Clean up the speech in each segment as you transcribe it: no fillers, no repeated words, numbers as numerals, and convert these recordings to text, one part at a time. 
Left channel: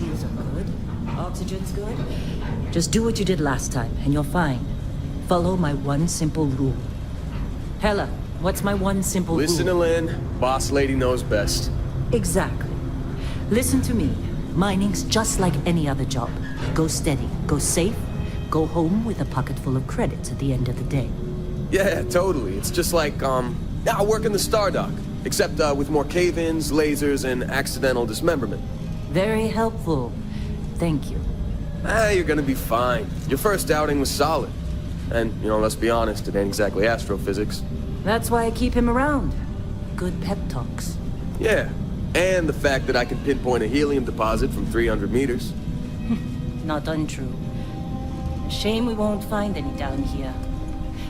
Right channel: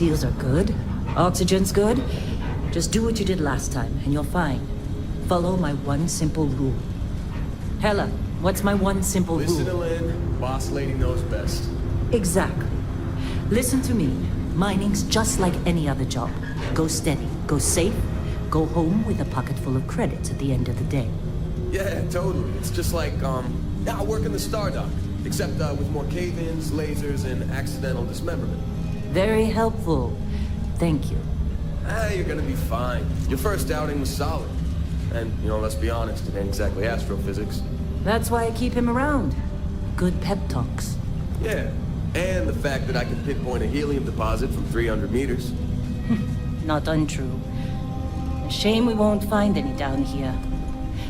seals are good. Oxygen's good. Just do what you did last time, and you're fine. Follow my one simple rule. Hella, what's my one simple rule? Listen to Lynn. Boss lady knows best. Exactly. Listen to me. Mining's just like any other job. Go steady, go safe, go home with a pocket full of credits at the end of the day. Yeah, totally. It's just like, I work in the Star Dock. Except, with more cave-ins, lasers, and accidental dismemberment. Very helpful. Thank you. You're gonna be fine. Your first outing was solid. And, let's be honest, it ain't exactly astrophysics. That's why I keep him around. Good pep talks. Yeah, and the fact that I can pinpoint a helium deposit from 300 meters. Not untrue. A shame we won't find any down here.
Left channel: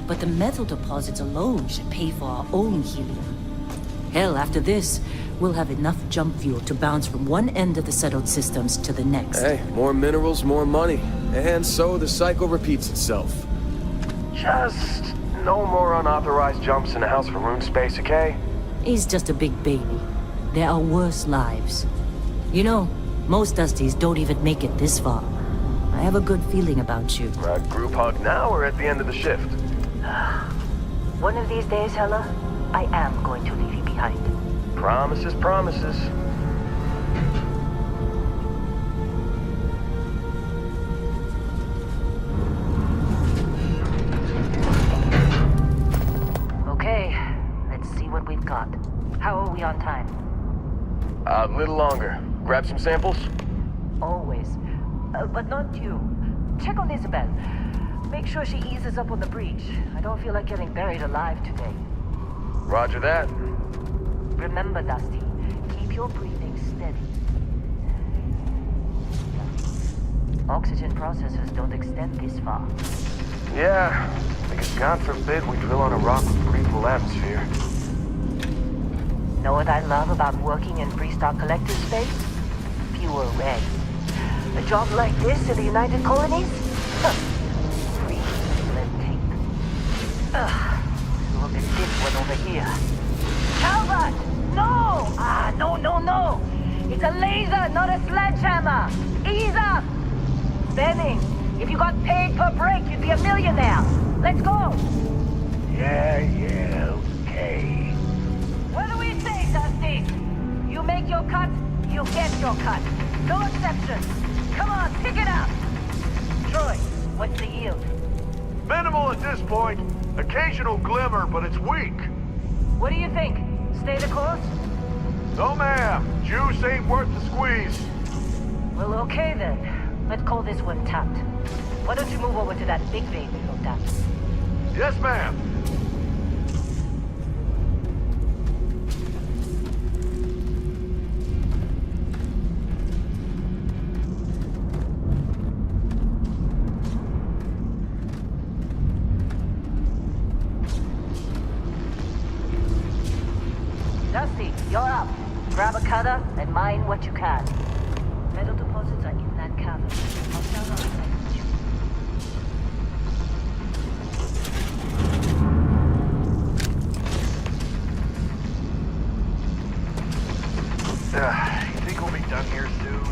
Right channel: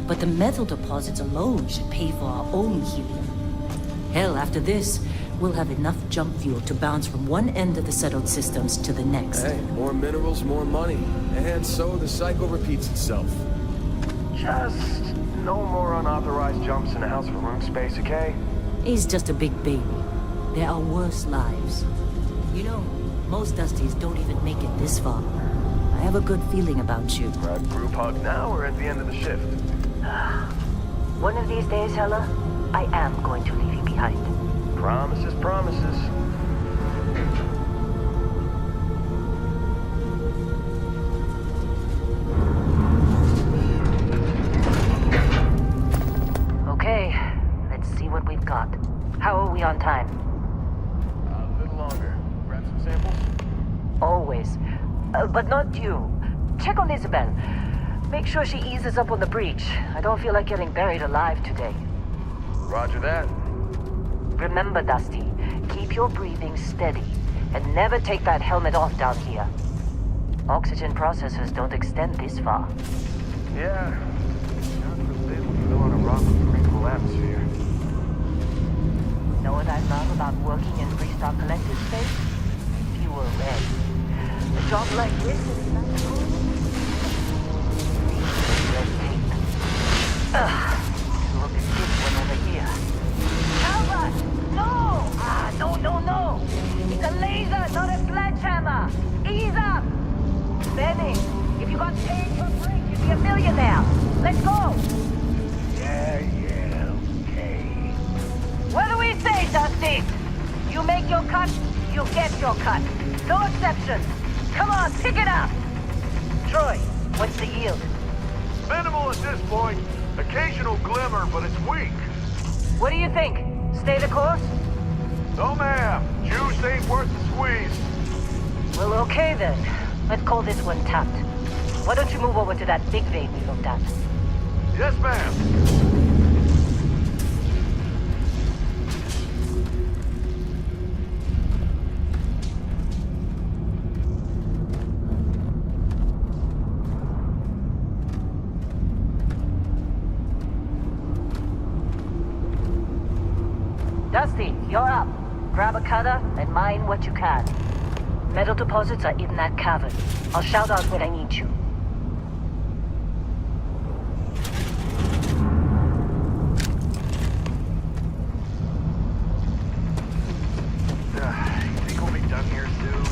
But the metal deposits alone should pay for our own helium. Hell, after this, we'll have enough jump fuel to bounce from one end of the settled systems to the next. Hey, more minerals, more money. And so the cycle repeats itself. Just no more unauthorized jumps in the house for room space, okay? He's just a big baby. There are worse lives. You know, most Dusties don't even make it this far. I have a good feeling about you. Group hug now or at the end of the shift? One of these days, Hella, I am going to leave you behind. Promises, promises. Okay, let's see what we've got. How are we on time? A little longer. Grab some samples? Always. But not you. Check on Isabel. Make sure she eases up on the breach. I don't feel like getting buried alive today. Roger that. Remember, Dusty, keep your breathing steady, and never take that helmet off down here. Oxygen processors don't extend this far. Yeah, because God forbid we drill on a rock with breathable atmosphere. Know what I love about working in Freestar Collective space? Fewer reds. A job like this in the United Colonies? Free of red tape. Look at this one over here. Calvert! No! No! It's a laser, not a sledgehammer! Ease up! Benning, if you got paid per break, you'd be a millionaire. Let's go! Yeah, okay. What do we say, Dusty? You make your cut, you get your cut. No exceptions. Come on, pick it up! Troy, what's the yield? Minimal at this point. Occasional glimmer, but it's weak. What do you think? Stay the course? No, ma'am. Juice ain't worth the squeeze. Well, okay then. Let's call this one tapped. Why don't you move over to that big vein we looked at? Yes, ma'am. Dusty, you're up. Grab a cutter and mine what you can. Metal deposits are in that cavern. I'll shout out when I need you. You think we'll be done here soon?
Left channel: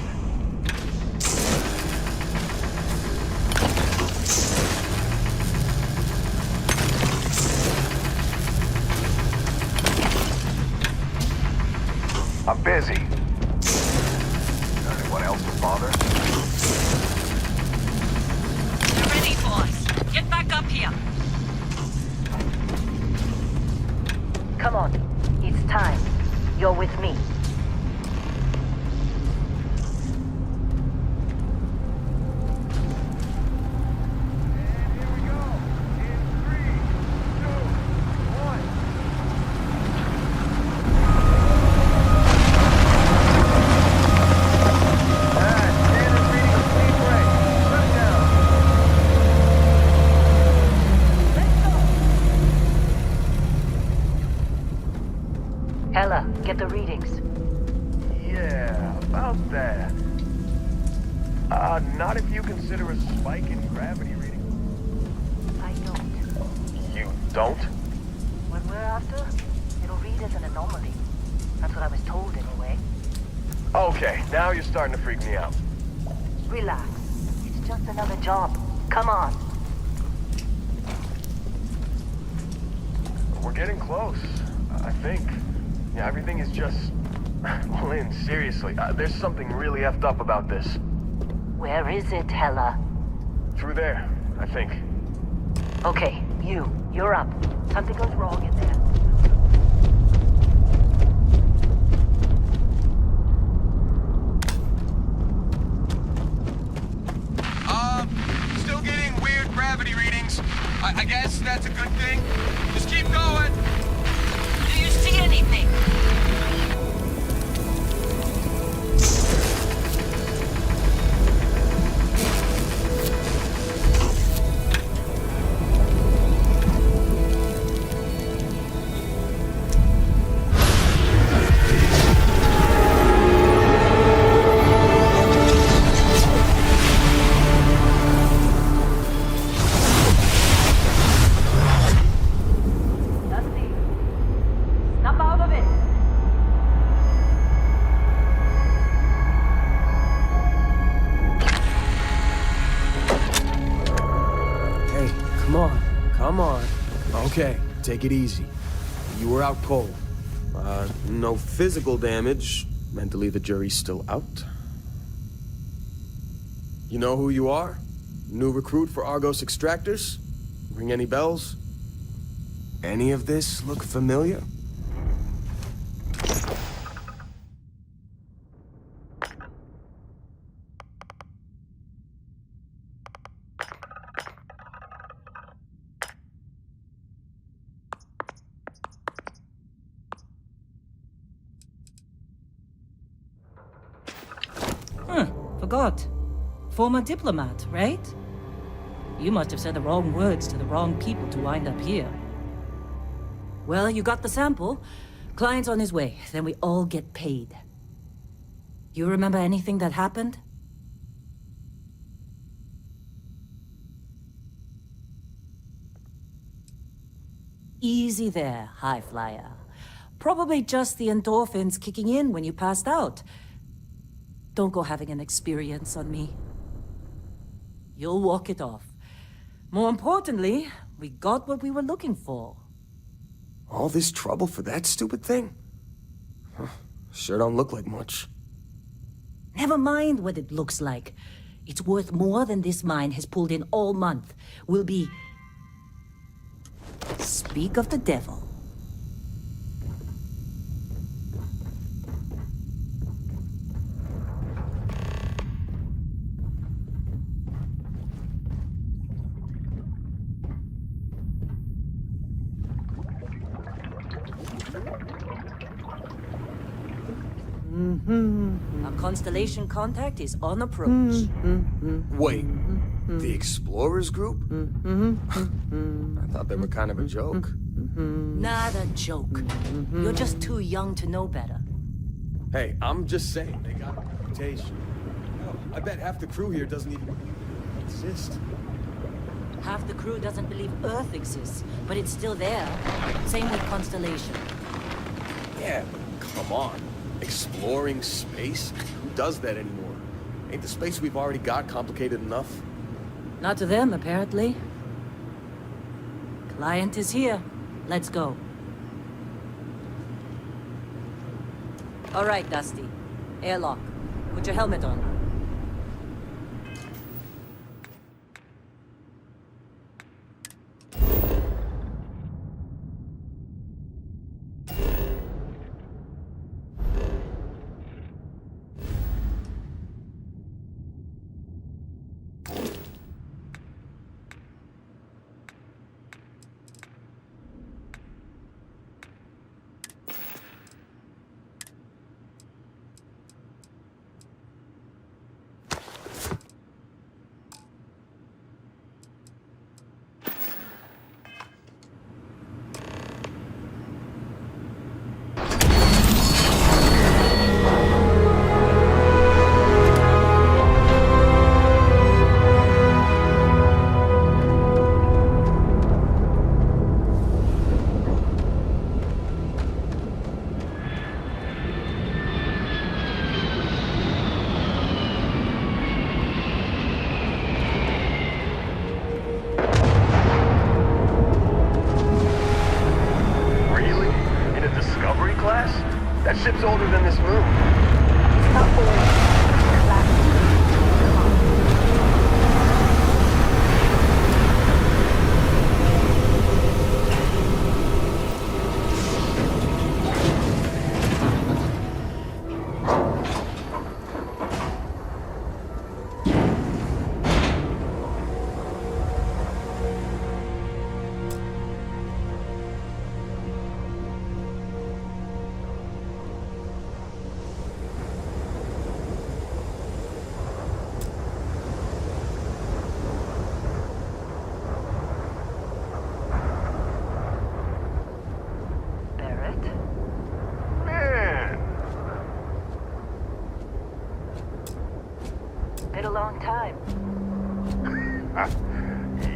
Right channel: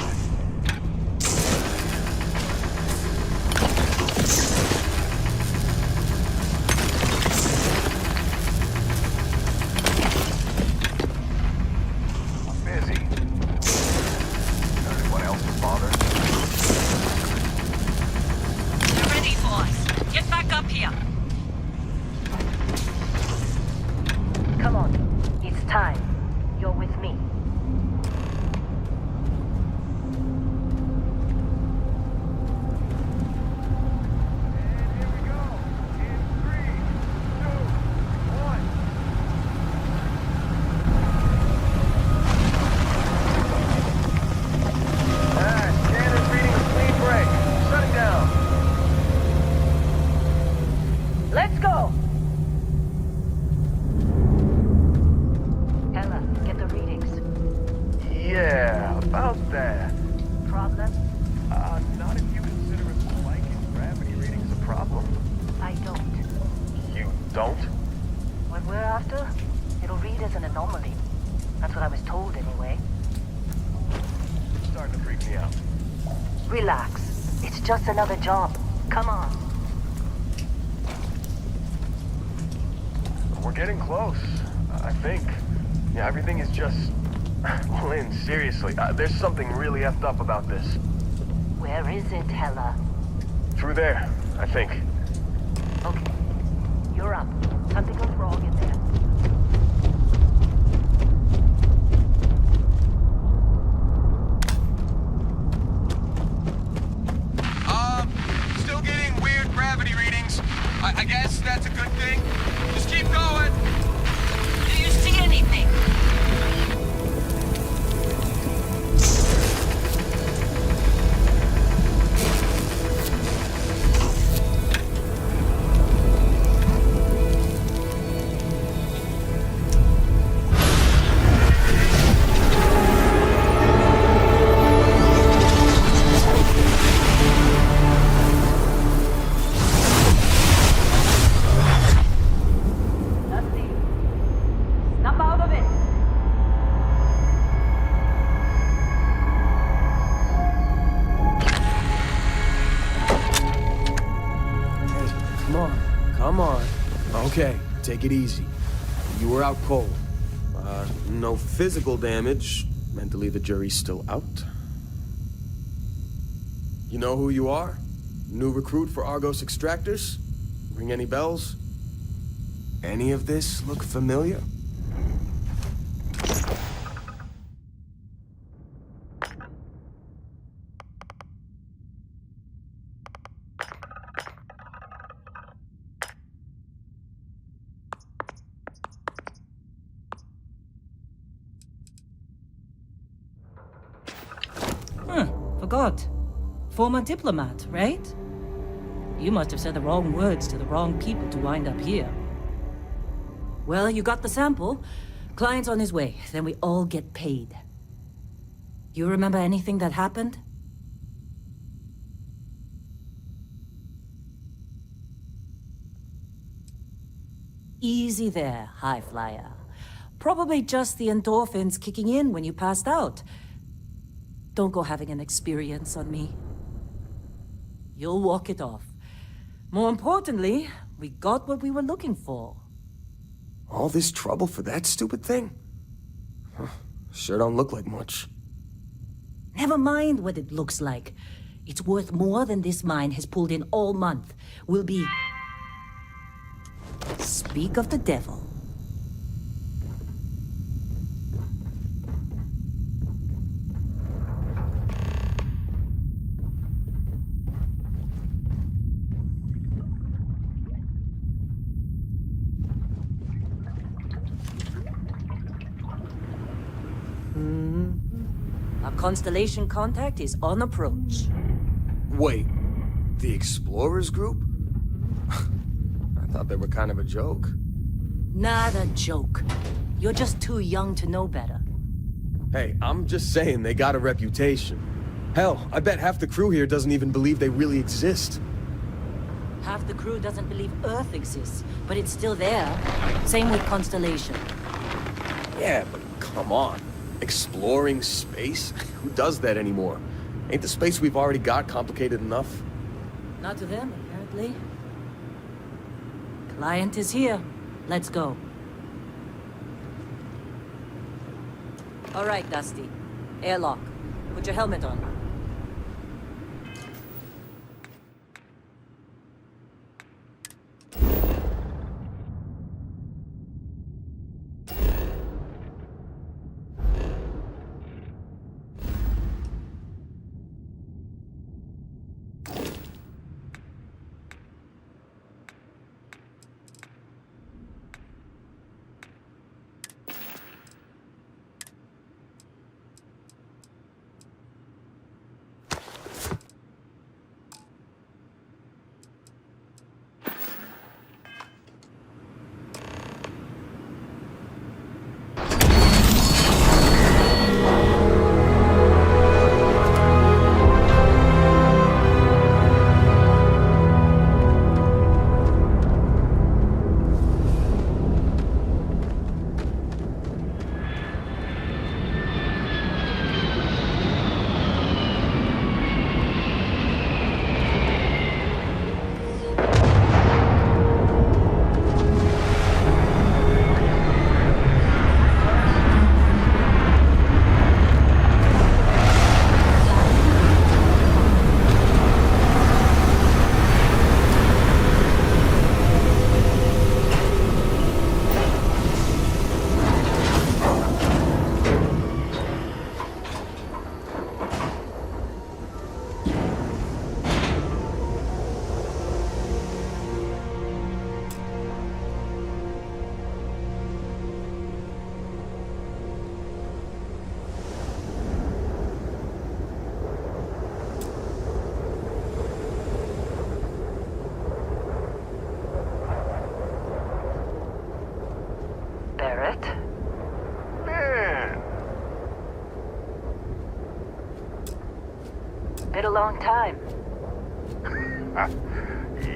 I'm busy. Anyone else to bother? You're ready, boys. Get back up here. Come on. It's time. You're with me. Not if you consider a spike in gravity readings a problem. I don't. You don't? What we're after, it'll read as an anomaly. That's what I was told anyway. Okay, now you're starting to freak me out. Relax. It's just another job. Come on. We're getting close, I think. Yeah, everything is just... Lynn, seriously, there's something really effed up about this. Where is it, Hella? Through there, I think. Okay, you're up. Something goes wrong in there. Still getting weird gravity readings. I guess that's a good thing. Just keep going. Do you see anything? Come on. Okay, take it easy. You were out cold. No physical damage. Mentally, the jury's still out. You know who you are? New recruit for Argos Extractors? Ring any bells? Any of this look familiar? Forgot. Former diplomat, right? You must have said the wrong words to the wrong people to wind up here. Well, you got the sample. Client's on his way, then we all get paid. You remember anything that happened? Easy there, high flyer. Probably just the endorphins kicking in when you passed out. Don't go having an experience on me. You'll walk it off. More importantly, we got what we were looking for. All this trouble for that stupid thing? Huh, sure don't look like much. Never mind what it looks like. It's worth more than this mine has pulled in all month. We'll be... Speak of the devil. Our constellation contact is on approach. Wait, the Explorers group? I thought they were kind of a joke. Not a joke. You're just too young to know better. Hey, I'm just saying they got a reputation. Hell, I bet half the crew here doesn't even believe they really exist. Half the crew doesn't believe Earth exists, but it's still there. Same with Constellation. Yeah, but come on. Exploring space? Who does that anymore? Ain't the space we've already got complicated enough? Not to them, apparently. Client is here. Let's go. All right, Dusty. Airlock. Put your helmet on. Barrett. Man, Been a long time.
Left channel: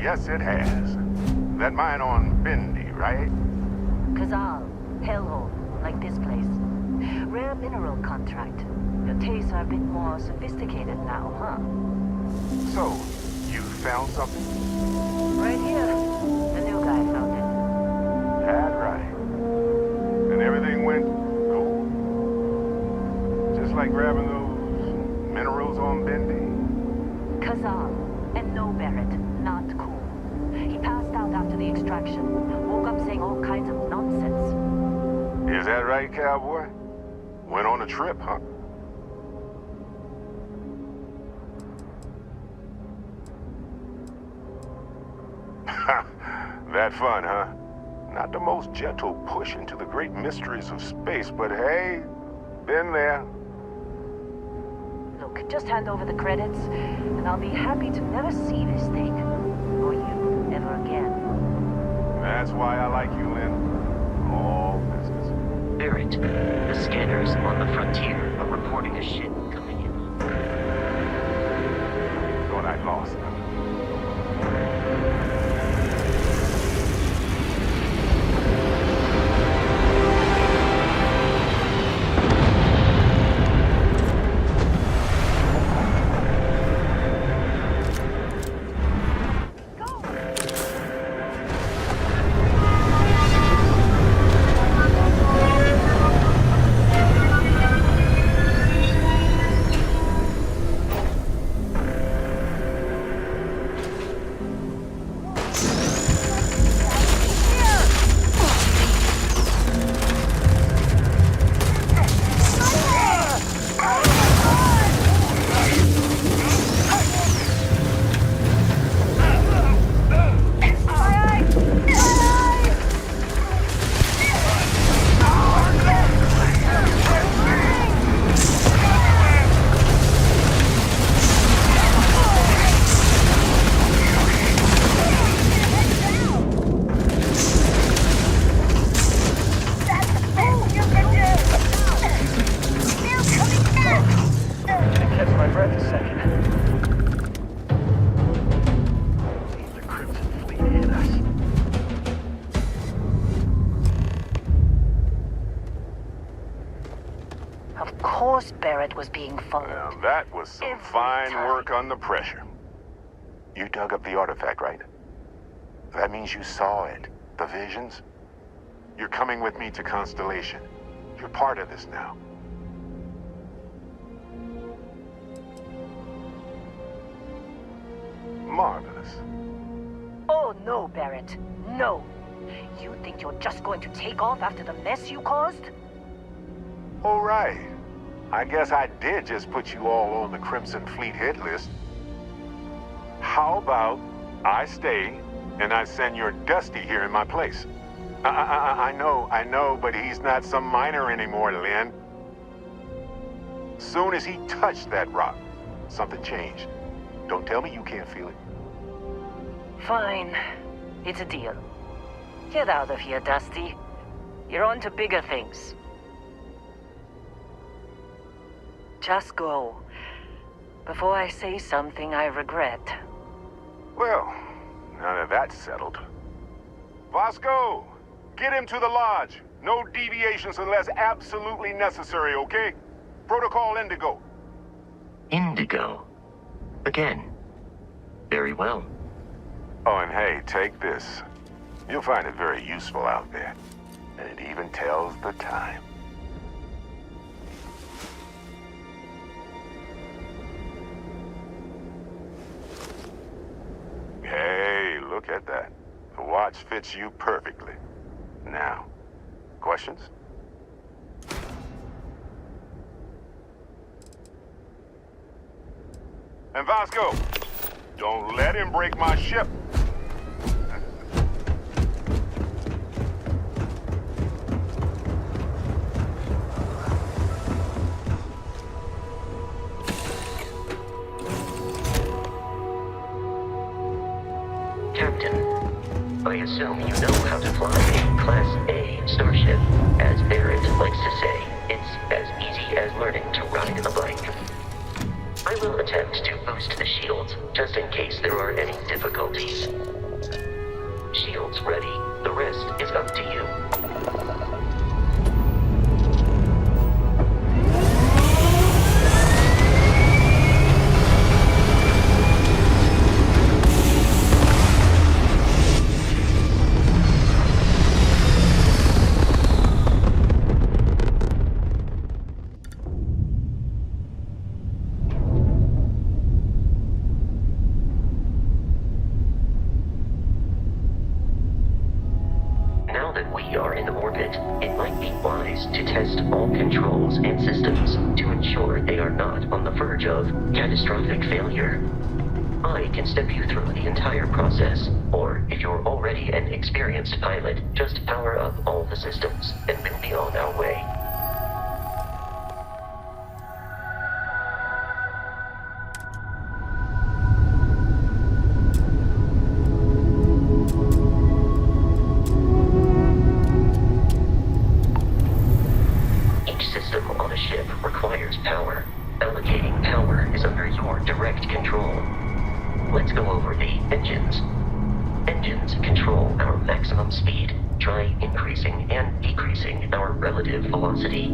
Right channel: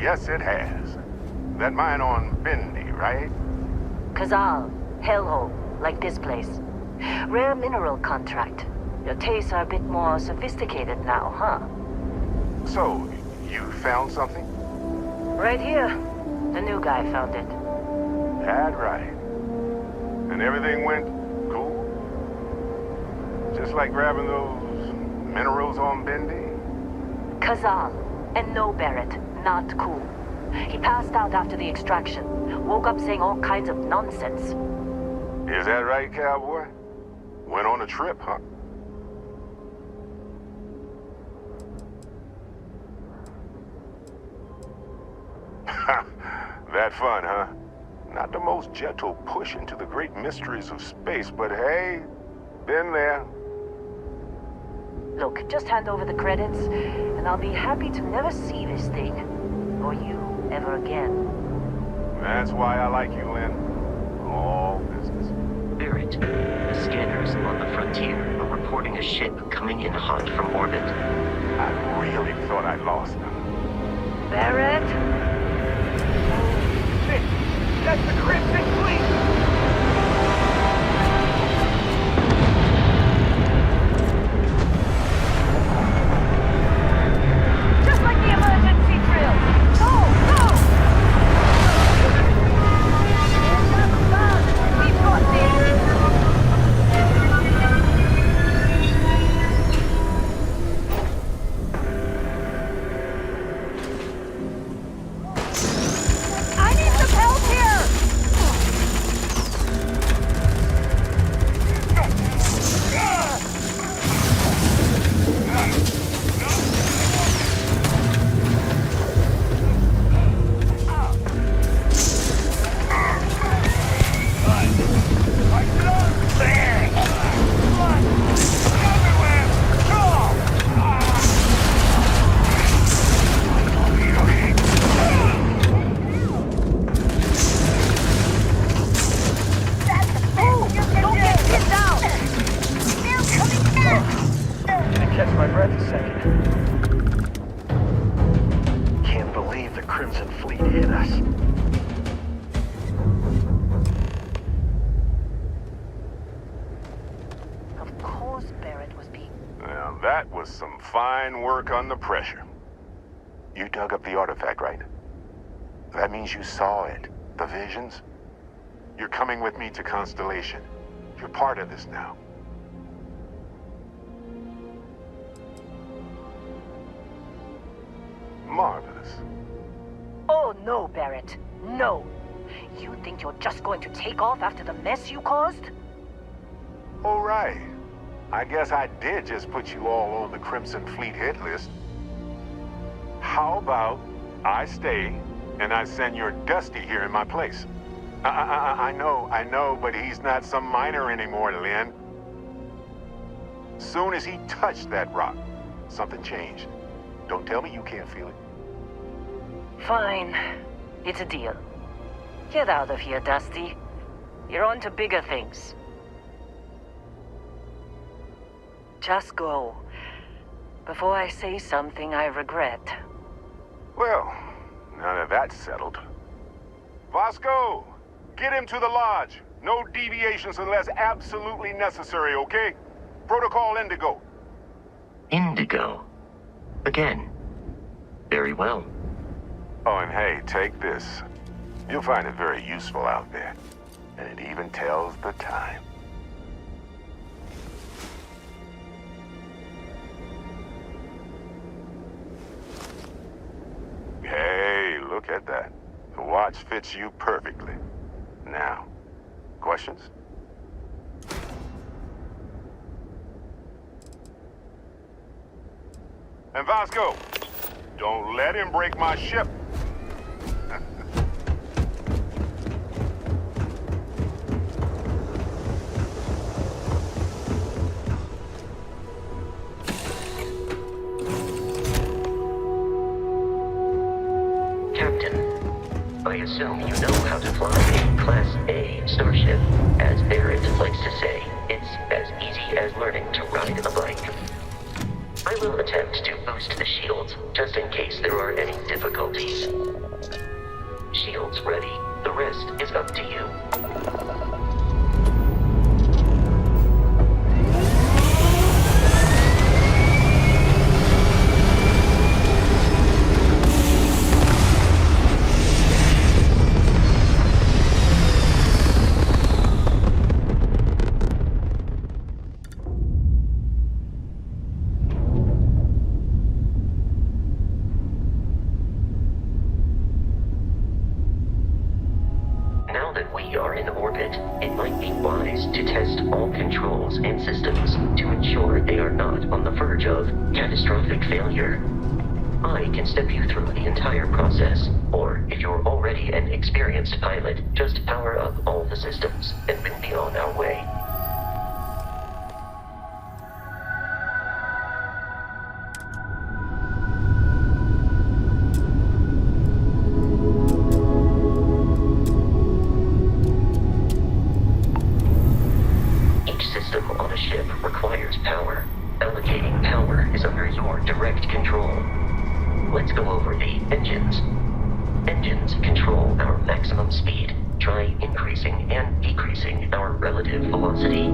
yes it has. That mine on Bendy, right? Kazal, hellhole, like this place. Rare mineral contract. Your tastes are a bit more sophisticated now, huh? So, you found something? Right here. The new guy found it. That right. And everything went cool? Just like grabbing those minerals on Bendy? Kazal. And no, Barrett. Not cool. He passed out after the extraction. Woke up saying all kinds of nonsense. Is that right, cowboy? Went on a trip, huh? That fun, huh? Not the most gentle push into the great mysteries of space, but hey, been there. Look, just hand over the credits, and I'll be happy to never see this thing. Or you, ever again. That's why I like you, Lynn. All business. Barrett, the scanners on the frontier are reporting a ship coming in hot from orbit. I really thought I'd lost them. Barrett? That's the cryptic fleet! Just like the emergency drill! Go! Go! I need some help here! Catch my breath a second. Can't believe the Crimson Fleet hit us. Of course Barrett was being followed. Now that was some fine work under pressure. You dug up the artifact, right? That means you saw it. The visions? You're coming with me to Constellation. You're part of this now. Marvelous. Oh no, Barrett. No. You think you're just going to take off after the mess you caused? All right. I guess I did just put you all on the Crimson Fleet hit list. How about I stay and I send your Dusty here in my place? I know, but he's not some miner anymore, Lynn. Soon as he touched that rock, something changed. Don't tell me you can't feel it. Fine. It's a deal. Get out of here, Dusty. You're on to bigger things. Just go. Before I say something I regret. Well, now that that's settled. Vasco, get him to the lodge. No deviations unless absolutely necessary, okay? Protocol Indigo. Indigo. Again. Very well. Oh, and hey, take this. You'll find it very useful out there. And it even tells the time. Hey, look at that. The watch fits you perfectly. Now, questions? And Vasco, don't let him break my ship. Captain, a I assume you know how to fly a Class A starship. As Barrett likes to say, it's as easy as learning to ride a bike. I will attempt to boost the shields, just in case there are any difficulties. Shields ready. The rest is up to you. Now that we are in orbit, it might be wise to test all controls and systems to ensure they are not on the verge of catastrophic failure. I can step you through the entire process, or if you're already an experienced pilot, just power up all the systems, and we'll be on our way. System on a ship requires power. Allocating power is under your direct control. Let's go over the engines. Engines control our maximum speed. Try increasing and decreasing our relative velocity.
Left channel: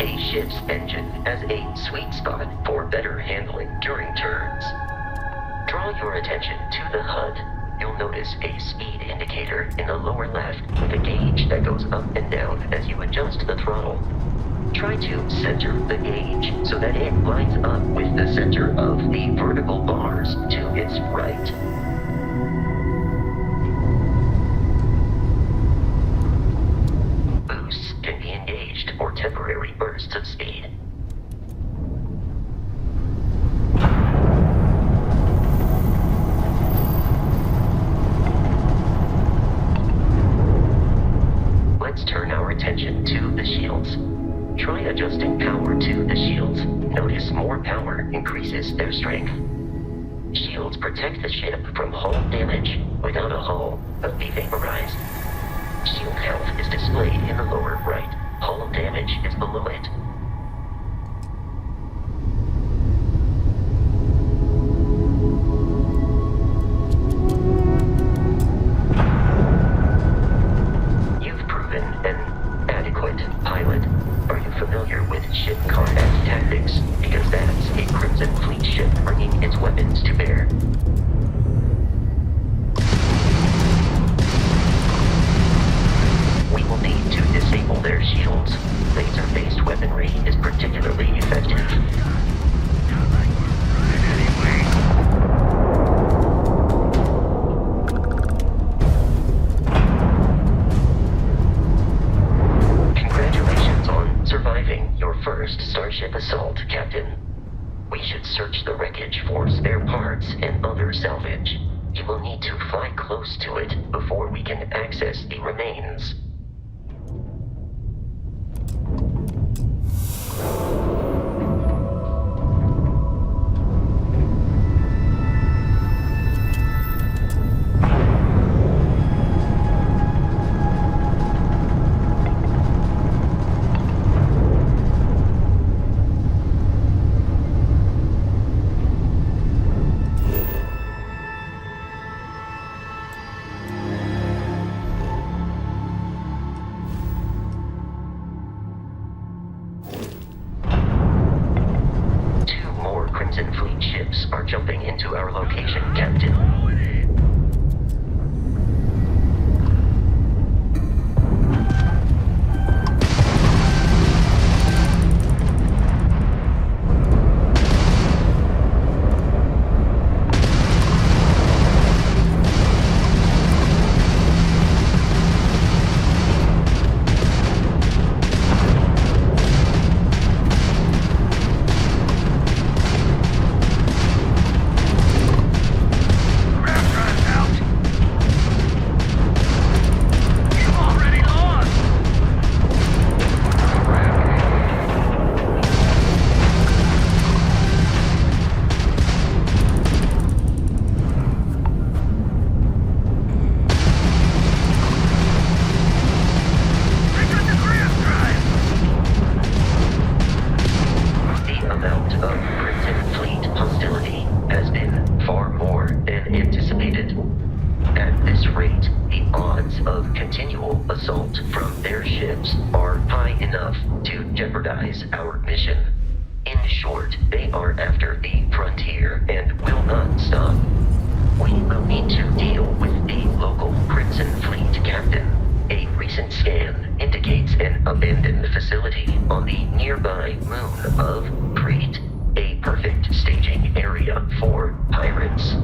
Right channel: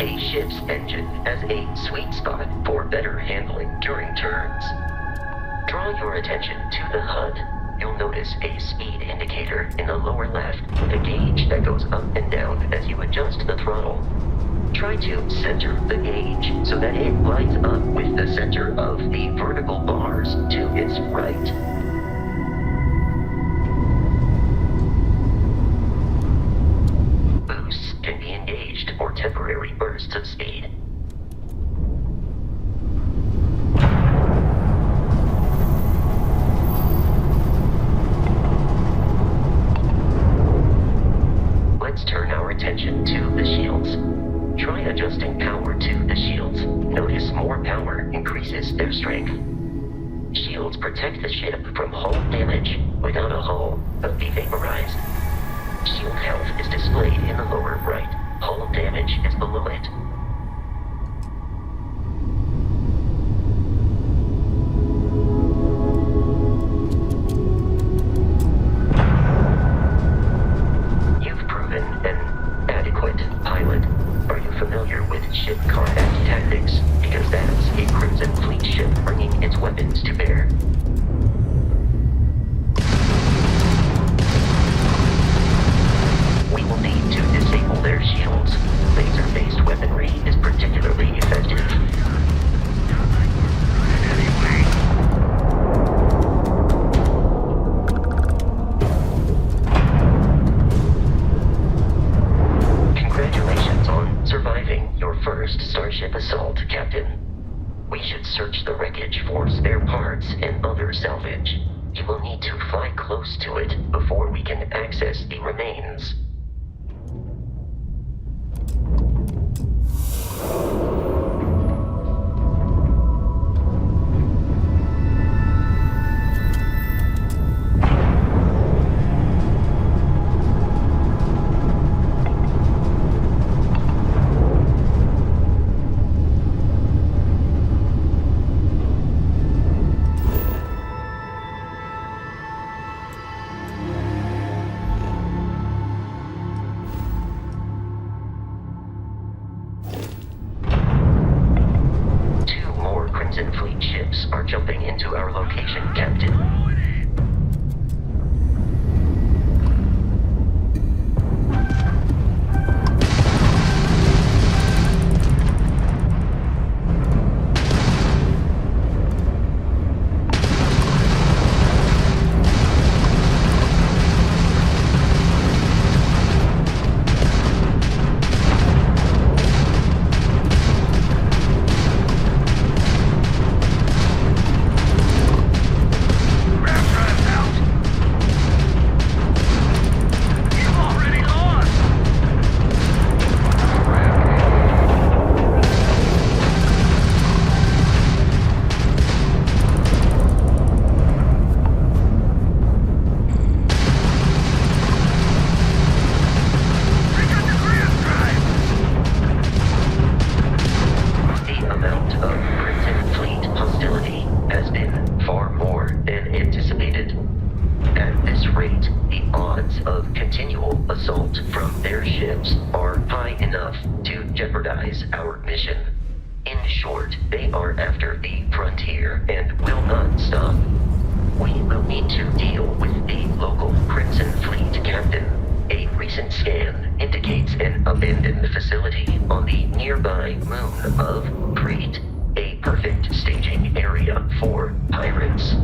A ship's engine has a sweet spot for better handling during turns. Draw your attention to the HUD. You'll notice a speed indicator in the lower left with a gauge that goes up and down as you adjust the throttle. Try to center the gauge so that it lines up with the center of the vertical bars to its right. Boosts can be engaged for temporary bursts of speed. Let's turn our attention to the shields. Try adjusting power to the shields. Notice more power increases their strength. Shields protect the ship from hull damage. Without a hull, they'll be vaporized. Shield health is displayed in the lower right. Hull damage is below it. Pilot, are you familiar with ship combat tactics? Because that's a Crimson Fleet ship bringing its weapons to bear. We will need to disable their shields. Laser-based weaponry is particularly effective. Surviving your first starship assault, Captain. We should search the wreckage for spare parts and other salvage. You will need to fly close to it before we can access the remains. Crimson Fleet ships are jumping into our location, Captain. Grab far more than anticipated. At this rate, the odds of continual assault from their ships are high enough to jeopardize our mission. In short, they are after the frontier and will not stop. We will need to deal with the local Crimson Fleet captain. A recent scan indicates an abandoned facility on the nearby moon of Crete, a perfect staging area for pirates.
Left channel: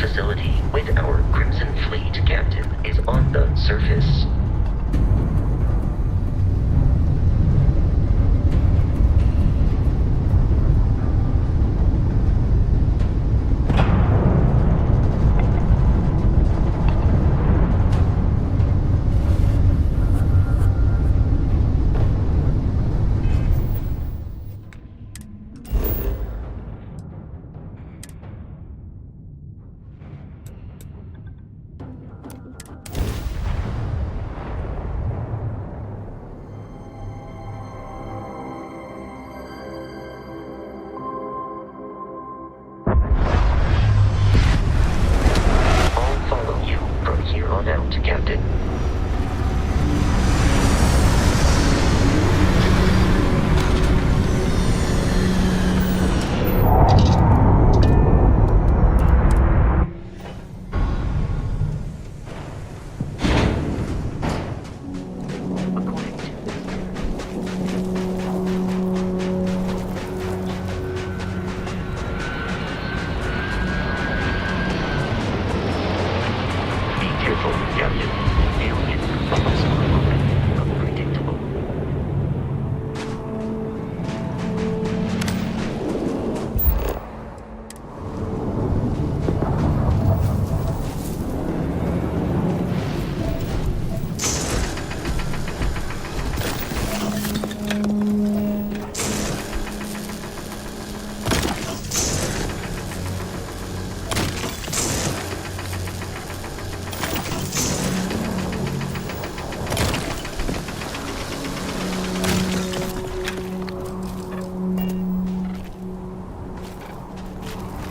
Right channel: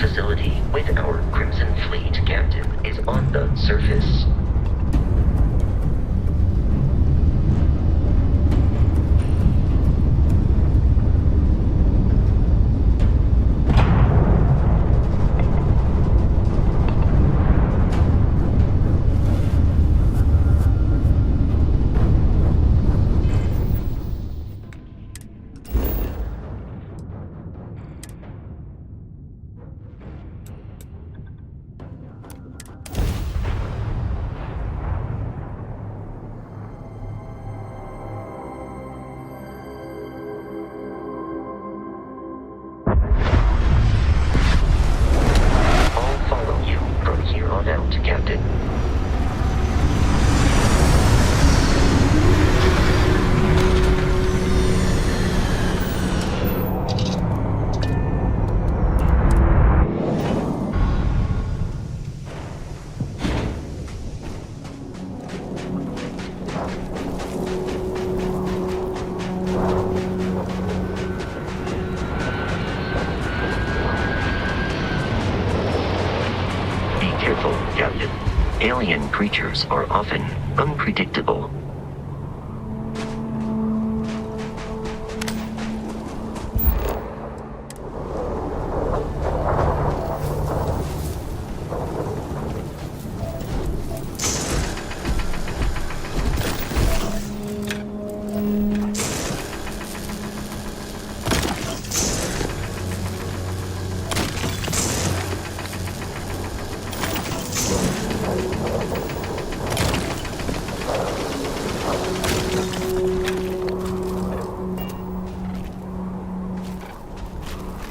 Facility with our Crimson Fleet captain is on the surface. Captain. Captain, alien creatures are often unpredictable.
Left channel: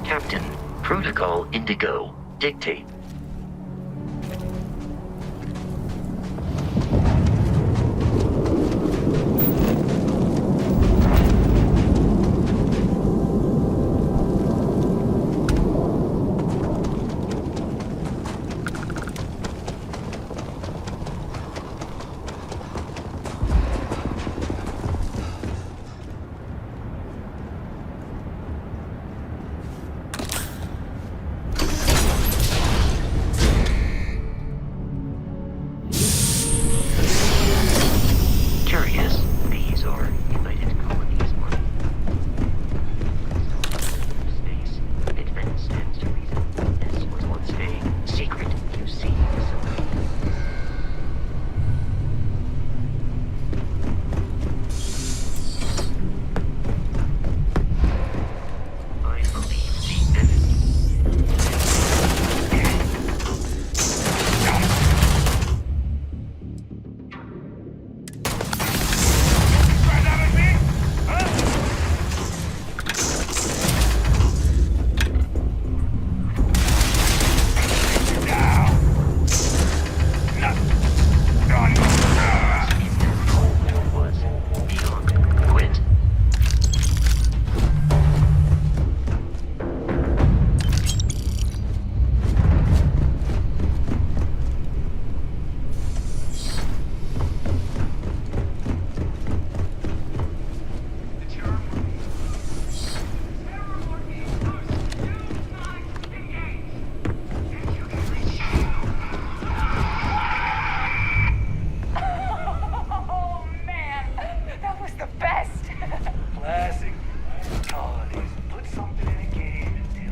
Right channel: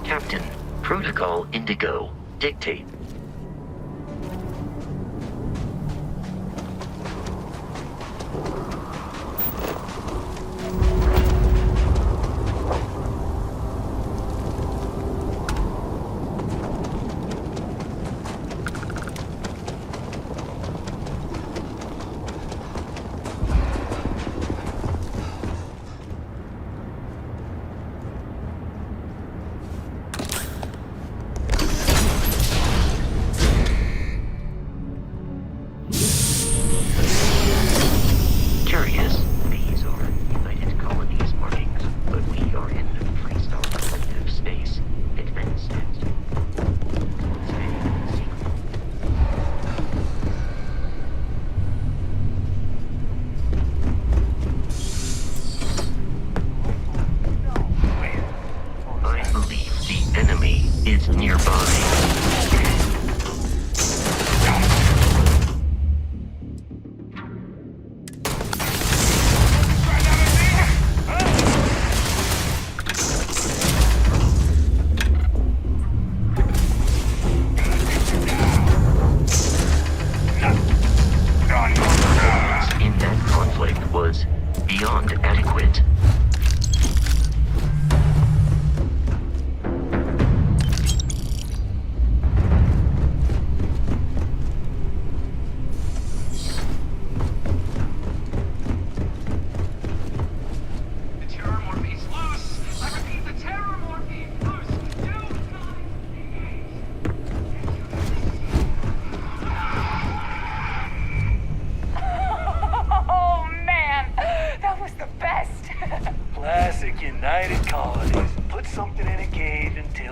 Captain, Protocol Indigo, dictate.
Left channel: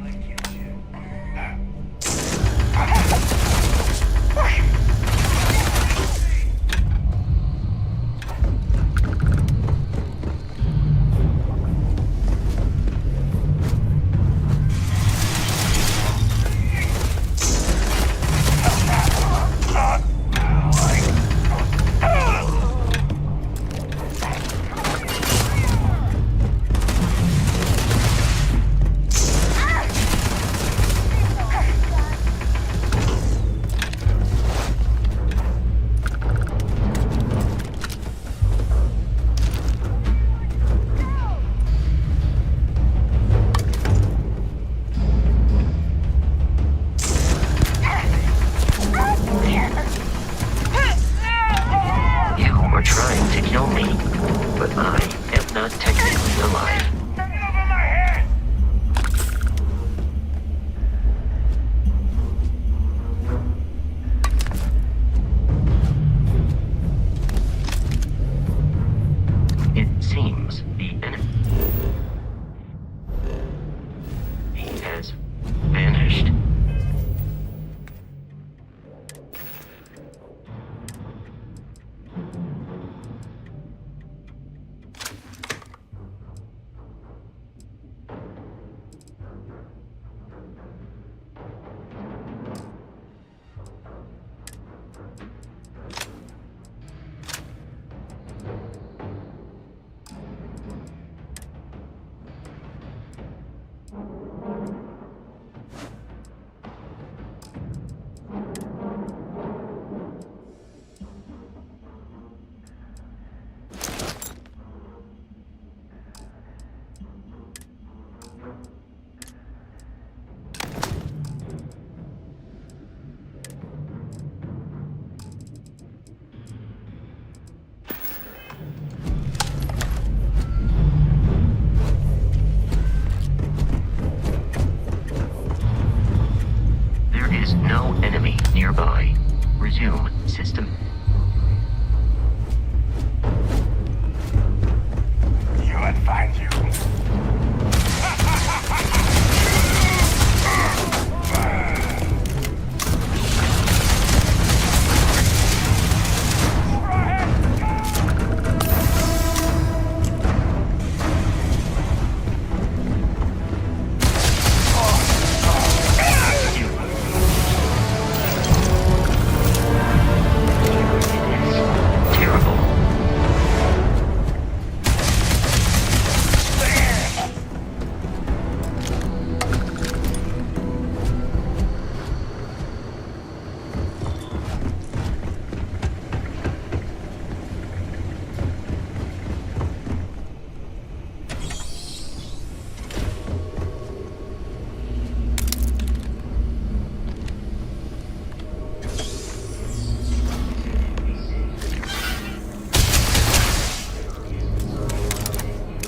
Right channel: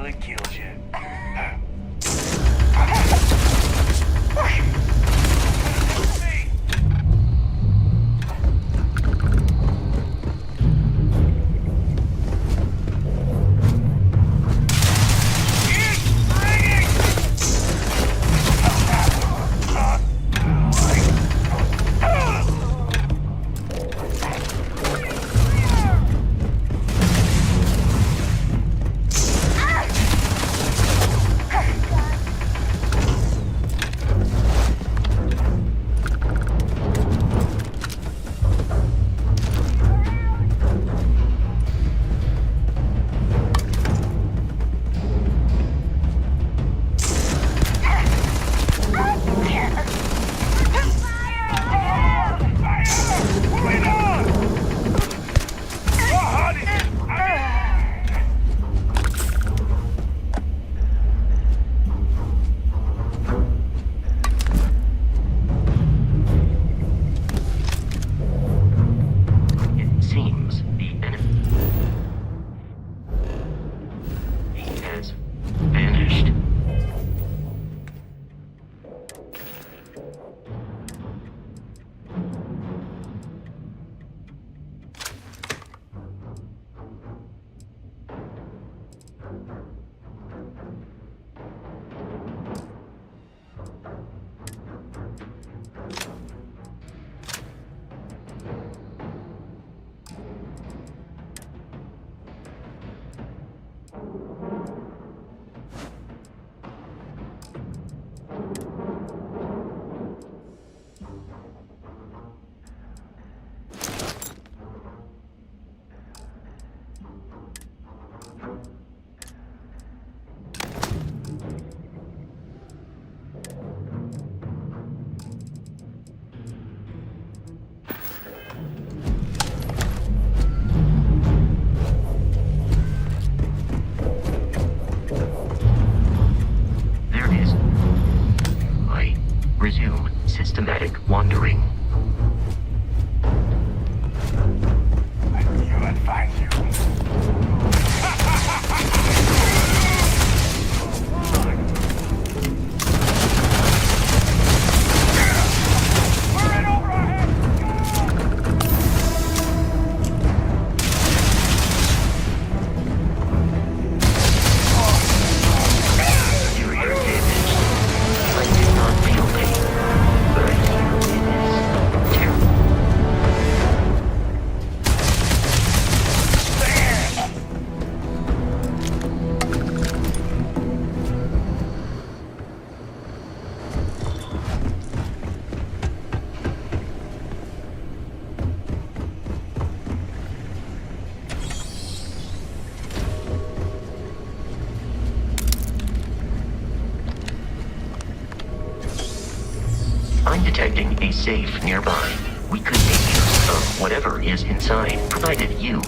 nearly killed you. Resume systematic wandering. You would find you. I'm detecting a safe nearby. We could take care of whatever is inside, provided you.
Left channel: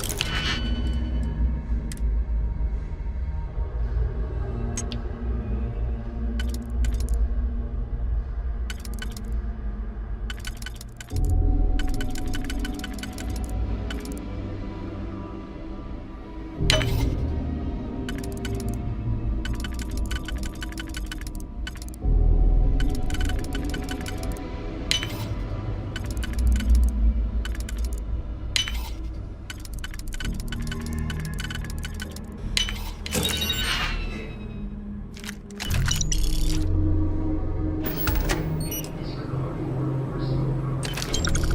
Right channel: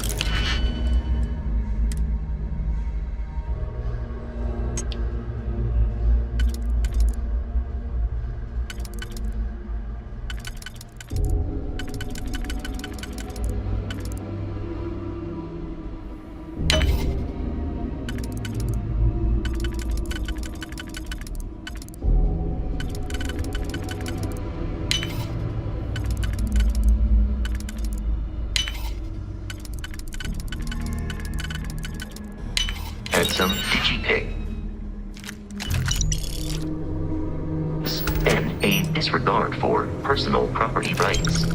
Some digi-pig. And a disregard for personal property rights.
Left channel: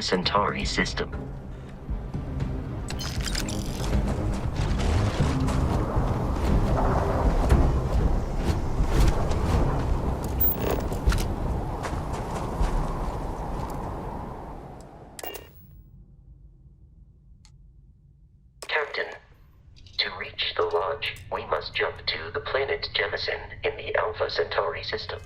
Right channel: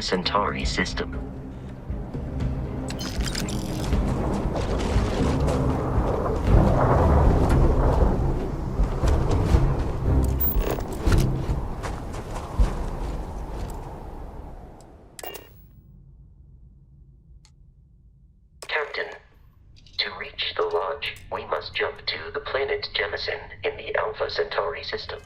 Alpha Centauri system. Captain, to reach the Lodge, we must jump to the planet Jemison in the Alpha Centauri system.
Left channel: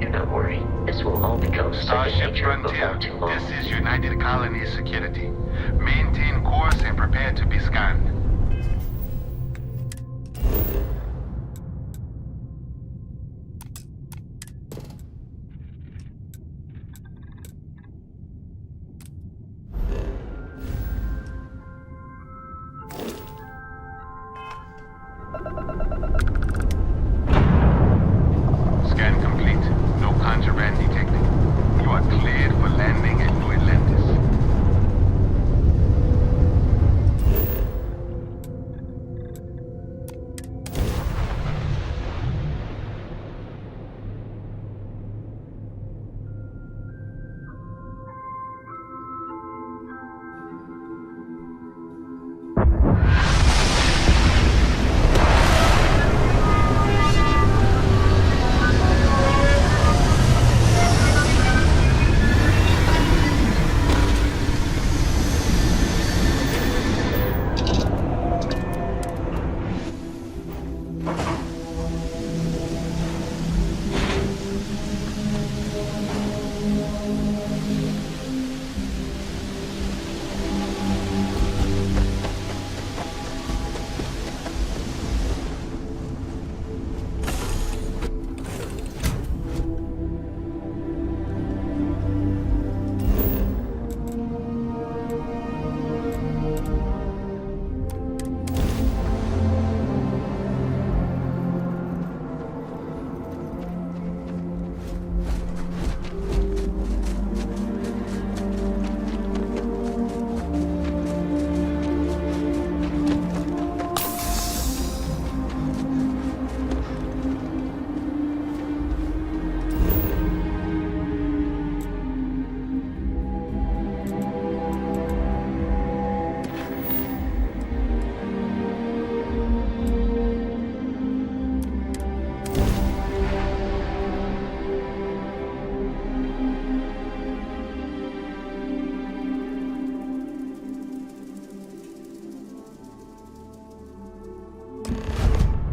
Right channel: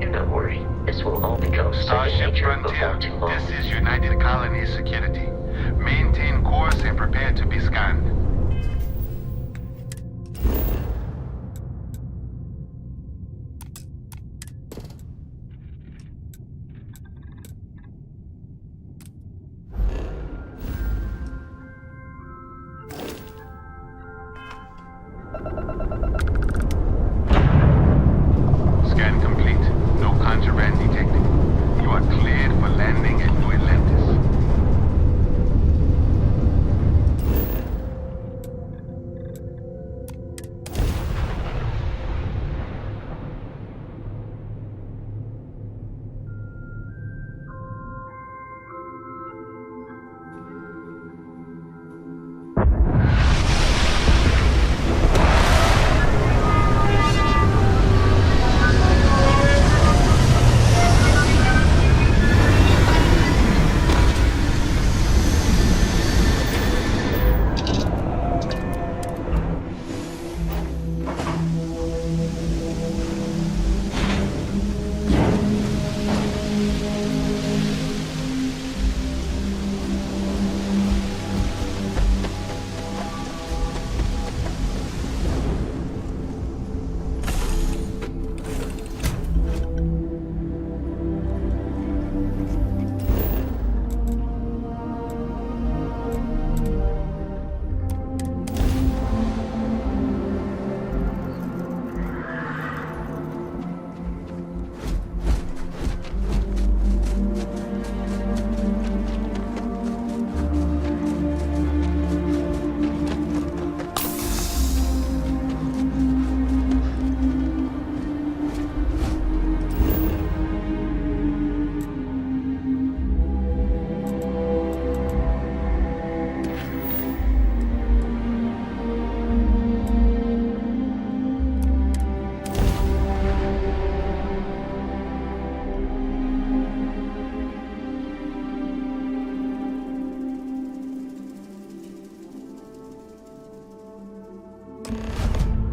Do not worry, this will all become second Starship nature before Frontier, too long. this is United Colonies Security. Maintain course and prepare to be scanned. Scan complete. No contraband detected. You are cleared for landing at New Atlantis.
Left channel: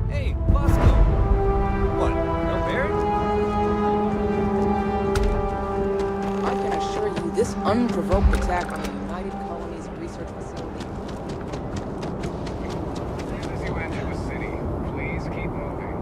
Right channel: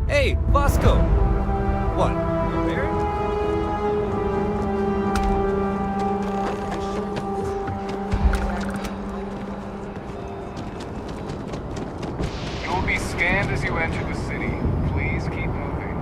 Hey, Bosco! What, no Barrett? I can assure you this unprovoked attack on the United Colonies Research Facility. You will be scanned as you enter the city. Please keep moving.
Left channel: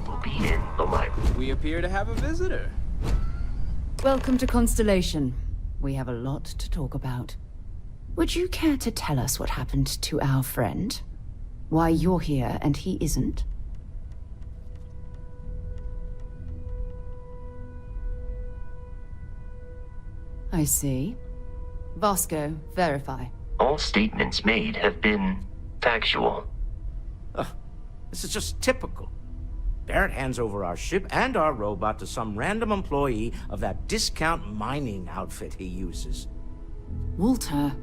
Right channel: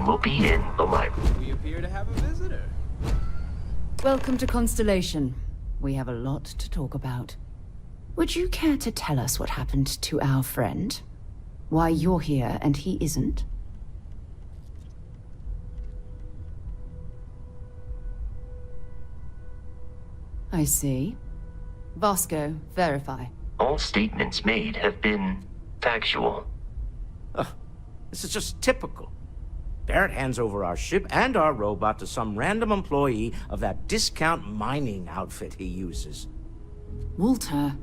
Everyone will be in the library. We appear to have a visitor. Welcome to Constellation. We have a lot to talk about. Would you care to tell us what happened to our friend? Why you're here and he isn't? I see. Vasco, verify. All statements made have been factual. This is just typical. Barrett hands over our ship and our robot to some random employee of that discount mining outfit he uses. Walter.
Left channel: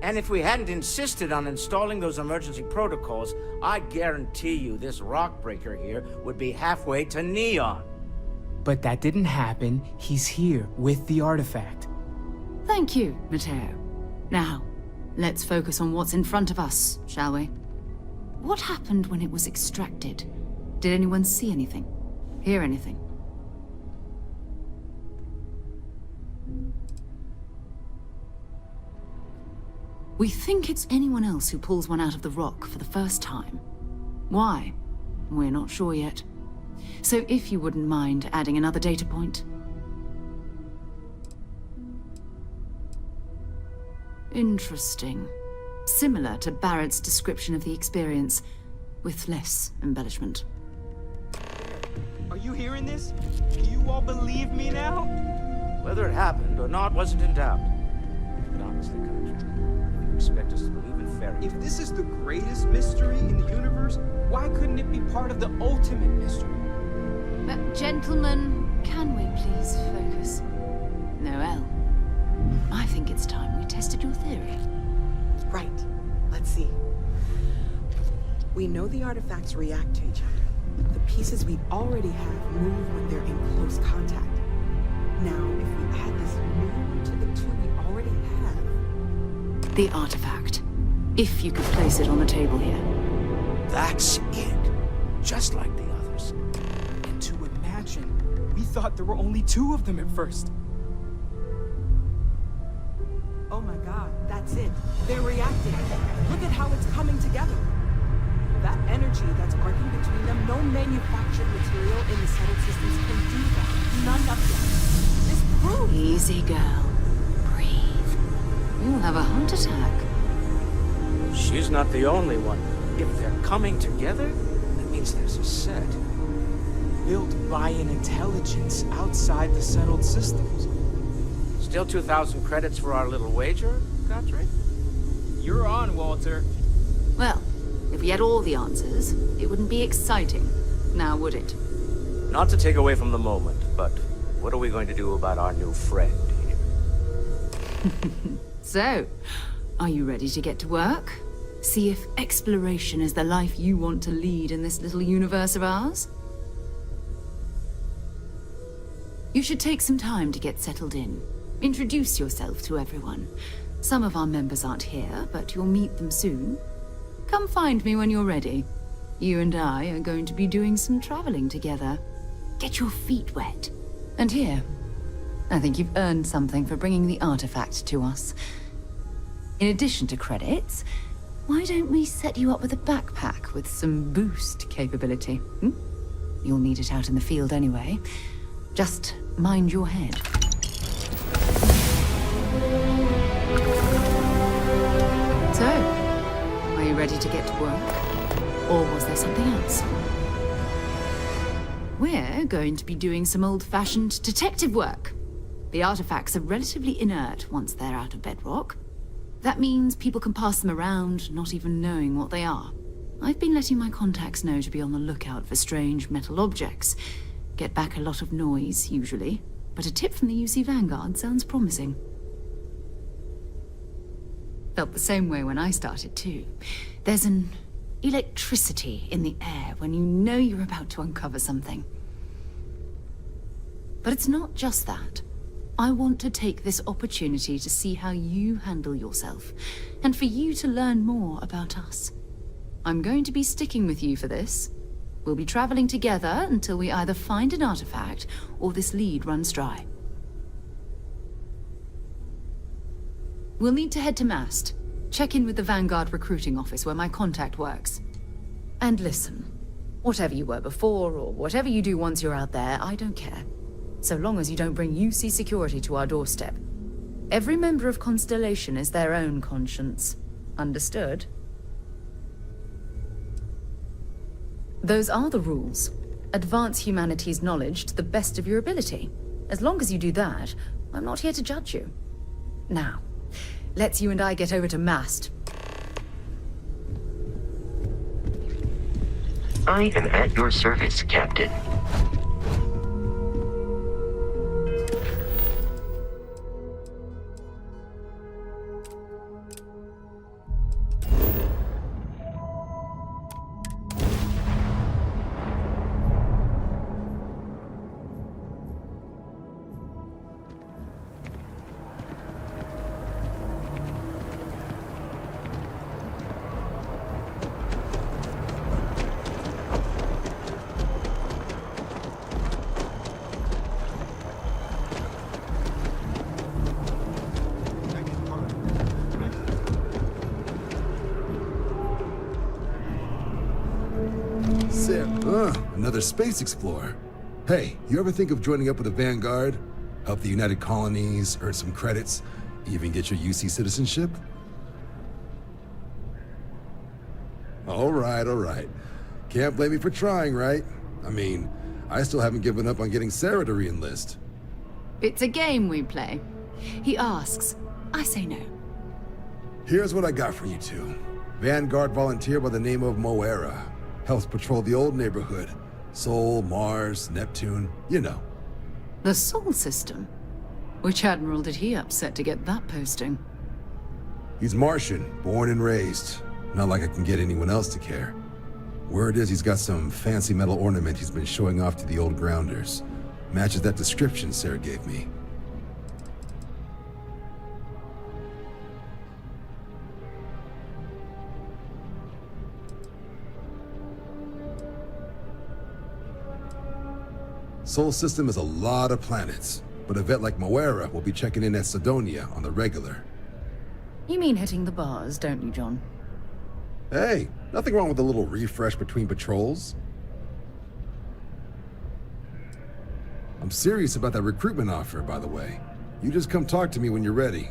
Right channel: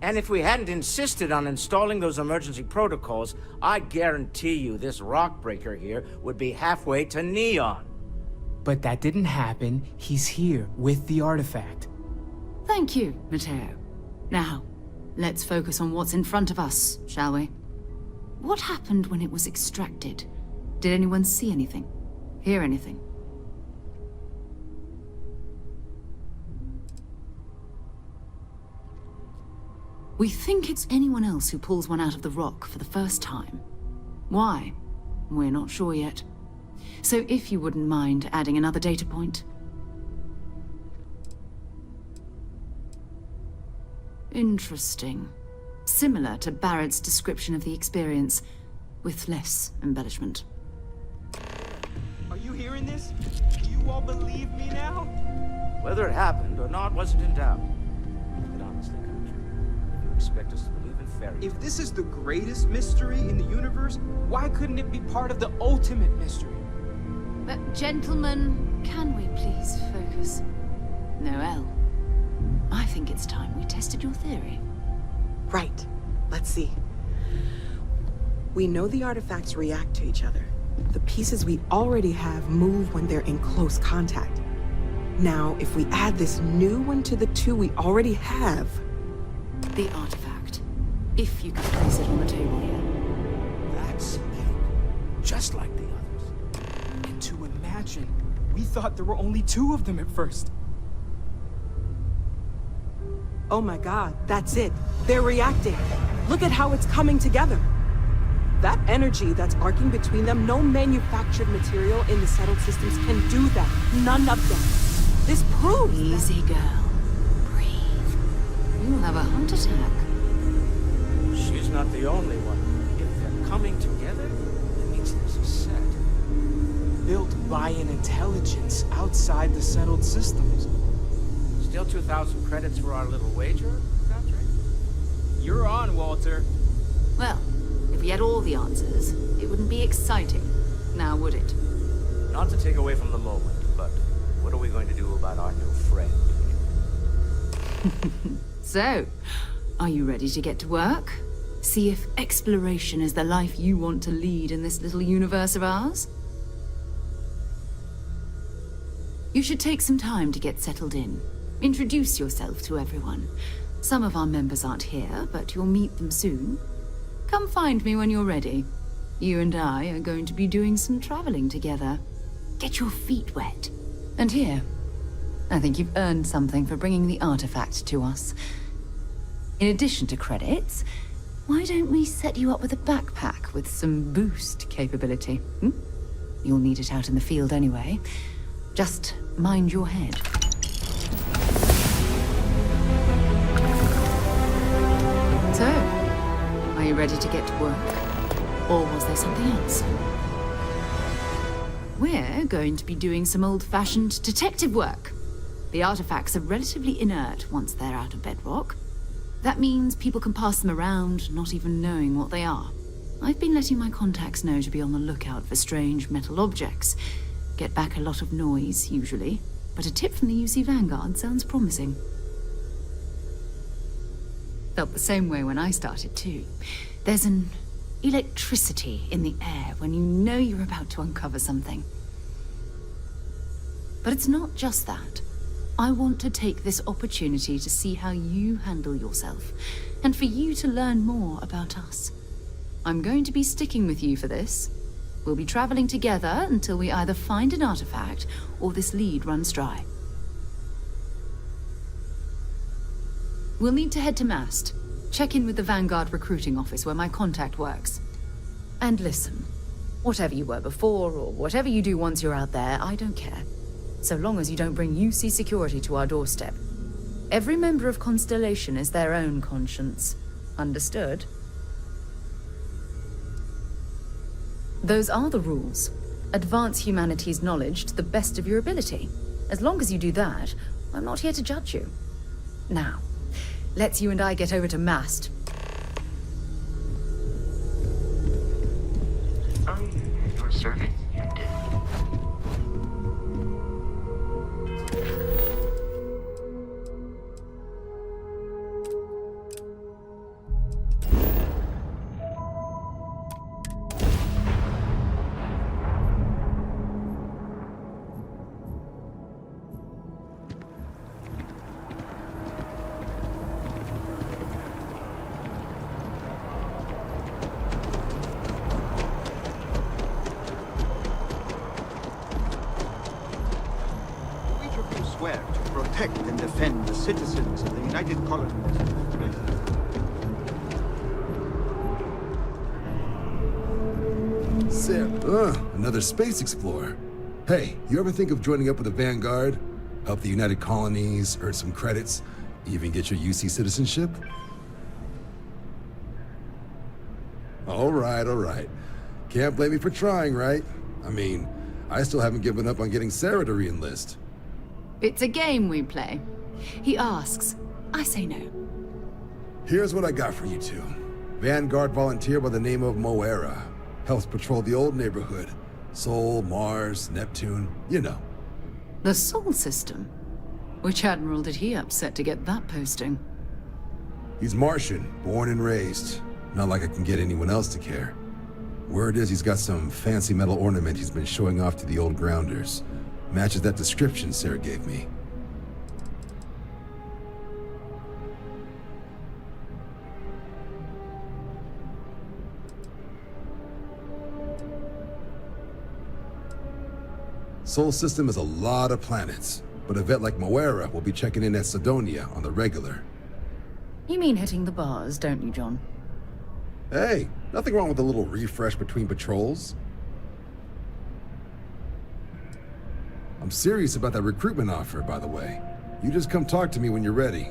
And if we hadn't insisted on installing those emergency protocols, I guarantee you this rock breaker here would be halfway to Neon. But that didn't happen. He's here with the artifact. Thank you, Matteo. Now, let's focus on what's in front of us, shall we? What happened when it was extracted? Did anyone see anything? Hear anything? We think it's anyone else who pulls one out of the rock for the first time. Why? We're not sure yet. So if you wouldn't mind adding another data point. Interesting. Similar to Barrett's description of the experience, with less embellishment. Are you hearing this? Do you all believe me now? Whether it happened or not wasn't in doubt. But honestly, Contra, if you expect us to believe in fairy tales... If this is the greatest mystery in the universe, why couldn't it be part of the ultimate mystery? Gentlemen, can we please focus? Noel, I think it's time we tested your theory. Right. Let's see. We know the artifacts react to each other. The pieces we already have move when they're in close contact. Now, if we add this new one to the two we already have... The artifact. If you could place it on the table here. That's it. Just like the others. And to imagine, we thought there were only 2 of them at first. Oh my god, that's it. They're reacting. Look at how it's coming together. That energy that's arcing between them, no manufactured material in the settled systems can do that. None of them. This proves... Easy, girl. Breathe. You'll have a heart attack. She's not the only one. If they're coming together, that means there's a set. Built by an intelligence outside the settled systems. Still 2,000 credits for our little wager, Contra? You're on, Walter. Well, if we had all the answers, it wouldn't be exciting, now would it? Not to take away from the moment, but what are we going to do about our new friend here? So, are you ready to get to work? See if exploration is the life you want to lead in this little universe of ours? You should take some time to get settled in. Introduce yourself to everyone. Some of our members aren't here, but you'll meet them soon. Come find me when you're ready. You and I are going to be doing some traveling together. Get your feet wet. And here, I think you've earned something for bringing the artifact to us. In addition to credits, why don't we set you up with a backpack with some boost capability? You'll need it out in the field anyway. Just mind your head. So, are you ready to get to work? Or was there something else? We're going to be doing some old-fashioned detective work. The artifacts are relatively inert once they're out of bedrock. That means people can pass them around, not even knowing what they are. I've been letting my contacts know to be on the lookout for strange metal objects. Get back a lot of noise, usually, but a tip from the UC Vanguard sounds promising. Felt the same way when I started, too. There's an electricity in the air when you know you're about to uncover something. But it's not just that. I want to take this opportunity to see how you handle yourself, and for you to learn more about us. I'm going to be sticking with you for this. We'll be traveling together until we either find an artifact or this lead runs dry. We'll need to head to Mast. Check in with the Vanguard recruiting office where my contact works. And listen, Whatever you were before, or whatever you do once you're out there, I don't care. So long as you don't bring UC security to our doorstep. Every member of Constellation is their own conscience. Understood? Those are the rules. Advance humanity's knowledge to the best of your ability. As long as you do that, I'm not here to judge you. Now, let's you and I get over to Mast. I am at your service, Captain. Citizens of the United Colonies. Another space explorer. Hey, you ever think of joining up with the Vanguard? Help the United Colonies, earn some credits, even get your UC citizenship? All right. Can't blame me for trying, right? I mean, I still haven't given up on getting Sarah to re-enlist. It's a game we play. He asks, I say no. Here's what I got for you two. Vanguard volunteer by the name of Moera. Helps patrol the old neighborhood. Sol, Mars, Neptune, you know. The Sol system? Which admiral did he upset to get that posting? He's Martian, born and raised. Not like I can get anyone else to care. Word is he's got some fancy metal ornament he's been showing off to the old grounders. Matches that description Sarah gave me. Sol system is a lot of planets, but a vet like Moera will be checking in at Sidonia on the regular. You mean hitting the bars, don't you, John? Hey, nothing wrong with a little refresh between patrols. I'm serious about that recruitment offer, by the way. You just come talk to me when you're ready.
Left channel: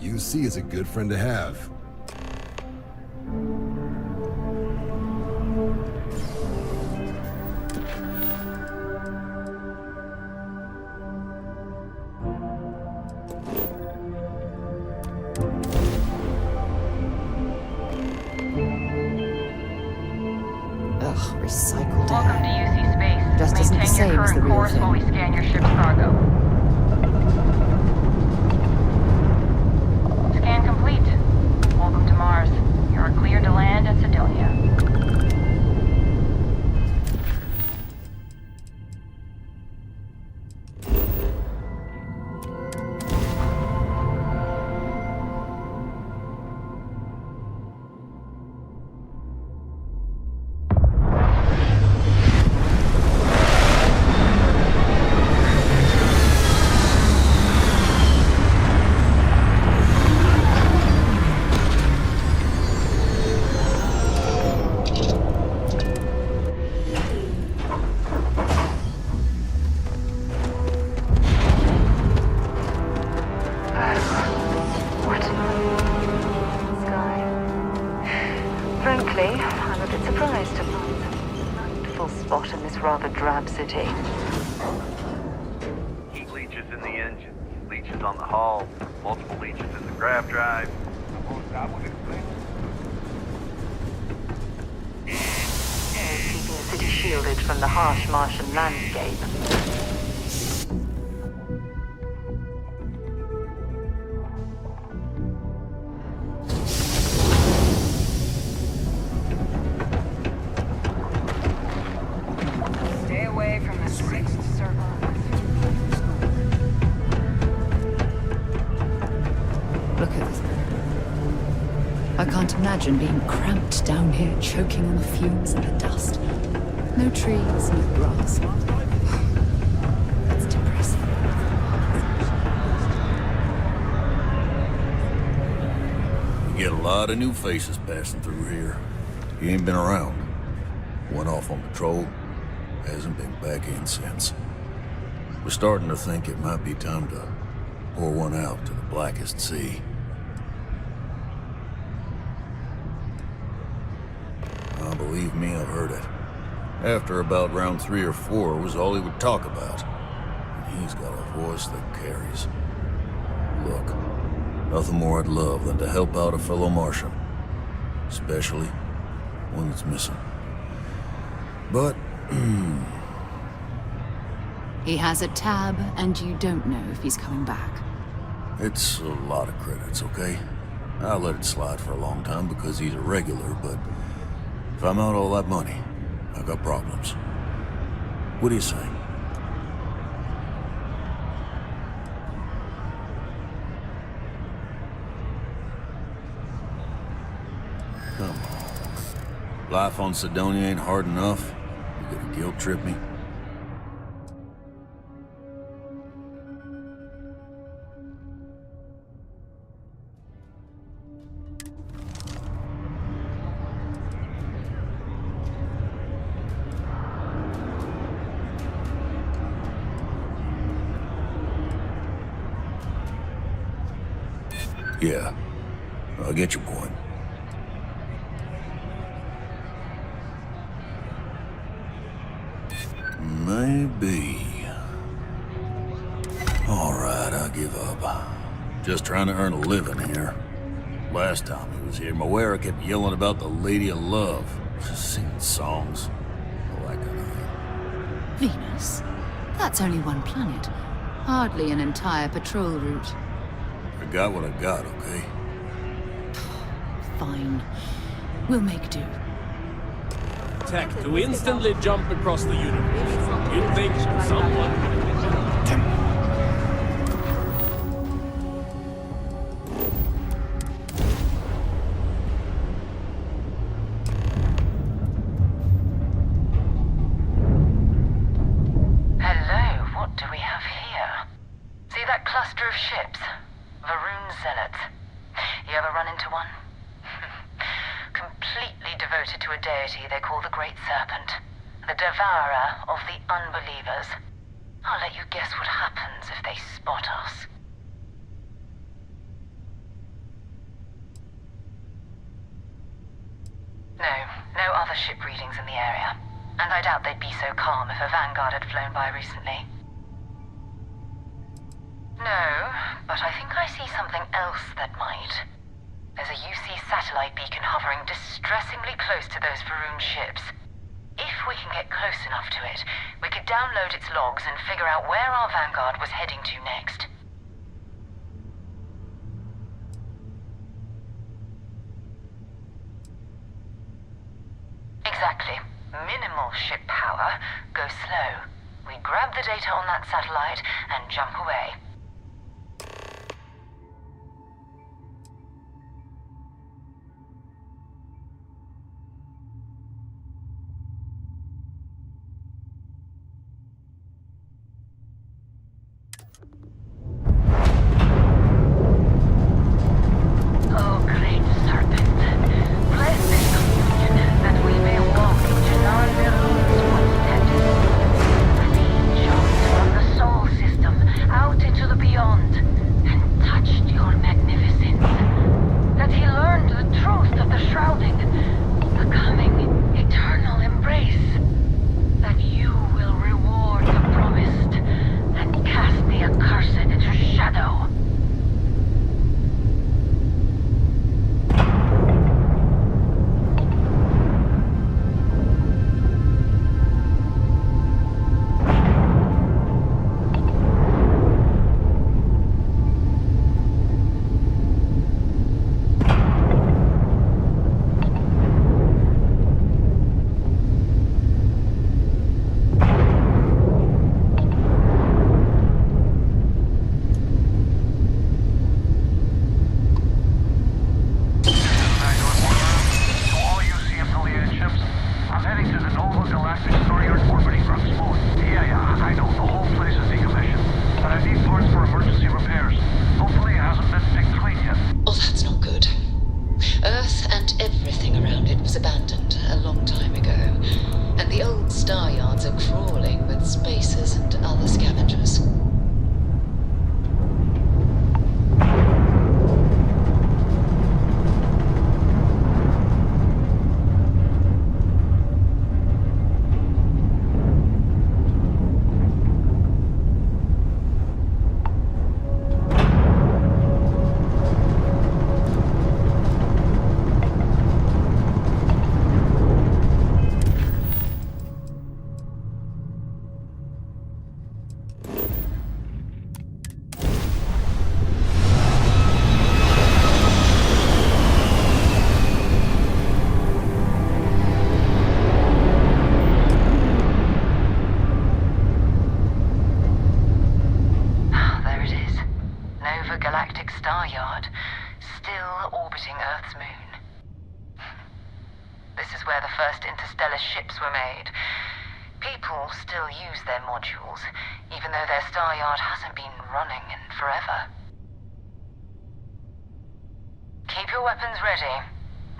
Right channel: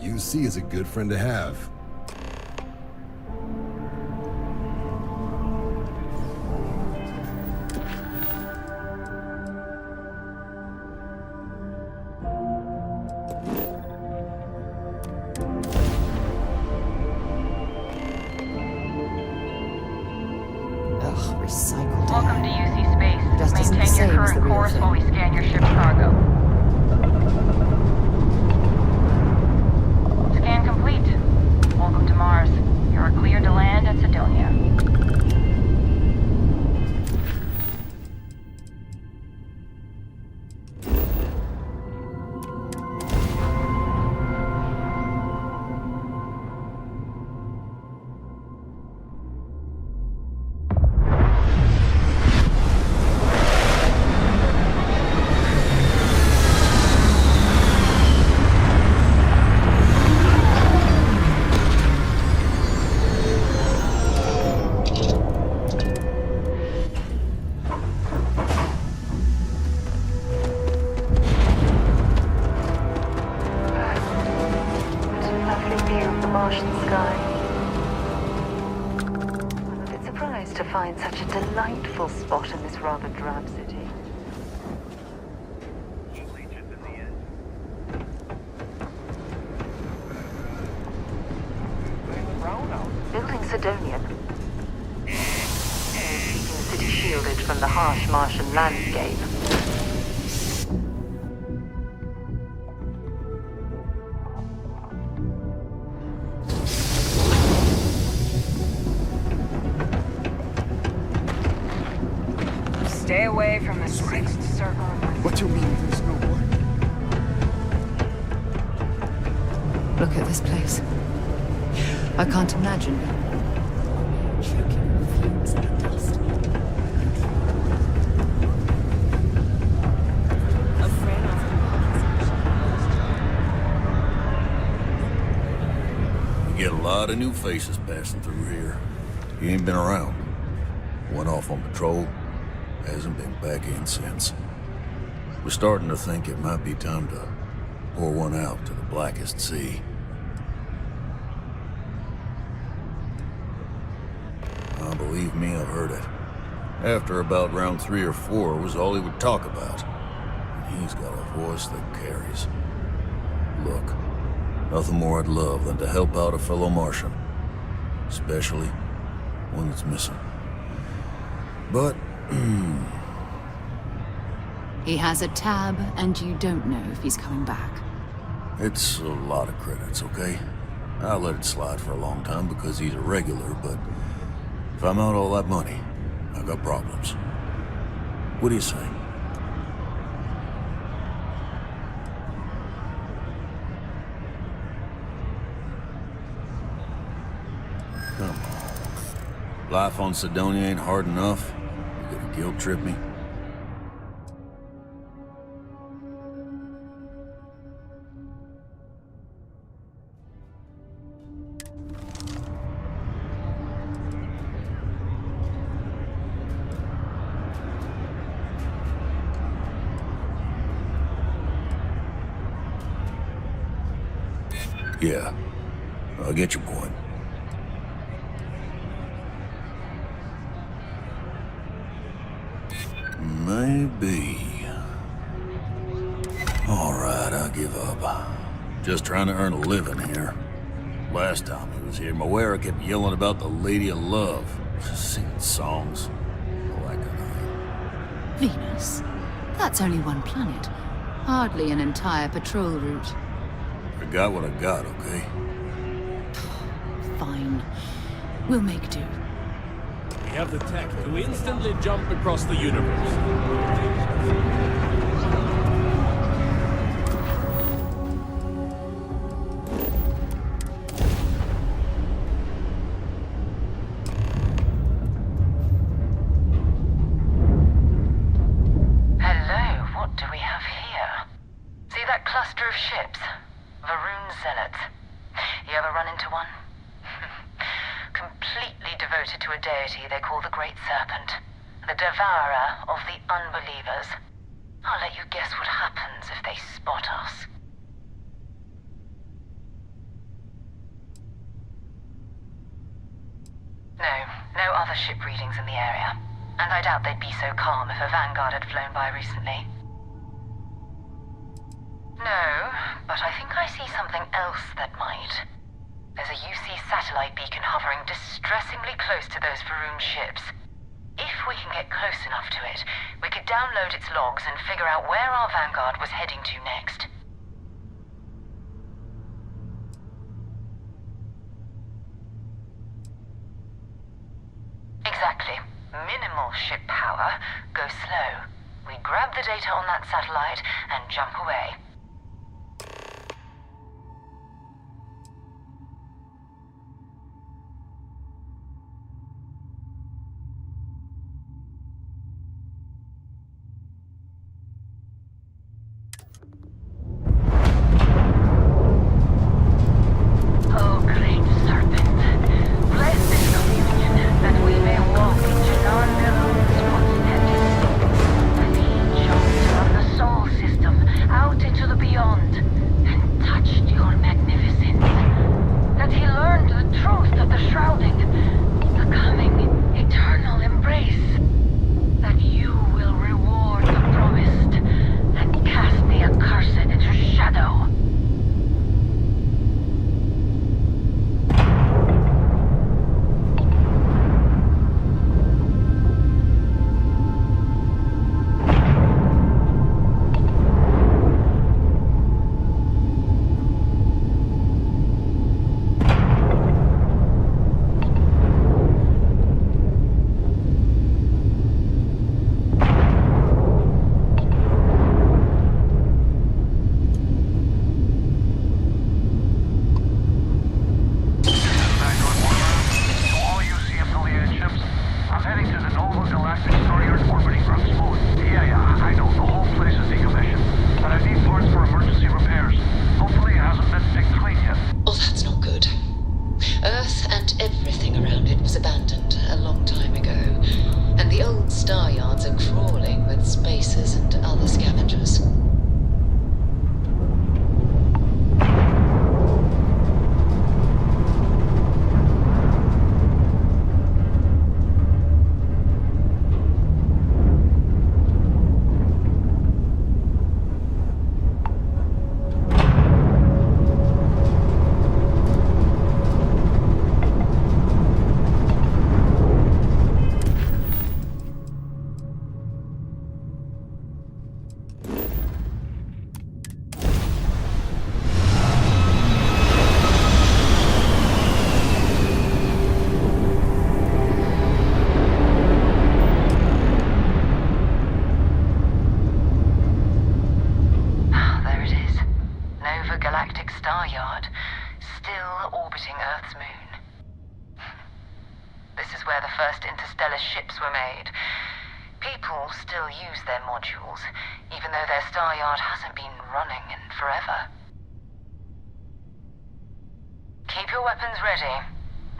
UC is a good friend to have. Recycled air. Welcome to UC Space. Just isn't the Maintain same your as the current real course thing. while we scan your ship's cargo. Scan complete. Welcome to Mars. You are cleared to land at Sidonia. City. Leeches in the engine, leeches on the hull, multiple leeches in the grav drive. Building Sidonia. Keeping the city shielded from the harsh Martian landscape. Stay away from the sixth circle. What you mean there's no one? Look at this place. I can't imagine being cramped down here, choking on the fumes and the dust. No trees, no grass. It's depressing. You get a lot of new faces passing through here. You ain't been around. Went off on patrol. Hasn't been back in since. We're starting to think it might be time to pour one out to the blackest sea. Believe me, I've heard it. After about round 3 or 4 was all he would talk about. And he's got a voice that carries. Look, nothing more I'd love than to help out a fellow Martian. Especially one that's missing. But, He has a tab, and you don't know if he's coming back. it's a lot of credits, okay? I let it slide for a long time because he's a regular, but if I'm out all that money, I've got problems. What do you say? Come on. Life on Sidonia ain't hard enough. You gonna guilt trip me? Yeah, I get your point. Maybe. All right, I give up. Just trying to earn a living here. Last time he was here, Moira kept yelling about the Lady of Love. Just singing songs. All that kind of thing. Venus? That's only one planet. Hardly an entire patrol route. I got what I got, okay? Fine. We'll make do. We have the tech to instantly jump across the universe. We think someone... Hello, what do we have here? See that cluster of ships? Varun Zealots. You ever run into one? Completely devoted to a deity they call the Great Serpent. The devourer of the unbelievers. I'll let you guess what happens if they spot us. No other ship readings in the area. And I doubt they'd be so calm if a Vanguard had flown by recently. No, but I think I see something else that might. There's a UC satellite beacon hovering distressingly close to those Varun ships. If we can get close enough to it, we could download its logs and figure out where our Vanguard was heading to next. Exactly. Minimal ship power, go slow. We grab the data on that satellite and jump away. Oh, great serpent, bless this communion that we may walk into non-Neroon's footsteps. That he jumped from the Sol system out into the beyond and touched your magnificence. That he learned the truth of the shrouding, the coming eternal embrace. That you will reward the promised and cast the accursed Earth and everything around it was abandoned a long time ago, and the old star yards are crawling with spacers and other scavengers. Galactic Star Yard, still orbiting Earth's moon. This is where the first interstellar ships were made. People still use their modules, even though their star yard hasn't been running in forever. Keep your weapons ready.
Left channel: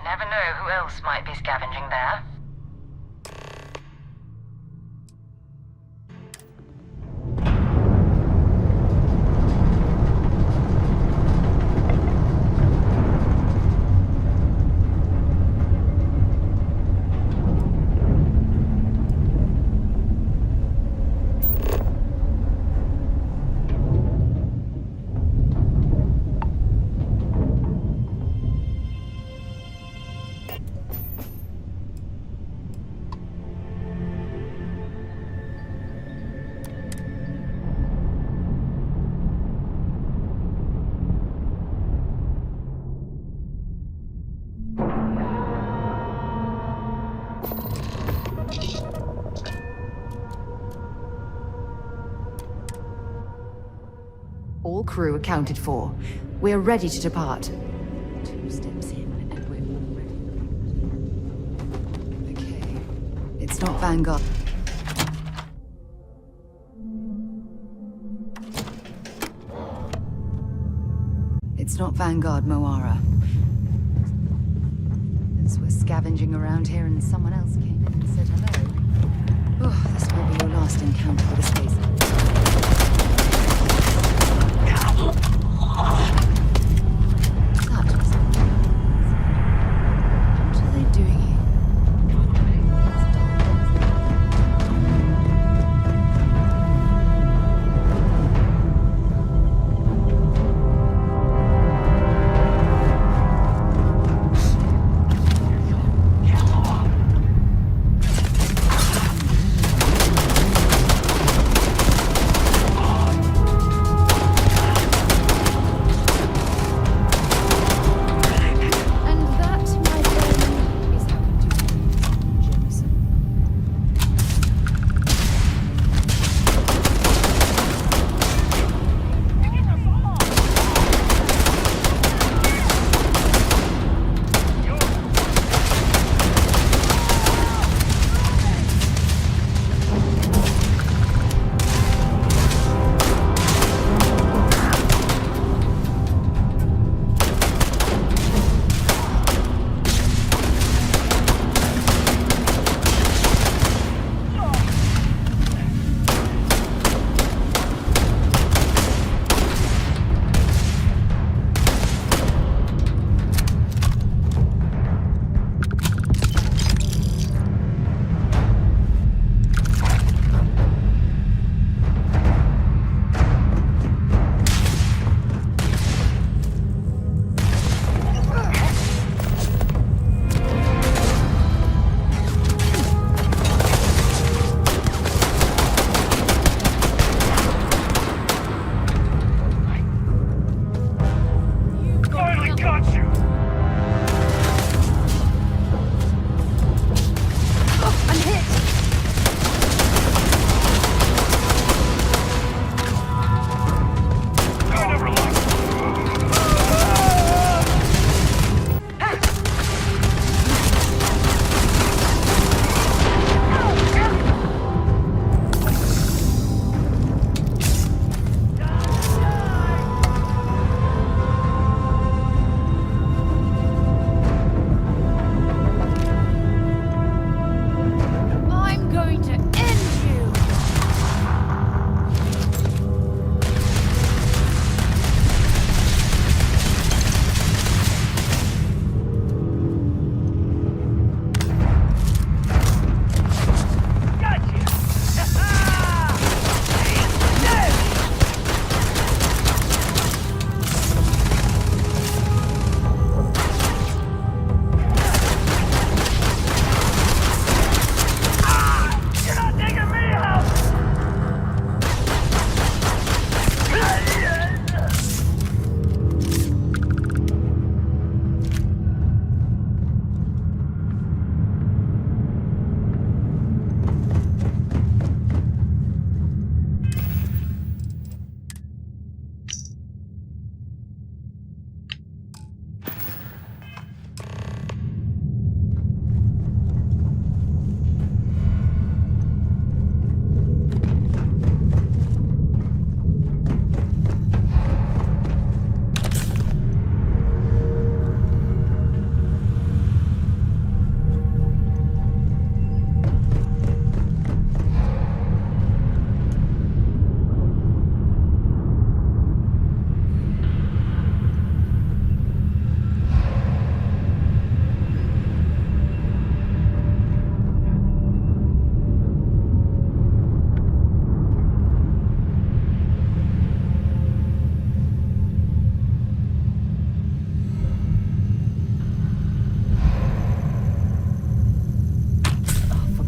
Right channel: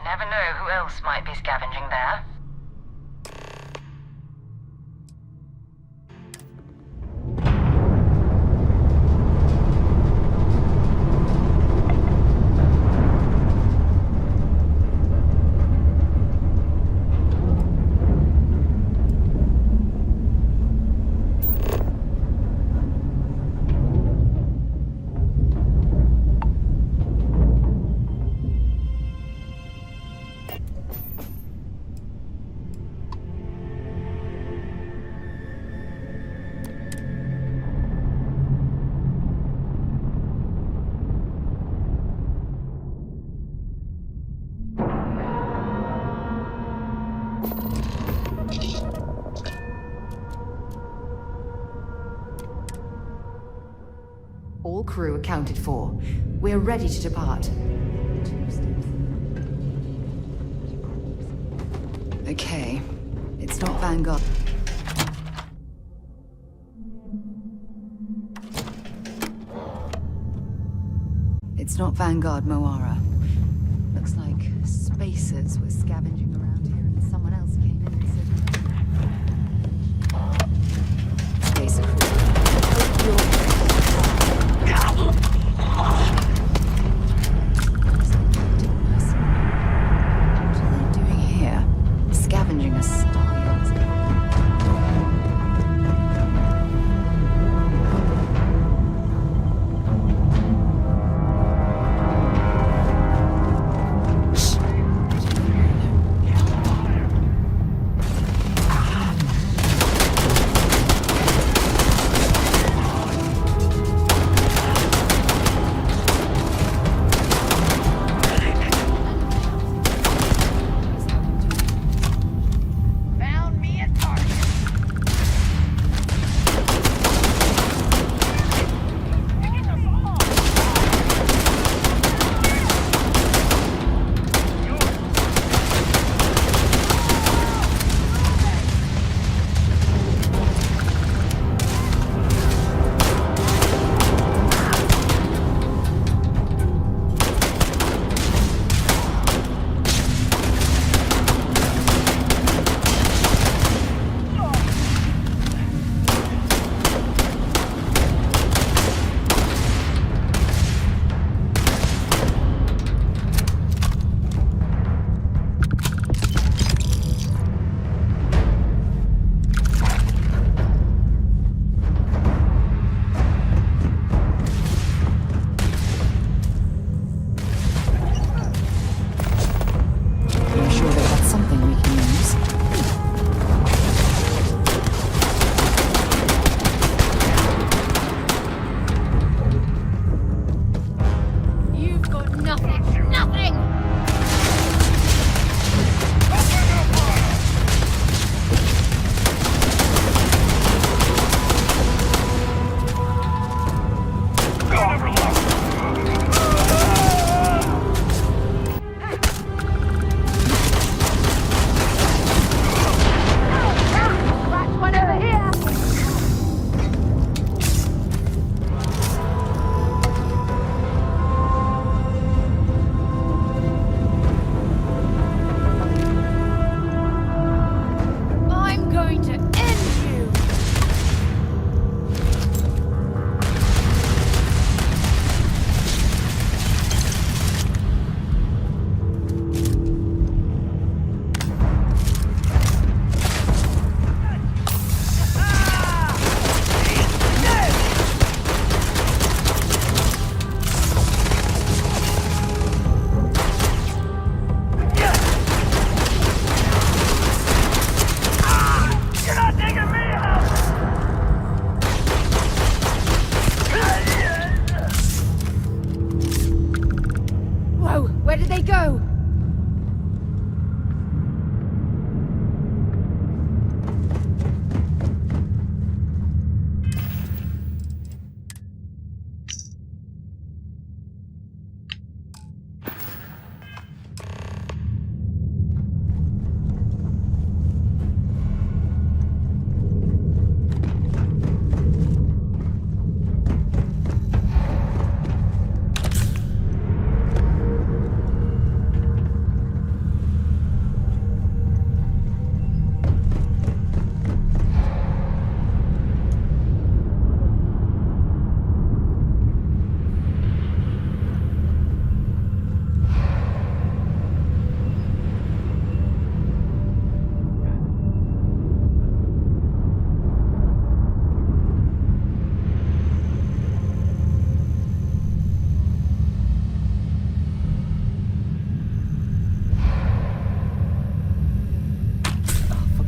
Never know who else might be scavenging there. All crew accounted for. We're ready to depart. Okay. It's not Vanguard. It's not Vanguard Moara. Looks like spacers were scavenging around here and someone else came in and said hello. Oh, this will be your last encounter with a spacer. What are they doing here? Scavenging a star.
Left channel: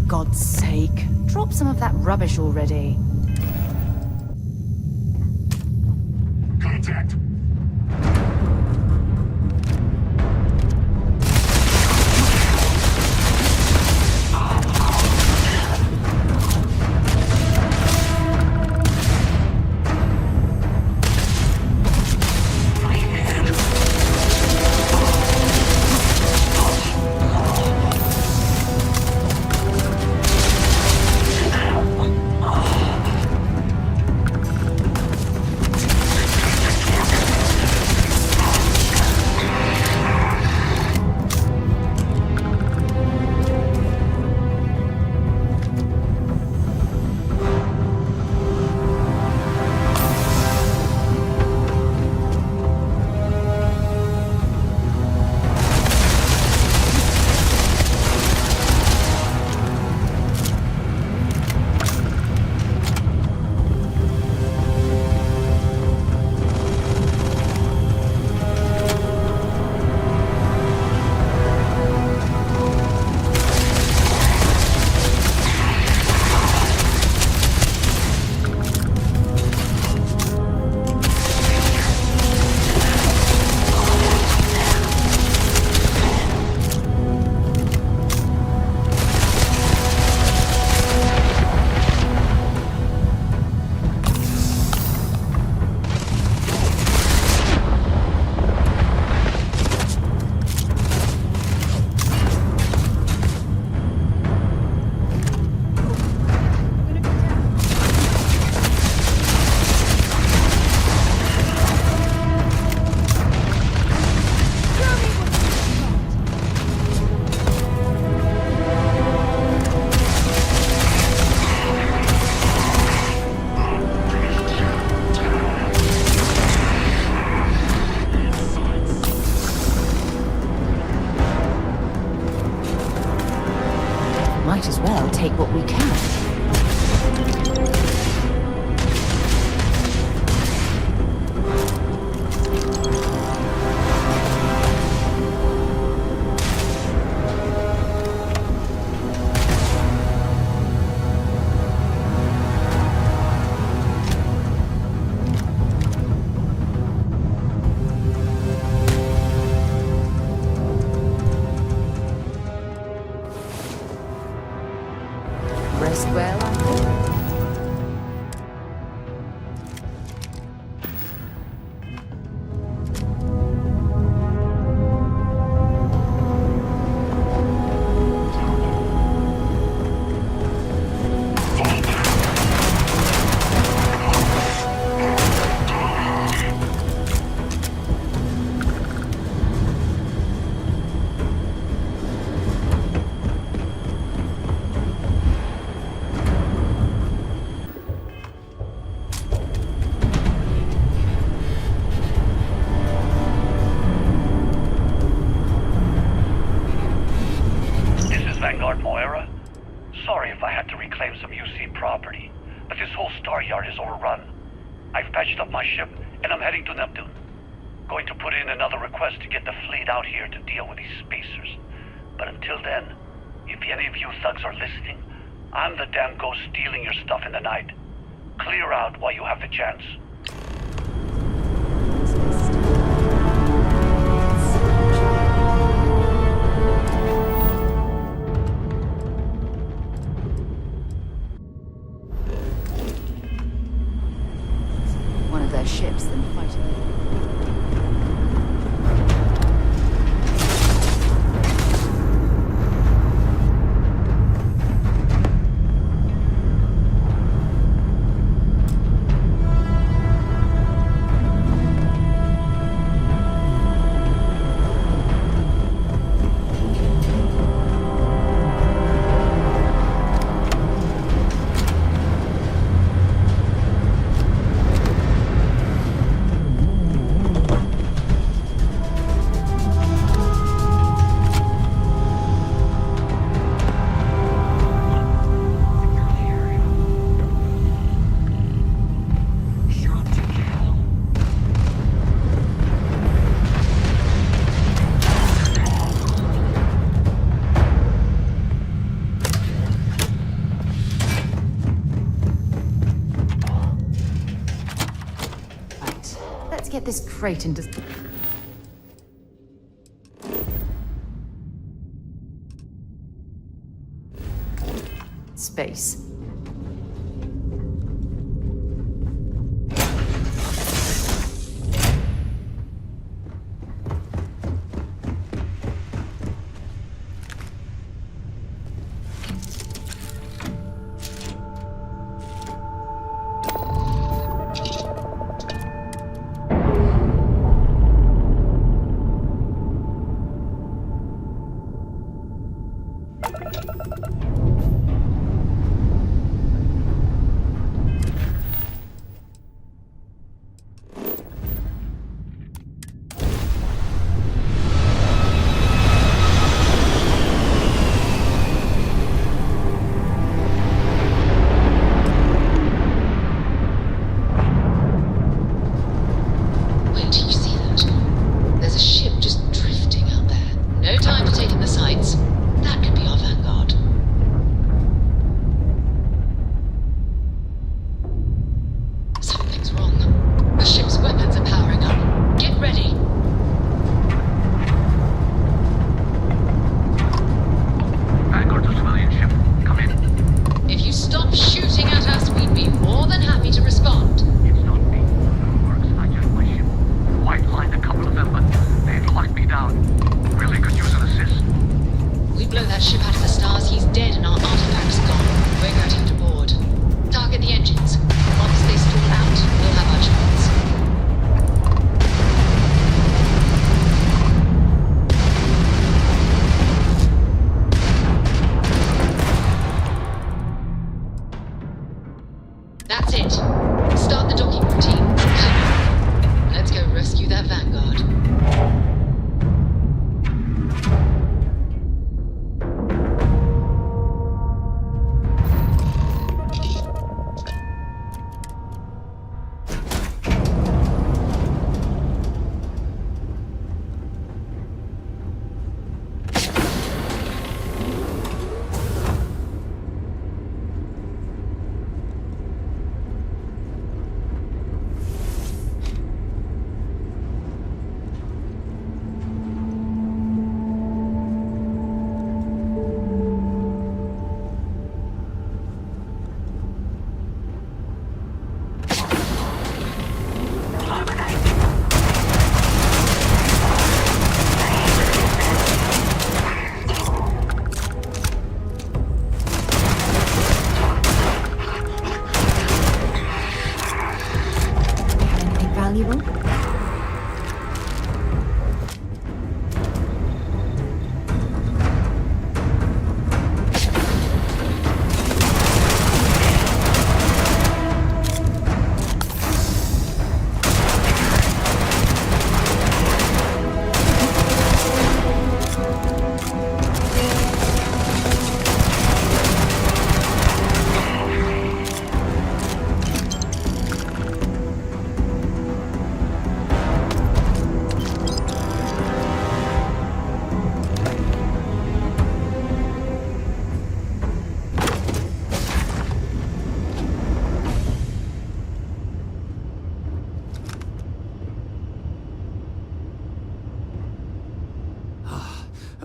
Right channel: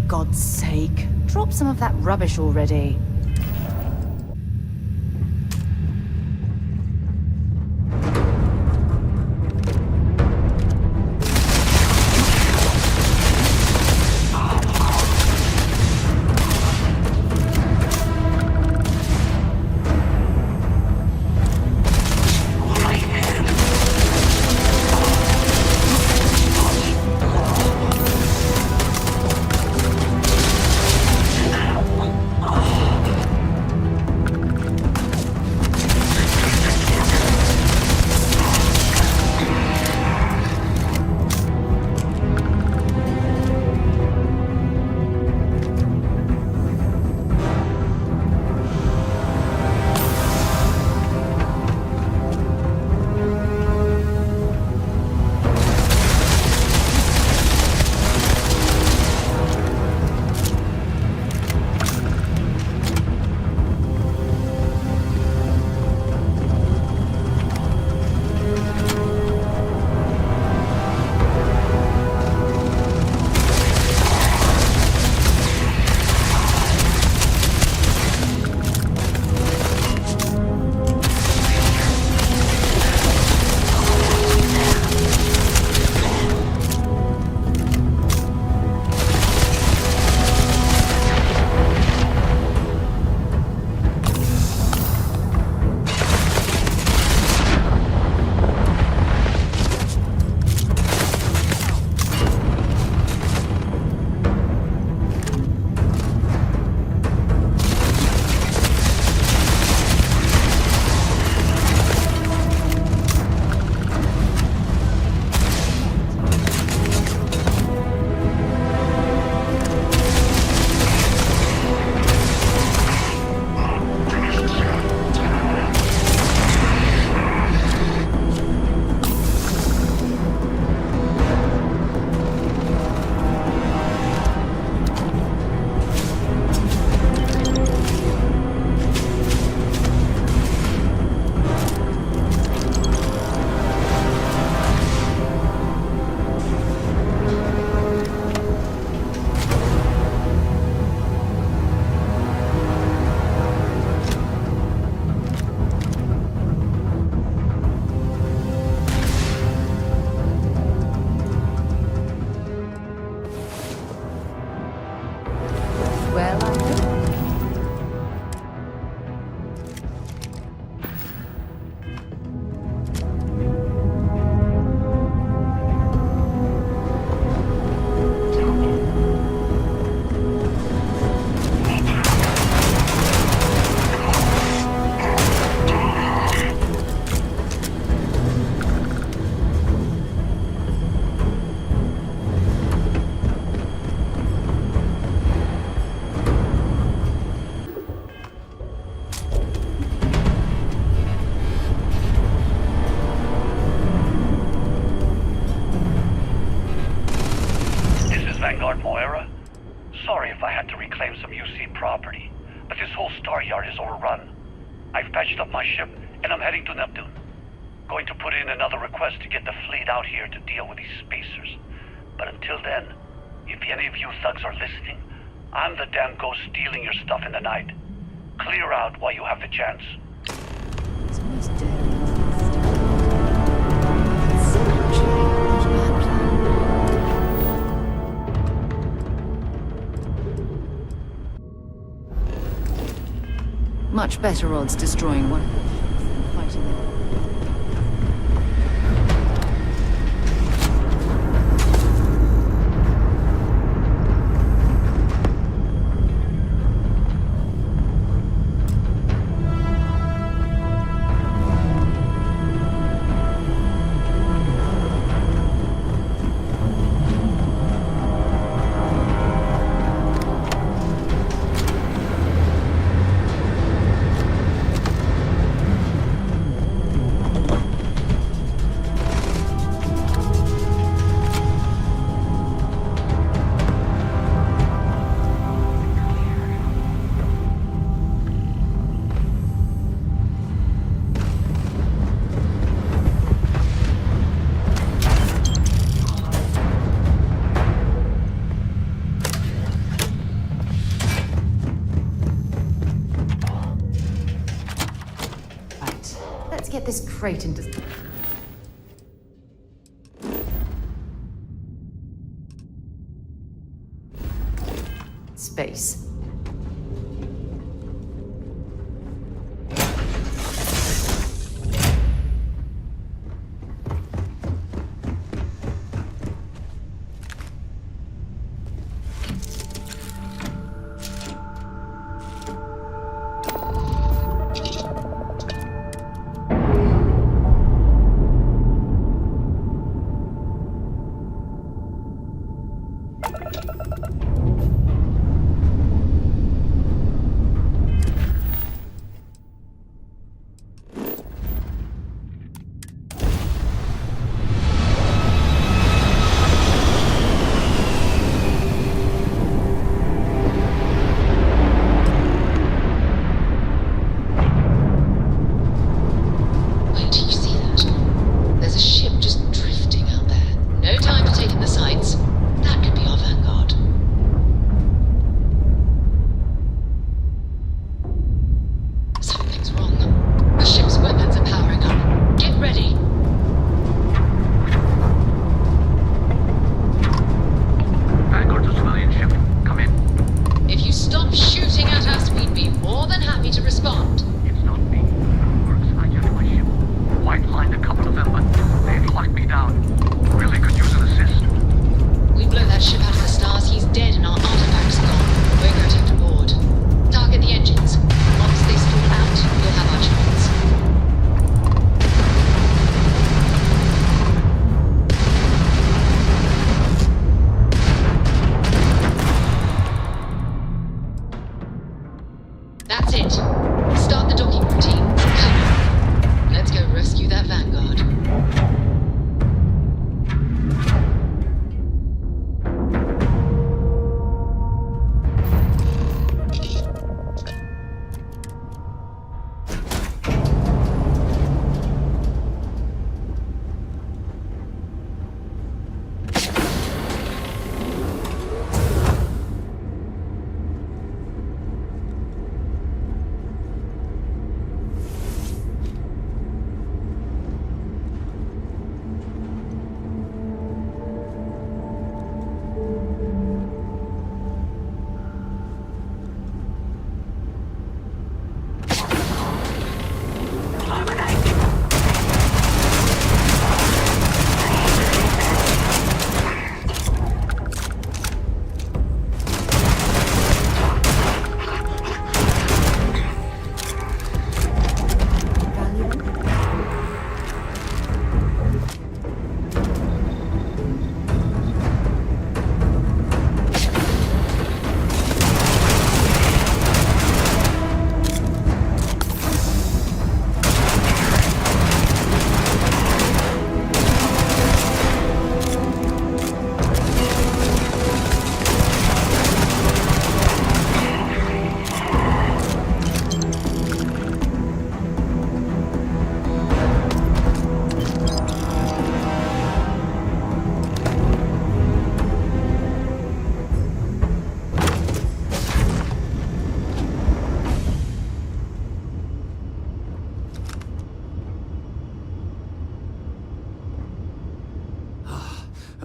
God's sake, drop some of that rubbish already. Contact. Well, I hope. Sorry if I had to reclaim some UC property, but this whole star yard is overrun. I've patched up my ship, and I'm heading to Neptune. Going to put in another request to get the fleet out here to deal with these spacers. But until then, if any of you thugs are listening, I'm the damn ghost stealing your stuff in the night. Clear out while you have the chance. Much better odds destroying one of their ships than fighting it. get this crate into... space.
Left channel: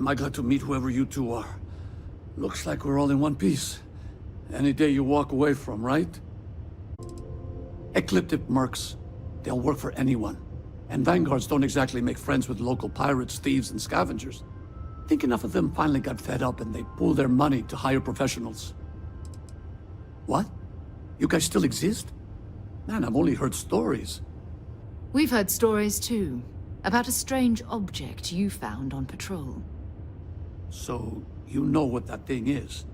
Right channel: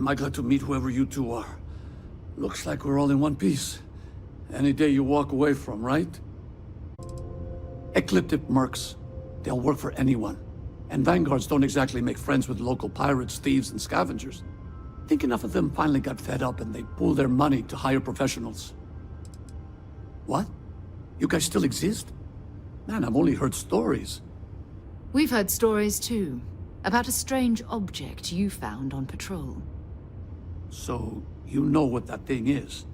Am I glad to meet whoever you two are. Looks like we're all in one piece. Any day you walk away from, right? Ecliptic mercs. They'll work for anyone. And vanguards don't exactly make friends with local pirates, thieves, and scavengers. Think enough of them finally got fed up and they pooled their money to hire professionals. What? You guys still exist? Man, I've only heard stories. We've heard stories too, about a strange object you found on patrol. So, you know what that thing is?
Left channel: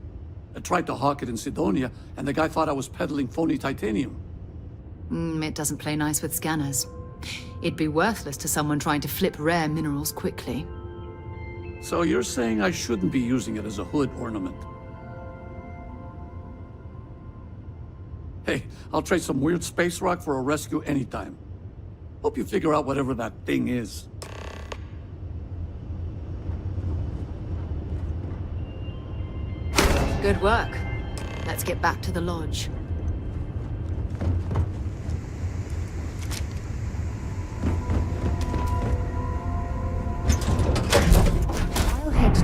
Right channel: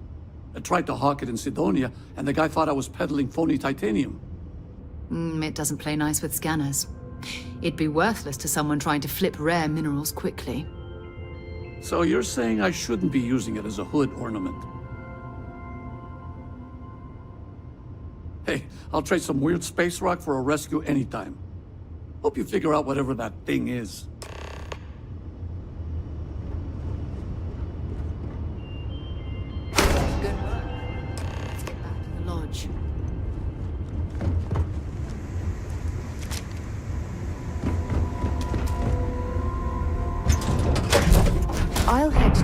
I tried to hawk it in Sidonia, and the guy thought I was peddling phony titanium. It doesn't play nice with scanners. It'd be worthless to someone trying to flip rare minerals quickly. So you're saying I shouldn't be using it as a hood ornament? Hey, I'll trade some weird space rock for a rescue anytime. Hope you figure out whatever that thing is. Good work. Let's get back to the lodge.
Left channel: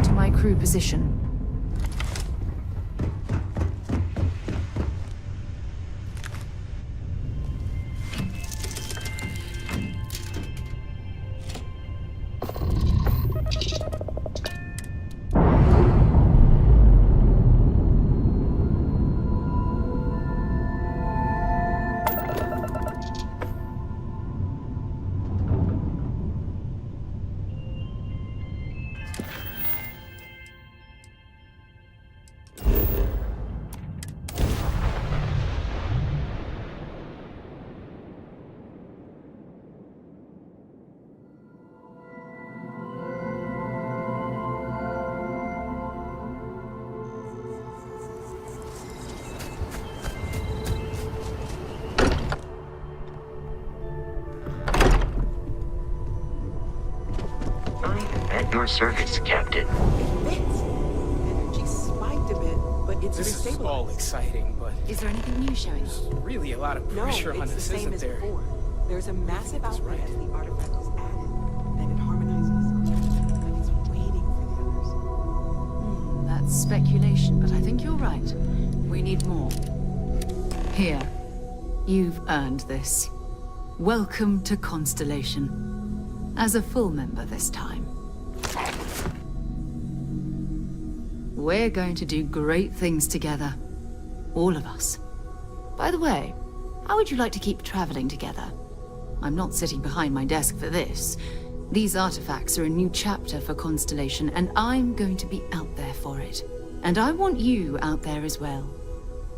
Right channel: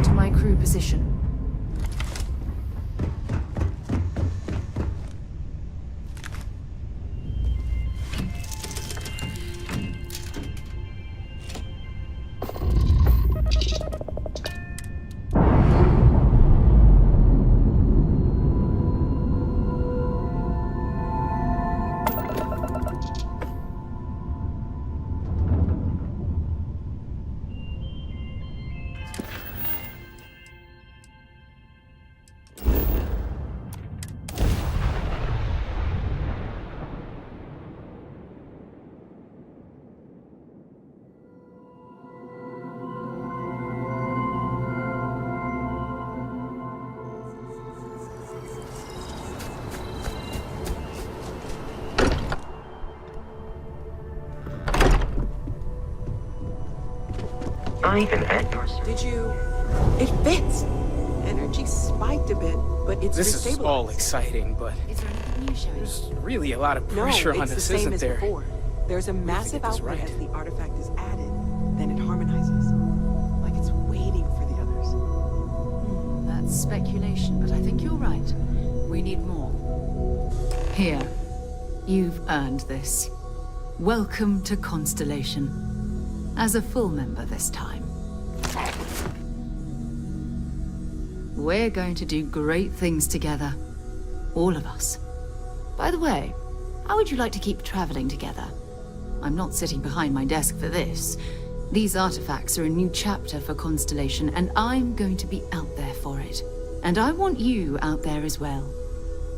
to my crew position. I am at your service, Captain. It fits. Energy spiked a bit, but it's This is all exciting, but Is there anything new showing? there's really a lot of No, pressure on it's the us, same isn't as there? before. There's a massive this output right? as the artifact is added, then it harmonizes. Like it's waiting for the others. That's speculation, but I think you're right. We need more. Here. You've earned this. Welcome to Constellation. As a full member this time. We're going to do great things together. All of us. By the way, how would you like to keep traveling together? I'm not sitting behind my desk for this. These artifacts are a new chapter for Constellation, and I'm going to be out there for it. And I want you out there as well.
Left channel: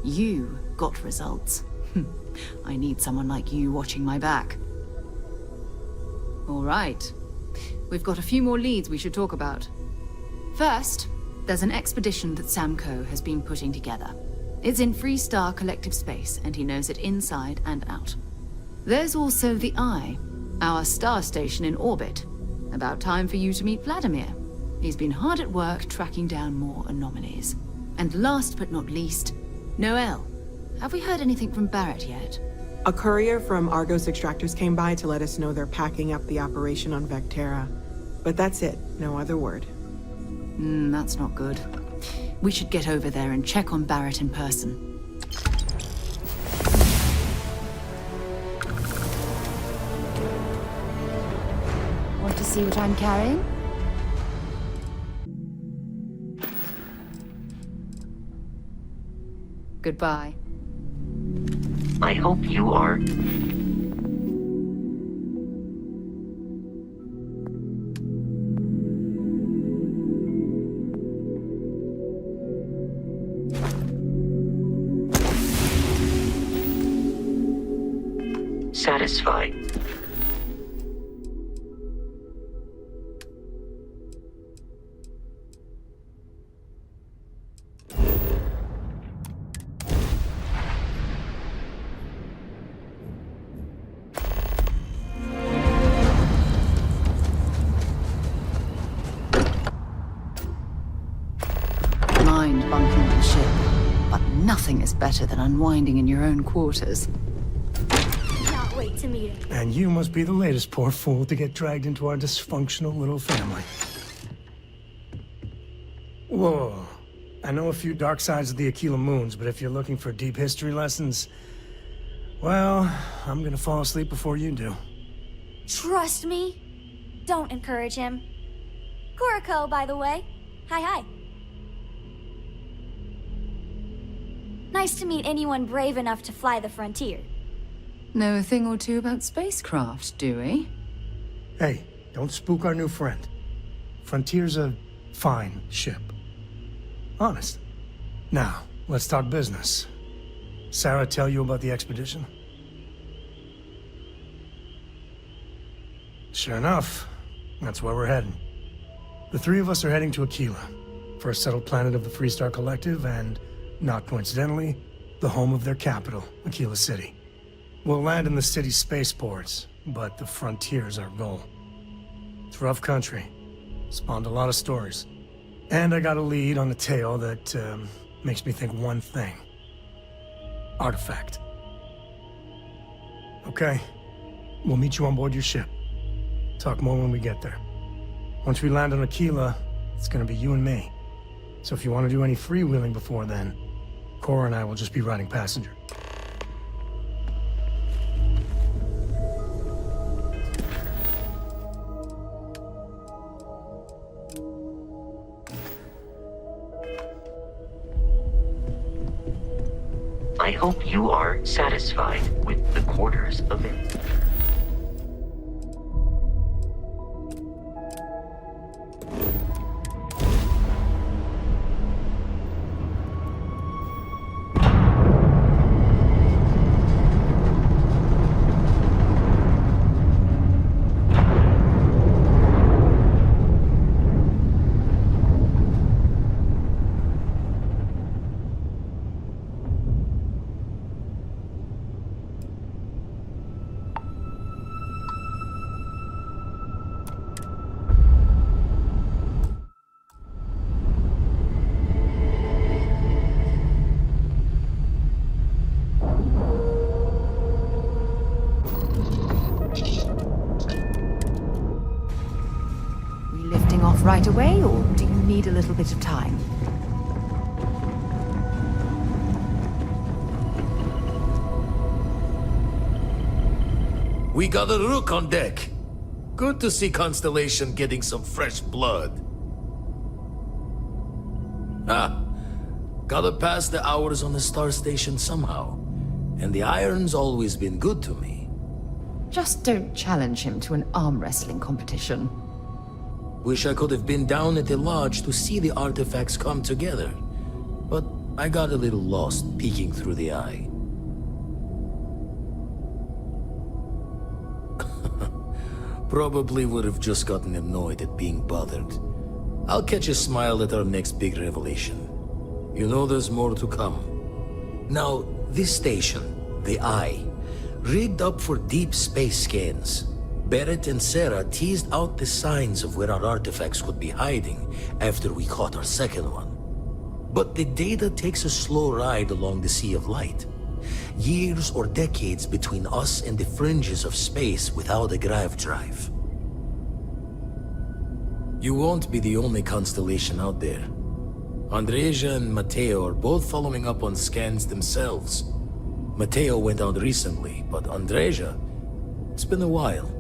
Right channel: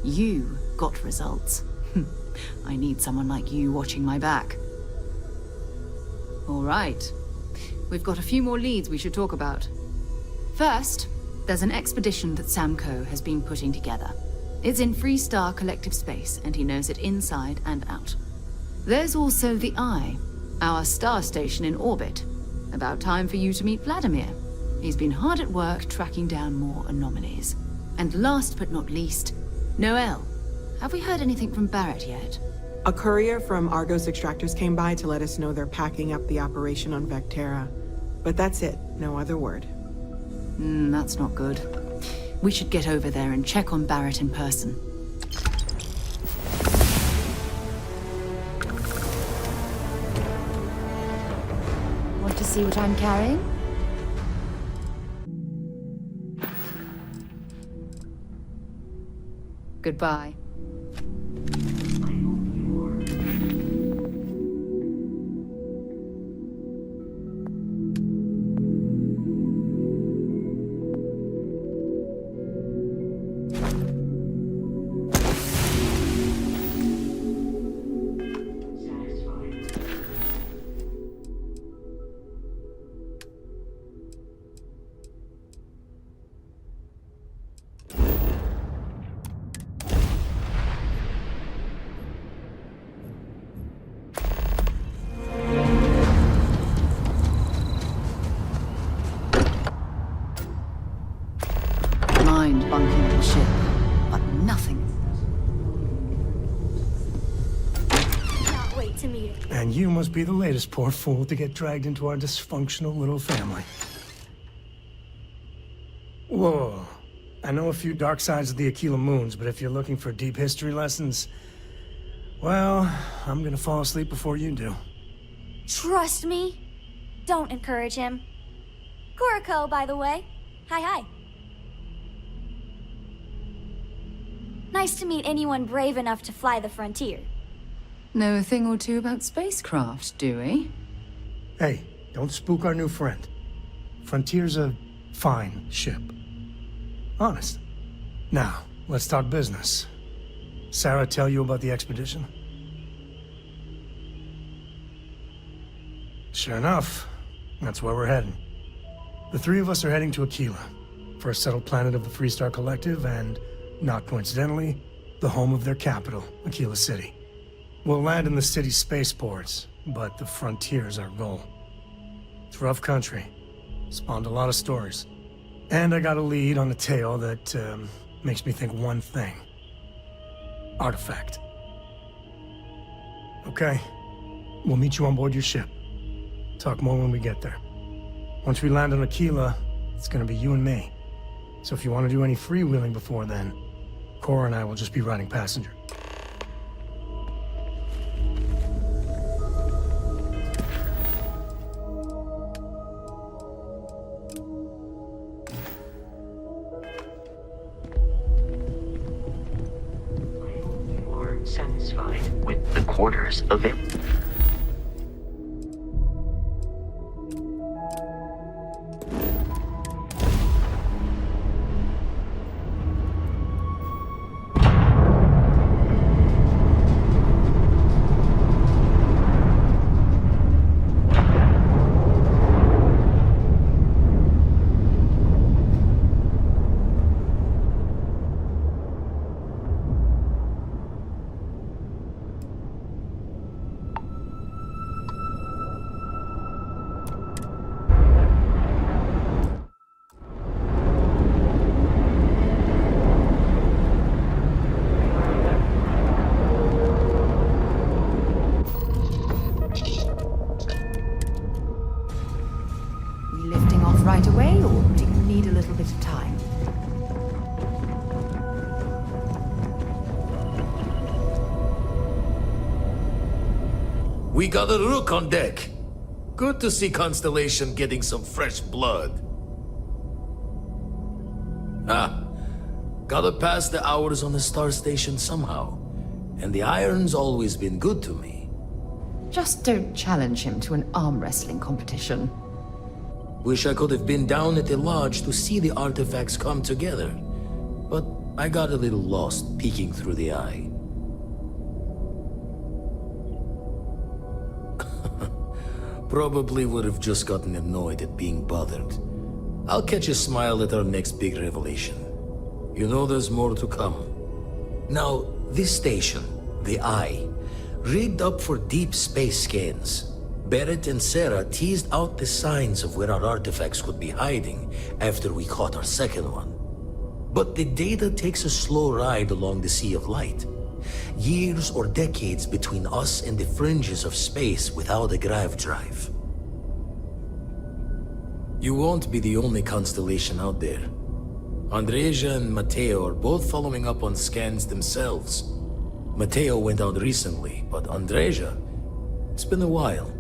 You got results. I need someone like you watching my back. All right. We've got a few more leads we should talk about. First, there's an expedition that Samco has been putting together. It's in Freestar Collective Space, and he knows it inside and out. There's also the Eye, our star station in orbit. About time for you to meet Vladimir. He's been hard at work tracking down more anomalies. And last but not least, Noel. Have we heard anything from Barrett yet? A courier from Argos Extractors came by to let us know they're packing up the operation on Vectera. But that's it, no other word. That's not good. We should get over there and check on Barrett in person. Want to see what I'm carrying? Goodbye. I hope you are. Satisfied. Mind bunking on the ship, but nothing is better than unwinding in your own quarters. Not wait to meet him. And you must be the latest poor fool to get dragged into our dysfunctional little family. Whoa. I know a few dark sides of the Aquila Moons, but if you're looking for deep history lessons, well, I'm gonna fall asleep before you do. Trust me. Don't encourage him. Kuriko, by the way. Hi. Nice to meet anyone brave enough to fly the frontier. Know a thing or two about spacecraft, do we? Hey, don't spook our new friend. Frontier's a fine ship. Honest. Now, let's talk business. Sarah tell you about the expedition? Sure enough, that's where we're heading. The three of us are heading to Aquila, first settled planet of the Freestar Collective, and, not coincidentally, the home of their capital, Aquila City. We'll land in the city's spaceports, but the frontier's our goal. It's rough country. Spawned a lot of stories. And I got a lead on a tale that makes me think one thing. Artifact. Okay. We'll meet you on board your ship. Talk more when we get there. Once we land on Aquila, it's gonna be you and me. So if you want to do any freewheeling before then, Cora and I will just be riding passenger. I hope you are satisfied with the quarters of it. Right away, or do you need a little bit of time? We got a rook on deck. Good to see Constellation getting some fresh blood. Gotta pass the hours on the Star Station somehow. And the iron's always been good to me. Just don't challenge him to an arm wrestling competition. Wish I could have been down at the lodge to see the artifacts come together. But I got a little lost peeking through the eye. Probably would have just gotten annoyed at being bothered. I'll catch a smile at our next big revelation. You know there's more to come. Now, this station, the Eye, rigged up for deep space scans. Barrett and Sarah teased out the signs of where our artifacts could be hiding after we caught our second one. But the data takes a slow ride along the Sea of Light. Years or decades between us and the fringes of space without a grav drive. You won't be the only constellation out there. Andreja and Mateo are both following up on scans themselves. Mateo went out recently, but Andreja, it's been a while.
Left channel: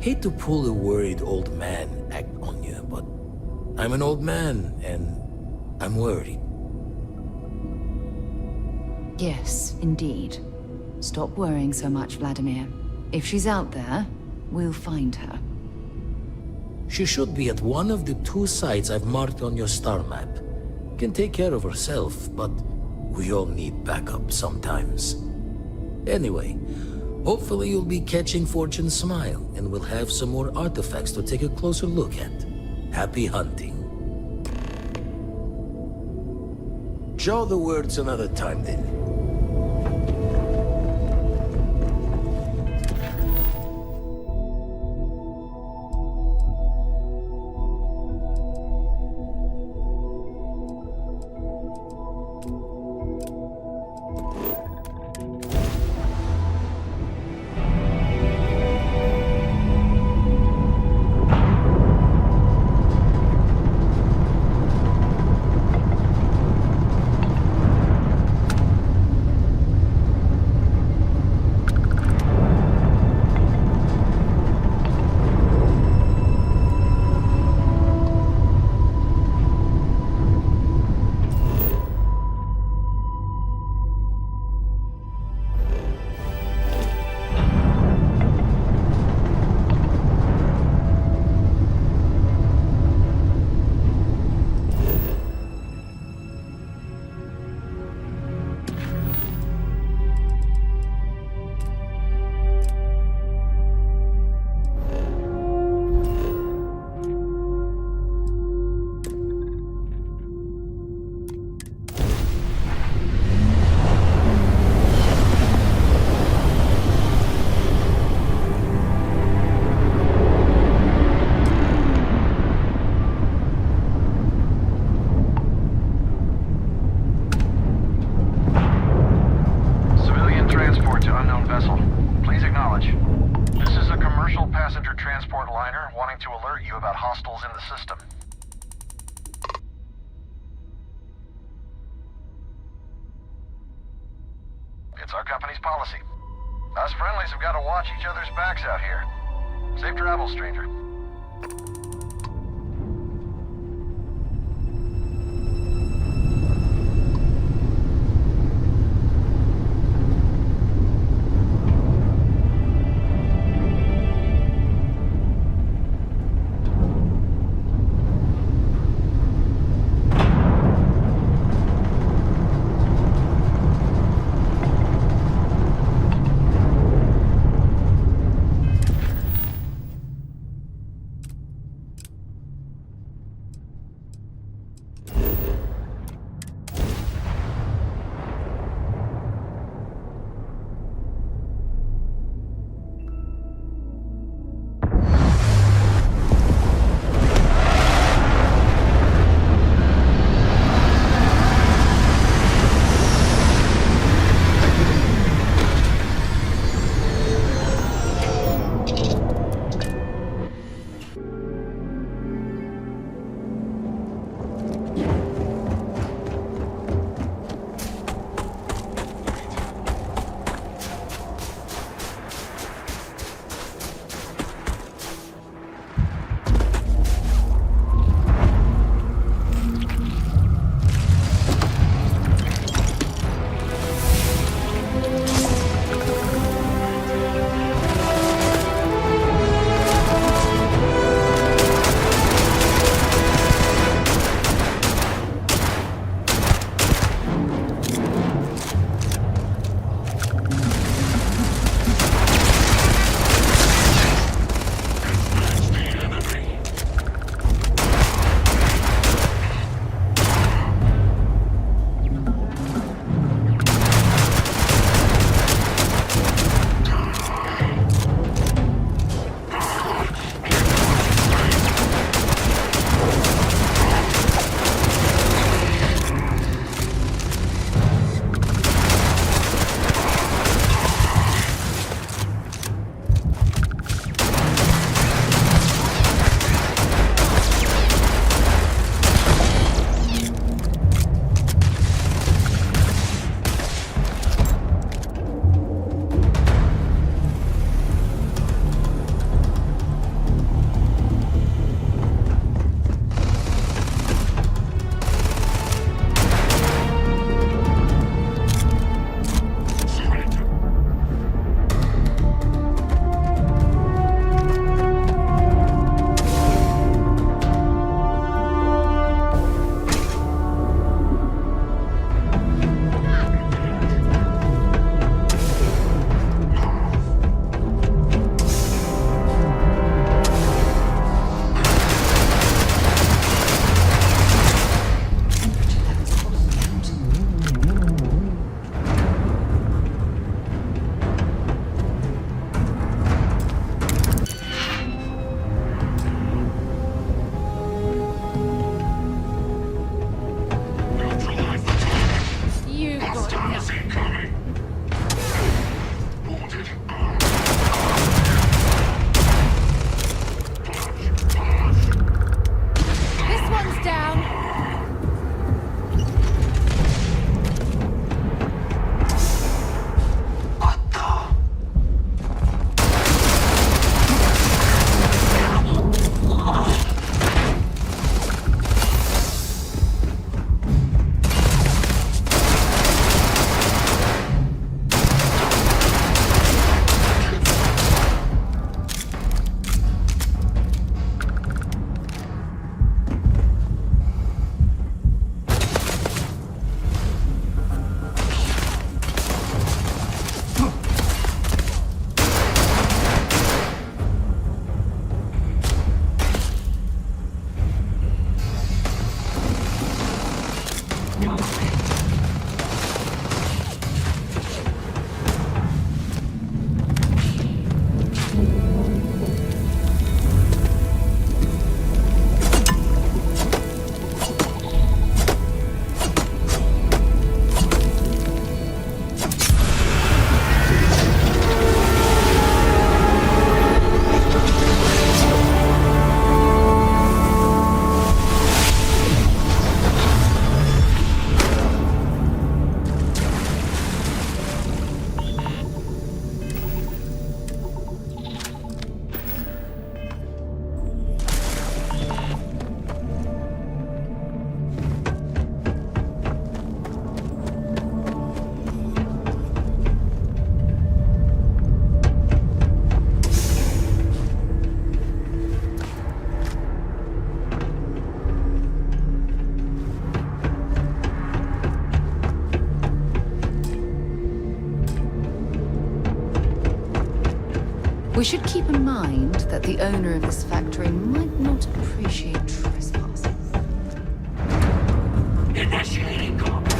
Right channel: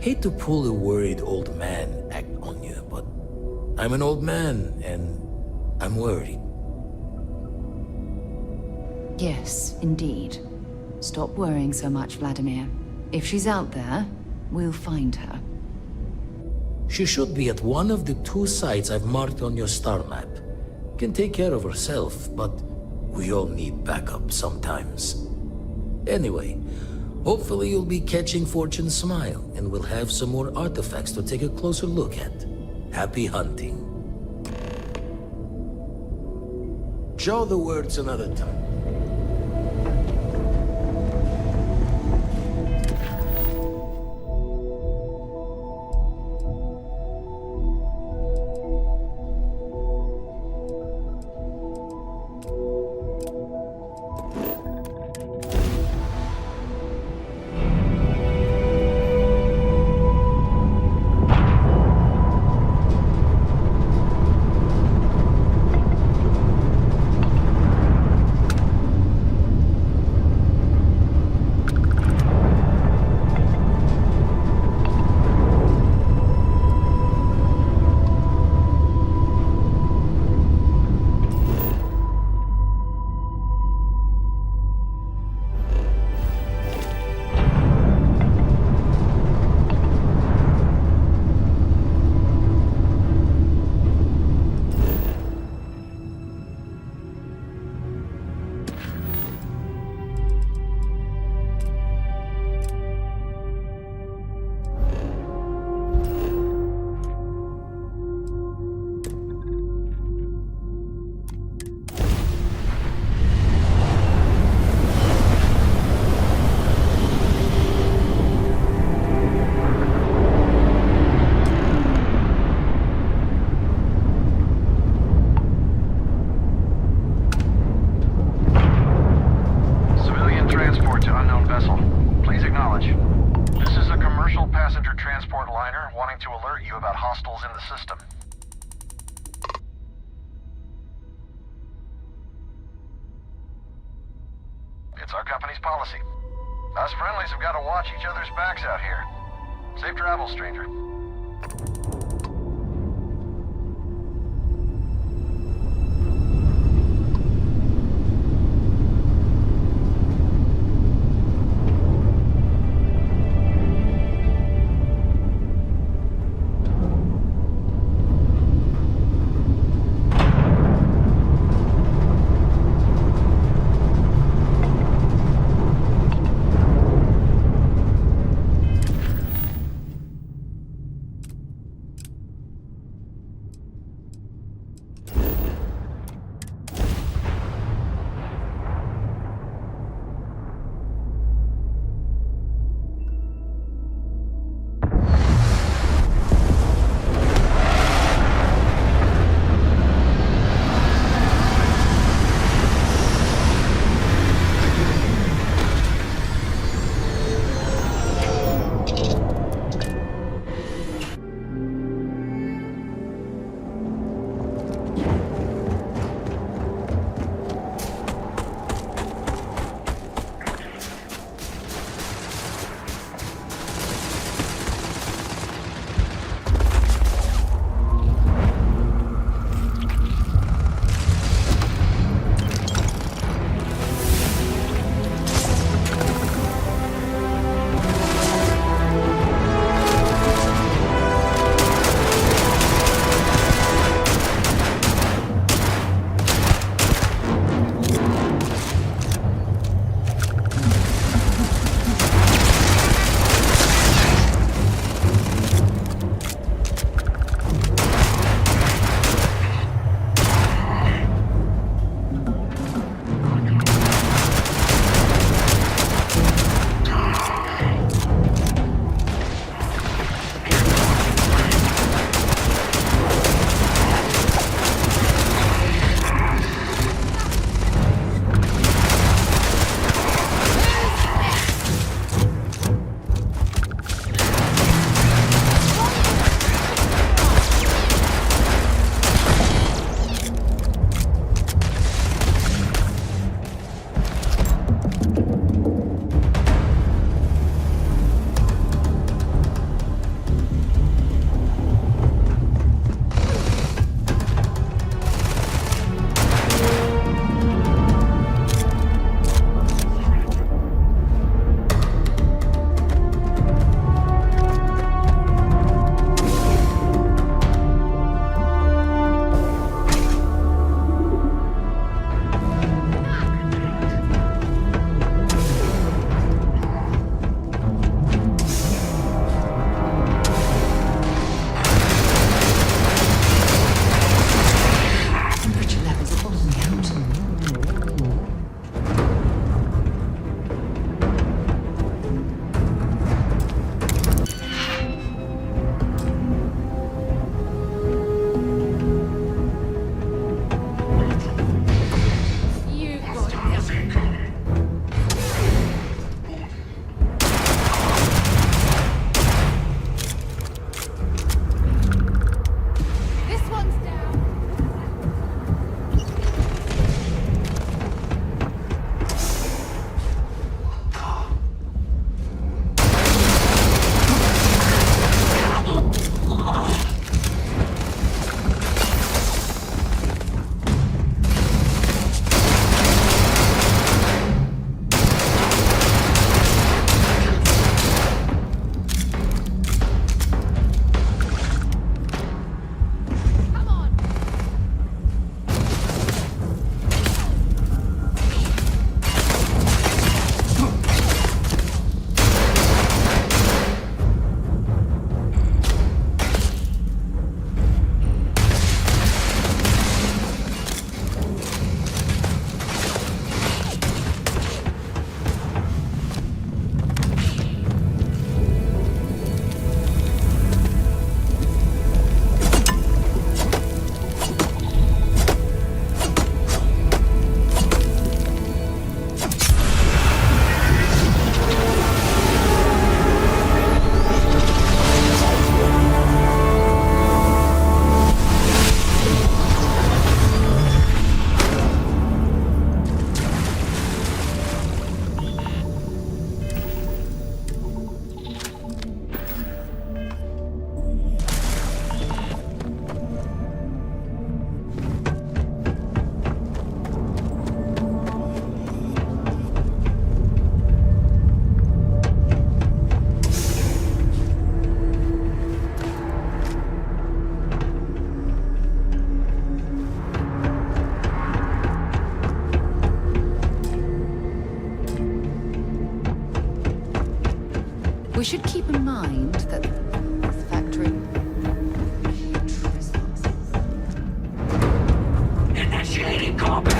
Hate to pull a worried old man act on you, but I'm an old man, and I'm worried. Yes, indeed. Stop worrying so much, Vladimir. If she's out there, we'll find her. She should be at one of the 2 sites I've marked on your star map. Can take care of herself, but we all need backup sometimes. Anyway, hopefully you'll be catching Fortune's smile, and we'll have some more artifacts to take a closer look at. Happy hunting. Show the words another time, then. Passenger transport liner wanting to alert you about hostiles in the system. County's policy. Us friendlies have got to watch each other's backs out here. Safe travels, stranger. We should keep in mind that the owner of this factory might not appreciate trespassing. Initiating combat.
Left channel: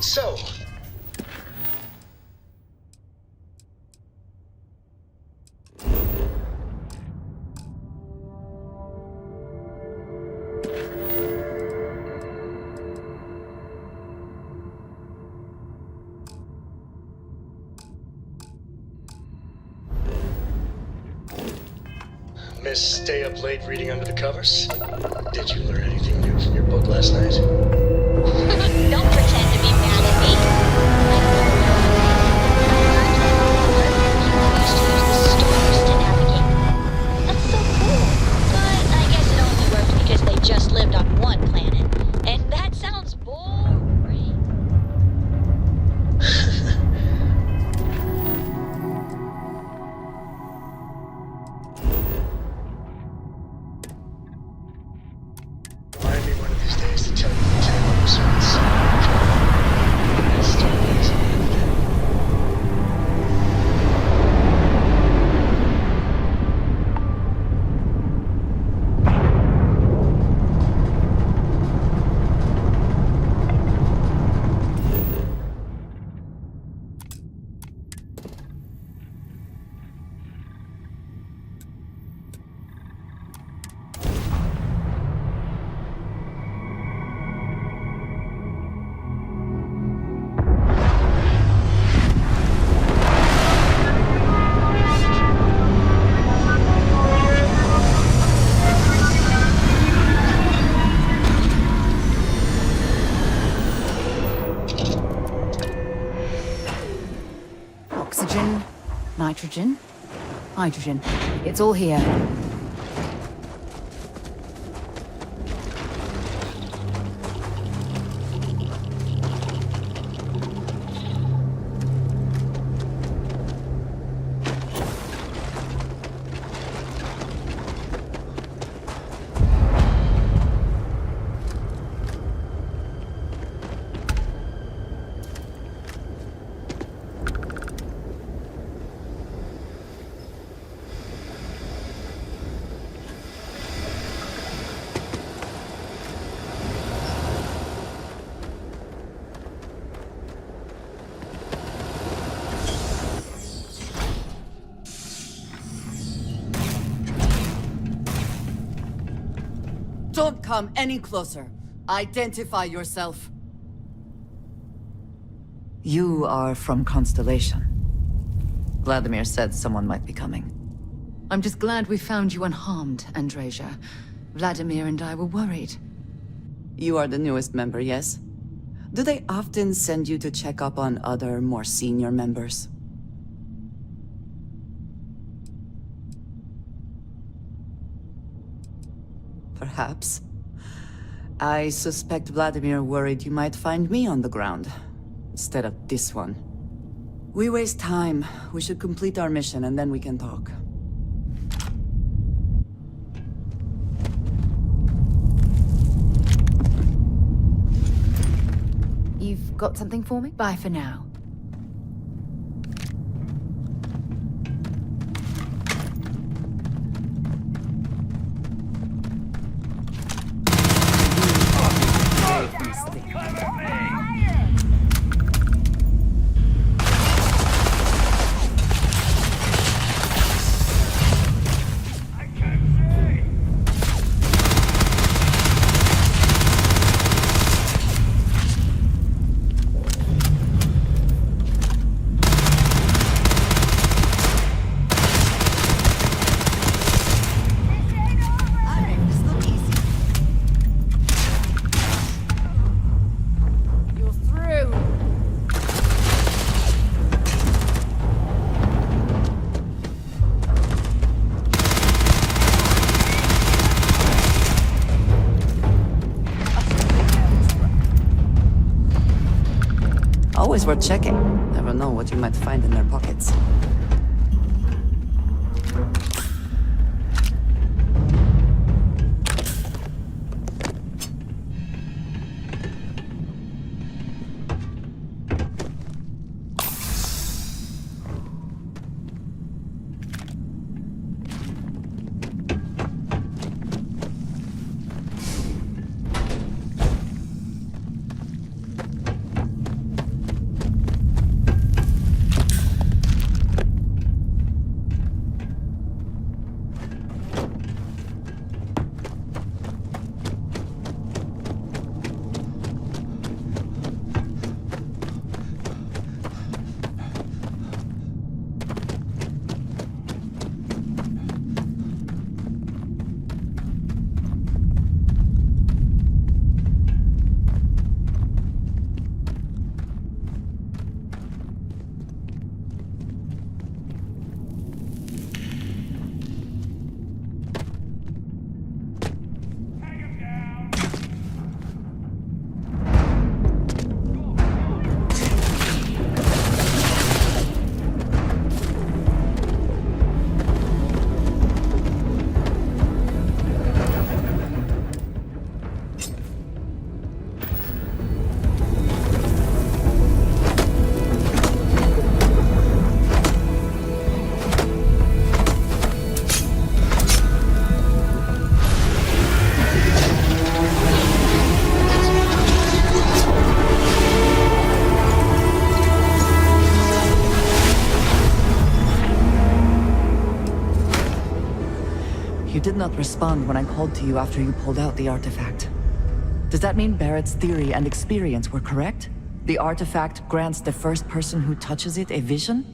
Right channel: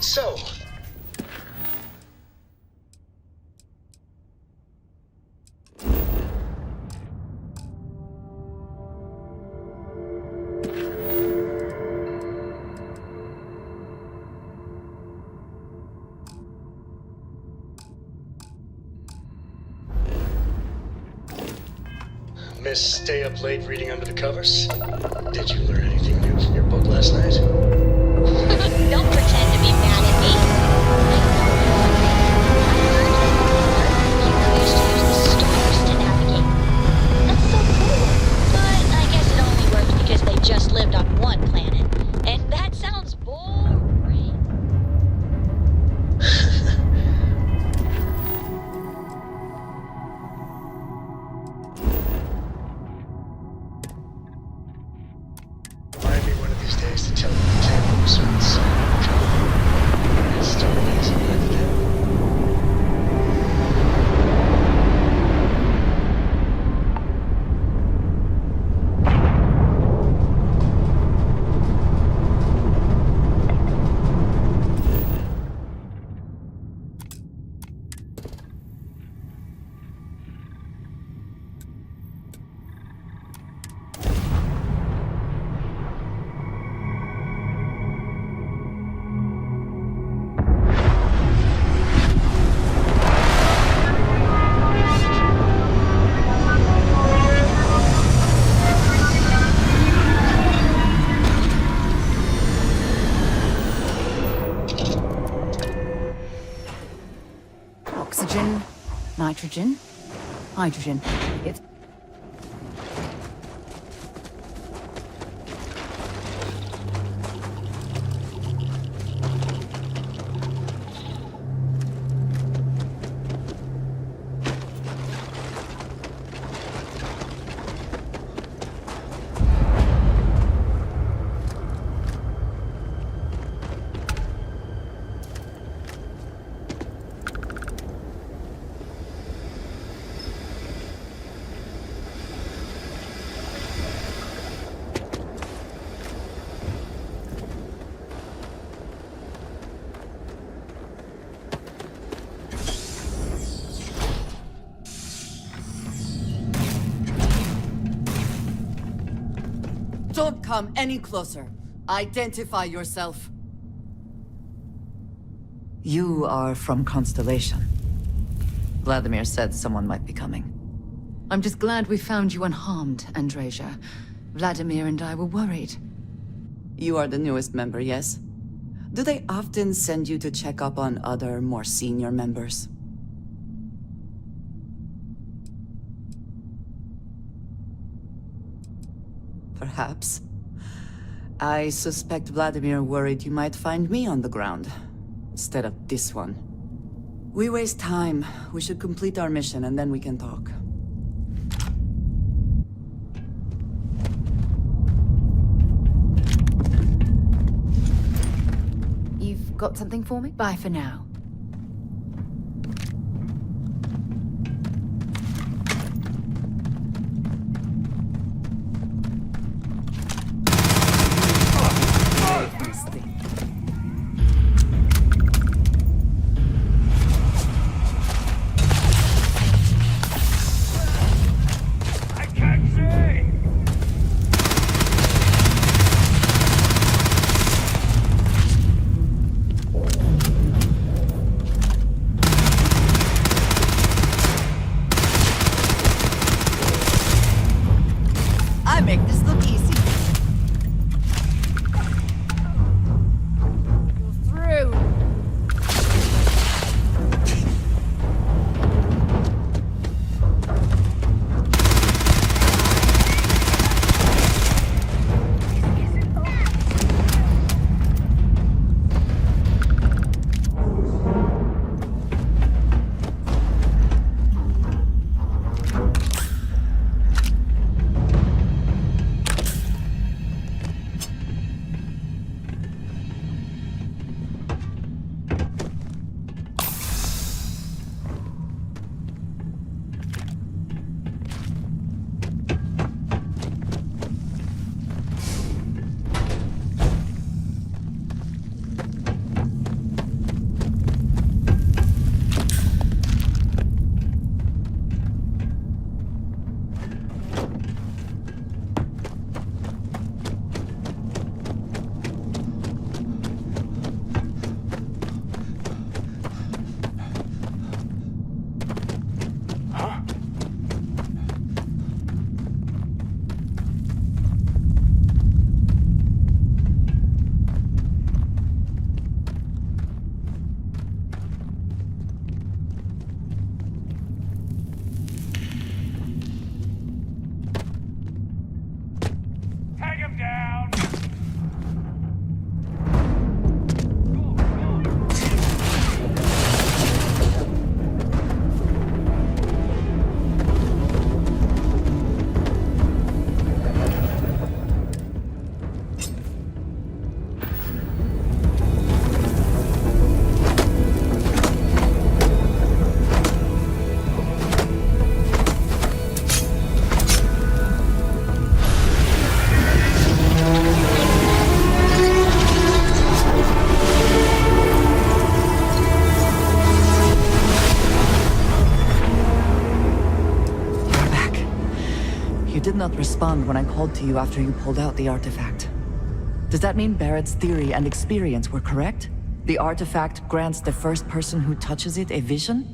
So, Miss stay up late reading under the covers? Did you learn anything new from your book last night? Don't pretend to be mad at me. I used to use the stars to navigate. That's so cool. But I guess it only works because they just lived on one planet. And that sounds boring. Remind me one of these days to tell you the tale of a certain son. His story is ended. Oxygen, nitrogen, hydrogen. It's all here. Don't come any closer. Identify yourself. You are from Constellation. Vladimir said someone might be coming. I'm just glad we found you unharmed, Andreja. Vladimir and I were worried. You are the newest member, yes? Do they often send you to check up on other, more senior members? Perhaps. I suspect Vladimir worried you might find me on the ground, instead of this one. We waste time. We should complete our mission and then we can talk. You've got something for me? Bye for now. always worth checking. Never know what you might find in their pockets. You did not respond when I called to you after you pulled out the artifact. Does that mean Barrett's theory and experience were correct? The artifact grants the first person who touches it a vision?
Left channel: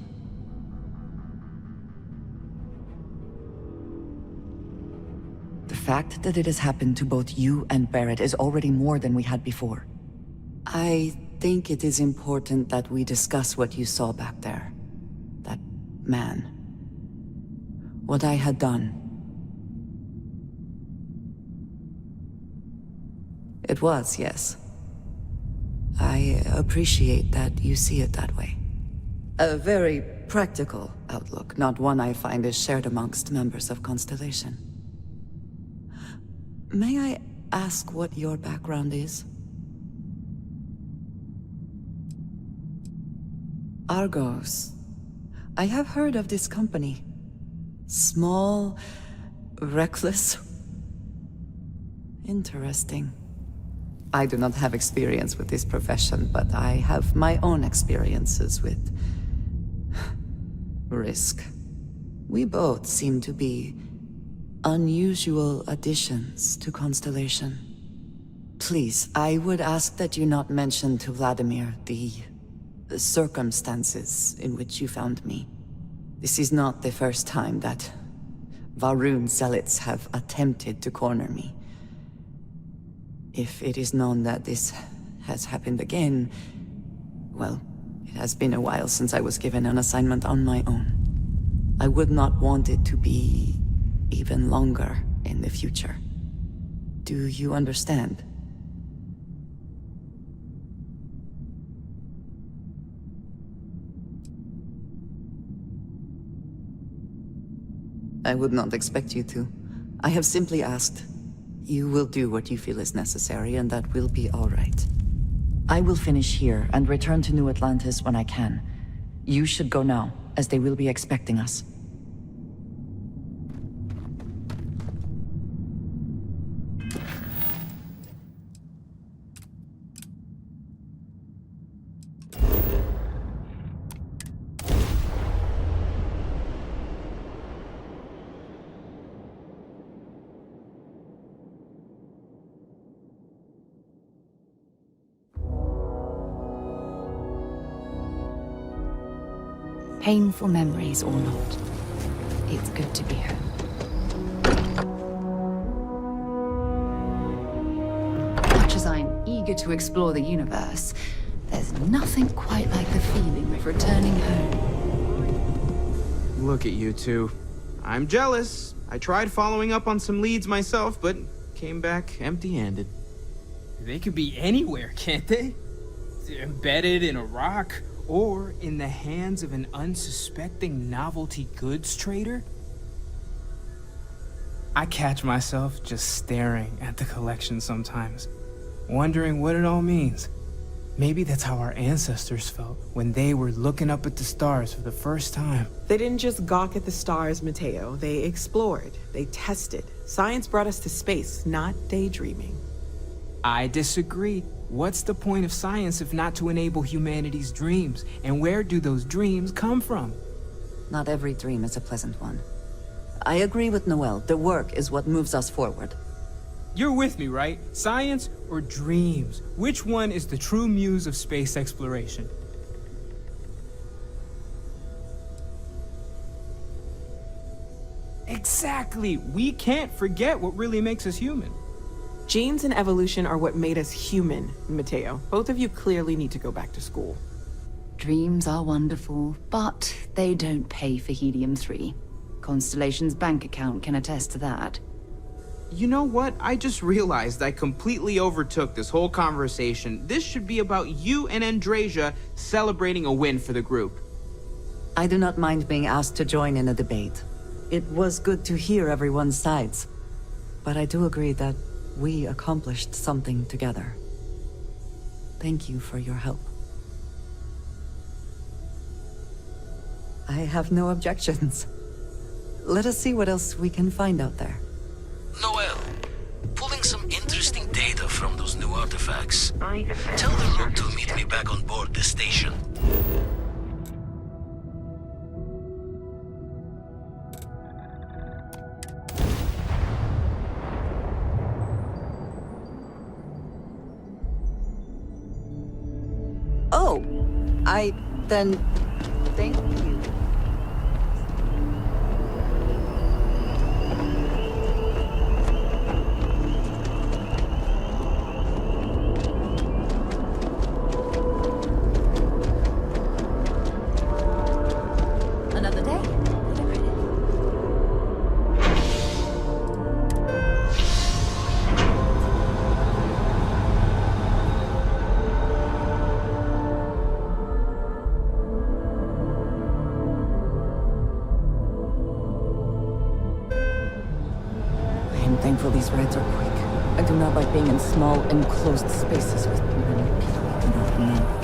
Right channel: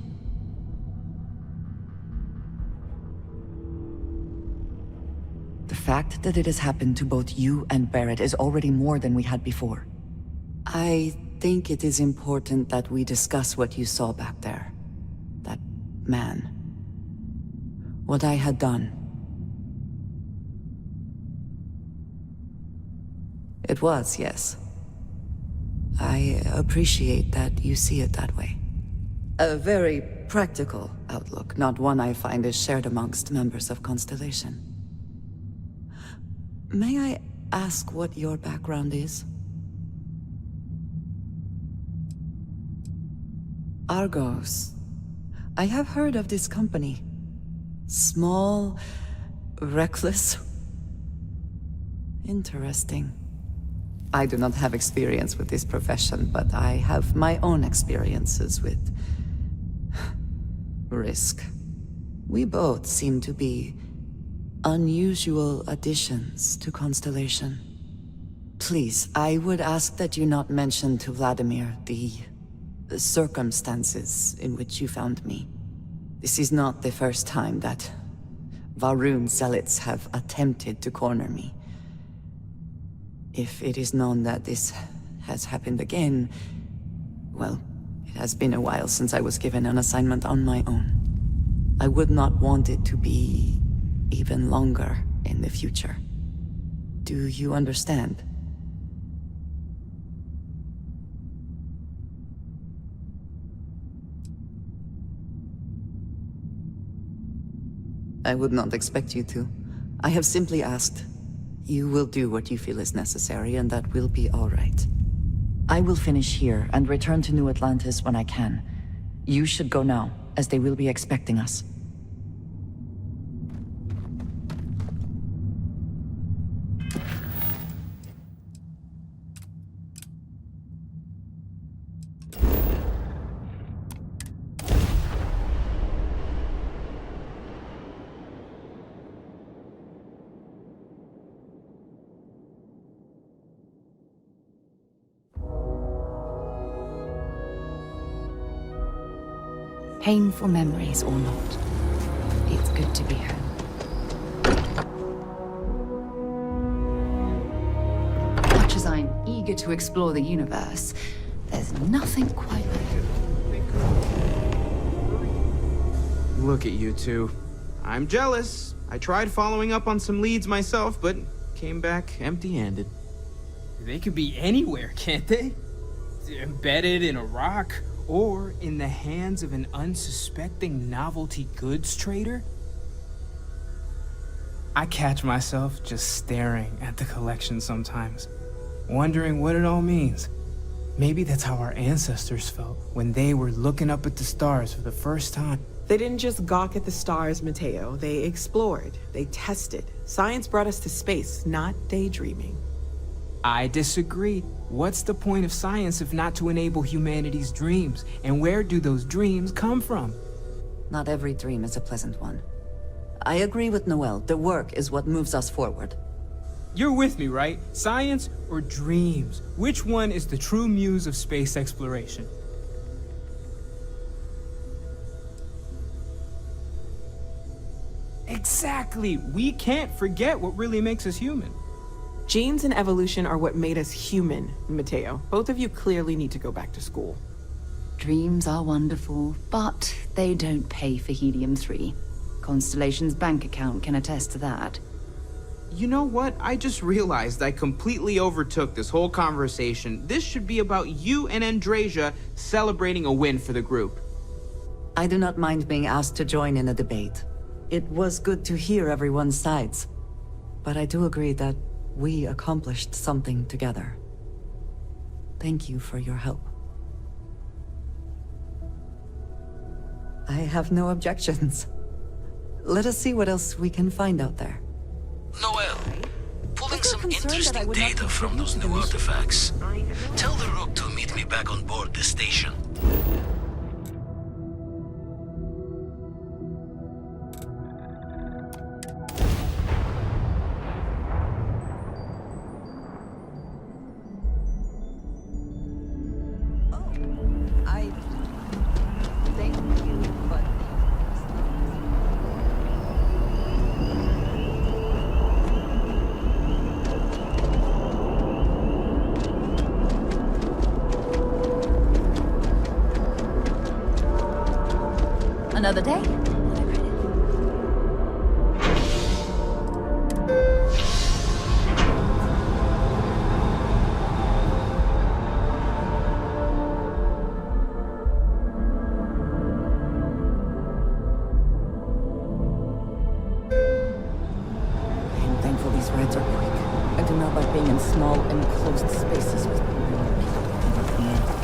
The fact that it has happened to both you and Barrett is already more than we had before. I think it is important that we discuss what you saw back there. That man. What I had done. It was, yes. I appreciate that you see it that way. A very practical outlook, not one I find is shared amongst members of Constellation. May I ask what your background is? Argos. I have heard of this company. Small, reckless. Interesting. I do not have experience with this profession, but I have my own experiences with risk. We both seem to be unusual additions to Constellation. Please, I would ask that you not mention to Vladimir the circumstances in which you found me. This is not the first time that Varun zealots have attempted to corner me. If it is known that this has happened again, well, it has been a while since I was given an assignment on my own. I would not want it to be even longer in the future. Do you understand? I would not expect you to. I have simply asked. You will do what you feel is necessary, and that will be all right. I will finish here and return to New Atlantis when I can. You should go now, as they will be expecting us. Painful memories or not, it's good to be home. Much as I'm eager to explore the universe, there's nothing quite like the feeling of returning home. Look at you two. I'm jealous. I tried following up on some leads myself, but came back empty-handed. They could be anywhere, can't they? embedded in a rock or in the hands of an unsuspecting novelty goods trader? I catch myself just staring at the collection sometimes, wondering what it all means. Maybe that's how our ancestors felt when they were looking up at the stars for the first time. They didn't just gawk at the stars, Mateo. They explored. They tested. Science brought us to space, not daydreaming. I disagree. What's the point of science if not to enable humanity's dreams? And where do those dreams come from? Not every dream is a pleasant one. I agree with Noel. The work is what moves us forward. You're with me, right? Science or dreams? Which one is the true muse of space exploration? Exactly. We can't forget what really makes us human. Genes and evolution are what made us human, Mateo. Both of you clearly need to go back to school. Dreams are wonderful, but they don't pay for helium-3. Constellation's bank account can attest to that. You know what? I just realized I completely overtook this whole conversation. This should be about you and Andrasia celebrating a win for the group. I do not mind being asked to join in a debate. It was good to hear everyone's sides. But I do agree that we accomplished something together. Thank you for your help. I have no objections. Let us see what else we can find out there. Noel, pulling some interesting data from those new artifacts. Tell the Rook to meet me back on board the station. Oh, thank you. Another day. I'm thankful these rides are quick. I do not like being in small, enclosed spaces with many people I do not know.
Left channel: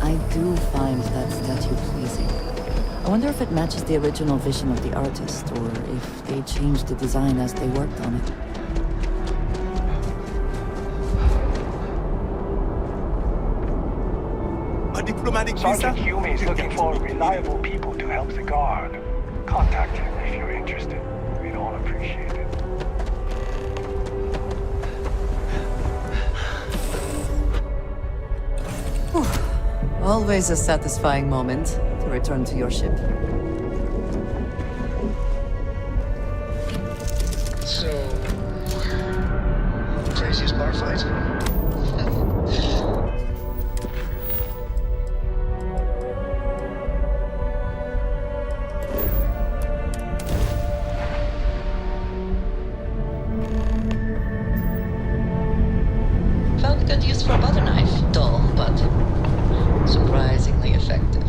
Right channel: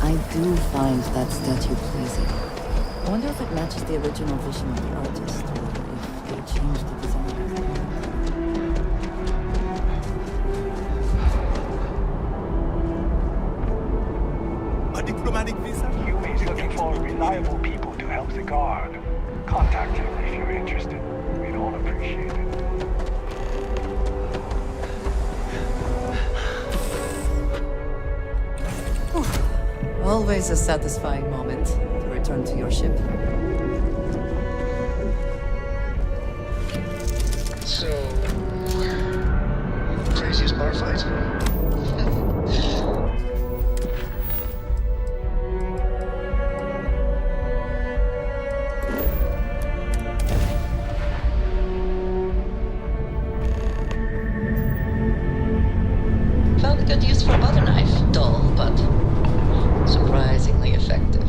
I do find that statue pleasing. I wonder if it matches the original vision of the artist, or if they changed the design as they worked on it. A diplomatic visa? Sergeant Hume is looking for reliable people to help the guard. Contact him if you're interested. We'd all appreciate it. Always a satisfying moment to return to your ship. So, craziest bar fight? Found good use for a butter knife. Dull, but surprisingly effective.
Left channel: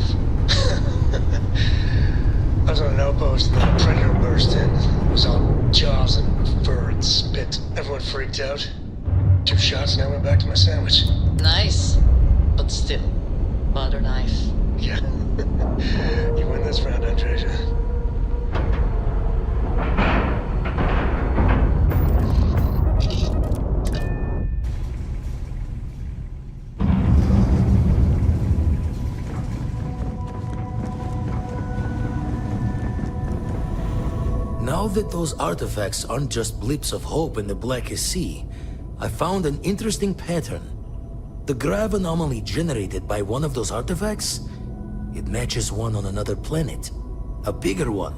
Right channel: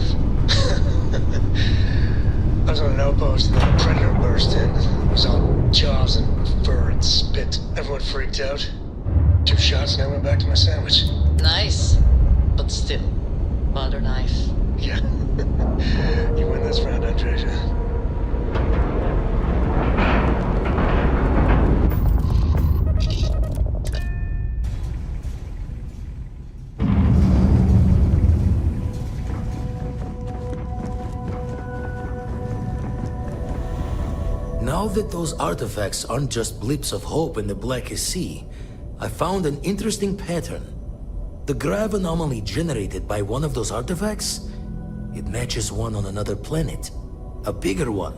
I was on an outpost and then a predator burst in. It was all jaws and fur and spit. Everyone freaked out. 2 shots and I went back to my sandwich. Nice, but still, butter knife. Yeah. You win this round, Andrasia. Now that those artifacts aren't just blips of hope in the blackest sea, I found an interesting pattern. The grav anomaly generated by one of those artifacts, it matches one on another planet. A bigger one.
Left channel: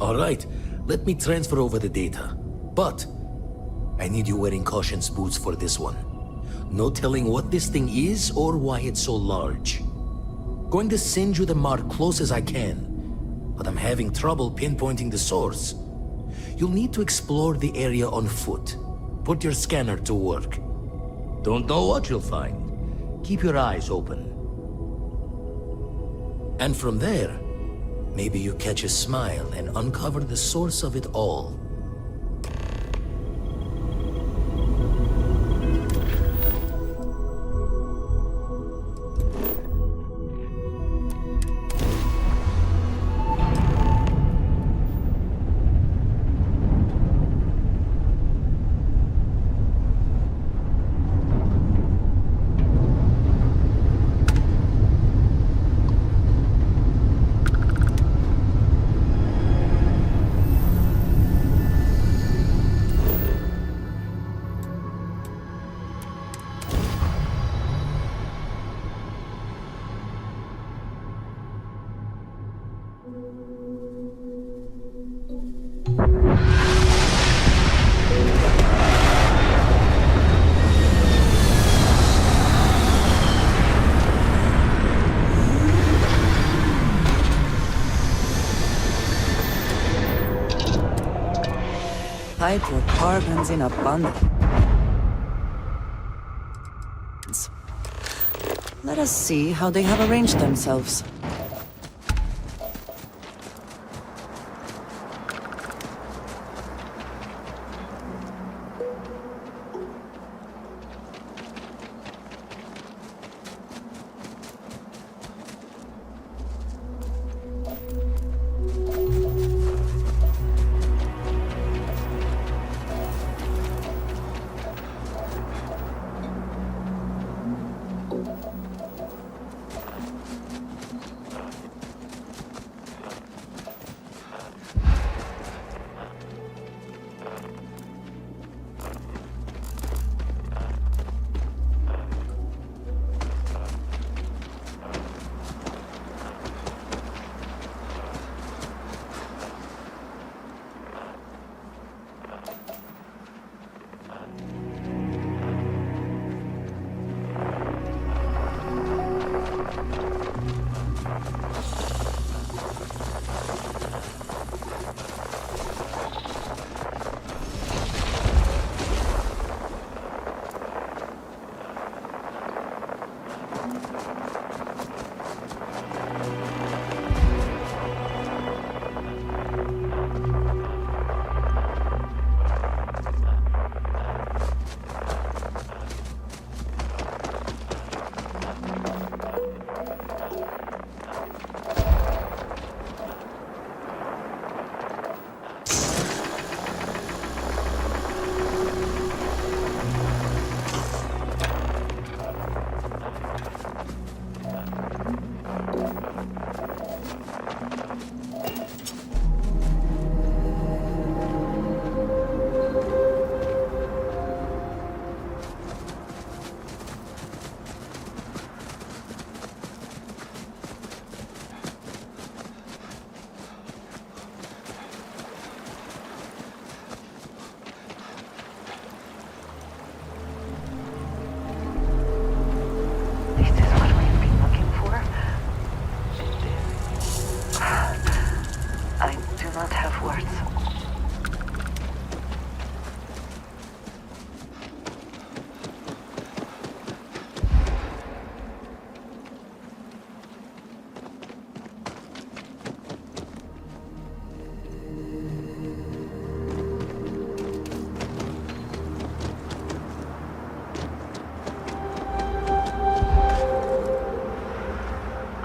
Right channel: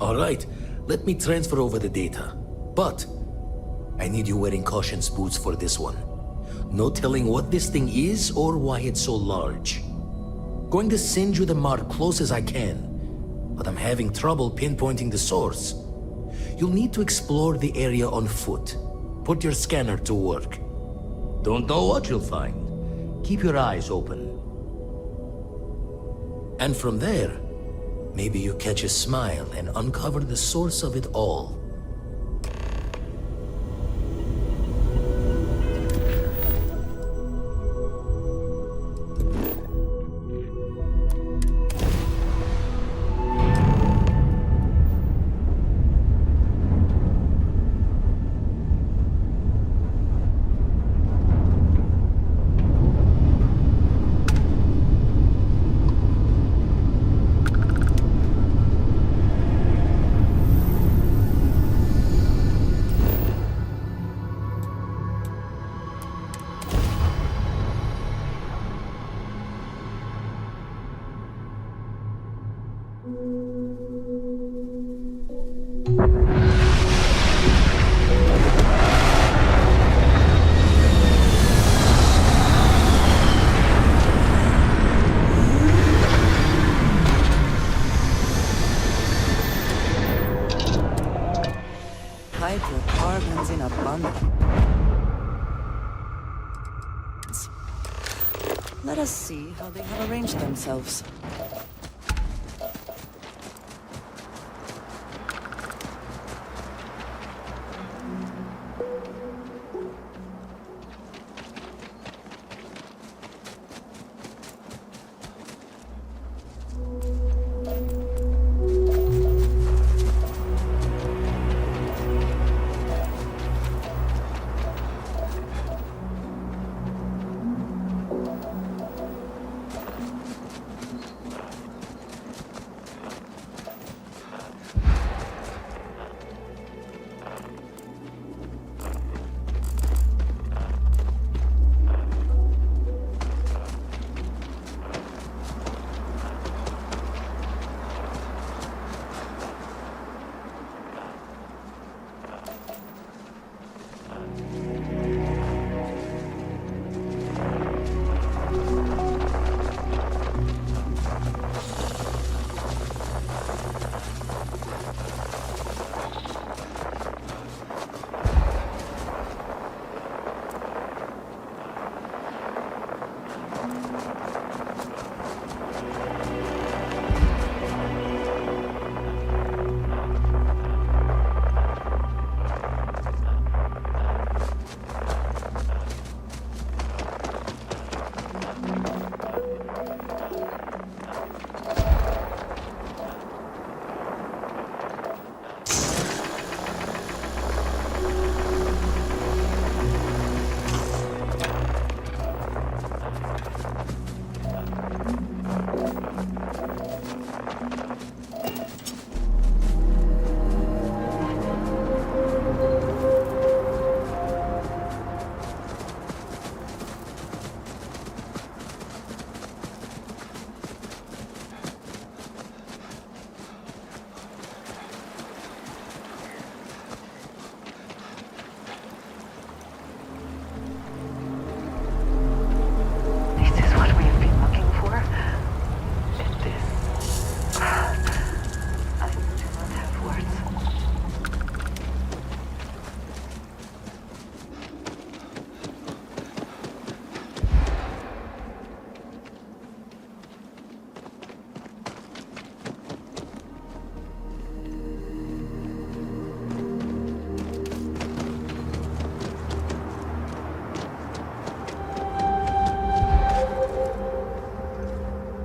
Alright, let me transfer over the data. But I need you wearing caution's boots for this one. No telling what this thing is or why it's so large. Going to send you the mark close as I can, but I'm having trouble pinpointing the source. You'll need to explore the area on foot. Put your scanner to work. Don't know what you'll find. Keep your eyes open. And from there, maybe you catch a smile and uncover the source of it all. Hydrocarbons in abundance. Let us see how they have arranged themselves.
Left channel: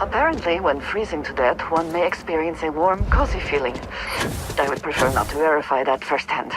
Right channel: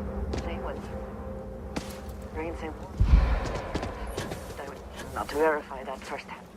Apparently, when freezing to death, one may experience a warm, cozy feeling. I would prefer not to verify that firsthand.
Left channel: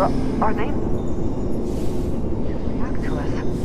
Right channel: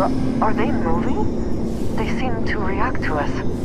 Are they moving? They seem to react to us.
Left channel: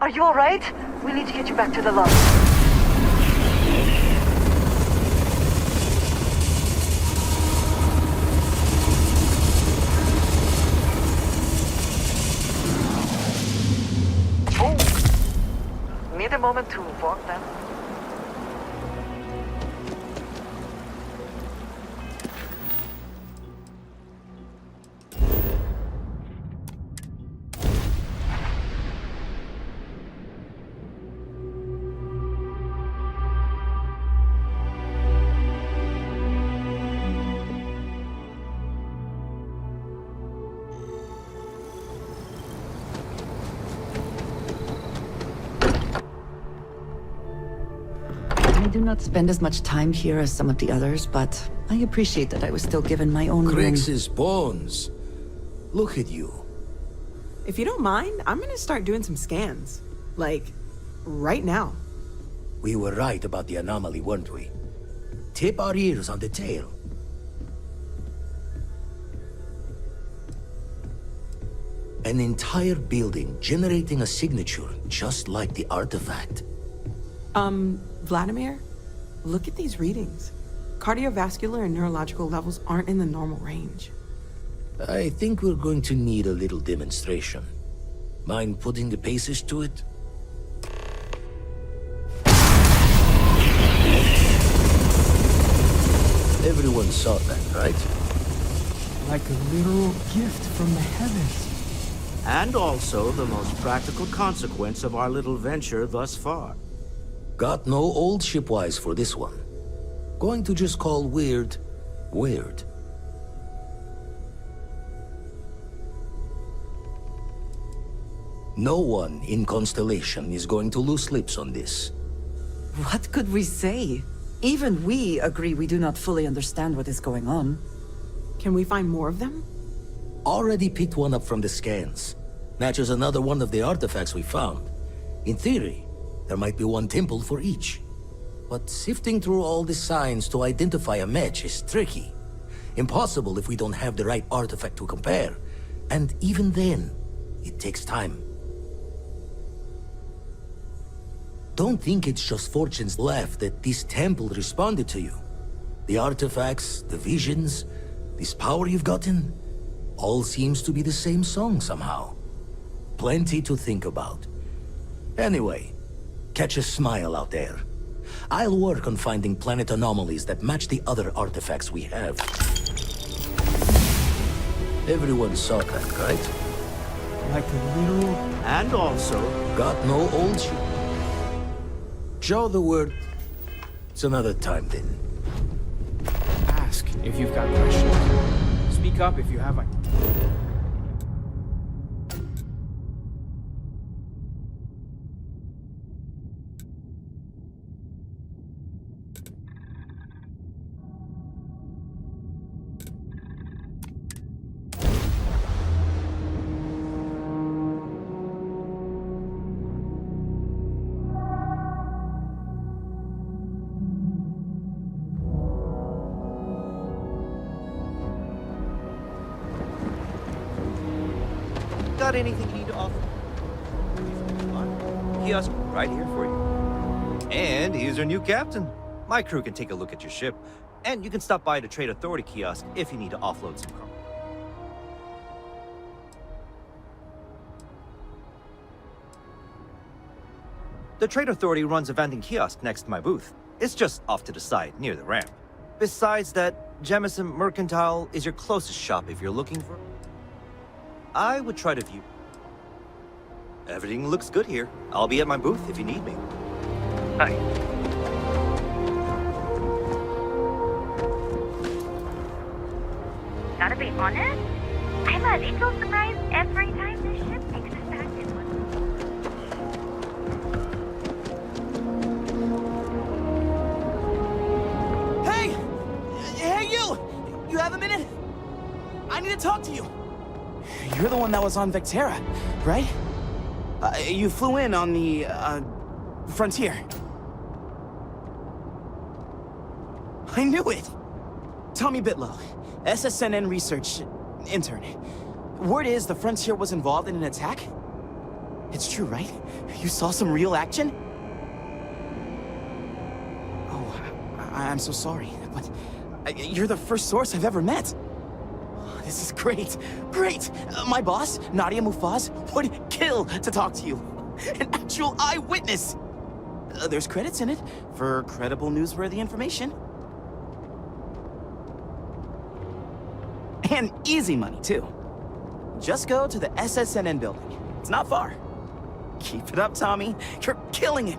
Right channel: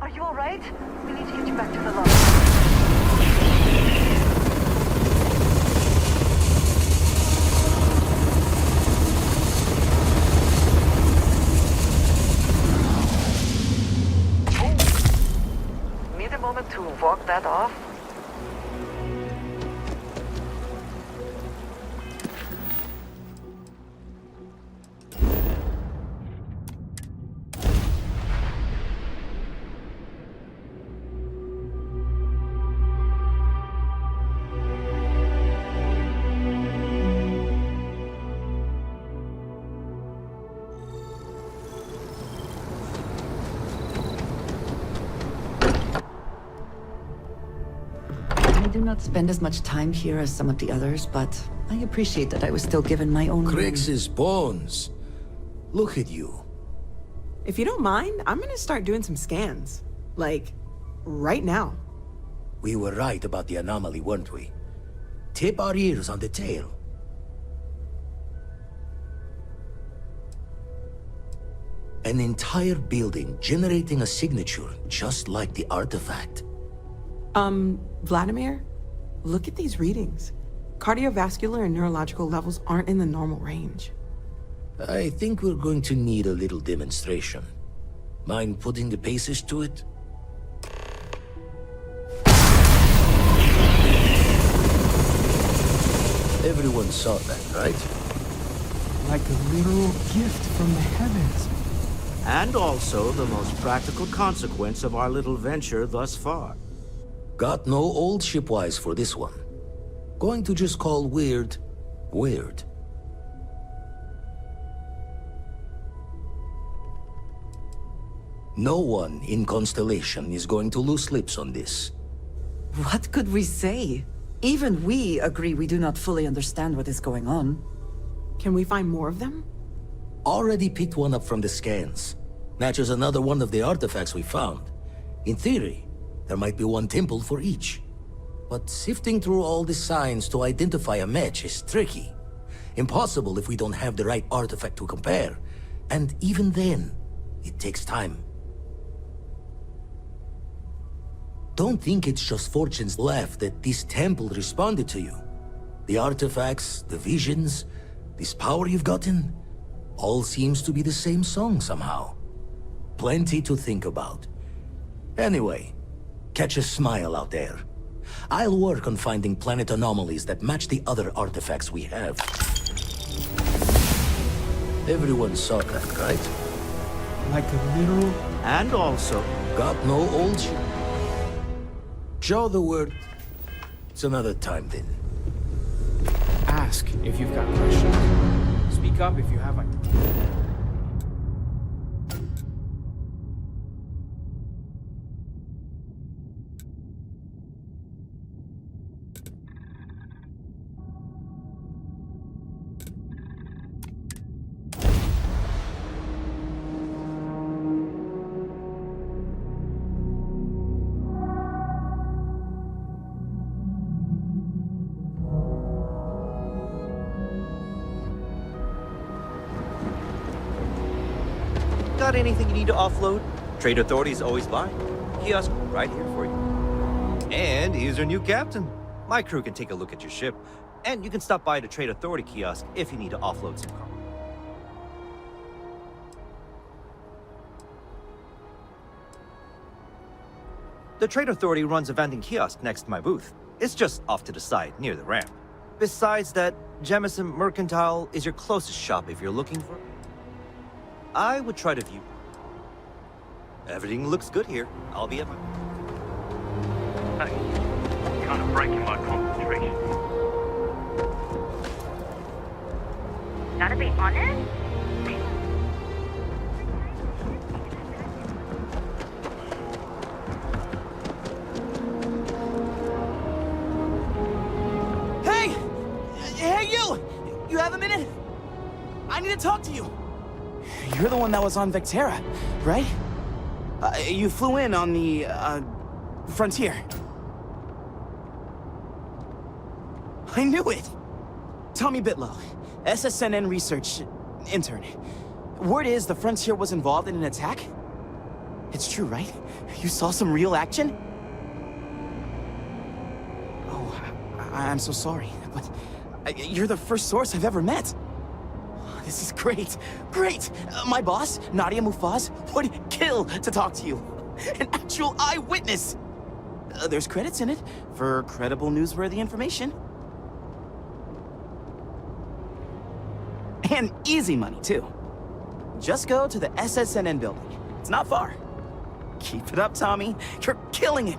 Are you alright? We need to get you back to the lobby. Need a moment to walk that off? I do not spend as much time here as some of the others, but I appreciate that I was still given my own room. Crix's bones. Look at you. If you don't mind, I'm gonna start doing some scans. Like, right now. We were right about the anomaly, weren't we? Tip our ears on the tail. An entire building generating a signature just like the artifact. Vladimir, look at these readings. Cardiovascular and neurological levels aren't in the normal range. I think we're going to need a little demonstration. Mind putting the paces to it? Everyone saw that, right? Like a literal gift from the heavens. And also the most practical consequence of our little venture thus far. Got no old shipwise for this one. Going to just call weird, weird. No one in Constellation is going to lose lips on this. What could we say? Even we agree we do not fully understand what is going on. Can we find more of them? Already picked one up from the scans. Matches another one of the artifacts we found. In theory, there might be one temple for each. But sifting through all the signs to identify a match is tricky. Impossible if we don't have the right artifact to compare. And even then, it takes time. Don't think it's just fortune's left that this temple responded to you. The artifacts, the visions, this power you've gotten, all seems to be the same song somehow. Plenty to think about. Anyway, catch a smile out there. I'll work on finding planet anomalies that match the other artifacts we have. Everyone saw that, right? Like a literal... And also... Got no old shit. Show the word. It's another time then. Ask if you've got questions. Speak up if you have like... Got anything you need to offload? Trade Authority's always buying. Kiosk right here for you. And here's our new captain. My crew can take a look at your ship, and you can stop by the Trade Authority kiosk if you need to offload some cargo. The Trade Authority runs a vending kiosk next to my booth. It's just off to the side, near the ramp. Besides that, Jemison Mercantile is your closest shop if you're looking for... I would try to view... Everything looks good here. I'll be at my booth if you need me. Hey, kind of breaking my concentration. Gotta be honest, I'm a little surprised every time the ship takes us back to one. Hey! Hey, you! You have a minute? I need to talk to you. You're the one that was on Vectera, right? You flew in on the, Frontier. I knew it! Tommy Bitlow, SSNN research intern. Word is the Frontier was involved in an attack? It's true, right? You saw some real action? Oh, I'm so sorry, but you're the first source I've ever met. This is great, great! My boss, Nadia Mufaz, would kill to talk to you. An actual eyewitness! There's credits in it for credible, newsworthy information. And easy money, too. Just go to the SSNN building. It's not far. Keep it up, Tommy. You're killing it!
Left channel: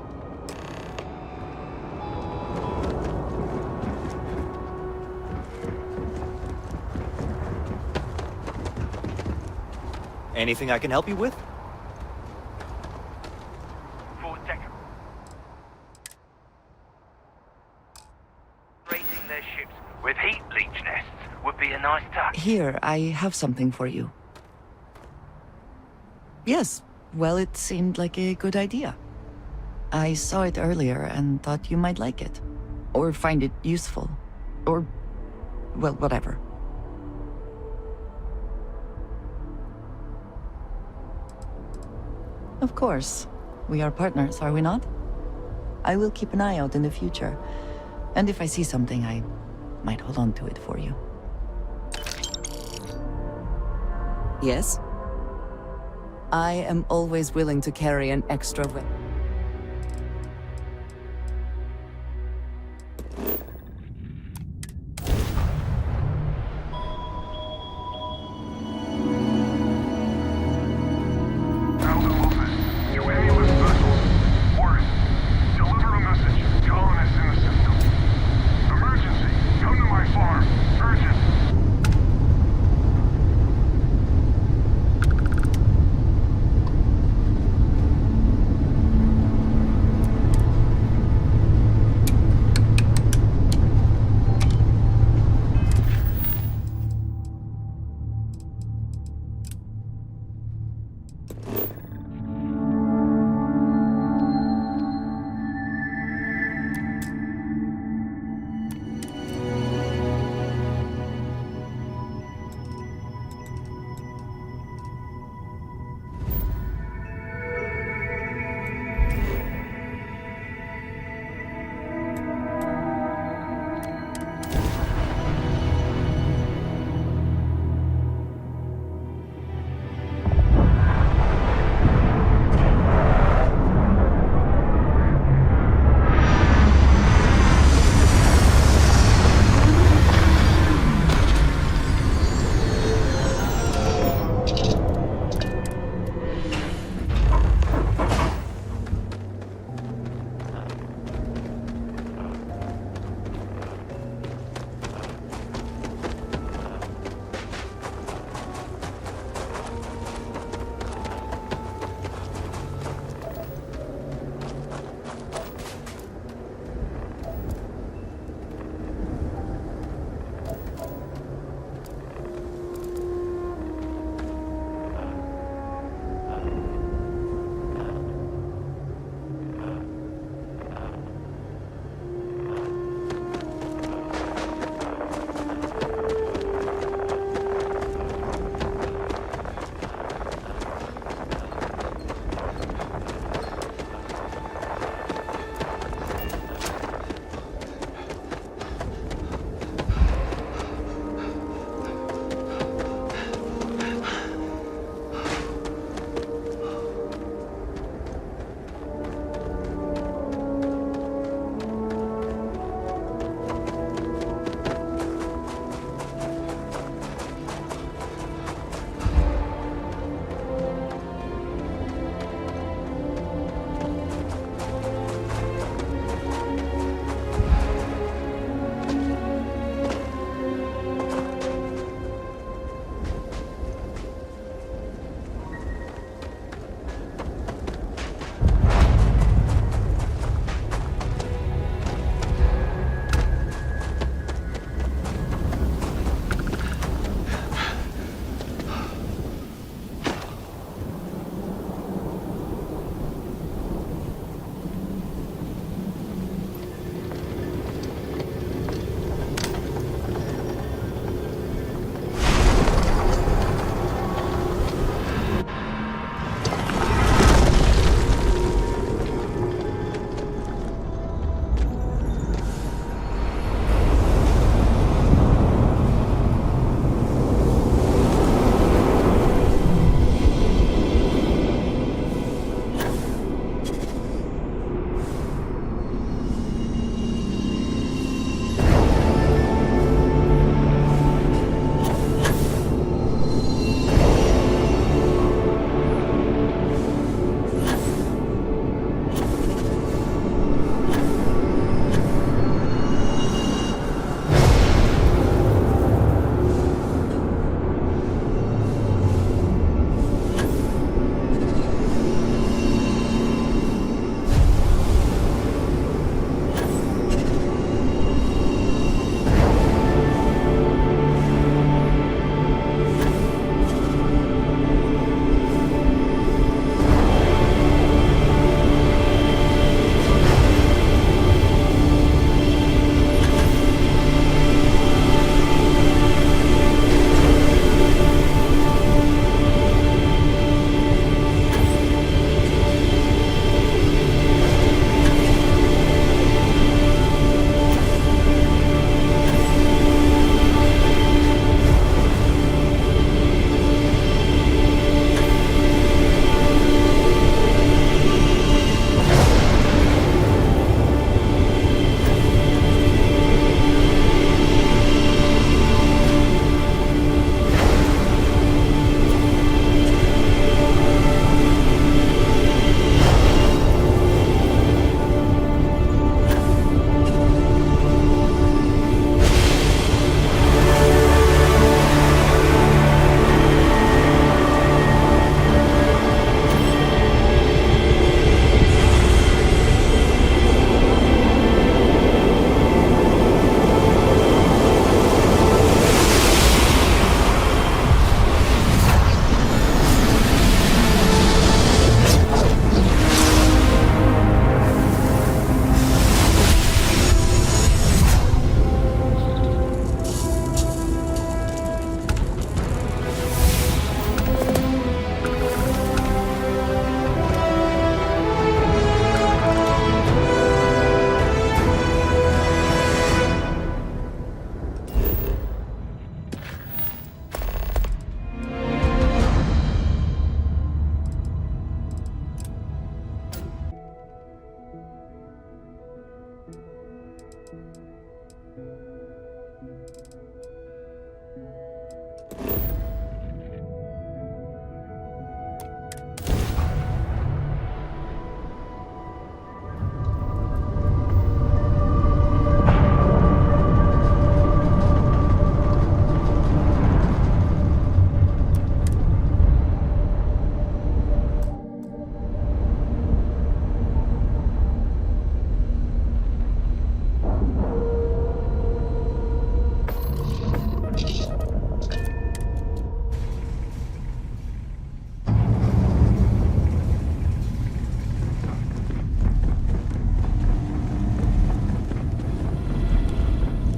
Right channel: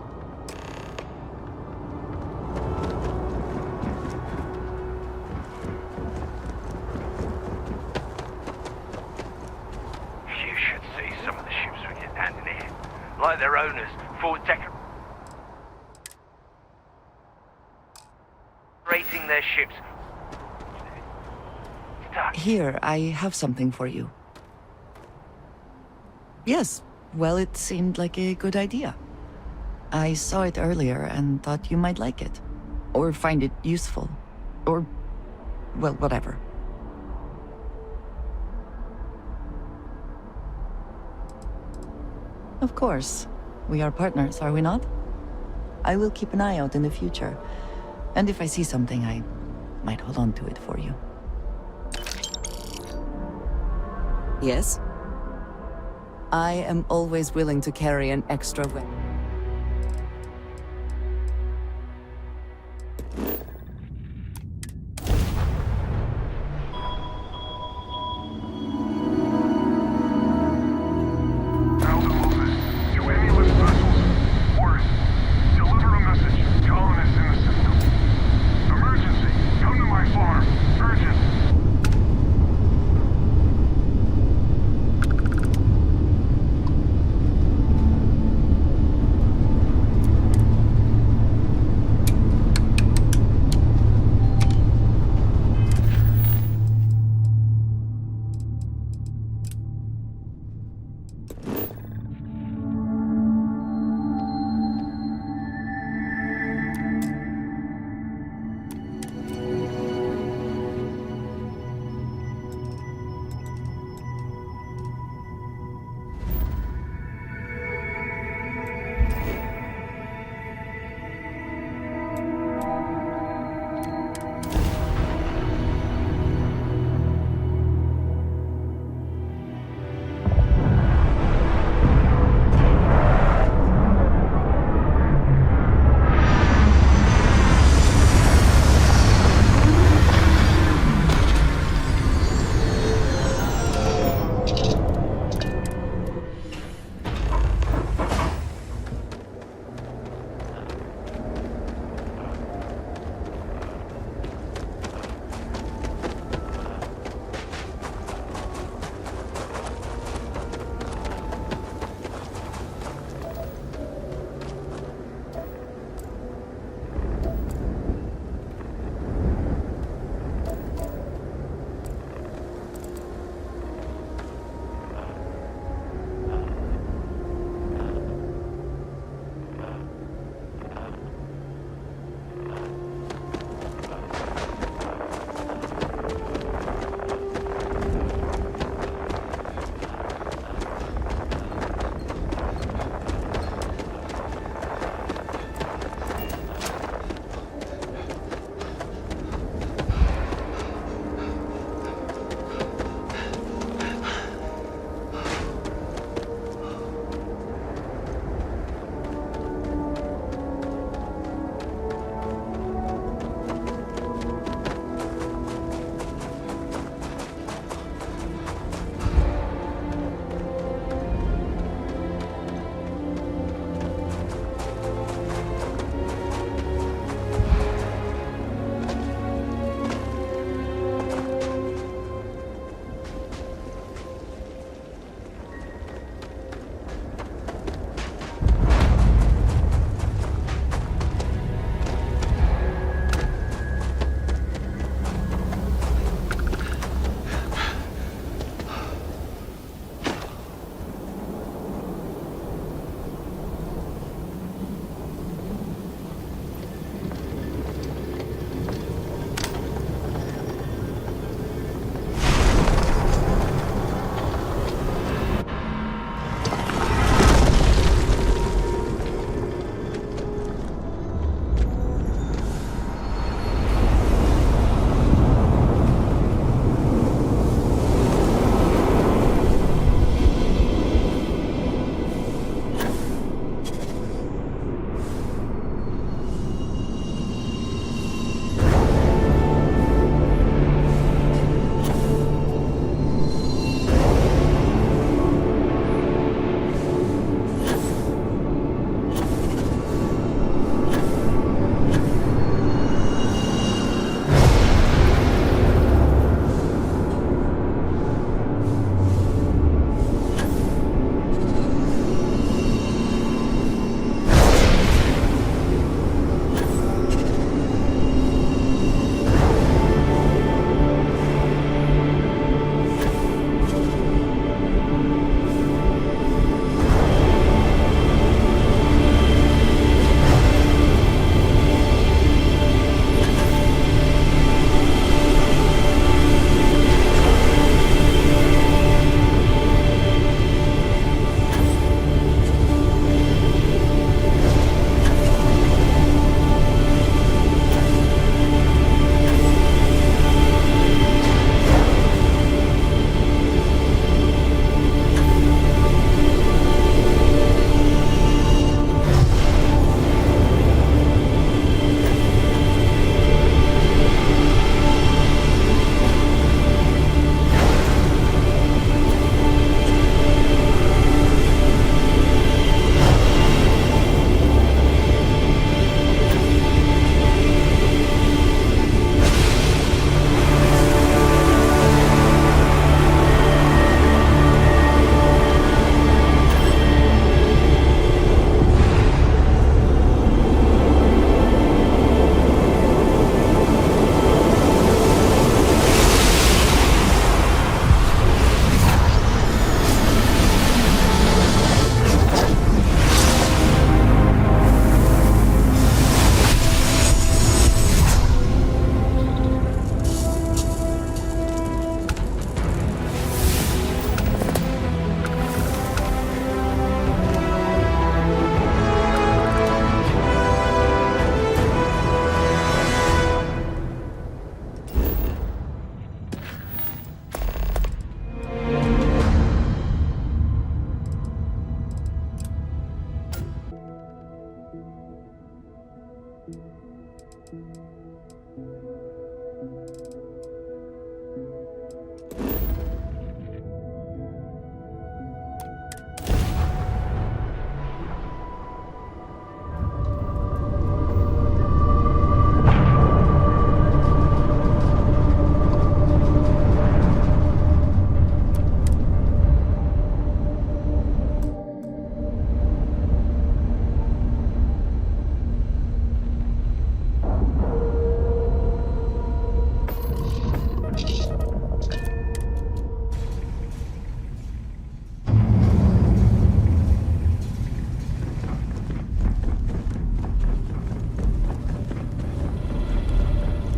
Anything I can help you with? Some of the ships we get handed in, like their owners, decorating their ships with heat leech nests would be a nice touch. Here, I have something for you. Yes, well, it seemed like a good idea. I saw it earlier and thought you might like it. Or find it useful. Or, well, whatever. Of course. We are partners, are we not? I will keep an eye out in the future. And if I see something, I might hold on to it for you. Yes? I am always willing to carry an extra weapon.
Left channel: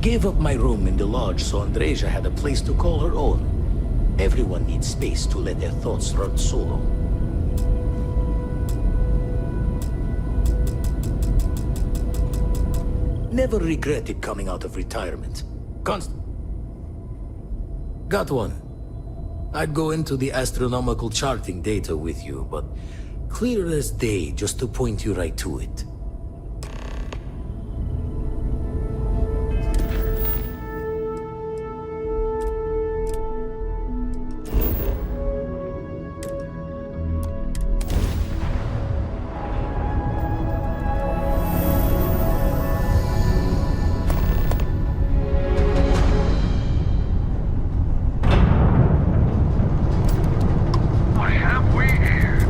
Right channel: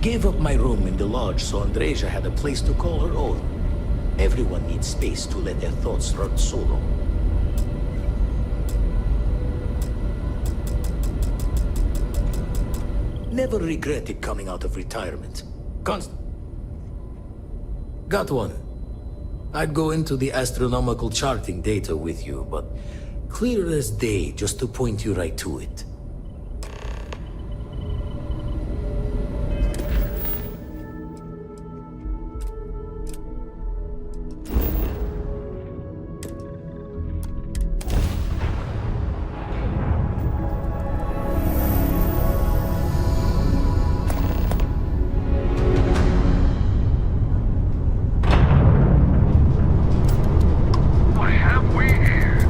Gave up my room in the lodge so Andreja had a place to call her own. Everyone needs space to let their thoughts run solo. Never regretted coming out of retirement. Got one. I'd go into the astronomical charting data with you, but clear as day just to point you right to it. What have we here?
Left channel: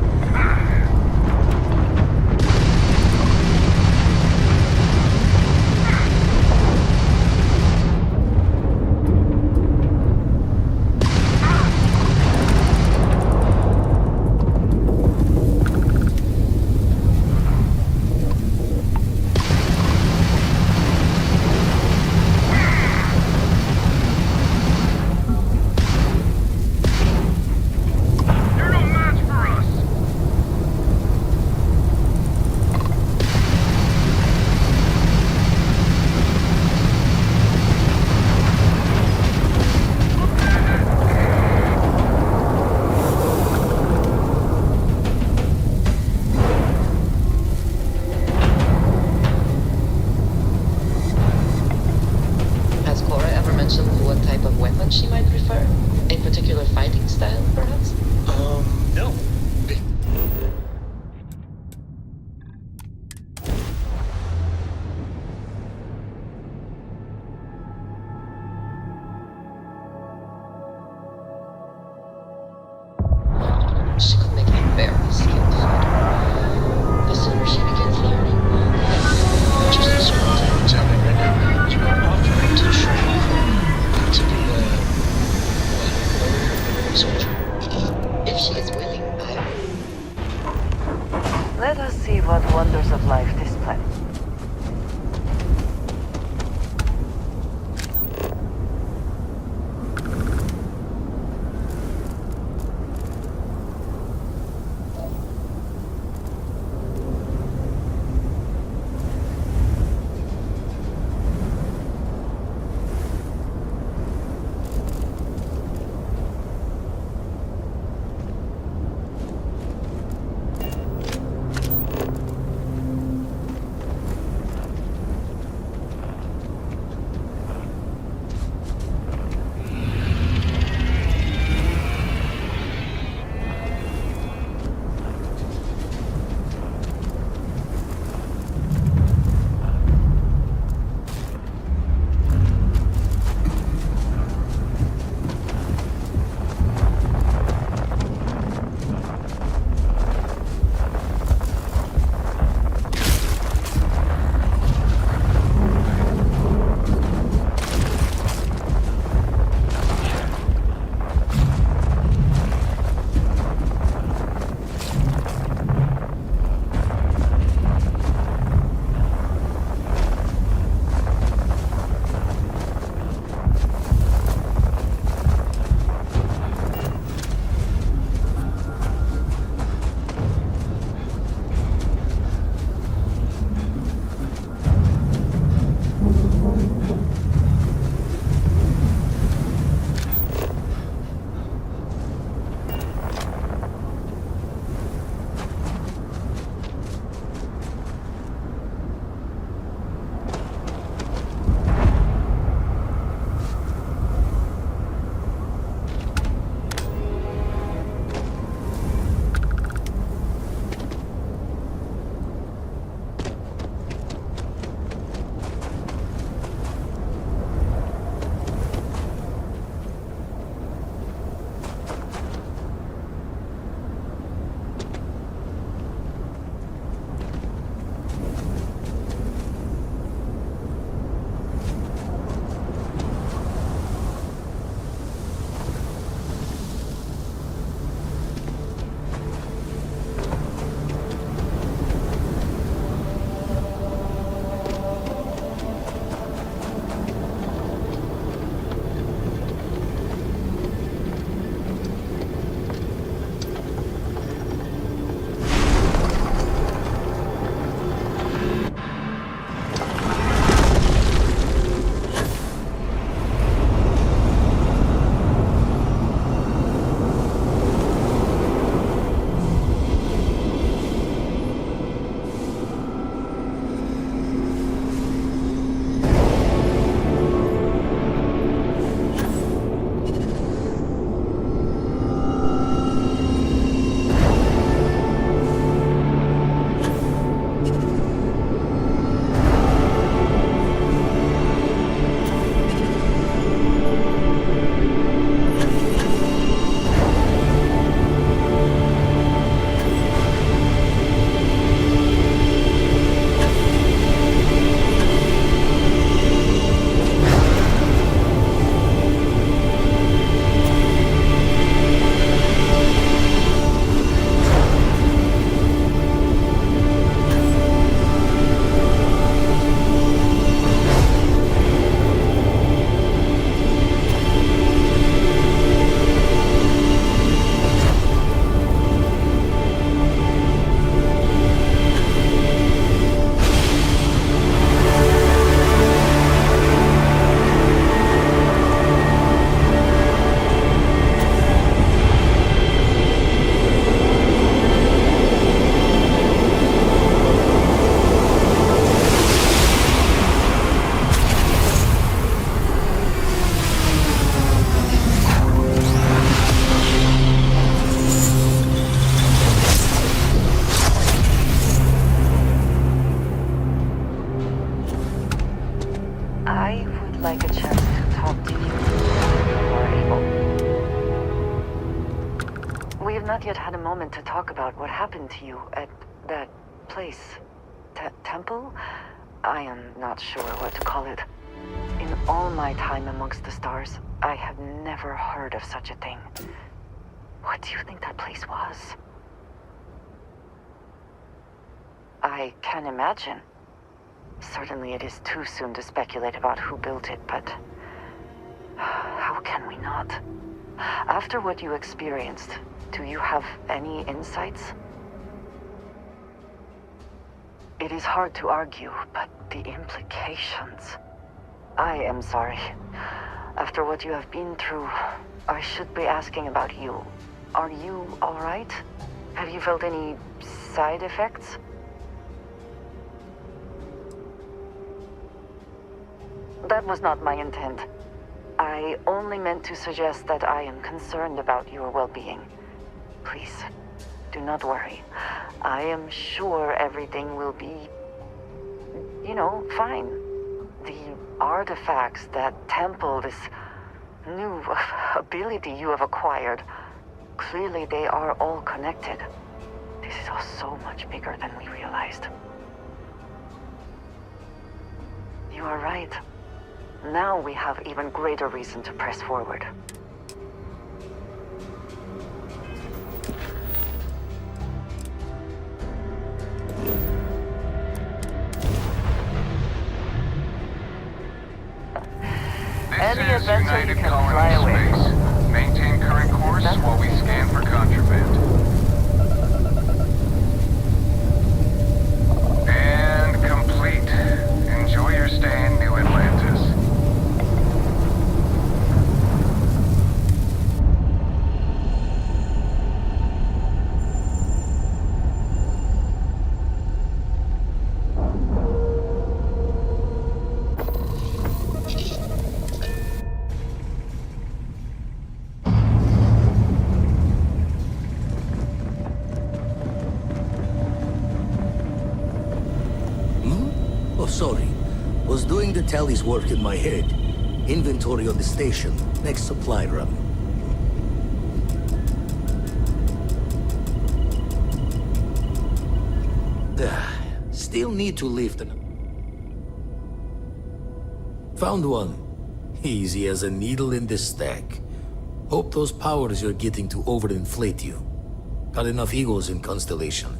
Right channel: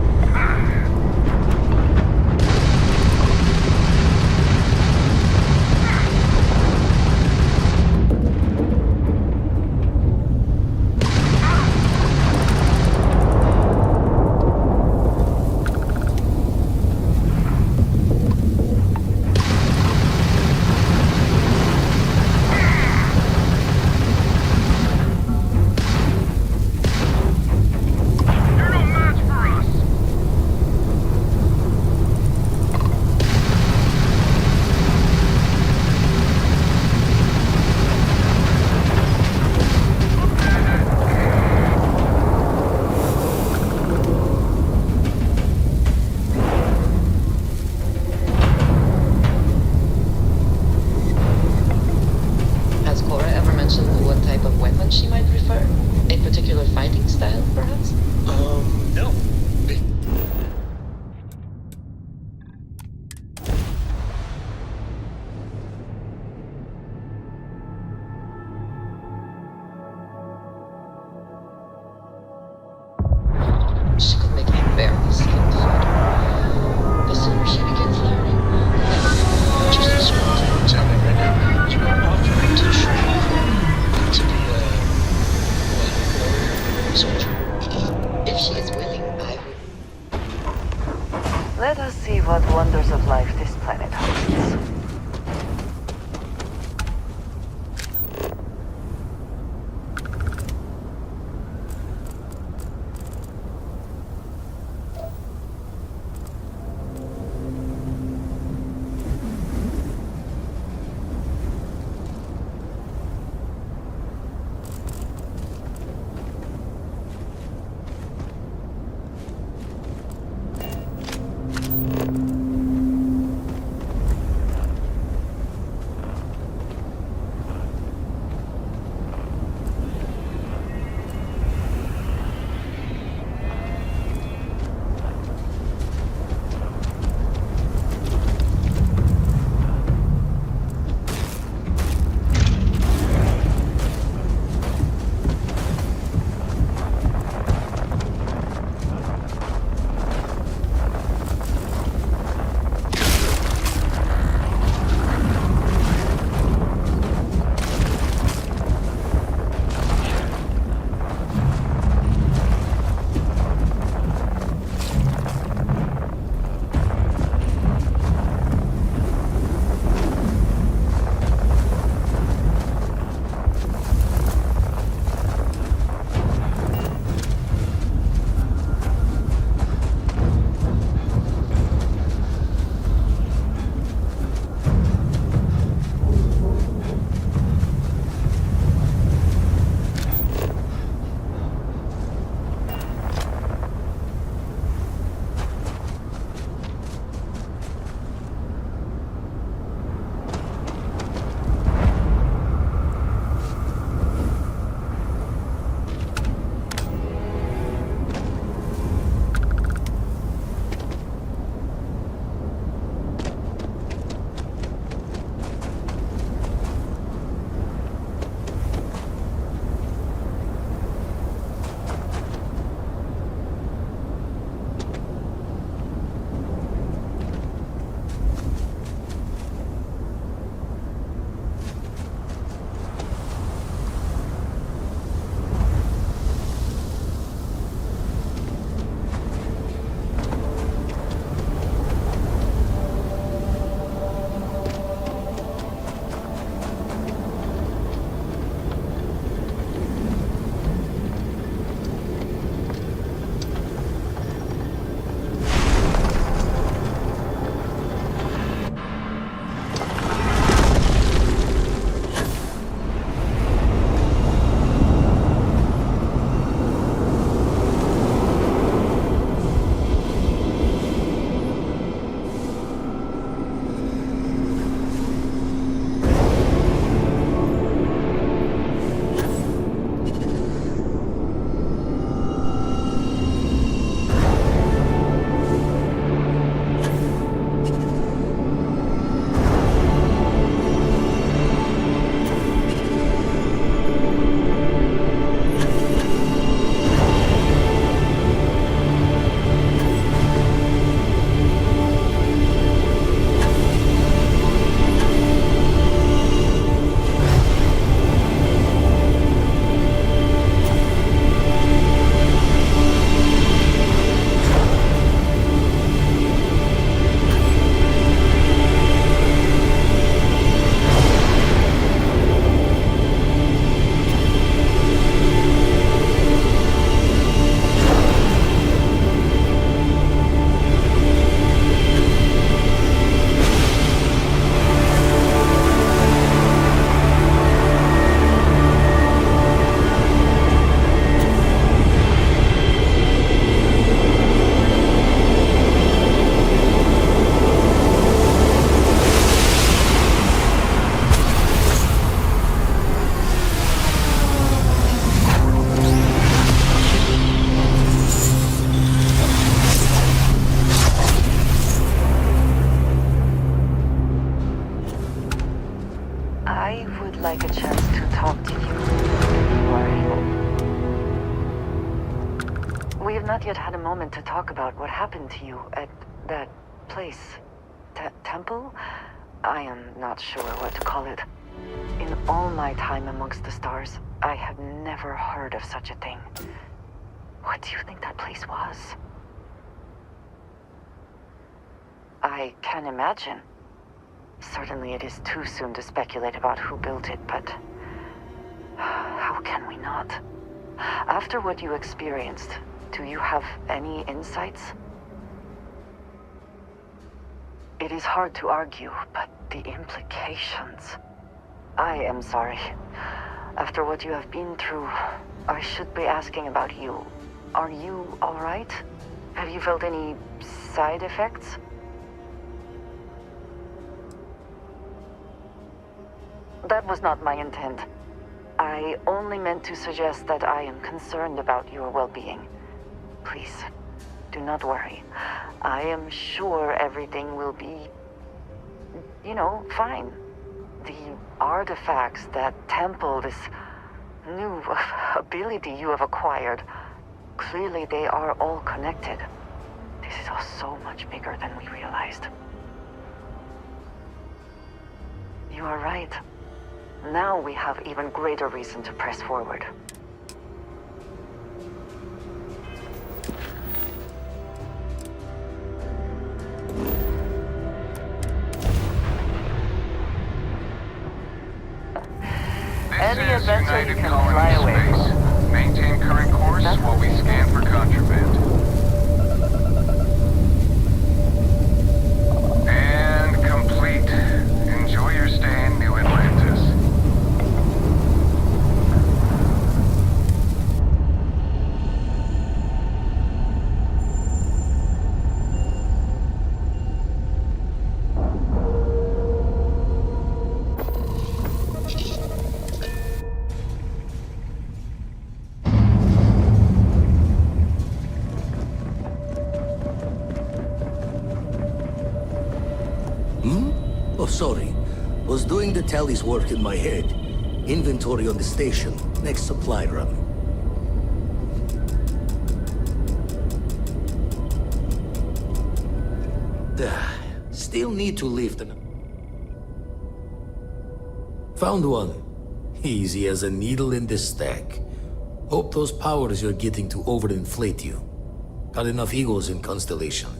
Has Cora ever mentioned what type of weapon she might prefer? A particular fighting style, perhaps? No. She could make a very skilled fighter. The sooner she begins learning, the better. Just as what's happening right now. You're offering to train to be a warrior, soldier. If she is willing, I will. Let us see what wonders of life this planet holds. We have not yet had a moment to talk about what happened to you at that place. Temple? I am not sure what to call it. In all my time amongst the stars, I have never heard of such a thing. What do you think that place was? I can imagine. Certainly it is too soon to speculate about who built it, but how can we not? After what you experienced, do you have any insights? It is hard to argue, but the implications... I am sorry. After what you have been through, I should be asking about you. Are you all right? Have you felt any side effects? That was not my intent. I only meant to suggest that I am concerned about your well-being. Please, do not worry. I am sure everything will be, fine. The artifacts, that temple, this new ability you have acquired, clearly they are all connected. This is all so much bigger than we realized. You are right. Now we have even greater reason to press forward. Any adventure you can fly away. Maintain current course while we scan for contraband. And complete. Enjoy your stay in New Atlantis. Oh, sorry. Was doing the tally's work in my head. Inventory on the station. Next supply run. Still need to lift an... Found one. Easy as a needle in the stack. Hope those powers you're getting to overinflate you. Got enough egos in Constellation.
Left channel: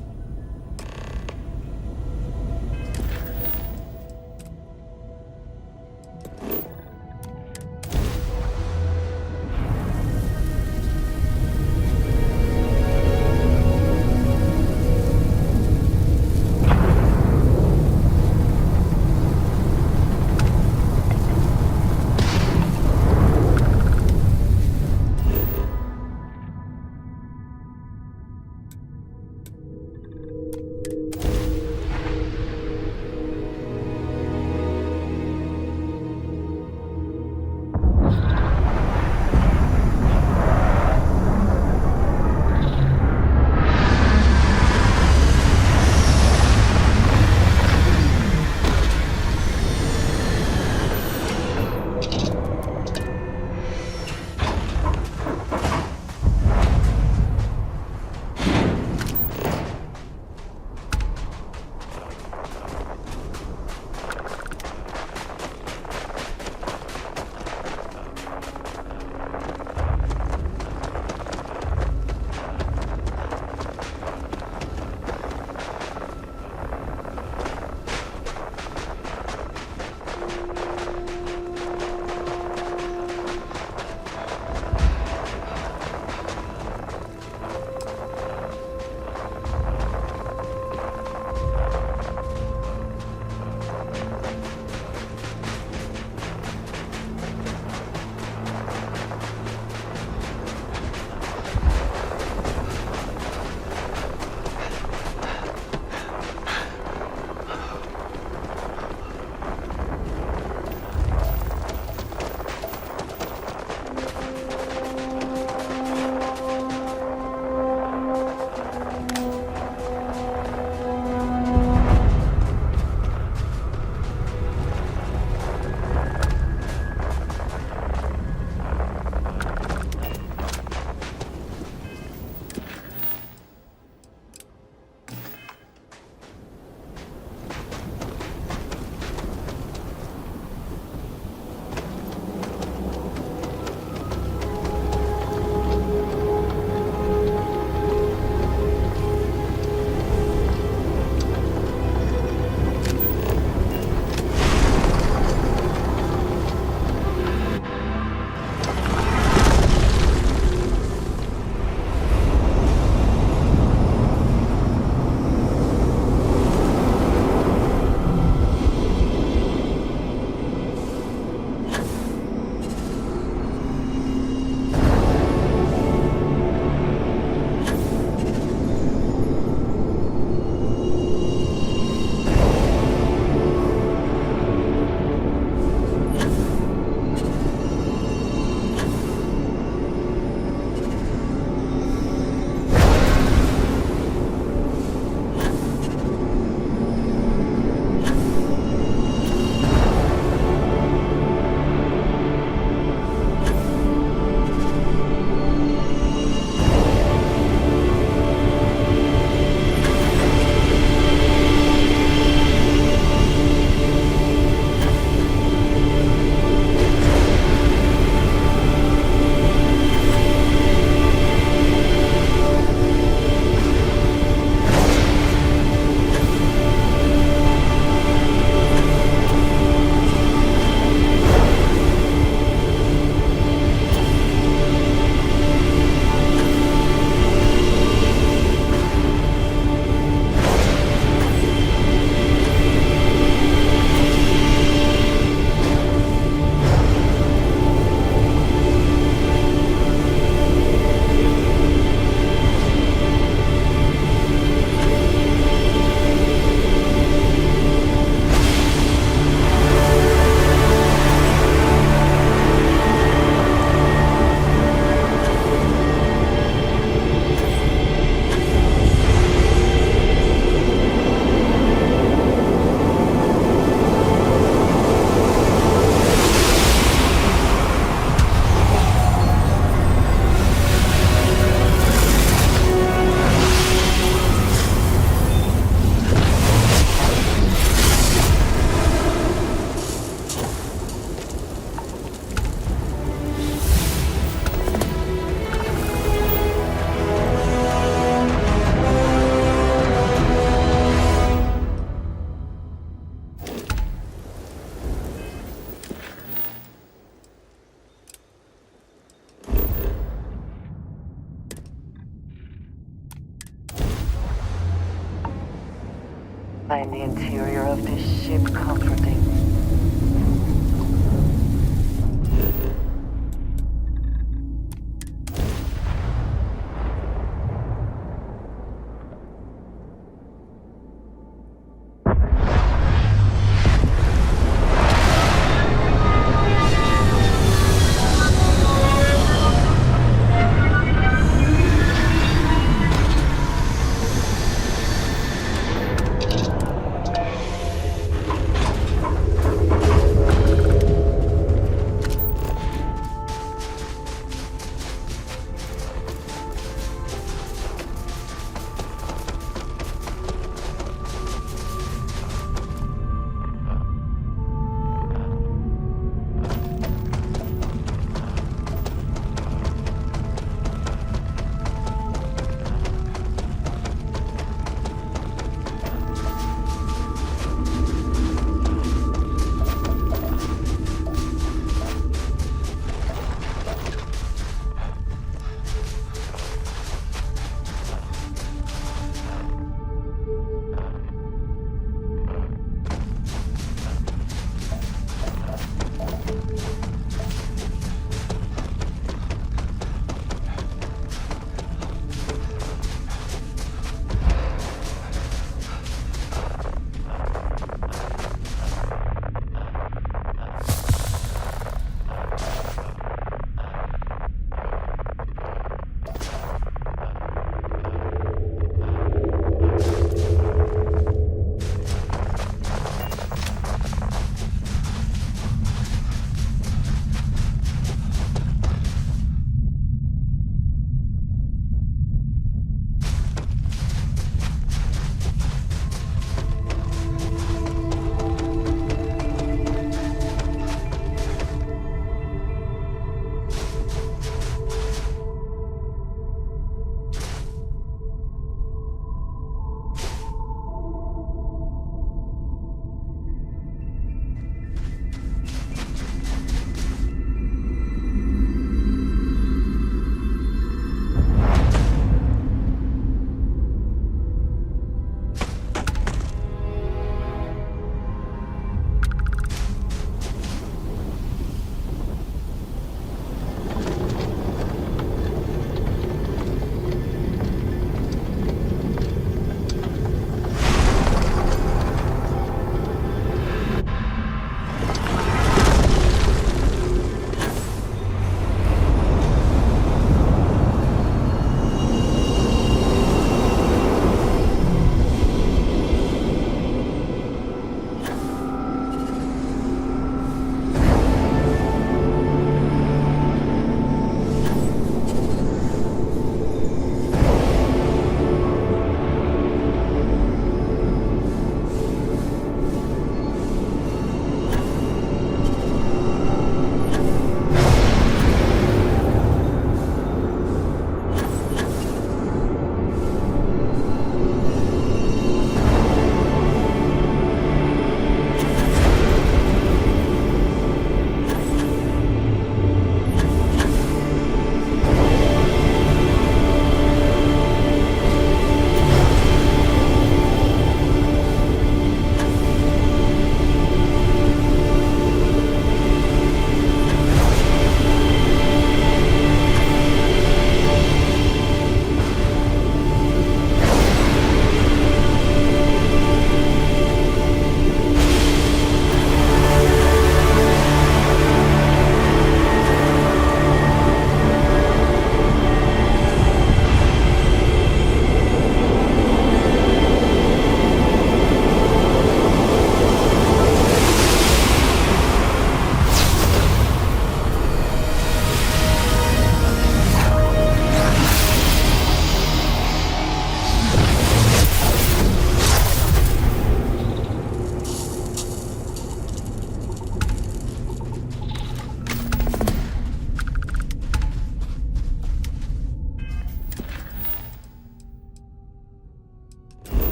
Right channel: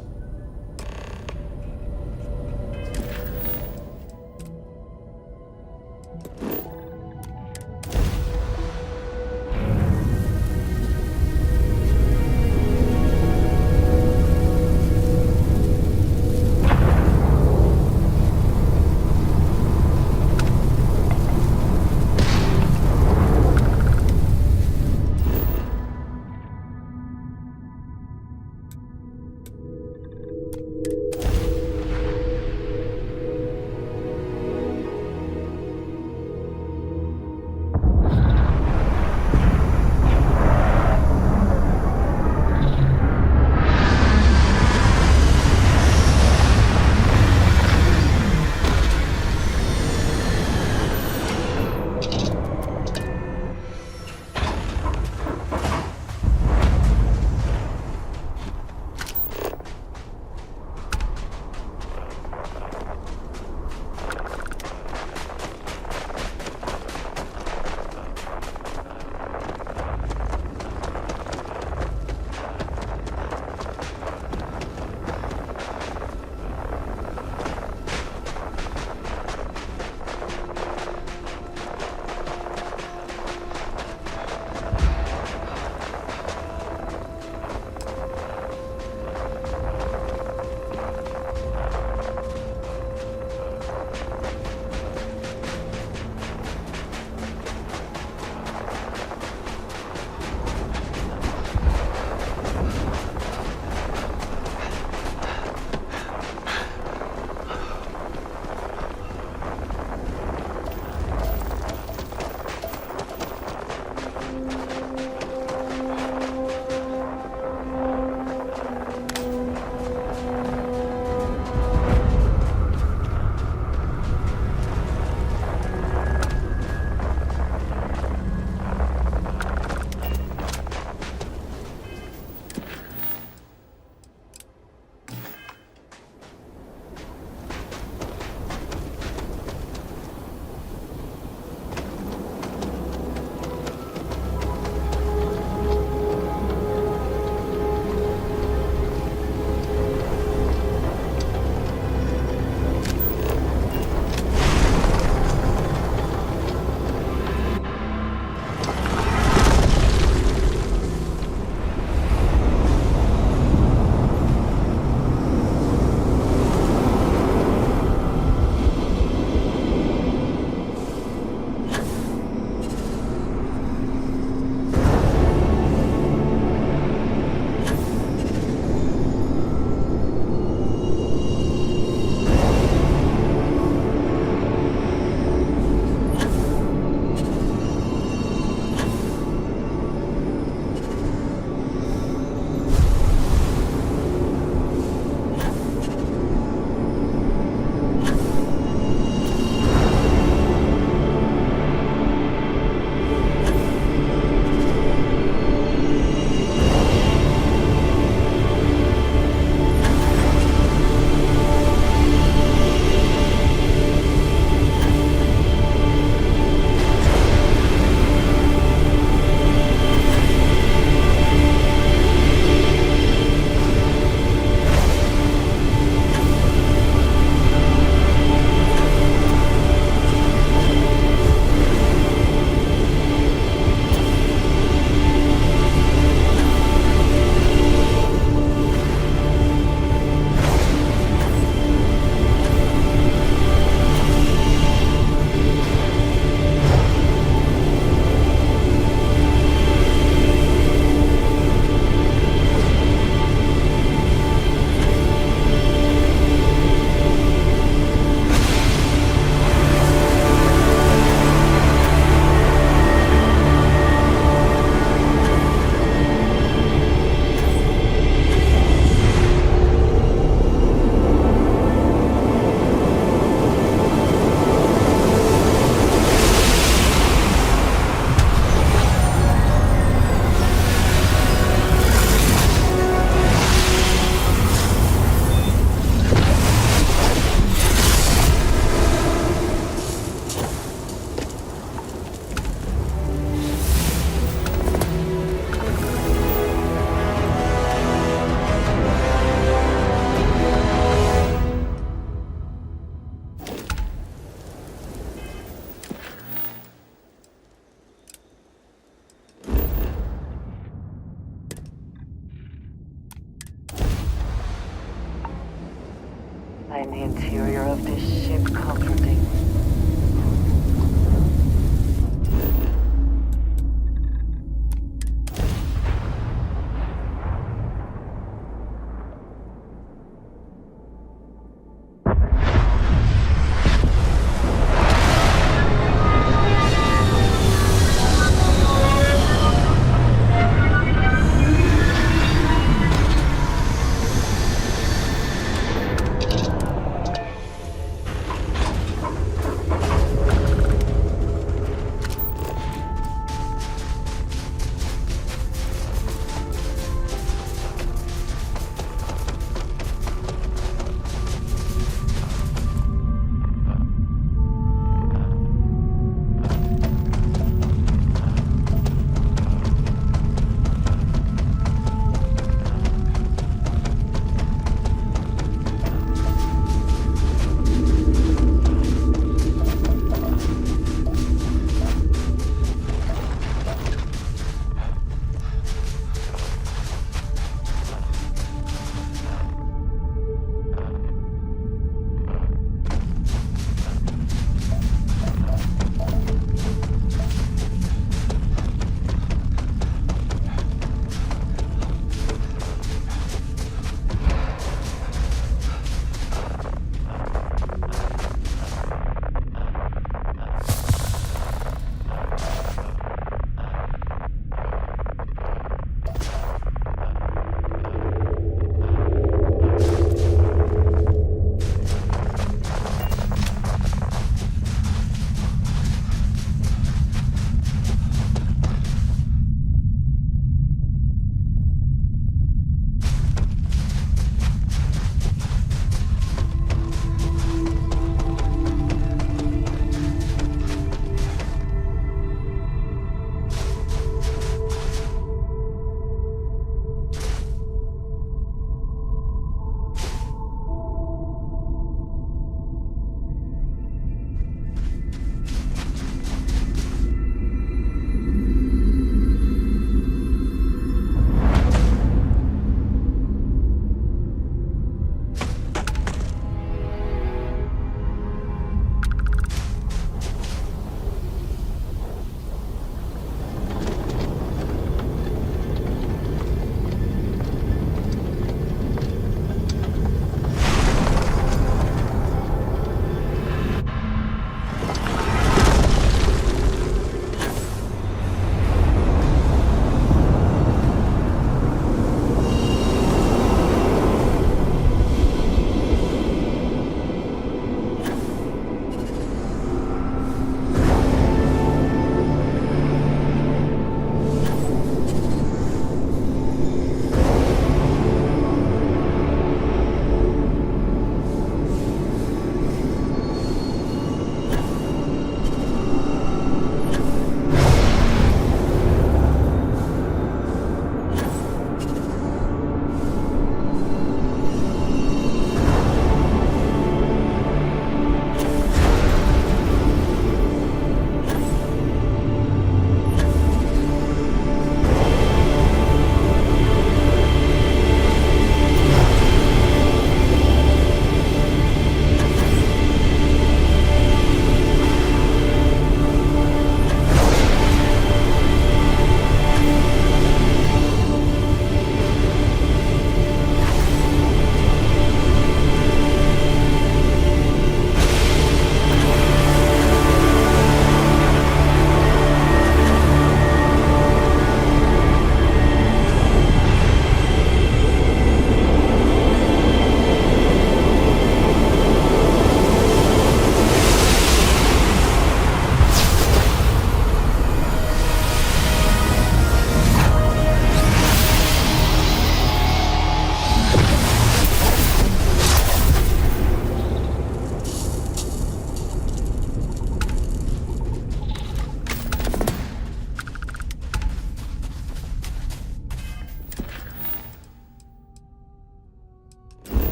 find the interior of this ship comforting.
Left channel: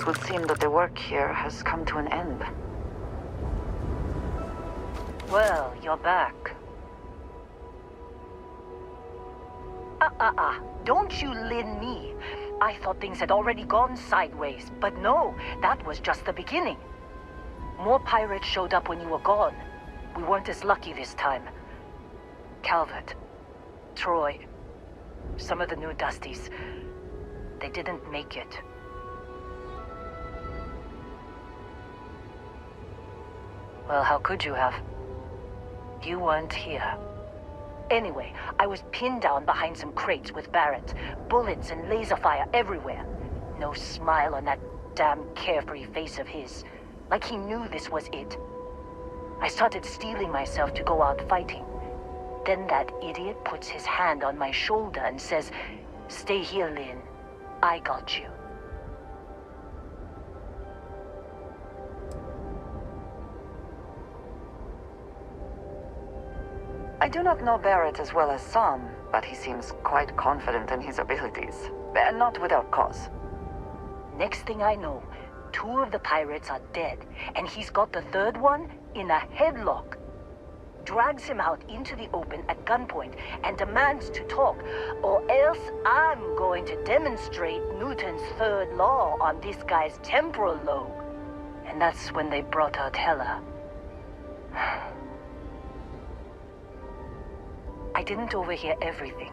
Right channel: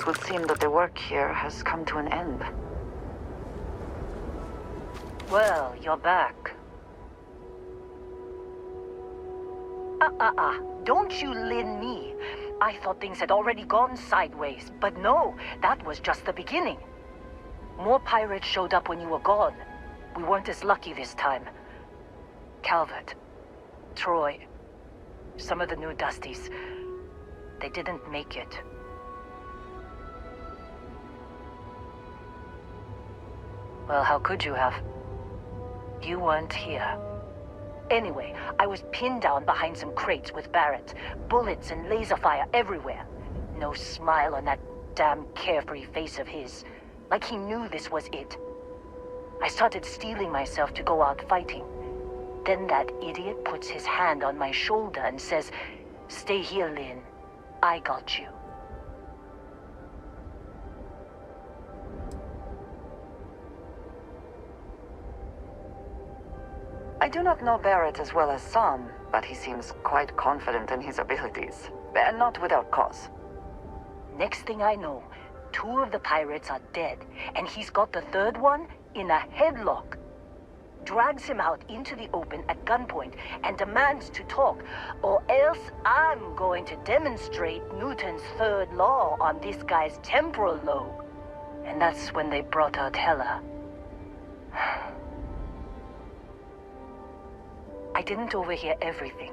It would seem that the work here has come to an end. Well, you're back. Don't you lin me. I thought things had already gone sideways, but no, that was just the beginning. More pirates showed up when you were gone. We weren't as lucky this time. Calvert, Troy, some of the new Dusties, they didn't make it. Well, how could you have? You weren't here. Anyway, I was pinned down behind some crates with Barrett. Bullets and laser fire everywhere. No smile on that damn carefree face of his. Like he knew this was it. I started steeling myself to go out fighting. Then that idiot puts his hand on my shoulder and says, "Stay here, Lynn. I got you." I do not know Barrett as well as some, but he seems quite confident in his abilities. And not without cause. Next thing I know, 2 of the pirates are dead, and he's got the 3rd one in a headlock. Drags him out into the open at gunpoint and demands to talk, or else I'm going to demonstrate Newton's 3rd law on this guy's temporal lobe. And that's when they brought out Hela. I didn't overhear everything,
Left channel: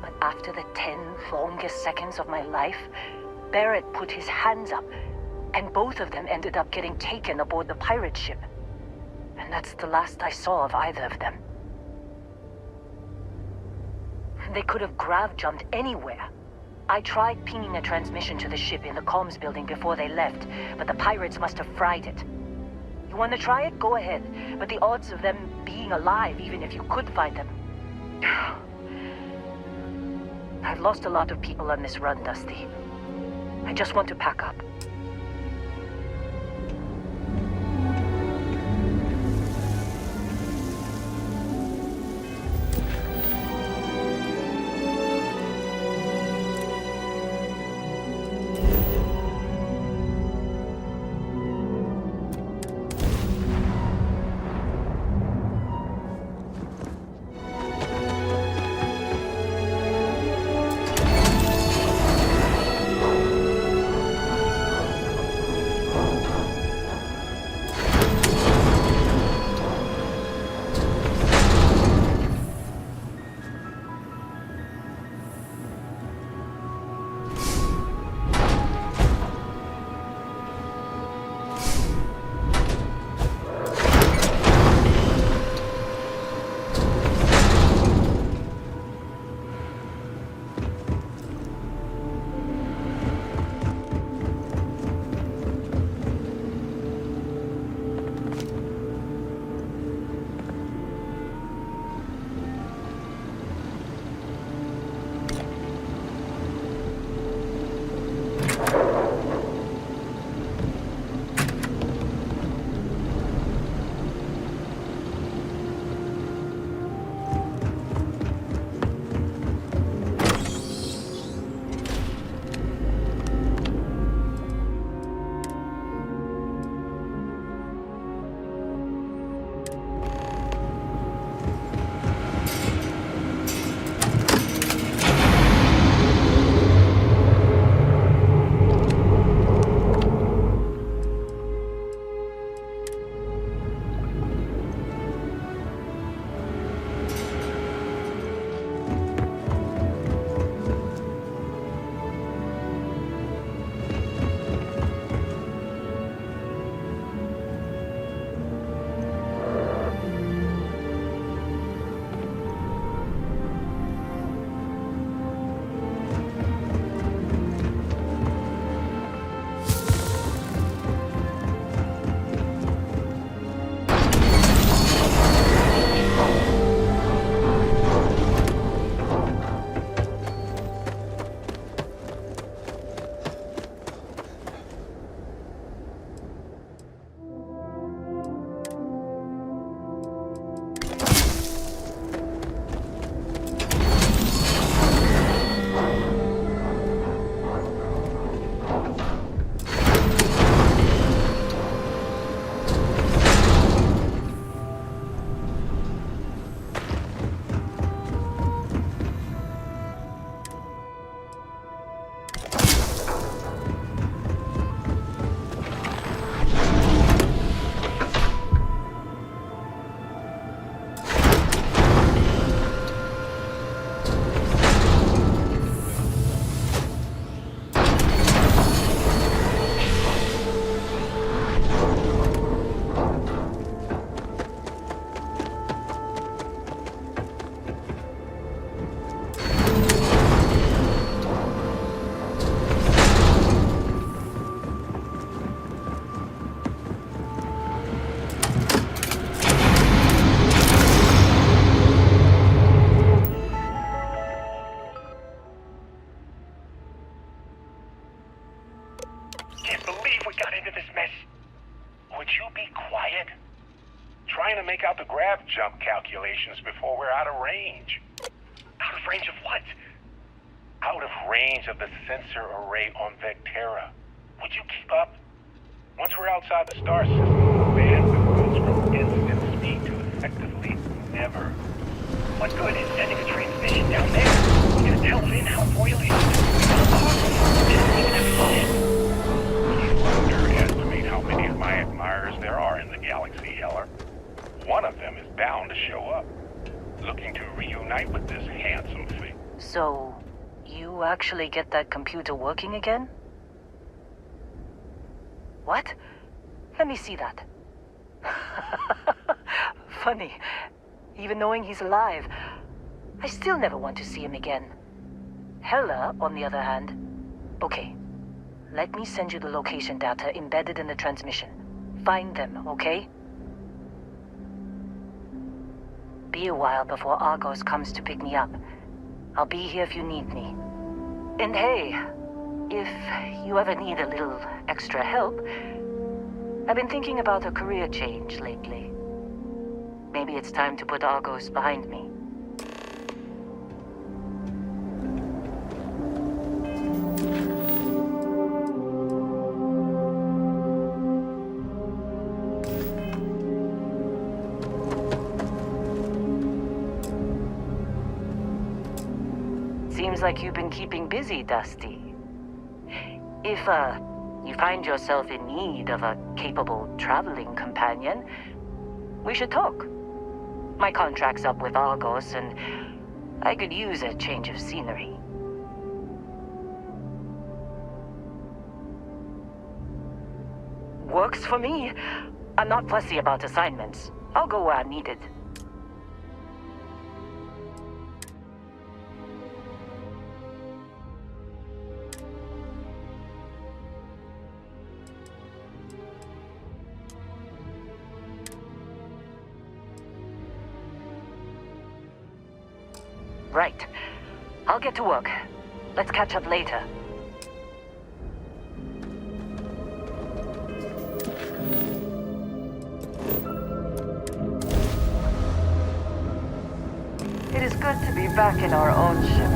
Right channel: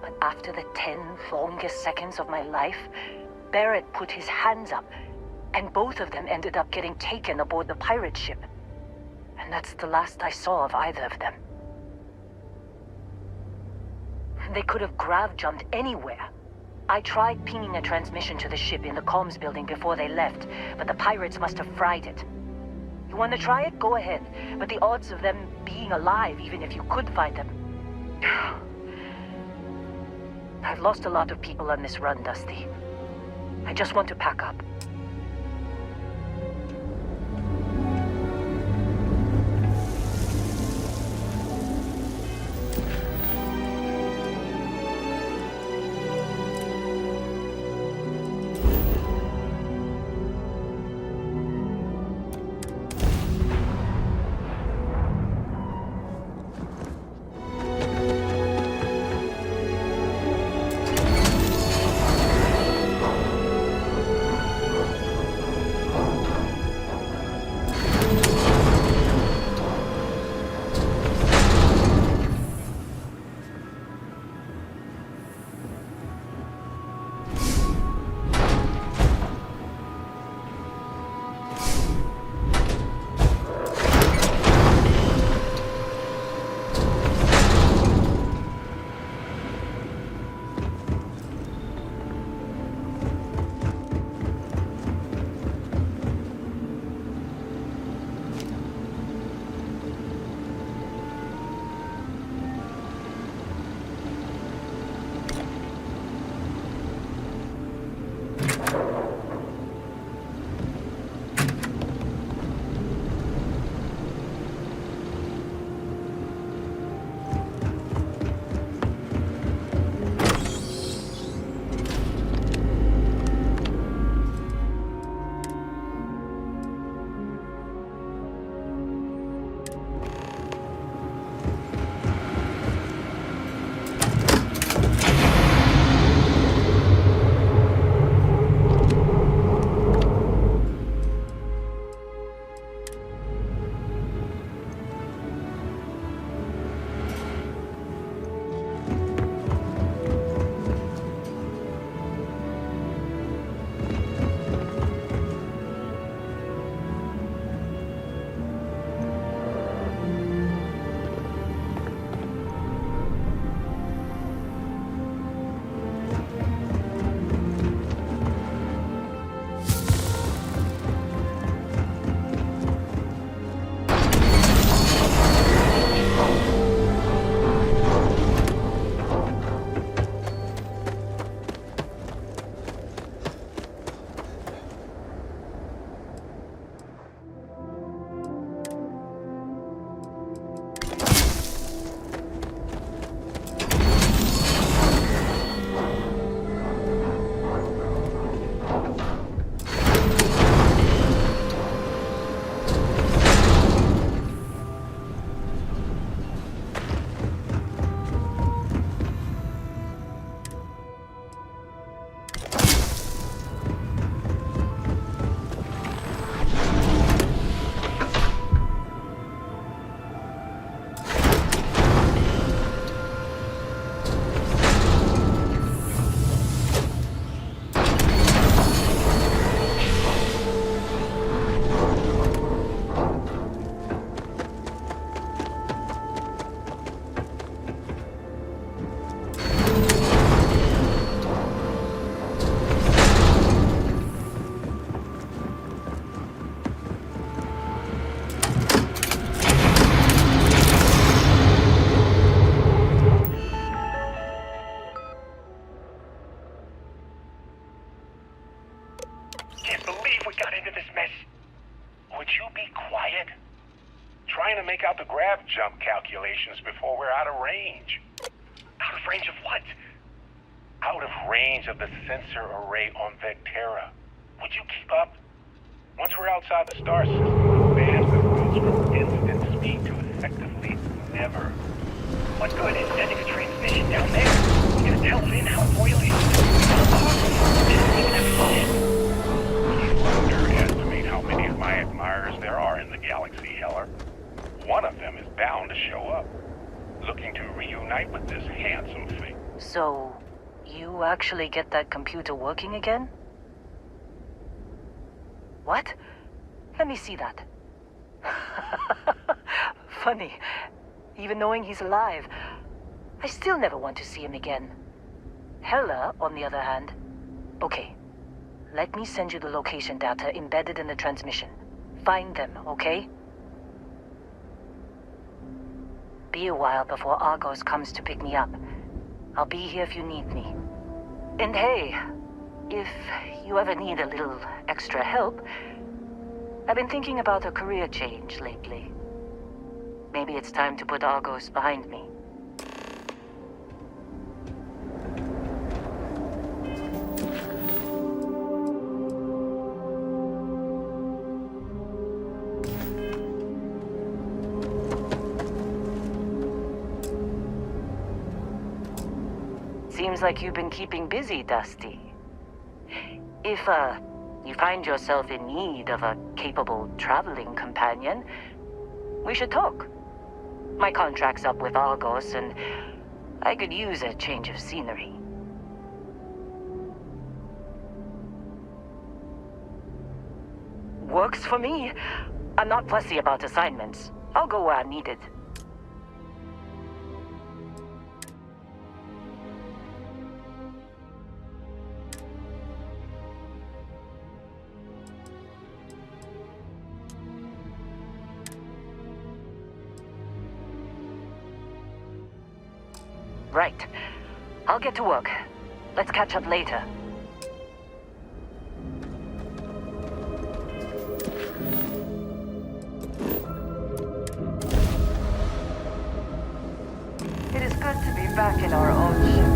but after the 10 longest seconds of my life, Barrett put his hands up, and both of them ended up getting taken aboard the pirate ship. And that's the last I saw of either of them. They could have grav-jumped anywhere. I tried pinging a transmission to the ship in the comms building before they left, but the pirates must have fried it. You want to try it? Go ahead. But the odds of them being alive, even if you could find them... I've lost a lot of people on this run, Dusty. I just want to pack up. grav jump calculations before we're out of range. Out of range of what? Out of range of the sensor array on Vectera. Would you keep up? Once we're outside the star system, the bandwidth goes from instant speed to effectively never. What good is sending a transmission down there? We're gonna tell Lynn how oily it is. Didn't even have to ship. Please underestimate how many of my admirers there are in the galaxy, Heller. One of them is bound to show up, looking to reunite with this handsome thing. So, you actually get that computer working again? What? Let me see that. Funny. Even knowing he's alive, I still never want to see him again. Hella, on the other hand... Okay. Let me send you the location data embedded in the transmission. Find them, okay? Be a while before Argos comes to pick me up. I'll be here if you need me. And hey, if you ever need a little extra help, I've been thinking about a career change lately. Maybe it's time to put Argos behind me. Seems like you've been keeping busy, Dusty. If, you find yourself in need of a capable traveling companion, we should talk. My contract's up with Argos, and I could use a change of scenery. Works for me. I'm not fussy about assignments. I'll go where I'm needed. Right. I'll get to work. Let's catch up later. It is good to be back in our own ship.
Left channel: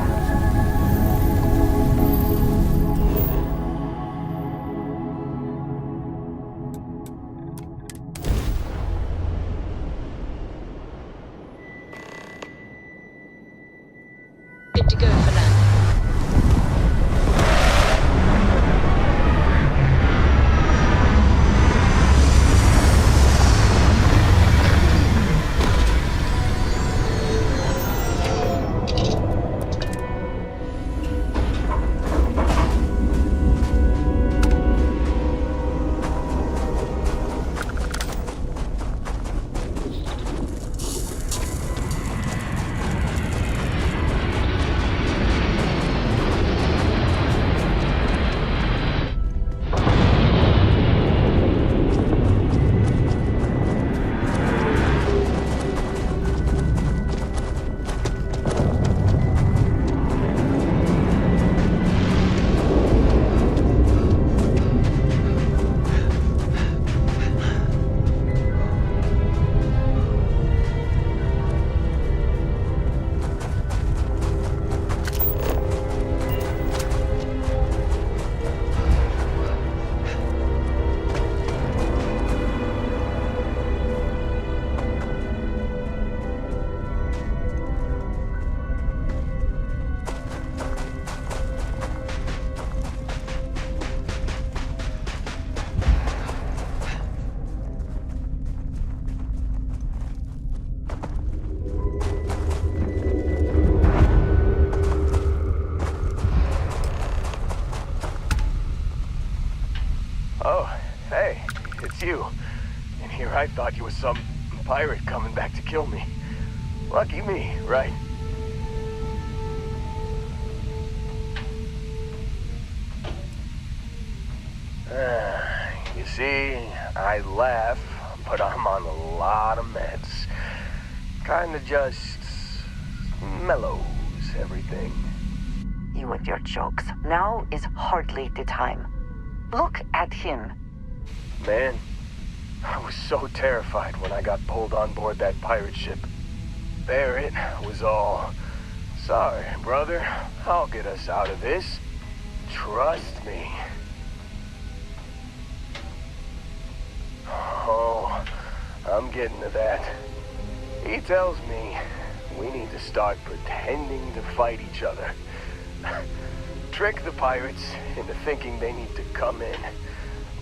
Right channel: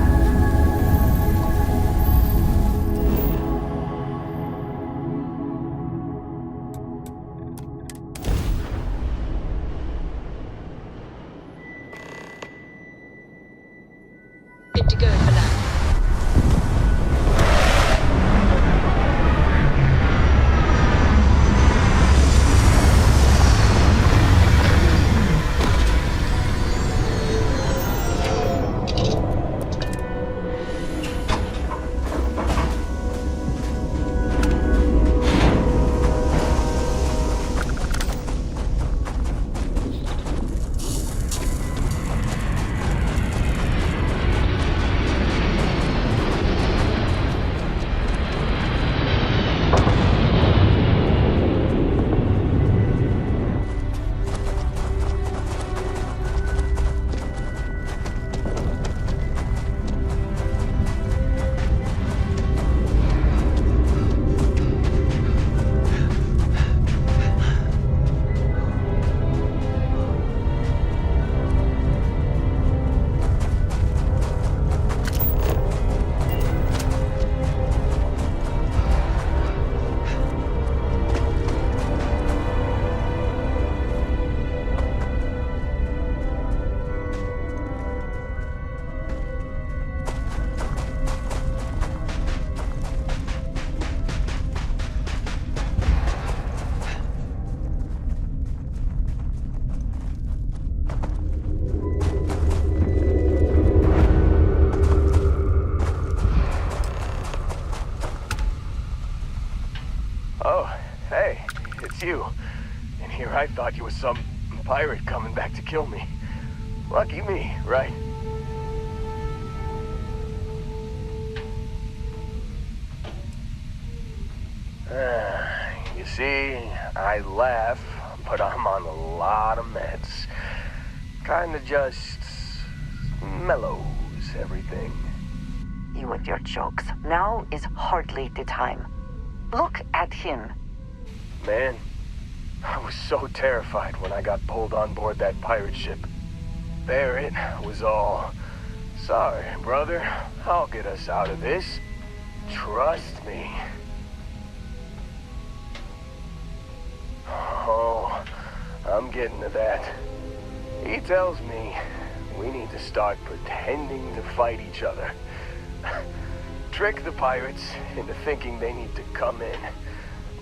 Good to go for landing. You. And here I thought you was some pirate coming back to kill me. Lucky me, right? You see, I laugh, but I'm on a lot of meds. Kinda just mellows everything. You and your jokes. Now is hardly the time. Look at him. Man, I was so terrified when I got pulled on board that pirate ship. Barrett was all, "Sorry, brother, I'll get us out of this. Trust me." Oh, I'm getting to that. He tells me we need to start pretending to fight each other. Trick the pirates into thinking they need to come in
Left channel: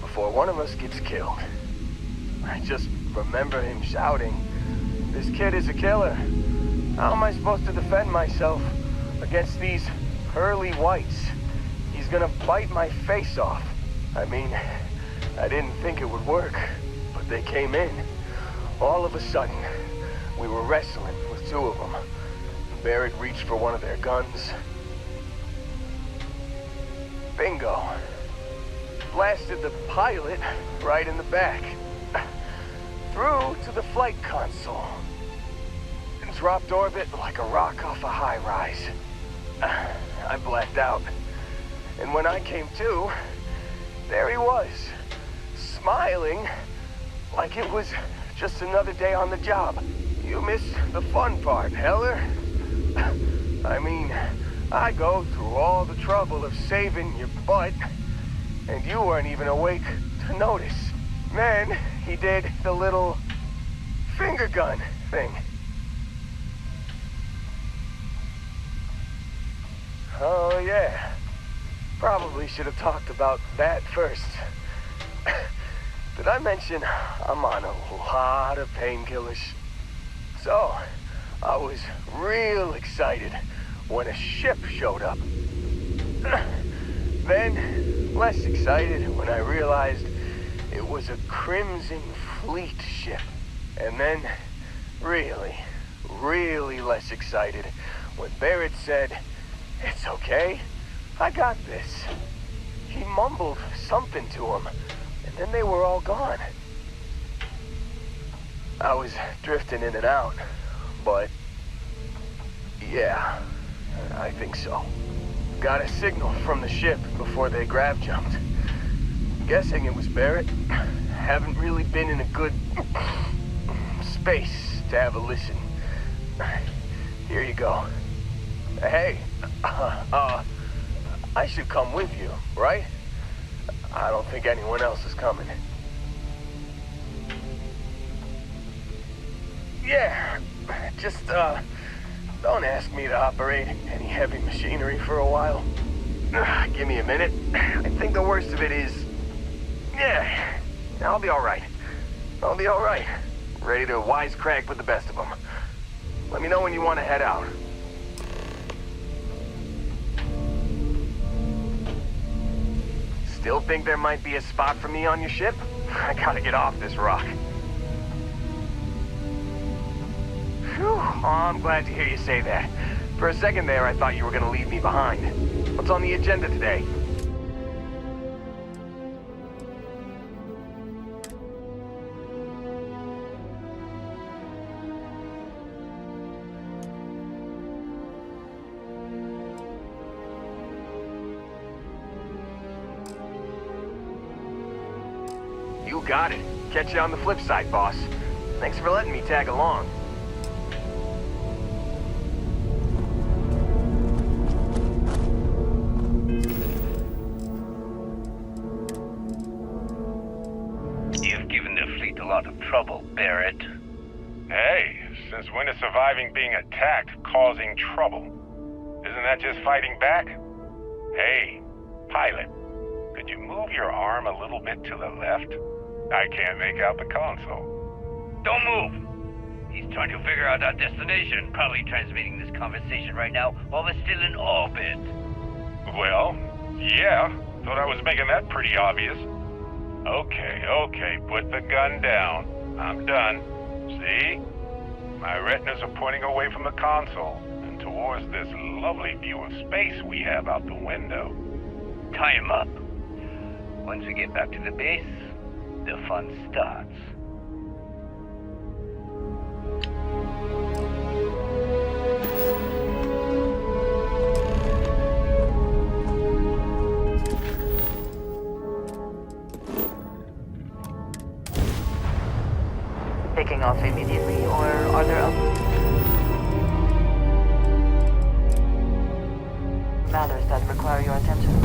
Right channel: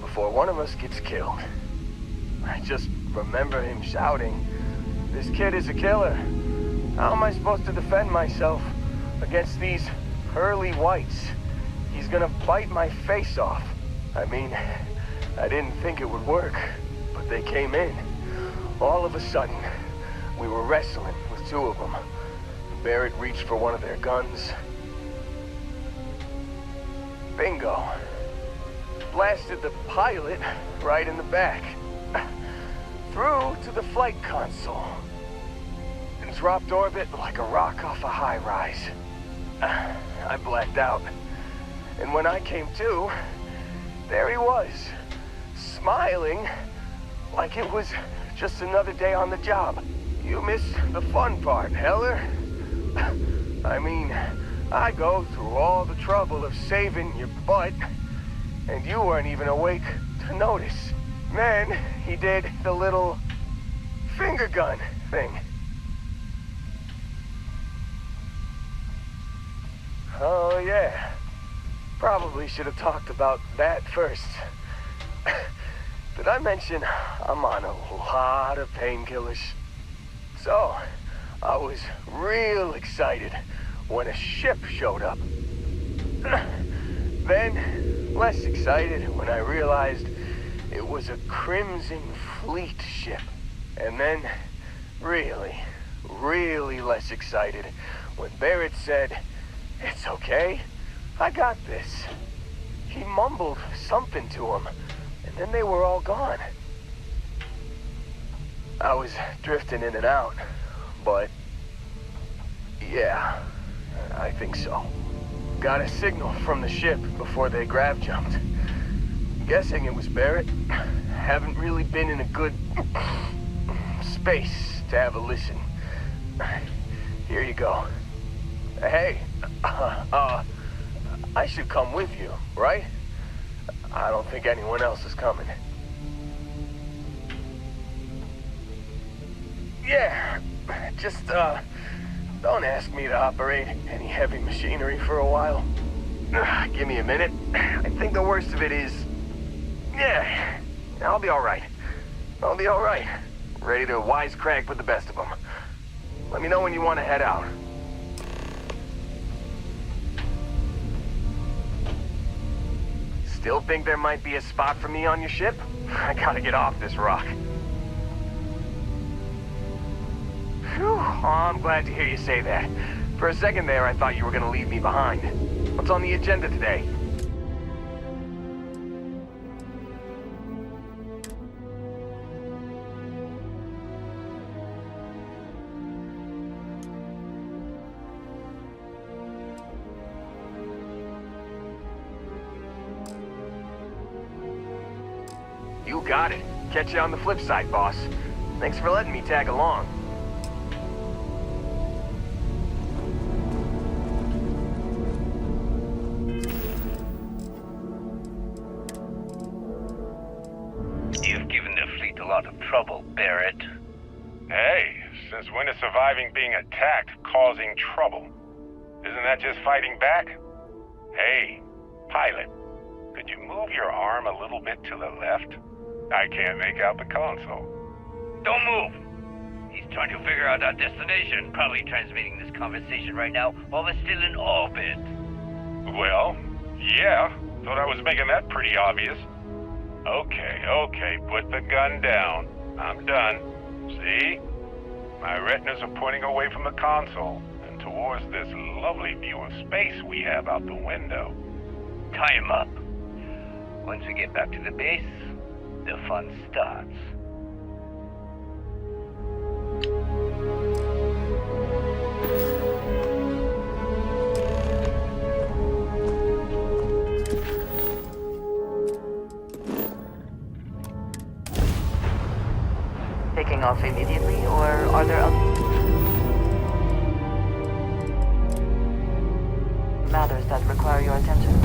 before one of us gets killed. I just remember him shouting, "This kid is a killer. How am I supposed to defend myself against these pearly whites? He's gonna bite my face off." I mean, I didn't think it would work, but they came in. All of a sudden, we were wrestling with two of them. Barrett reached for one of their guns. Bingo. Blasted the pilot right in the back. Through to the flight console. And dropped orbit like a rock off a high-rise. I blacked out. And when I came to, there he was, smiling like it was just another day on the job. You missed the fun part, Heller. I mean, I go through all the trouble of saving your butt, and you weren't even awake to notice. Then he did the little finger gun thing. Oh yeah, probably should have talked about that first. Did I mention I'm on a lot of painkillers? So, I was real excited when a ship showed up. Then, less excited when I realized it was a Crimson Fleet ship. And then, really less excited when Barrett said, "It's okay, I got this." He mumbled something to him, and then they were all gone. I was drifting in and out, but yeah, I think so. Got a signal from the ship before they grav jumped. Guessing it was Barrett. Haven't really been in a good space to have a listen. Here you go. Hey, I should come with you, right? I don't think anyone else is coming. Yeah, just, don't ask me to operate any heavy machinery for a while. Give me a minute. I think the worst of it is... Yeah, I'll be alright. I'll be alright. Ready to wisecrack with the best of them. Let me know when you want to head out. Still think there might be a spot for me on your ship? I gotta get off this rock. Phew, oh, I'm glad to hear you say that. For a second there, I thought you were gonna leave me behind. What's on the agenda today? You got it. Catch you on the flip side, boss. Thanks for letting me tag along. You've given the fleet a lot of trouble, Barrett. Hey, since when is surviving being attacked causing trouble? Isn't that just fighting back? Hey, pilot, could you move your arm a little bit to the left? I can't make out the console. Don't move! He's trying to figure out our destination. Probably transmitting this conversation right now while we're still in orbit. Well, yeah. Thought I was making that pretty obvious. Okay, put the gun down. I'm done. See? My retinas are pointing away from the console and towards this lovely view of space we have out the window. Tie him up. Once we get back to the base, the fun starts. taking off immediately, or are there other matters that require your attention?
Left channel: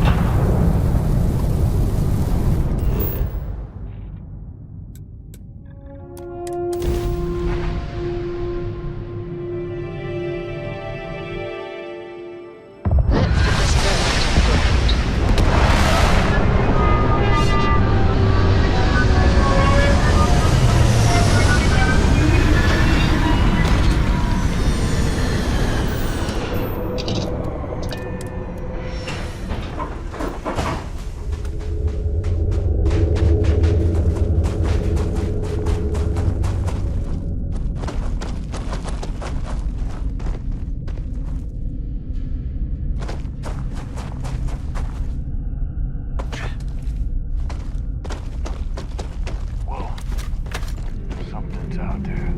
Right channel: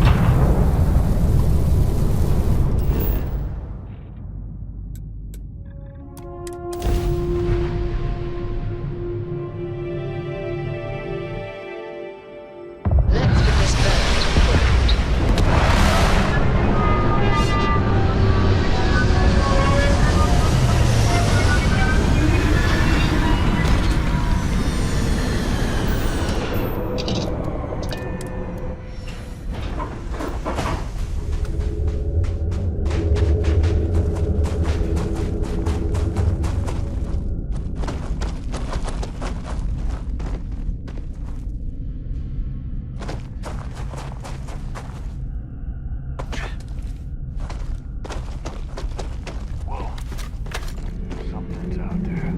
Let's get this bird to the ground. Something's out there.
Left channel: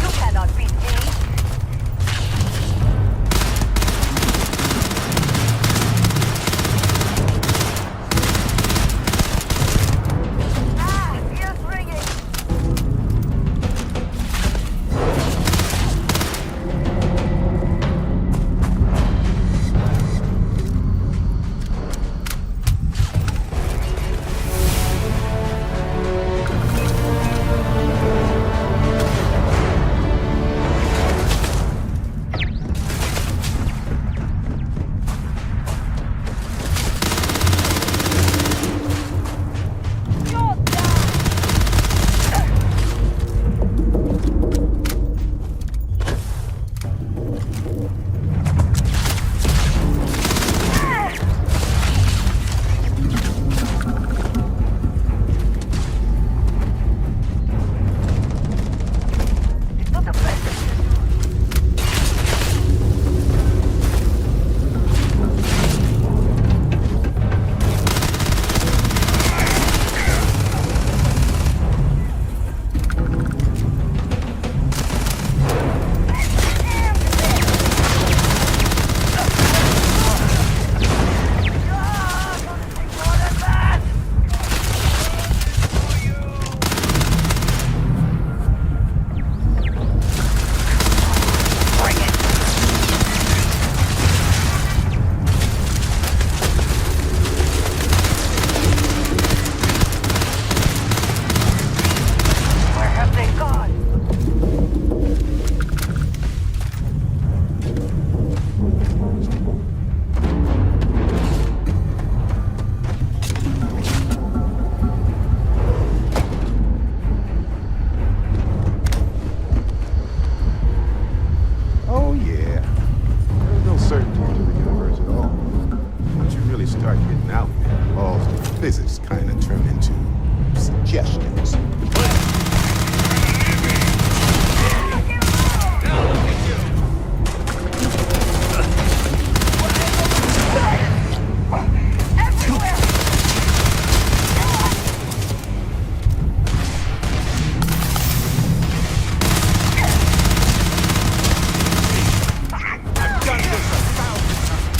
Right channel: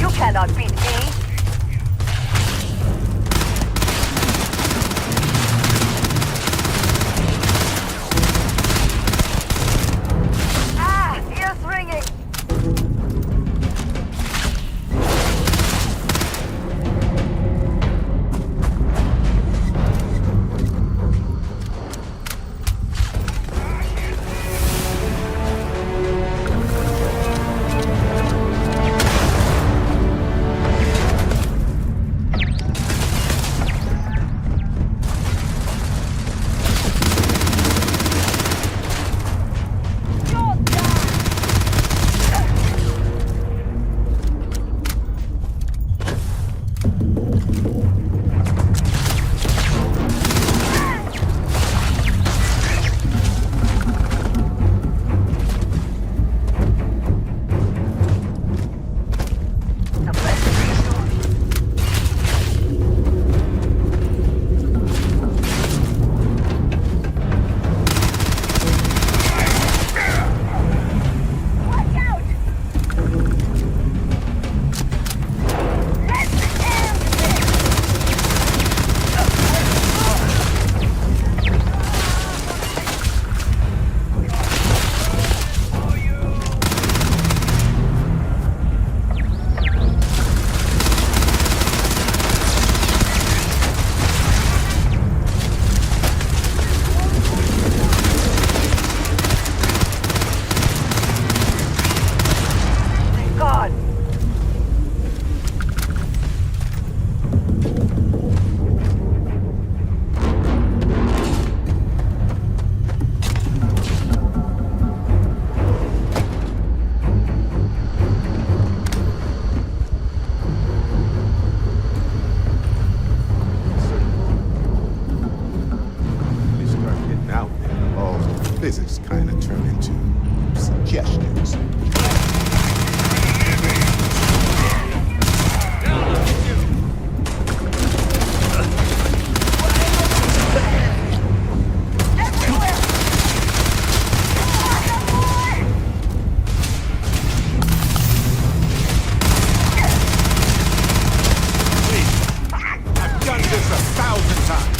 You cannot beat me! Ah! Ears ringing! Physics kind of turn into suggestions. I've done this 1,000 times.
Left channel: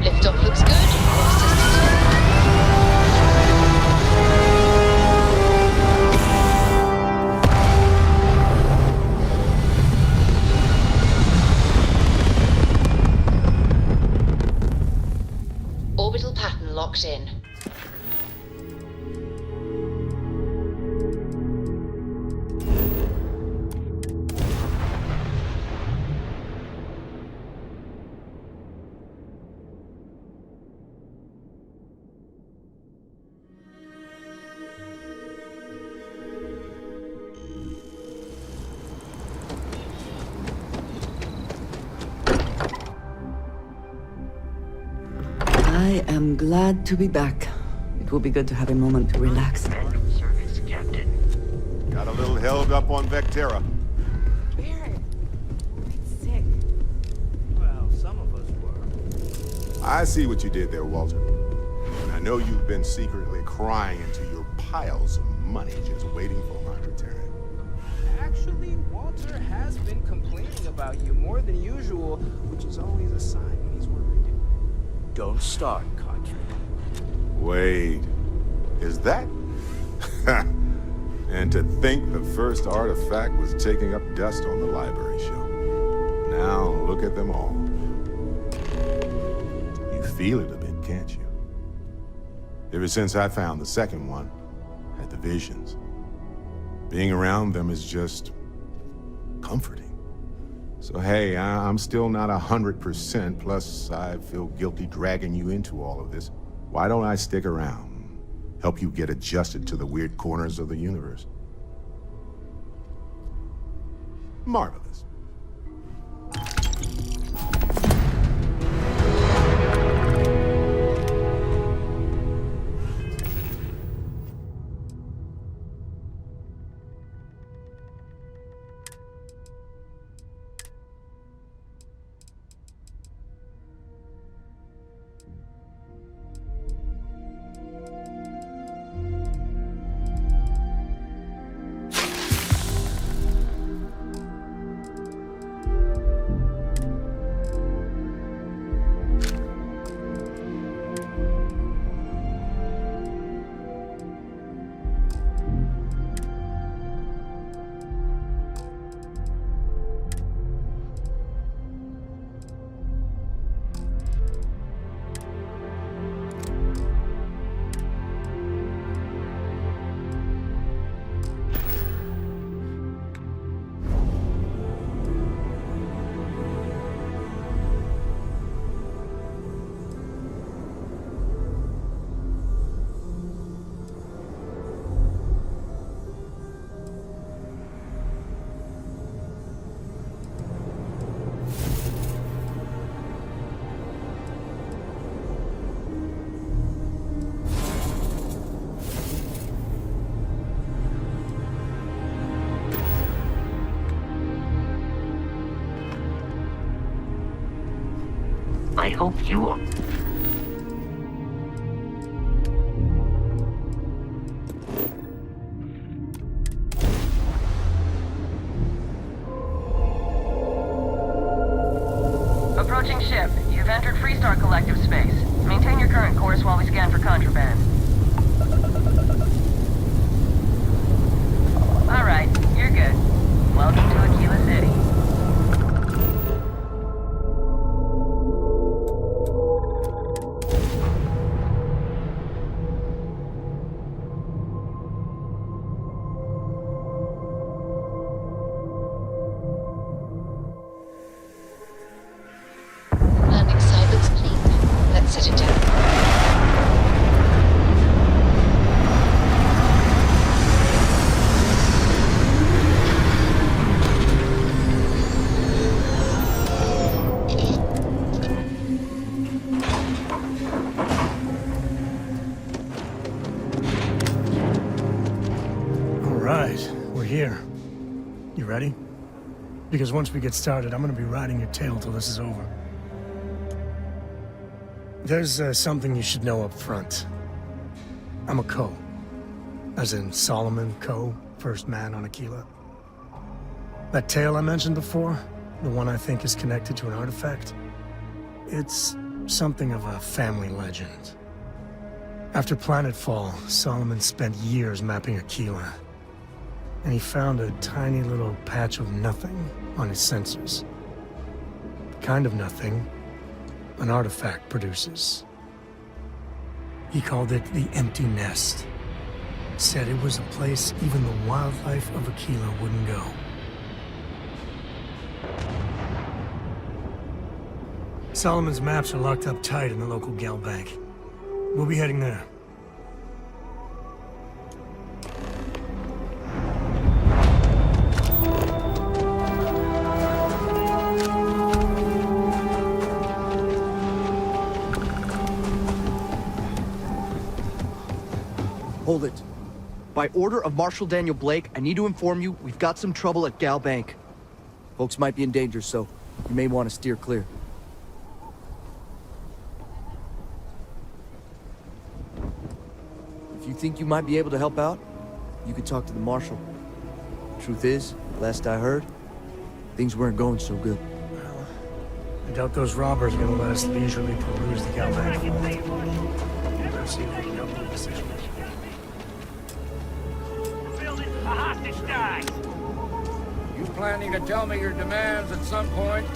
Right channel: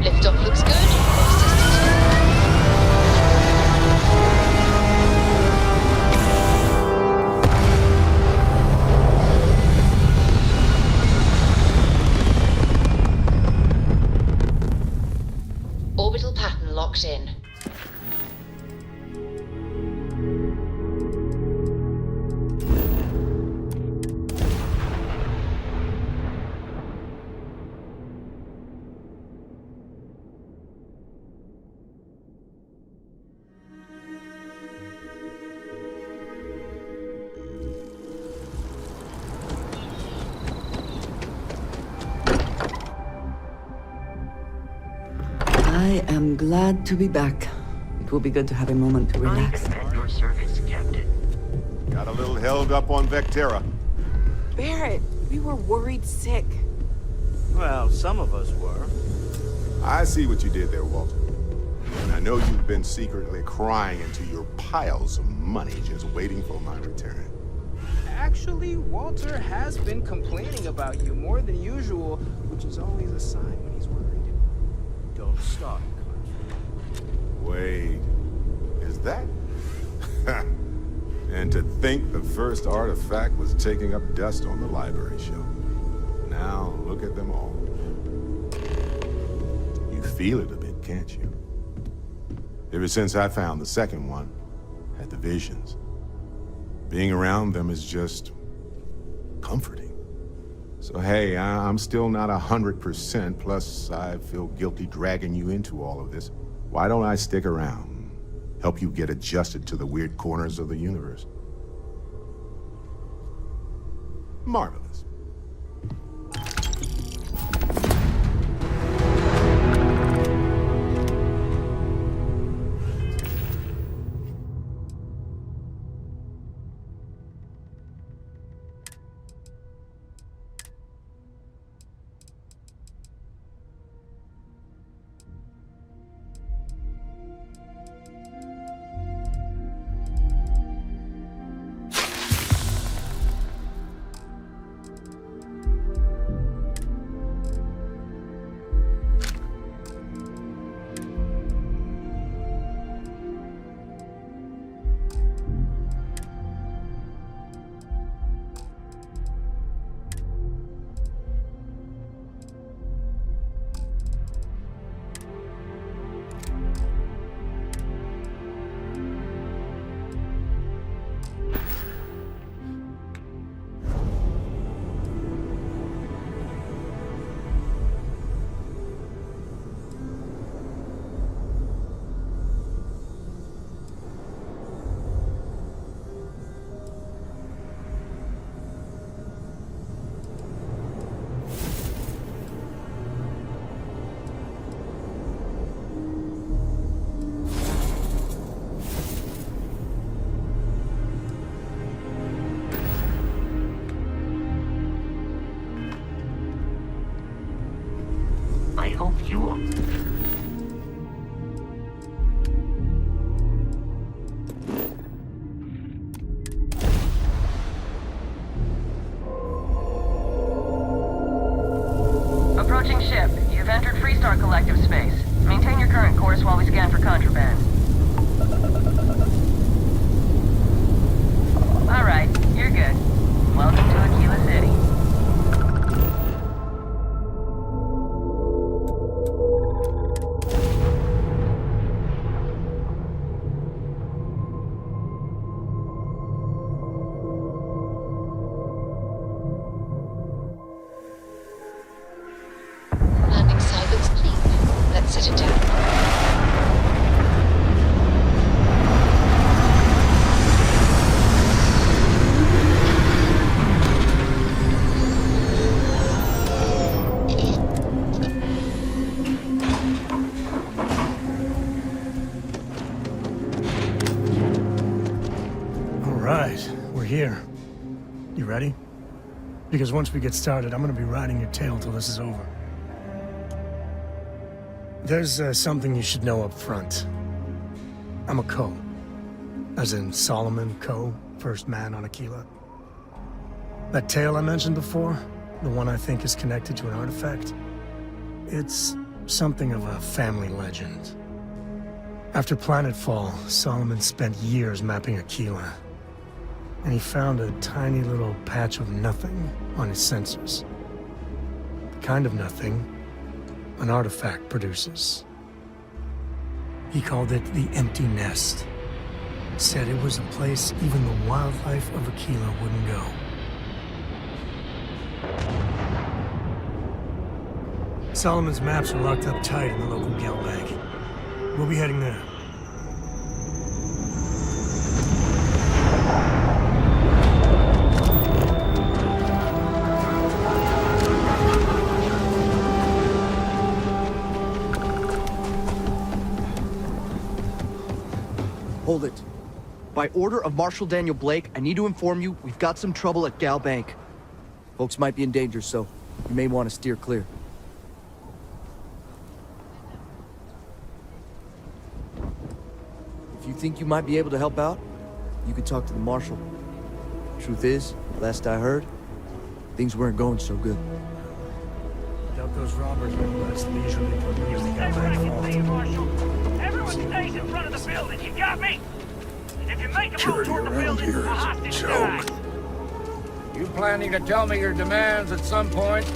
Liftoff looks good. All systems go. Orbital pattern locked in. I am glad to be back. It will be good to have a moment to relax. At your service, Captain. Got a little held up on Vectera. Barrett, we were worried sick. Well, some of us were. I see what you did there, Walter. And I know you've been secretly crying into your piles of money just waiting for my return. Actually, Walter has been complaining about you more than usual, which is always a sign when he's worried. Don't start, Contra. Wait, is that? And to think the first artifact was taking up dust on the library shelf. Now look at them all. You feel it a bit, can't you? Ever since I found the second one, had the visions. Being around them is just comforting. So hey, I'm still not 100%, plus I feel guilty dragging you into all of this. Why don't I stick around? Help you get adjusted to the weird corners of the universe. Marvelous. I hope you will. Approaching ship. You've entered Freestar Collective space. Maintain your current course while we scan for contraband. Alright, you're good. Welcome to Aquila City. Landing side looks clean. Let's set it down. All right, we're here. You ready? Because once we get started, I'm gonna be riding your tail till this is over. There's something you should know up front. I'm a Co. As in Solomon Co., first man on Aquila. That tail I mentioned before, the one I think is connected to an artifact, it's something of a family legend. After Planetfall, Solomon spent years mapping Aquila, and he found a tiny little patch of nothing on his sensors. The kind of nothing an artifact produces. He called it the Empty Nest. Said it was a place even the wildlife of Aquila wouldn't go. Solomon's maps are locked up tight in the local Gal Bank. We'll be heading there. Hold it. By order of Marshal Daniel Blake, I need to inform you we've got some trouble at Gal Bank. Folks might be in danger, so you may want to steer clear. If you think you might be able to help out, you could talk to the Marshal. Truth is, last I heard, things weren't going so good. I doubt those robbers are gonna let us leisurely peruse the Gal Bank vault. Everyone stays in front of the building, you got me? If you make a move toward the building, a hostage dies. You planning to tell me your demands at some point?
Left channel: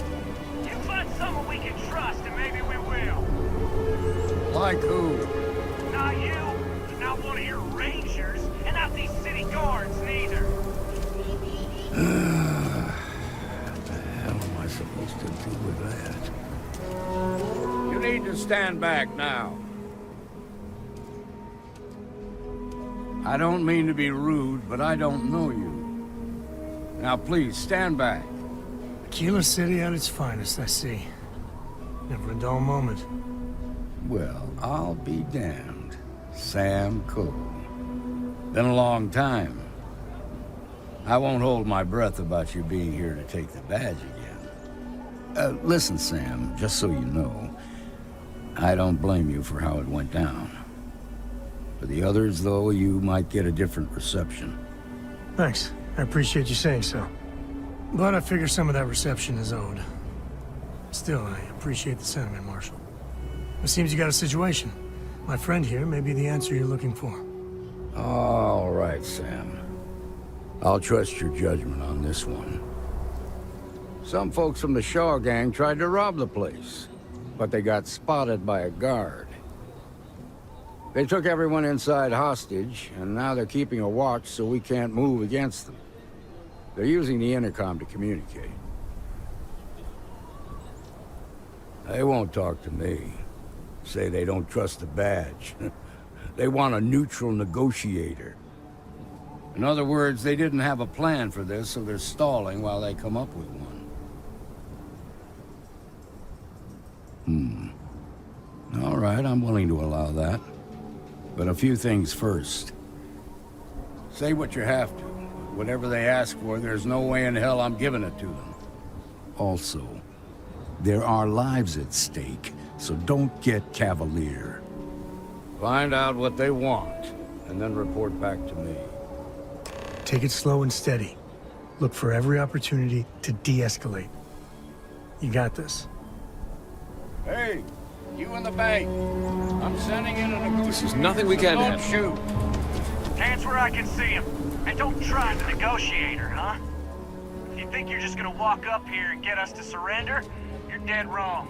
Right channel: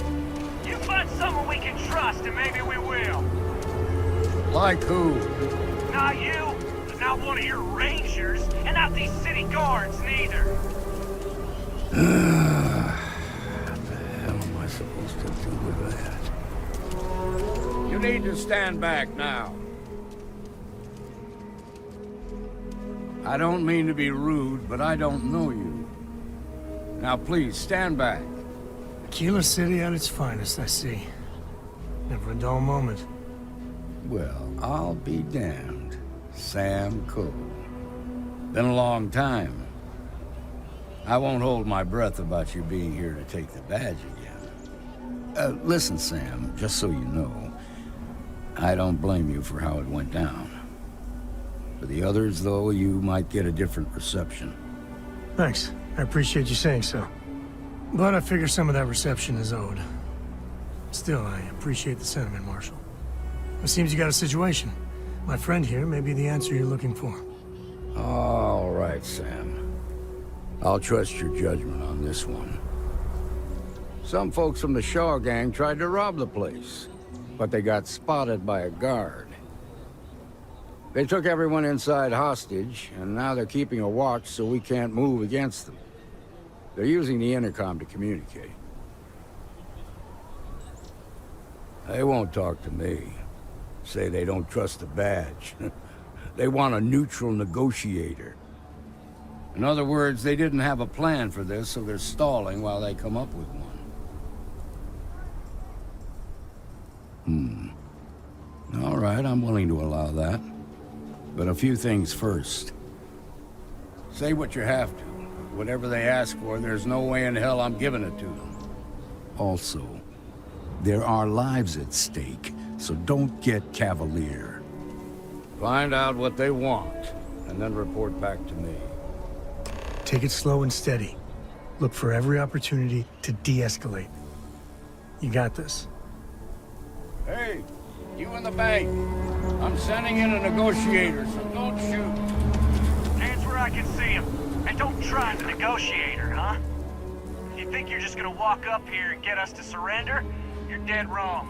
You find someone we can trust, and maybe we will. Like who? Not you, not one of your rangers, and not these city guards, neither. What the hell am I supposed to do with that? You need to stand back now. I don't mean to be rude, but I don't know you. Now please, stand back. Aquila City at its finest, I see. Never a dull moment. Well, I'll be damned. Sam Cole. Been a long time. I won't hold my breath about you being here to take the badge again. Listen, Sam, just so you know, I don't blame you for how it went down. For the others, though, you might get a different reception. Thanks. I appreciate you saying so. But I figure some of that reception is owed. Still, I appreciate the sentiment, Marshal. It seems you got a situation. My friend here may be the answer you're looking for. All right, Sam. I'll trust your judgment on this one. Some folks from the Shaw gang tried to rob the place, but they got spotted by a guard. They took everyone inside hostage, and now they're keeping a watch so we can't move against them. They're using the intercom to communicate. They won't talk to me. Say they don't trust the badge. They want a neutral negotiator. In other words, they didn't have a plan for this, so they're stalling while they come up with one. All right, I'm willing to allow that. But a few things first. Say what you have to, but whatever they ask for, there's no way in hell I'm giving it to them. Also, there are lives at stake, so don't get cavalier. Find out what they want, and then report back to me. Take it slow and steady. Look for every opportunity to de-escalate. You got this. Hey, you in the bank. I'm sending in a negotiator. Nothing we can Don't have. shoot. Hands where I can see him. And don't try the negotiator, huh? If you think you're just gonna walk up here and get us to surrender, you're dead wrong.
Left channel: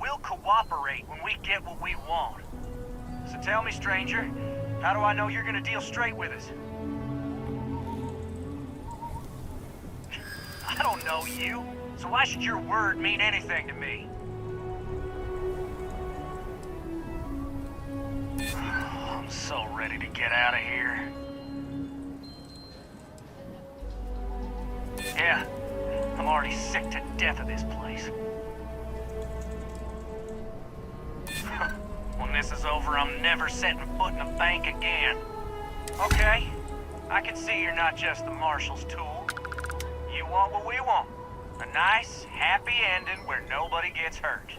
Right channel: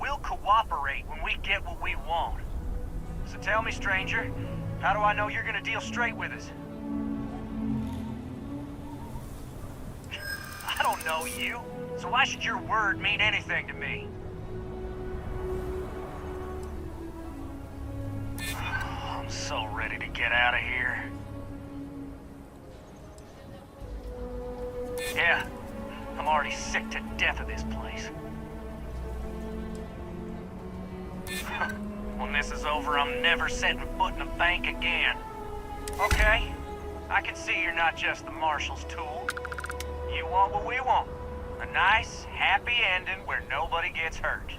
We'll cooperate when we get what we want. So tell me, stranger, how do I know you're gonna deal straight with us? I don't know you, so why should your word mean anything to me? I'm so ready to get out of here. Yeah, I'm already sick to death of this place. When this is over, I'm never setting foot in a bank again. Okay, I can see you're not just the Marshal's tool. You want what we want. A nice, happy ending where nobody gets hurt.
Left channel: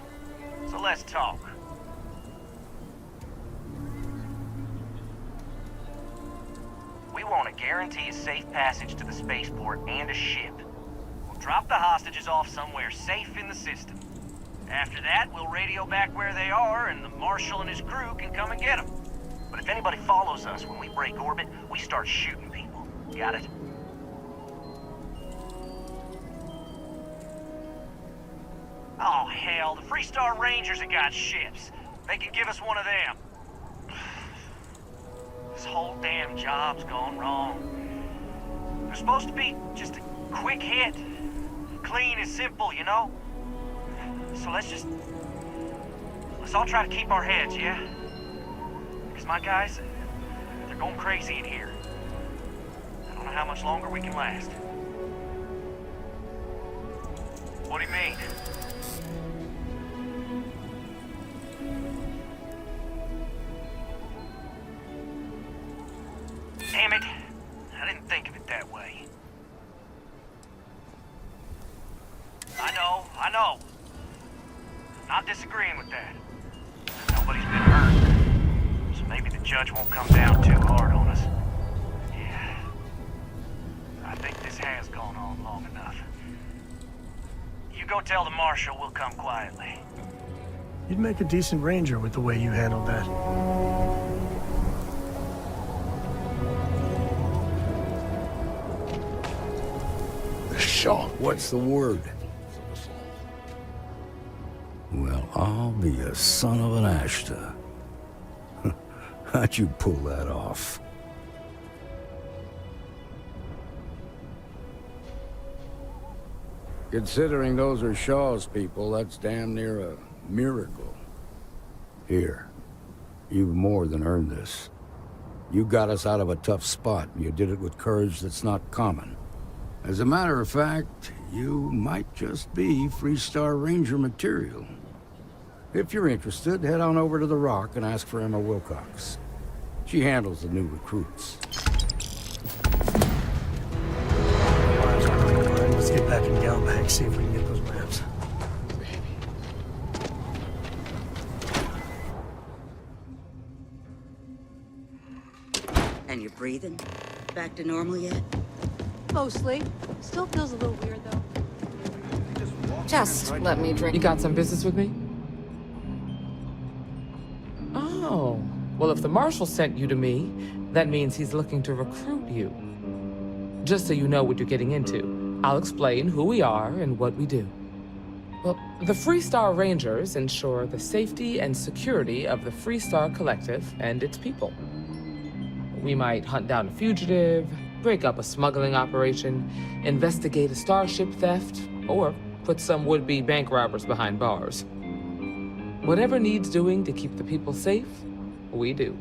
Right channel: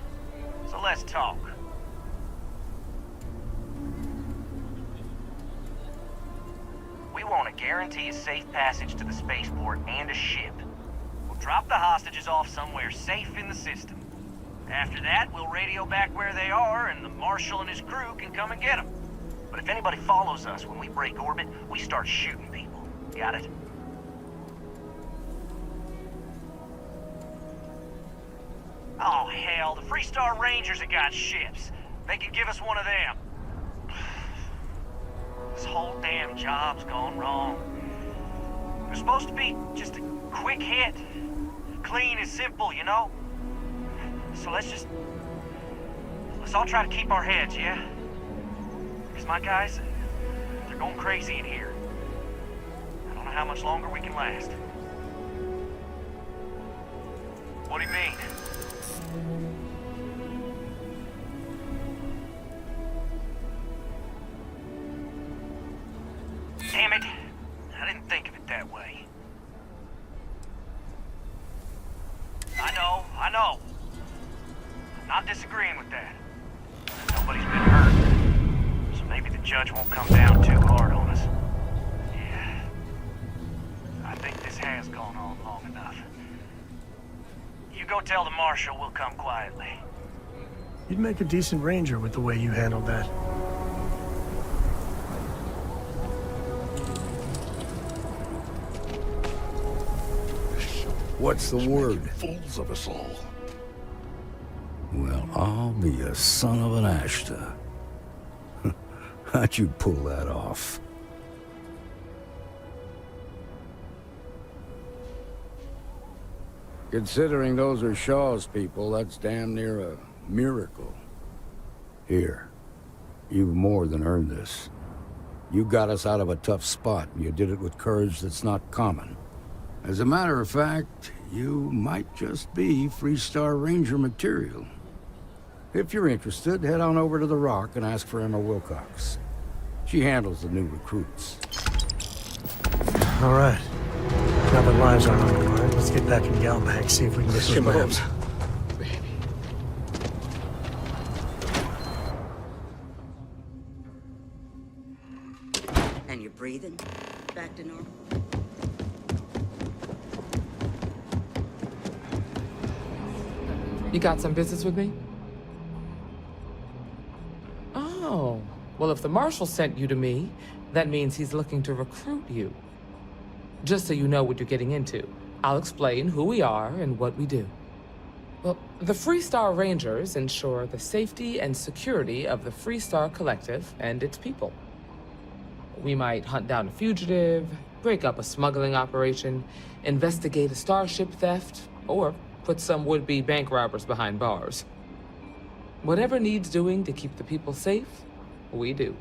So let's talk. We want to guarantee a safe passage to the spaceport and a ship. We'll drop the hostages off somewhere safe in the system. After that, we'll radio back where they are, and the Marshal and his crew can come and get them. But if anybody follows us when we break orbit, we start shooting people. Got it? Oh, hell, the Freestar Rangers have got ships. They can give us one of them. This whole damn job's gone wrong. It was supposed to be just a quick hit. Clean and simple, you know? So let's all try to keep our heads, yeah? Because my guys, they're going crazy in here. I don't know how much longer we can last. What do you mean? Damn it. I didn't think of it that way. I know. I'm not disagreeing with that. Nobody's been hurt. So maybe the judge won't come down too hard on us. Yeah. I think this has gone on long enough. You go tell the Marshal we'll come quietly. You'd make a decent ranger with the way you handled that. What's the word? Fools of us all. Well, I'll be a son of an Ashta. How'd you pull that off? Considering those are Shaw's people, that's damn near a miracle. Here, you've more than earned this. You got us out of a tough spot, and you did it with courage that's not common. As a matter of fact, you might just be Freestar Ranger material. If you're interested, head on over to the Rock and ask for Emma Wilcox. She handles the new recruits. All right. Now that lives aren't on the line, let's get back in Galbank, see if we can get those maps. And you're breathing? Back to normal yet? Mostly. Still feels a little weird, though. Just let me drink. You got some business with me? Oh. Well, if the Marshal sent you to me, that means he's looking to recruit you. Just so you know what you're getting into, I'll explain who we are and what we do. Well, the Freestar Rangers ensure the safety and security of the Freestar Collective and its people. We might hunt down a fugitive, break up a smuggling operation, investigate a starship theft, or put some would-be bank robbers behind bars. Whatever needs doing to keep the people safe, we do.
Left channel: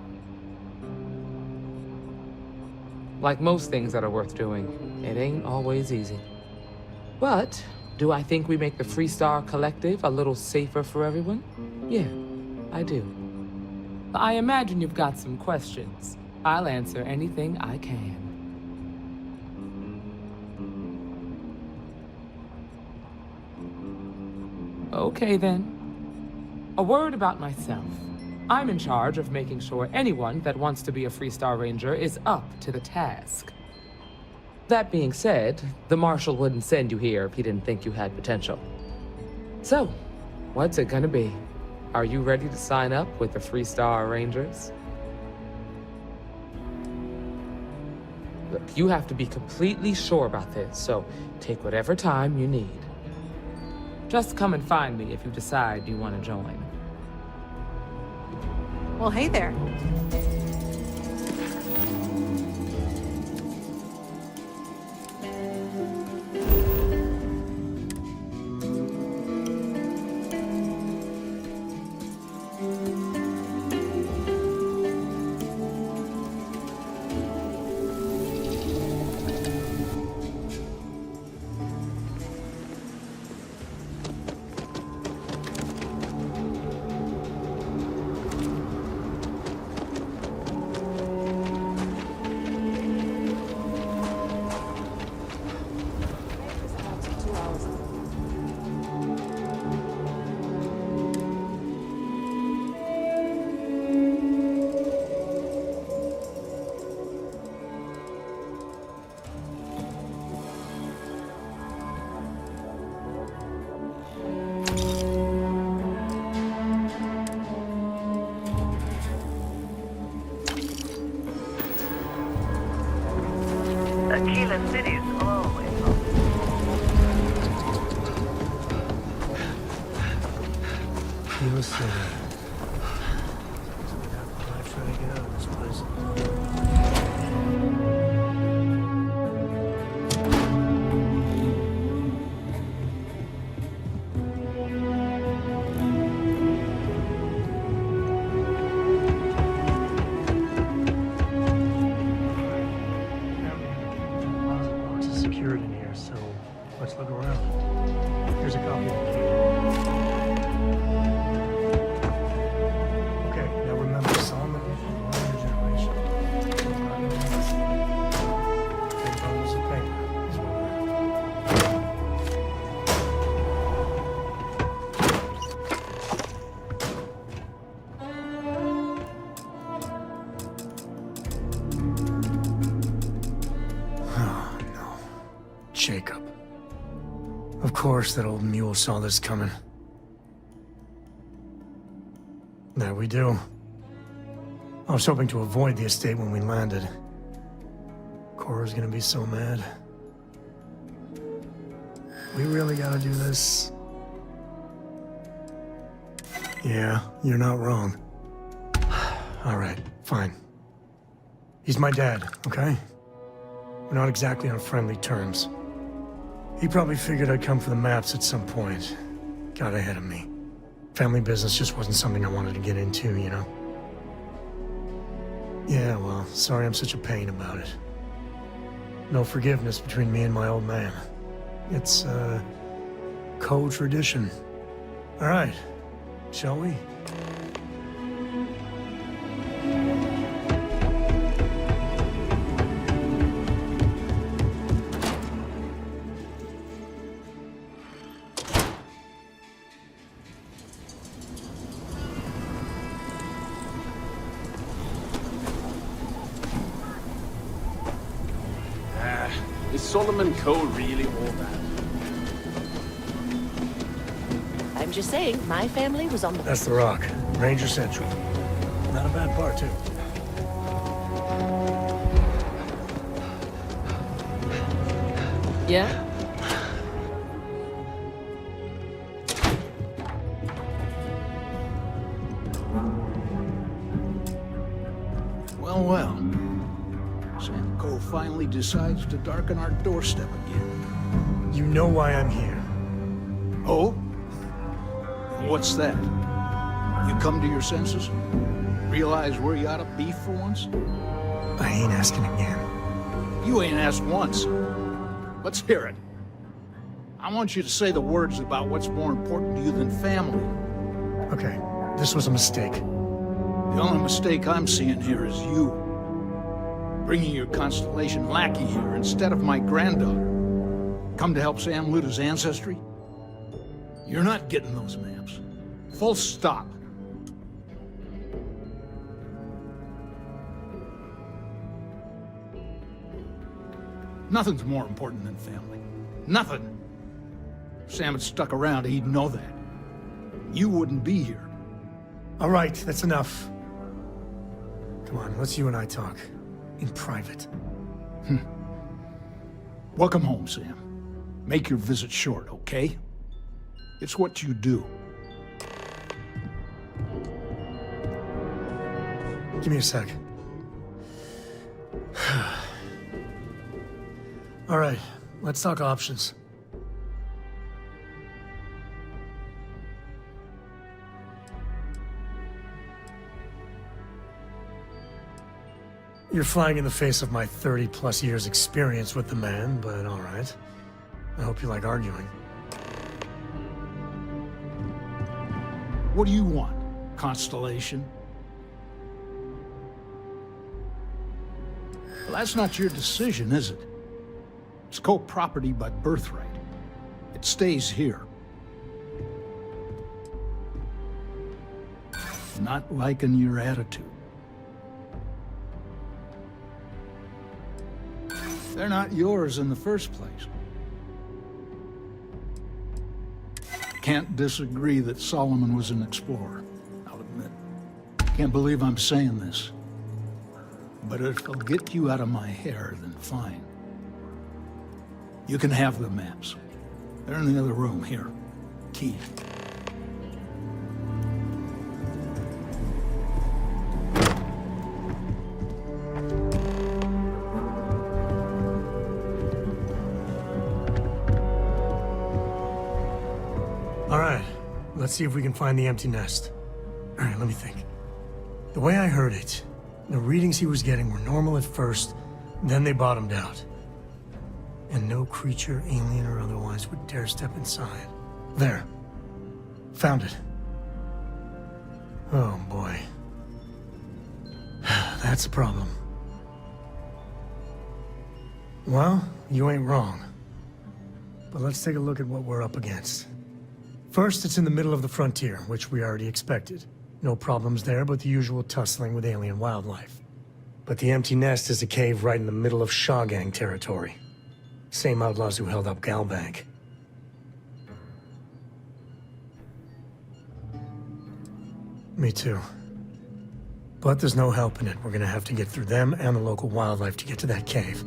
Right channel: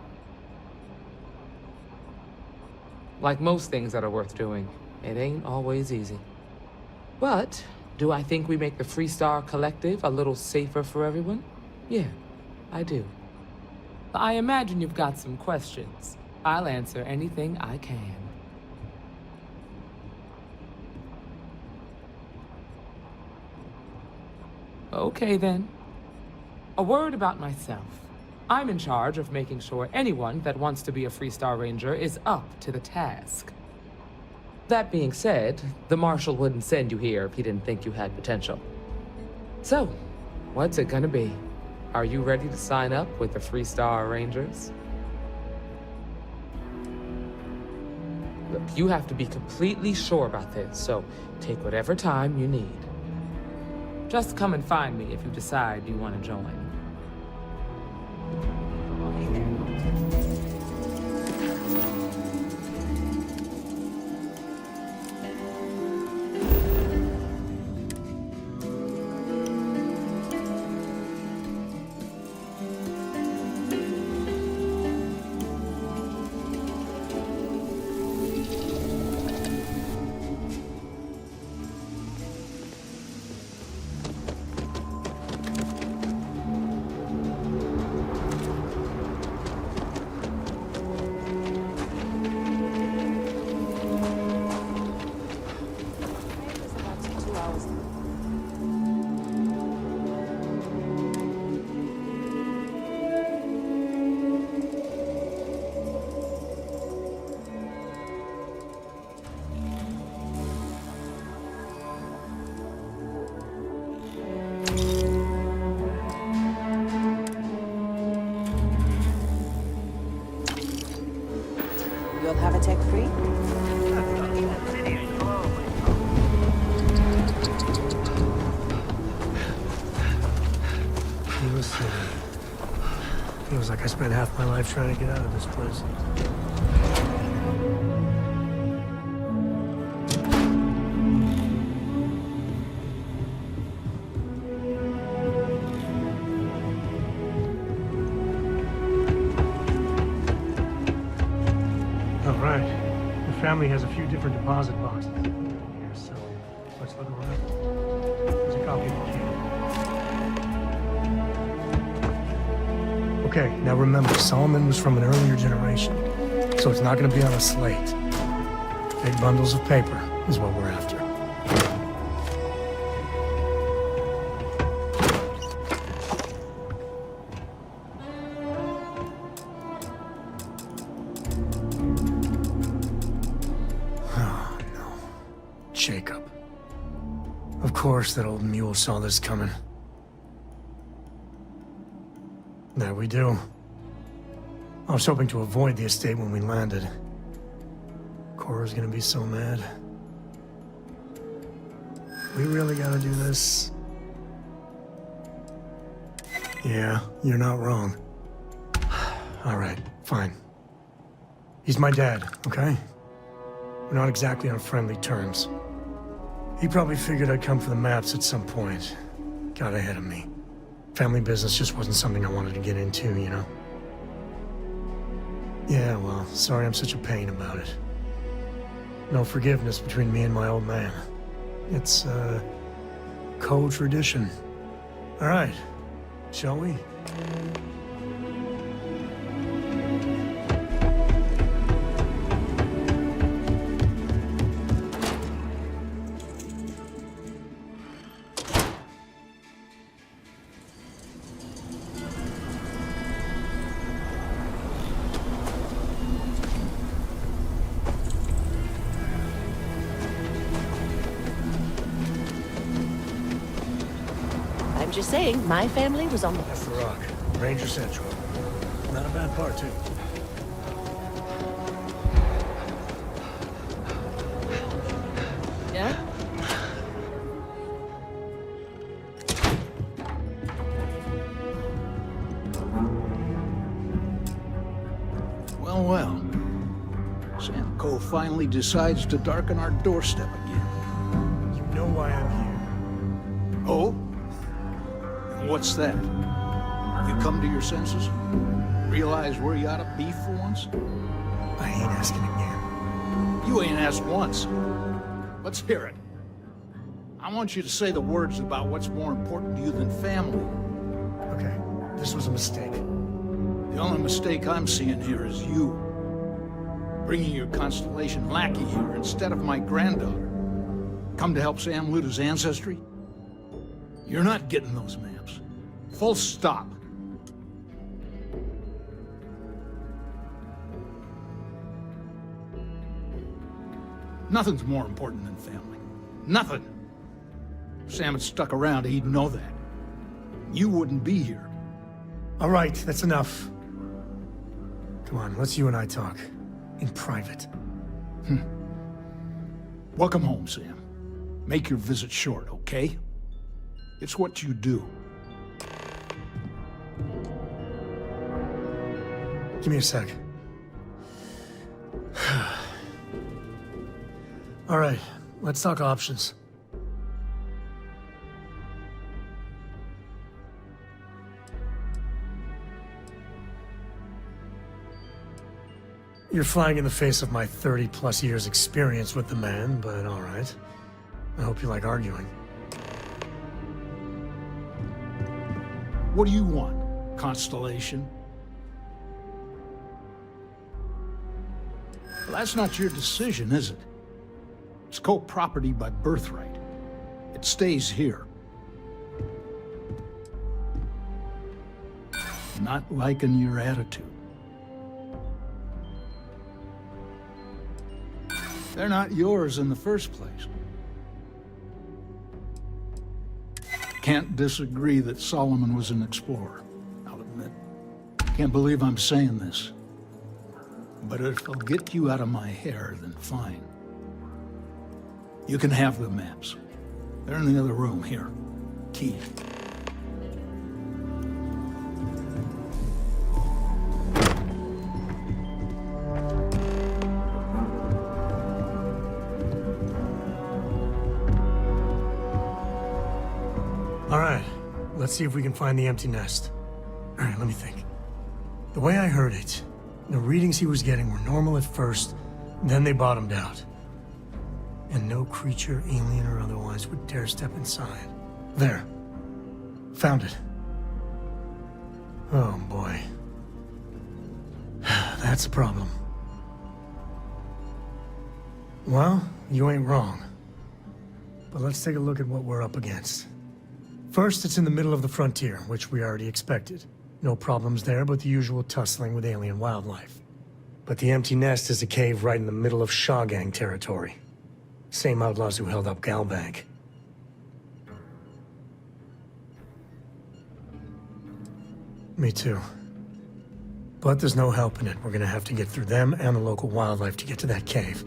Like most things that are worth doing, it ain't always easy. But do I think we make the Freestar Collective a little safer for everyone? Yeah, I do. I imagine you've got some questions. I'll answer anything I can. Okay then. A word about myself. I'm in charge of making sure anyone that wants to be a Freestar Ranger is up to the task. That being said, the Marshal wouldn't send you here if he didn't think you had potential. So, what's it gonna be? Are you ready to sign up with the Freestar Rangers? Look, you have to be completely sure about this, so take whatever time you need. Just come and find me if you decide you want to join. Well, hey there. spent half my life trying to get out of this place. All right. The family has a few different deposit boxes secured in here, so let's look around. Here's a copy of the key. Okay, now remember, Solomon was from an earlier generation, so it's not going to be on a slate. Big bundles of paper is what we're after. Oh, no. Jacob. Of course that old mule saw this coming. There we do. I was hoping to avoid the estate when we landed. Cora's gonna be so mad. We really gotta do this? Yeah, you're not wrong. Alright, fine. He's my dad, okay? We're not exactly on friendly terms. He probably figured I'd come for the maps at some point. Got ahead of me. Family business just wasn't something I wanted to get into, you know? Yeah, well, sorry I'm such a pain about it. No forgiveness between me and my old man. It's, co-tradition. All right, shall we? Solomon Code really all that? I'm just saying, my family was on the... That's the Rock. Ranger Central. Not a bad part, too. Yeah? Well, well. Sam Cole finally decides to darken our doorstep again. You know why I'm here. Oh? And what's that? You come to your senses? Realize where you ought to be for once? I ain't asking again. You ain't asked once. Let's hear it. I want you to say the words about what's more important to you than family. Okay, this was a mistake. The only mistake I'm seeing here is you. Bringing your Constellation lackey here instead of my granddaughter. Come to help Sam loot his ancestry? You're not getting those maps. Full stop. Nothing's more important than family. Nothing. If Sam had stuck around, he'd know that. You wouldn't be here. All right, that's enough. Come on, let's you and I talk. In private. Welcome home, Sam. Make your visit short, okay? It's what you do. Give me a sec. All right, let's talk options. You're flying in the face of my 30-plus years experience with the man, but all right. I hope you like arguing. What do you want? Constellation? Well, that's not your decision, is it? It's co-property by birthright. It stays here. Not liking your attitude. They're not yours in the first place. Can't disagree that Solomon was an explorer, I'll admit. Can't believe I'm saying this. But if it'll get you out of my hair, then fine. You can have the maps. They're in the other room, here. Key. Let's see if we can find the empty nest. All right, let me think. The way I heard it, the readings he was getting were normal at first, then they bottomed out. And no creature, alien or otherwise, would dare step inside. There. Found it. Oh, boy. That's a problem. Well, you ain't wrong. But let's take a look at what we're up against. First, it's in the middle of the frontier, which we already expected. No problems there, but the usual tussling with alien wildlife. But the empty nest is a cave right in the middle of Shaw Gang territory. Same outlaws who held up Galbank. Me too. But there's no helping it. We're gonna have to get through them and the local wildlife to get to that cave.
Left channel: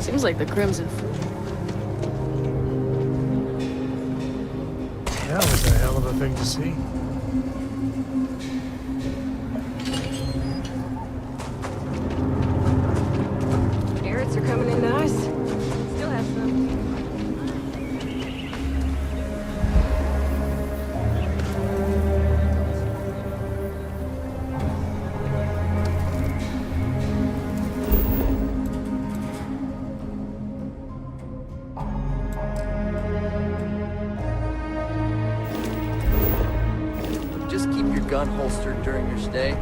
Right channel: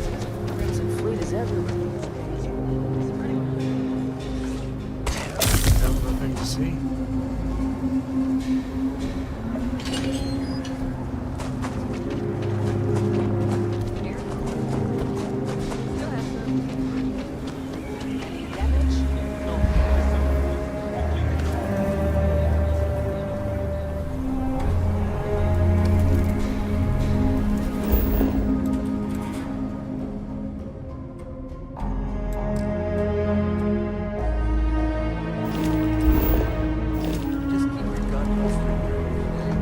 Seems like the Crimson Fleet is everywhere. Yeah, that's a hell of a thing to see. Carrots are coming in nice. Still have some. Just keep your gun holstered during your stay.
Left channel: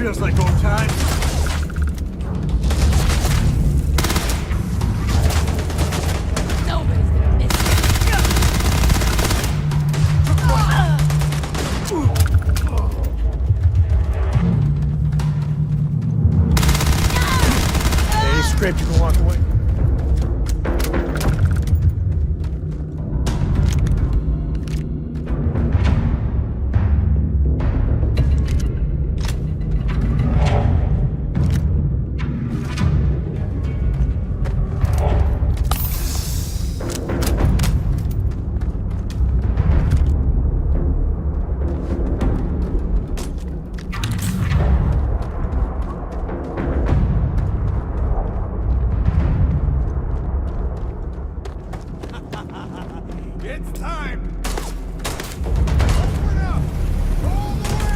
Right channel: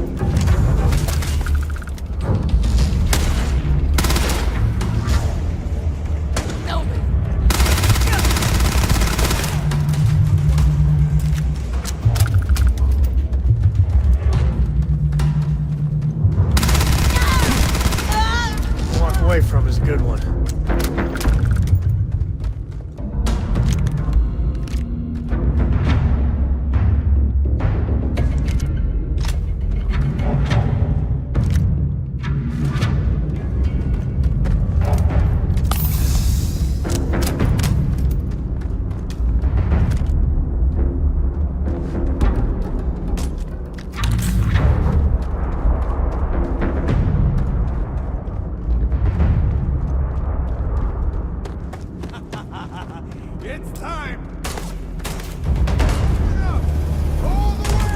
Feels like old times. Any scrape you can walk away from is a good one. It's time! Open up! All the way!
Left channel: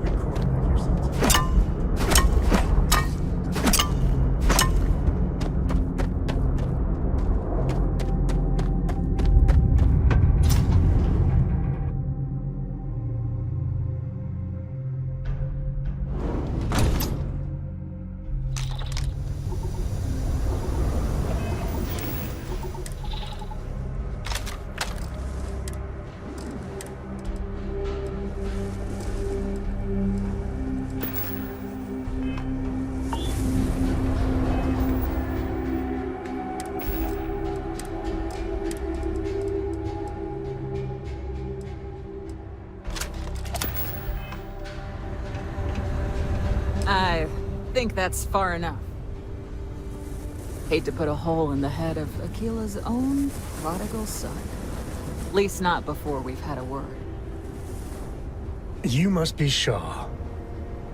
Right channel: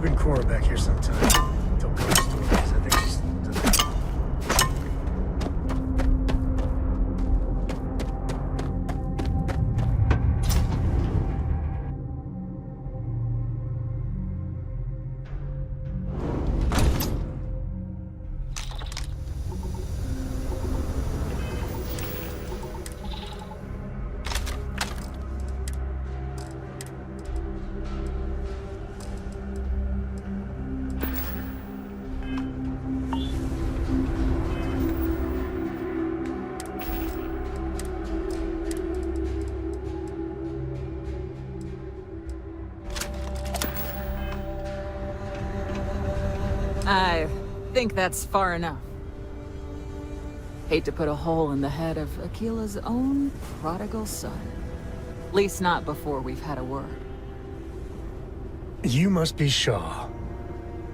Been Cora back here sometime. I think that's far enough. Hate to put a hole in the head of Akila's own prodigal son. At least not before we've had a word. You must be Shaw.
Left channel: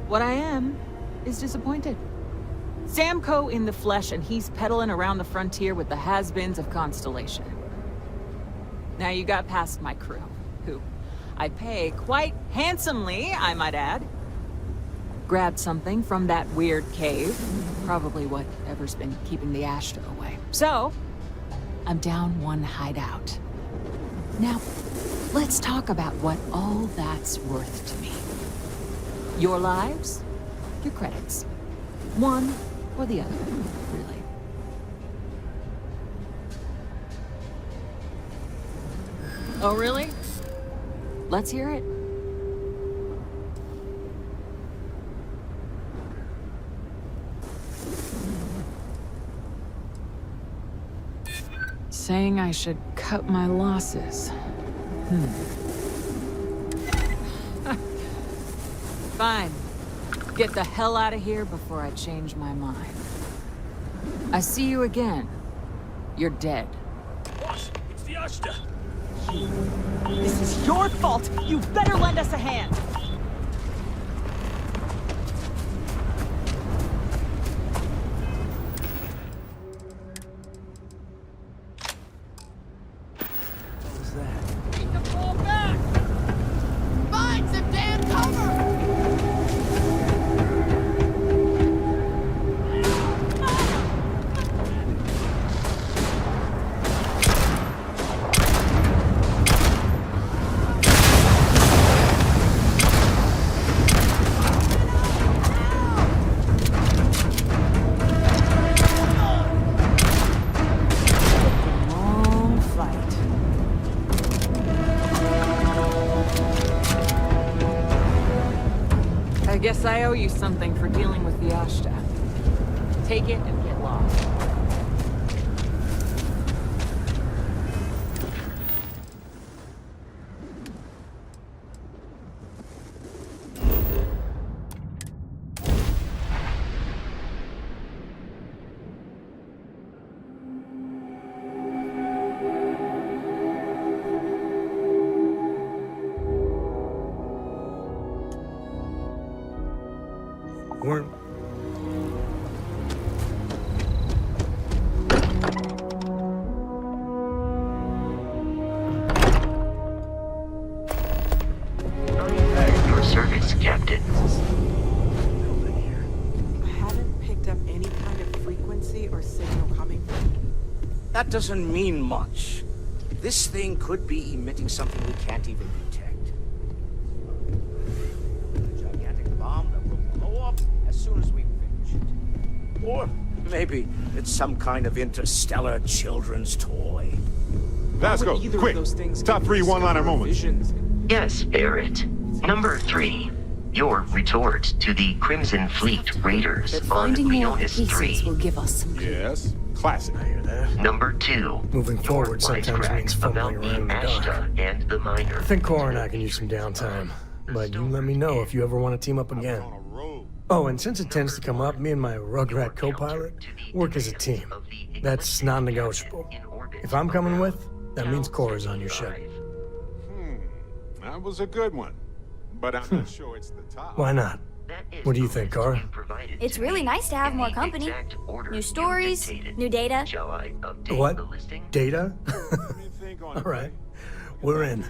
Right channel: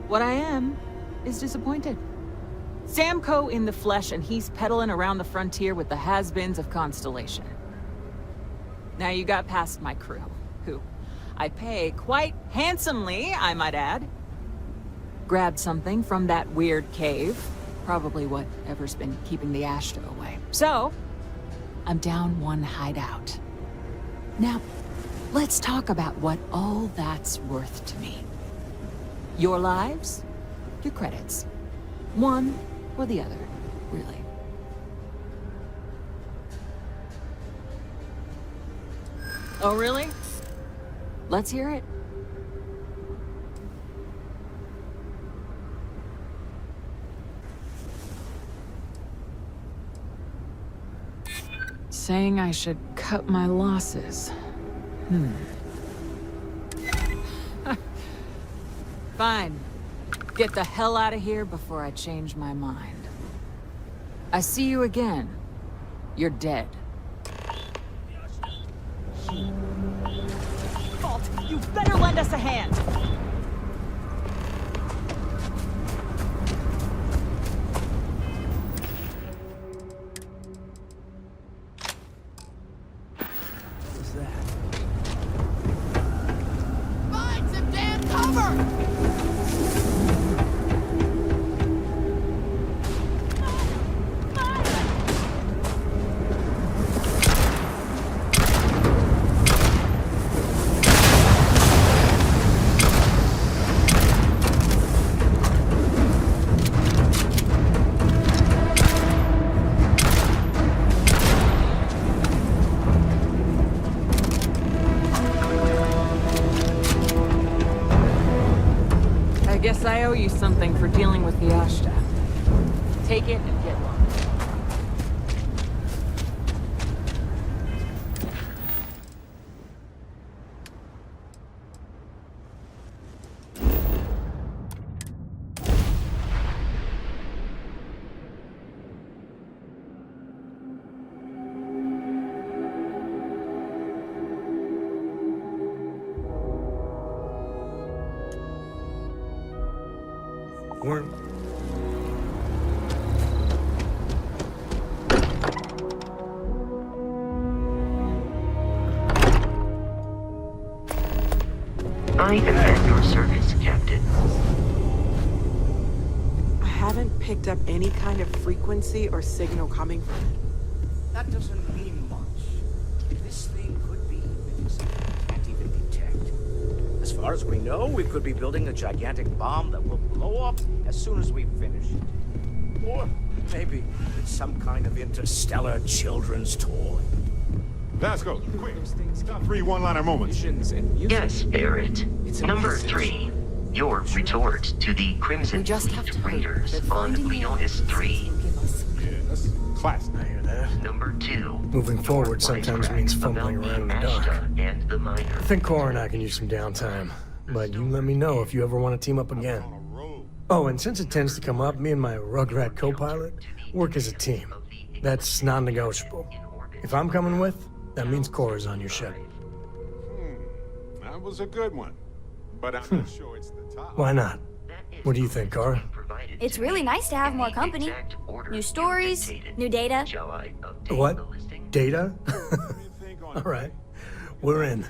What I am is disappointed. Samco in the flesh, and he's peddling around the frontier with the has-beens of Constellation. Now you got past my crew, who I pay quite handsomely, I might add. Grabbed something from that weird cave. Probably whatever's been keeping the Ashta away. So, I'm down one hideout. Now, let's talk about what all that's worth to me. Your lives, your credits. One or the other, really. Oh, really? Let's hear it. Saying I should cut my losses. Fine. Get the hell out of here before I change my mind. I see you again. You're dead. This is your fault. You better lend us a hand. What was that? Find some damn cover! I guess I owe you something for dealing with the Ashta. Take it and get lost. Weren't... I am at your service, Captain. I haven't picked up any kind of frequency or signal coming from it. That doesn't mean much. This thing could be emitting something we can't even detect. As far as we know, we could be building a gigantic bomb that will blow up as soon as we finish it. Or maybe it's some kind of interstellar children's toy. Vasco, quick! Top 3 one-liner moments. Yes, Barrett. Number 3. Your retort to the Crimson Fleet Raiders on Leonis 3. Will give us some Yes, classic. I hear that. Number 2. Moving forward sometimes means fumbling around in the dark. Ashta and the Miner. I think Cora and I can use some downtime, but you let me know if you ever want to team up again. Oh, and since it tends to come up, me and my Rugrat co-pilot work as a team. That's non-negotiable. If I'm coming with, that means Cora's on your ship. That was a good one. But I'm not sure it's the top. Why not? What do you think, Cora? It's really nice to have more company. New stories, new data. What? Data? All right. We're in.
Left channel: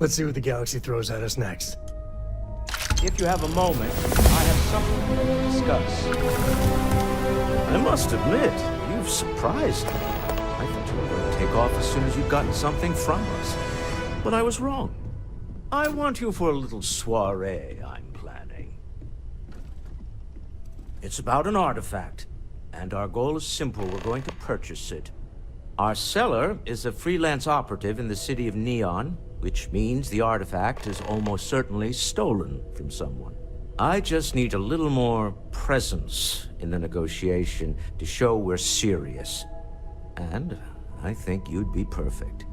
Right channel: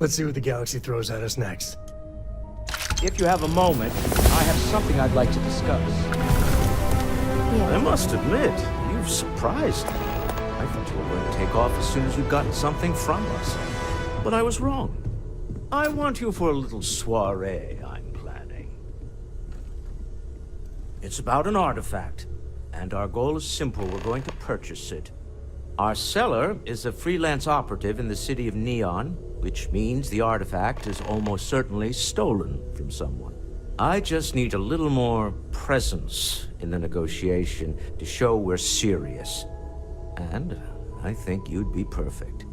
Let's see what the galaxy throws at us next. If you have a moment, I have something I'd like to discuss. I must admit, you've surprised me. I thought you were going to take off as soon as you'd gotten something from us. But I was wrong. I want you for a little soiree I'm planning. It's about an artifact, and our goal is simple. We're going to purchase it. Our seller is a freelance operative in the city of Neon, which means the artifact is almost certainly stolen from someone. I just need a little more presence in the negotiation to show we're serious. And I think you'd be perfect.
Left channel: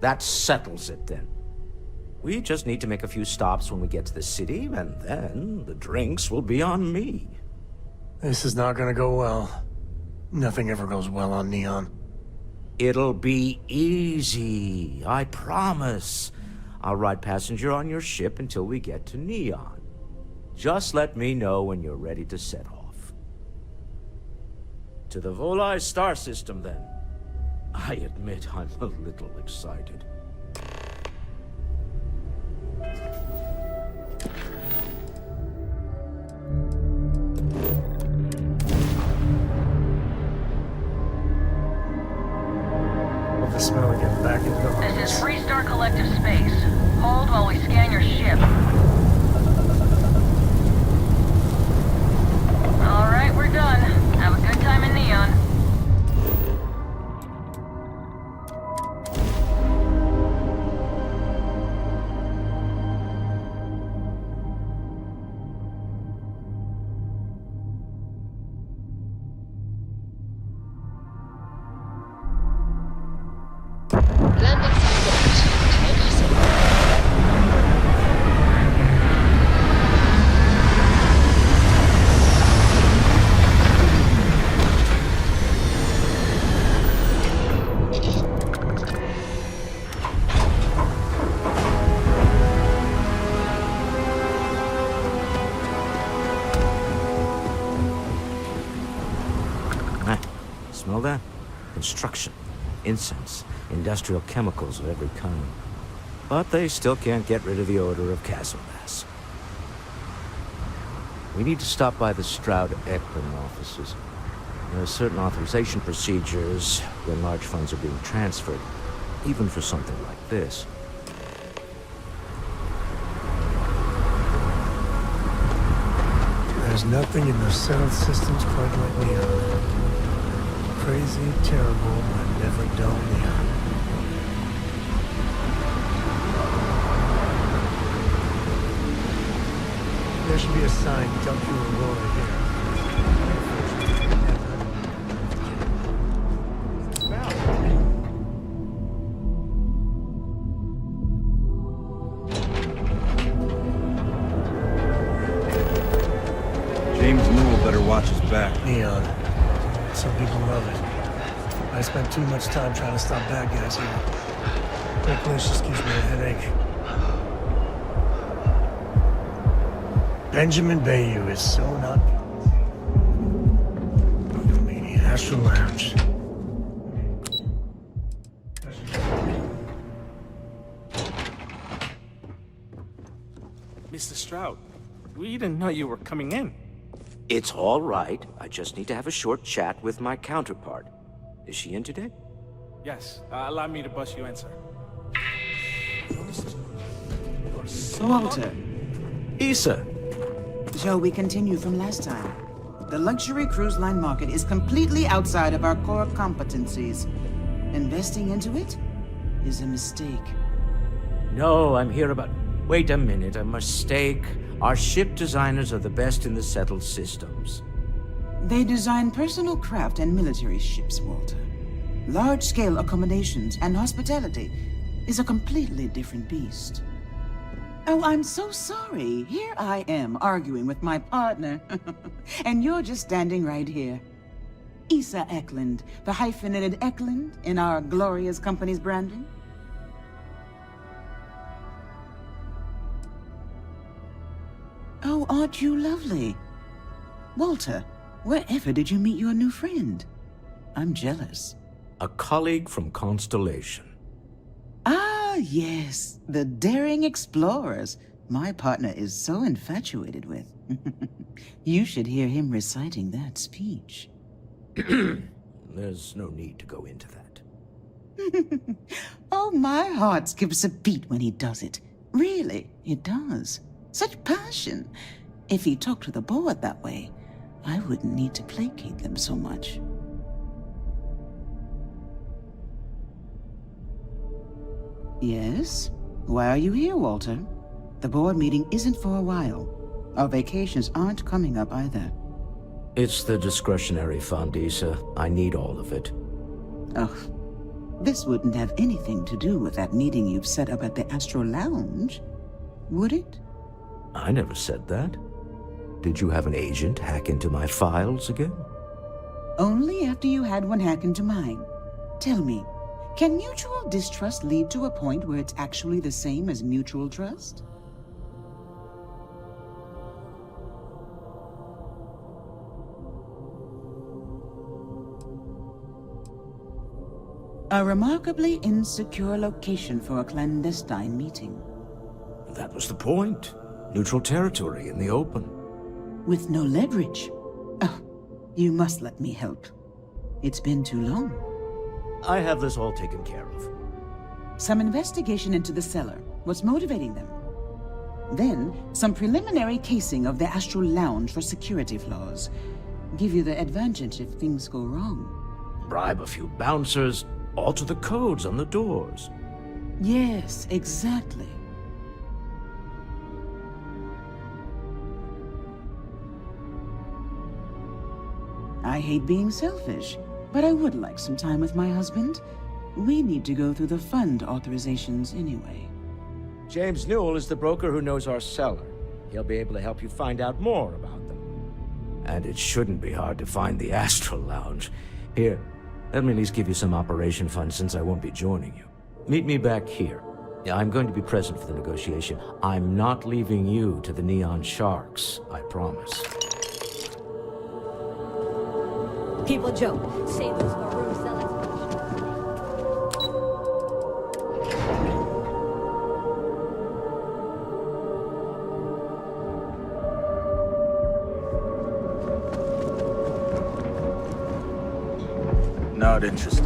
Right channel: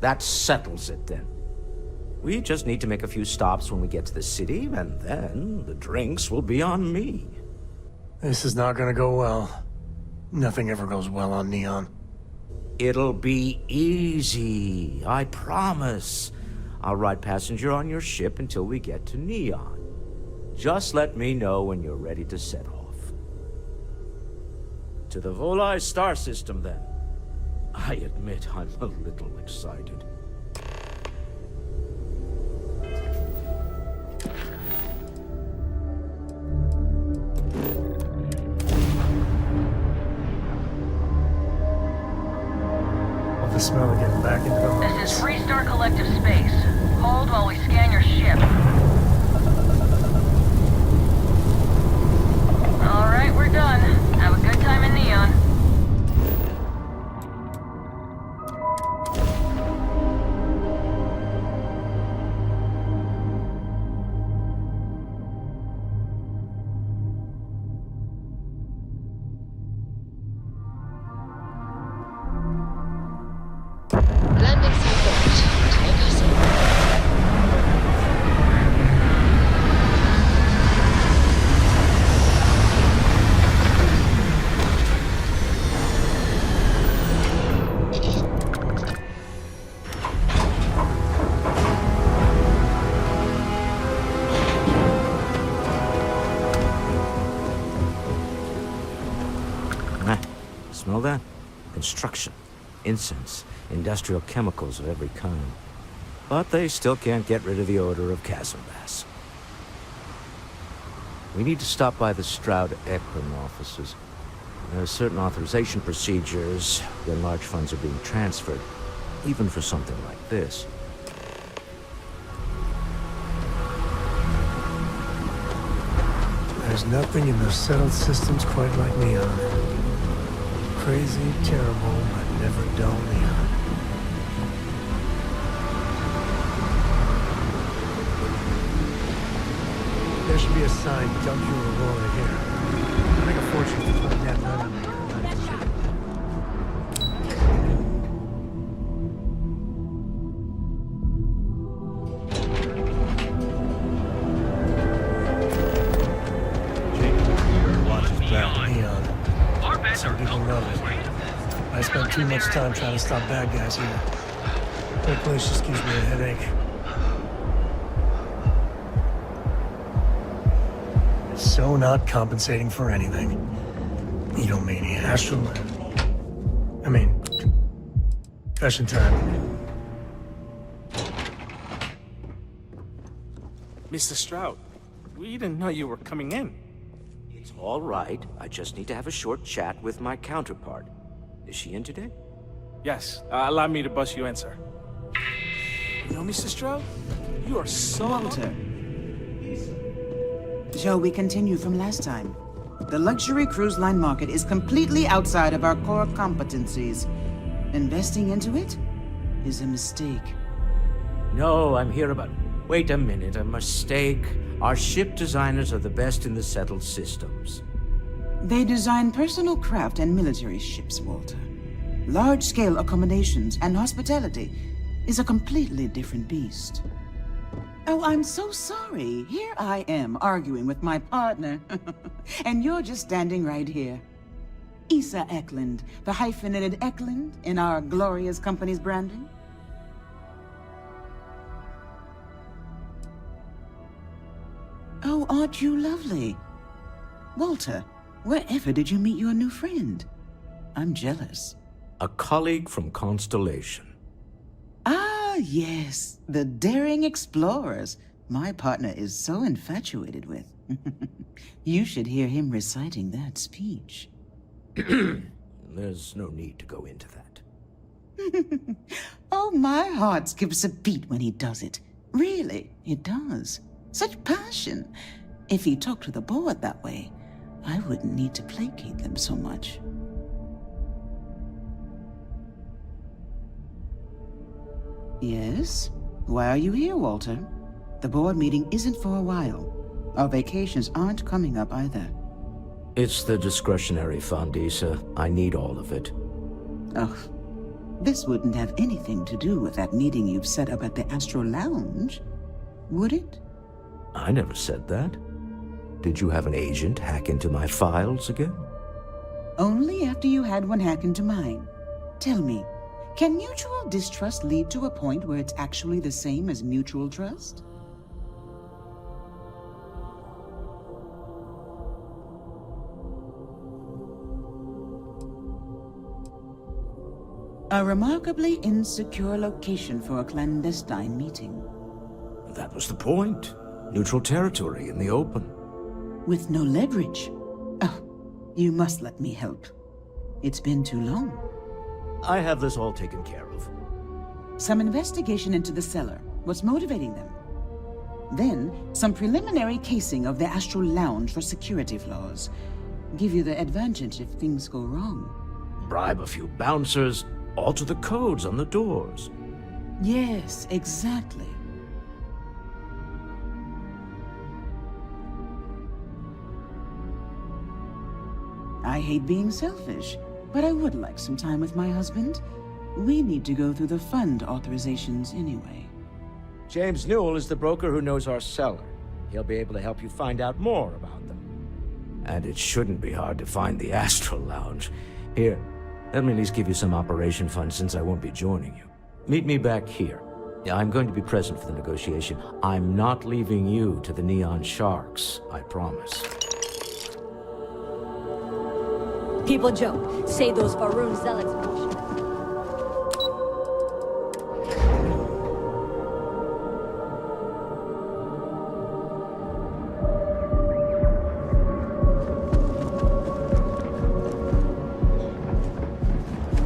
That settles it, then. We just need to make a few stops when we get to the city, and then the drinks will be on me. This is not gonna go well. Nothing ever goes well on Neon. It'll be easy, I promise. I'll ride passenger on your ship until we get to Neon. Just let me know when you're ready to set off. To the Volai star system, then. I admit I'm a little excited. Love the smell of getting back into the harness. This is Freestar Collective Space. Hold while we scan your ship. All right, we're done. Have a good time in Neon. Landing support. Take us in. Smell that? Construction, incense, industrial chemicals of every kind. But they still can't get rid of the odor of castle gas. We need to stop by the Stroud-Eklund offices. There are certain authorization procedures when large funds are being transferred, even for something like this. There's nothing in those settled systems quite like Neon. Crazy, terrible, but never dull Neon. There should be a sign, dump your Aurora here. I make a fortune between that and another. James Newell better watch his back. Neon. Some people love it. I spent too much time trying to stop bad guys here. That place just gives me a headache. Benjamin Bayou is so not compensating for anything. Egomania. Astral Lounge. I mean, confession time. Mr. Stroud, we didn't know you were coming in. It's all right. I just need to have a short chat with my counterpart. Is she in today? Yes, allow me to bust you in, sir. You know, Mr. Stroud, you are so... Walter. Issa. Shall we continue from last time? The luxury cruise line market is completely outside of our core competencies. Investing into it is a mistake. No, I'm here about... Wait a minute, a mistake. Our ship designers are the best in the settled systems. They design personal craft and military ships, Walter. Large-scale accommodations and hospitality is a completely different beast. Oh, I'm so sorry. Here I am arguing with my partner, and you're just standing right here. Issa Eklund, the hyphenated Eklund in our glorious company's branding. Oh, aren't you lovely? Walter, wherever did you meet your new friend? I'm jealous. A colleague from Constellation. Ah, yes, the daring explorers my partner is so infatuated with. You should hear him reciting that speech. There's no need to go into that. Oh, my heart skips a beat when he does it. Really, it does. Such passion. If he talked to the board that way, I wouldn't need to placate them so much. Yes? Why are you here, Walter? The board meeting isn't for a while. Our vacations aren't coming up either. It's the discretionary fund, Issa. I need all of it. Oh, this wouldn't have anything to do with that meeting you've set up at the Astral Lounge, would it? I never said that. Did you have an agent hack into my files again? Only after you had one hack into mine. Tell me, can mutual distrust lead to a point where it's actually the same as mutual trust? A remarkably insecure location for a clandestine meeting. That was the point. Neutral territory in the open. With no leverage. Oh, you must let me help. It's been too long. I have this all taken care of. Some investigation into the cellar. What's motivating them? Then, some preliminary casing of the Astral Lounge for security flaws. Give you the advantage if things go wrong. Bribe a few bouncers, alter the codes on the doors. Yes, exactly. I hate being selfish, but I would like some time with my husband. We need to go through the fund authorizations anyway. James Newell is the broker who knows our seller. He'll be able to help you find out more about them. And it shouldn't be hard to find the Astral Lounge. Here, let me at least give you some operation funds since I won't be joining you. Meet me back here. I'm going to be present for the negotiation. I'm not leaving you to the Neon Sharks, I promise. People joke, say those Faroon zealots bullshit. Not interested.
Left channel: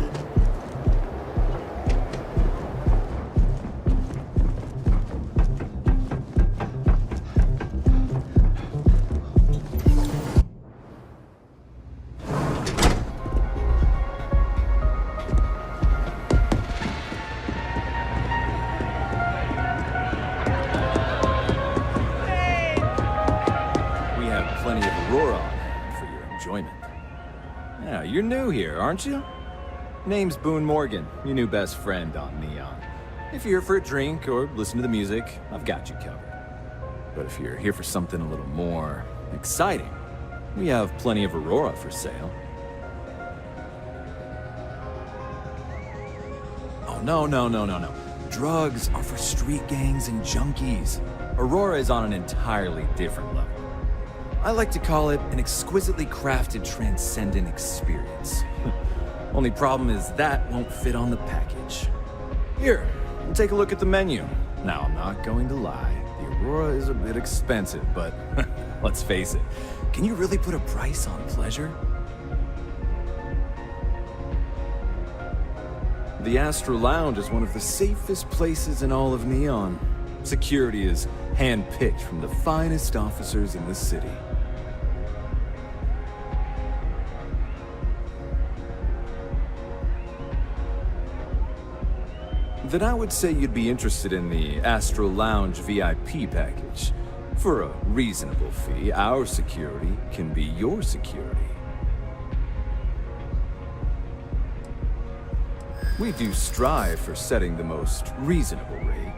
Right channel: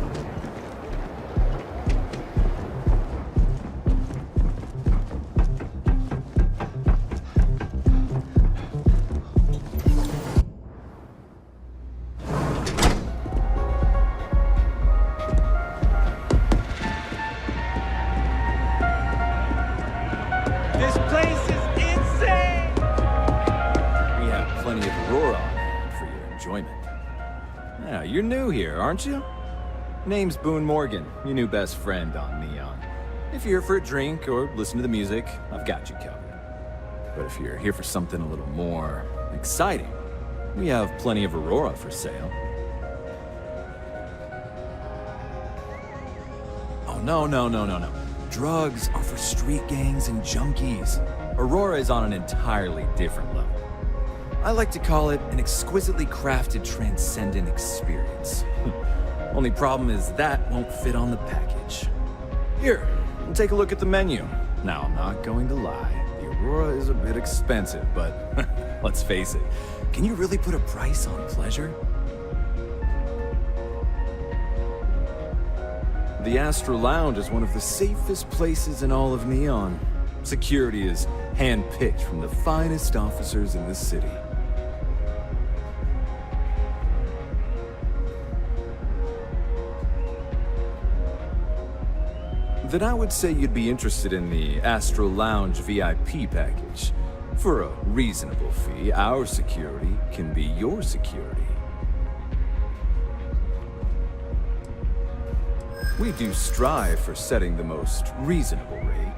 This place is insane! We have plenty of Aurora on hand for your enjoyment. Yeah, you're new here, aren't you? Name's Boone Morgan, your new best friend on Neon. If you're here for a drink or listen to the music, I've got you covered. But if you're here for something a little more exciting, we have plenty of Aurora for sale. Oh, no. Drugs are for street gangs and junkies. Aurora is on an entirely different level. I like to call it an exquisitely crafted, transcendent experience. Only problem is that won't fit on the package. Here, take a look at the menu. Now, I'm not going to lie. The Aurora is a bit expensive, but let's face it. Can you really put a price on pleasure? The Astral Lounge is one of the safest places in all of Neon. Security is hand-picked from the finest officers in the city. Then I would say you'd be interested in the Astral Lounge VIP package. For a reasonable fee, our security can be your security. We do strive for setting the most reasonable rate.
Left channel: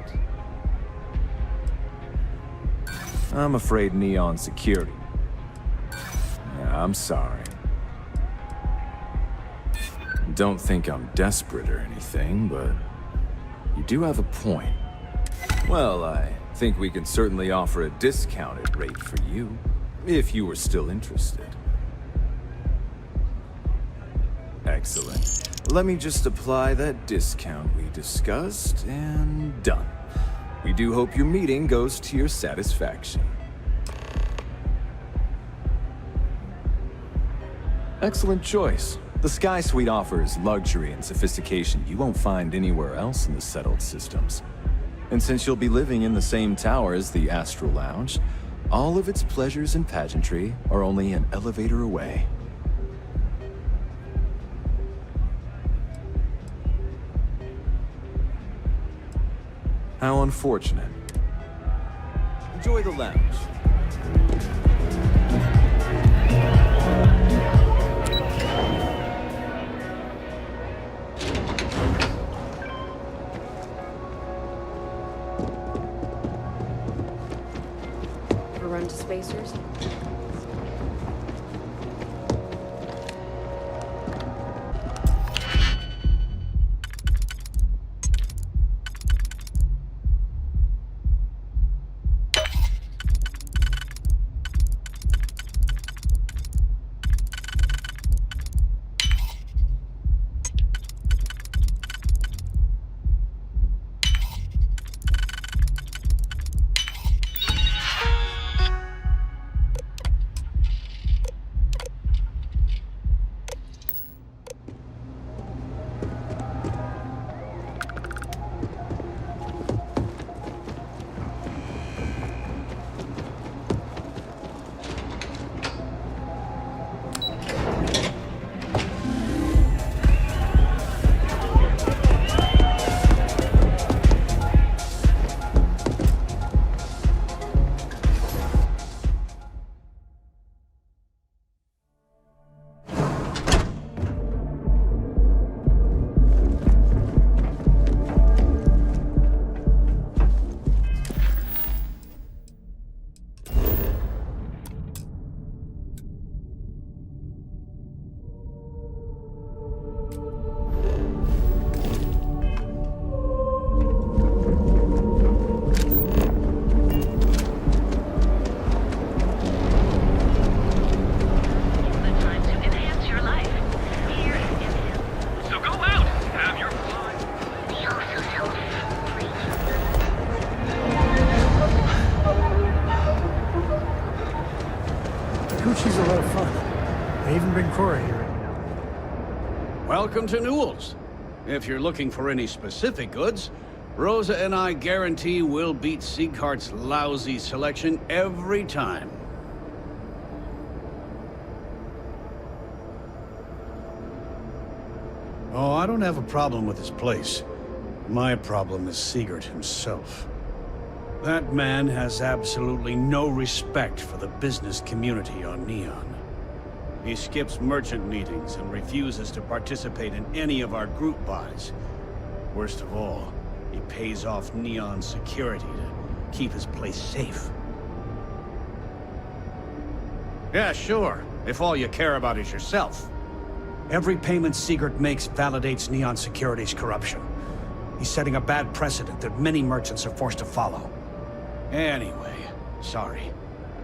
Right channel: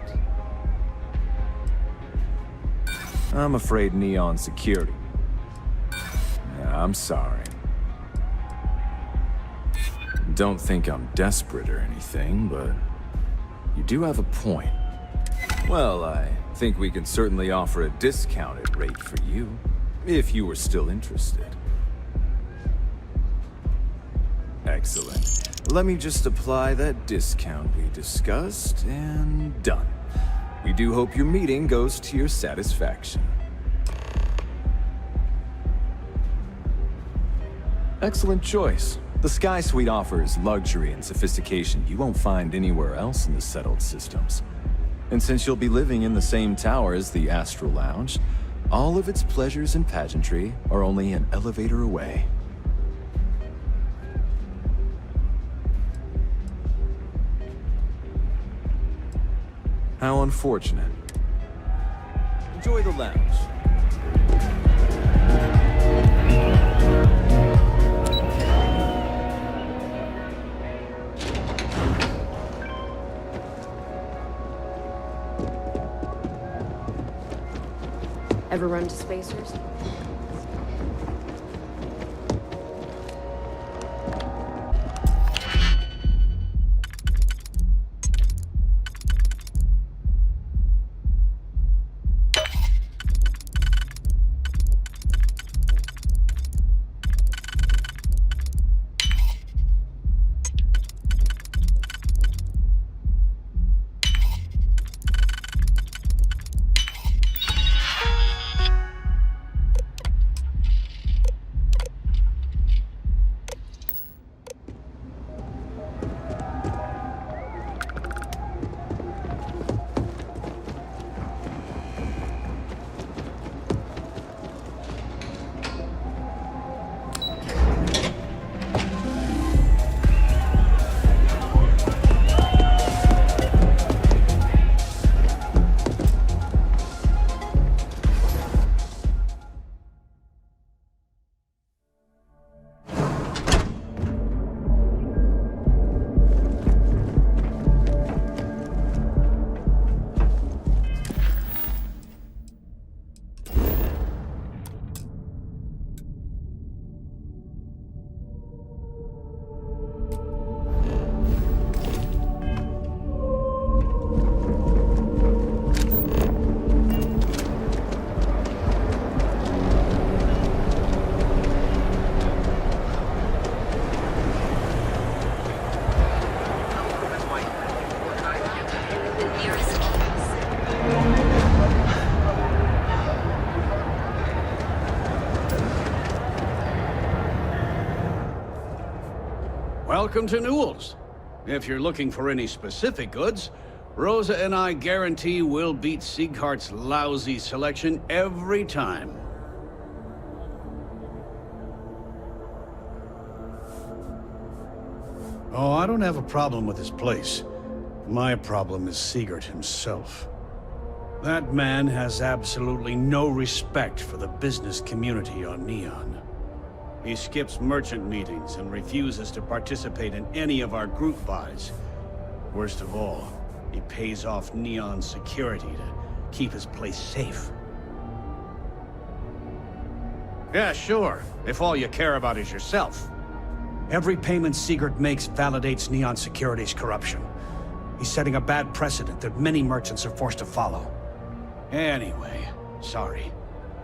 I'm afraid Neon Security. Yeah, I'm sorry. Don't think I'm desperate or anything, but you do have a point. Well, I think we can certainly offer a discounted rate for you, if you were still interested. Excellent. Let me just apply that discount we discussed, and done. We do hope your meeting goes to your satisfaction. Excellent choice. The Sky Suite offers luxury and sophistication you won't find anywhere else in the settled systems. And since you'll be living in the same tower as the Astral Lounge, all of its pleasures and pageantry are only an elevator away. How unfortunate. Enjoy the lounge. Ever run to spacers? Welcome to Newell's. If you're looking for any specific goods, Rosa and I guarantee we'll beat Sieghart's lousy selection every time. Oh, I don't have a problem with this place. My problem is Siegert himself. That man has absolutely no respect for the business community on Neon. He skips merchant meetings and refuses to participate in any of our group buys. Worst of all, he pays off Neon security to keep his place safe. Yeah, sure, if all you care about is yourself. Every payment Siegert makes validates Neon Security's corruption. He's setting a bad precedent that many merchants are forced to follow. Anyway, sorry.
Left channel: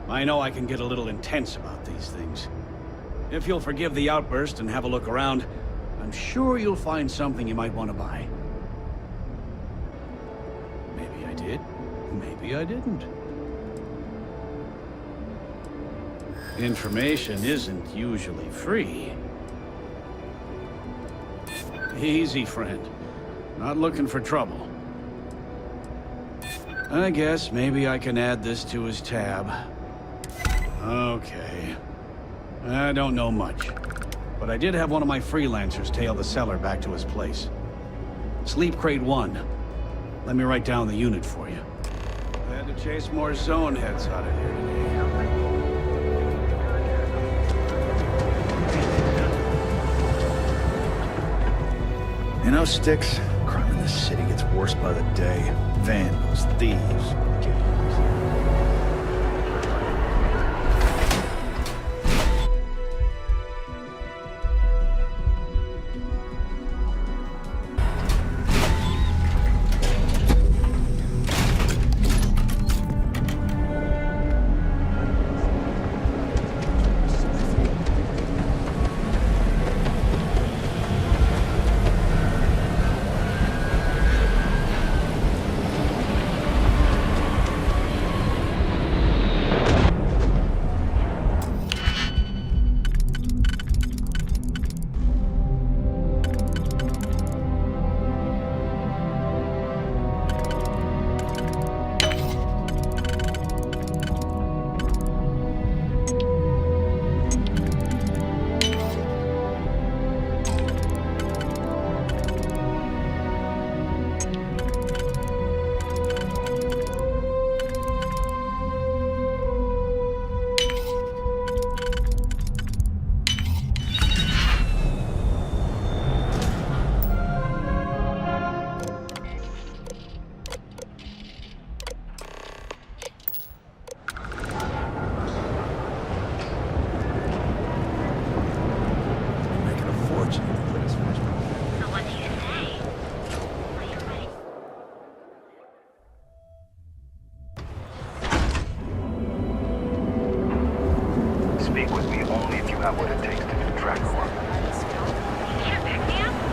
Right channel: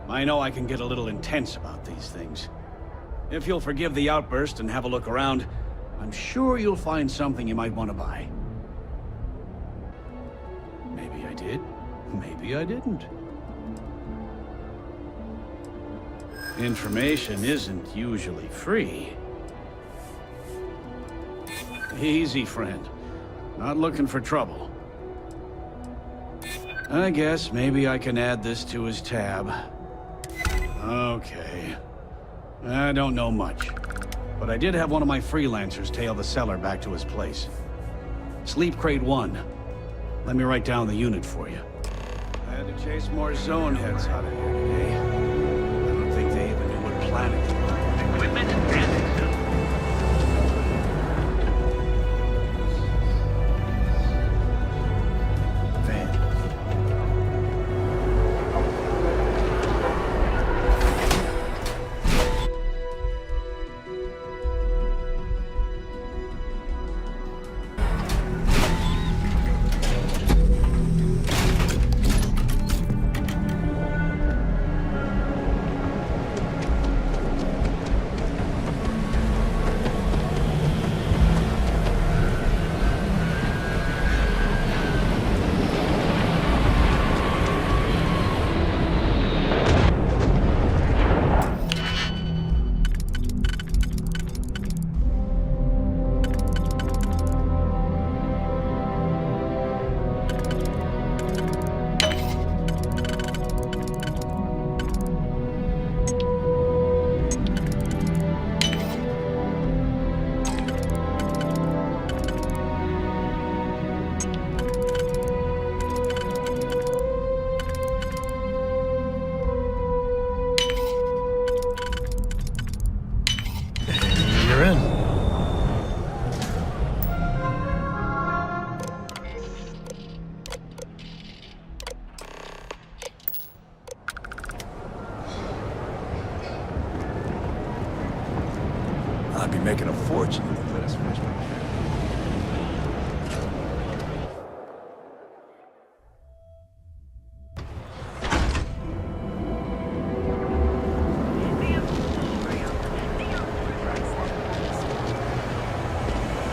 I know I can get a little intense about these things. If you'll forgive the outburst and have a look around, I'm sure you'll find something you might want to buy. Maybe I did, maybe I didn't. Information isn't usually free. Easy, friend. Not looking for trouble. I guess maybe I can add this to his tab. Okay. I don't know much, but I did have one of my freelancers tail the seller back to his place. Sleep Crate 1. Let me write down the unit for you. I had to chase more zone heads out of here today. I don't think they even know what planet. You know, Styx, crime in this city gets worse by the day. Vandals, thieves. Making a fortune if you let us finish. Speak with me only if you have what it takes to do Draco.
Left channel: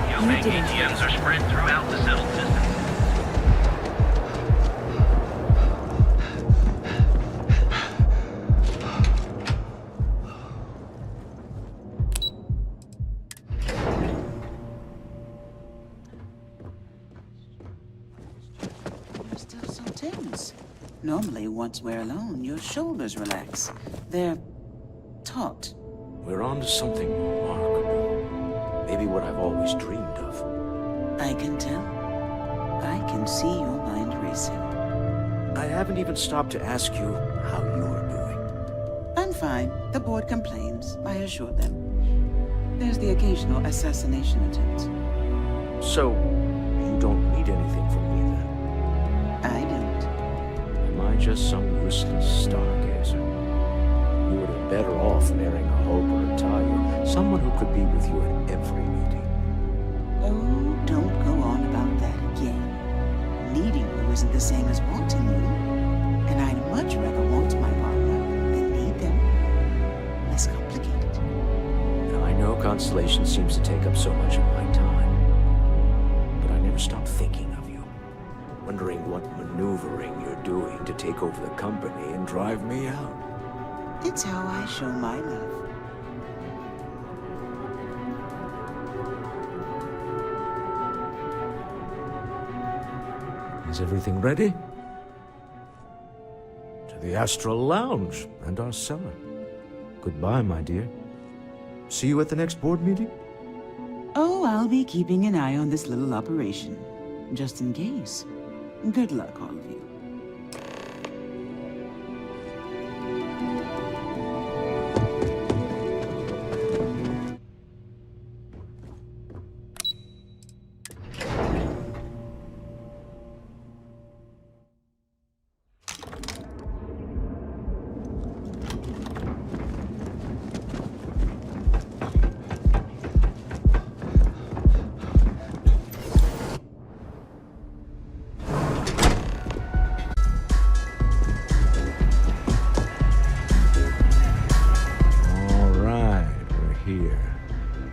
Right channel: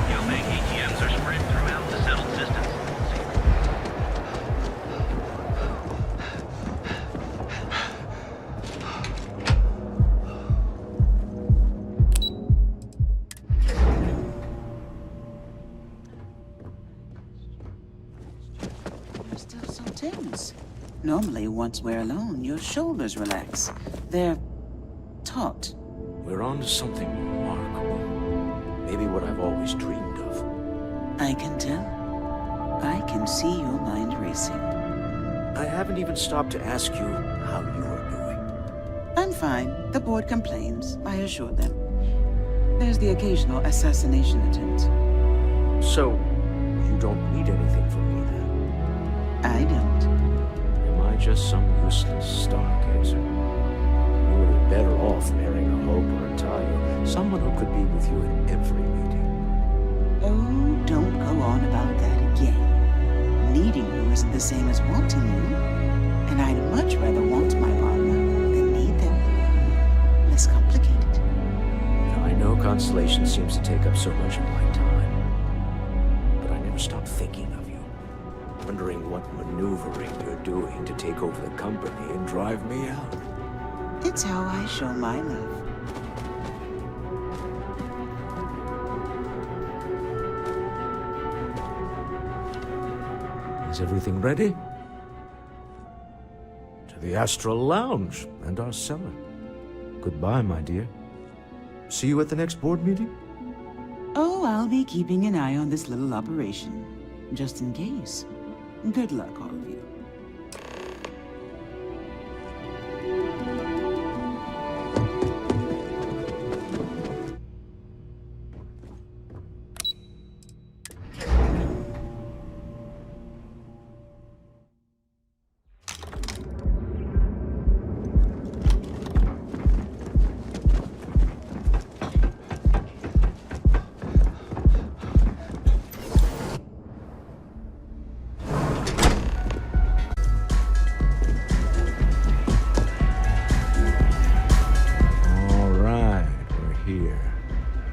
Geobank ATMs are spread throughout the settled systems. Normally, once we're alone, your shoulders relax. They're taut. We're on to something remarkable. Maybe what I've always dreamed of. I can tell. I can see your mind racing. I haven't even stopped to ask you how you're doing. I'm fine. The board complains, I assure them. There's the occasional assassination attempt. So, you don't need anything from me then? I don't. Am I just some useless stargazer? You would have been better off marrying a Hope or a Talia, someone who could be with you at every meeting. Oh, don't go on about that again. Needing you isn't the same as wanting you. And I'd much rather want my partner than need them. Less complicated. Now, I know Constellation seems to take up so much of my time, but I never stop thinking of you. Wondering what maneuvering you're doing to take over the company and drive me out. It's how I show my love. Is everything ready? To the Astral Lounge and our cellar. Goodbye, my dear. See you at the next board meeting? Oh, I'll be keeping an eye on this little operation, just in case. Good luck, all of you.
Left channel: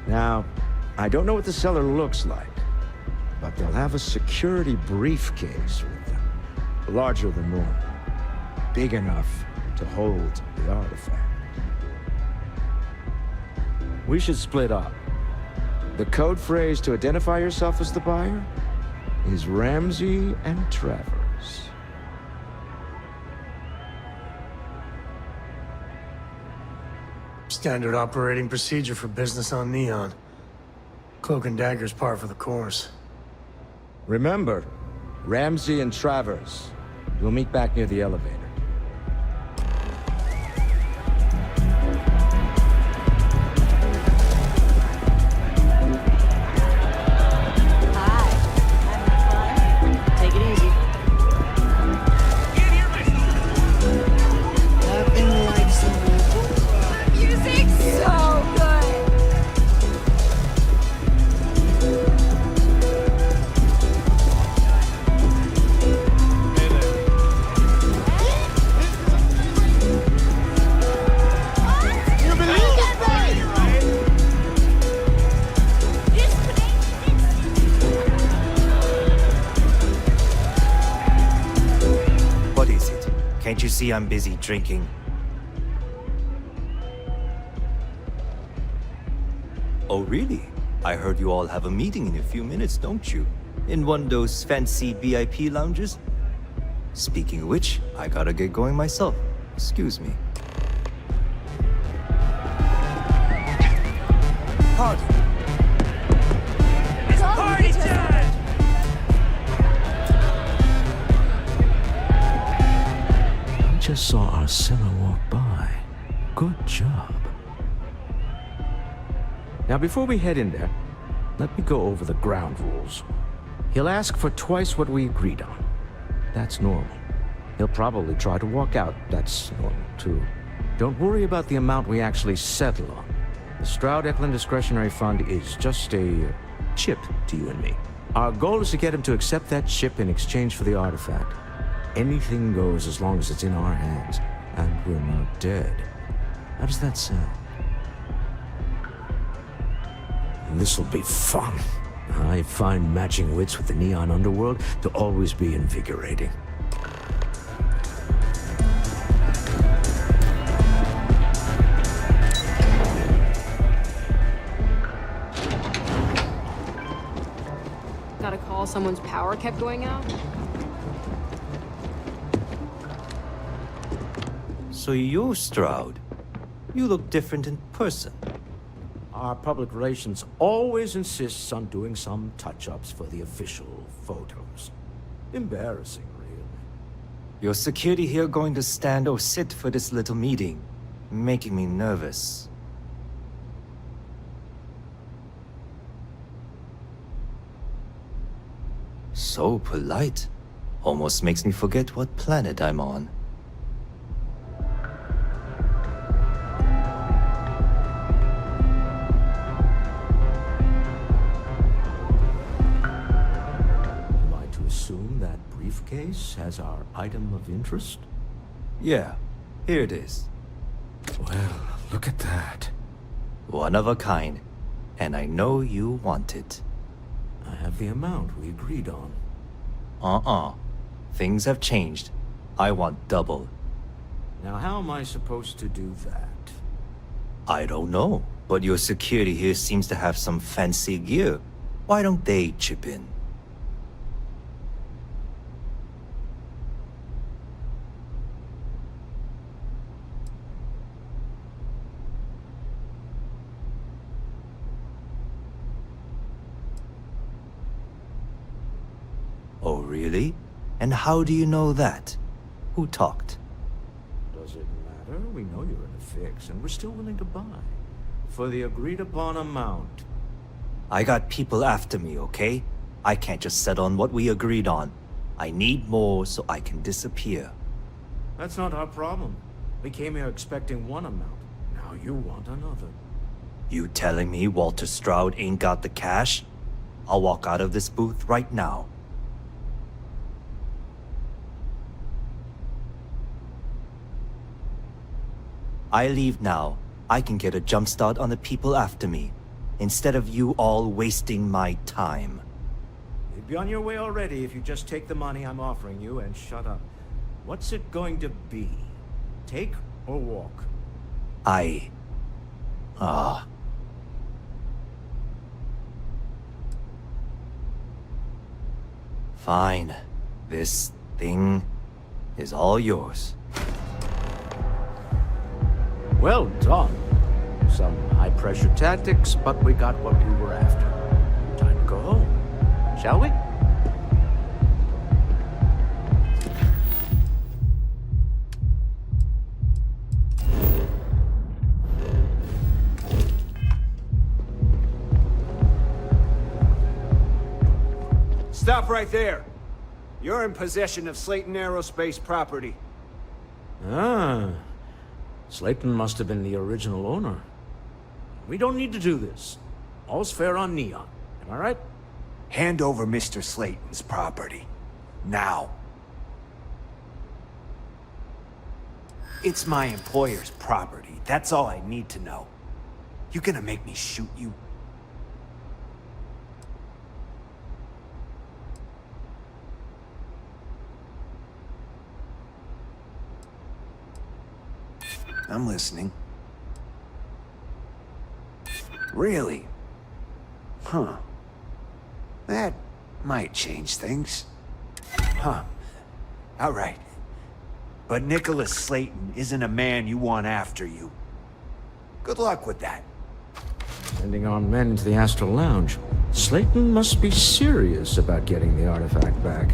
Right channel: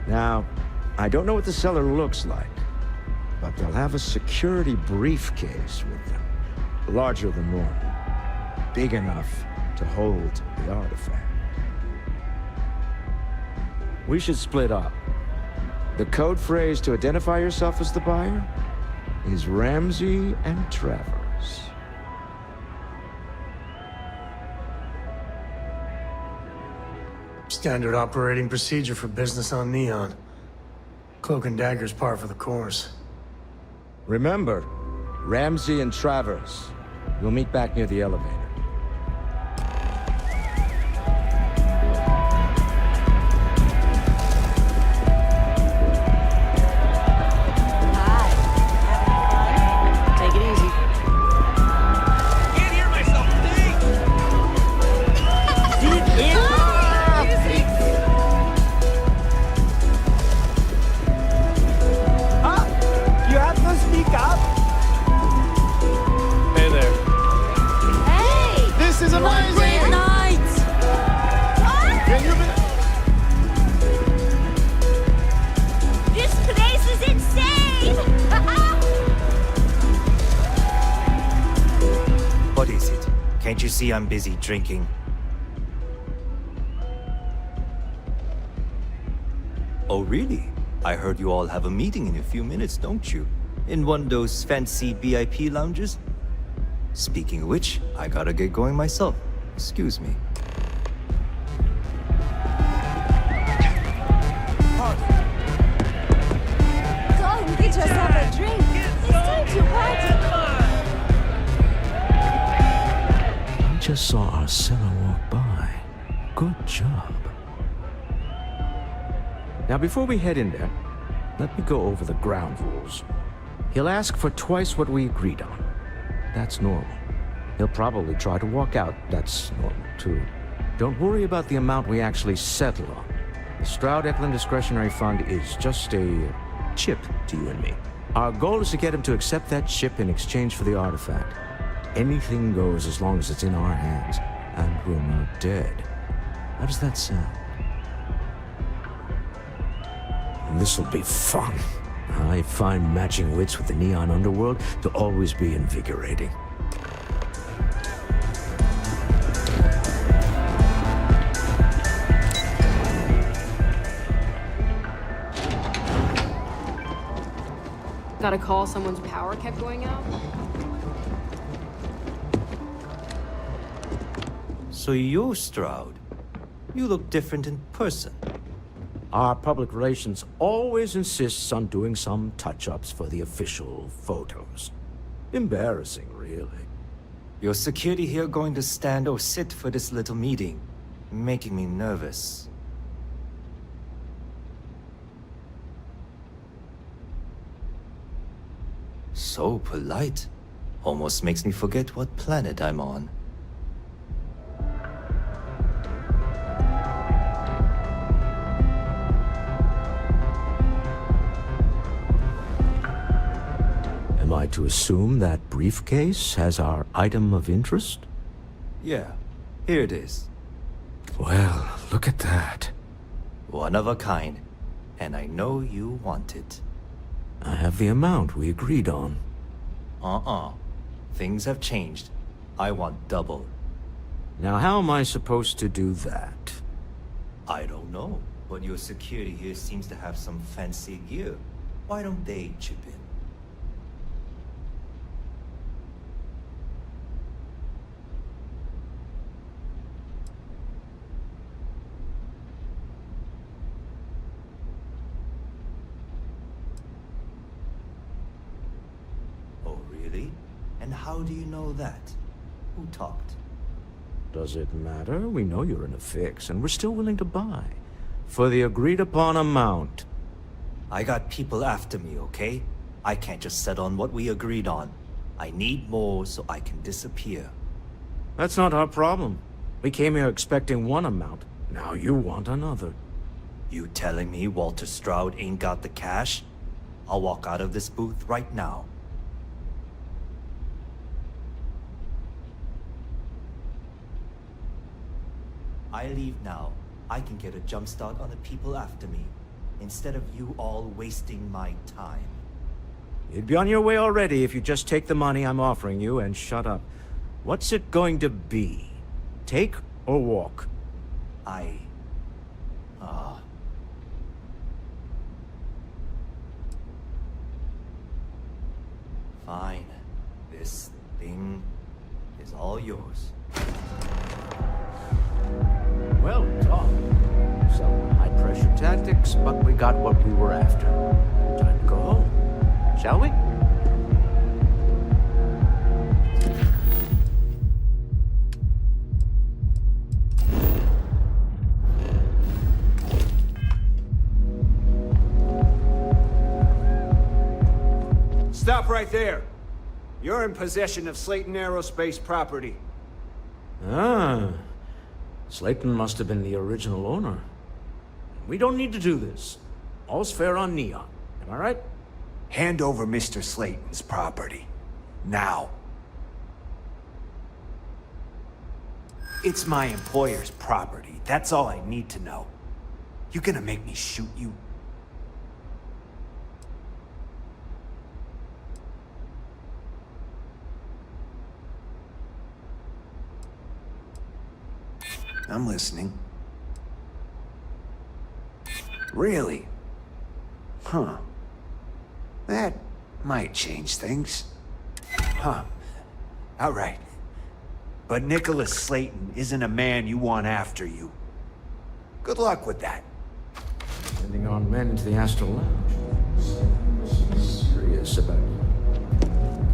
Now, I don't know what the cellar looks like, but they'll have a security briefcase with them. Larger than normal. Big enough to hold the artifact. We should split up. The code phrase to identify yourself as the buyer is Ramsey and Travers. Standard operating procedure for business on Neon. Cloak and dagger's par for the course. Remember, Ramsey and Travers. We'll meet back near the elevator. Take it easy. Can't hear myself. Music's so good. You have to speak up. Hey there. Hey! This is amazing. Great night! What? Can you believe it? This place is insane! What is it? Can't you see I'm busy drinking? Oh, really? I heard you all have a meeting in a few minutes, don't you? In one of those fancy VIP lounges? Speaking of which, I gotta get going myself. Excuse me. Pardon. Go, we could just have a drink. It's time to party. I just saw our cellar walk by. Good job. Now, before we head in there, let me go over the ground rules. He'll ask for twice what we agreed on. That's normal. He'll probably try to walk out. That's normal, too. Don't worry about the amount we actually settle on. The Stroud-Eklund Discretionary Fund is just a chip to you and me. Our goal is to get him to accept that chip in exchange for the artifact. Anything goes as long as it's in our hands, and we're not dead. How does that sound? This'll be fun. I find matching wits with the Neon Underworld to always be invigorating. Got a call someone's power kept going out? So you're Stroud. You look different in person. Our public relations always insists on doing some touch-ups for the official photos. Embarrassing, really. Your security here going to stand or sit for this little meeting, making me nervous. So polite. Almost makes me forget what planet I'm on. Am I to assume that briefcase has our item of interest? Yeah, here it is. Well, look at that. One of a kind. And I know you want it. I have the amount we agreed on. Things have changed. I want double. Now, how am I supposed to do that? I don't know, but your security here seems to have some fancy gear. Why don't they chip in? really? And how do you know that? Who talked? Does it matter? We know you're in a fix, and we're still willing to buy. For the agreed-upon amount. I got people after me, okay? I can't just settle on what we agreed on. I need more so I can disappear. That's not our problem. We came here expecting one amount. Now you want another. You telling me Walter Stroud ain't got the cash? I'll walk out of this booth right now. I leave now. I can get a jump start on the people after me, instead of you all wasting my time. You'd be on your way already if you just take the money I'm offering you and shut up. What's it going to be? Take or walk? Fine. This thing is all yours. Well done. Some high-pressure tactics, but we got what we were after. Time to go home, shall we? Stop right there. You're in possession of Slayton Aerospace property. Ah. Slayton must have been the original owner. We don't need to do this. All's fair on Neon. Am I right? Hand over Mr. Slayton's property. Now. It's my employer's property. That's all I need to know. You gonna make me shoot you? I'm listening. Really? Huh. That might change things. Huh. All right. But Nicholas Slayton isn't a man you want after you. Good luck with that. Sending armed men into the Astral Lounge. Slayton must be serious about getting the artifact back.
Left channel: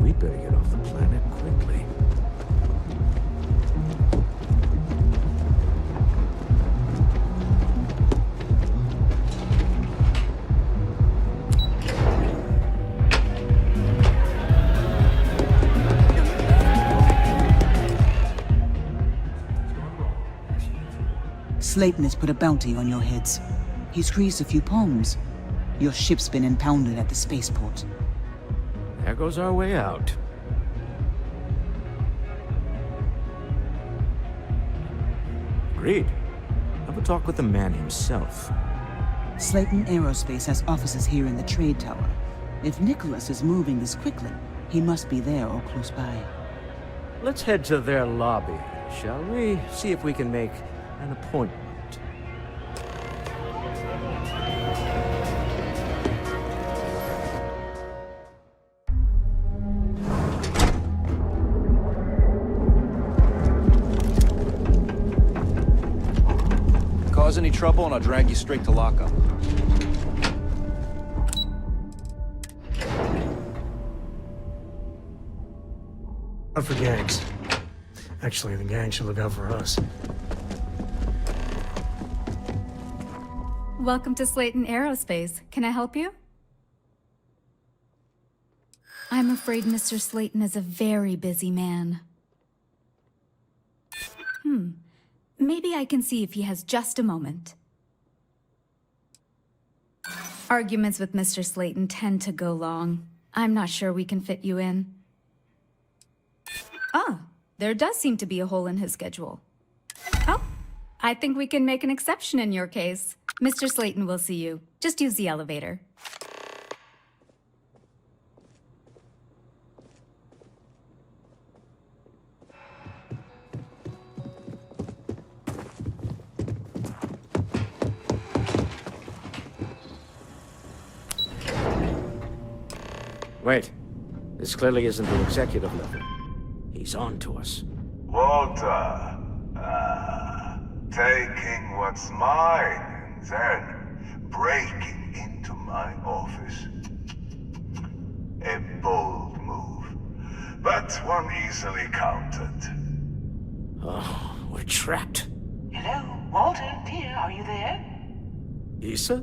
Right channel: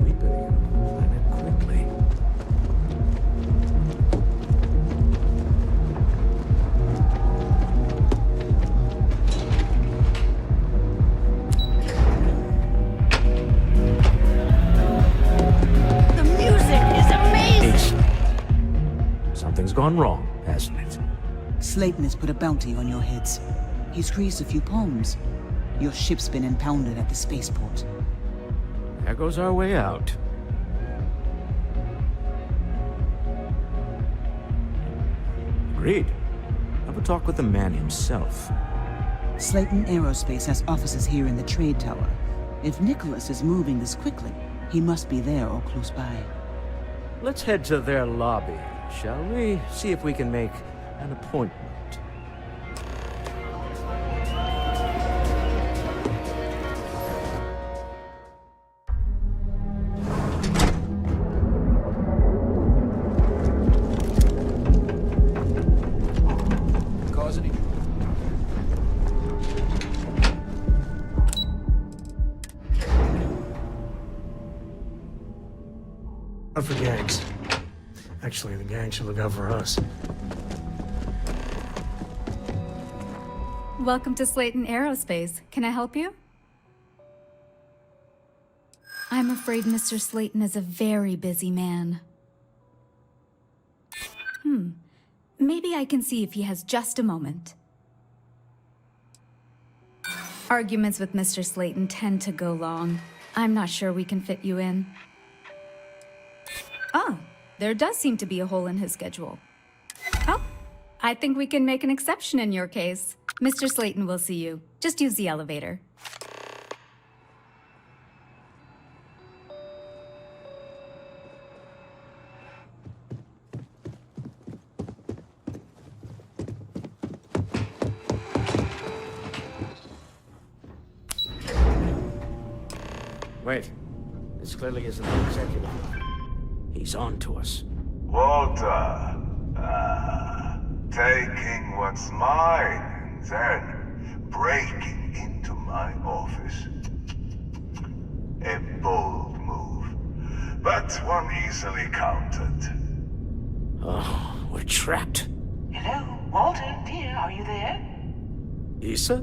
We'd better get off the planet quickly. Gone wrong, hasn't it? Slayton has put a bounty on your heads. He's greased a few palms. Your ship's been impounded at the spaceport. There goes our way out. Agreed. Have a talk with the man himself. Slayton Aerospace has offices here in the trade tower. If Nicholas is moving this quickly, he must be there or close by. Let's head to their lobby. Shall we? See if we can make an appointment. Cause any trouble and I'll drag you straight to lockup. Not for gangs. Actually, the gang should look out for us. Welcome to Slayton Aerospace. Can I help you? I'm afraid Mr. Slayton is a very busy man. Maybe I can see if he has just a moment. Arguments with Mr. Slayton tend to go long. I'm not sure we can fit you in. Ah, there does seem to be a hole in his schedule. Oh, I think we can make an exception in your case. Mr. Slayton will see you. Just use the elevator. Wait. This clearly isn't the executive level. He's on to us. Walter, taking what's mine and then breaking into my office. A bold That's one easily counted. Oh, we're trapped. Hello, Walter, dear, are you there? Issa?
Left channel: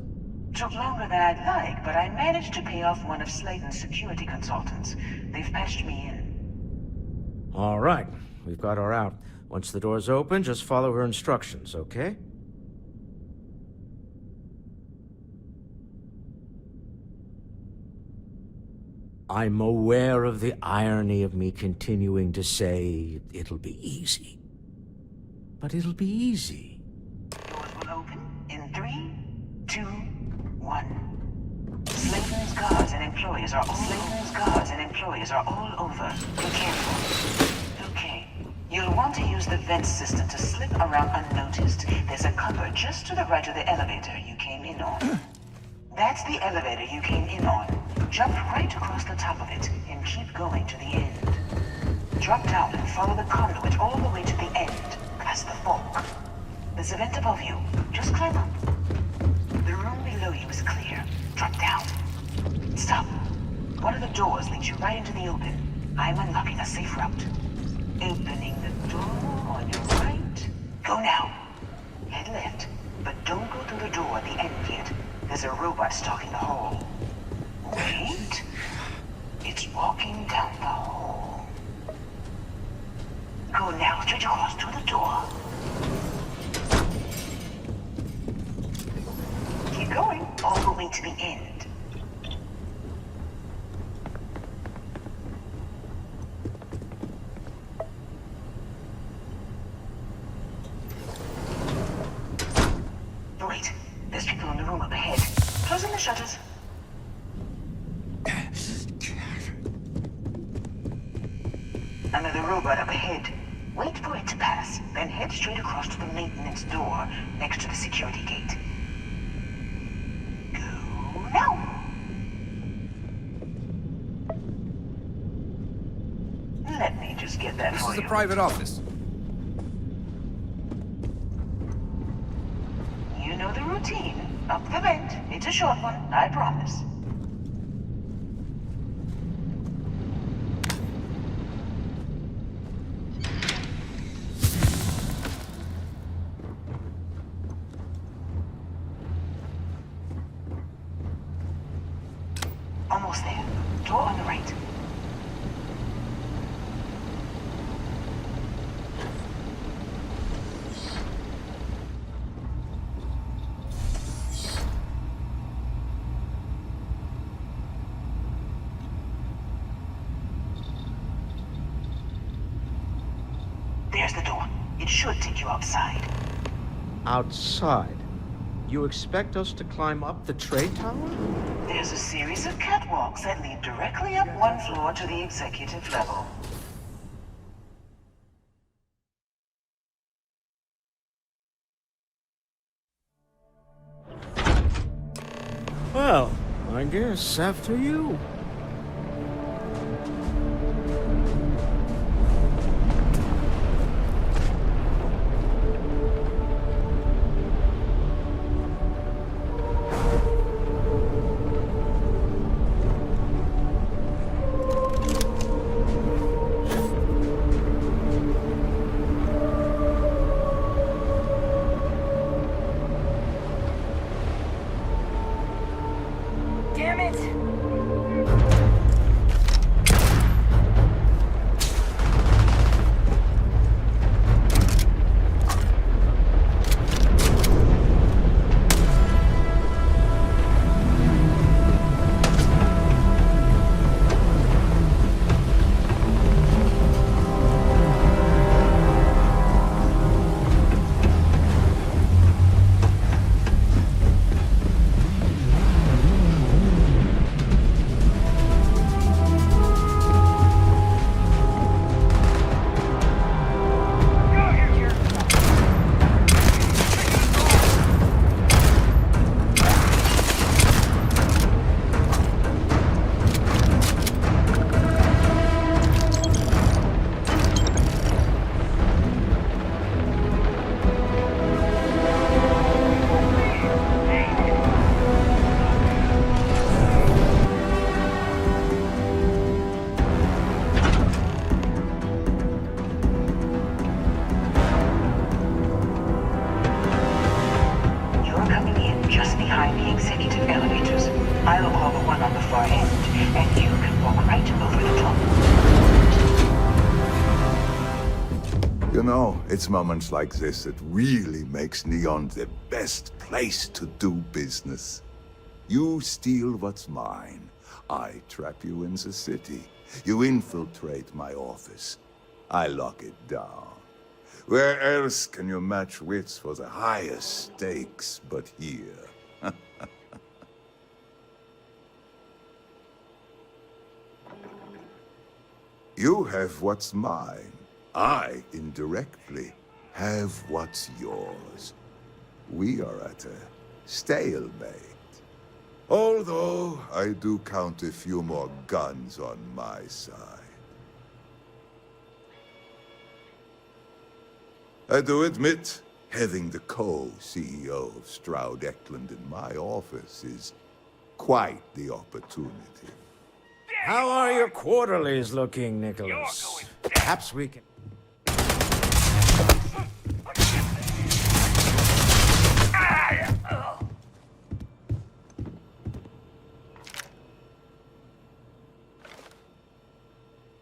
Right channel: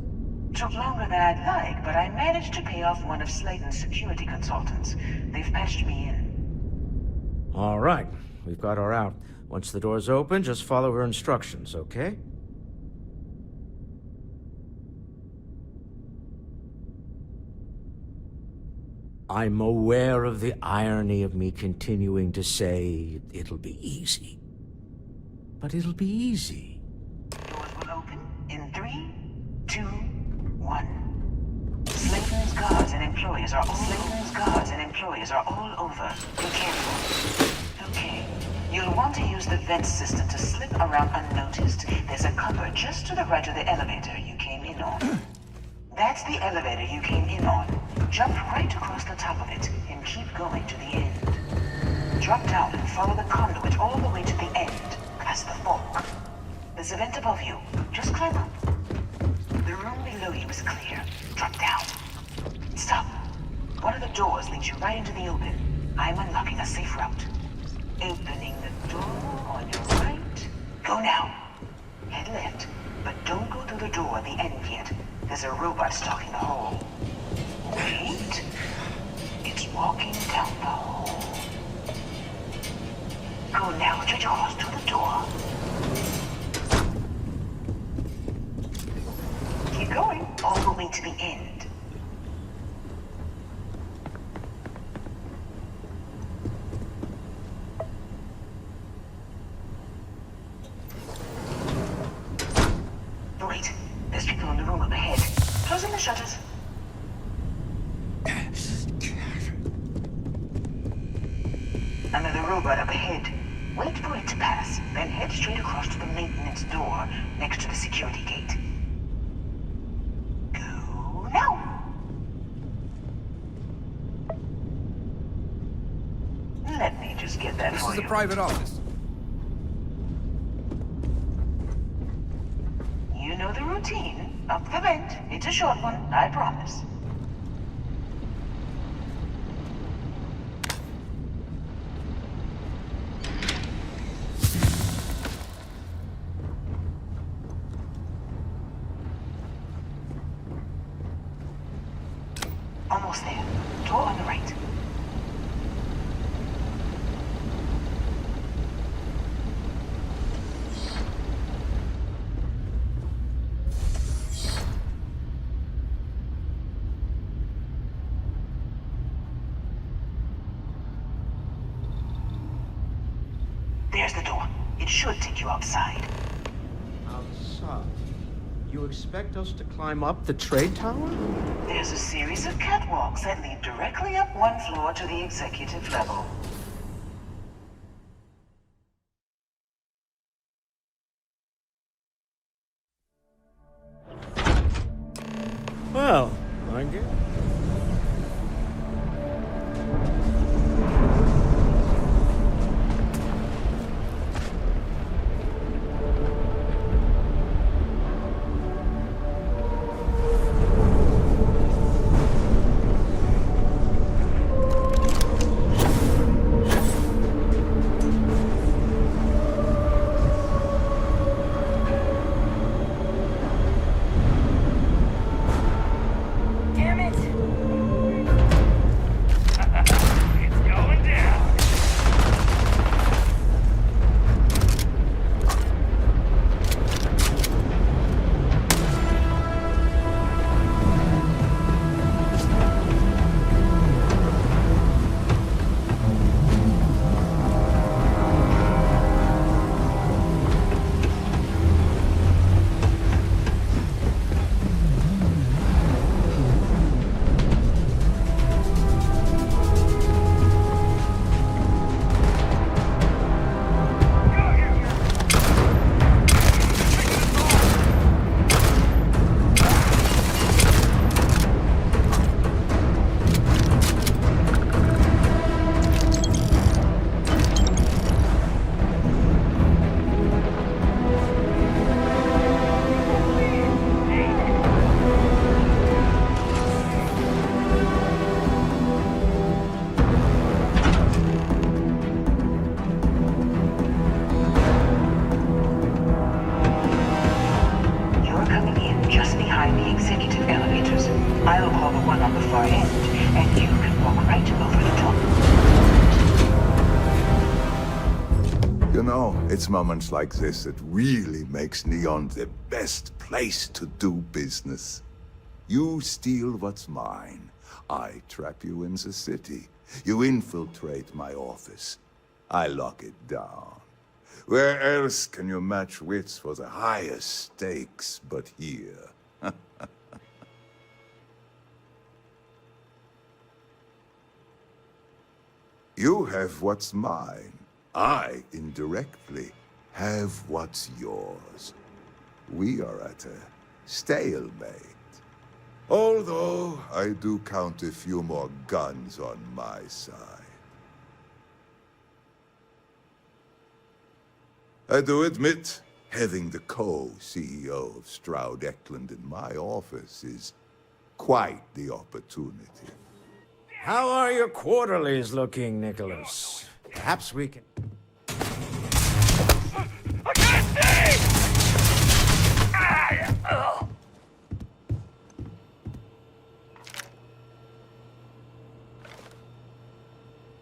Took longer than I'd like, but I managed to pay off one of Slayton's security consultants. They've patched me in. All right, we've got her out. Once the door's open, just follow her instructions, okay? I'm aware of the irony of me continuing to say it'll be easy. But it'll be easy. Doors will open in 3, 2, 1. Slayton's guards and employees are all over. Be careful. Okay. You'll want to use the vent system to slip around unnoticed. There's a cupboard just to the right of the elevator you came in on. That's the elevator you came in on. Jump right across the top of it and keep going to the end. Drop down and follow the conduit all the way to the end, past the fork. There's a vent above you. Just climb up. The room below you is clear. Drop down. Stop. One of the doors leads you right into the open. I'm unlocking a safe route. Opening the door on your right. Go now. Head left, but don't go through the door at the end yet. There's a robot stalking the hall. Wait. It's walking down the hall. Go now, straight across to the door. Keep going, all the way to the end. Wait, there's people in the room up ahead. Closing the shutters. Another robot up ahead. Wait for it to pass, then head straight across to the maintenance door next to the security gate. Go now. Let me just get that for you. This is a private office. You know the routine. Up the vent. It's a short one, I promise. Almost there. Door on the right. There's the door. It should take you outside. Outside? You expect us to climb up the trade tower? There's a series of catwalks that lead directly up one floor to the executive level. Well, I guess after you. Damn it! You know, it's moments like this that really makes Neon the best place to do business. You steal what's mine. I trap you in the city. You infiltrate my office. I lock it down. Where else can you match wits for the highest stakes but here? You have what's mine. I, indirectly, have what's yours. We are at a stalemate. Although, I do count a few more guns on my side. I do admit, having the co-CEO of Stroud Eklund in my office is quite the opportunity. How are your quarterlies looking, Nicholas? Perhaps we can...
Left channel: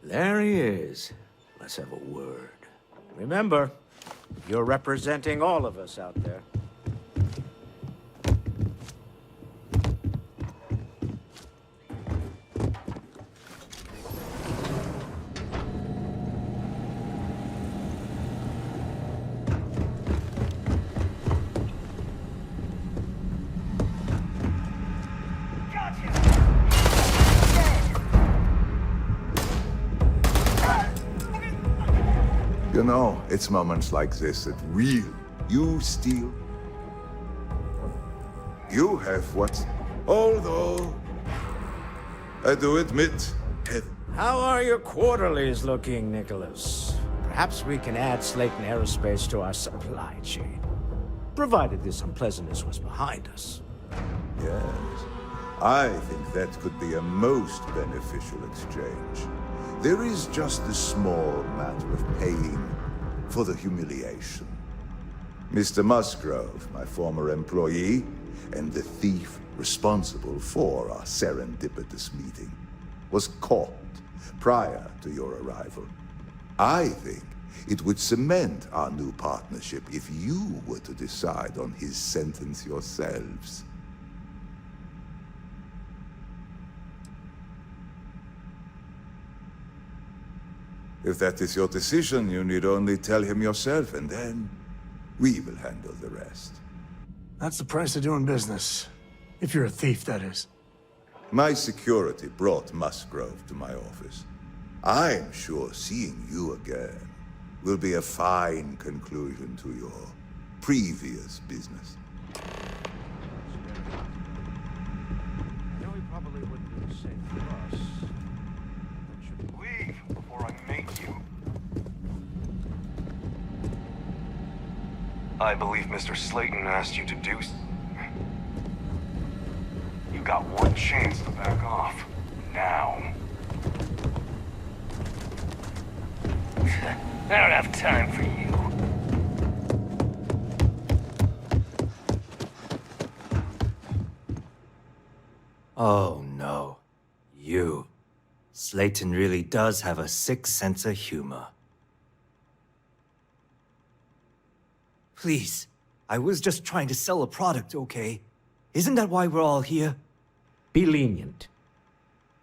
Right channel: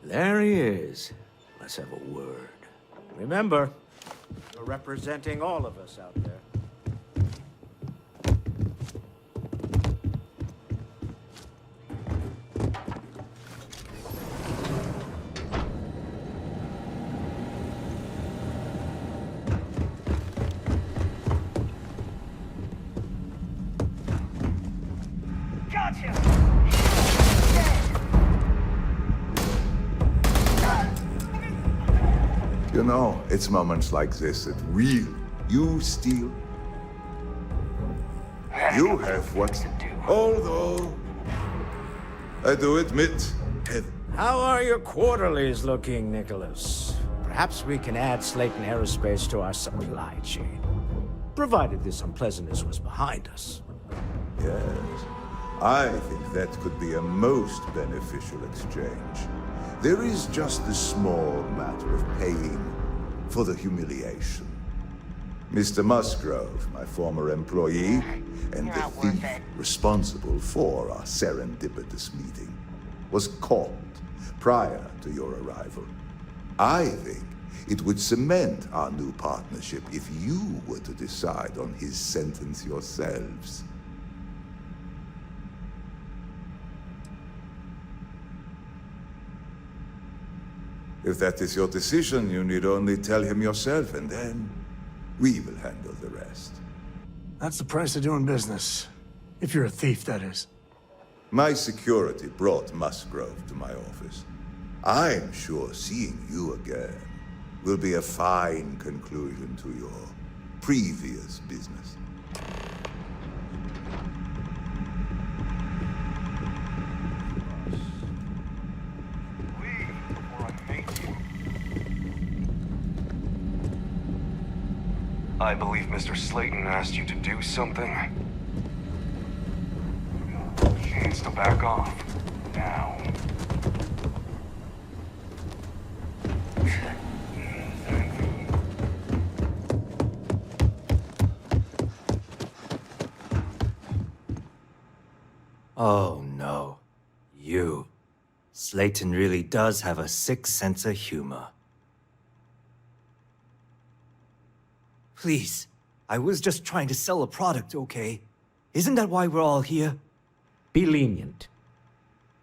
There he is. Let's have a word. Remember, you're representing all of us out there. You know, it's moments like this that really, you steal. You have what's... Although, I do admit, How are your quarterlies looking, Nicholas? Perhaps we can add Slayton Aerospace to our supply chain, provided this unpleasantness was behind us. Yes, I think that could be a most beneficial exchange. There is just a small matter of paying for the humiliation. Mr. Musgrove, my former employee, and the thief responsible for our serendipitous meeting, was caught prior to your arrival. I think it would cement our new partnership if you were to decide on his sentence yourselves. If that is your decision, you need only tell him yourself, and then we will handle the rest. That's the price of doing business. If you're a thief, that is. My security brought Musgrove to my office. I'm sure seeing you again will be a fine conclusion to your previous business. I believe Mr. Slayton asked you to do something. You got one chance to back off. Now. I don't have time for you. Oh no. You. Slayton really does have a sick sense of humor. Please, I was just trying to sell a product, okay? Isn't that why we're all here? Be lenient.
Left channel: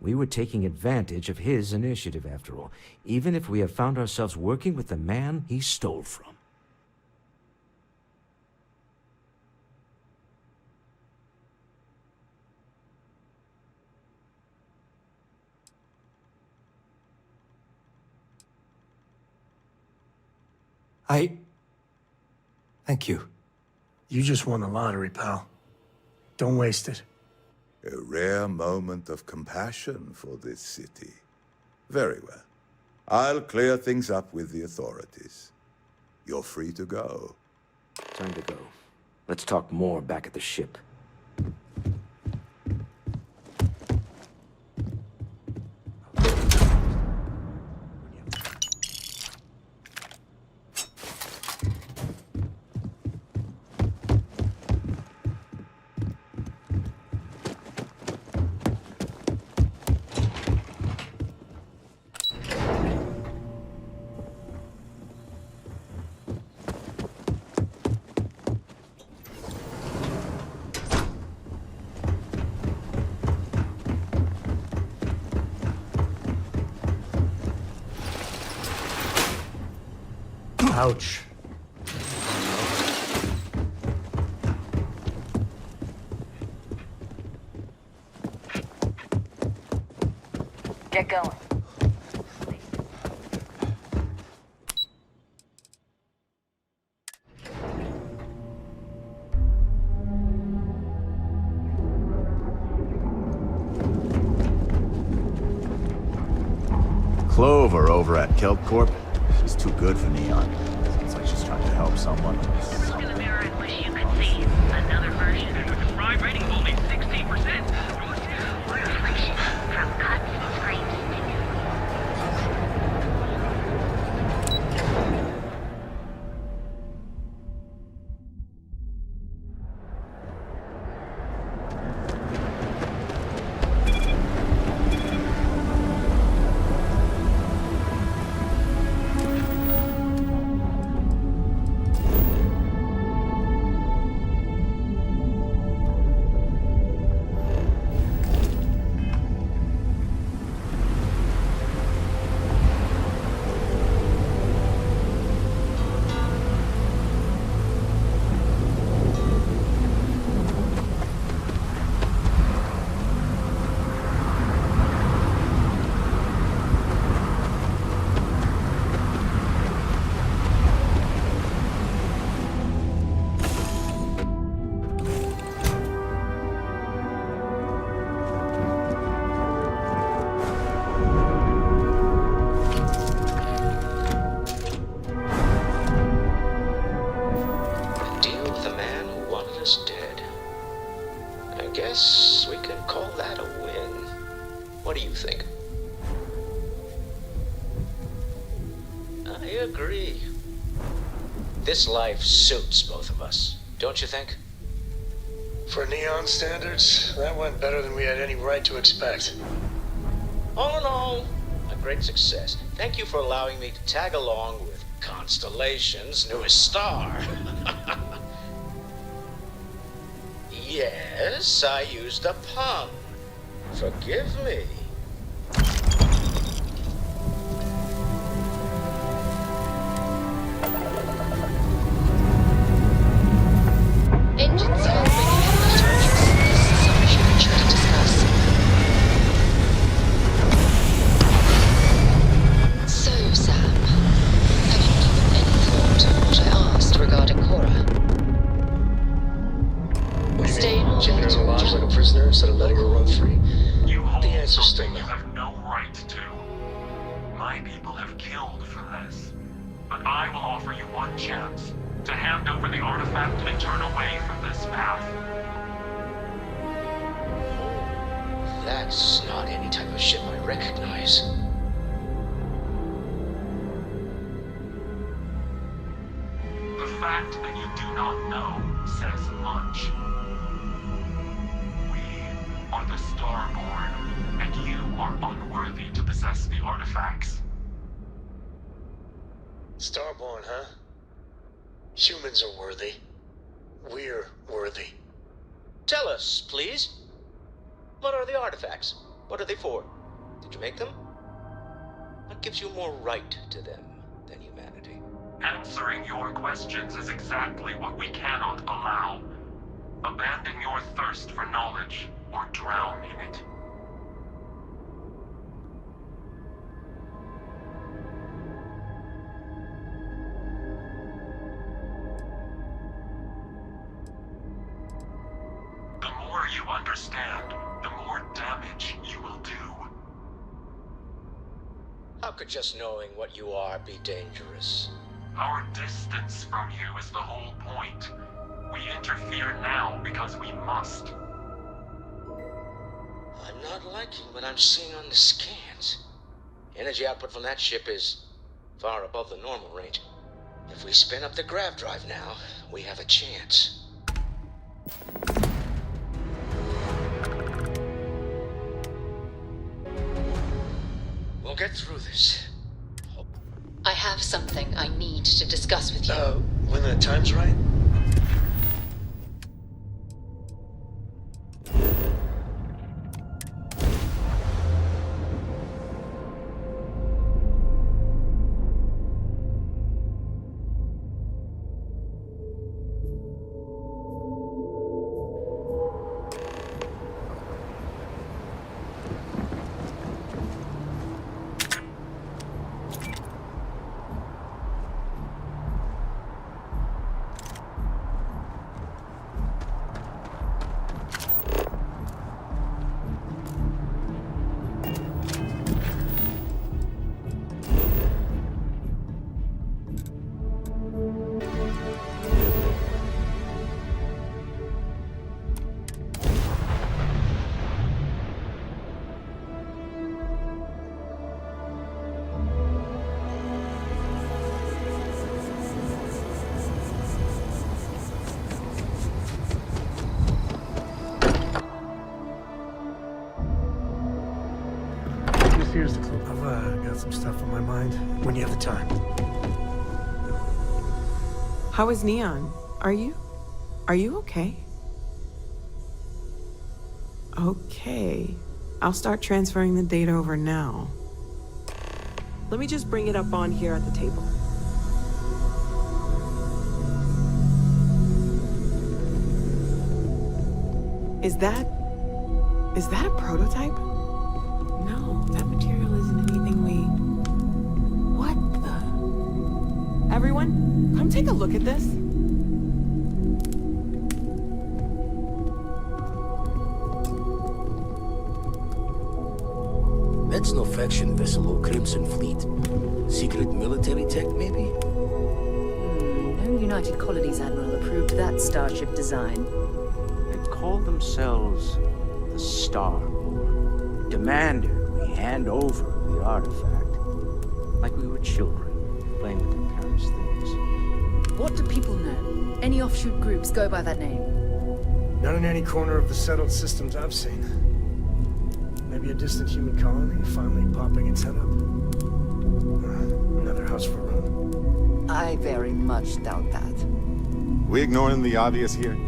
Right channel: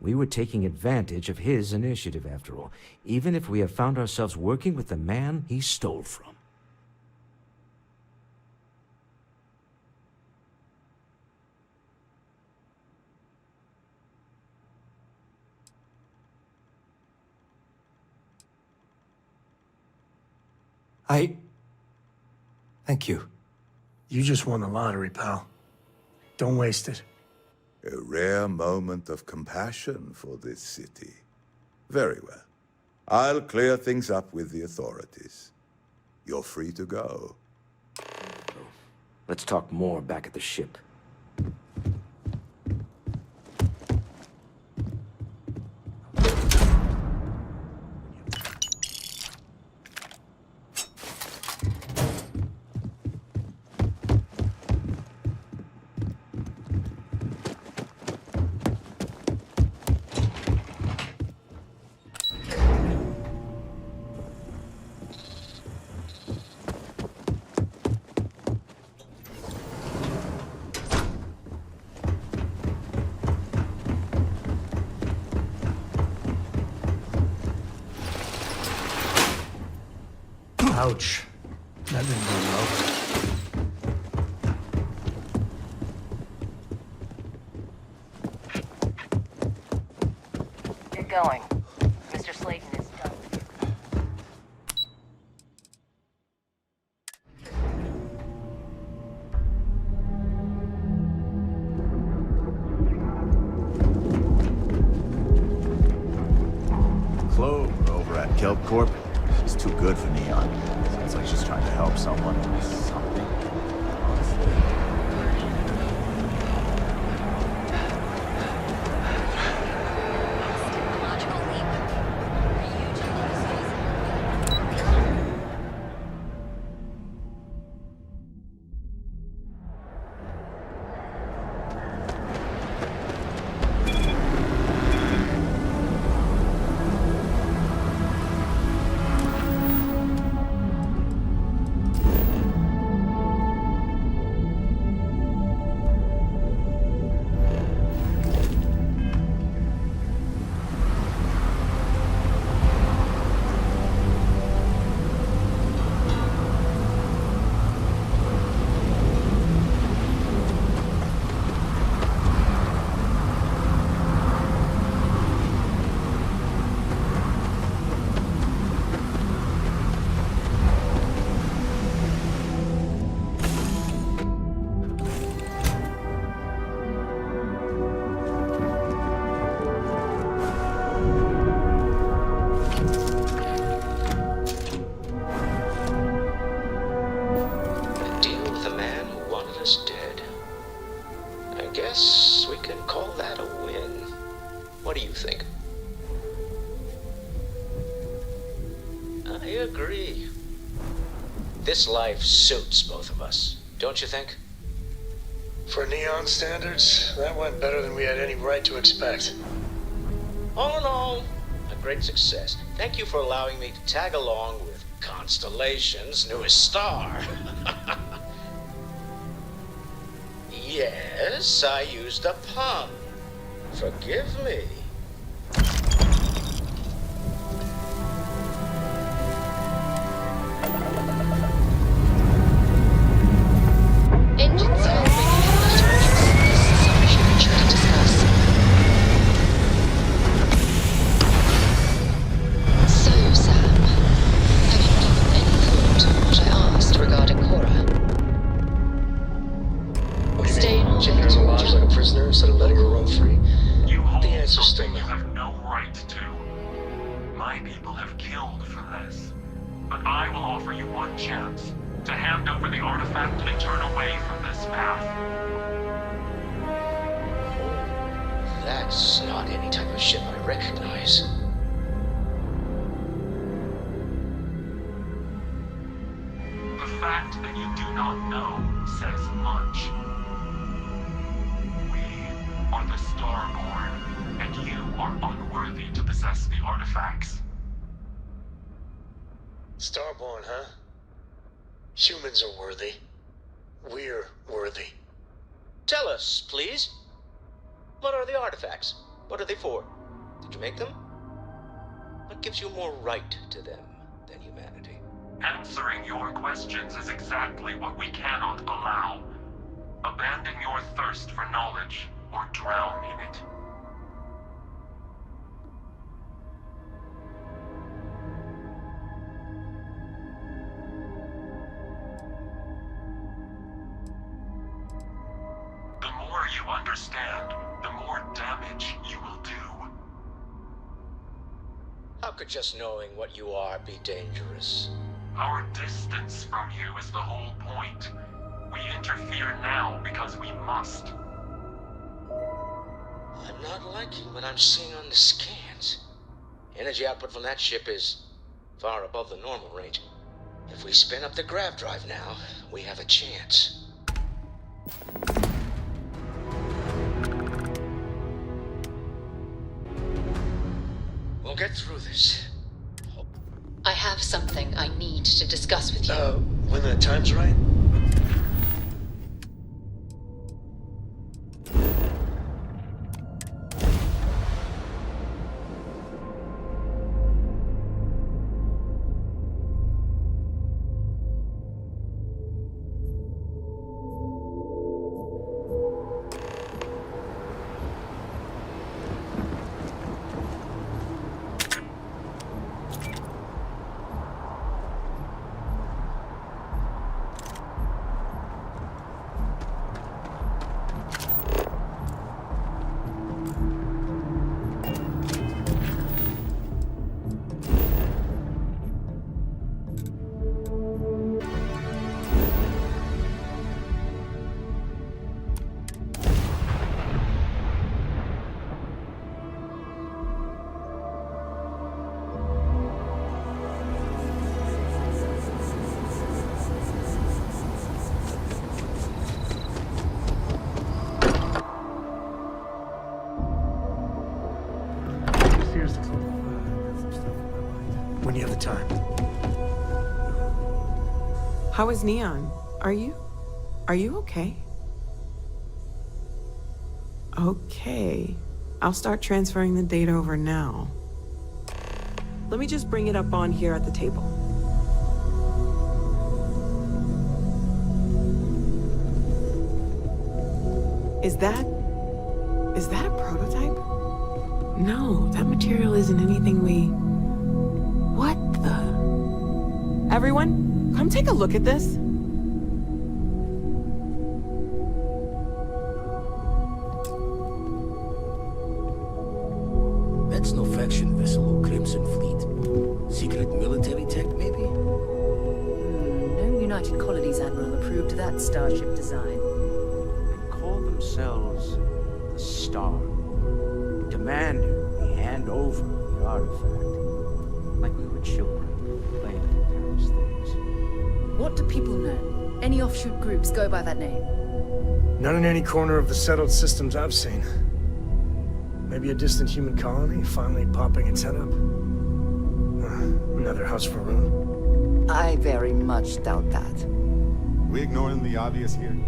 We were taking advantage of his initiative, after all, even if we have found ourselves working with the man he stole from. Thank you. You just won the lottery, pal. Don't waste it. A rare moment of compassion for this city. Very well. I'll clear things up with the authorities. You're free to go. Time to go. Let's talk more back at the ship. Ouch. That didn't go well. Get going. Mr. Slayton is done. Clover over at Kelp Corp. She's too good for Neon. Sounds like she's trying to help someone or something. Honestly. Guess we can call that a win. What do you think? I agree. This life suits both of us, don't you think? For Neon standards, that went better than we had any right to expect. All in all, a great success. Thank you for allowing me to tag along with Constellation's newest star. Yes, I used a pun. Forgive me. Engines are bringing in the targets. This is something we should discuss. So, Sam, have you given any thought to what I asked regarding Cora? What do you mean? Keeping her in a lodge like a prisoner instead of letting her roam free? The answer's still no. You have no right to. My people have killed for this. But I will offer you one chance to hand over the artifact and turn away from this path. Oh, that's not any type of ship I recognize. The fact that you do not know says much. We are the Starborn, and you are unworthy to possess the artifacts. Starborn, huh? Humans are worthy. We're worthy. Tell us, please. What are the artifacts? What are they for? Did you make them? What gives you more right to them than humanity? Answering your questions is exactly what we cannot allow. Abandon your thirst for knowledge, or drown in it. The more you understand, the more damage you will do. How could just knowing what you are be dangerous? Our distance from you is the whole point. We interfere now because we must. I'm not liking what I'm seeing on the scans. Energy output from that ship is far above the normal range. If we spin up the grav drive now, we have a chance. We'll get through this. I have something I need to discuss with you. When the time's right? Some stuff on my mind. When you have the time. How is Neon? Are you okay? Okay. I'll start transferring the data over now. Let me just bring it up on here at the table. Is that a prototype? No, that material isn't anything we... What the... Everyone, come take a look at this. That's no faction vessel or Crimson Fleet. Secret military tech, maybe? No United Colonies Admiral approved that starship design. They call themselves the Starboard. Demanded we hand over the artifact. Like we were children, playing with their parents' things. What do people know? Any offshoot groups go by that name? Not in any corner of the settled systems I've seen. Maybe a distant human colony finally popping its head up. Another house for Rune. I very much doubt that. We ignoring the obvious here?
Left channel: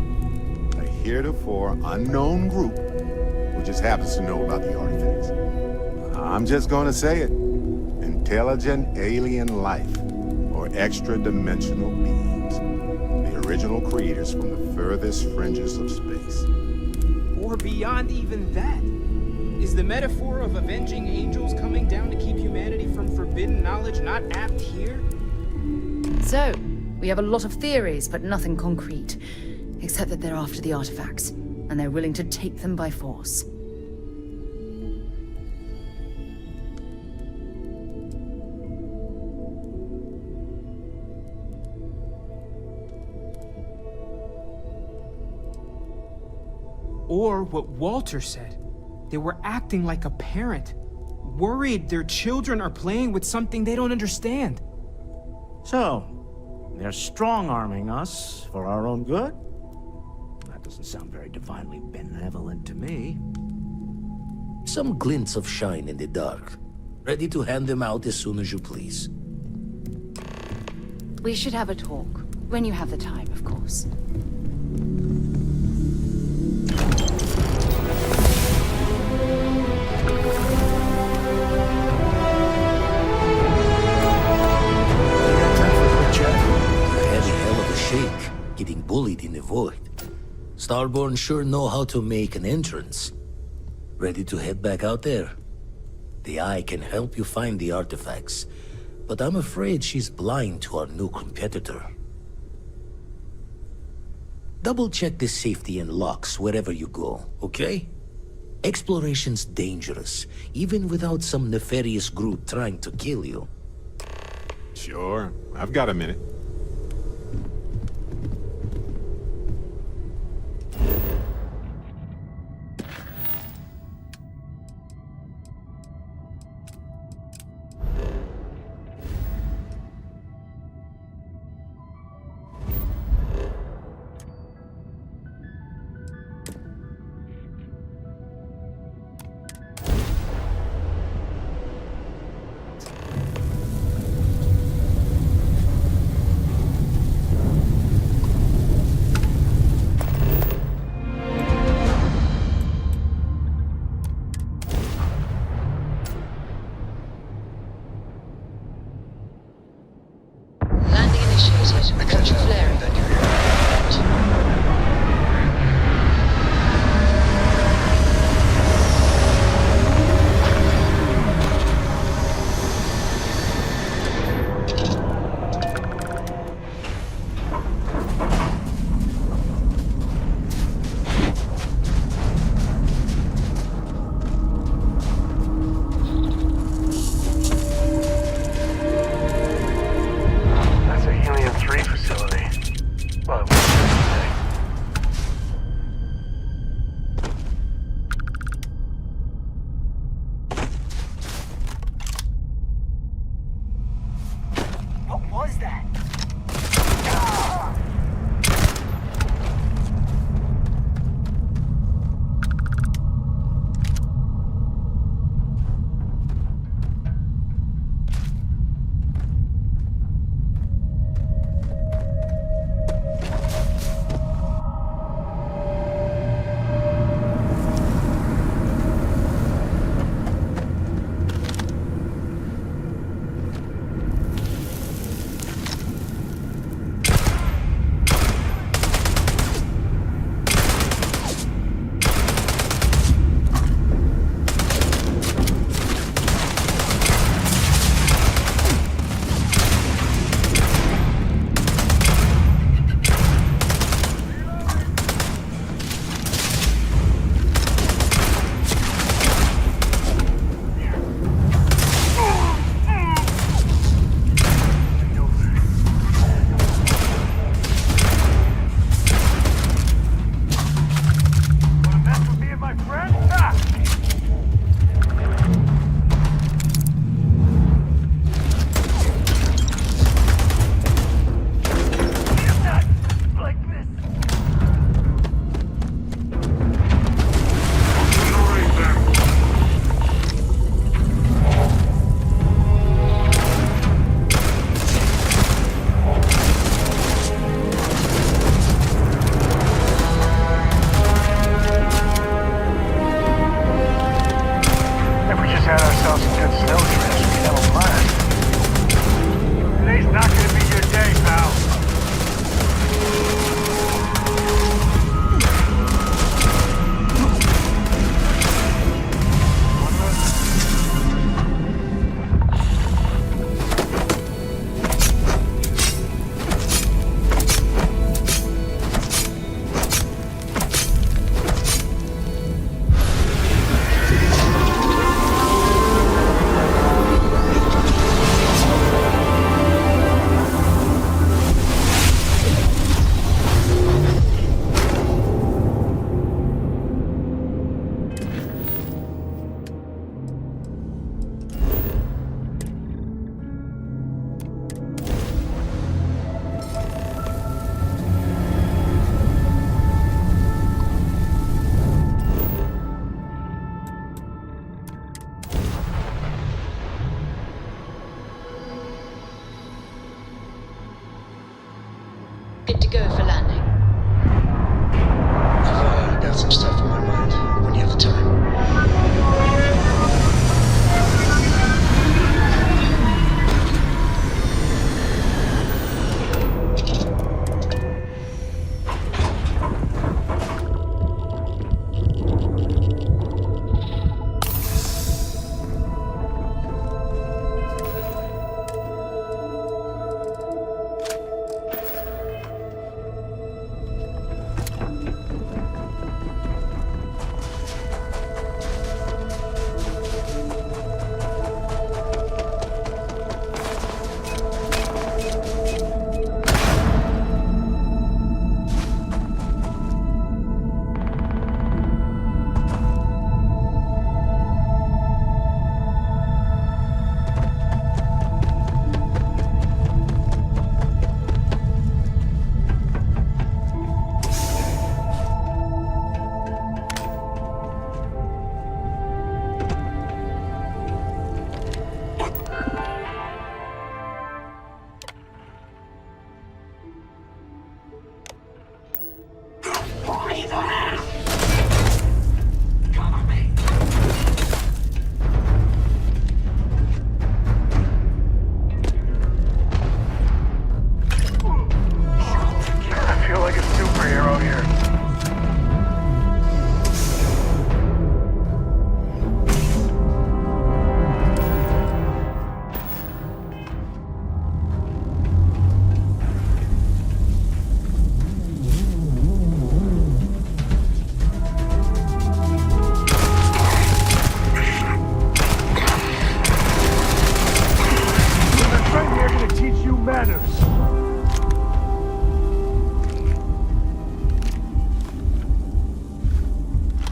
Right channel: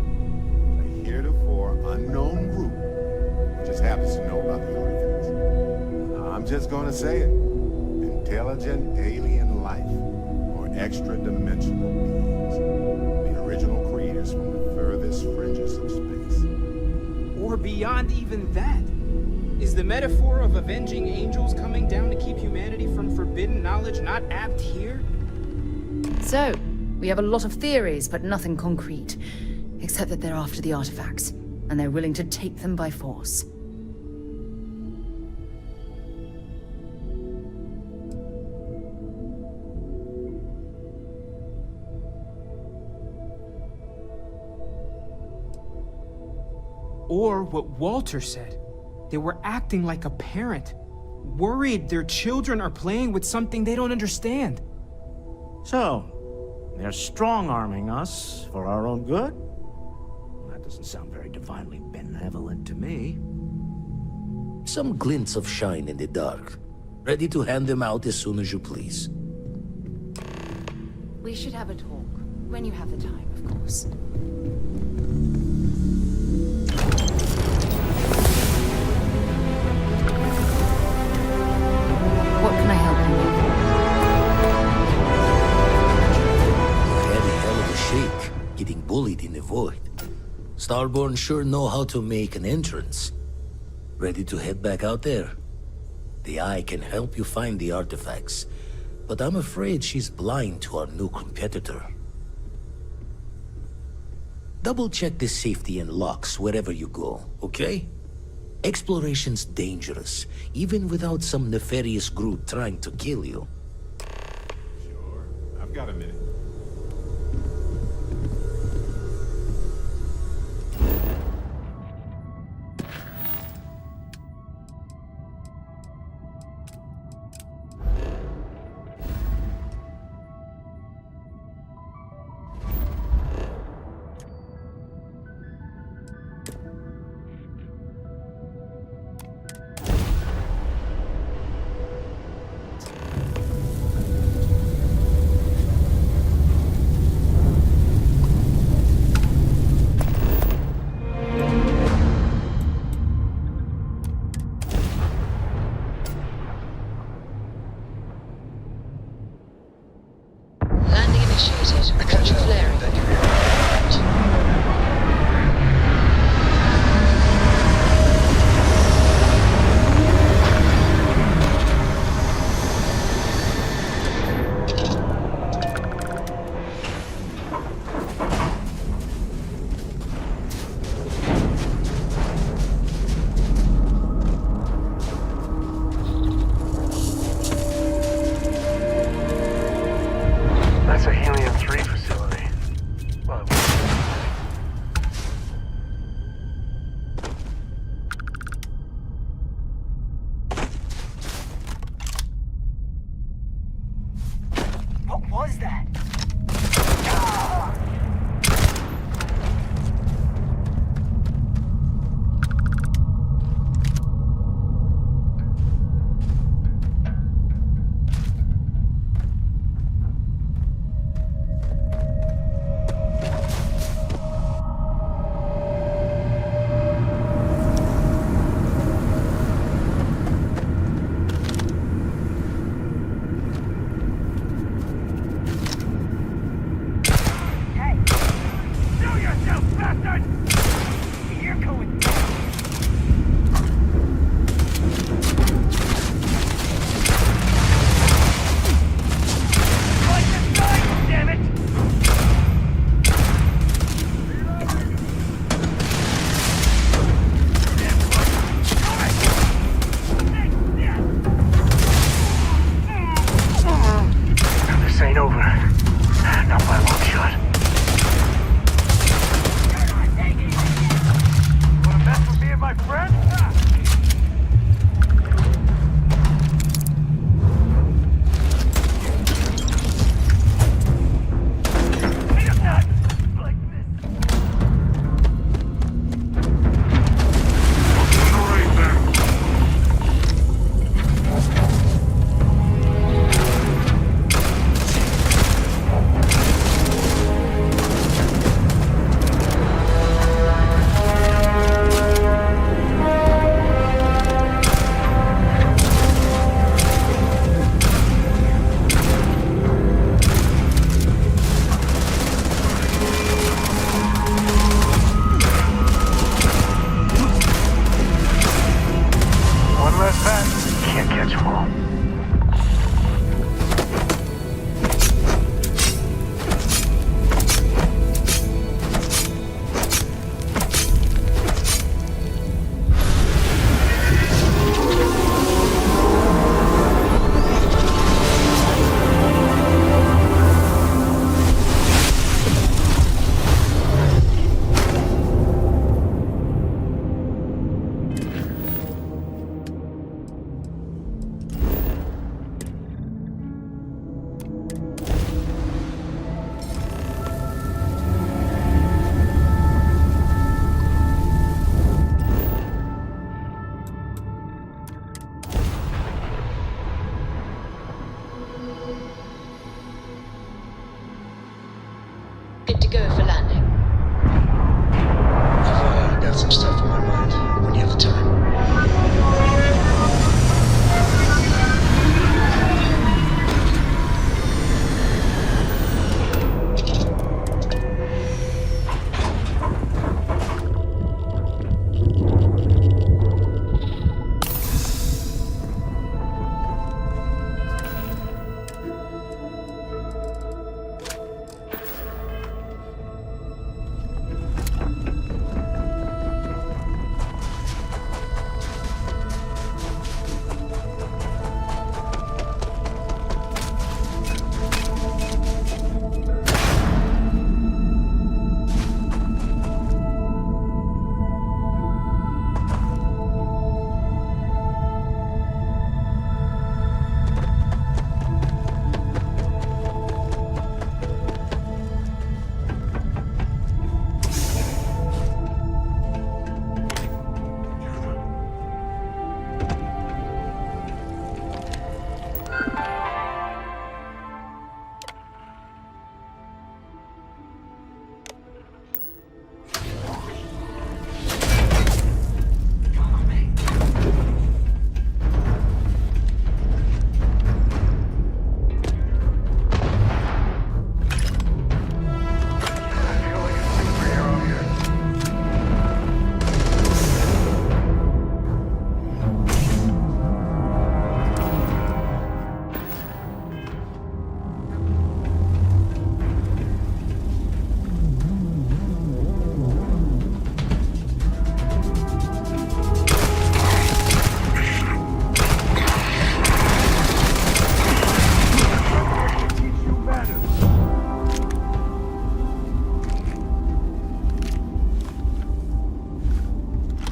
A heretofore unknown group who just happens to know about the artifacts. I'm just gonna say it. Intelligent alien life, or extra-dimensional beings. The original creators from the furthest fringes of space. Or beyond even that. Is the metaphor of avenging angels coming down to keep humanity from forbidden knowledge not apt here? So, we have a lot of theories, but nothing concrete. Except that they're after the artifacts, and they're willing to take them by force. Or what Walter said. They were acting like a parent. Worried their children are playing with something they don't understand. So, they're strong-arming us for our own good? That doesn't sound very divinely benevolent to me. Some glints of shine in the dark. Ready to hand them out as soon as you please. We should have a talk. When you have the time, of course. Getting bullied in the void. Starborn sure know how to make an entrance. Ready to head back out there? The Eye can help you find the artifacts, but I'm afraid she's blind to our new competitor. Double-check the safety and locks wherever you go, okay? Exploration's dangerous, even without some nefarious group trying to kill you. Sure, I've got a minute. Watch your flaring. That's a Helium-3 facility. Well, go for landing? I've got some stuff on my mind when you have the time.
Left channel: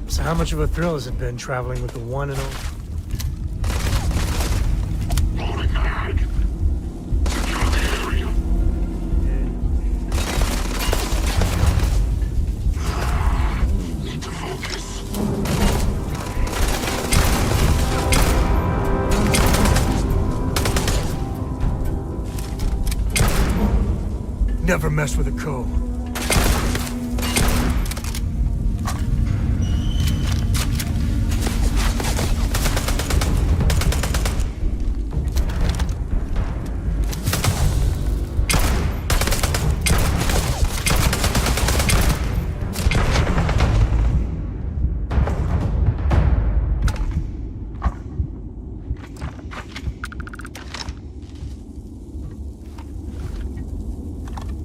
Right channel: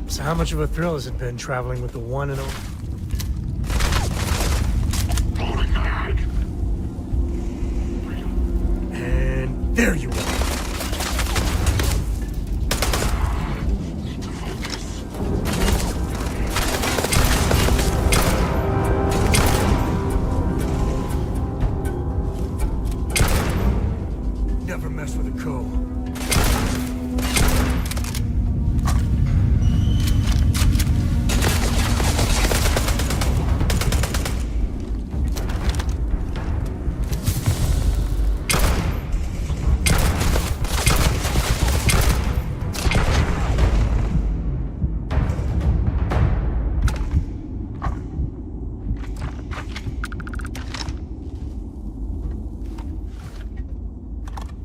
So how much of a thrill has it been traveling with the one and only... And there you are. Never mess with a co.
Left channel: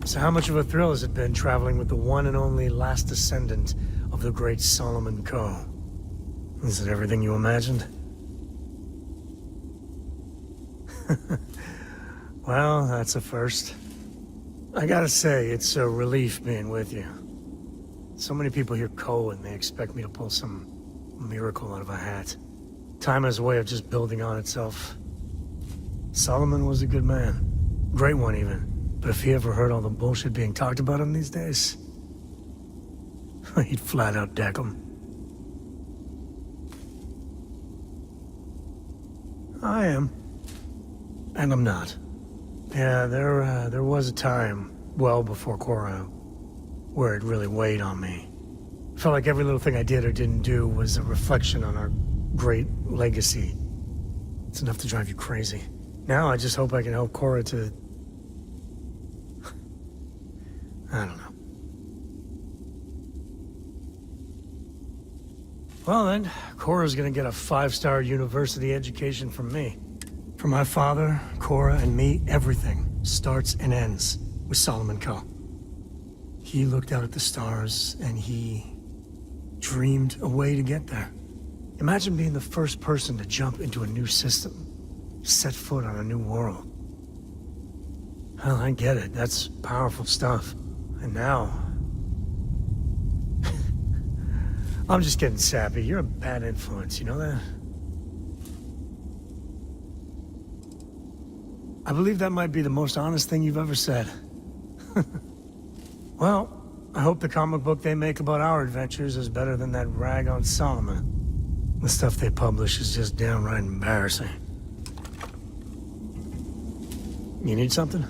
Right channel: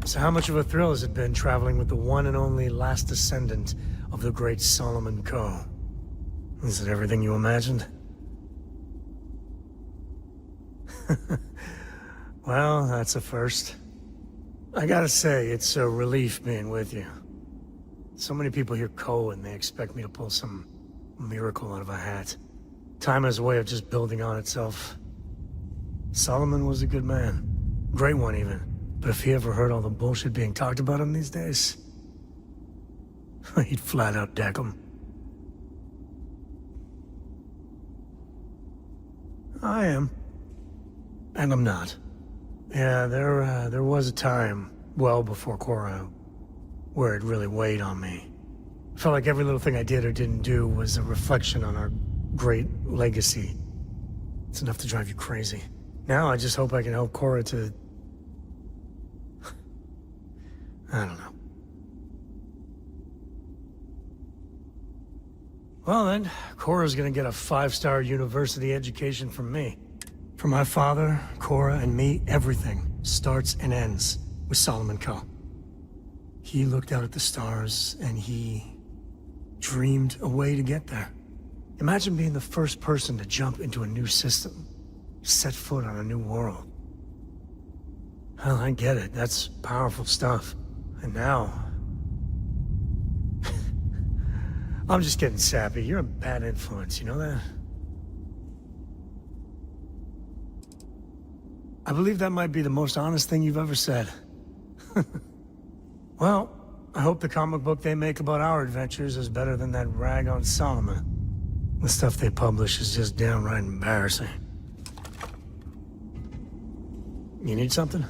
So how much of a thrill has it been traveling with the one and only last descendant of the great Solomon Coe? Is it everything you imagined? Well, that's a first. I gotta say, it's a relief being with you. So many people hear Coe and they expect me to pull some miracle out of a hat. Time has a way of just building on itself. Solomon was a good man. Great one, even. But if he ever heard all the bullshit being talked about him these days, he'd flat out deck him. I am. And I'm not. Yeah, there was a time, well before Cora, where it really weighed on me. I felt like every little thing I did or didn't do was a reflection on our great legacy. It's enough to drive you crazy. Now I just hope I can help Cora to... I don't know. Well then, Cora's gonna get a 5-star university education from me. For my father, Cora, and me, everything starts and ends with Solomon Coe. He looked out at the stars, and he dreamed a way to get there. Imagine being the first person to jump into a new system, set foot on a new world. Well, I get it. That's powerful stuff. And now... I'm just getting sappy. You're a bad influence, you know that? I believe that might be the most honest thing you've ever said. Well, I hope the comic book they make about our adventures is better than that rag on Solomon. The stuff they publish is just downright embarrassing. You need something?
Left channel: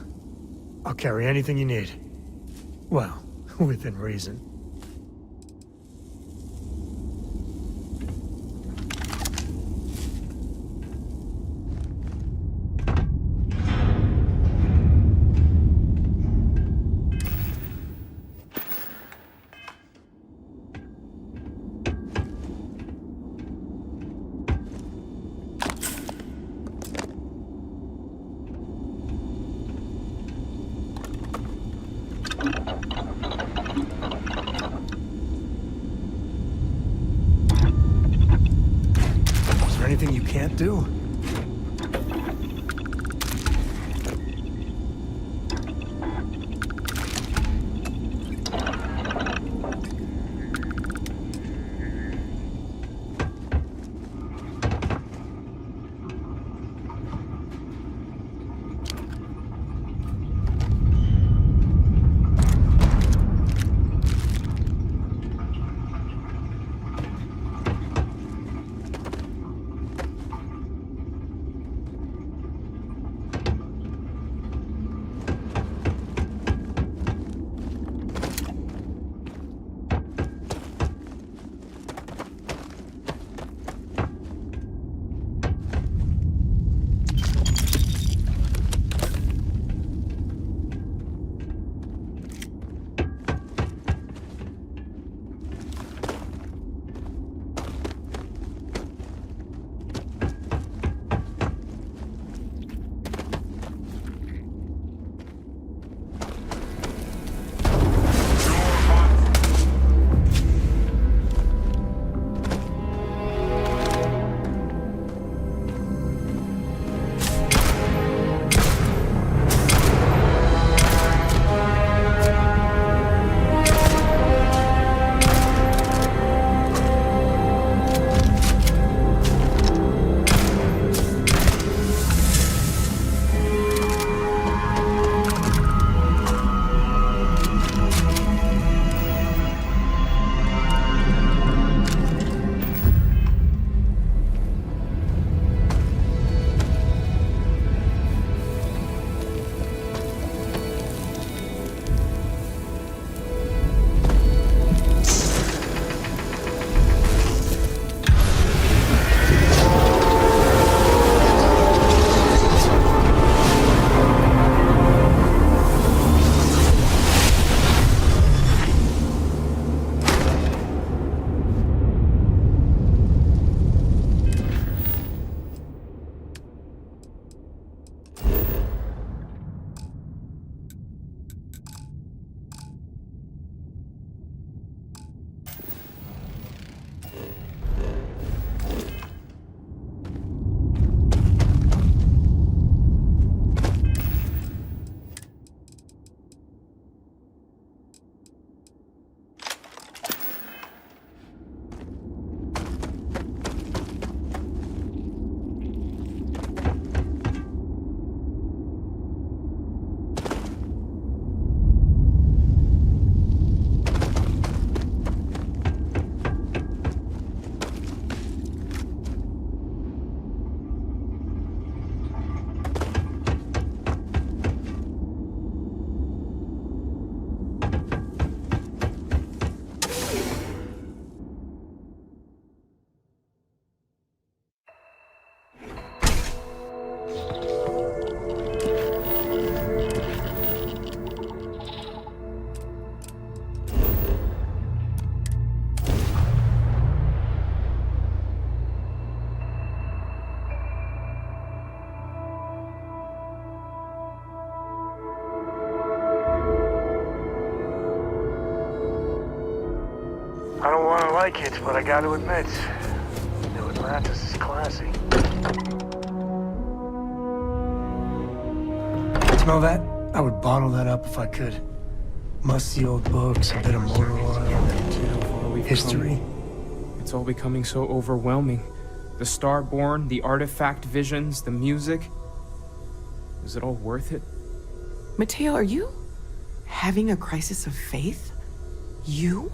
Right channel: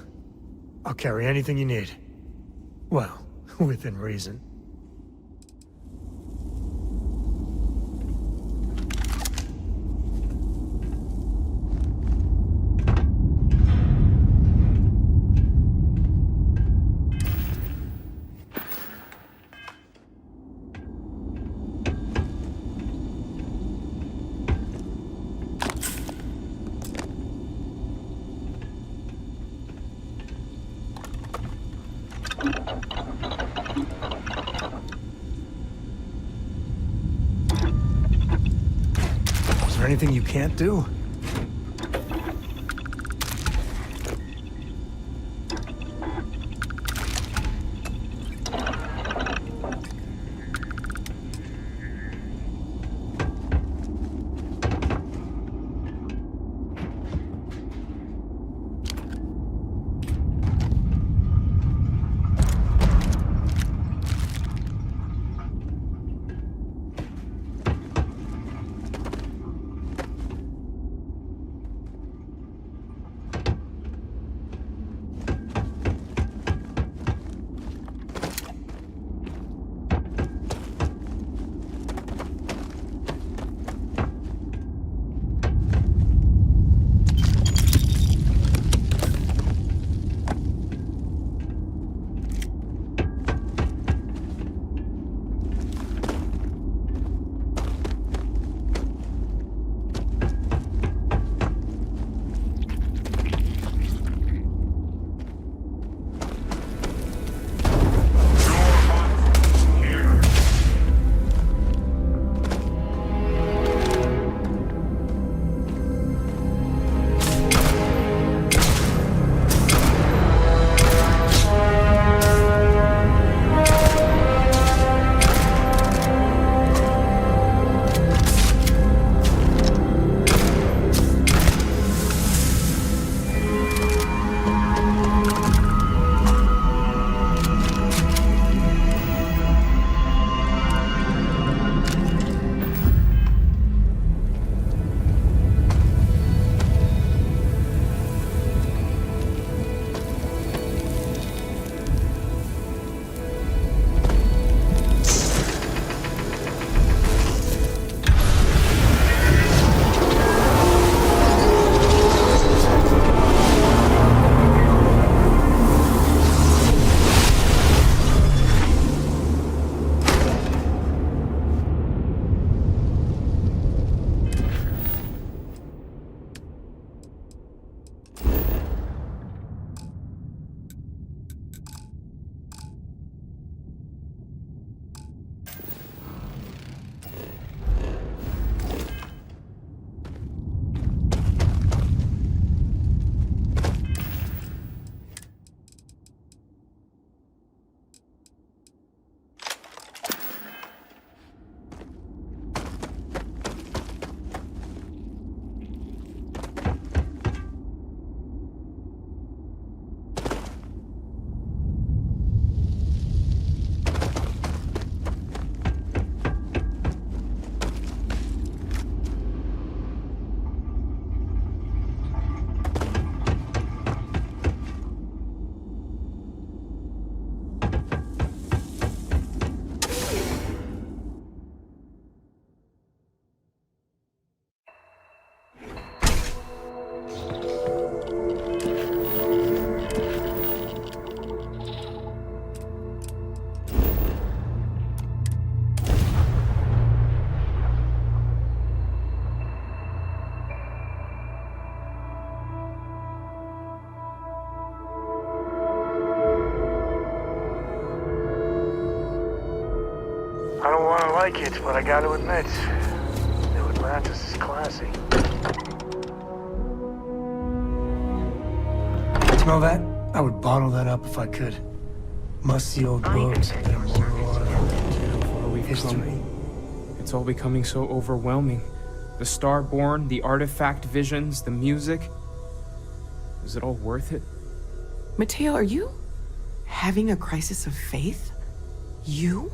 I'll carry anything you need. Well, within reason. Is there anything you can't do? I don't want to like it, but I got to admit, New Atlantis is classy. Smell that? I would bottle that up if I could. Musty old books, a bit of motor oil, How far we've history. come. It's all becoming so overwhelming. The Starborn, the artifact visions, the music. Is it all worth it? Mateo, are you having a crisis of faith? You?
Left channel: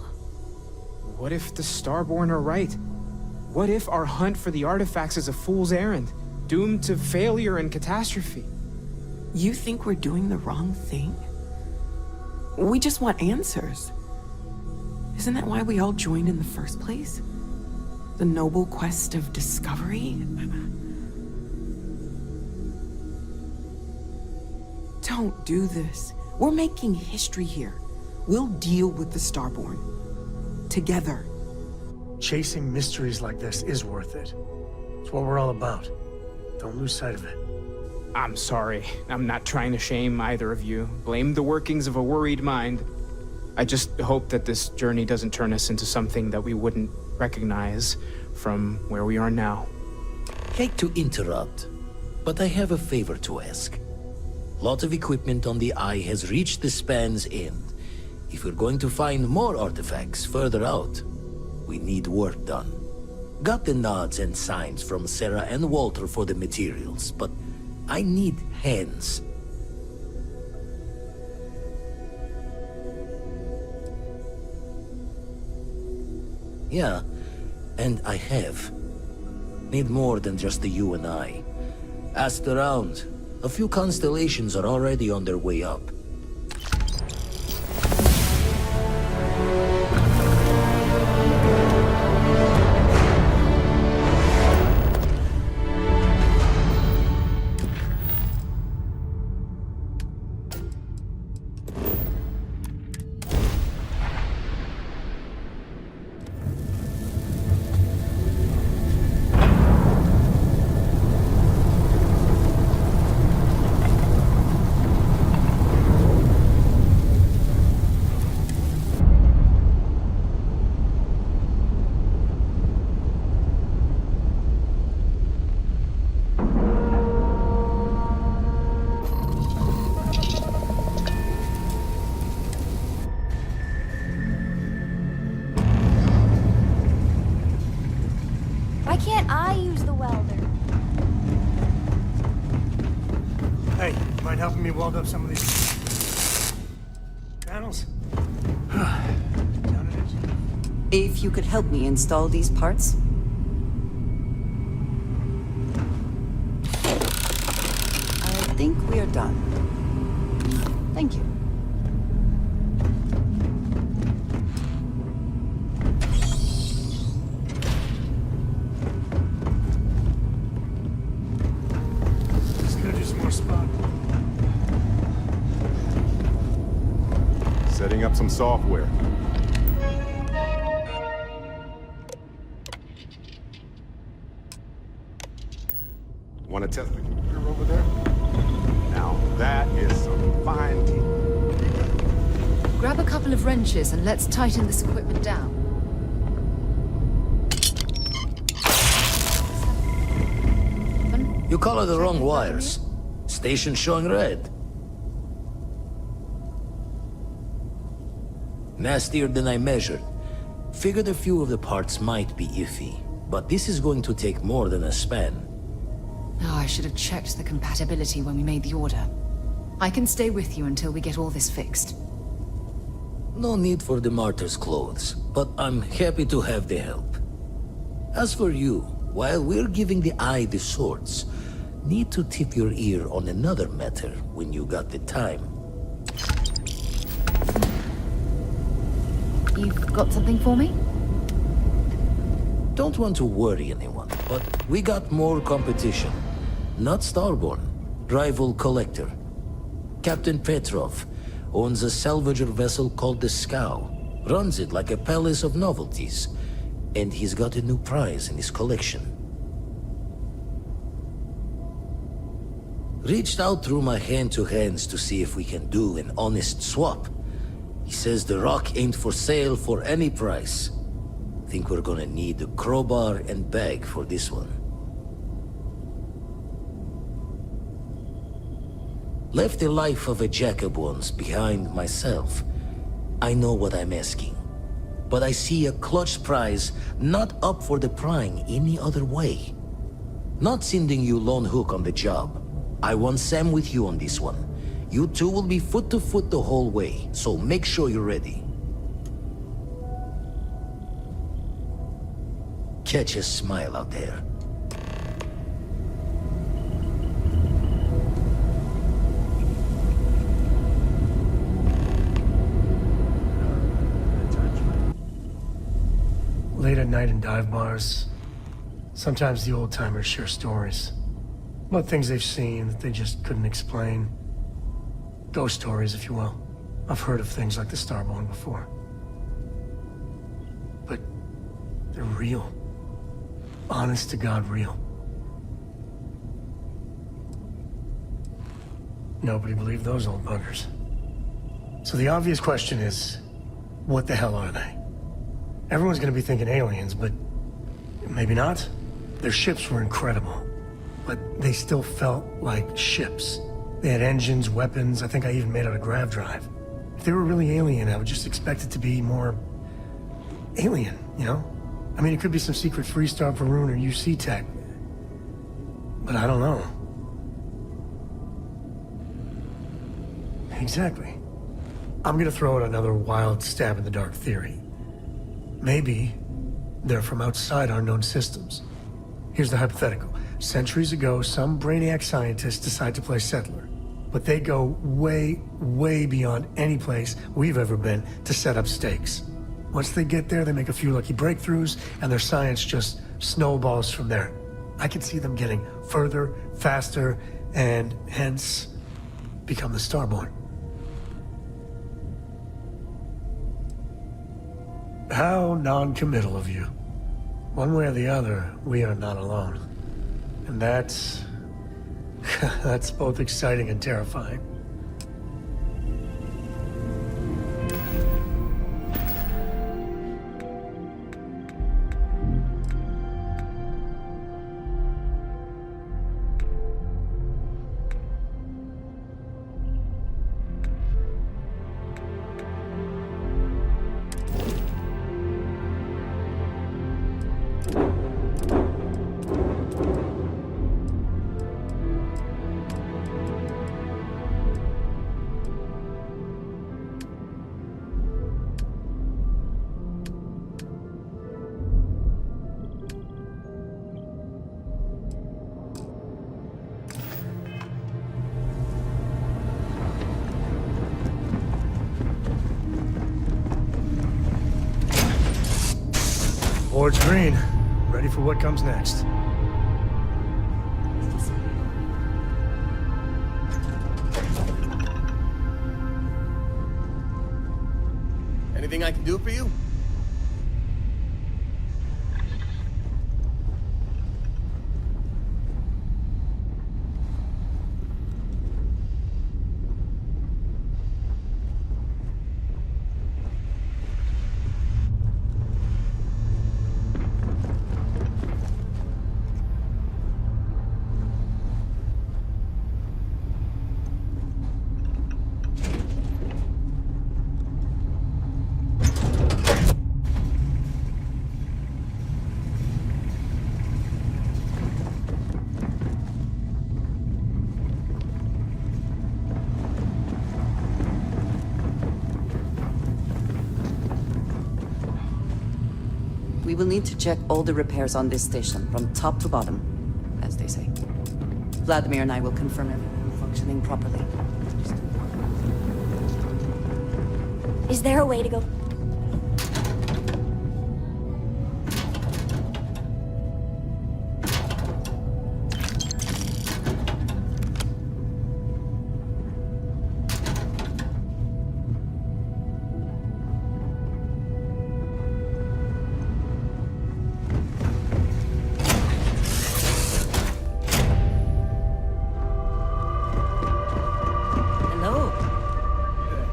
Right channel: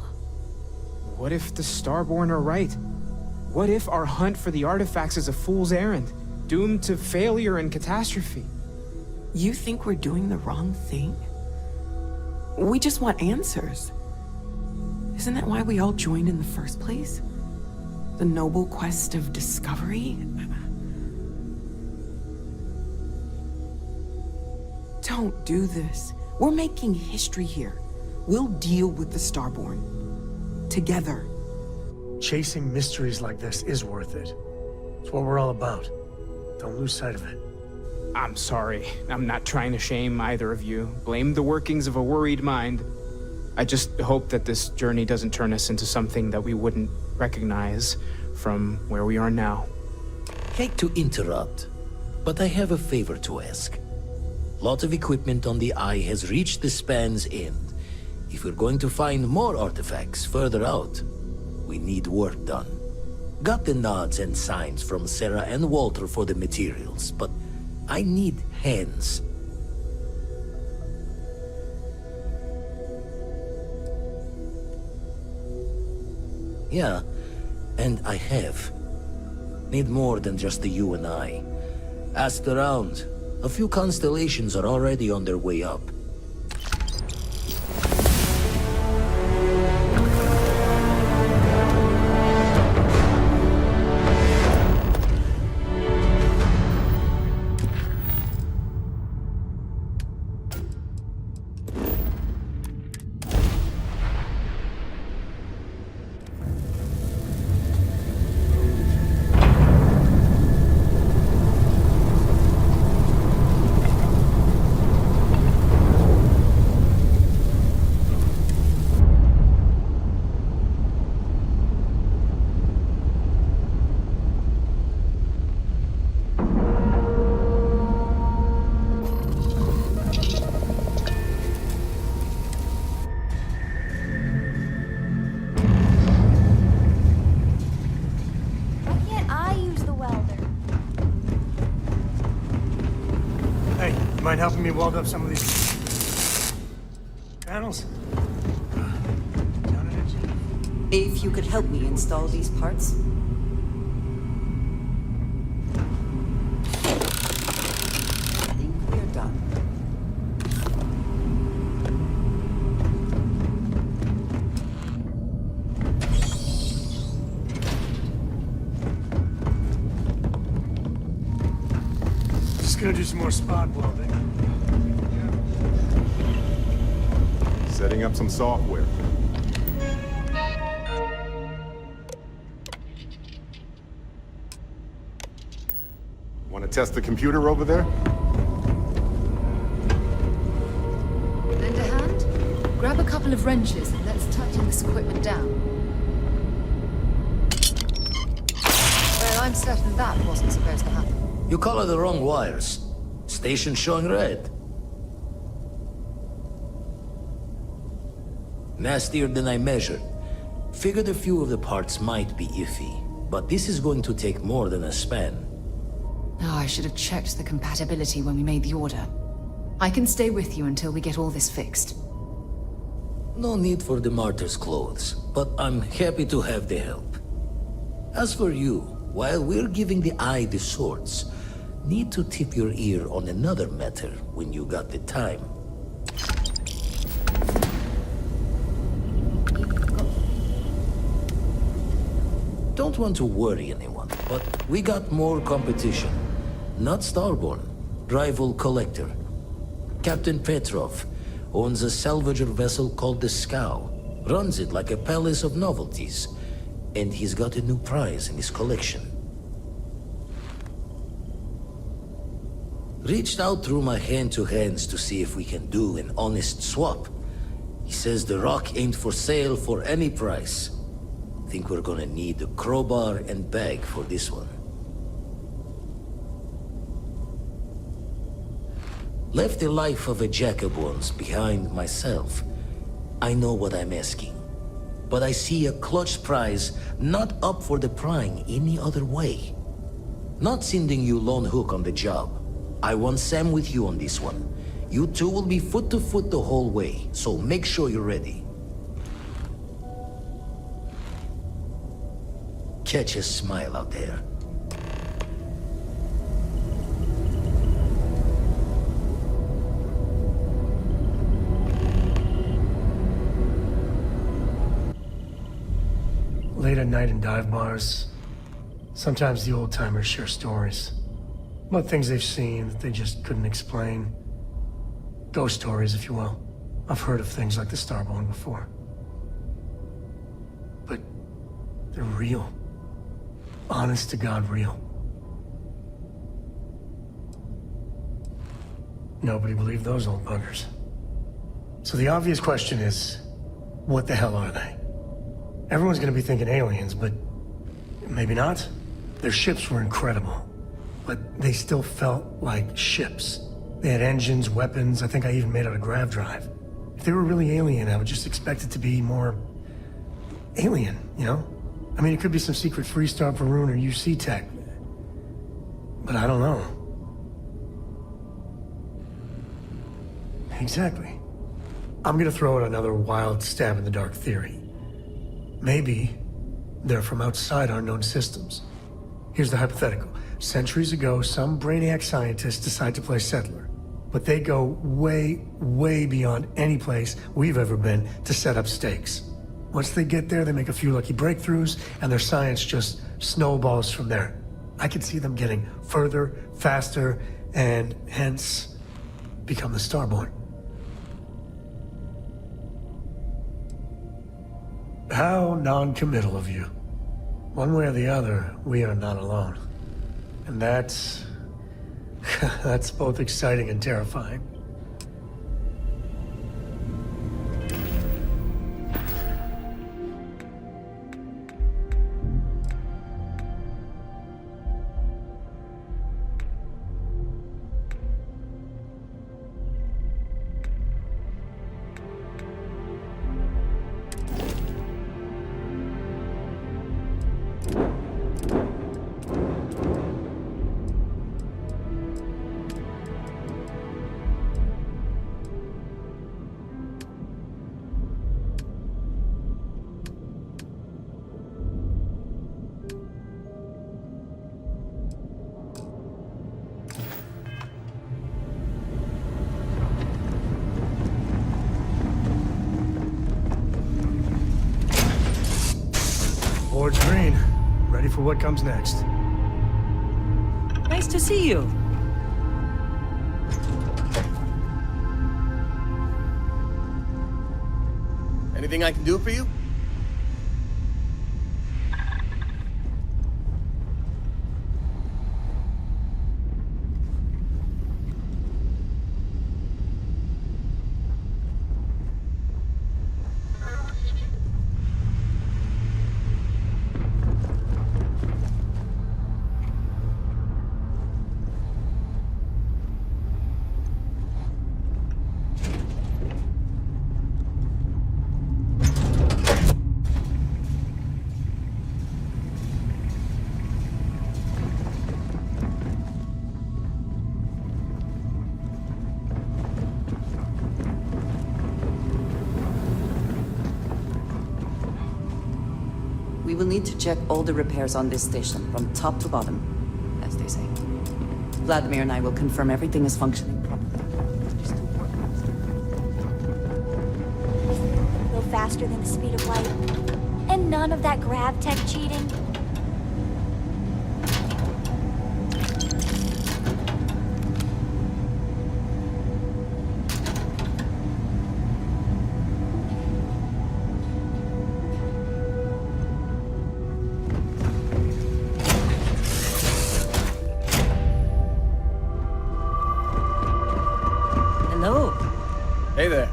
What if the Starborn are right? What if our hunt for the artifacts is a fool's errand, doomed to failure and catastrophe? You think we're doing the wrong thing? We just want answers. Isn't that why we all joined in the first place? The noble quest of discovery? Don't do this. We're making history here. We'll deal with the Starborn. Together. Chasing mysteries like this is worth it. It's what we're all about. Don't lose sight of it. I'm sorry. I'm not trying to shame either of you. Blame the workings of a worried mind. I just hope that this journey doesn't turn us into something that we wouldn't recognize from where we are now. Hate to interrupt, but I have a favor to ask. Lot of equipment on the Eye has reached the span's end. If we're going to find more artifacts further out, we need work done. Got the nods and signs from Sarah and Walter for the materials, but I need hands. Yeah, and I have. Need more than just the you and I. Asked around. A few constellations are already on their way up. Mind helping me weld up some of these panels? If you could help me install these parts. I think we're done. Thank you. Just gonna do some more spot welding. Setting up some software. Want to test the computer over there? Now that is some fine team. Lend a hand? Grab a couple of wrenches and let's tighten this equipment down. Well, I'm certain that wasn't supposed to happen. You colored the wrong wires. Station showing red. Nastier than I measured. Figured a few of the parts might be iffy, but this is going to take more than a span. Oh, I should have checked the compatibility when we made the order. I can stay with you until we get all this fixed. No need for the martyr's clothes, but I'm happy to have the help. As for you, while we're giving the Eye the swords, need to tip your ear on another matter when you got the time. You've got something for me? Don't want to worry anyone, but we got more competition. Not Starborn, rival collector. Captain Petrov owns a salvager vessel called the Scow. Runs it like a palace of novelties. And he's got a new prize in his collection. Reached out through my hand-to-hands to see if we can do an honest swap. He says the rock ain't for sale for any price. Think we're gonna need a crowbar and bag for this one. Left the life of a jacob once behind myself. I know what I'm asking. But I see a clutch prize not up for the prying any other way. Not sending you lone hook on the job. I want Sam with you on this one. You two will be foot to foot the whole way, so make sure you're ready. Catch a smile out there. at night in dive bars, sometimes the old-timers share stories. About things they've seen that they just couldn't explain. Ghost stories, if you will. I've heard of things like the Starborn before. But they're real. Honest to God real. Nobody believed those old buggers. So the obvious question is, what the hell are they? Everyone's gonna be thinking aliens, but maybe not. Their ships were incredible, but they still felt like ships. They had engines, weapons, I think I even made out a grav drive. If they were really alien, I would just expect it to be more alien, you know? I mean, it could be some secret Freestar Varun or UC tech, but I don't know. Exactly. I'm gonna throw out another wild stab in the dark theory. Maybe they're from outside our known systems. Here's the hypothetical. Centuries ago, some brainiac scientists decide to play settler, but they go way, way beyond any place we've ever been to set up stakes. Once they get there, they make a few lucky breakthroughs, and their science just snowballs from there. I could see them getting further, faster, and hence become the Starborn. How non-committal of you. One way or the other, we are not alone. And that's that's both exciting and terrifying. Board's green. Ready for what comes next. Nice to see you. Anything I can do for you? We will need to check all the repairs on this station, from top to bottom, as they say. Vladimir and I will confirm everything is functioning properly. Is there a way to go faster than the speed of light? And none of that grav tech cheating? Hello. Hey there.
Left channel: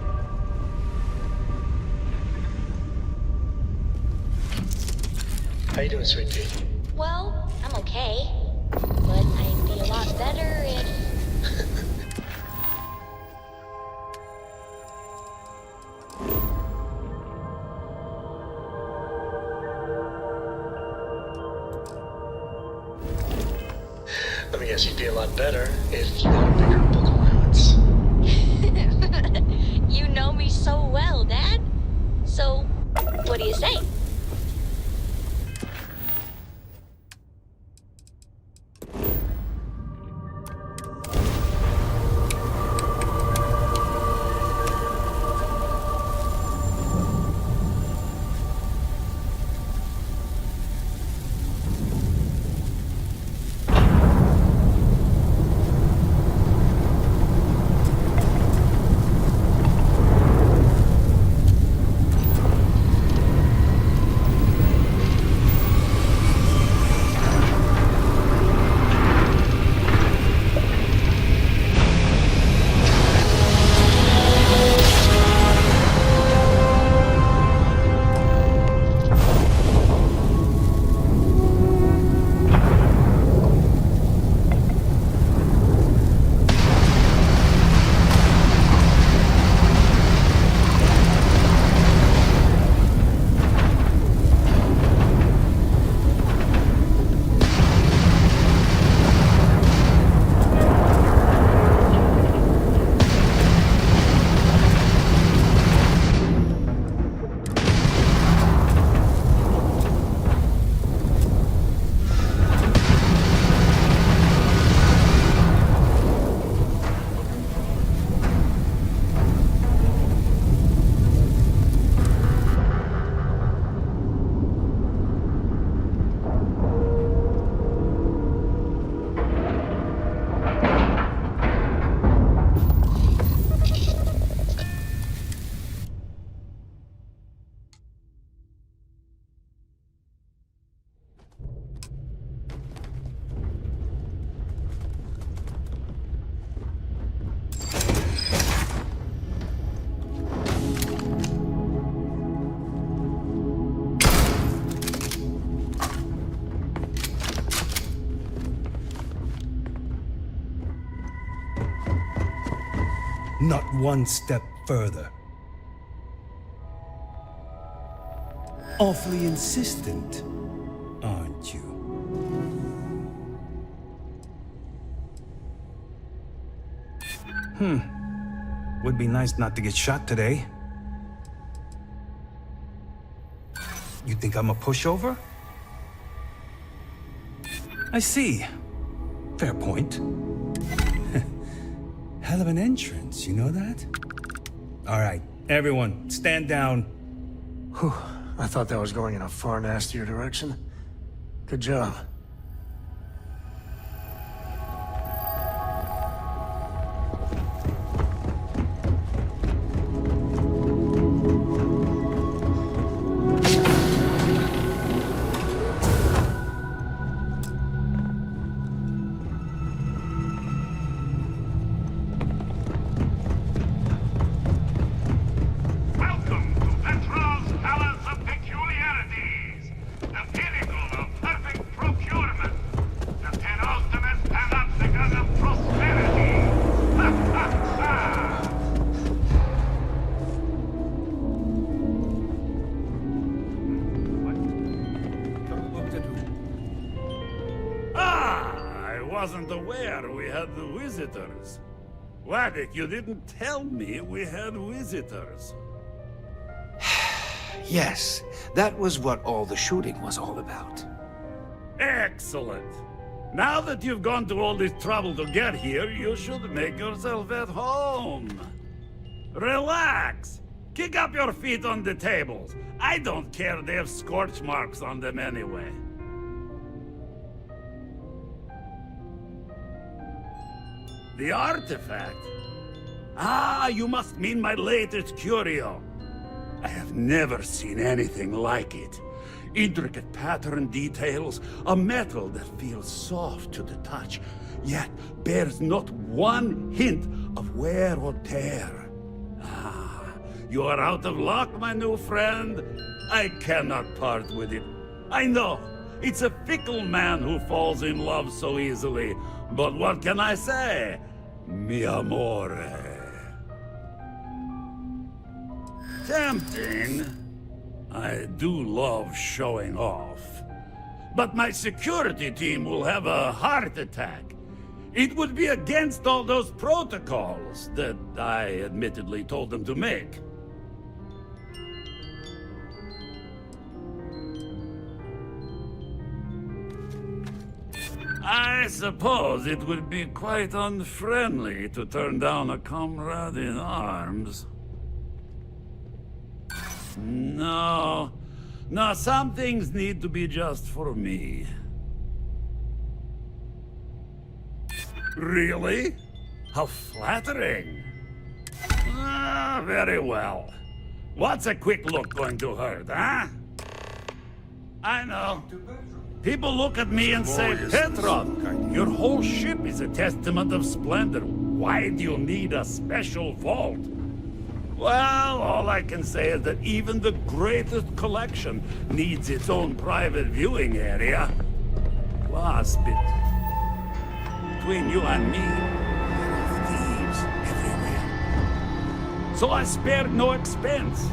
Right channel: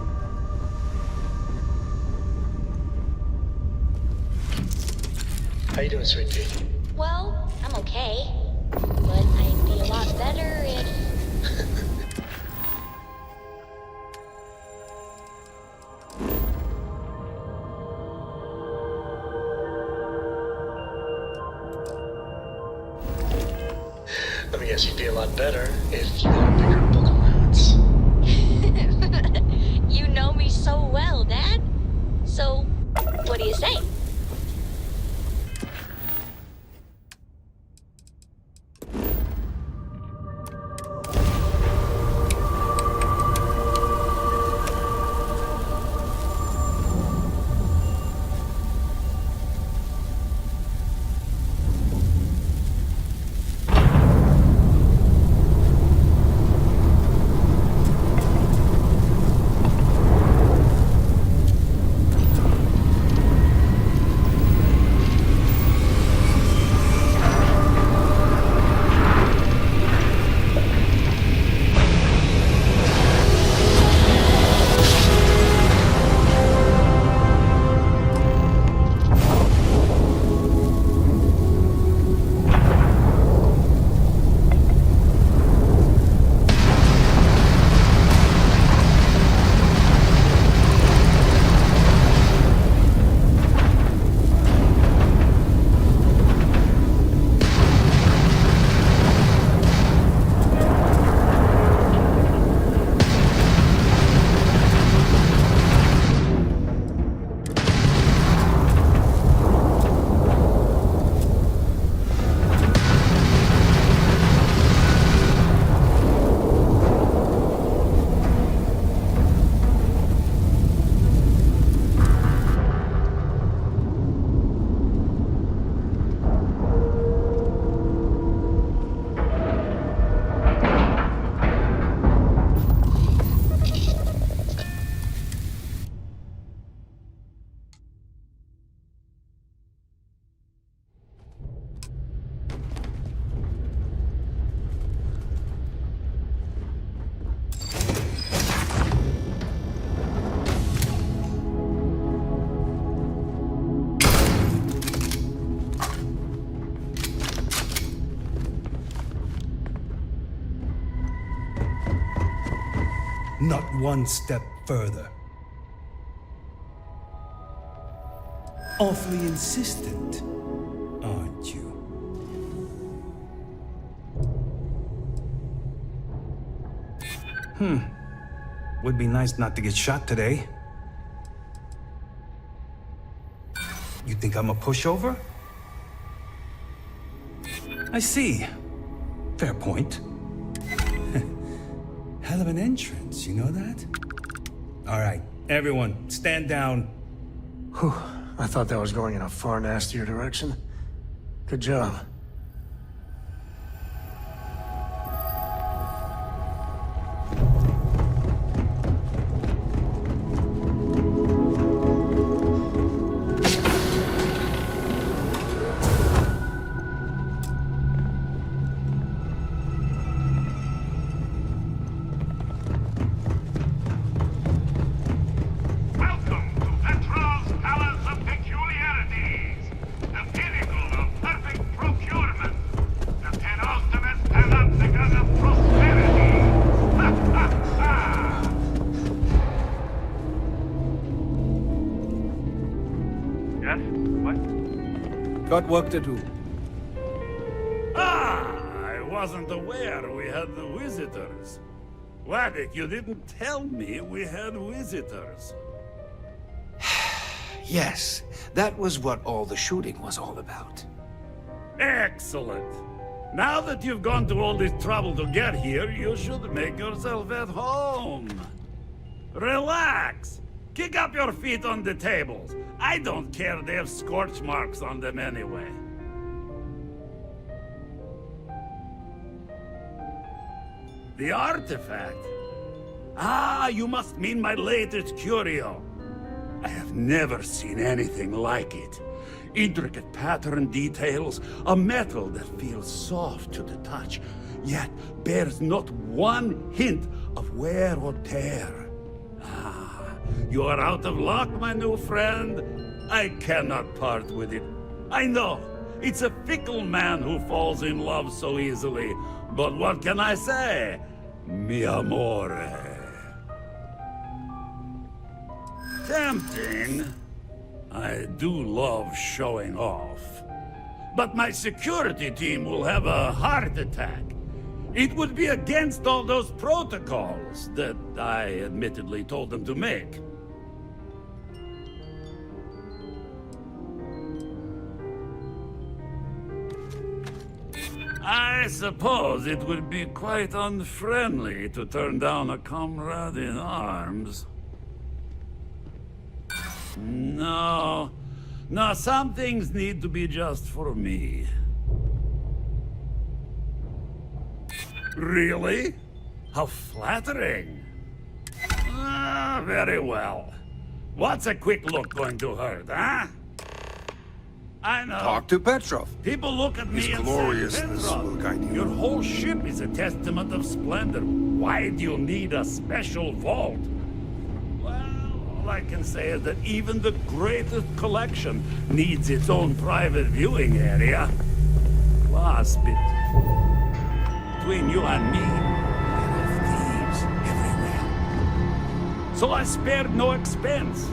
How you doing, sweet pea? Well, I'm okay. But I'd be a lot better if... Let me guess, you'd be a lot better if you had a bigger book allowance. You know me so well, Dad. So, what do you say? not one step further. Awfully insistent, aren't you? Would be nice not to get shot today. You think I'm a pushover? I see. Fair point. Hell of an entrance, you know that? All right, everyone, stand down. Whew, I thought that was going in a far nastier direction. Good job. Got work to do. I wasn't aware we had the visitors. Waddick, you didn't tell me we had visitors. Yes, that was what all the shooting was all about. Excellent. Now that you've gone to all this trouble to get here, you should make yourself at home. Relax. Kick up your feet on the tables. I don't care, they have scorch marks on them anyway. The artifact? Ah, you must mean my latest curio. I have never seen anything like it. Intricate pattern details, a metal that feels soft to the touch, yet bears not one hint of wear or tear. Ah. You are out of luck, my new friend. I cannot part with it. I know, it's a fickle man who falls in love so easily. But what can I say? Mi amore. Tempting. I do love showing off. But my security team will have a heart attack. It would be against all those protocols that I admittedly told them to make. I suppose it would be quite unfriendly to turn down a comrade in arms. No, some things need to be just for me. Really? How flattering. Ah, very well. What's a quick look going to hurt, huh? I know. Talk to Petrov. People look at me and say, gloriousness Petrov, your whole ship is a testament of splendor. Why do you need a special vault? Well, all I can say is that even the greatest collection needs its own private viewing area. Plus, between you and me, there are thieves everywhere. So I spared no expense.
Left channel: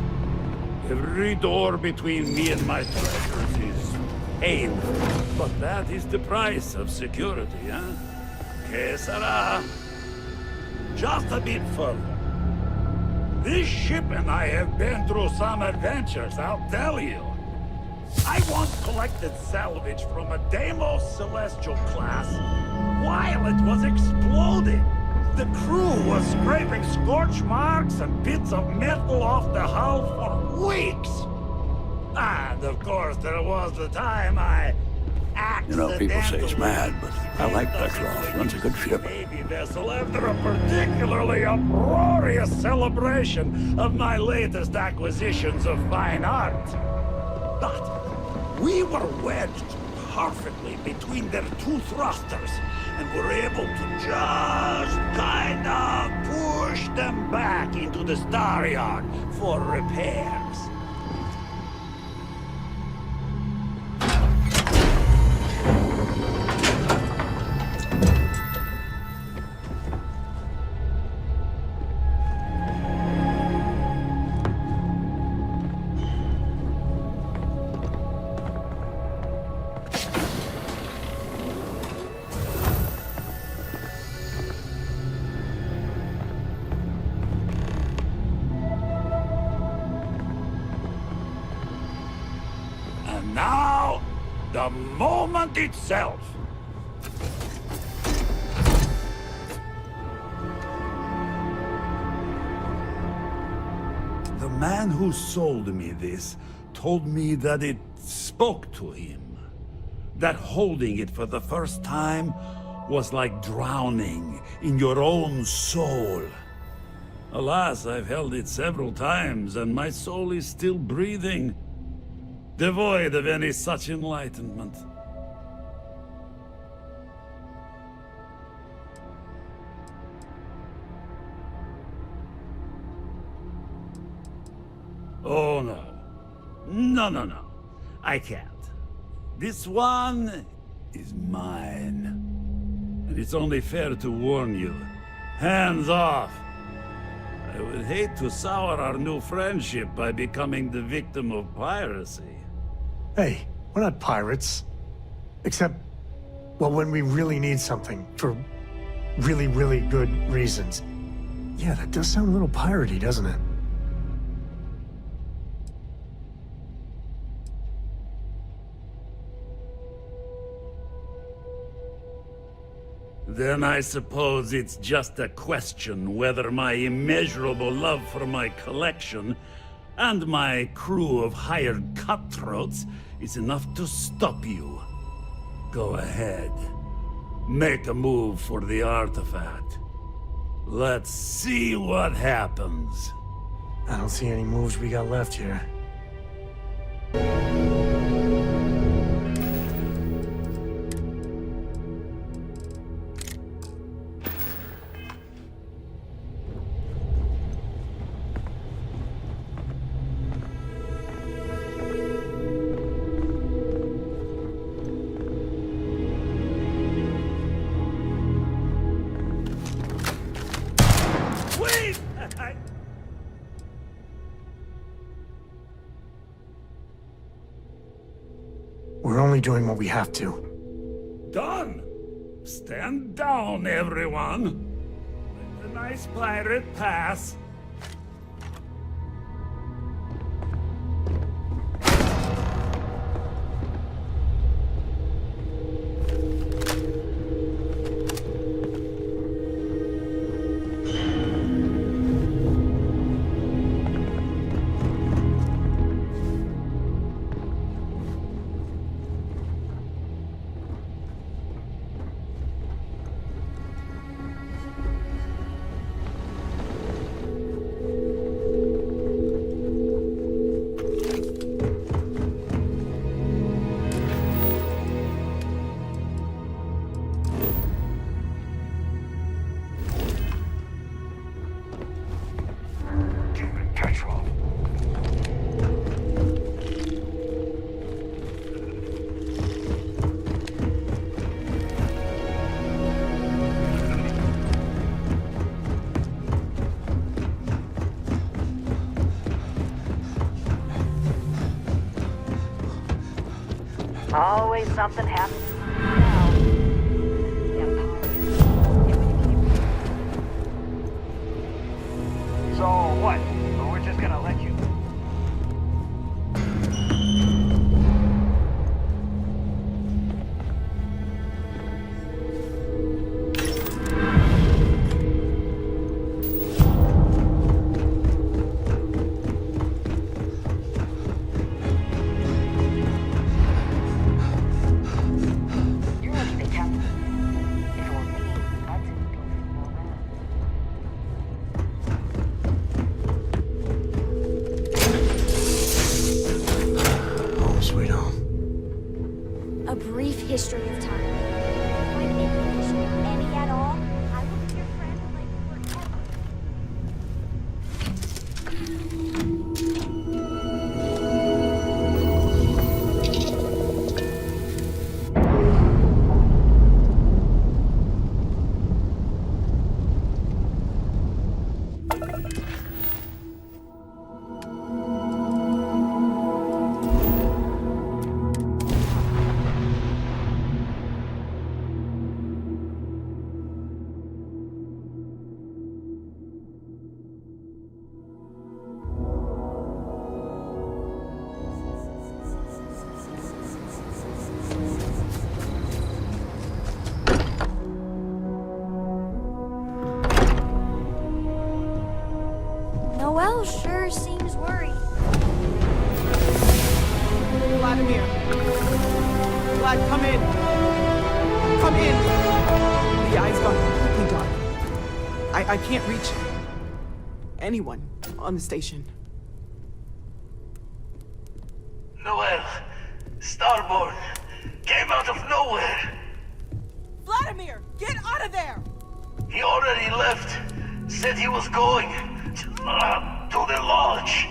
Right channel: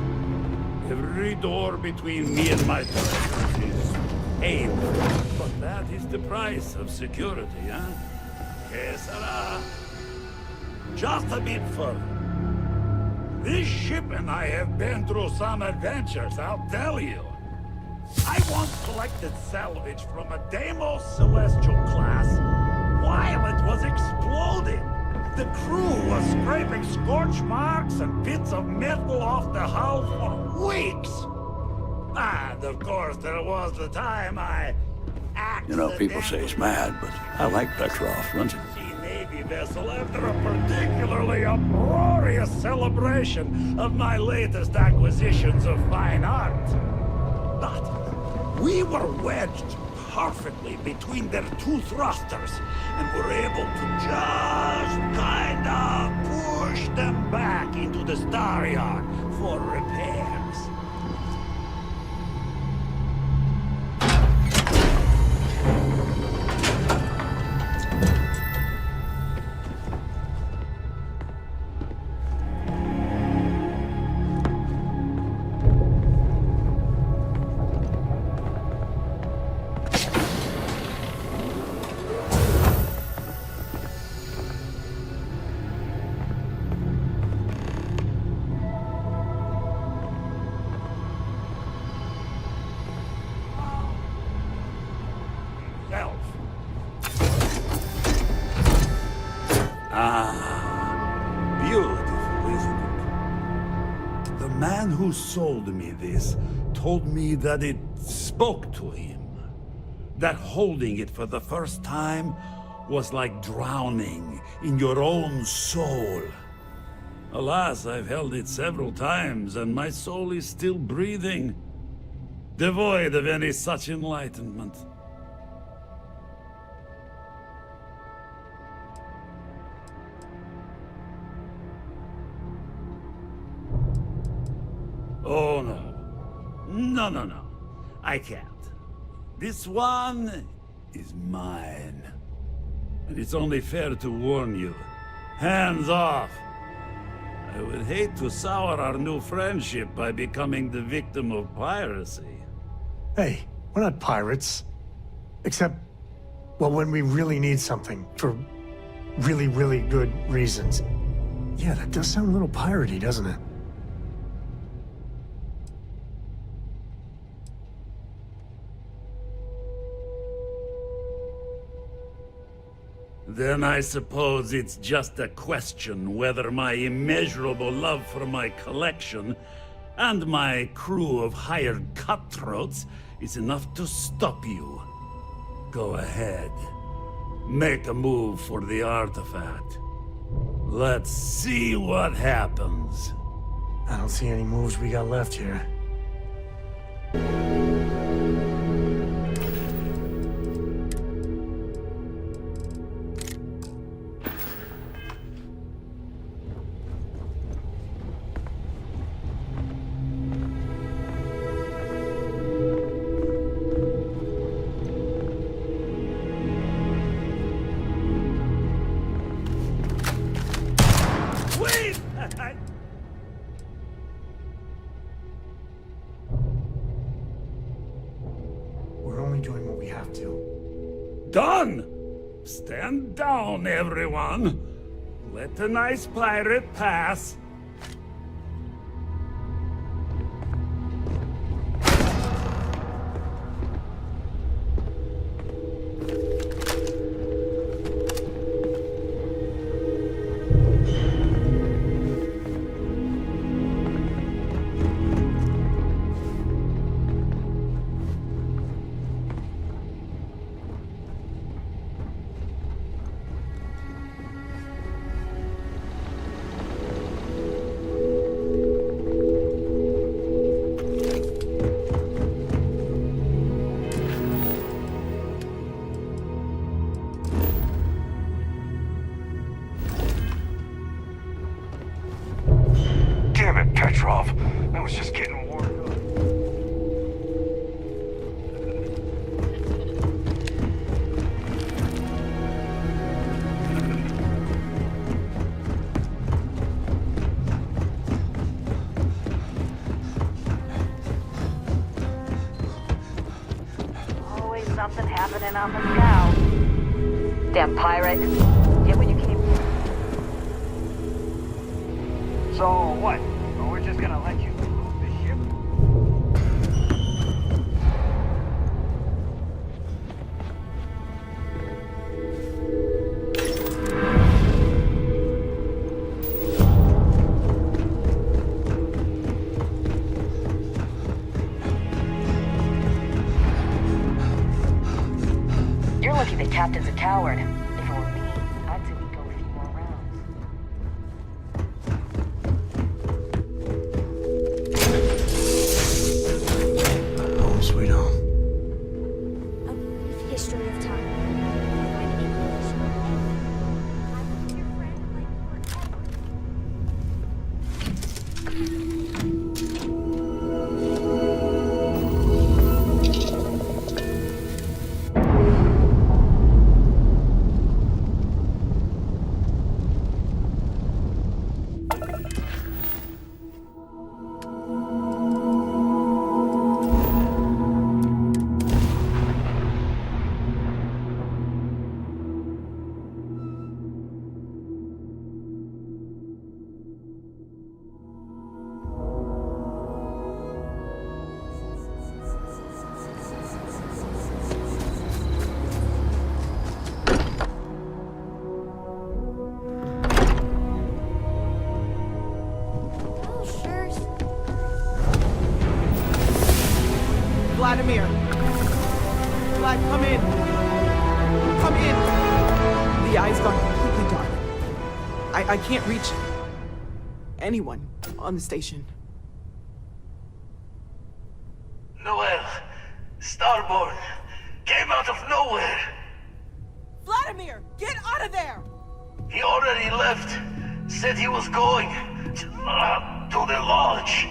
Every door between me and my treasures is painful. But that is the price of security, huh? Que sera? Just a bit further. This ship and I have been through some adventures, I'll tell you. I once collected salvage from a Deimos Celestial class while it was exploding. The crew was scraping scorch marks and bits of metal off the hull for weeks. And of course, there was the time I You know, people say he's mad, but I like Petrov. Runs a good ship. Navy vessel after a particularly uproarious celebration of my latest acquisitions of fine art. But we were wedged perfectly between their two thrusters and were able to just kind of push them back into the Star Yard for repairs. itself. Ah, beautiful, isn't it? The man who sold me this told me that it spoke to him. That holding it for the first time was like drowning in your own soul. Alas, I've held it several times, and my soul is still breathing, devoid of any such enlightenment. Oh no. No. I can't. This one is mine. And it's only fair to warn you. Hands off! I would hate to sour our new friendship by becoming the victim of piracy. Hey, we're not pirates. Except, well, when we really need something for really, really good reasons. Yeah, that does sound a little piratey, doesn't it? Then I suppose it's just a question whether my immeasurable love for my collection and my crew of hired cutthroats is enough to stop you. Go ahead. Make a move for the artifact. Let's see what happens. I don't see any moves we got left here. Wait! We're only doing what we have to. Done! Stand down, everyone. Let the nice pirate pass. Damn it, Petrov. I was just getting warmed up. Always something happening on the scout. Damn pirate. Get what you came for. So what? We're just gonna let you. You're lucky the captain's a coward. If it were me, I'd say we'd go a few more rounds. Home sweet home. A brief history of time. If you find any addition, any at all, I will be your friend like forever. Vladimir. Vlad, come in. Come in. The eye's gone completely dark. I can't reach anyone on the station. Noel, Starborn, came out of nowhere. Vladimir, get out of there! He already left. Said he was going to the lodge.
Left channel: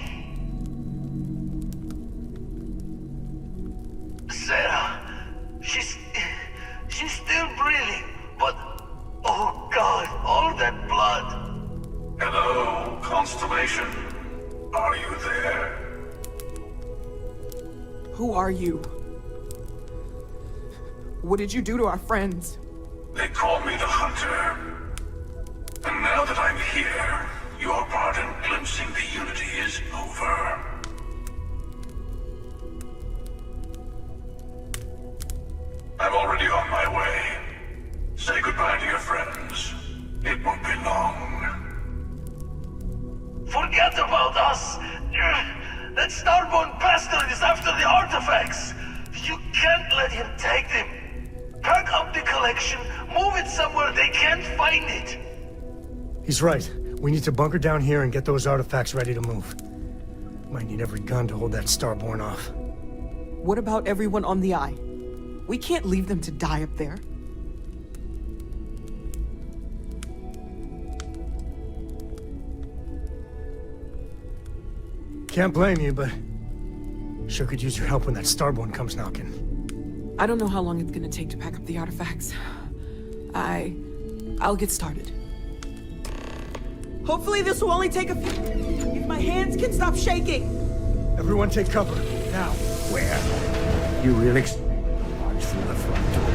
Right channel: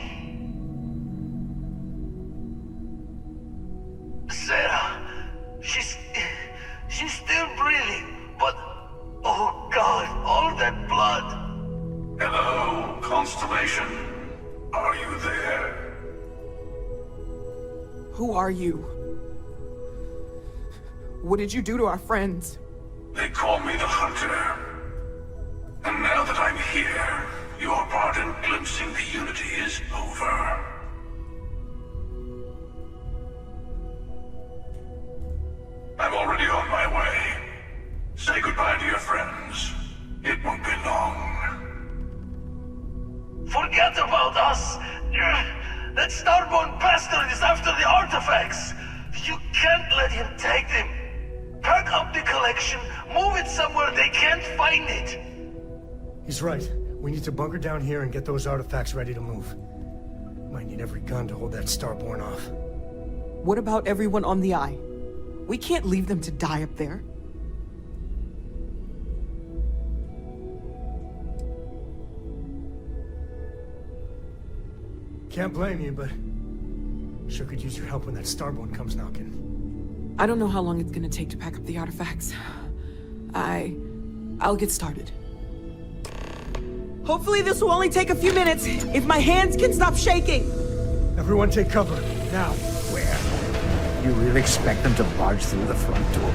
Sarah, she's still breathing, but oh God, all that blood. Hello, Constellation. Are you there? Who are you? What did you do to our friends? They call me the Hunter. And now that I'm here, your part in glimpsing the Unity is over. I'm already on my way. Say goodbye to your friends. It won't be long. Forget about us! That Starborn bastard is after the artifacts! You can't let him take them! Pack up the collection, move it somewhere they can't find it! He's right. We need to bunker down here and get those artifacts ready to move. Might need every gun to hold that Starborn off. What about everyone on the Eye? We can't leave them to die up there. Can't blame you, but sure could use your help when that Starborn comes knocking. I don't know how long it's gonna take to pack up the artifacts. I'll get started. Hopefully this will only take a few minutes, if my hands can stop shaking! Everyone take cover, now. Where? You really expect them to barge through the front door?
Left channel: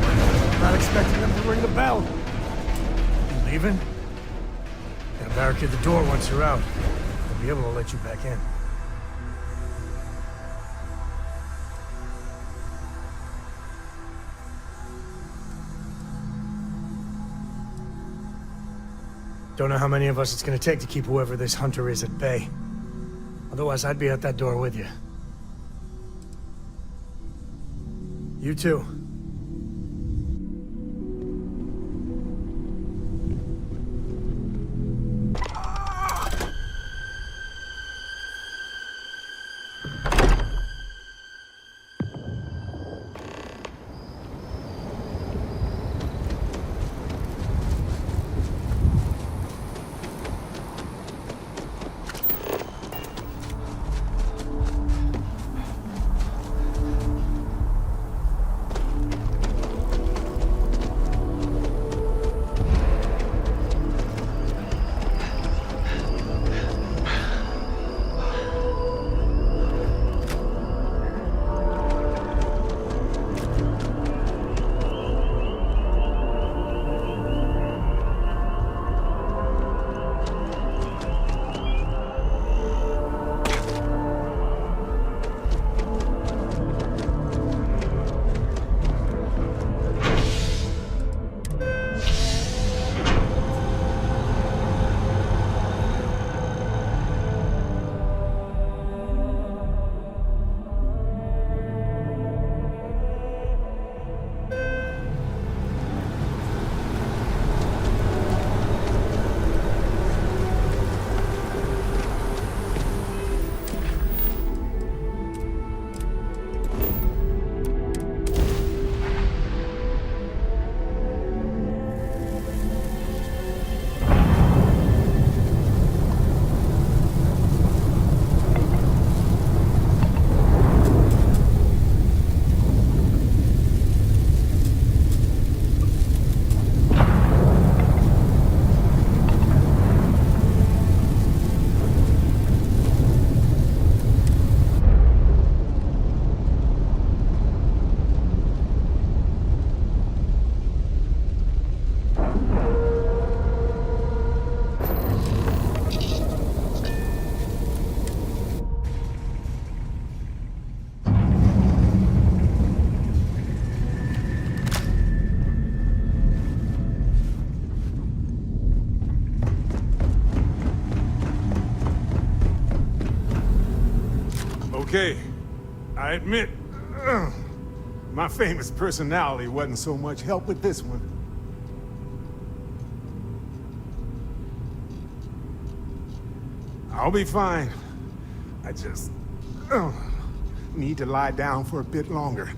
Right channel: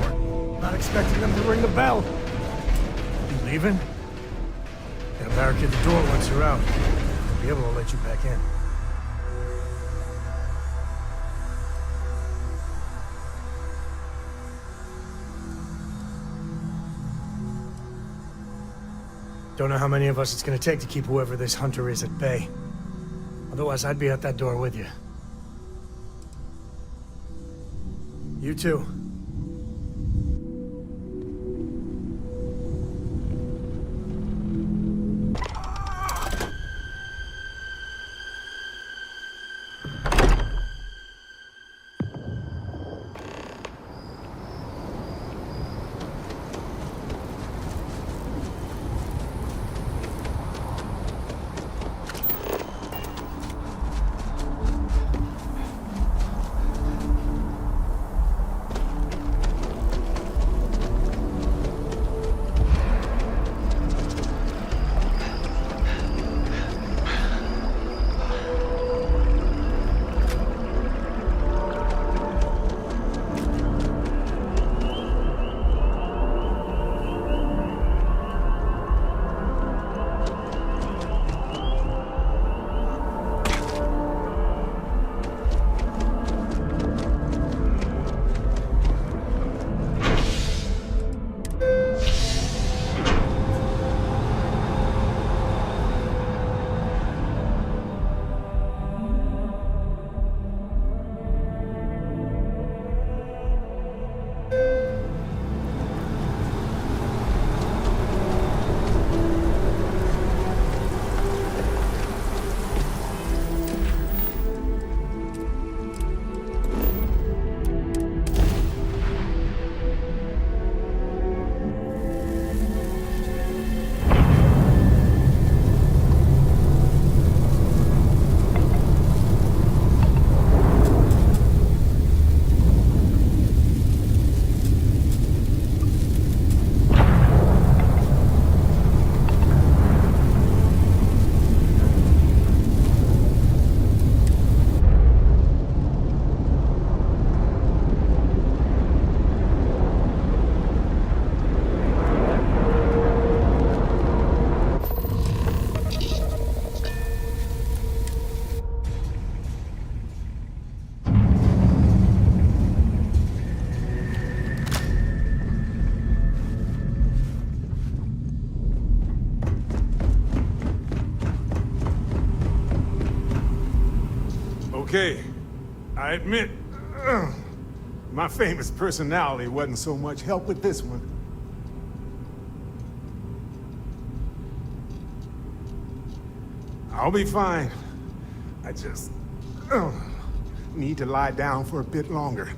Not expecting them to ring the bell. You leaving? Gotta barricade the door once you're out. They'll be able to let you back in. Don't know how many of us it's gonna take to keep whoever this Hunter is at bay. Otherwise, I'd be at that door with you. You too. Okay, I admit, My famous personality wasn't so much help with this one. I'll be fine. I just need to lie down for a bit longer.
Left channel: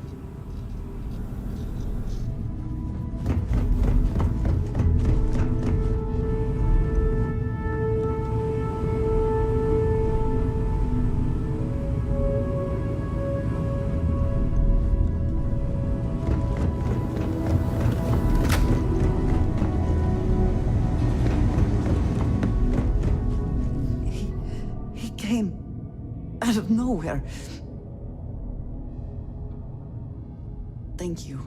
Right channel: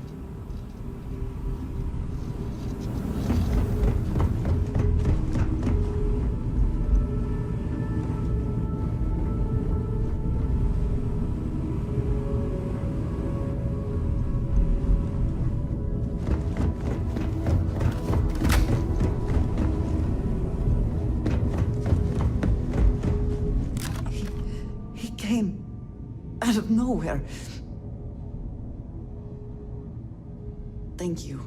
Out of nowhere. Thank you.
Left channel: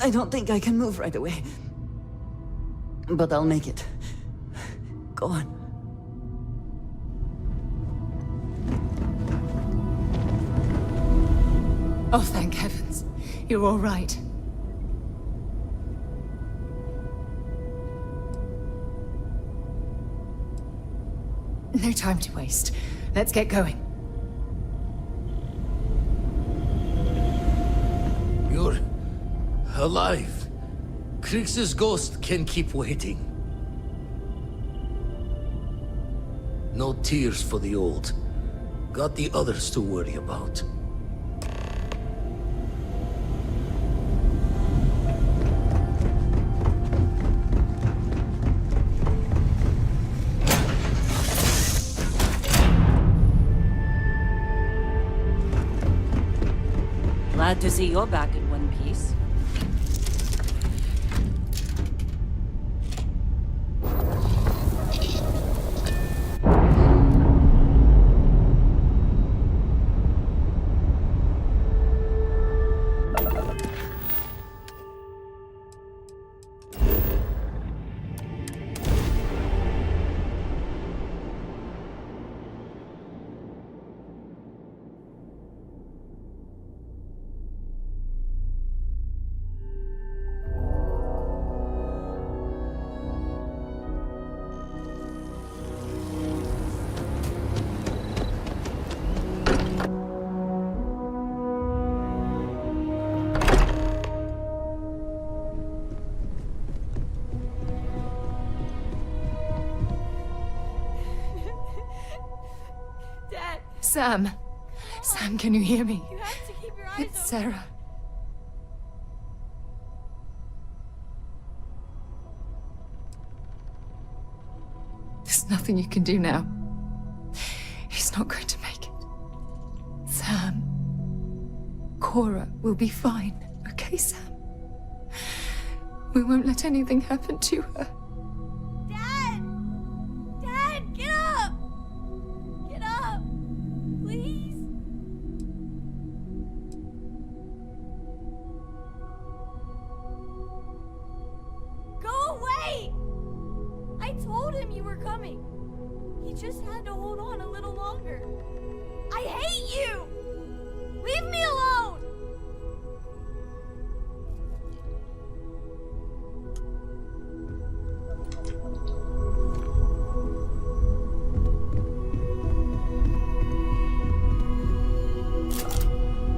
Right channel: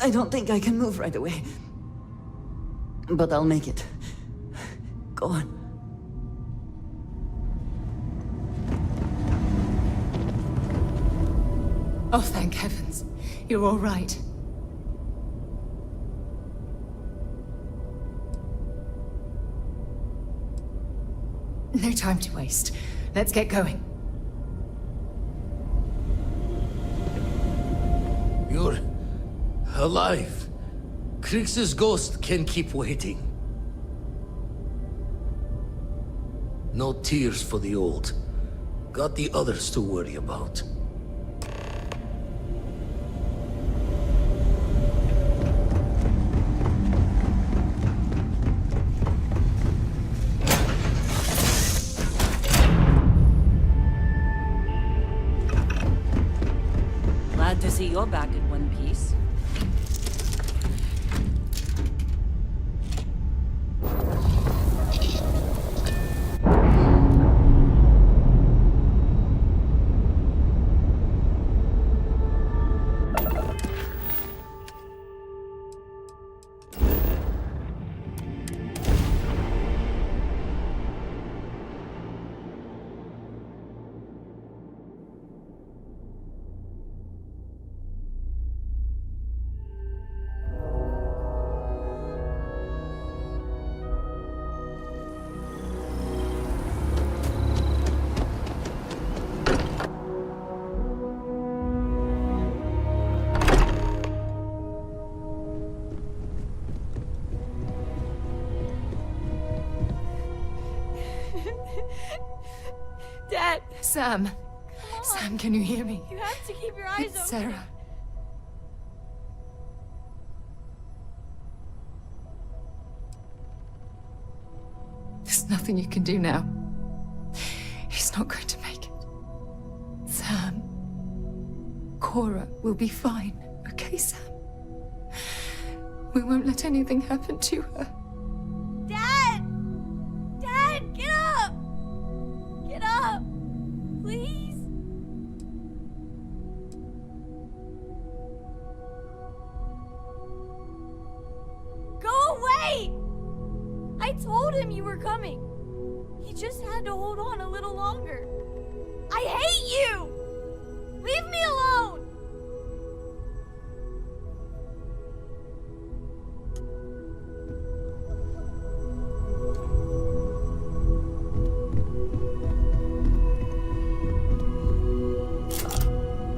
I don't think I can move right away. But I'll make it. Go on. Oh, thank heavens. You're all right. No time to waste. Let's get going. You're alive. Krix's ghost can keep waiting. No tears for the old. Got the others to worry about. Glad to see you're back in one piece. Dad! Sam! Mom. Sam, can you hear me? You have to keep your eyes It's open. Sarah. There's nothing you can do now. He's not going to make it. Sam. Cora will be fine, okay, Sam? We won't let anything happen to her. Dad! Dad, get up! Get up! Please? Go away! I told him you were coming. He just had to hold on a little longer. I hate you! Leave me alone!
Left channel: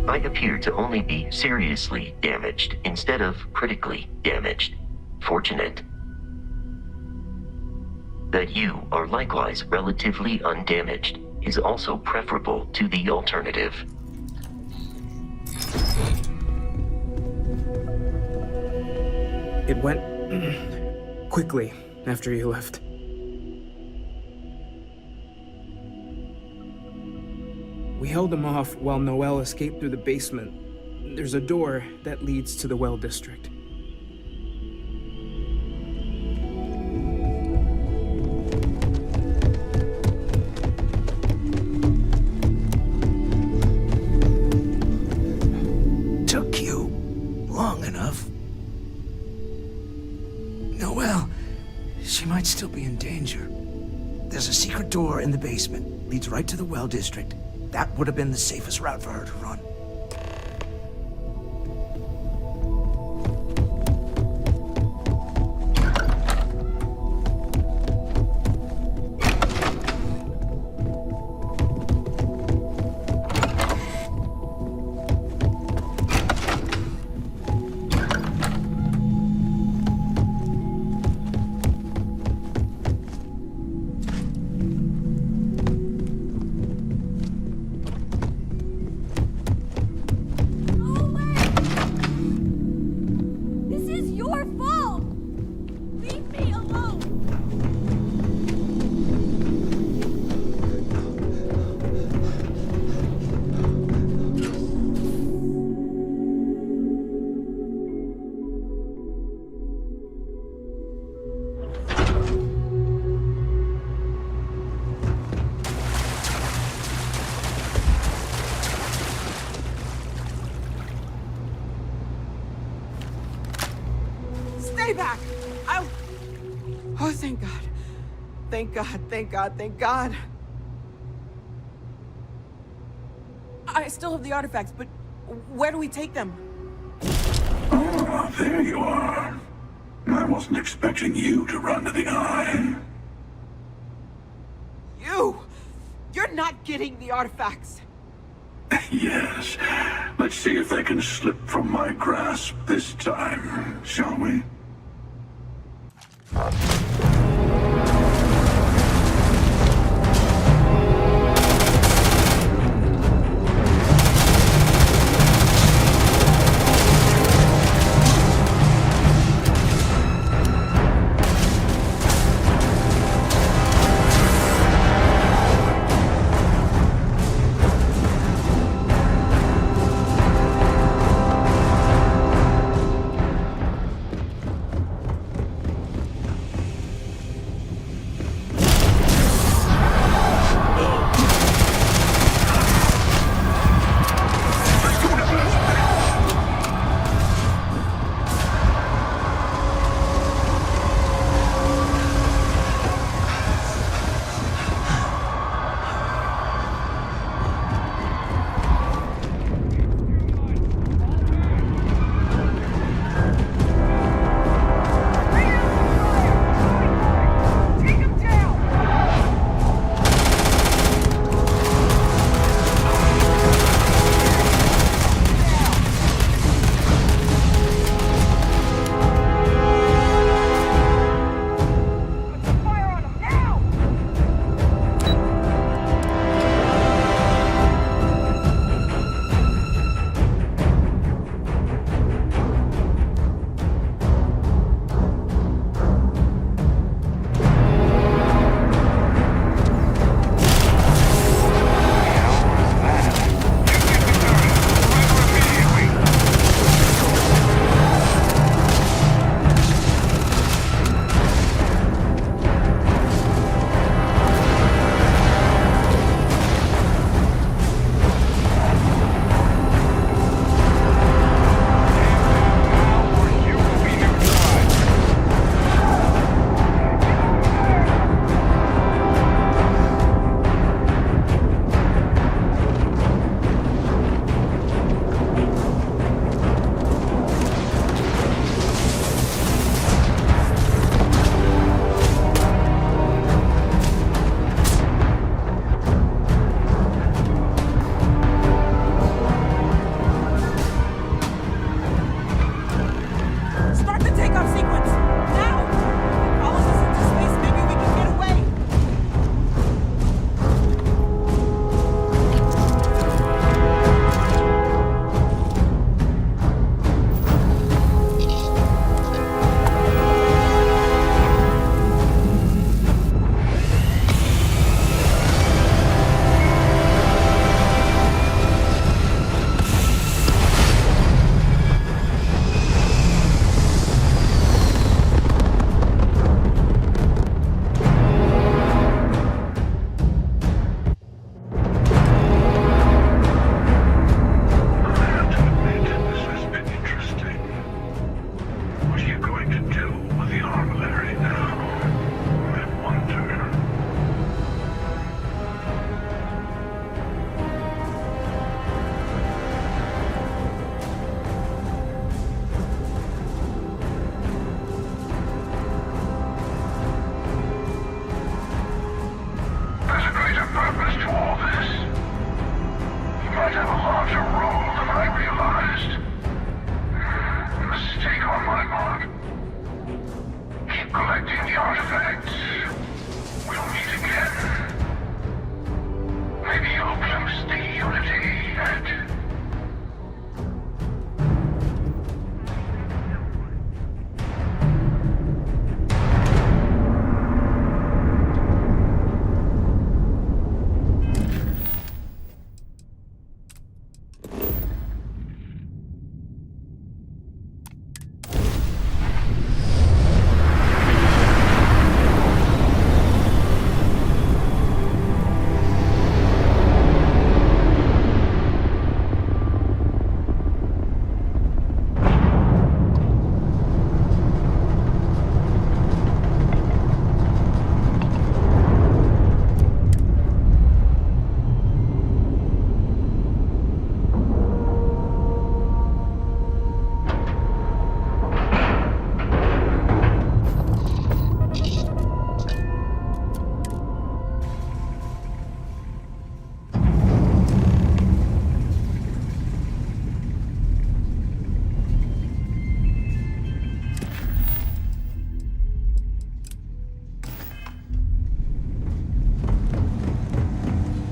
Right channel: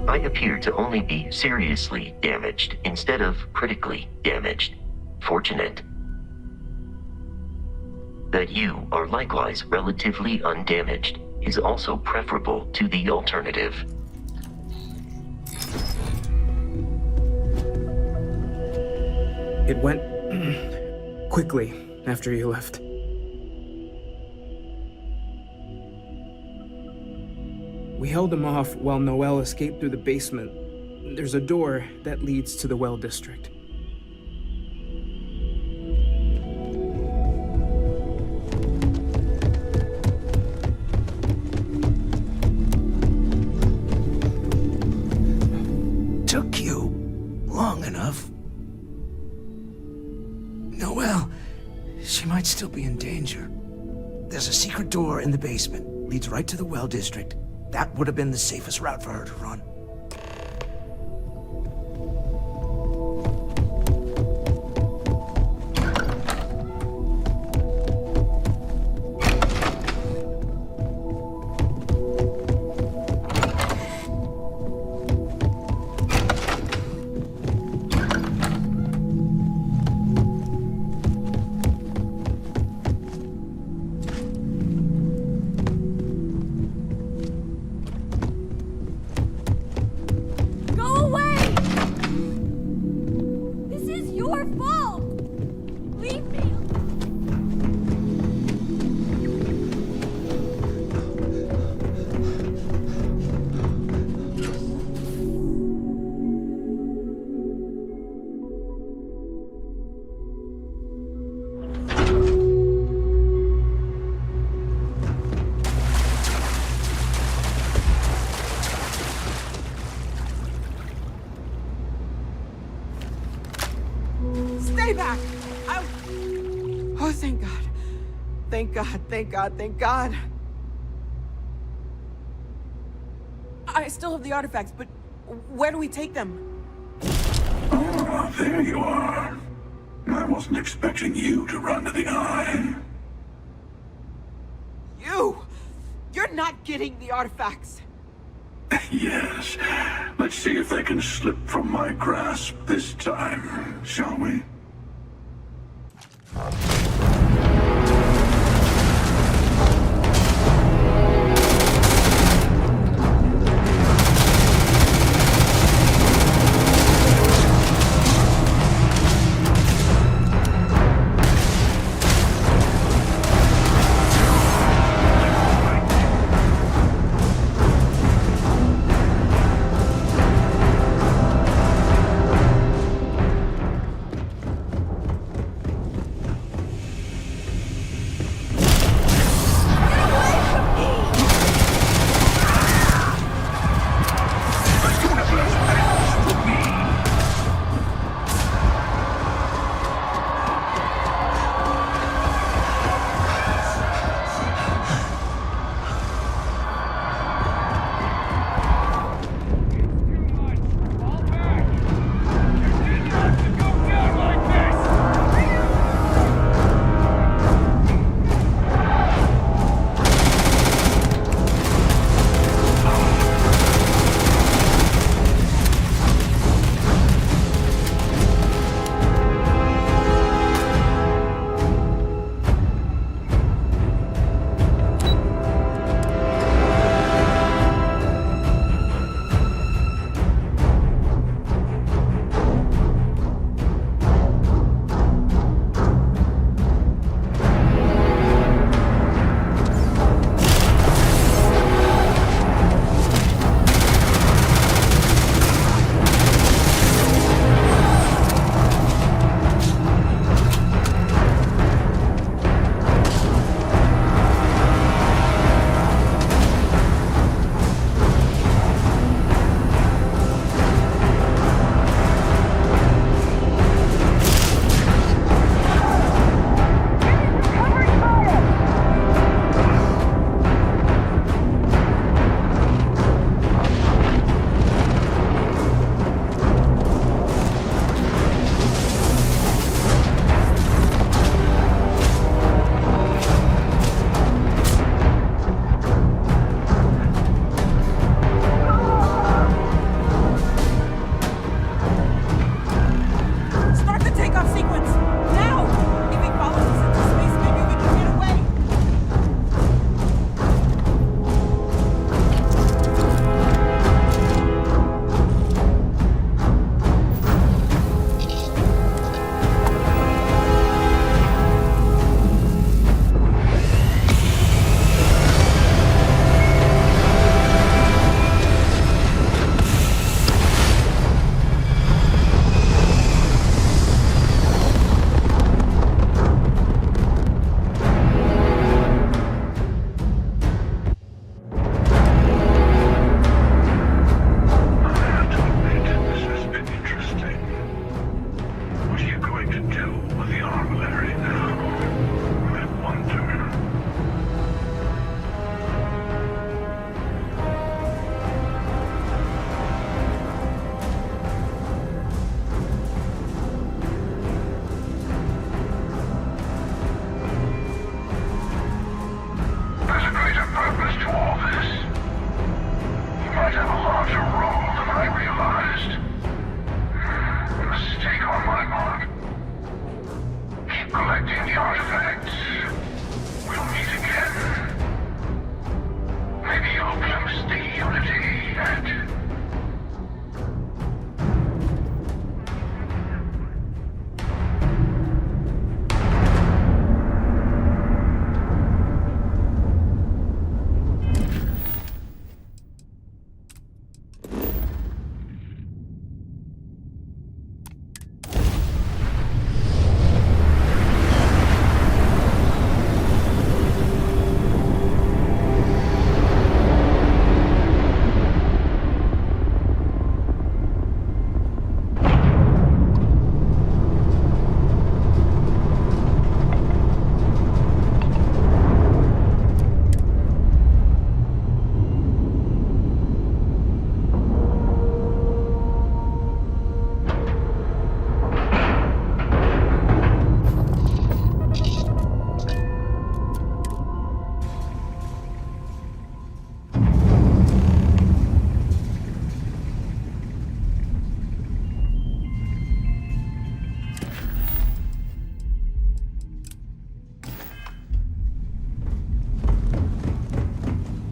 I appear to only be seriously damaged instead of critically damaged. Fortunate. That you are likewise relatively undamaged is also preferable to the alternative. It went quickly after you left. We held him off while Noel escaped through the basement. There's a door that leads to the well district. Took you long enough. Noel, she might still be in danger. There's a secret door in the basement. Leads right to the well district. That would have been the safest route for her to run. Oh, thank God. Thank God, thank God, thank God. I still have the artifacts, but where do we take them? Ah, there you are. I wasn't expecting you to run to the eye. You! You're not getting the artifacts! Yes. Let's see if they can slip from my grasp this time, shall we?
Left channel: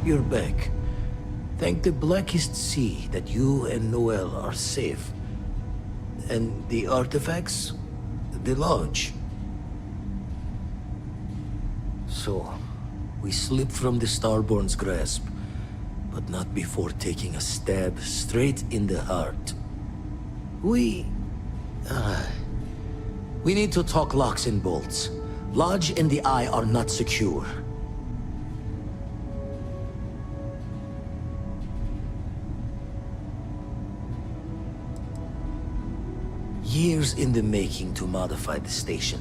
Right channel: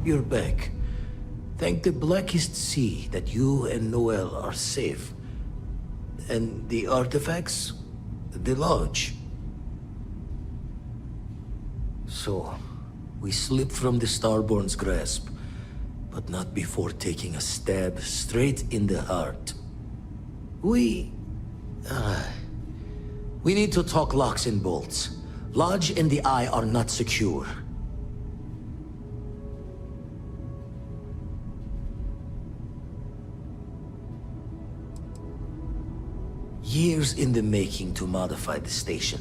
you're back. Thank the blackest sea that you and Noel are safe. And the artifacts? The lodge. So, we slipped from the Starborn's grasp, but not before taking a stab straight in the heart. We need to talk locks and bolts. Lodge and the Eye are not secure. Years in the making to modify the station.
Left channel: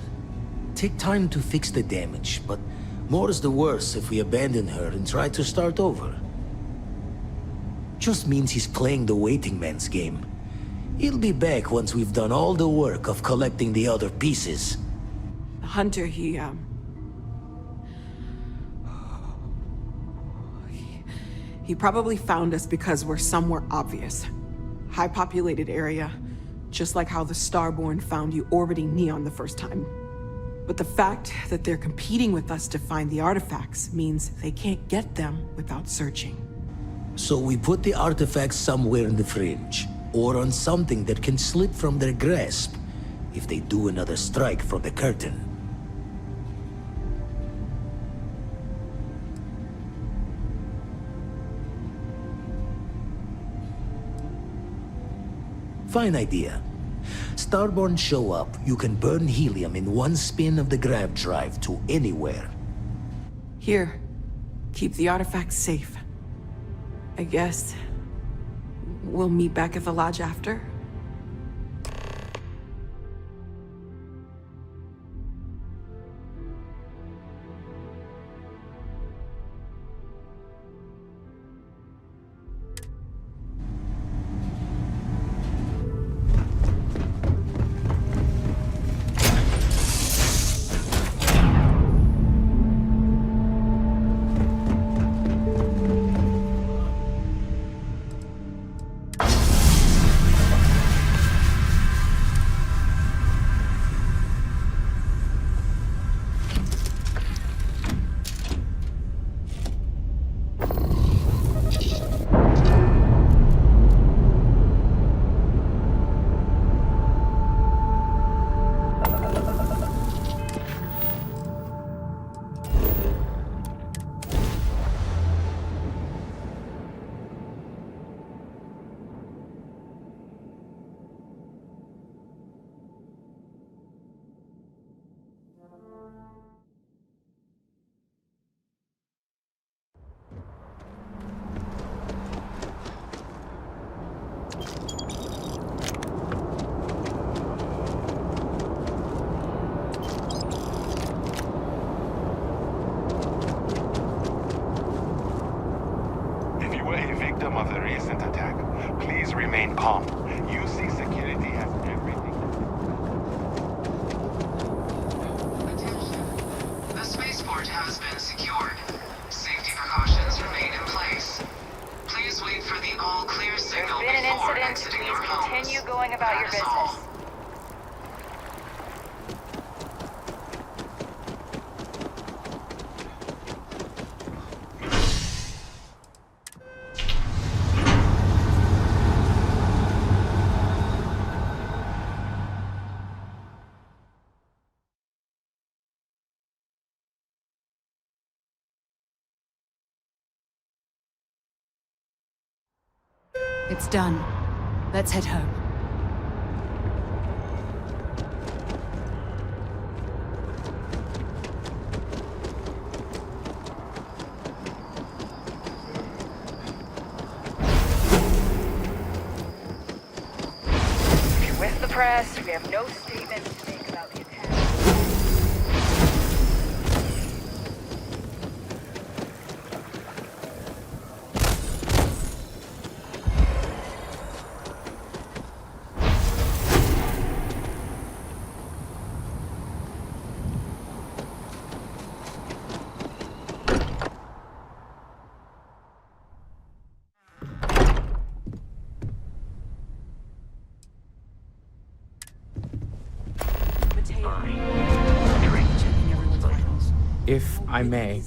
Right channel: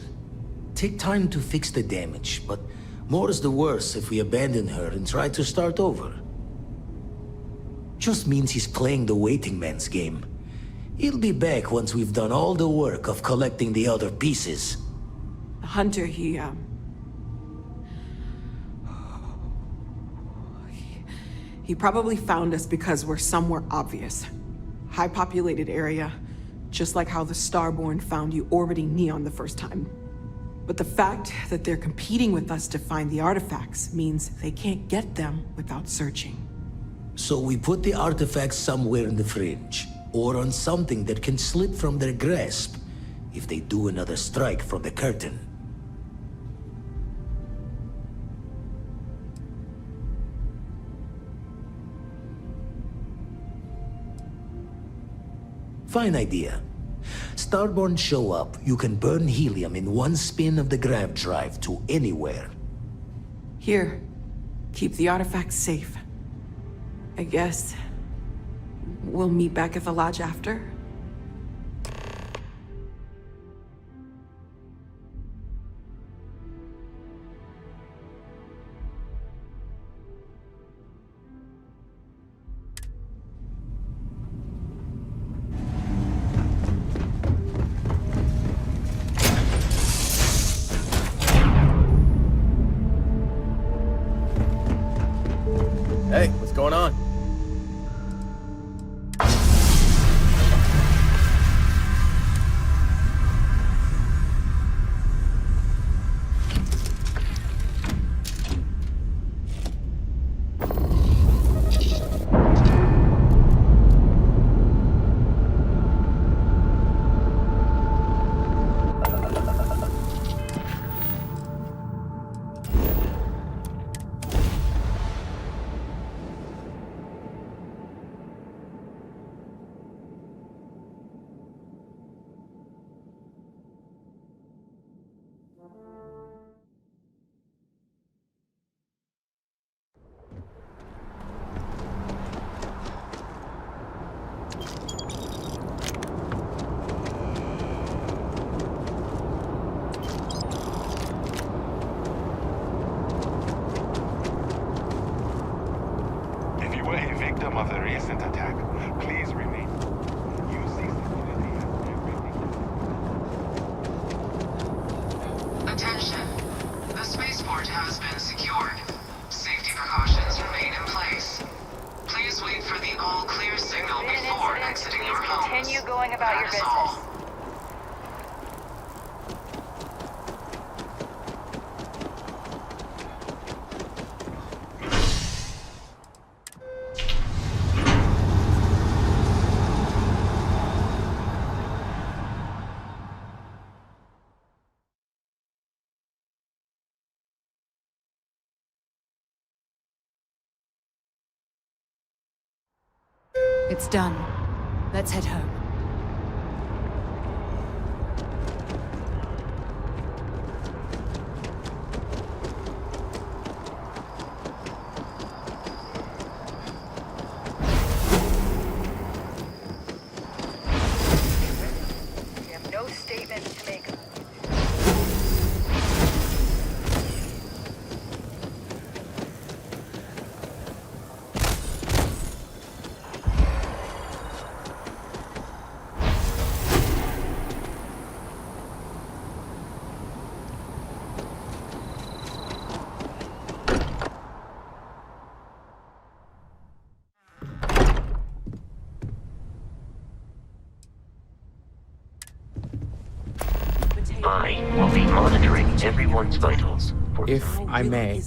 Take time to fix the damage, but more is the worse if we abandon her and try to start over. Just means he's playing the waiting man's game. He'll be back once we've done all the work of collecting the other pieces. The hunter, he probably found us because we're somewhere obvious. High-populated area, just like how the Starborn found you orbiting Neon the first time. But the fact that they're competing with us to find the artifacts means they can't get them without searching. So we put the artifacts somewhere in the fringe, or on something that can slip from their grasp if they do another strike from the curtain. Fine idea. Starborn show up, you can burn helium in one spin of the grav drive to anywhere. Here, keep the artifacts safe. I guess we'll meet back at the lodge after. Hey, what's going on? If you were a victim of the recent attack, please remain calm. UC security has everything. Attention. The spaceport has been secured. Safety precautions remain in place. Please wait for the all-clear signal before exiting your homes. Continue going about your business. It's done. Let's head home. With the press, we have no statement to make about the attack. I will be monitoring everyone's vitals. If I may,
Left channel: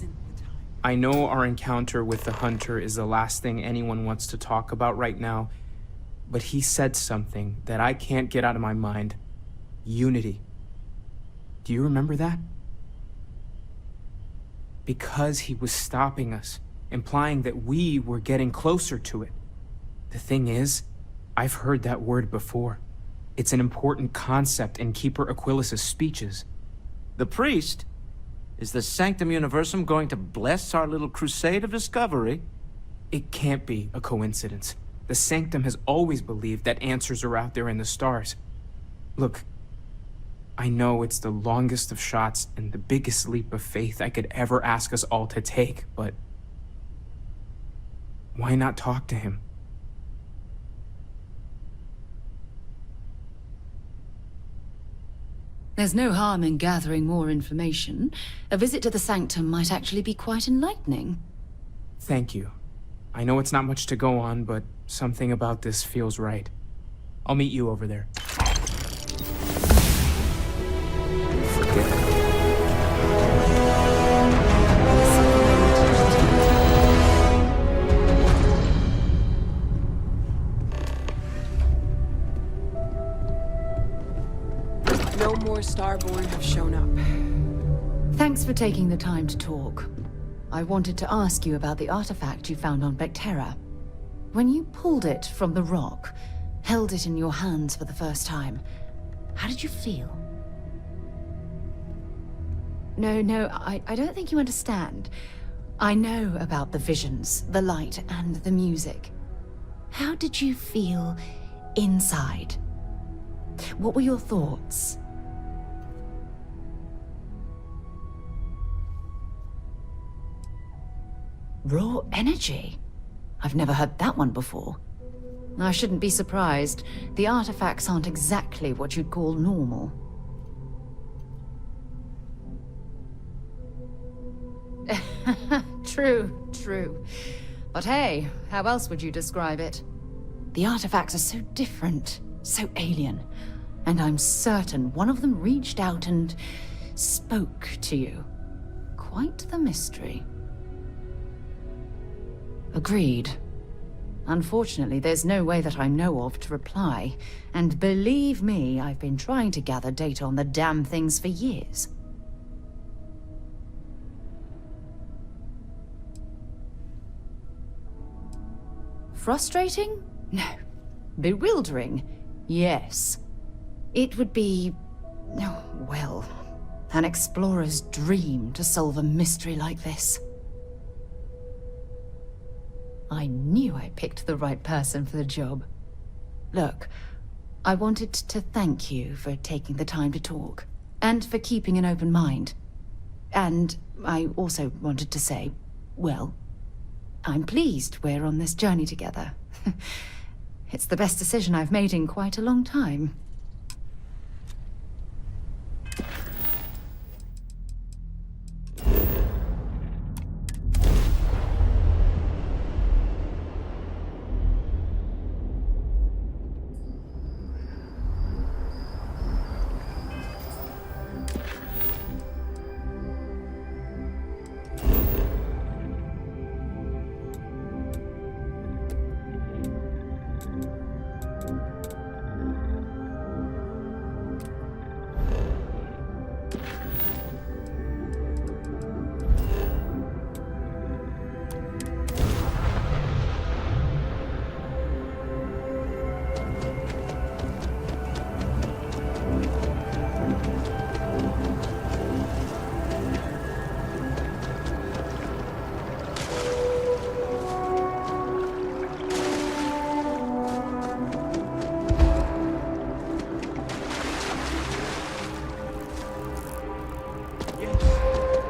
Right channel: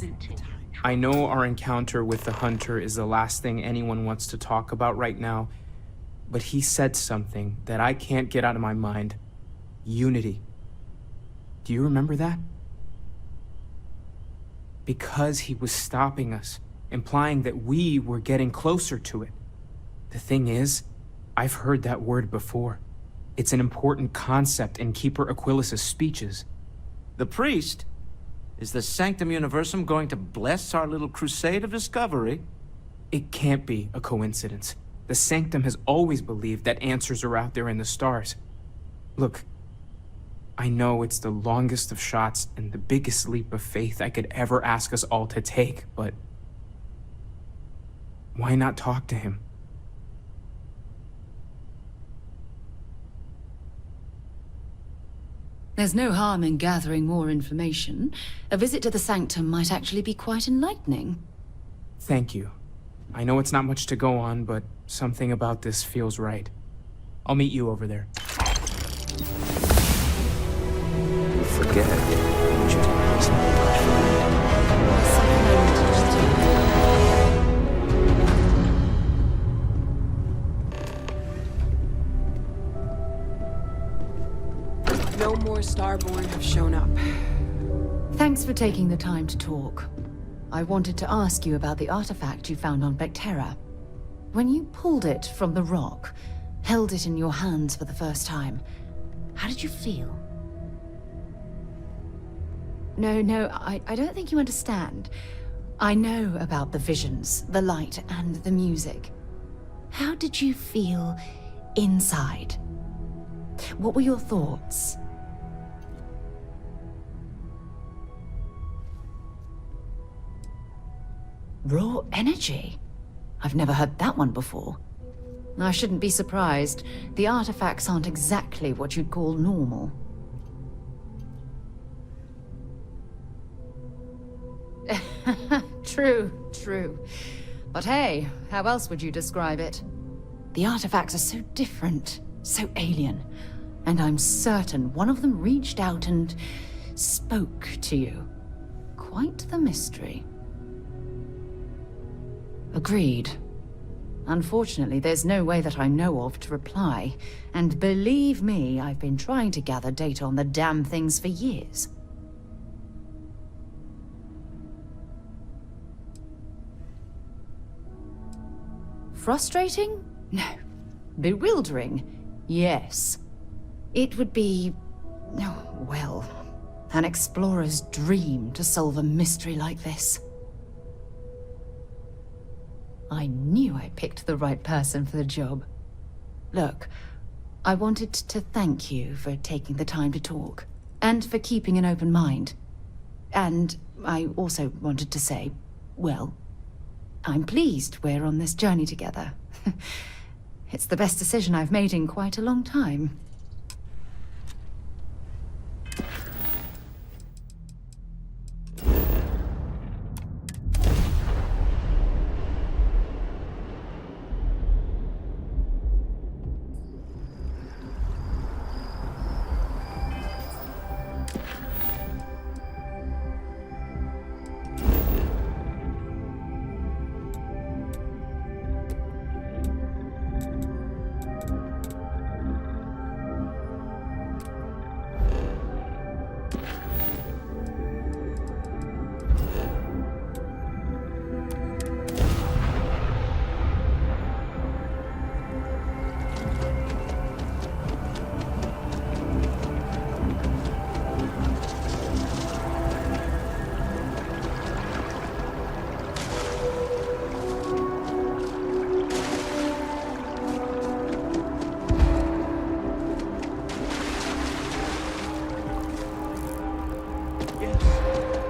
I know our encounter with the Hunter is the last thing anyone wants to talk about right now, but he said something that I can't get out of my mind. Unity. Do you remember that? Because he was stopping us, implying that we were getting closer to it. The thing is, I've heard that word before. It's an important concept in Keeper Aquilas's speeches. The priest? Is the Sanctum Universum going to bless our little crusade of discovery? It can't be a coincidence. The Sanctum has always believed that answers are out there in the stars. Look, I know it's the longest of shots and the biggest leap of faith I could ever ask us all to take, but why not talk to him? There's no harm in gathering more information. A visit to the Sanctum might actually be quite enlightening. Thank you. I know it's not much to go on, but something about this feels right. I'll meet you over there. Forget it. There's something I need to just tell you. No more Starborn have shown up. Thanks for taking the time to talk. I wanted to ask you about the artifact you found on Vectera. When you pulled it from the rock, held it in your hands for the first time, how did you feel? No, I don't think you understand. I know about the visions, the light, and the music. How did you feel inside? What were your thoughts? Raw energy? I've never heard that one before. I shouldn't be surprised. The artifacts aren't exactly what you'd call normal. True. But hey, how else would you describe it? The artifacts are so different, so alien, and I'm certain one of them reached out and spoke to you. Quite the mystery. Agreed. Unfortunately, there's no way that I know of to reply, and believe me, I've been trying to gather data on the damn things for years. Frustrating? No. Bewildering? Yes. It would be, oh, well, an explorer's dream to solve a mystery like this. I knew I picked the right person for the job. Look, I wanted to thank you for taking the time to talk, and for keeping an open mind. And I also wanted to say, well, I'm pleased we're on this journey together. It's the best decision I've made in quite a long time.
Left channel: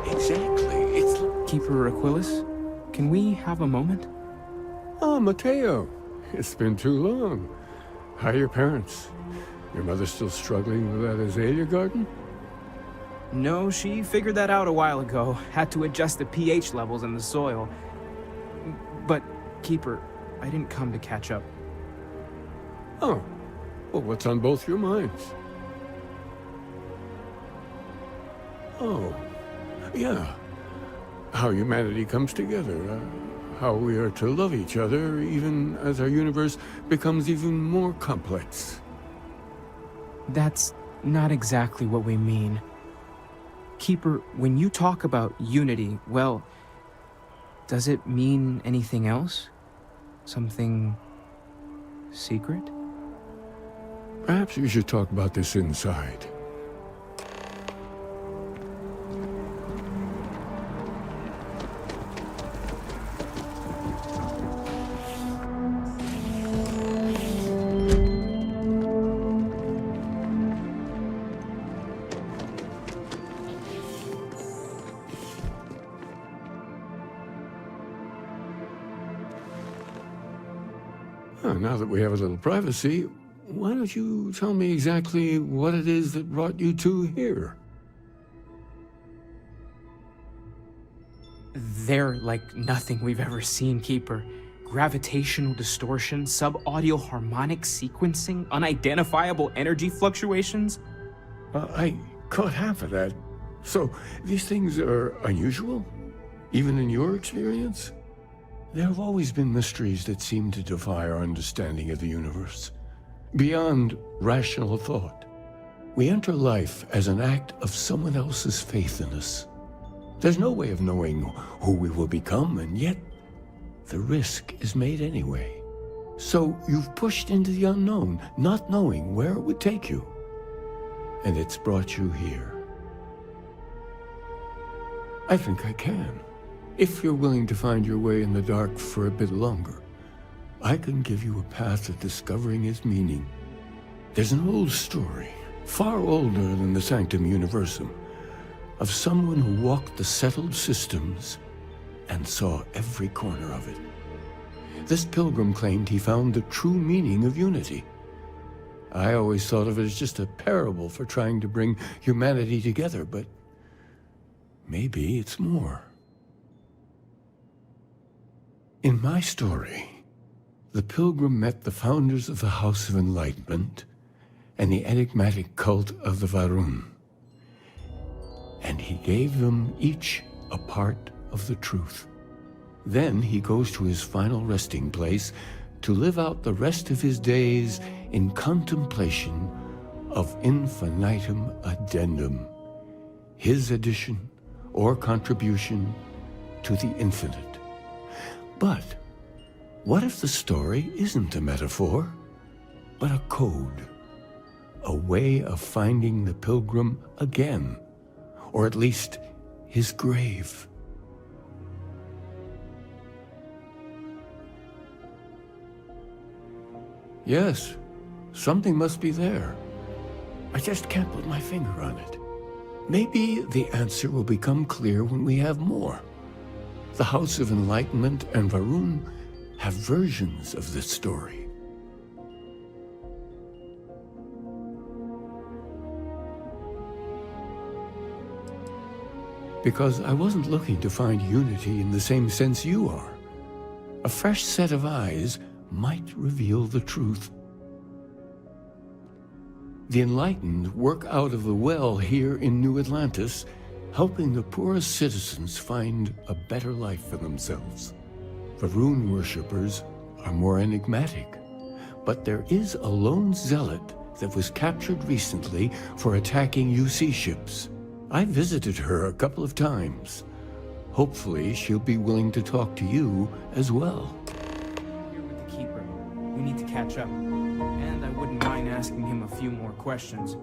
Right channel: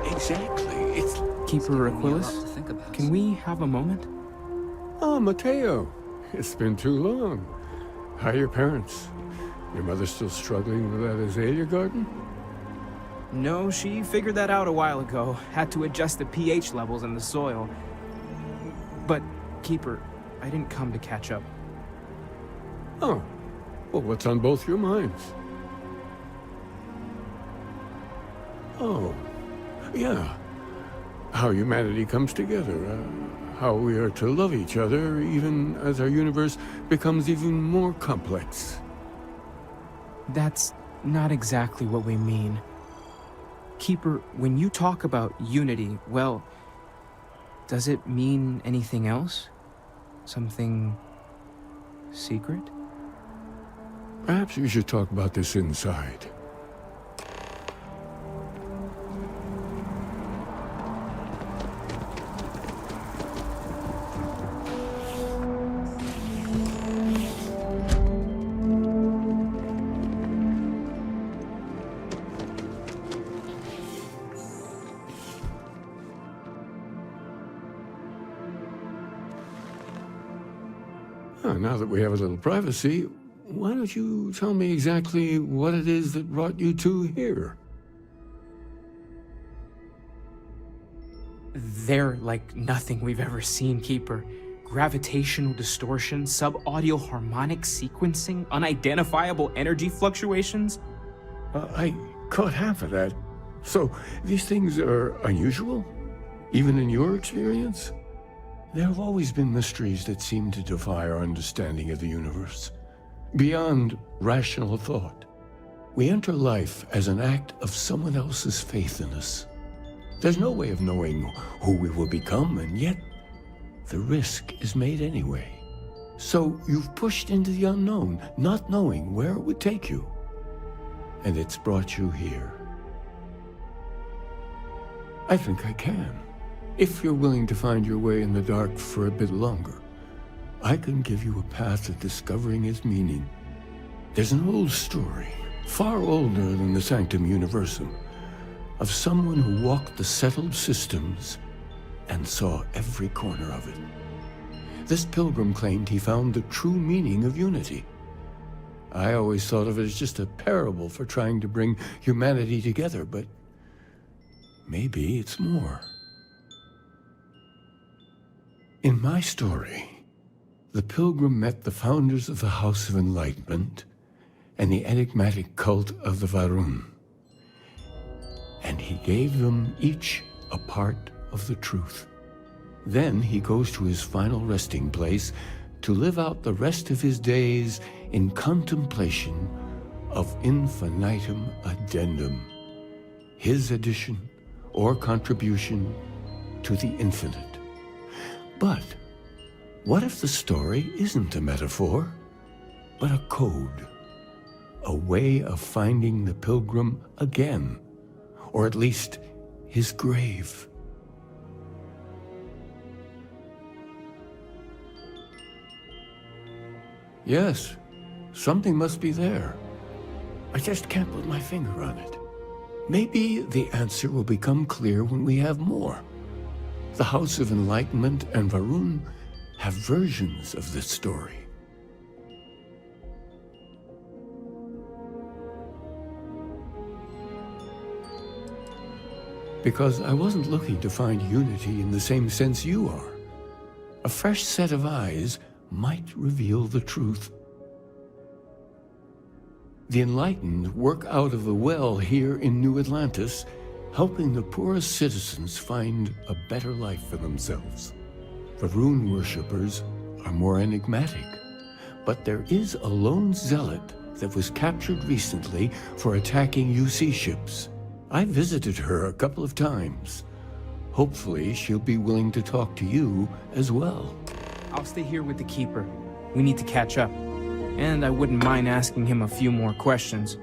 Exactly. It's Keeper Aquilas, can we have a moment? Oh, Mateo. It's been too long. How are your parents? Your mother still struggling with that azalea garden? No, she figured that out a while ago. Had to adjust the pH levels in the soil. But, Keeper, I didn't come to catch up. Oh. Well, what's on both your minds? Oh. Yeah. how humanity comes together, how we are to love each other even as our universe becomes even more complex. That's not exactly what we mean. Keeper, when you talk about unity, well, does it mean anything else? Something secret? Perhaps we should talk about this inside. Now that we have a little privacy, why don't you tell me exactly what it is that brought you two here? They're like nothing we've ever seen, Keeper. Gravitational distortion, sub-audio harmonic sequencing, unidentifiable energy fluctuations. I caught half of that. So, these things are unusual? Even in your experience? There have always been mysteries that seem to defy our understanding of the universe. Beyond rational thought. We enter life as an act of someone else's faith in us. There's no way of knowing who we will become, and yet the risk is made anyway. So you've pushed into the unknown, not knowing where it would take you. And it's brought you here. I think I can. If you're willing to find your way in the dark for a bit longer, I can give you a path to discovering its meaning. There's an old story, far older than the Sanctum Universum, of someone who walked the settled systems and saw every corner of it. This pilgrim claimed he found the true meaning of unity. I always thought of it as just a parable for trying to bring humanity together, but maybe it's more. In my story, the pilgrim met the founders of the House of Enlightenment and the enigmatic cult of the Varun. And he gave them each a part of the truth. Then he goes to his final resting place to live out the rest of his days in contemplation of infinitum addendum, his addition or contribution to the infinite. But what if the story isn't a metaphor, but a code? A way of finding the pilgrim again, or at least his grave. Yes, something must be there. I just can't put my finger on it. Maybe the answer will become clear when we have more. The House of Enlightenment and Varun have versions of this story. Because I wasn't looking to find unity in the same sense you are. A fresh set of eyes might reveal the truth. The enlightened work out of the well here in New Atlantis, helping the poorest citizens find a better life for themselves. Varun worshippers are more enigmatic, but there is a lone zealot that was captured recently for attacking UC ships. I visited her a couple of times. Hopefully she'll be willing to talk to you as well. I'll stay here with the Keeper. We need to catch up. And I wouldn't mind asking him a few more questions.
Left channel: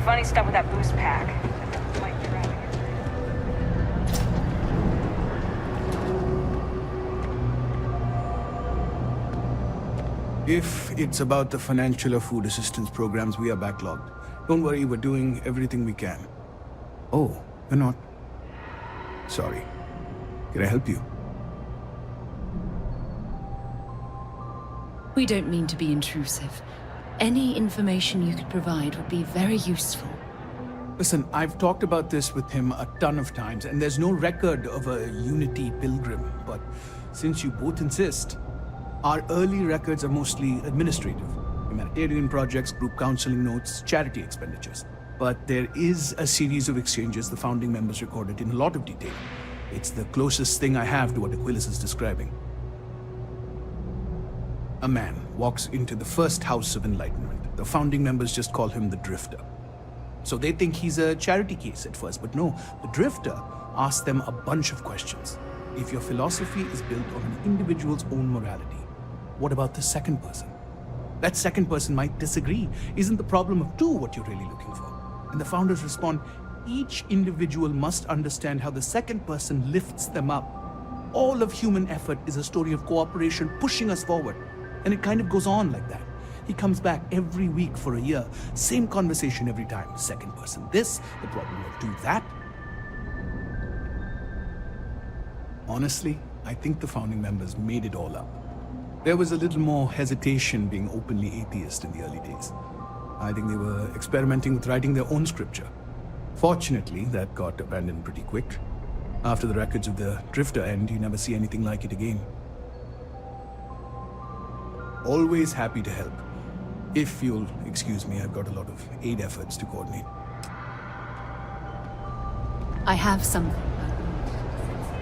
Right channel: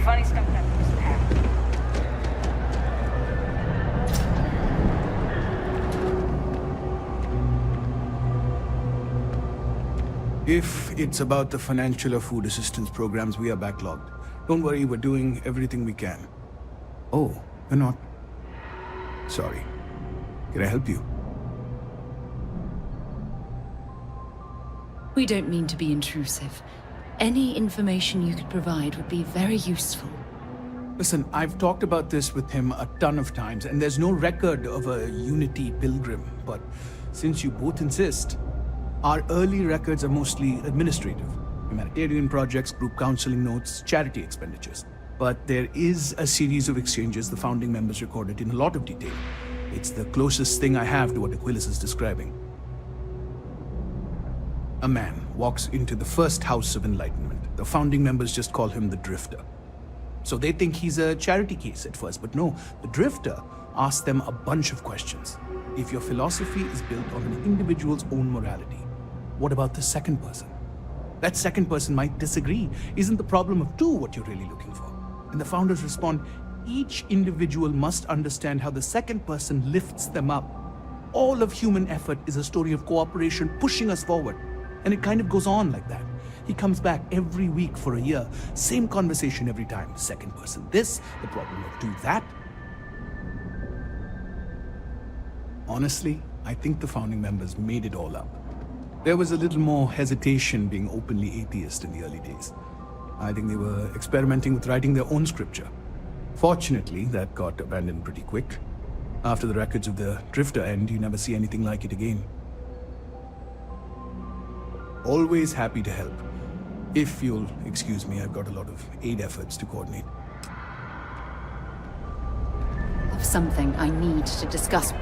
funny stuff with that boost pack. If it's about the financial or food assistance programs, we are backlogged. Don't worry, we're doing everything we can. Oh, you're not? Sorry. Can I help you? We don't mean to be intrusive. Any information you could provide would be very useful. Listen, I've talked about this with him a ton of times, and there's no record of a Unity pilgrim. But since you both insist, our early records are mostly administrative. Humanitarian projects, group counseling notes, charity expenditures. But there is a series of exchanges the founding members recorded in a lot of detail. It's the closest thing I have to what Aquilus is describing. A man walks into the first House of Enlightenment. The founding members just call him the Drifter. So they think he's a charity case at first, but no, the Drifter asks them a bunch of questions. If your philosophy is built on an individual's own morality, what about the second person? That second person might disagree. Isn't the problem of two what you're really looking for? And the founders respond, each individual must understand how the second person lifts them up. All of human effort is a story of cooperation pushing us forward. And it kind of goes on like that. He comes back every week for a year. Same conversation every time. Second person this, the problem of do that. Honestly, I think the founding members made it all up. There was a little more hesitation being openly atheist in the early days. I think they were experimenting with writing their own scripture. Fortunately, that got abandoned pretty quick. After the records of the Drifter end, you never see anything like it again. Always happy to help. If you'll excuse me, I've got a lot of aid efforts to coordinate. I have something I need to discuss.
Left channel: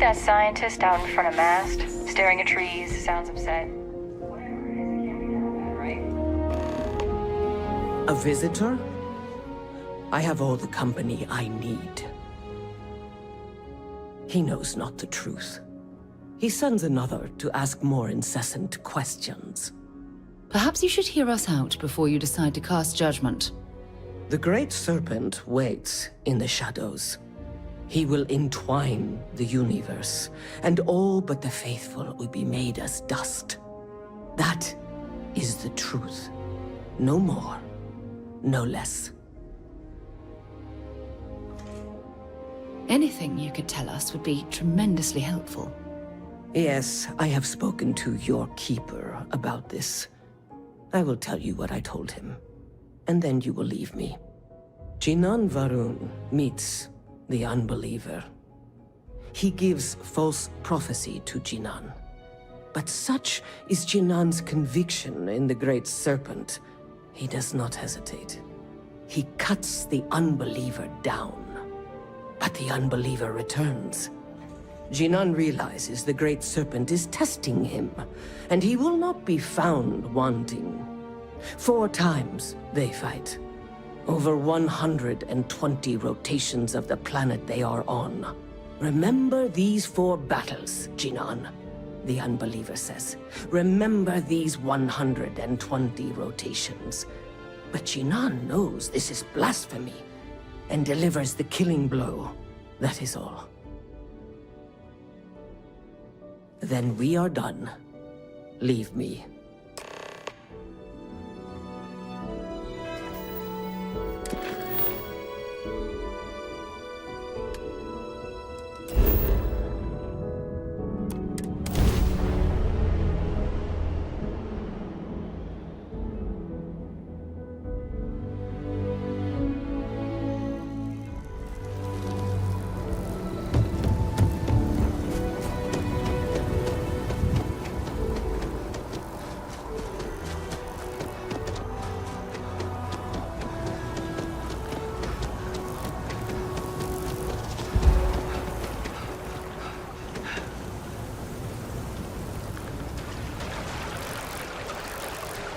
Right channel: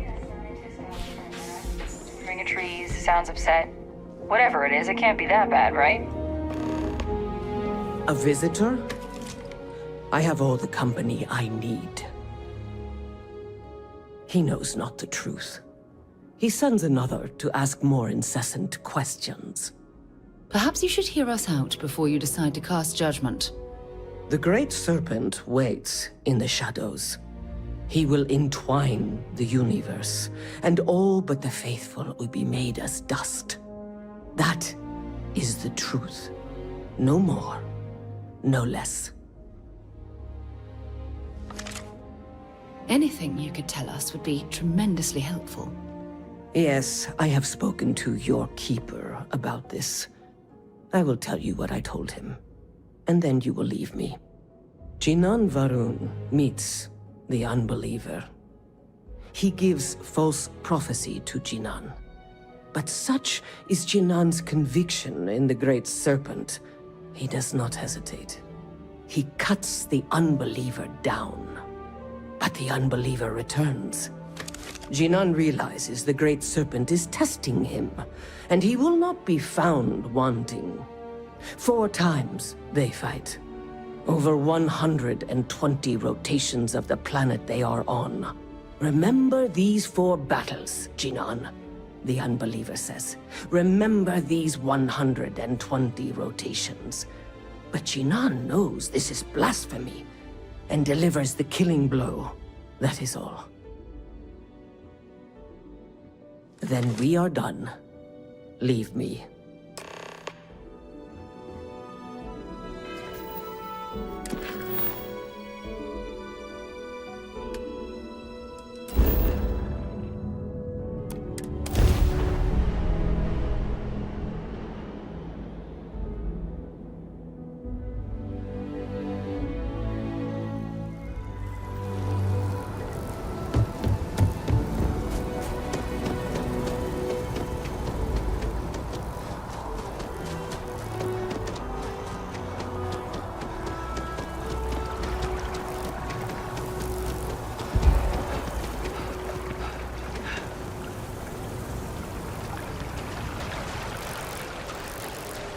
That scientist out in front of mast, staring at trees, sounds upset. Whatever it is, it can't be that bad, right? A visitor? I have all the company I need. He knows not the truth. He sends another to ask more incessant questions. Perhaps you should hear us out before you decide to cast judgment. The Great Serpent waits in the shadows. He will entwine the universe, and all but the faithful will be made as dust. That is the truth. No more, no less. Anything you could tell us would be tremendously helpful. Yes, I have spoken to your keeper about this. I will tell you what I told him, and then you will leave me. Jinan Varun meets the unbeliever. He gives false prophecy to Jinan. But such is Jinan's conviction in the Great Serpent, he does not hesitate. He cuts the unbeliever down. But the unbeliever returns. Jinan realizes the Great Serpent is testing him, and he will not be found wanting. 4 times they fight. Over 120 rotations of the planet they are on. Remember these 4 battles, Jinan, the Unbeliever says. Remember these 120 rotations. But Jinan knows this is blasphemy and delivers the killing blow. That is all. Then we are done. Leave me.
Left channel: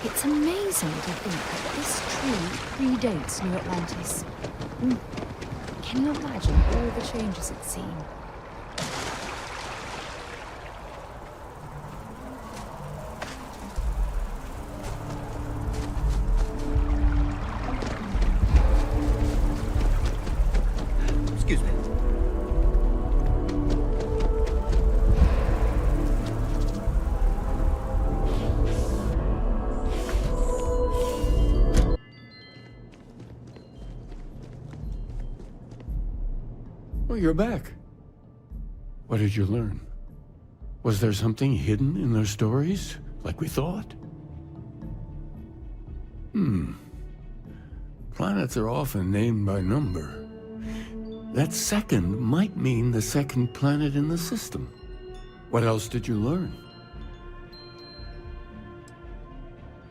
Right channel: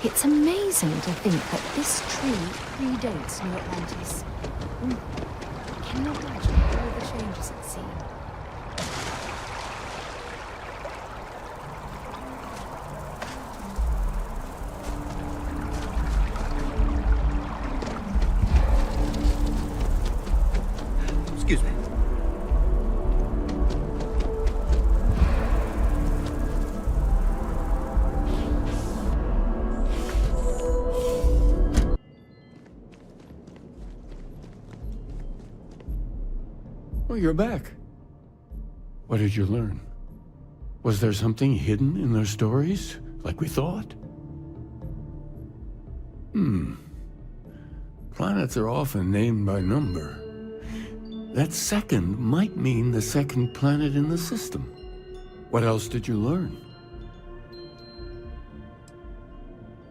It's amazing to think that this tree predates New Atlantis. Can you imagine all the changes it's seen? Excuse me. Oh, you're back. What did you learn? Was there something hidden in their stories, like we thought? Planets are often named by number. That second might mean the second planet in the system. What else did you learn?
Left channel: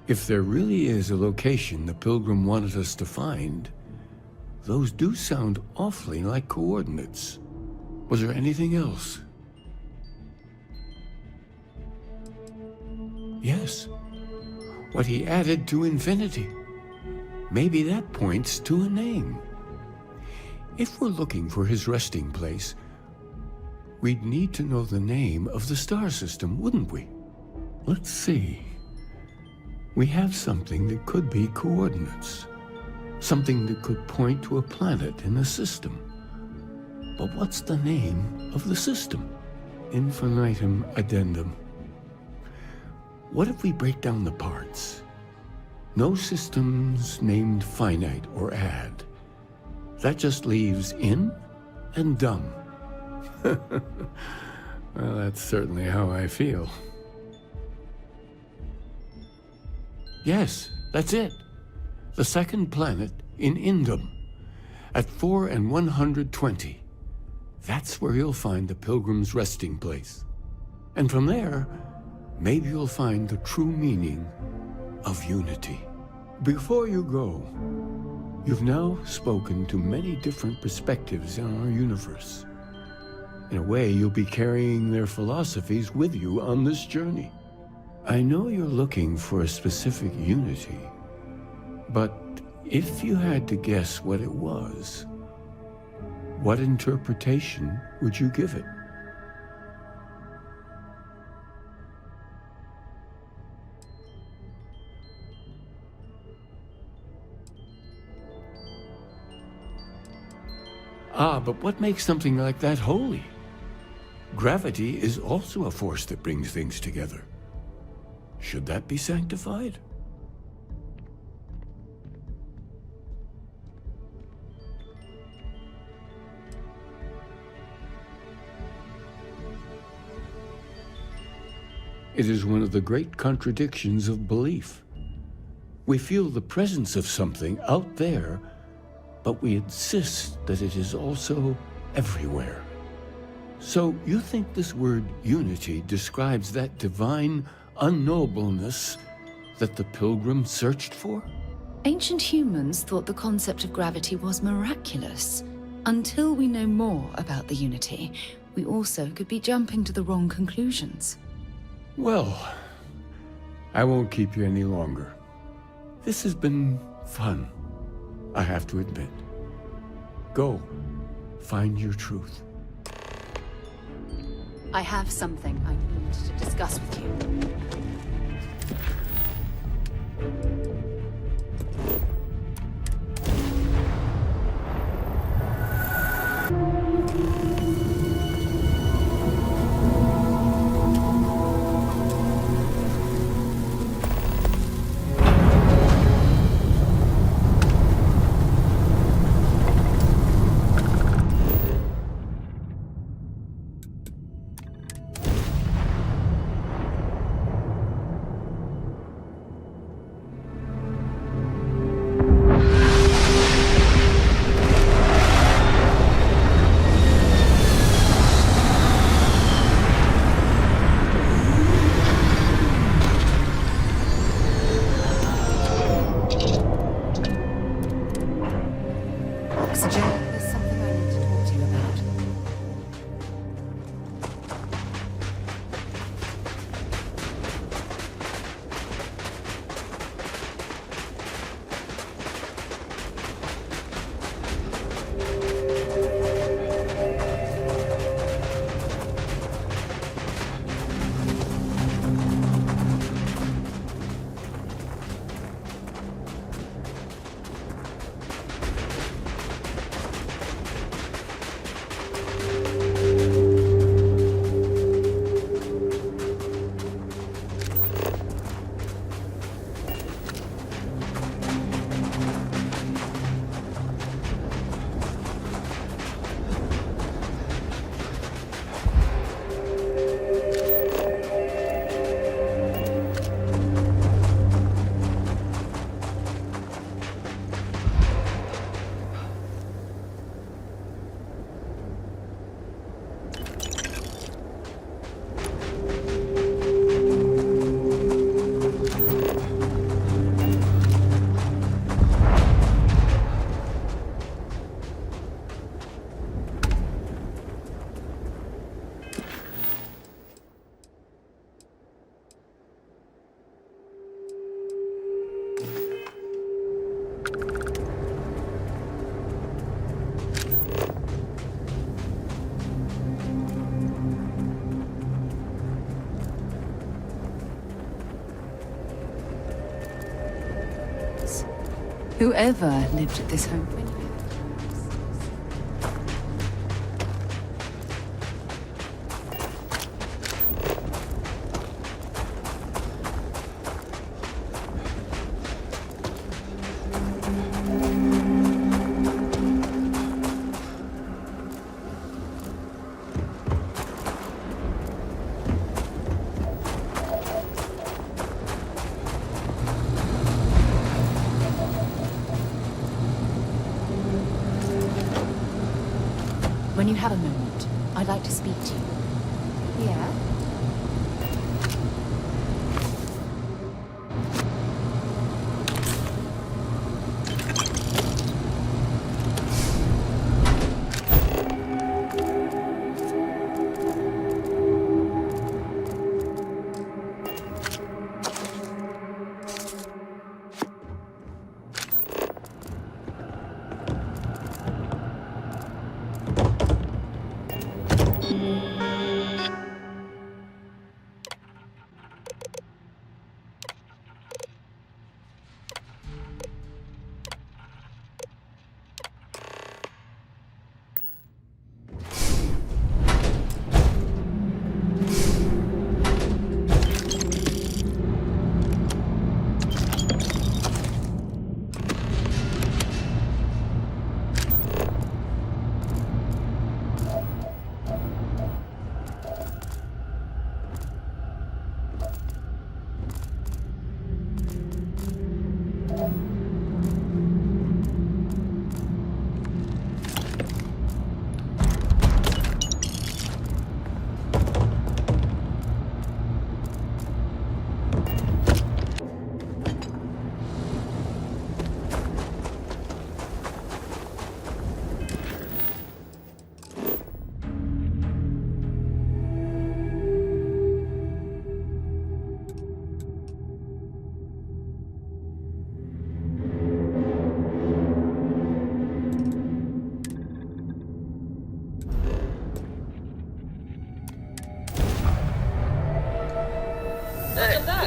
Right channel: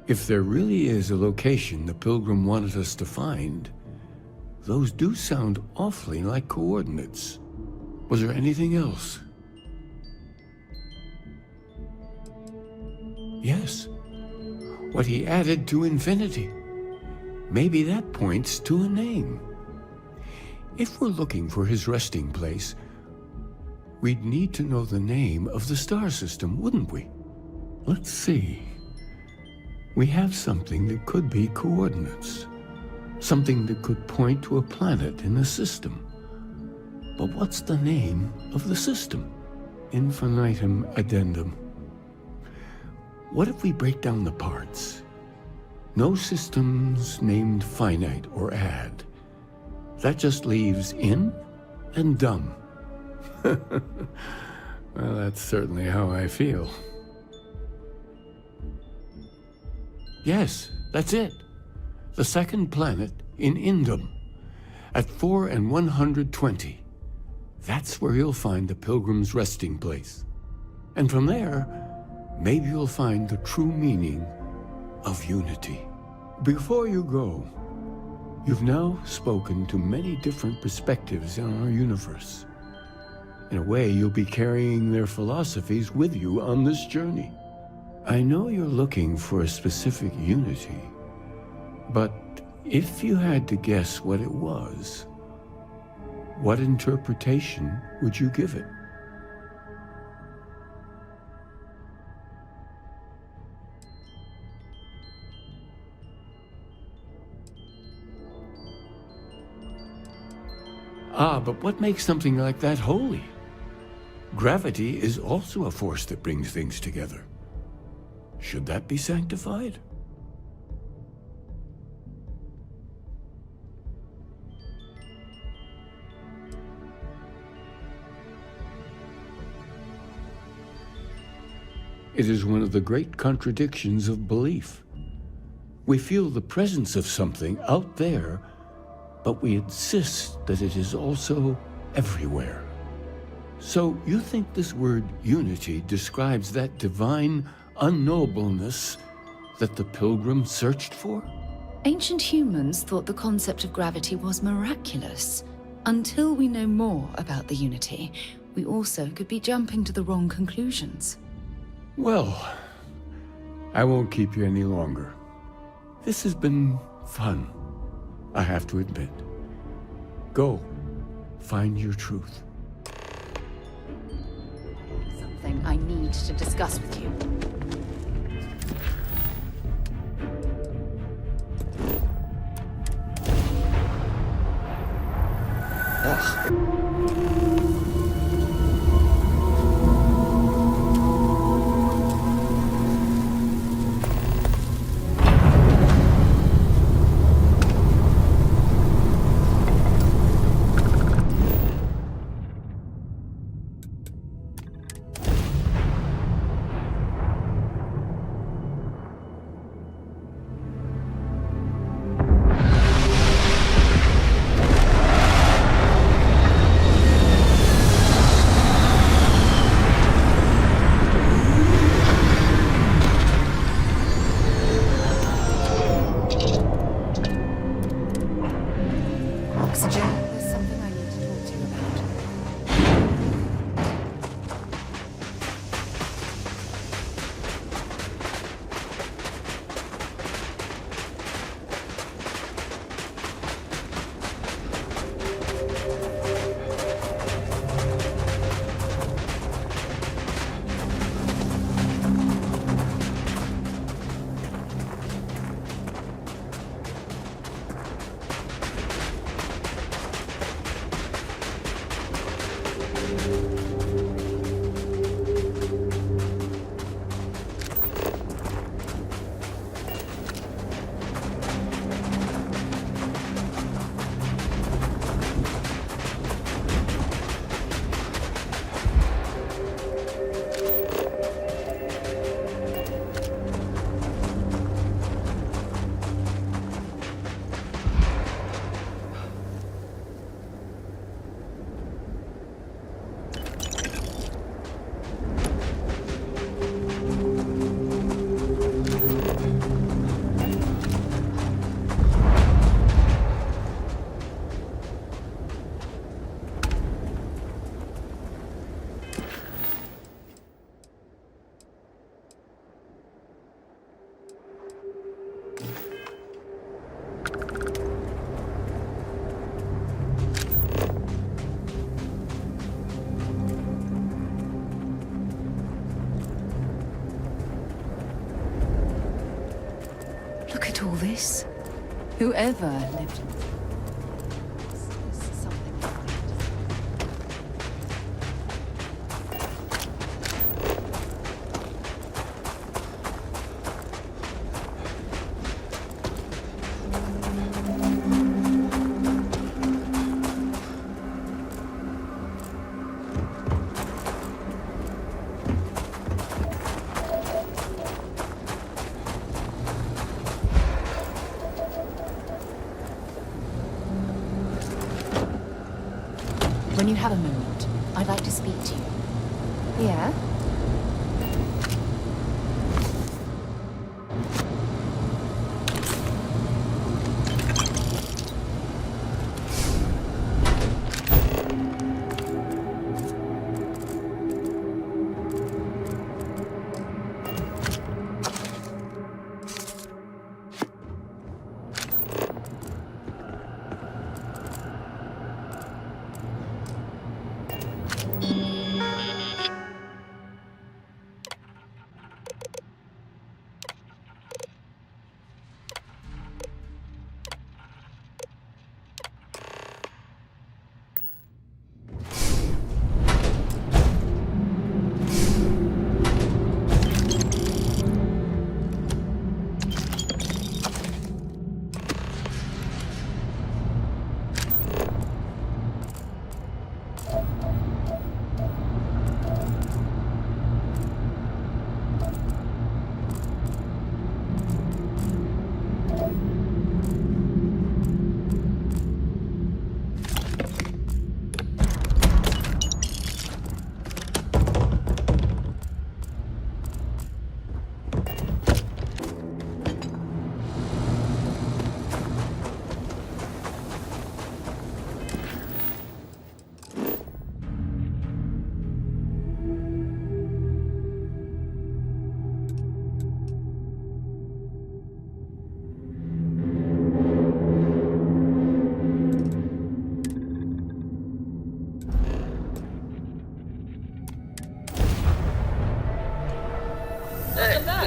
If there really is a location the Pilgrim wanted us to find, those do sound awfully like coordinates. Was there anything else? Yes. What he added to infinity. Maybe that points to a name. If we're looking for his resting place, we'd need to know the name of the star system, wouldn't we? Let's see. We have something that could be coordinates. Something that could point to a planet in the system. But what's the name of the system? Infinitum addendum. What if we break down the parts? No systems named finite or add. That just leaves in and dumb. Well, that's certainly how I feel. Yes, that's it. The second planet in Indum, at 4 and 120. That's where you'll find the Pilgrim's resting place. And from there, maybe you'll find the true meaning of unity. Before you go, you've now spoken to many different perspectives in our universe. In a way, you'll be carrying their philosophies with you on this journey. I know you're looking for a specific unity, but if you had to guess what it was, what interpretation would you give it? Ah, but what makes something like that holy? Gravity is also a force that brings things together. Should that be sanctified? It is one of the great contradictions of belief. We feel the presence of something out there, but we insist that it is also everywhere. So you think this word unity describes that divine unknowableness that the Pilgrim searched for? Ancient humans thought the concept of gravity was miraculous. Until we know more about the Unity, we also could be jumping to the wrong conclusions. Well, I won't keep you any longer. This has been fun, I have to admit. Go, find your truth. I have something I need to discuss with you. Oxygen, there's something I need to talk to you about. Look at all this. Whoever lived at this home. When you have a moment, I'd like to speak to you. Yeah?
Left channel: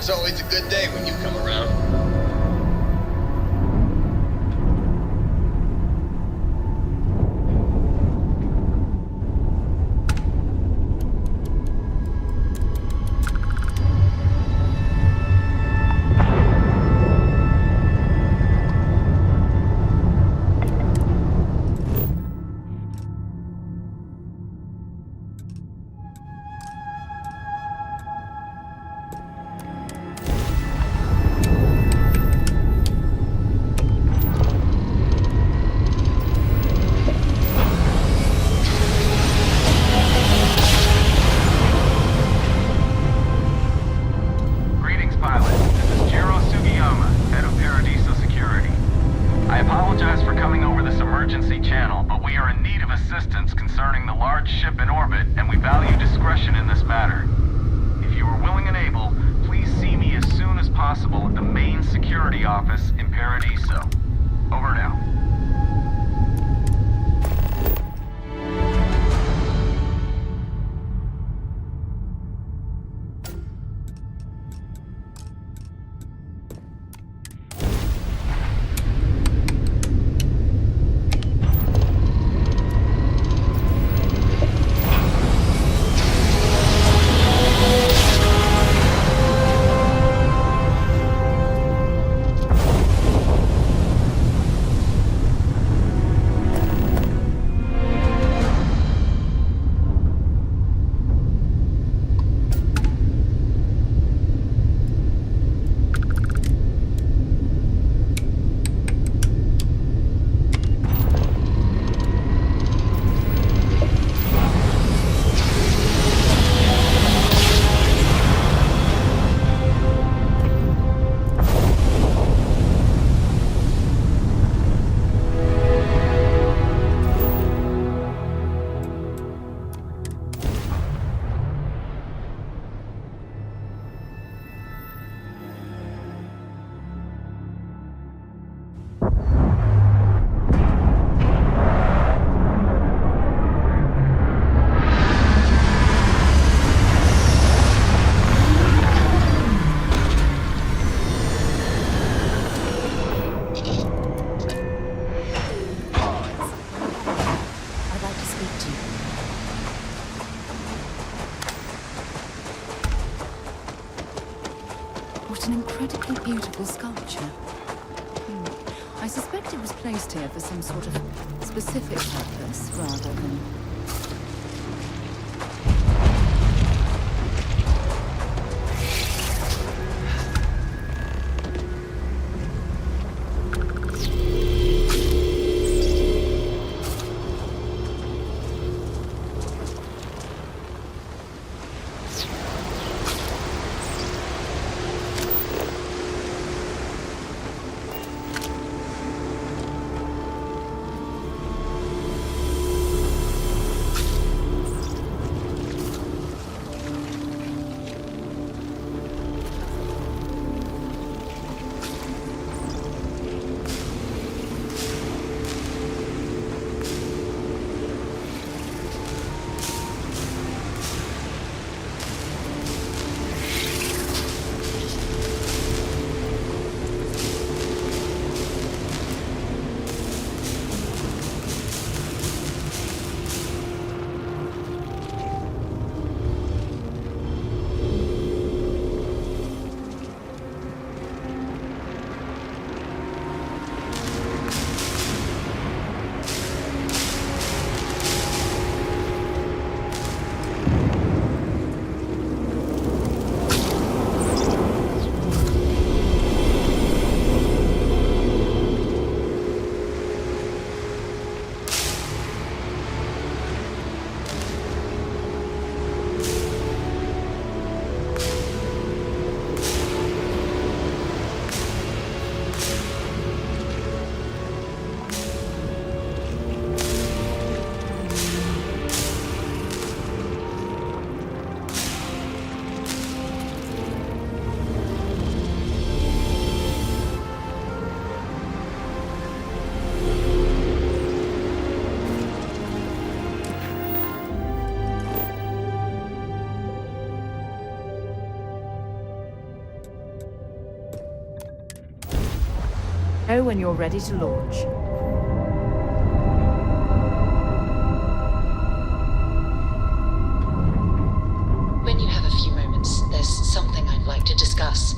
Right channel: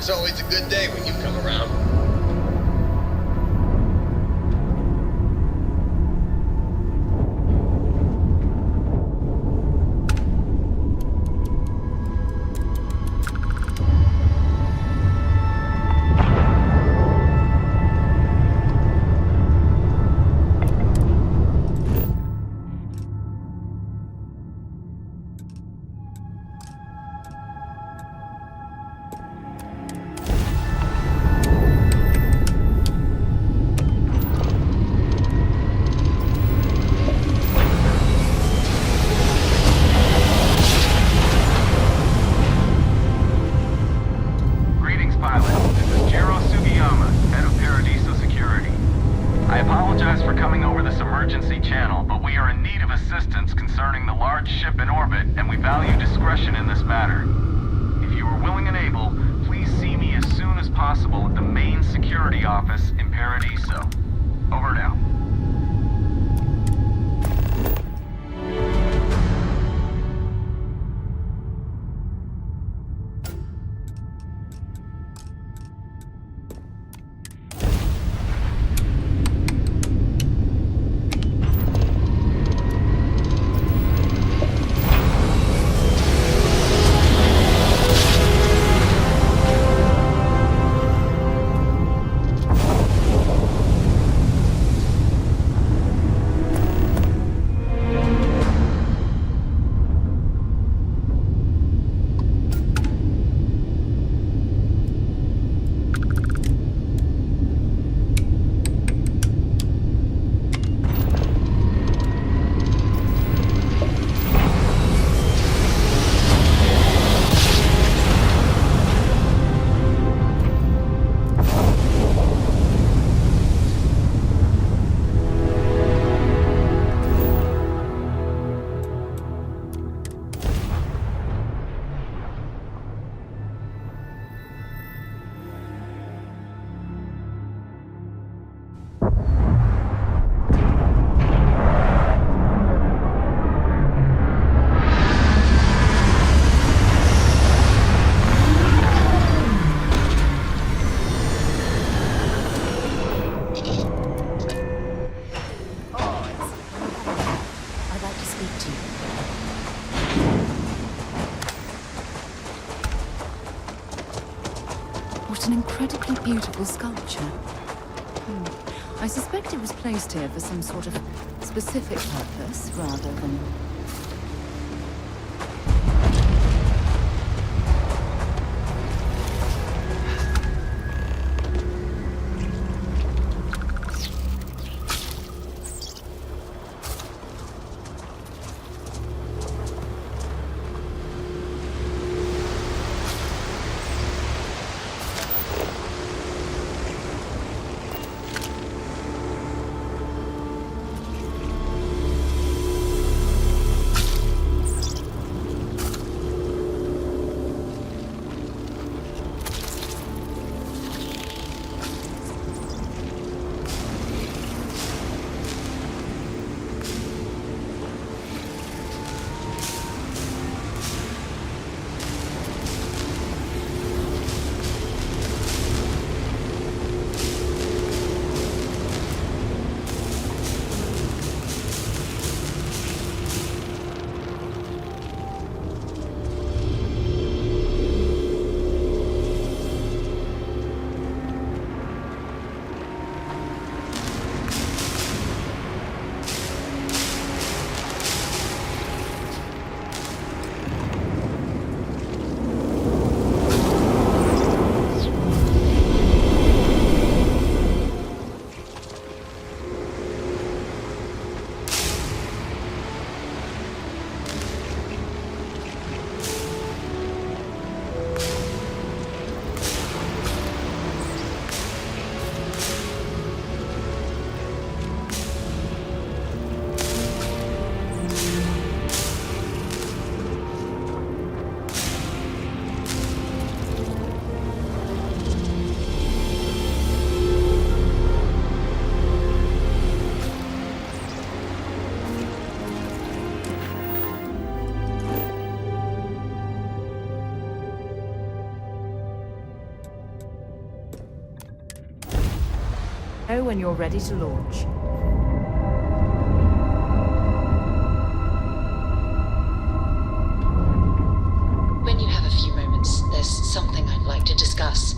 It's always a good day when you come around. I apologize for coming over this emergency channel, but we are in need of assistance concerning the large ship in orbit, and we value discretion in this matter. If you are willing and able, please see me as soon as possible at the main security office in Paradiso. Over now. What an incredibly beautiful sculpture. I suspect it was placed here for some sort of specific purpose, rather than... Know when you're ready to launch. When you have a few moments, there's something I'd like to discuss.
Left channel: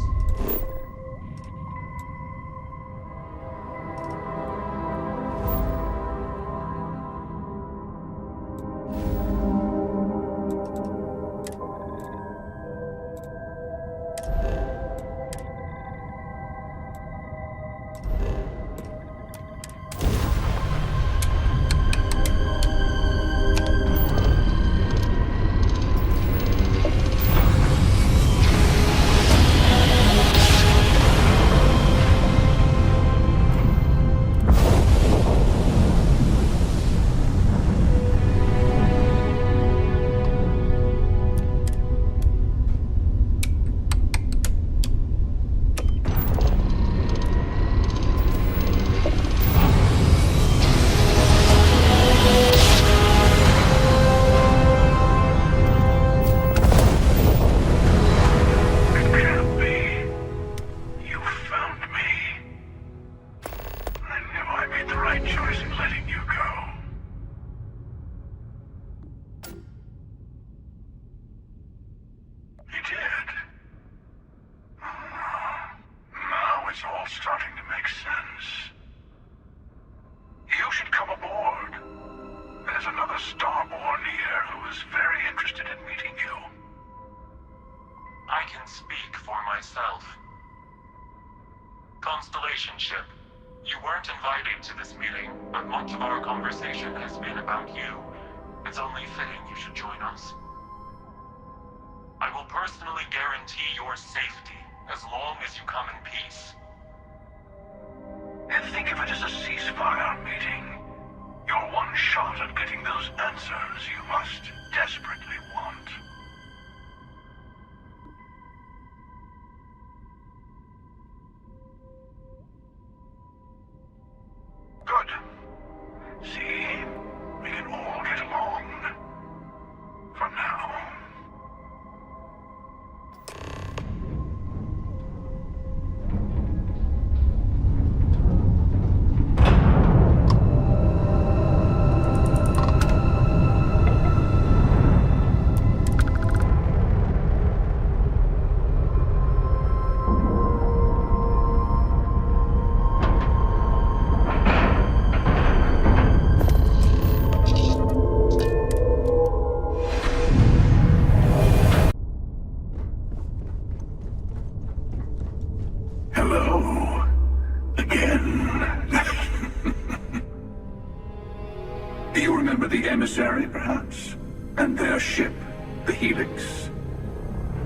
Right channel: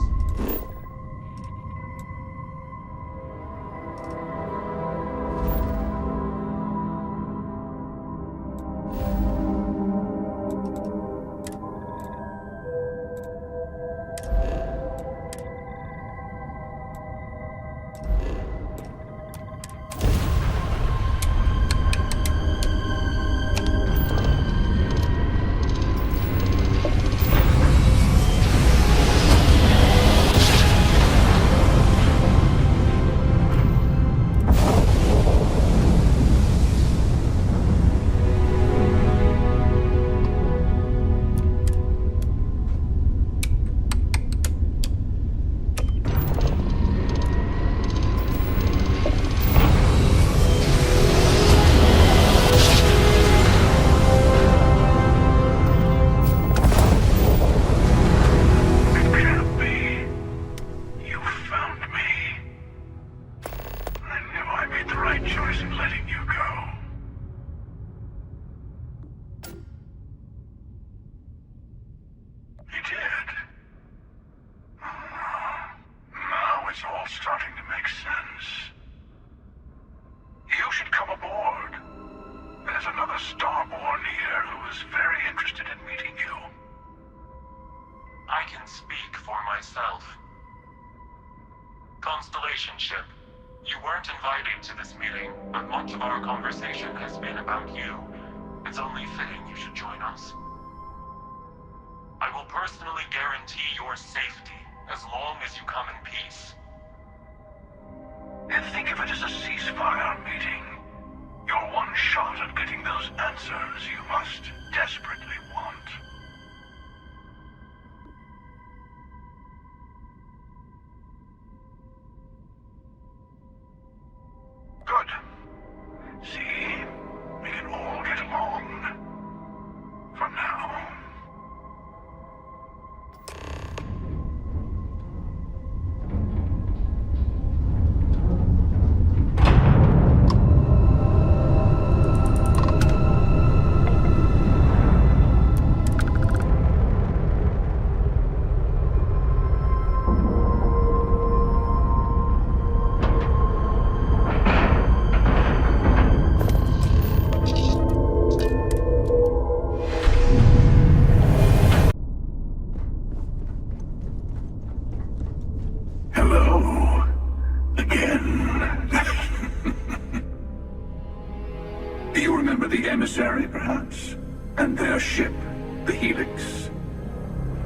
Perhaps? And their ship, the Helix.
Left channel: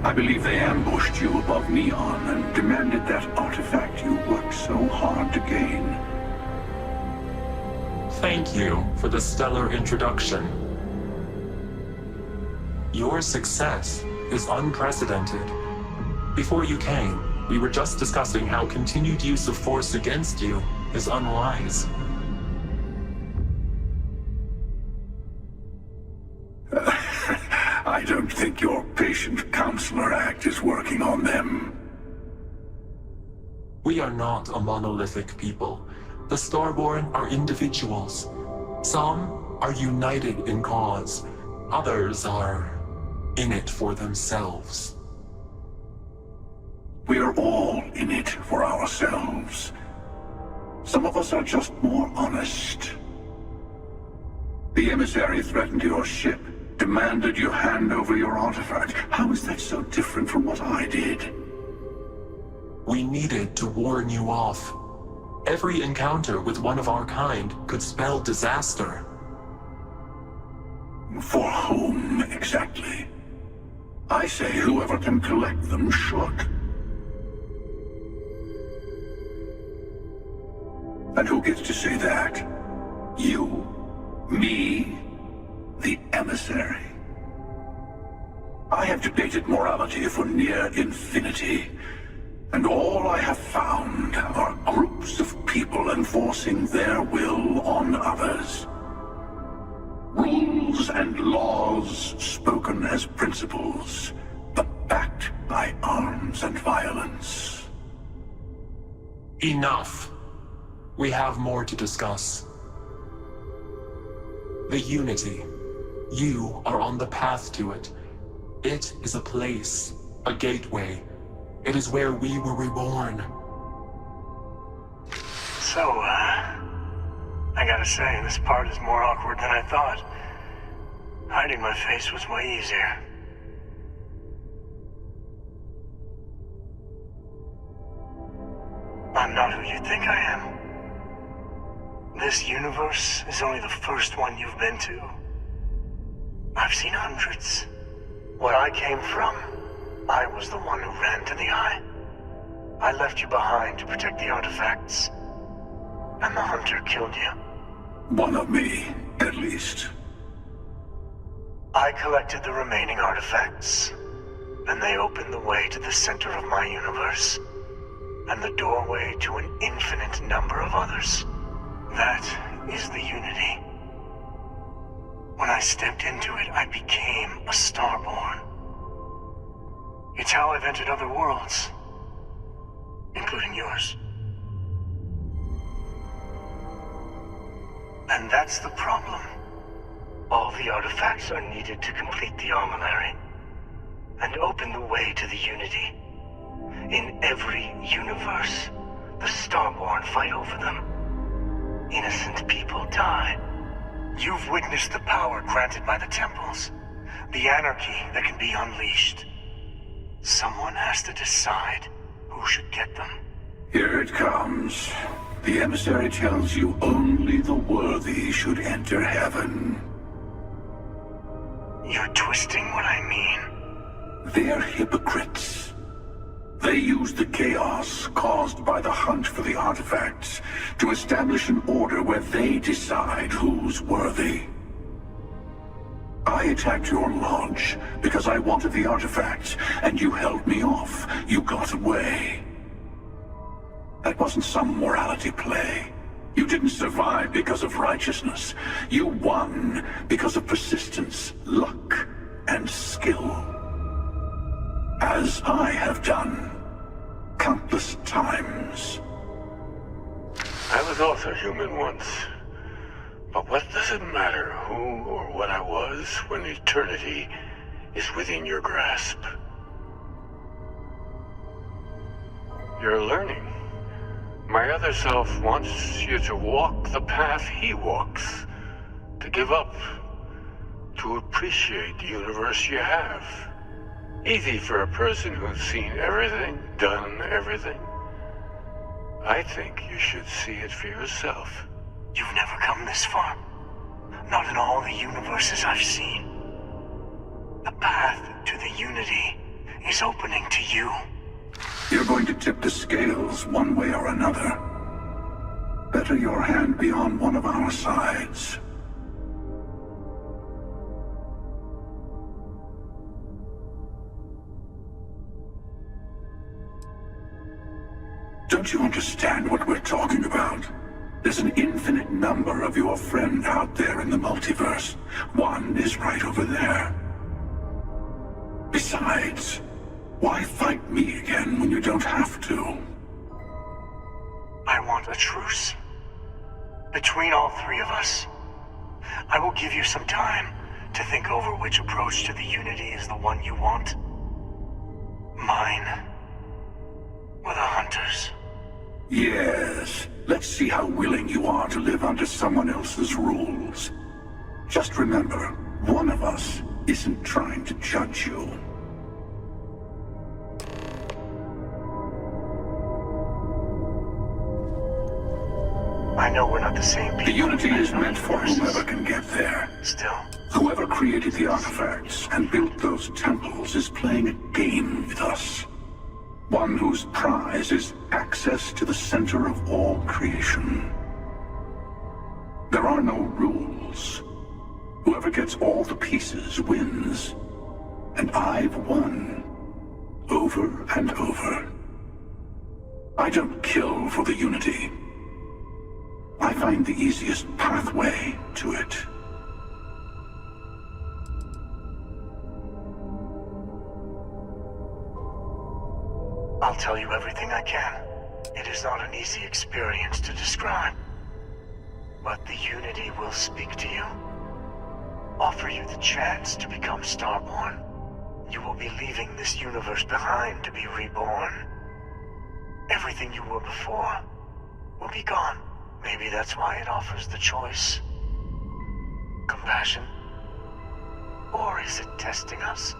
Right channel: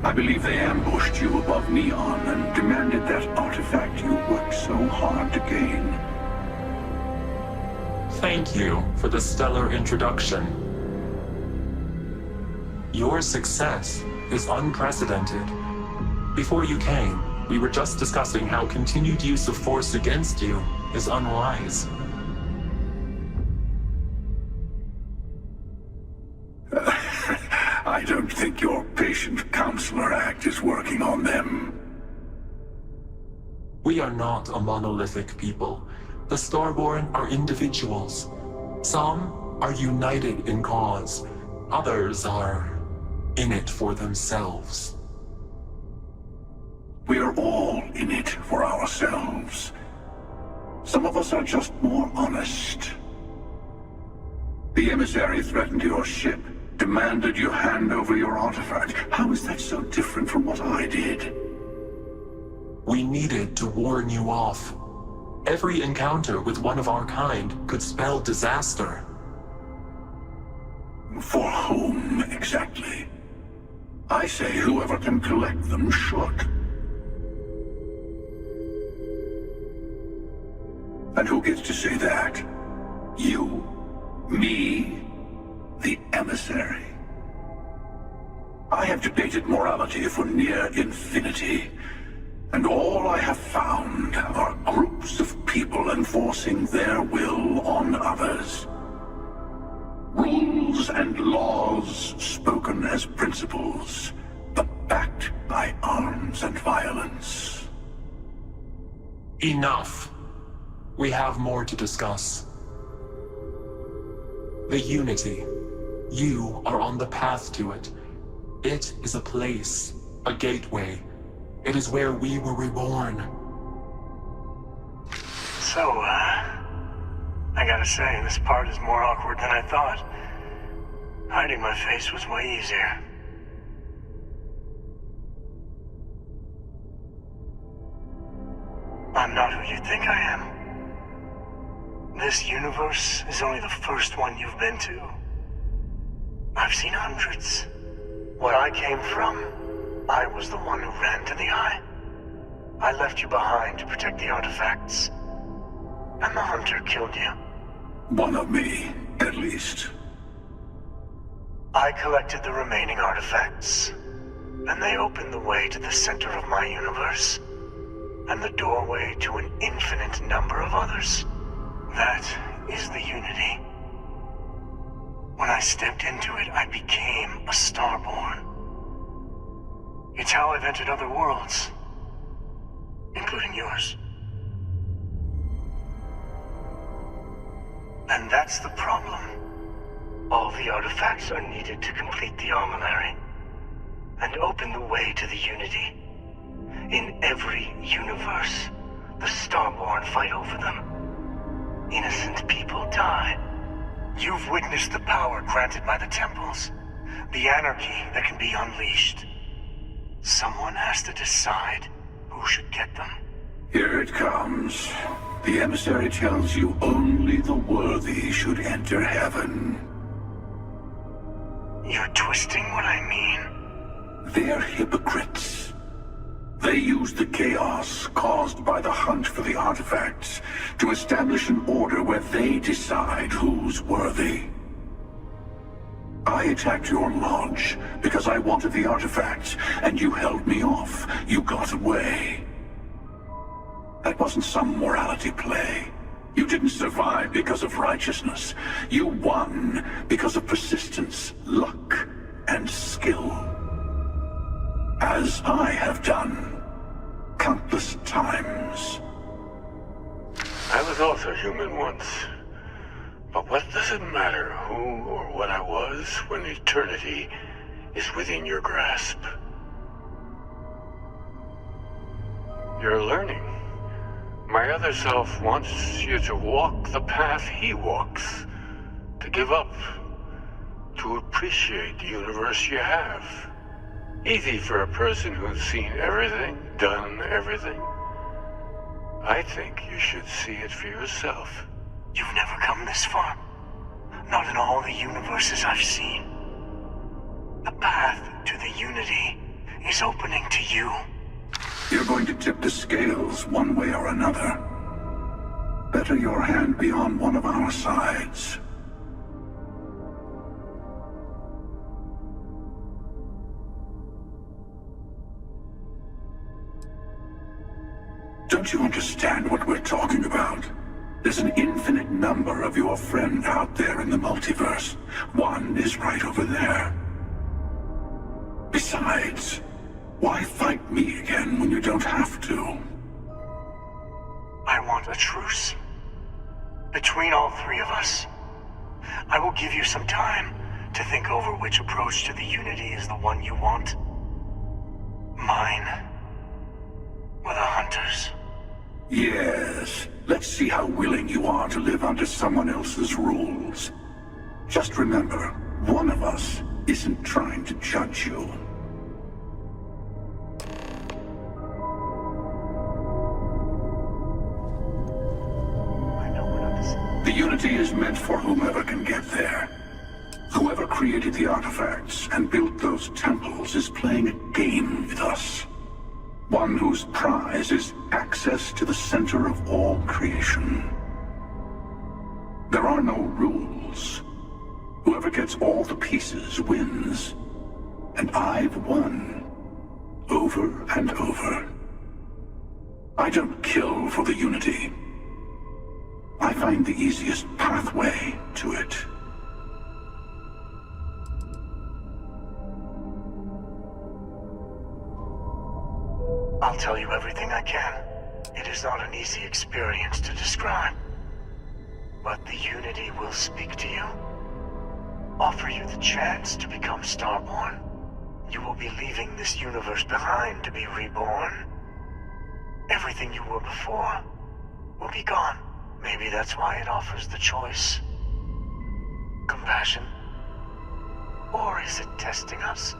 I believe they ambushed you above Neon and demanded that artifact you worked so hard to gain. Thank you for the stellar introduction. Your success is unprecedented. Before you came, we were just discussing how continued use of force against you is unwise. I don't think your patient counselor act is working on them. We are not a monolithic people. The Starborn are individuals. Some are united in cause. Others are in it for themselves. We are all in it for ourselves. Some of us are just more honest. The emissary threatened your ship, demanded you hand over your artifact. How is that so different from what I did? We needed to warn you off. Every encounter with one of our kind could spell disaster. For whom, exactly? I say whoever can collect them should. And who gets to say that? You? Me? The emissary? I have debated morality for near infinity, and all I have found are groups of people enforcing their will on others. Rules and laws spoken as principles, but backed by arms and violence. Enough. We have more to discuss. The Unity. You are on the path to it. It is a place, a gateway. It is where we were reborn. So, I gotta say, this part is more awkward than I thought. Hiding my face was way easier. I'm not who you think I am. This universe is only the first one you've been to. I've seen hundreds. Where I came from, I was the one who ran to the Eye. I left you behind to protect the artifacts. And the Hunter killed you. One of me, at least. I collected the remaining artifacts, and they opened the way to the center of my universe, and the doorway to an infinite number of others. That is the Unity. When I stepped into it, I became a Starborn. It's how I've entered other worlds, including yours. And that's the problem. All the artifacts are needed to complete the armillary and open the way to the Unity. In every universe, the Starborn fight over them. Innocent people die. You've witnessed the power granted by the temples, the anarchy that can be unleashed. Someone has to decide who should get them. Here it comes. The emissary tells you only the worthy should enter heaven. You're twisting what I mean. They're hypocrites. They use the chaos caused by the hunt for the artifacts to establish an order where they decide who's worthy. I attacked your lodge because I wanted the artifacts, and you held me off. You got away. That wasn't some morality play. You didn't survive because of righteousness. You won because of persistence, luck, and skill. As I have done countless times. I was also human once. But what does it matter who or what I was when eternity is within your grasp? You're learning. My other self wants you to walk the path he walks, to give up, to appreciate the universe you have. Easy for a person who's seen everything, done everything. I think you should see it for yourself. You've never come this far. Not in all the universes I've seen. The path to the Unity is opening to you. You're going to tip the scales one way or another. Better your hand be on one of our sides. Don't you understand what we're talking about? There's an infinite number of your friend out there in the multiverse. One is right over there. Besides, why fight me again when you don't have to? I want a truce. Between all three of us. I will give you some time to think over which approach to the Unity is the one you want. Mine. Or the Hunters. Yes. Let's see how willing you are to live under someone else's rules. Just remember, one of us isn't trying to judge you. I know we're not the same people. The Unity is meant for whomever can get there. Still. Whoever created the artifacts and built those temples is playing a game with us. One whose prize is access to the center of all creation. There are no rules. Whoever gets all the pieces wins. And I've won. Over and over. I don't kill for the Unity. I find the easiest pathway to it. I'll tell you everything I can. It is not an easy experience to describe, but the Unity will speak to you, offer you the chance to become Starborn. You will be leaving this universe behind to be reborn. Everything you were before will be gone. Maybe that's why it offers the choice. Compassion? Or is it testing us?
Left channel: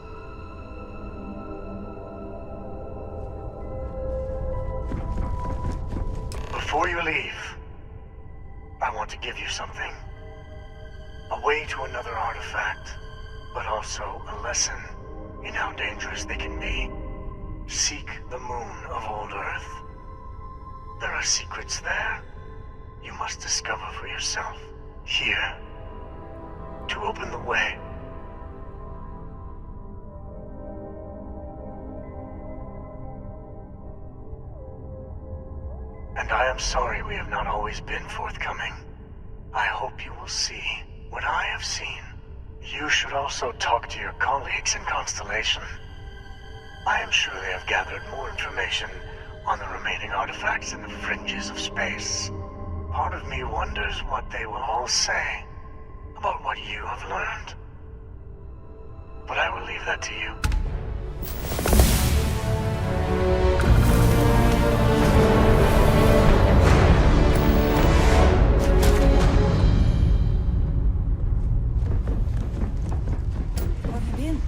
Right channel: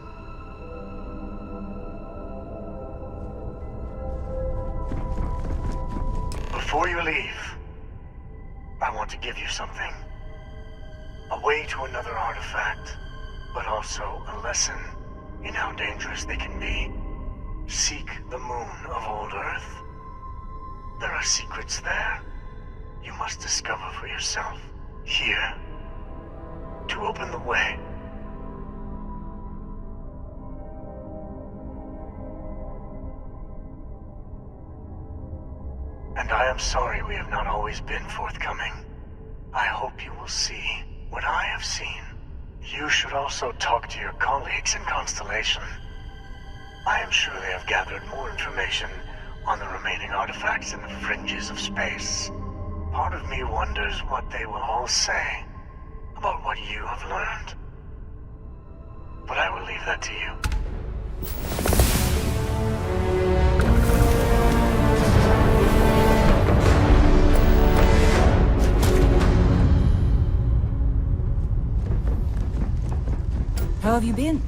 Before you leave, I want to give you something. A way to another artifact, but also a lesson in how dangerous they can be. Seek the moon of old Earth. There are secrets there you must discover for yourself. Here, to open the way. And I am sorry we have not always been forthcoming. I hope you will see what I have seen. You should also talk to your colleagues in Constellation. I am sure they have gathered more information on the remaining artifacts in the fringes of space. Part of me wonders what they will all say about what you have learned. But I will leave that to you. How have you been?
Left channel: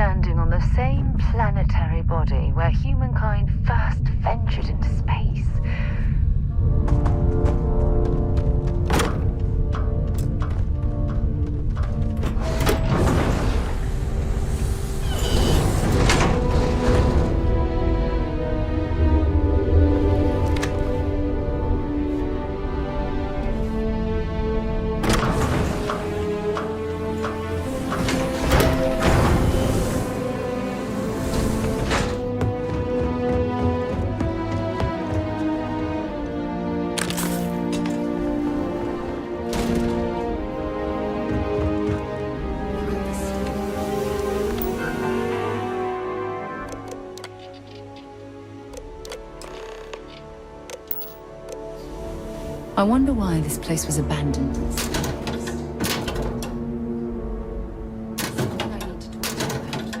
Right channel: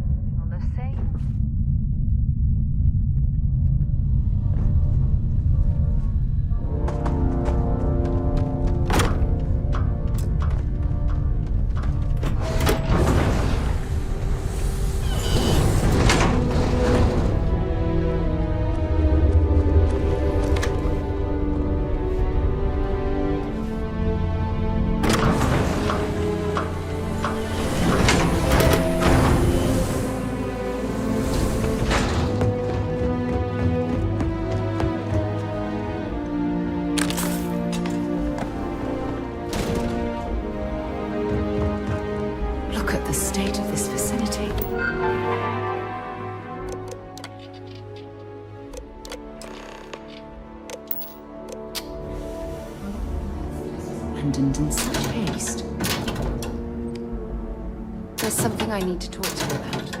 standing on the same planetary body where humankind first ventured into space. I wonder why this place was abandoned in such haste. There's something I need to talk to you about.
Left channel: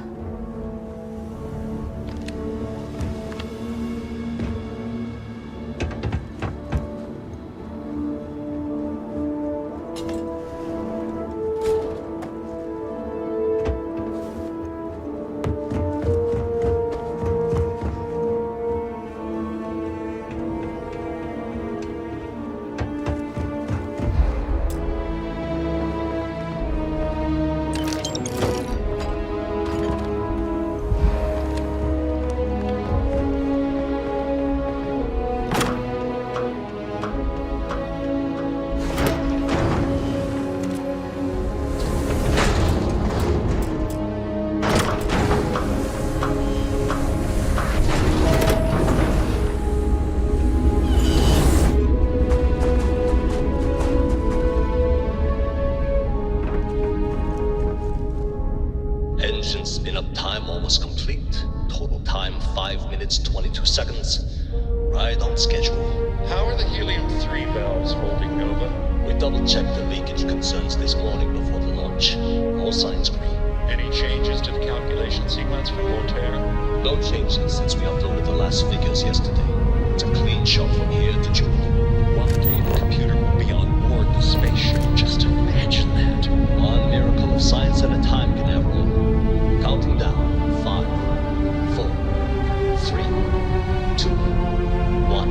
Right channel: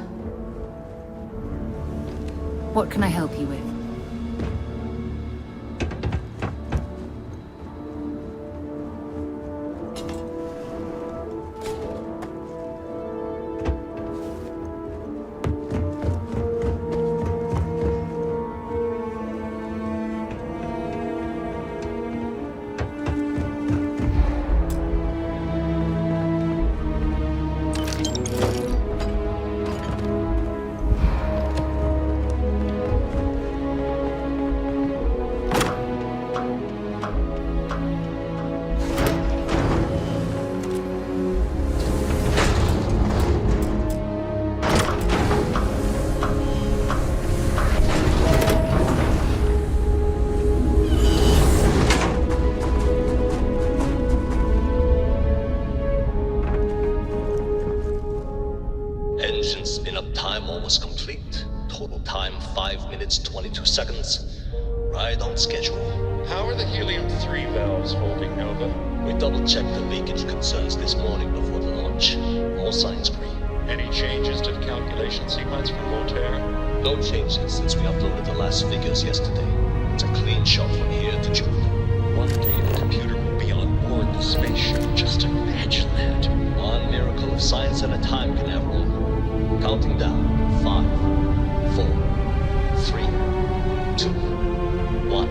What can I help you with? Engine spin-up time almost complete. Total time 5 minutes 22 seconds. Right on schedule. How are the helium-3 valves holding, Nova? We double-checked the leakage concerns this morning before the launch. All signs green. Any changes to the calculation sequence from Voltaire? No changes since we uploaded the last figures yesterday. It's a clean shot from here to Jupiter. One day the computer will be on board the spaceship. Just imagine that. One miracle of science at a time, Canaveral. Counting down. 5, 4, 3, 2, 1.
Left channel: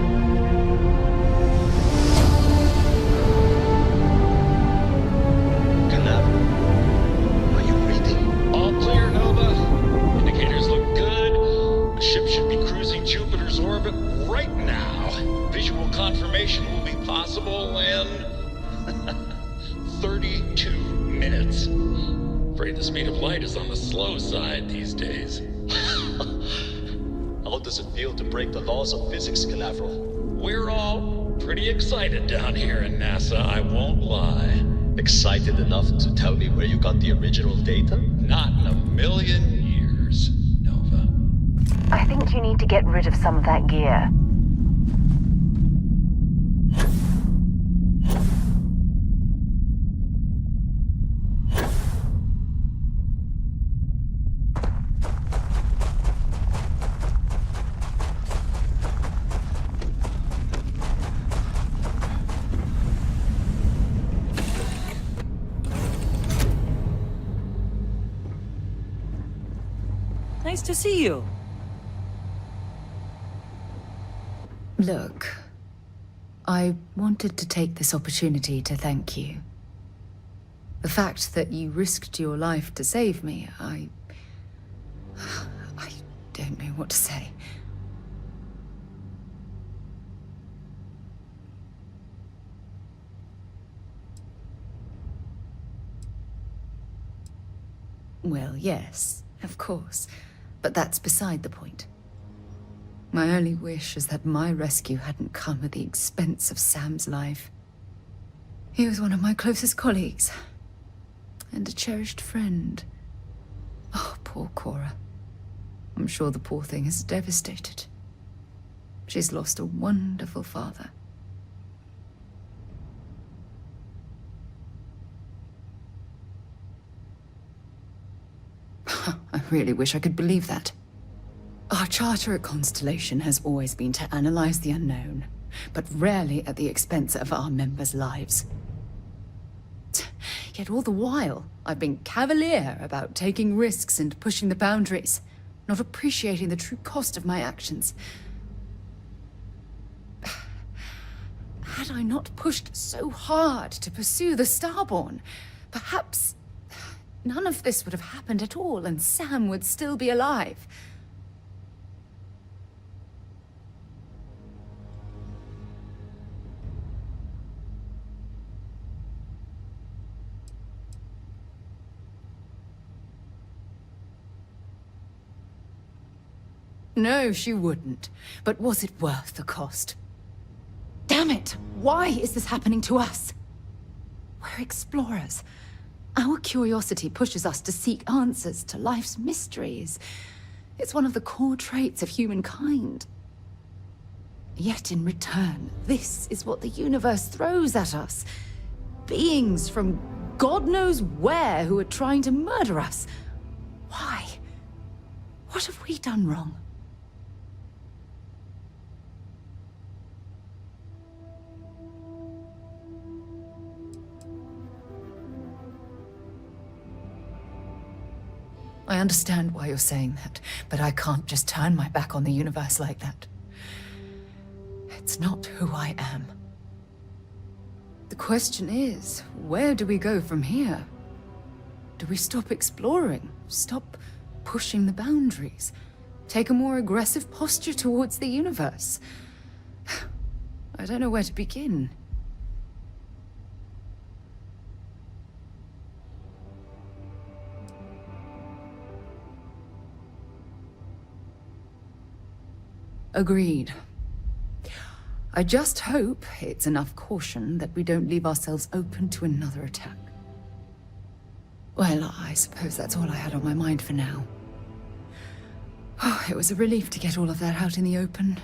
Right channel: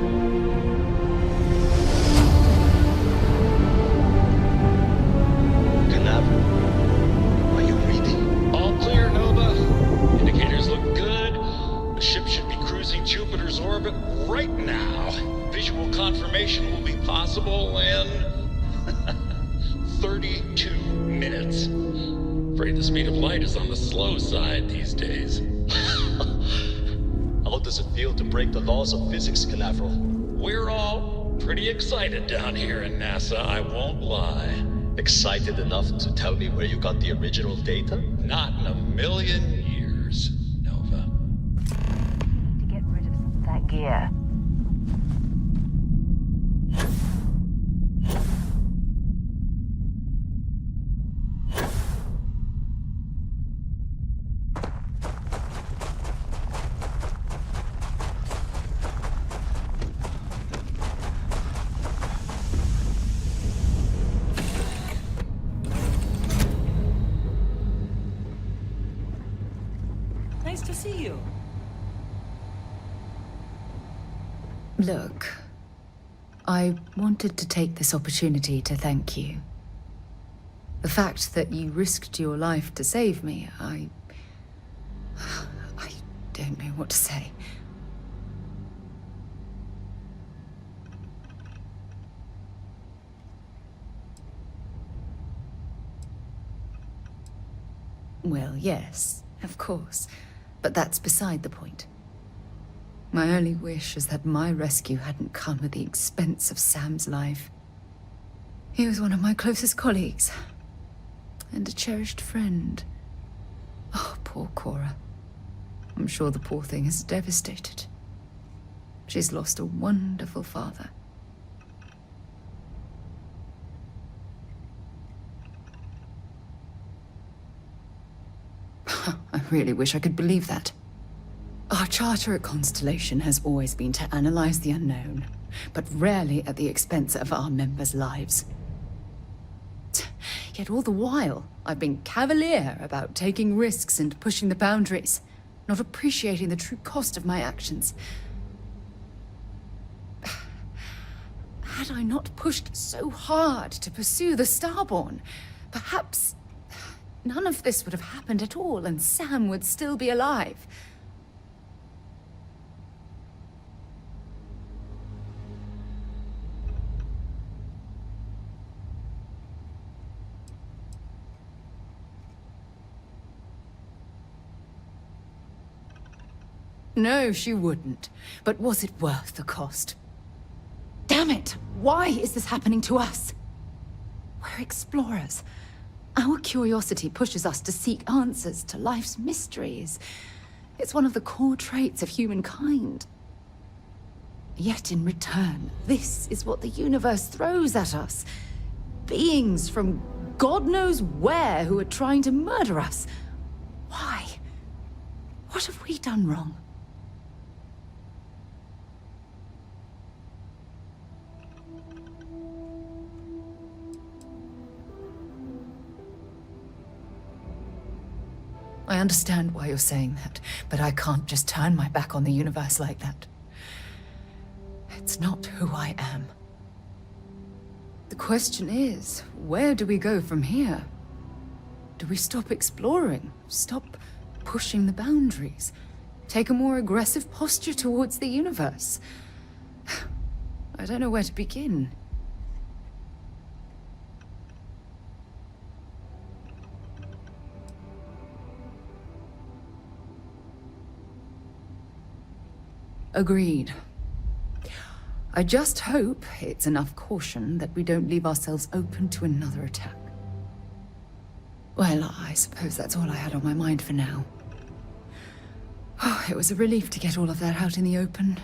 Canaveral, are you reading? All clear, Nova. Indicators look good. The ship should be cruising Jupiter's orbit right now. Visual confirmation will be possible in 32 minutes. Afraid the speed of light is on the slow side these days. How does it feel to break the laws of physics, Canaveral? We're all pretty excited down here in NASA, I won't lie. Excited enough to tell me where you got the original data? Not in a million years, Nova. I think you need to get rid of some of that gear. Nice to see you. Look, I wanted to take this opportunity to thank you. The fact that you risked your life to save me, I don't know what to say. Well, yes, of course. But that's beside the point. My only wish is that my rescue hadn't come at the expense of Sam's life. He was one of my closest colleagues, and a cherished friend. Oh, poor Cora. I'm sure the poor thing is devastated. She's lost a wonderful father. I really wish I could believe that. Our charter at Constellation has always been to analyze the unknown, but rarely at the expense of our members' lives. Yet all the while, I've been cavalier about taking risks and pushing the boundaries, not appreciating the true cost of my actions. Had I not pushed so hard to pursue the Starborn, perhaps none of this would have happened at all, and Sam would still be alive. No, she wouldn't. But was it worth the cost? Damn it! Why is this happening to us? We're explorers. Our curiosity pushes us to seek answers to life's mysteries. It's one of the core traits of humankind. Yet in return, this is what the universe throws at us. Beings from God knows where who are trying to murder us. Why? What have we done wrong? I understand why you're saying that, but I can't just turn my back on the universe like that. It's not who I am. The question is, where do we go from here? Do we stop exploring? Stop pushing the boundaries? Take a more aggressive posture towards the universe? I don't know where to begin. Agreed. I just hope it's enough caution that we don't leave ourselves open to another attack. Well, I suppose that's all I had on my mind for now. Oh, it was a relief to get all of that out in the open.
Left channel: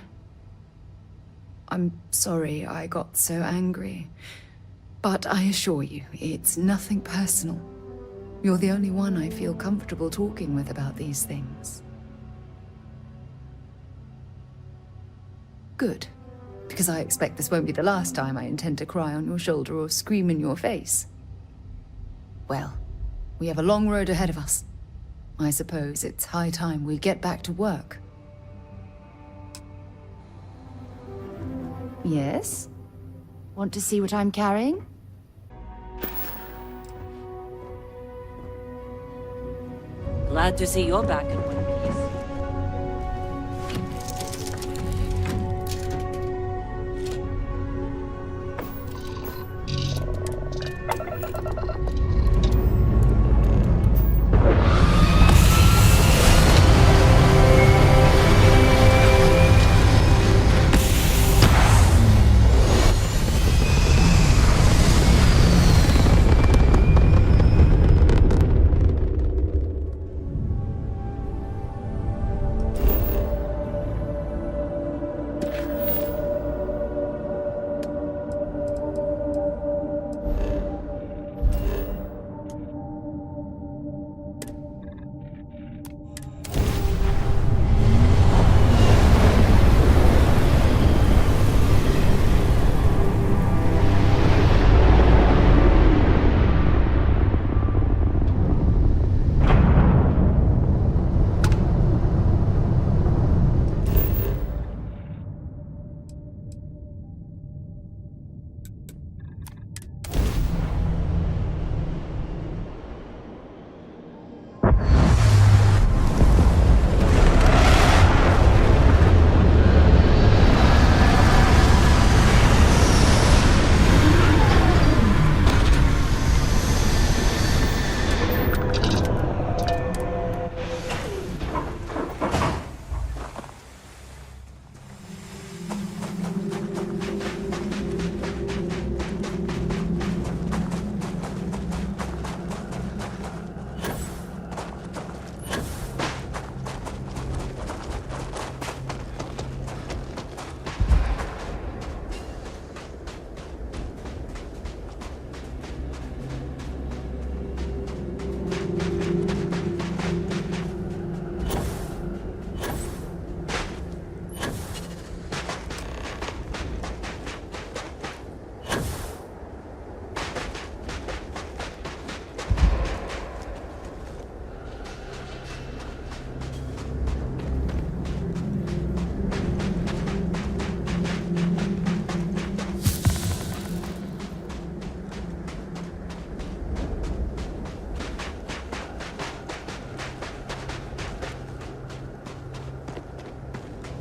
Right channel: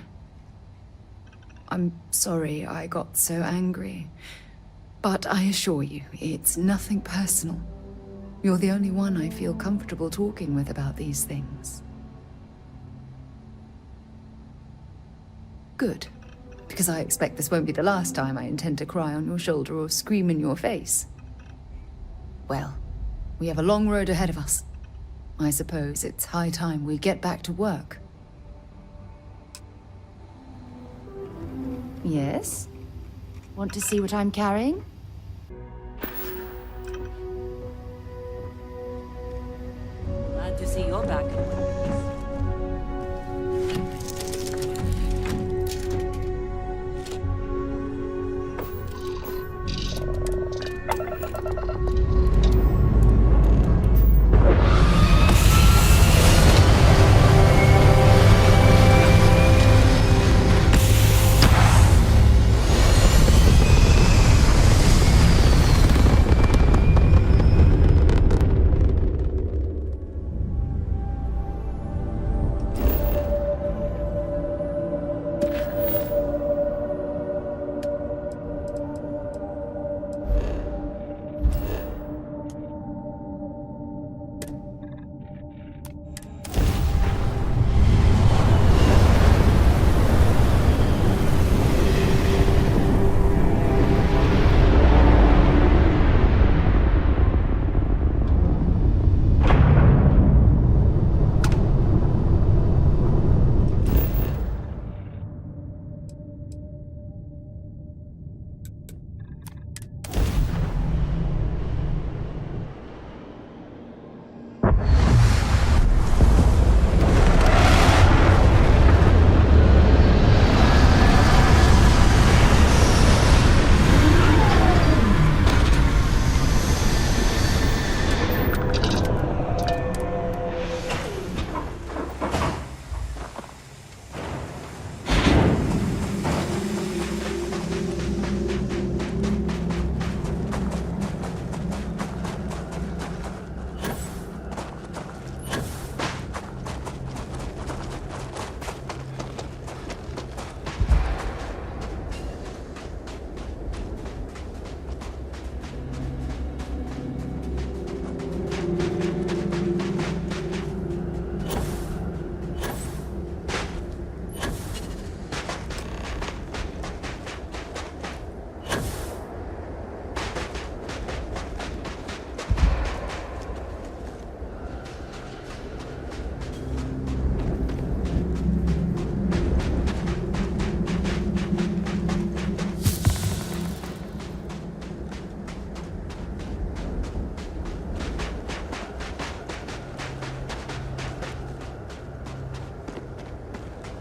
I'm sorry I got so angry. But I assure you, it's nothing personal. You're the only one I feel comfortable talking with about these things. Good. Because I expect this won't be the last time I intend to cry on your shoulder or scream in your face. Well, we have a long road ahead of us. I suppose it's high time we get back to work. Yes? Want to see what I'm carrying? Glad to see you're back in one piece.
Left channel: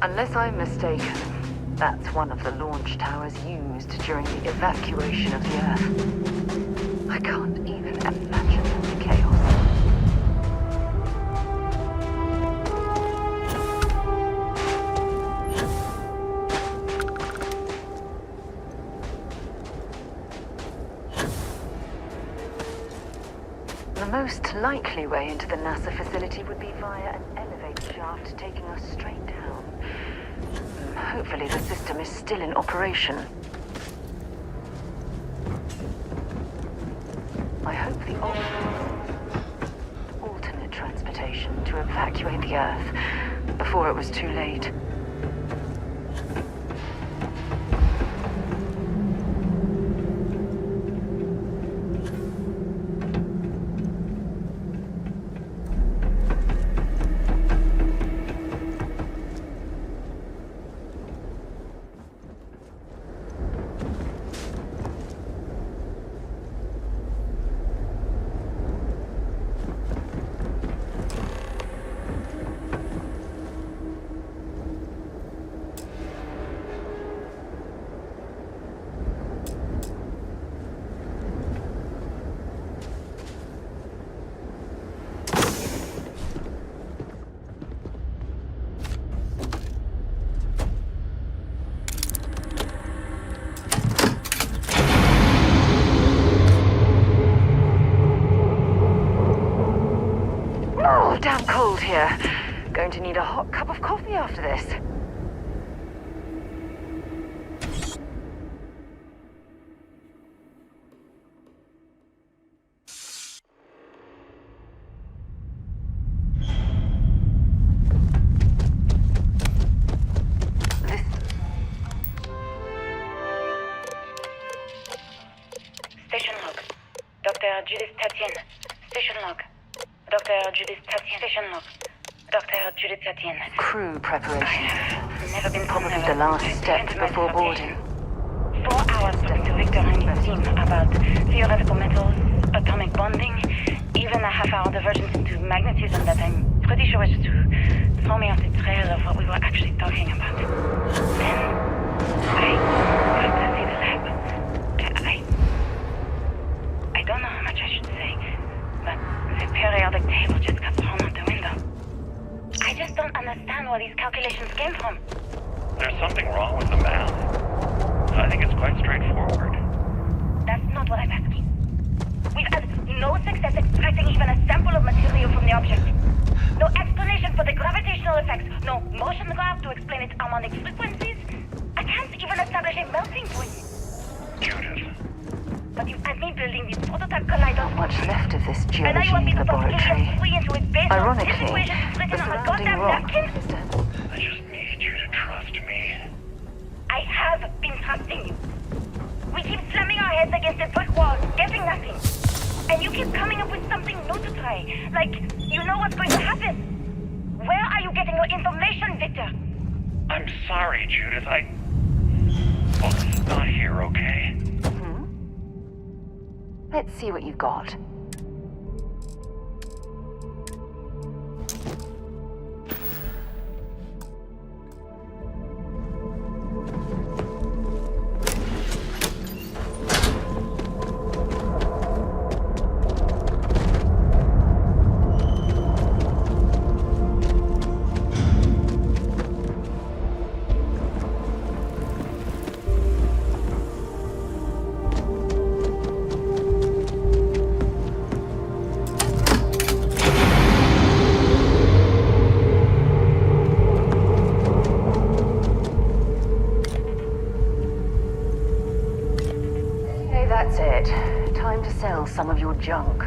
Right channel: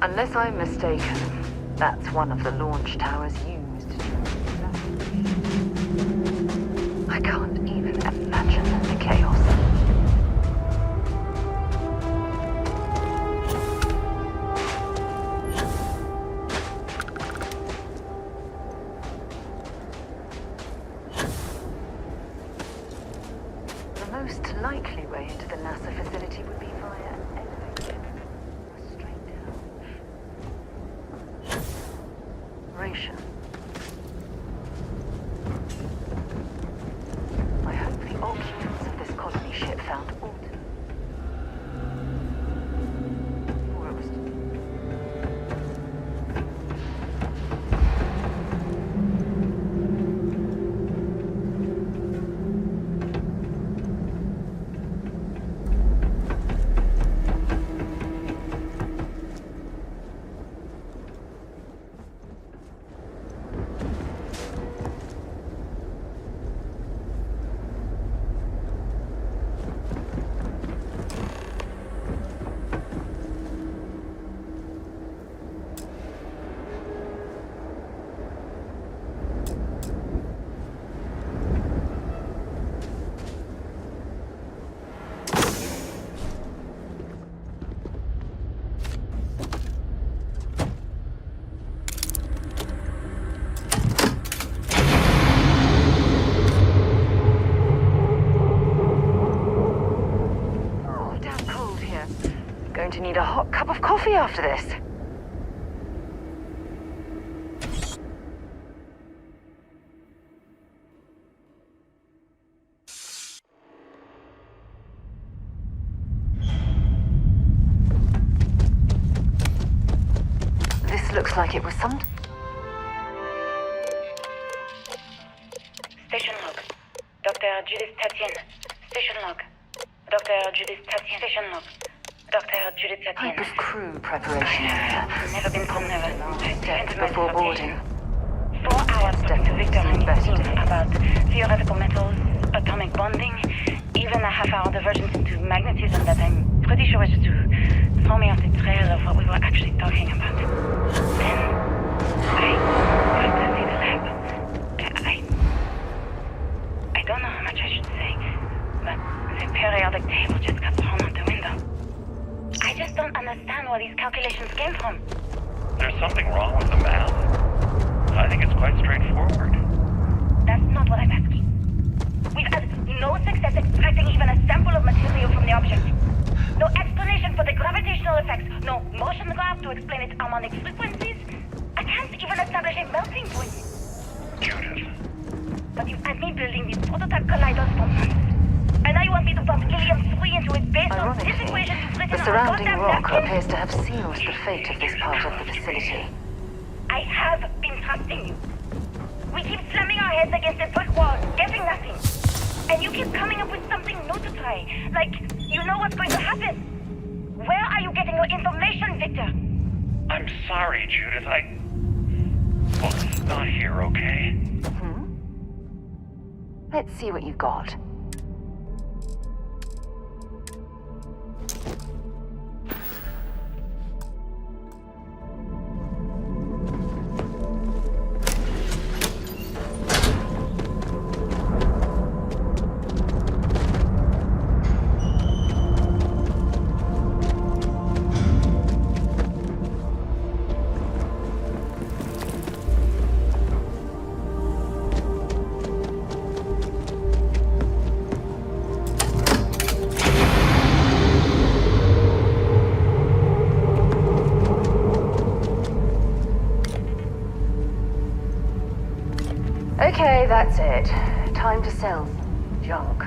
Unless I'm mistaken, that's one of the launch towers used during the evacuation of the Earth. I can't even imagine the chaos. The most likely way into the NASA facility would be via an elevator shaft taking us straight down. Hopefully Thankfully, the system is still in operation. I hope the occupants of this colony ship found alternate transportation to evacuate the Earth before it was too late. Oh, damn cold here. Going to need a hot cup of coffee after this. This looks like it was some... Station log. Dr. Judith Tatien. Station log. Dr. Judith Tatien. Station log. Dr. Judith Tatien. Type of crew preparation area. Never been Probably called the last step before boarding. 4 hours talking to Victor and his team about theoretical metals, atomic bonding, even a half-hour divergence into magnetism that I'm pretty sure was just to throw me off the trail of what we were actually talking about. Then, I got to see the lab. I don't know how much I should say, but the periodic table just got thrown out the window. I just don't understand where these calculations came from. There's something wrong with the math. I think it's quite straightforward. That's not what I'm asking. We've had no success extracting even a sample of material from the object. No explanation for the gravitational effects. No motion graph to explain its harmonic frequencies. I can't even establish a melting point. Judith. But you had me building the prototype kaleidoscope. What's left of this And now you want me to geology pump helium 3 into its base of this Ironically, equation you've written the on a surrounding goddamn rock napkin? appears to have sealed the fate of this part of the facility. I have been trusting you. We keep slamming our heads against a brick wall, getting nothing. And you keep coming up with something new to try. Like, you know what's going to happen. Where are you getting your information, Victor? I'm sorry, Judith. Well, it's not here, okay? Let's see what you've got. Okay, that's it. Time to sell some of your junk.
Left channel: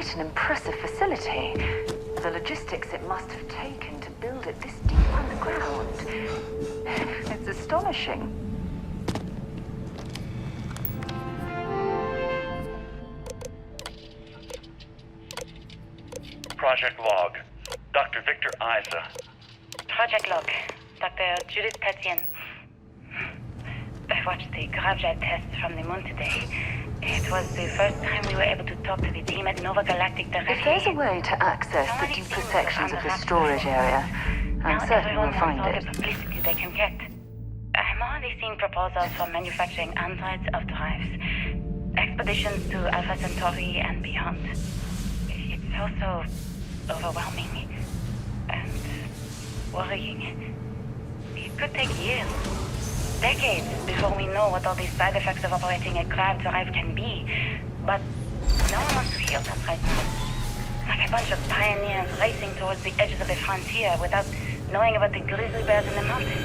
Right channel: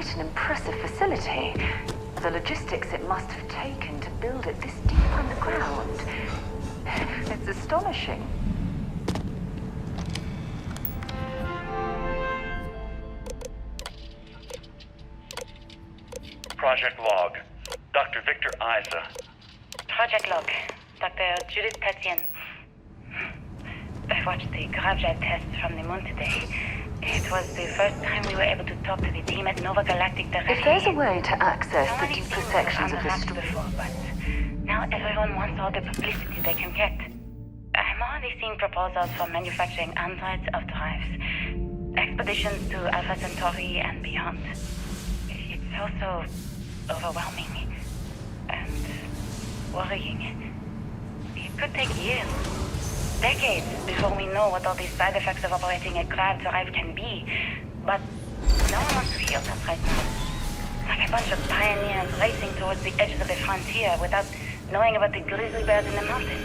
quite an impressive facility. The logistics it must have taken to build it this deep underground. It's astonishing. Project log. Dr. Victor Isa. Project log. Dr. Judith Tatian. I watched the gravjet tests from the moon today. It was the first time we were able to talk to the team at Nova Galactic directly. If there's a way to access the deeper sections of the storage area, now I'm certain everyone we'll wants find all the it. publicity they can get. I'm already seeing proposals for manufacturing androids of drives, expeditions to Alpha Centauri and beyond. It's also overwhelming and worrying. It could take years, decades, before we know what all these side effects of operating a grav drive can be. But no one wants to hear that right now. Like a bunch of pioneers racing towards the edges of the frontier without knowing about the grizzly bears in the mountains.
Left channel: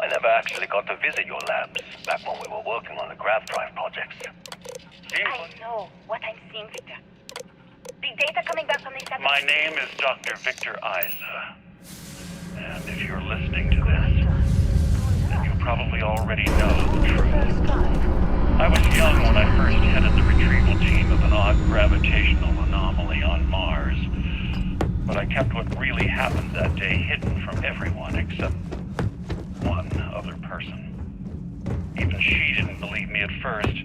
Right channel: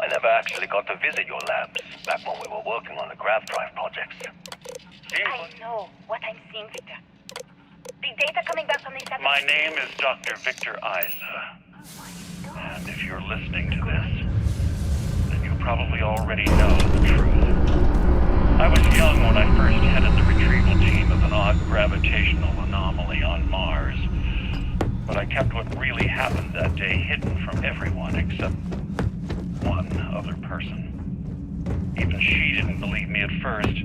I never actually got to visit your labs back when we were working on the grav drive projects. I know what I'm seeing, Victor. The data coming back from the satellite... My name is Dr. Victor Isa. And if you're listening to this, then you probably already know the truth. I was young when I first headed the retrieval team of an odd gravitational anomaly on Mars. But I kept what really happened that day hidden from everyone except one other person. Even she didn't believe me at first.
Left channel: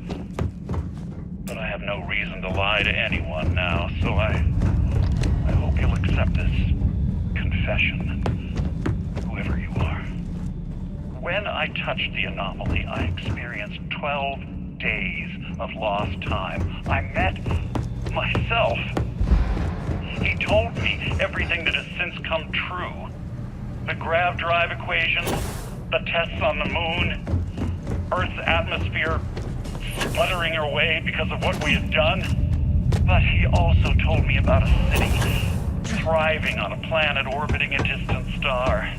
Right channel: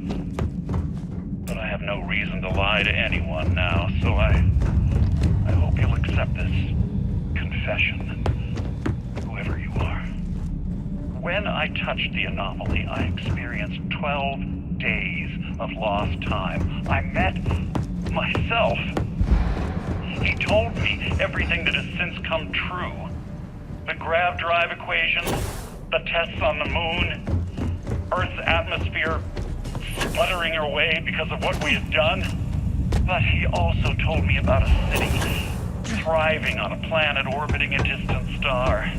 But I have no reason to lie to anyone now, so I hope you'll accept this confession, whoever you are. When I touched the anomaly, I experienced 12 days of lost time. I met myself. He told me everything that has since come true. The grav drive equations, the tests on the moon, Earth's atmosphere sputtering away because of what we had done. But he also told me about a city thriving on a planet orbiting a distant star.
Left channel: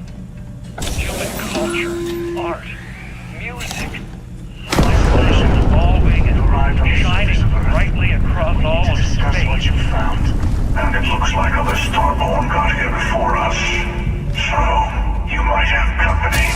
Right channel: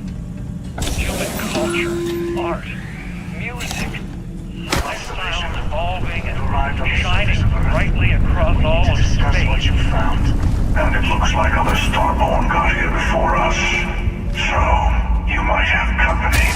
Human culture, art, music, lifestyles evolving and shining brightly across all of space. That's what you found. And it looks like other Starborn got here before us. So, you might have company.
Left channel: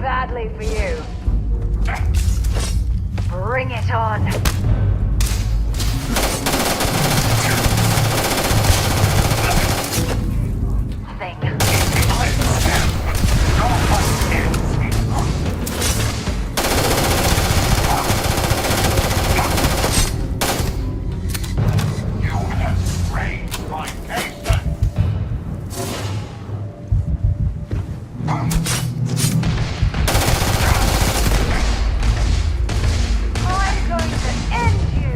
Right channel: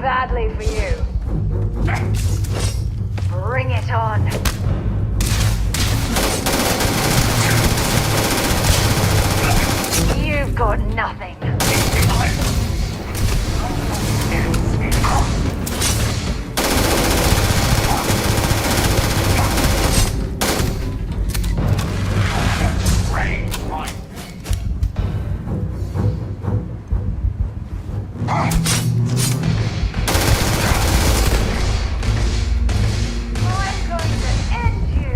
badly for you. Bring it on. You've got nothing. I'm going to end you.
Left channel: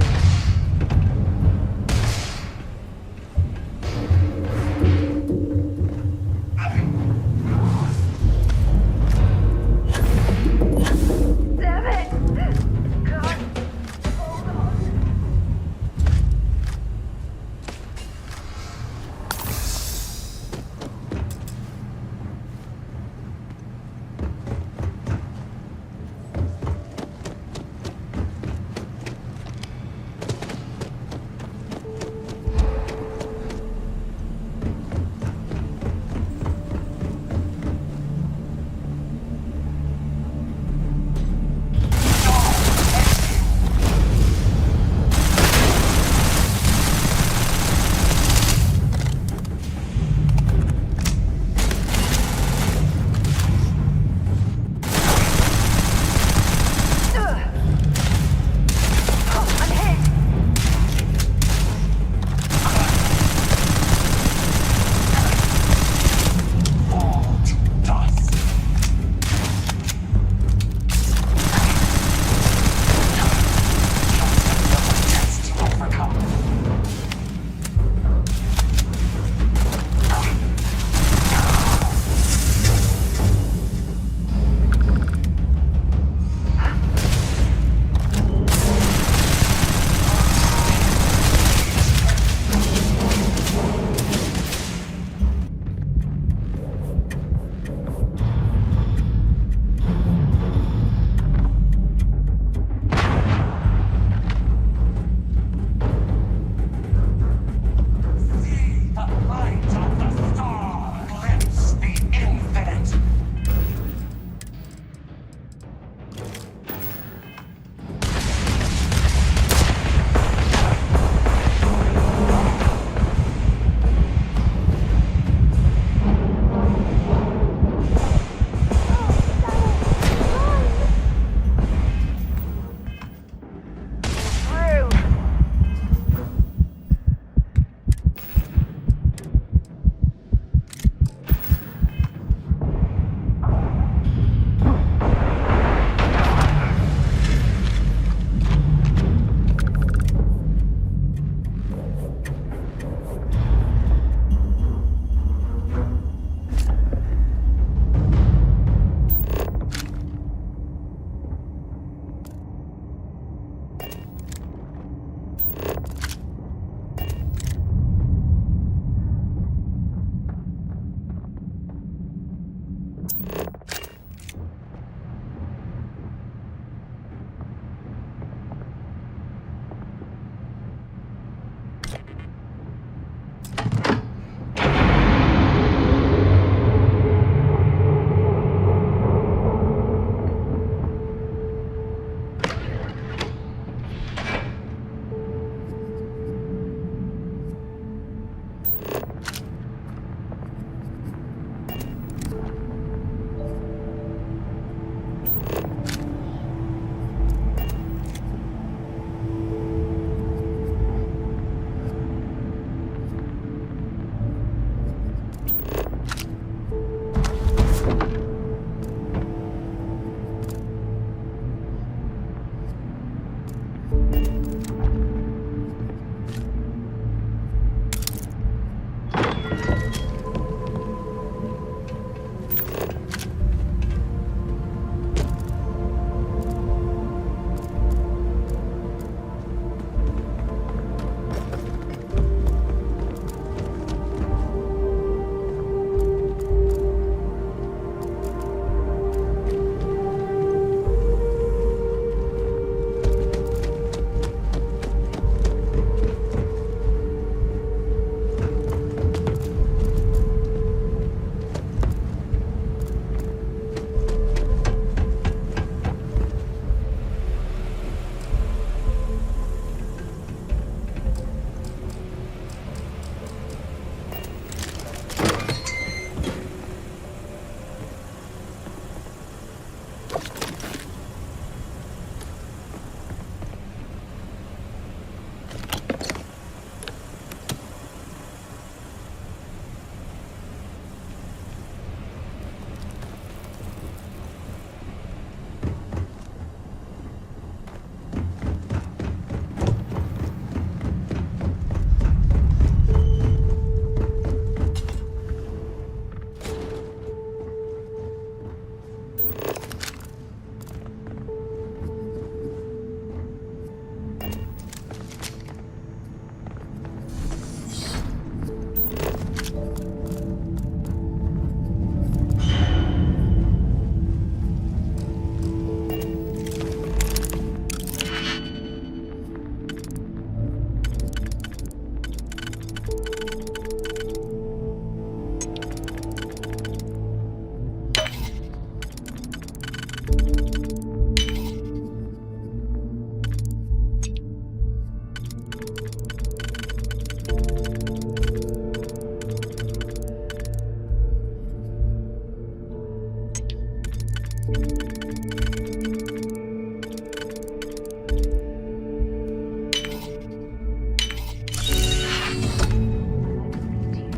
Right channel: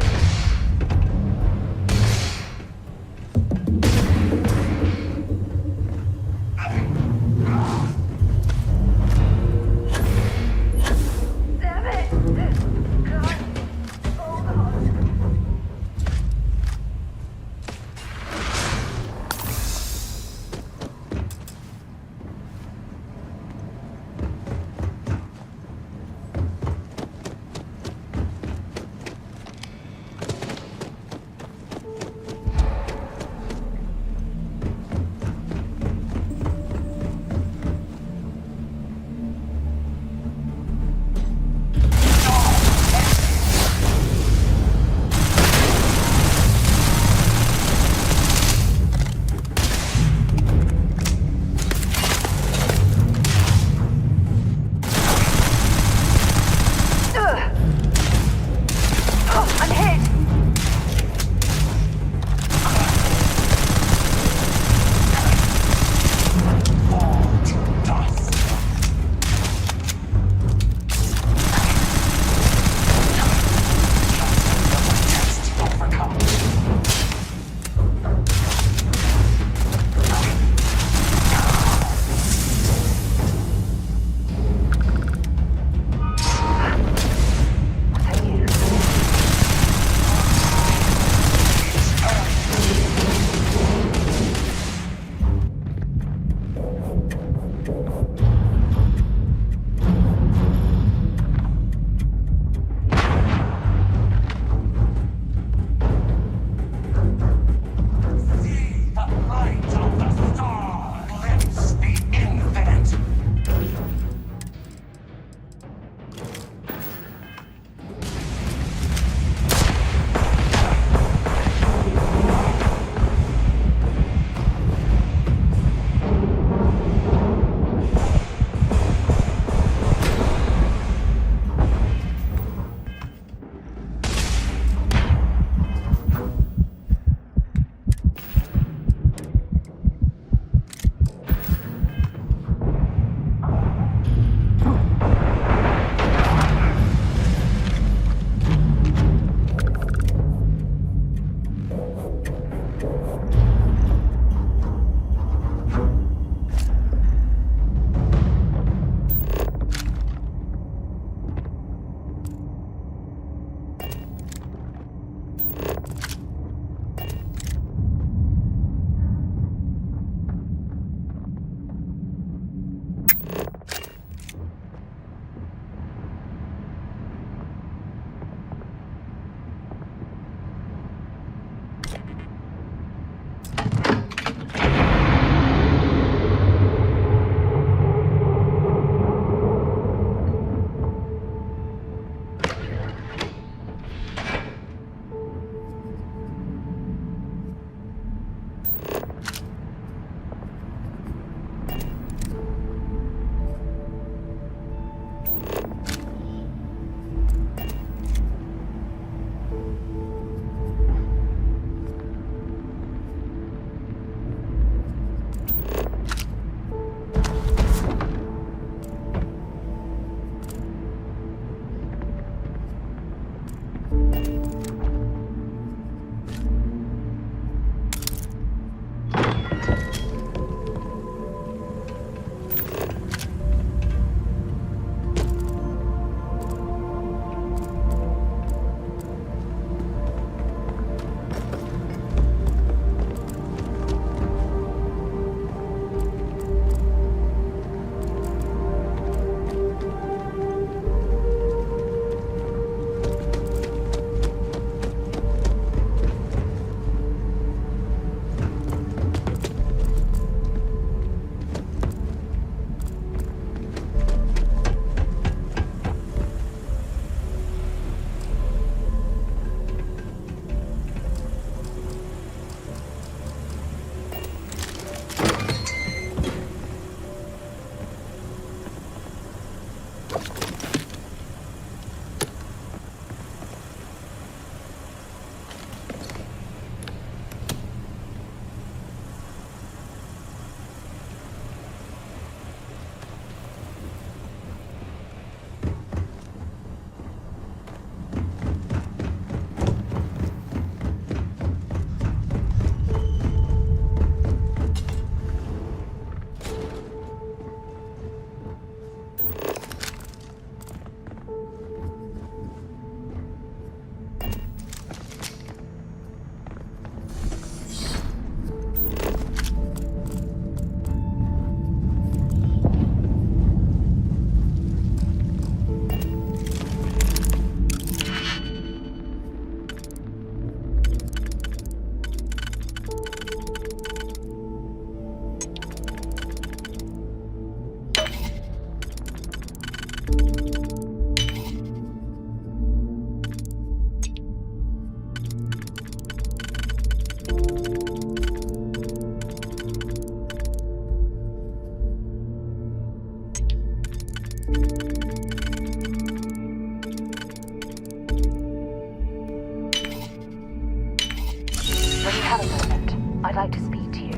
I'd like to speak to you.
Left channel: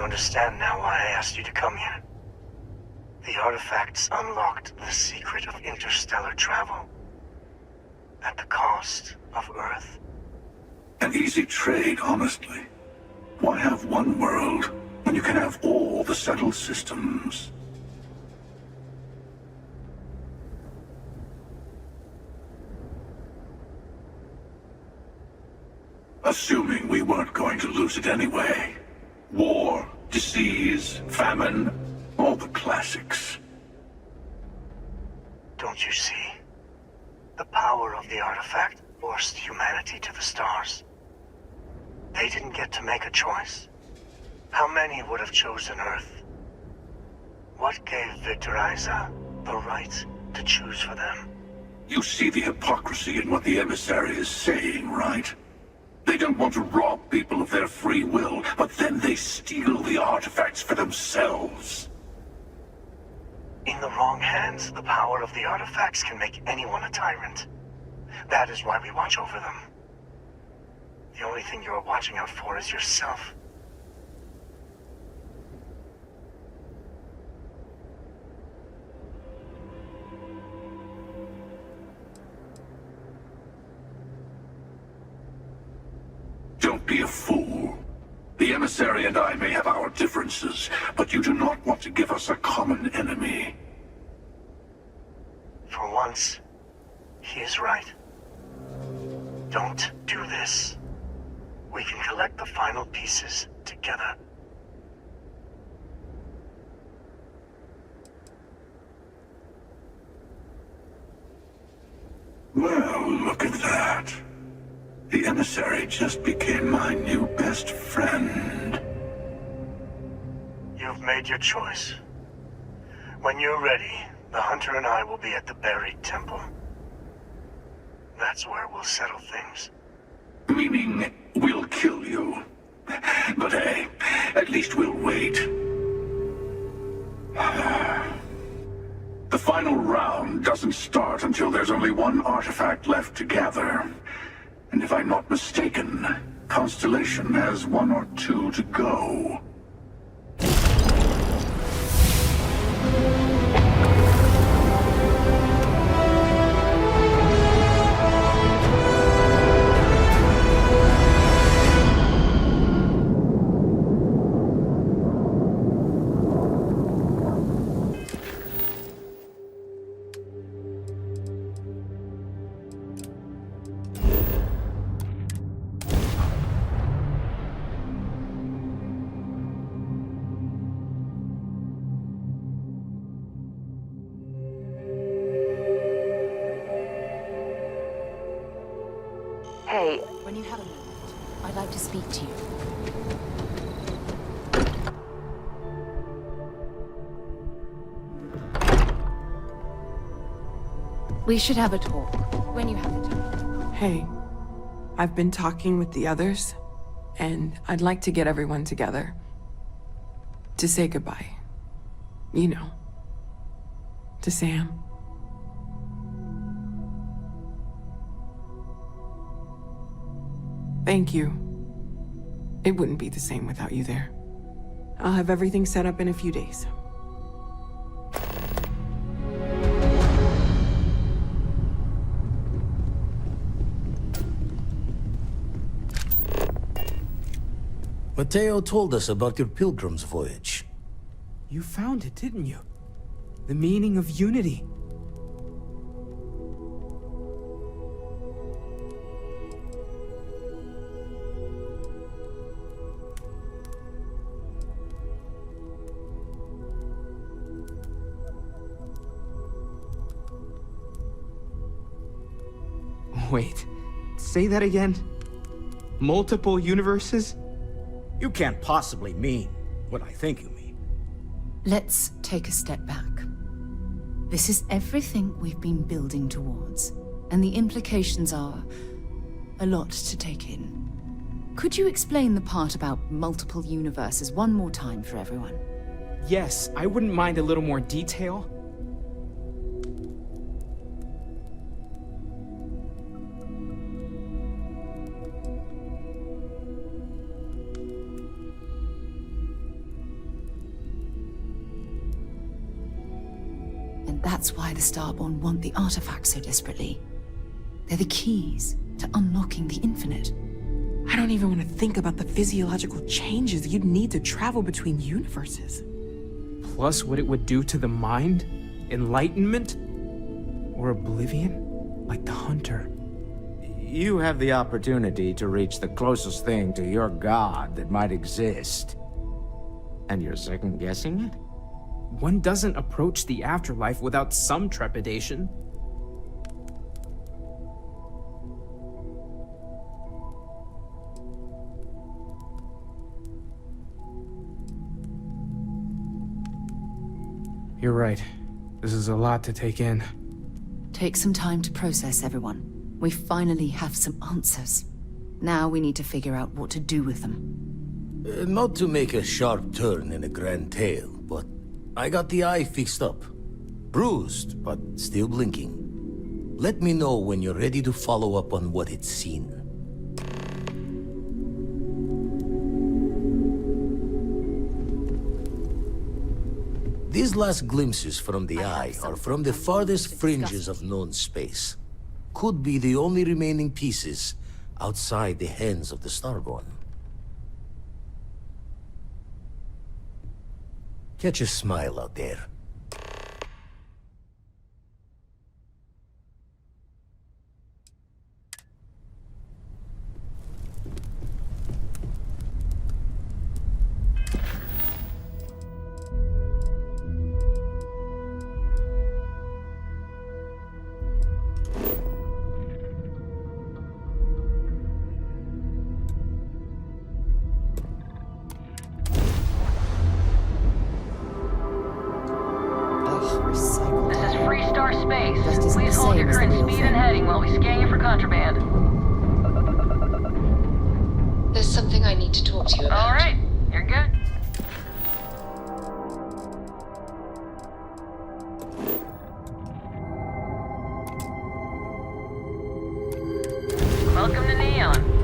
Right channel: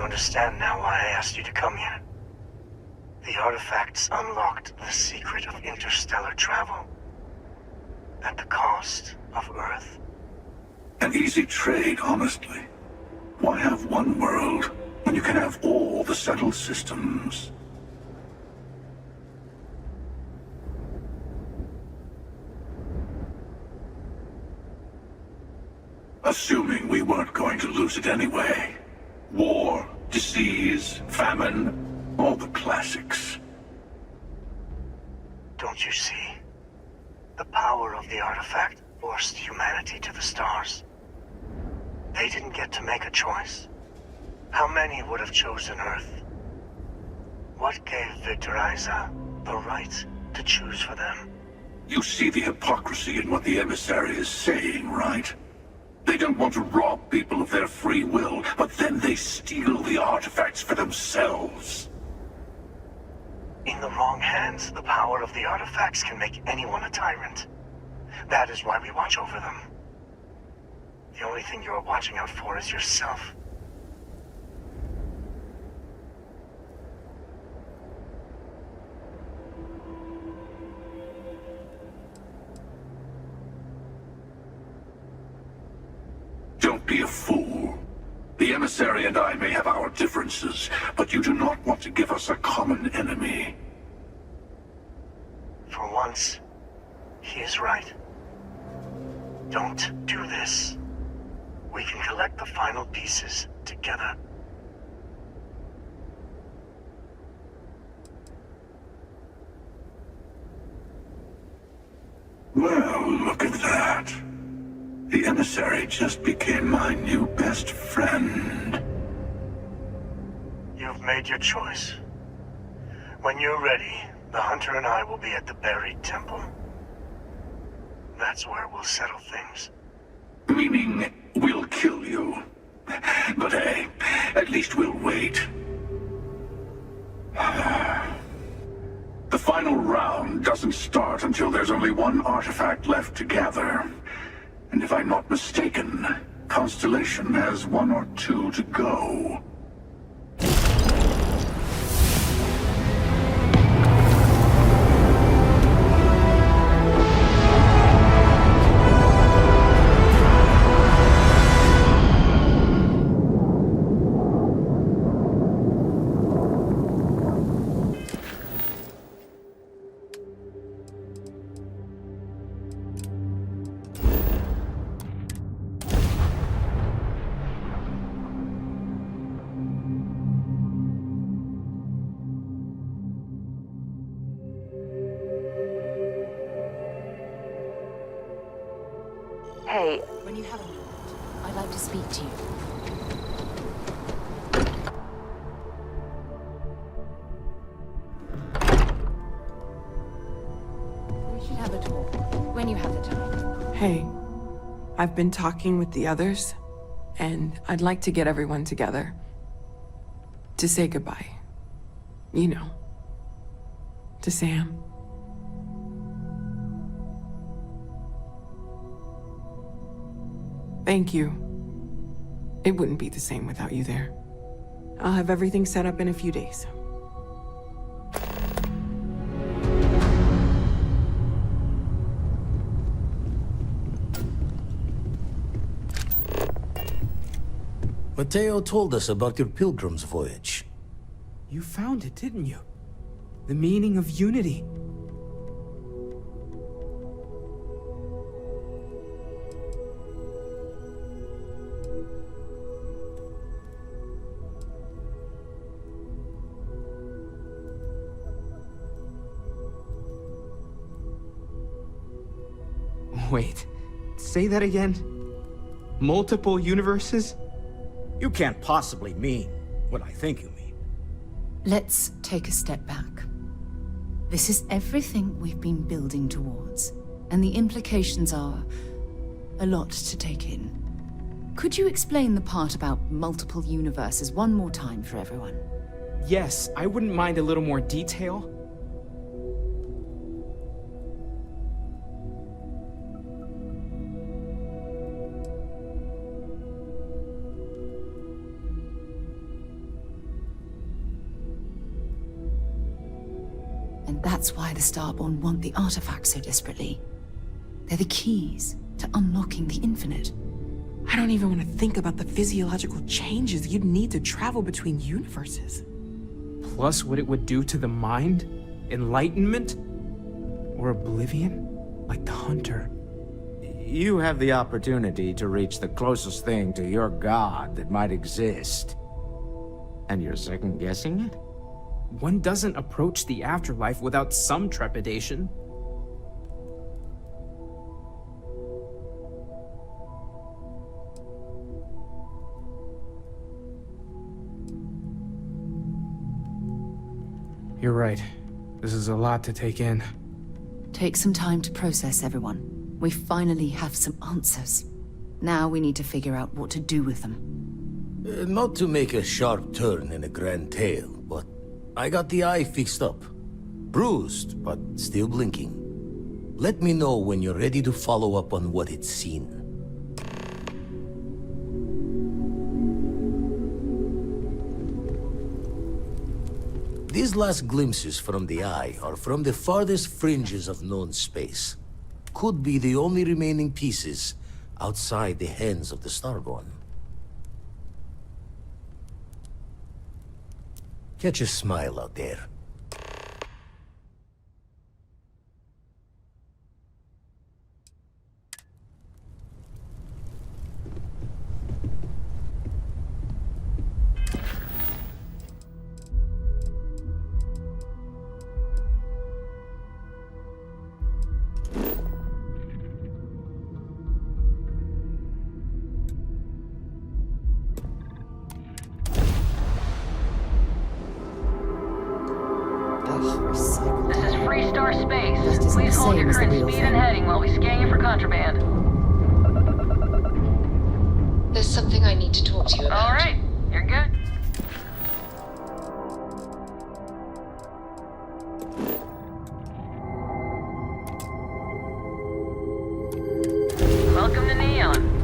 Understand now why I asked you to come here. The artifacts unlocked the secret of interstellar travel. At the cost of Earth. An easy trade, honestly. Why have one world when you can have all the settled systems? Assuming we weren't going to lose it anyway. War, disease, famine, all the classics. Don't you see? The power of the artifact forced humanity to the stars. They didn't get to make a choice. How many would have chosen Earth? What gave Victor Isa the right to choose for them? You see the hypocrisy in what the emissary is saying, right? They don't want to rob people of their free will, but then they steal the artifacts for themselves. In the wrong hands, the power of the artifacts can make anyone a tyrant. That is why we watch over them. The only thing you're watching out for is yourself. Don't be a fool. The emissary emissary and I may have our differences, but you do not want to give us a common enemy. For once, he is right. Don't do this. We can collect the final pieces together. Well, look at that. The emissary just became my new best friend. You've made your choice. When you're ready, the Hunter and I will be at the buried temple. That's where we'll settle things. Meaning, we'll kill you. But hey, at least we'll wait. The final round doesn't start until there's only one artifact left to gather. And if I'm not mistaken, Constellation has 1 or 2 to go. Hey. When you have a moment, I'd like to speak to you. We should have a talk when you have the time. Hey, I've been talking with the others, and I'd like to get everyone together. To say goodbye. You know. To Sam. Thank you. It wouldn't be the same without you there. I'll have everything set up in a few days. Mateo told us about your pilgrim's voyage. You found it, didn't you? The meaning of unity. Wait, say that again? Multiple universes? You can't possibly mean what I think you mean. Let's take a step back. This is everything we've been building towards, and the implications are a lot to take in. Could you explain the part about multiple universes one more time for everyone? Yes, I wouldn't mind a little more detail. And that's why the Starborn want the artifacts so desperately. They're the keys to unlocking the infinite. I don't even want to think about the physiological changes you'd need to travel between universes. Plus what it would do to the mind? Enlightenment? Or oblivion? Like the Hunter. You have the opportunity to reach the closest thing to your god that might exist. And you're second-guessing it? One doesn't approach the afterlife without some trepidation. You're right. This is a lot to take in. Take some time to process, everyone. We finally have some answers. Now we need to figure out what to do with them. Not to make a sharp turn in a grand tale, but I got the eye fixed up. Bruised, but still blinking. Let me know when you're ready to follow up on what it's seen. These last glimpses from the eye are from the farthest fringes of known space. Could be the only remaining pieces outside the hands of the Starborn. Catch a smile out there. Recycled. This is Freestar Space. Just isn't Please the hold same your as the current real speed thing. and heading while we scan you for contraband. There's something I need to talk to you about. All right, you're good. Welcome to Neon.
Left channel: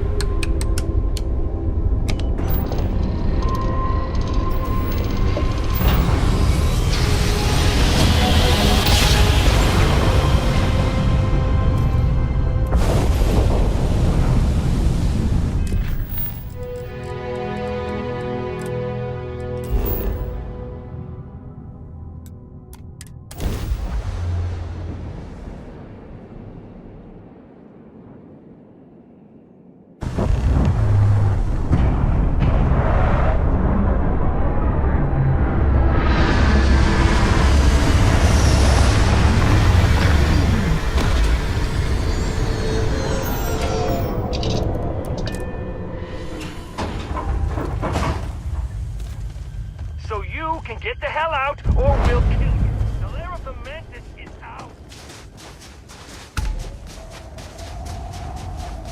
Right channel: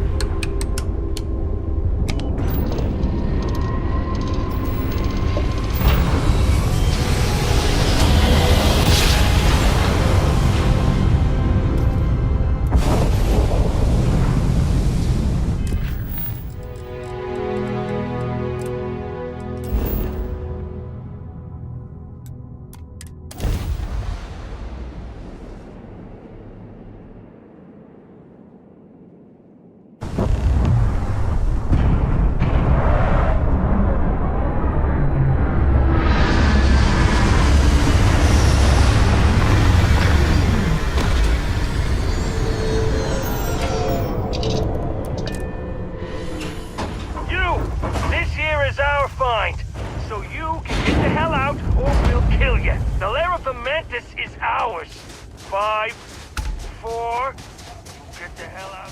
So you can get the hell out, or we'll kill you. The lair of the Mantis is ours. 5, 4... Get the hell out.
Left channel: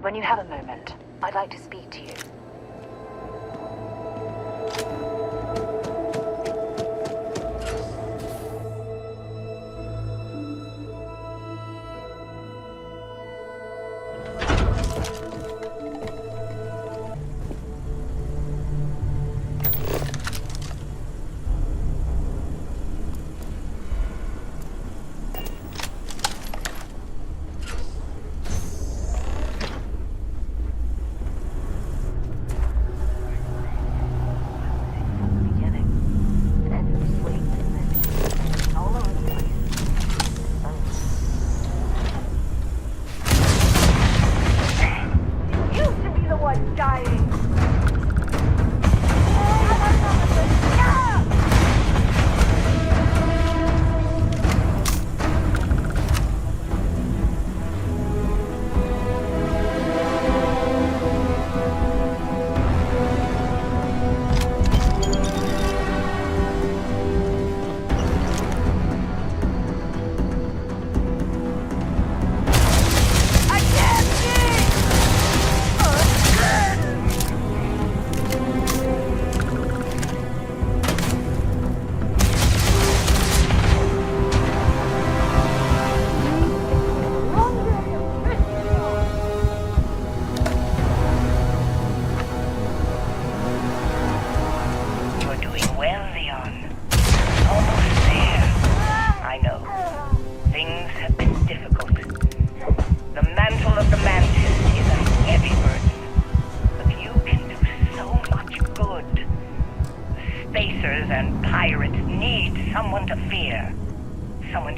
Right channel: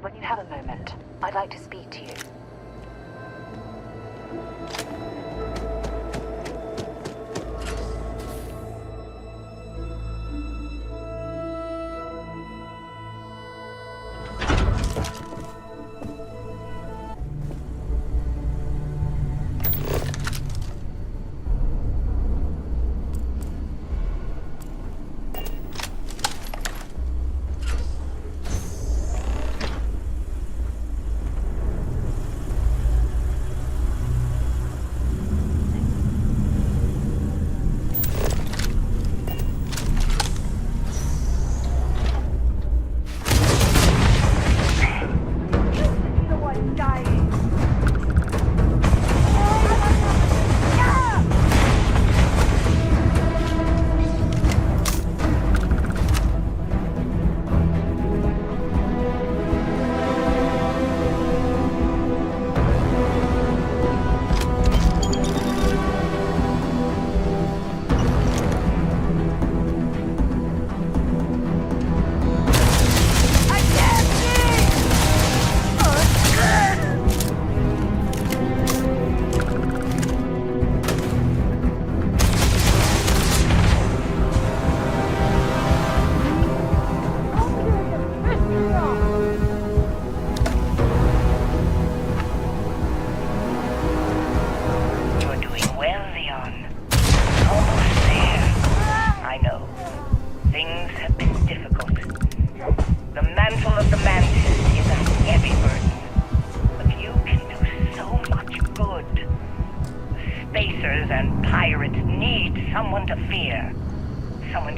When you have a moment, I'd like to speak to you.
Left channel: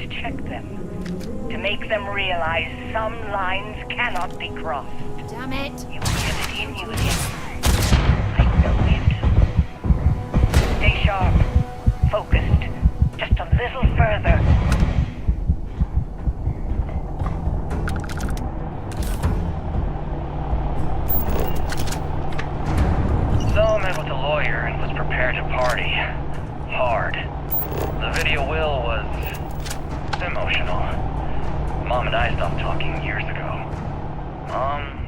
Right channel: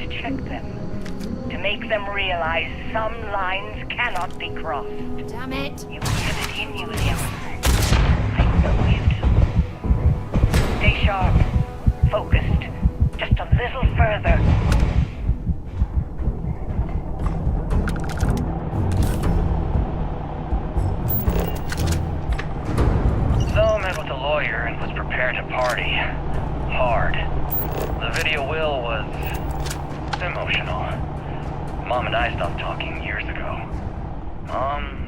to check them. To make them realize some lines cannot be crossed. Damn it! You have it in you, Liam. I know you do. Stay sharp. Focused. Just a little further. So I met with a lawyer and was prepared to party. Hard. The video will was emotional. Mom and I stopped talking years ago. Mom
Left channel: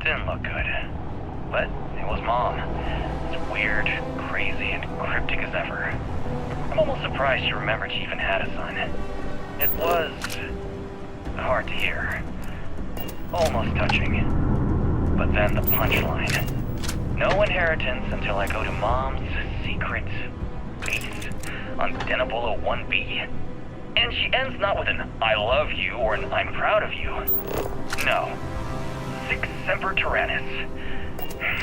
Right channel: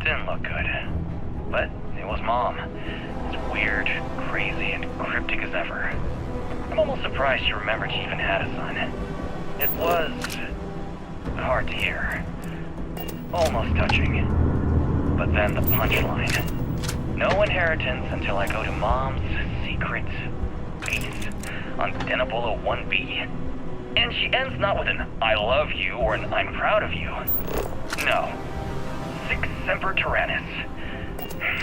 didn't look good. But it was Mom. It's weird, crazy, and cryptic as ever. I'm almost surprised she remembered she even had a son. It was hard to hear. Almost touching. But then the punchline. No inheritance until I go to Mom's secret base on Denabolo 1B. And she ends not with an I love you or an I'm proud of you. No. Sic semper tyrannis.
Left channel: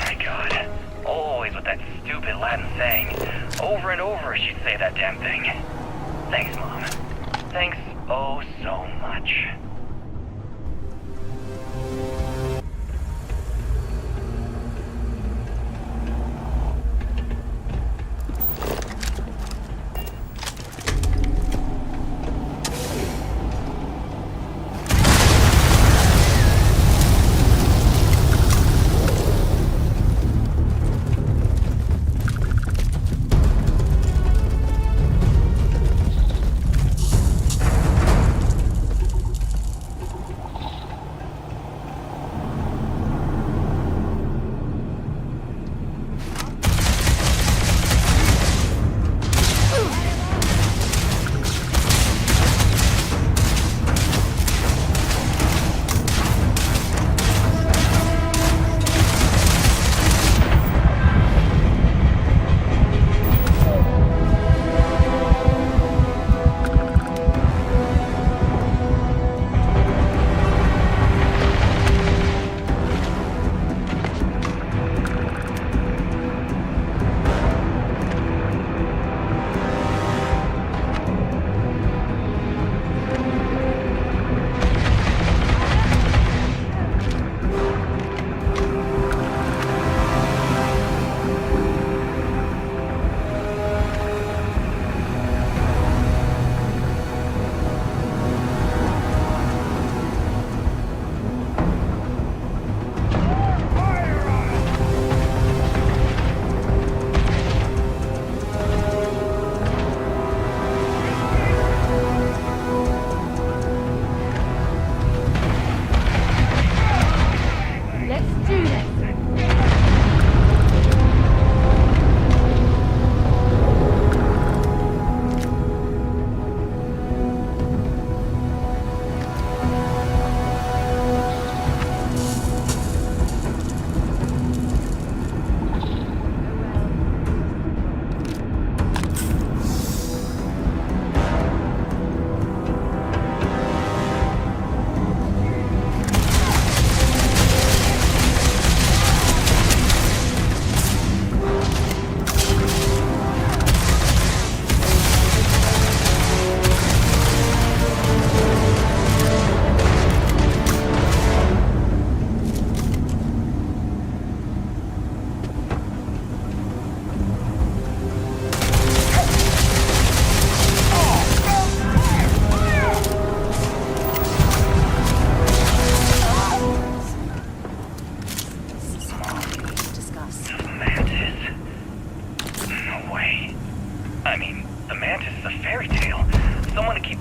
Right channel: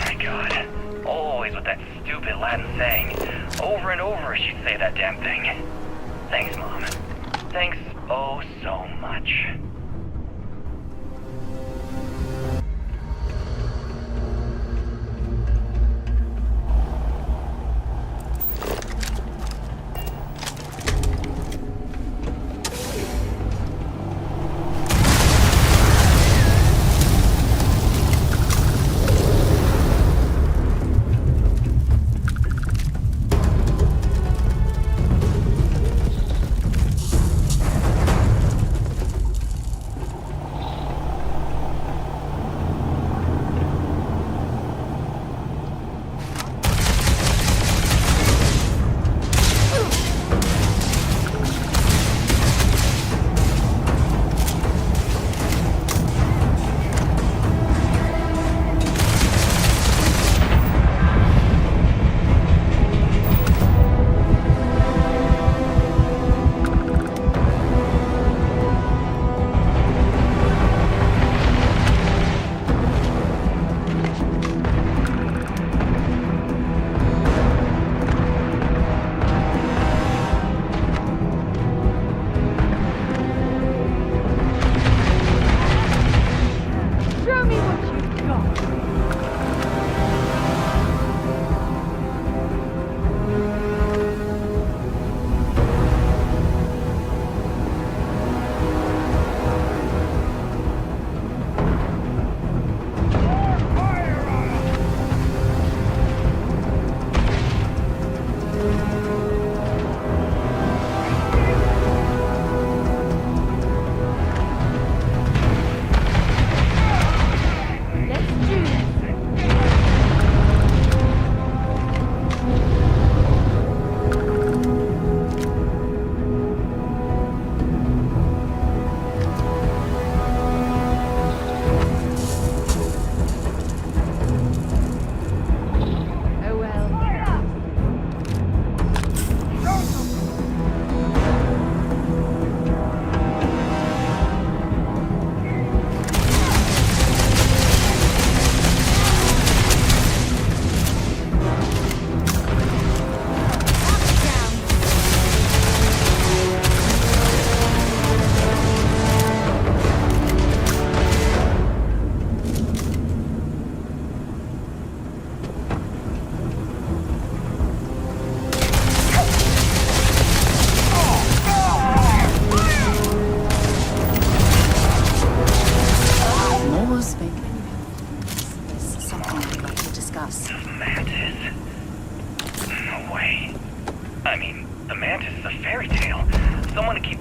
My God. Always with that stupid Latin saying. Over and over she'd say that damn thing. Thanks, Mom. Thanks oh so much.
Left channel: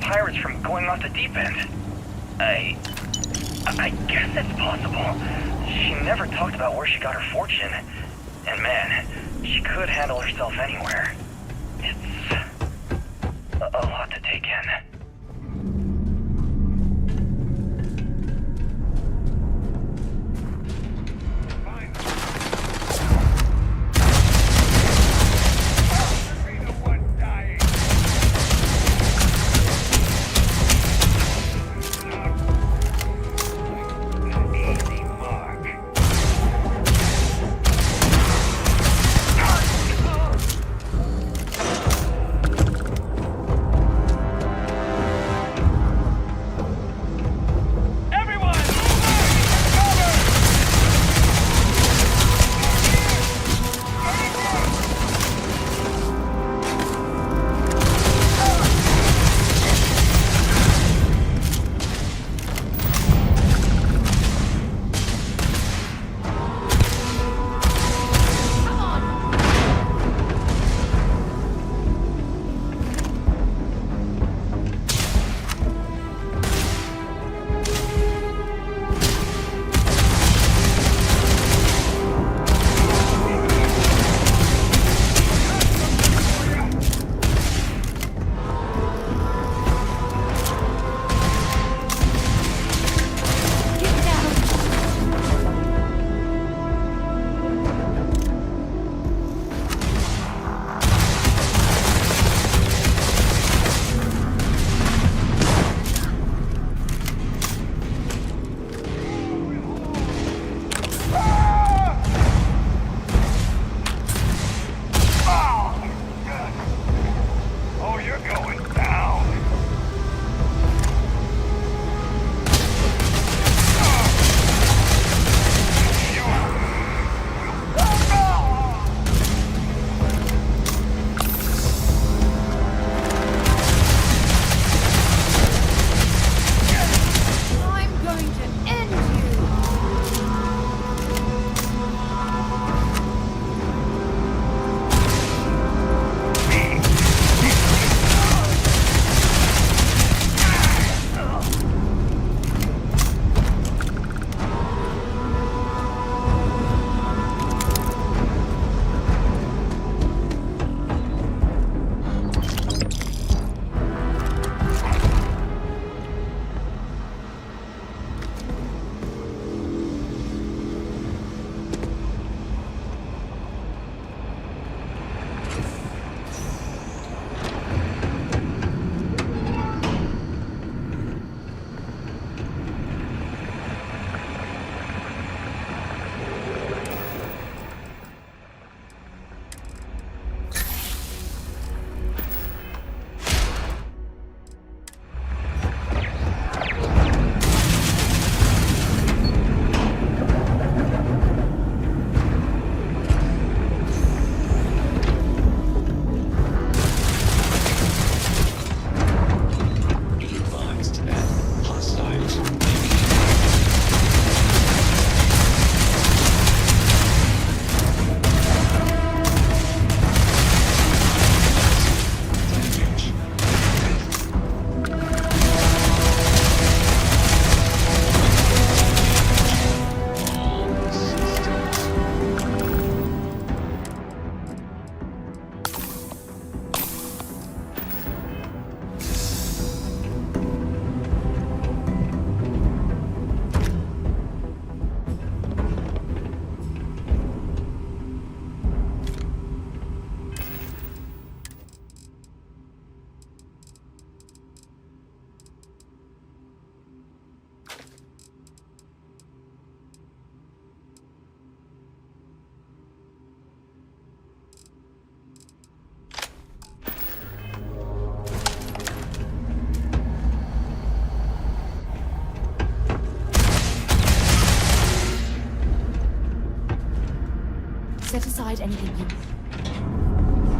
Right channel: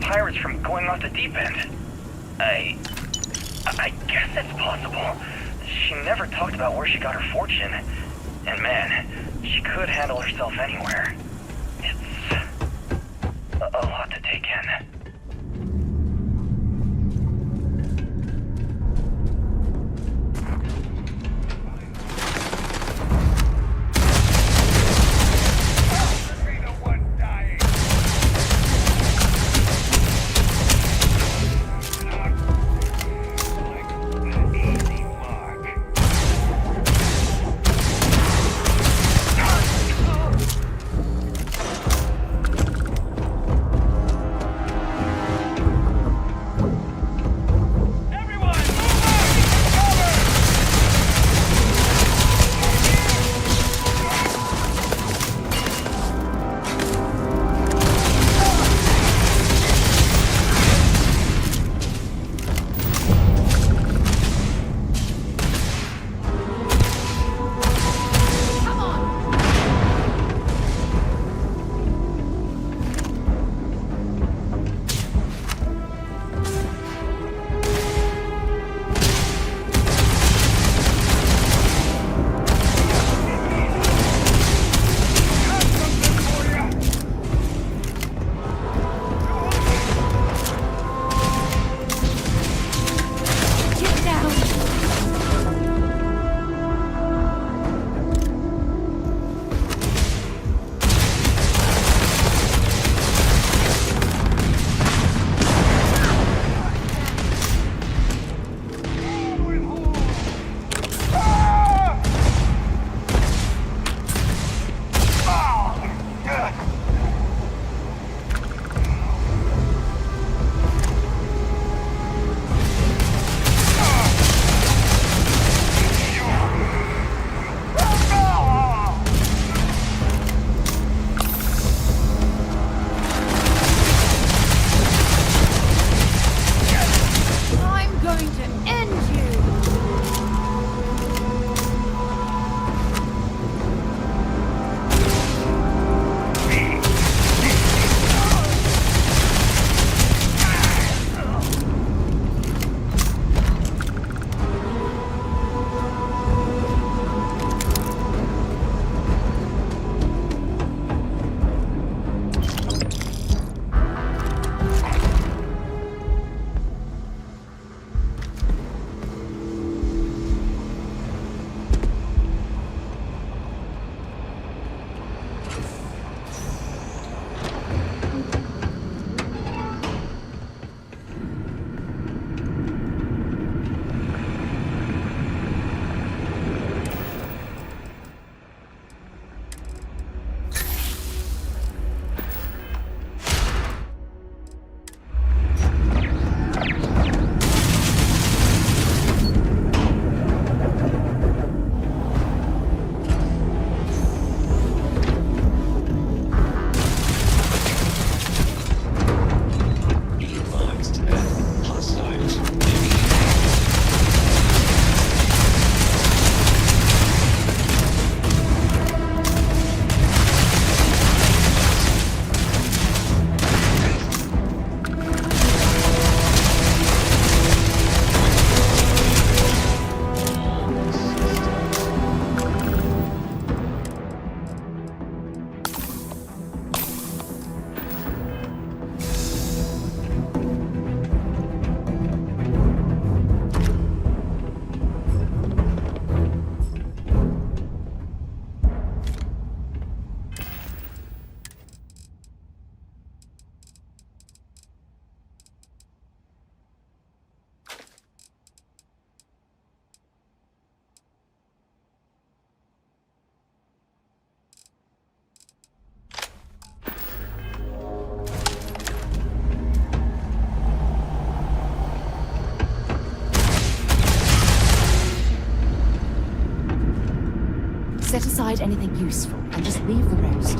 pirates from going off the deep end. I guess it's possible. She never talked about where she got her fortune. And man, she could handle herself anywhere. It's a lot to take in. Set aside anything useful and just leave the rest.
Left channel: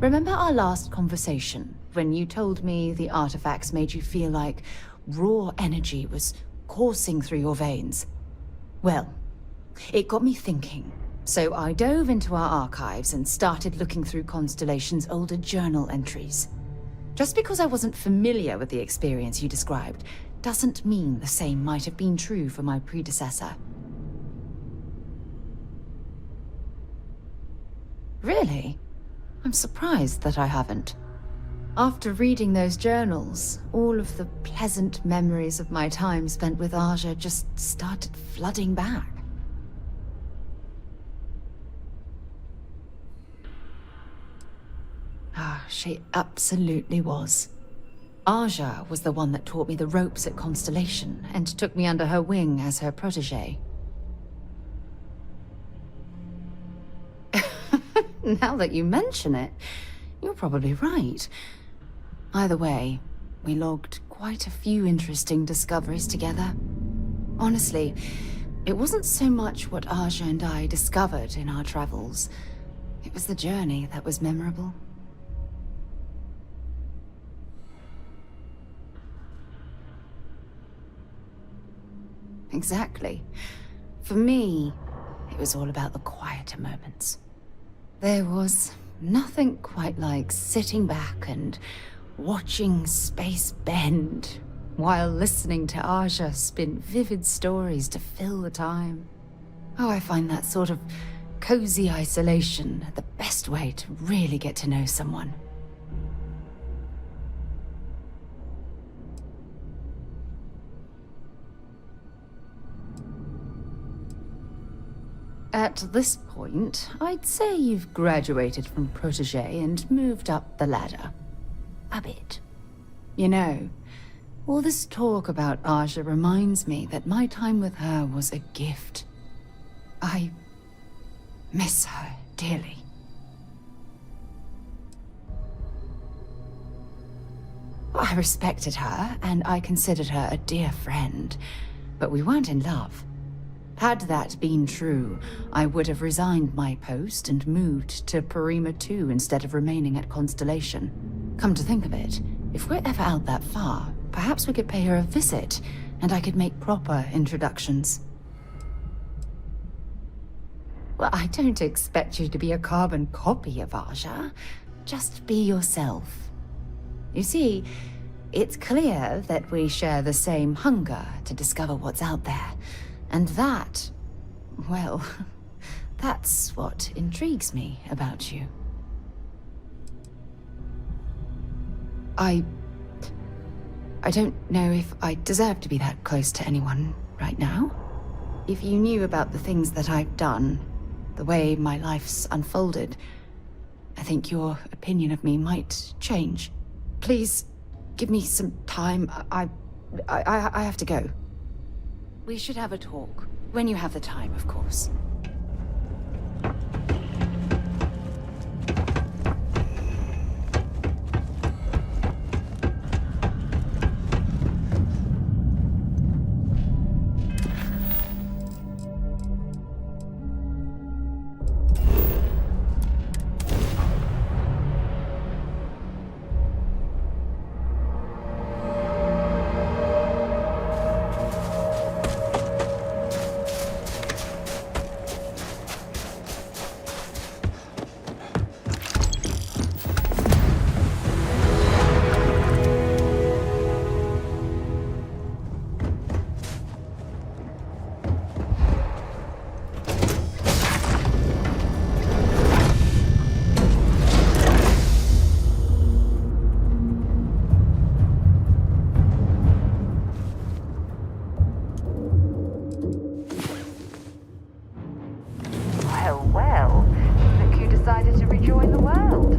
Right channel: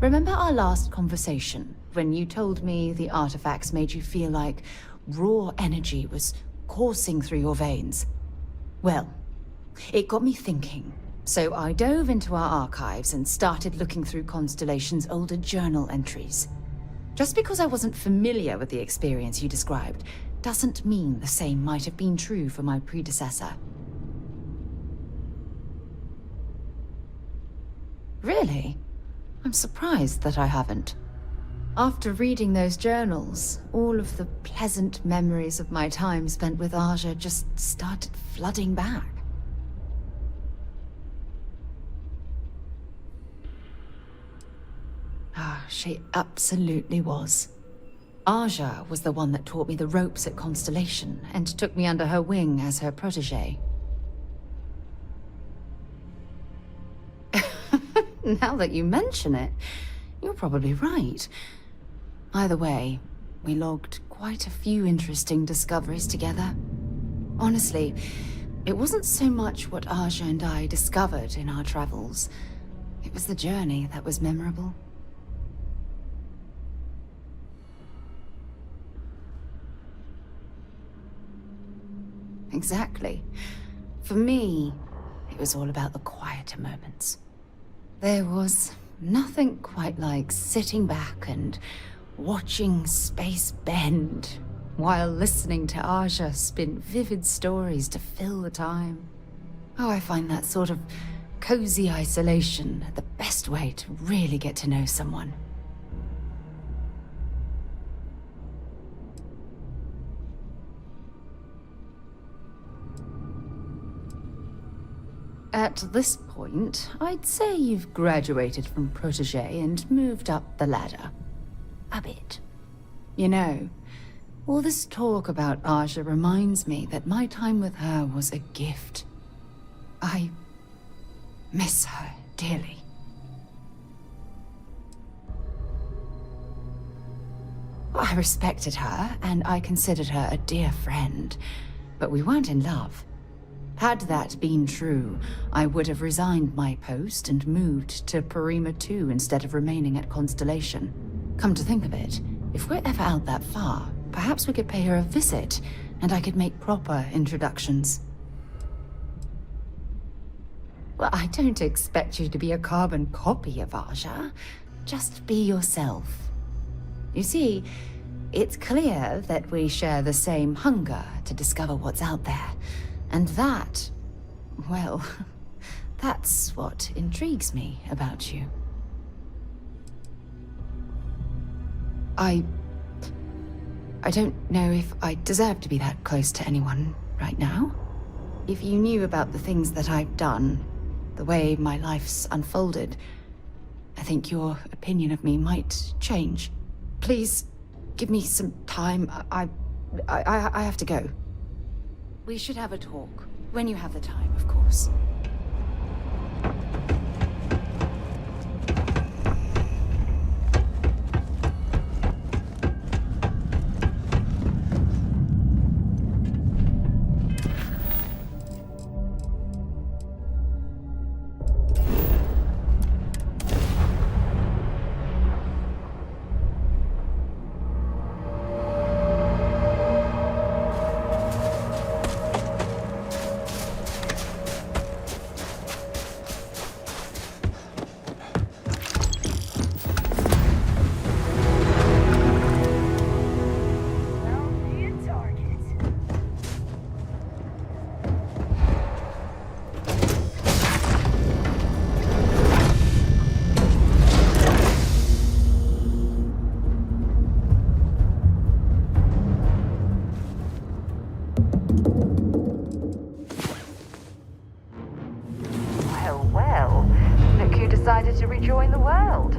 Remember our last conversation, when you told me the artifacts made you feel like raw energy was coursing through your veins? Well, it got me thinking. So I dove into our archives and started looking through Constellation's older journal entries. Just because I wasn't familiar with the experience you described, doesn't mean the same might have been true for my predecessor. Really? I'm surprised that I haven't. After reading those journals, all of the pleasant memories of my time spent with Aja just started flooding back. She absolutely was. Aja was the one that taught me the ropes at Constellation and took me under her wing as her protege. Now that you mention it, you're probably right. Either way, we logged quite a few interesting discoveries together. Honestly, it wasn't so much what Aja and I discovered in our travels. It was the journey that was memorable. Exactly. For me, it was all about the quieter moments. There was nothing quite like sitting back and watching space bend while listening to Aja spin vivid stories to fill the time. Oh, I find that sort of cozy isolation the best way to really get to know someone. At this point, I'd say you've graduated from protege and moved up the ladder. A bit. You know, all this talk about Aja reminds me that my time with her was a gift. I miss her dearly. I respected her, and I considered her a dear friend, but we weren't in love. Had that been true, I would have resigned my post and moved to Parima 2 instead of remaining at Constellation. Come to think of it, if we're ever out that far, perhaps we could pay her a visit, and I could make proper introductions. Well, I don't expect you to be a carbon copy of Aja. Just be yourself. You see, it's clear that we share the same hunger to discover what's out there. And that, well, that's what intrigues me about you. I don't know if I deserve to be that close to anyone right now. If you knew about the things that I've done, the way my life's unfolded, I think your opinion of me might change. Please, give me some time. I have to go. We should have a talk. When you have the time, of course. Well, look who decided to rejoin the world.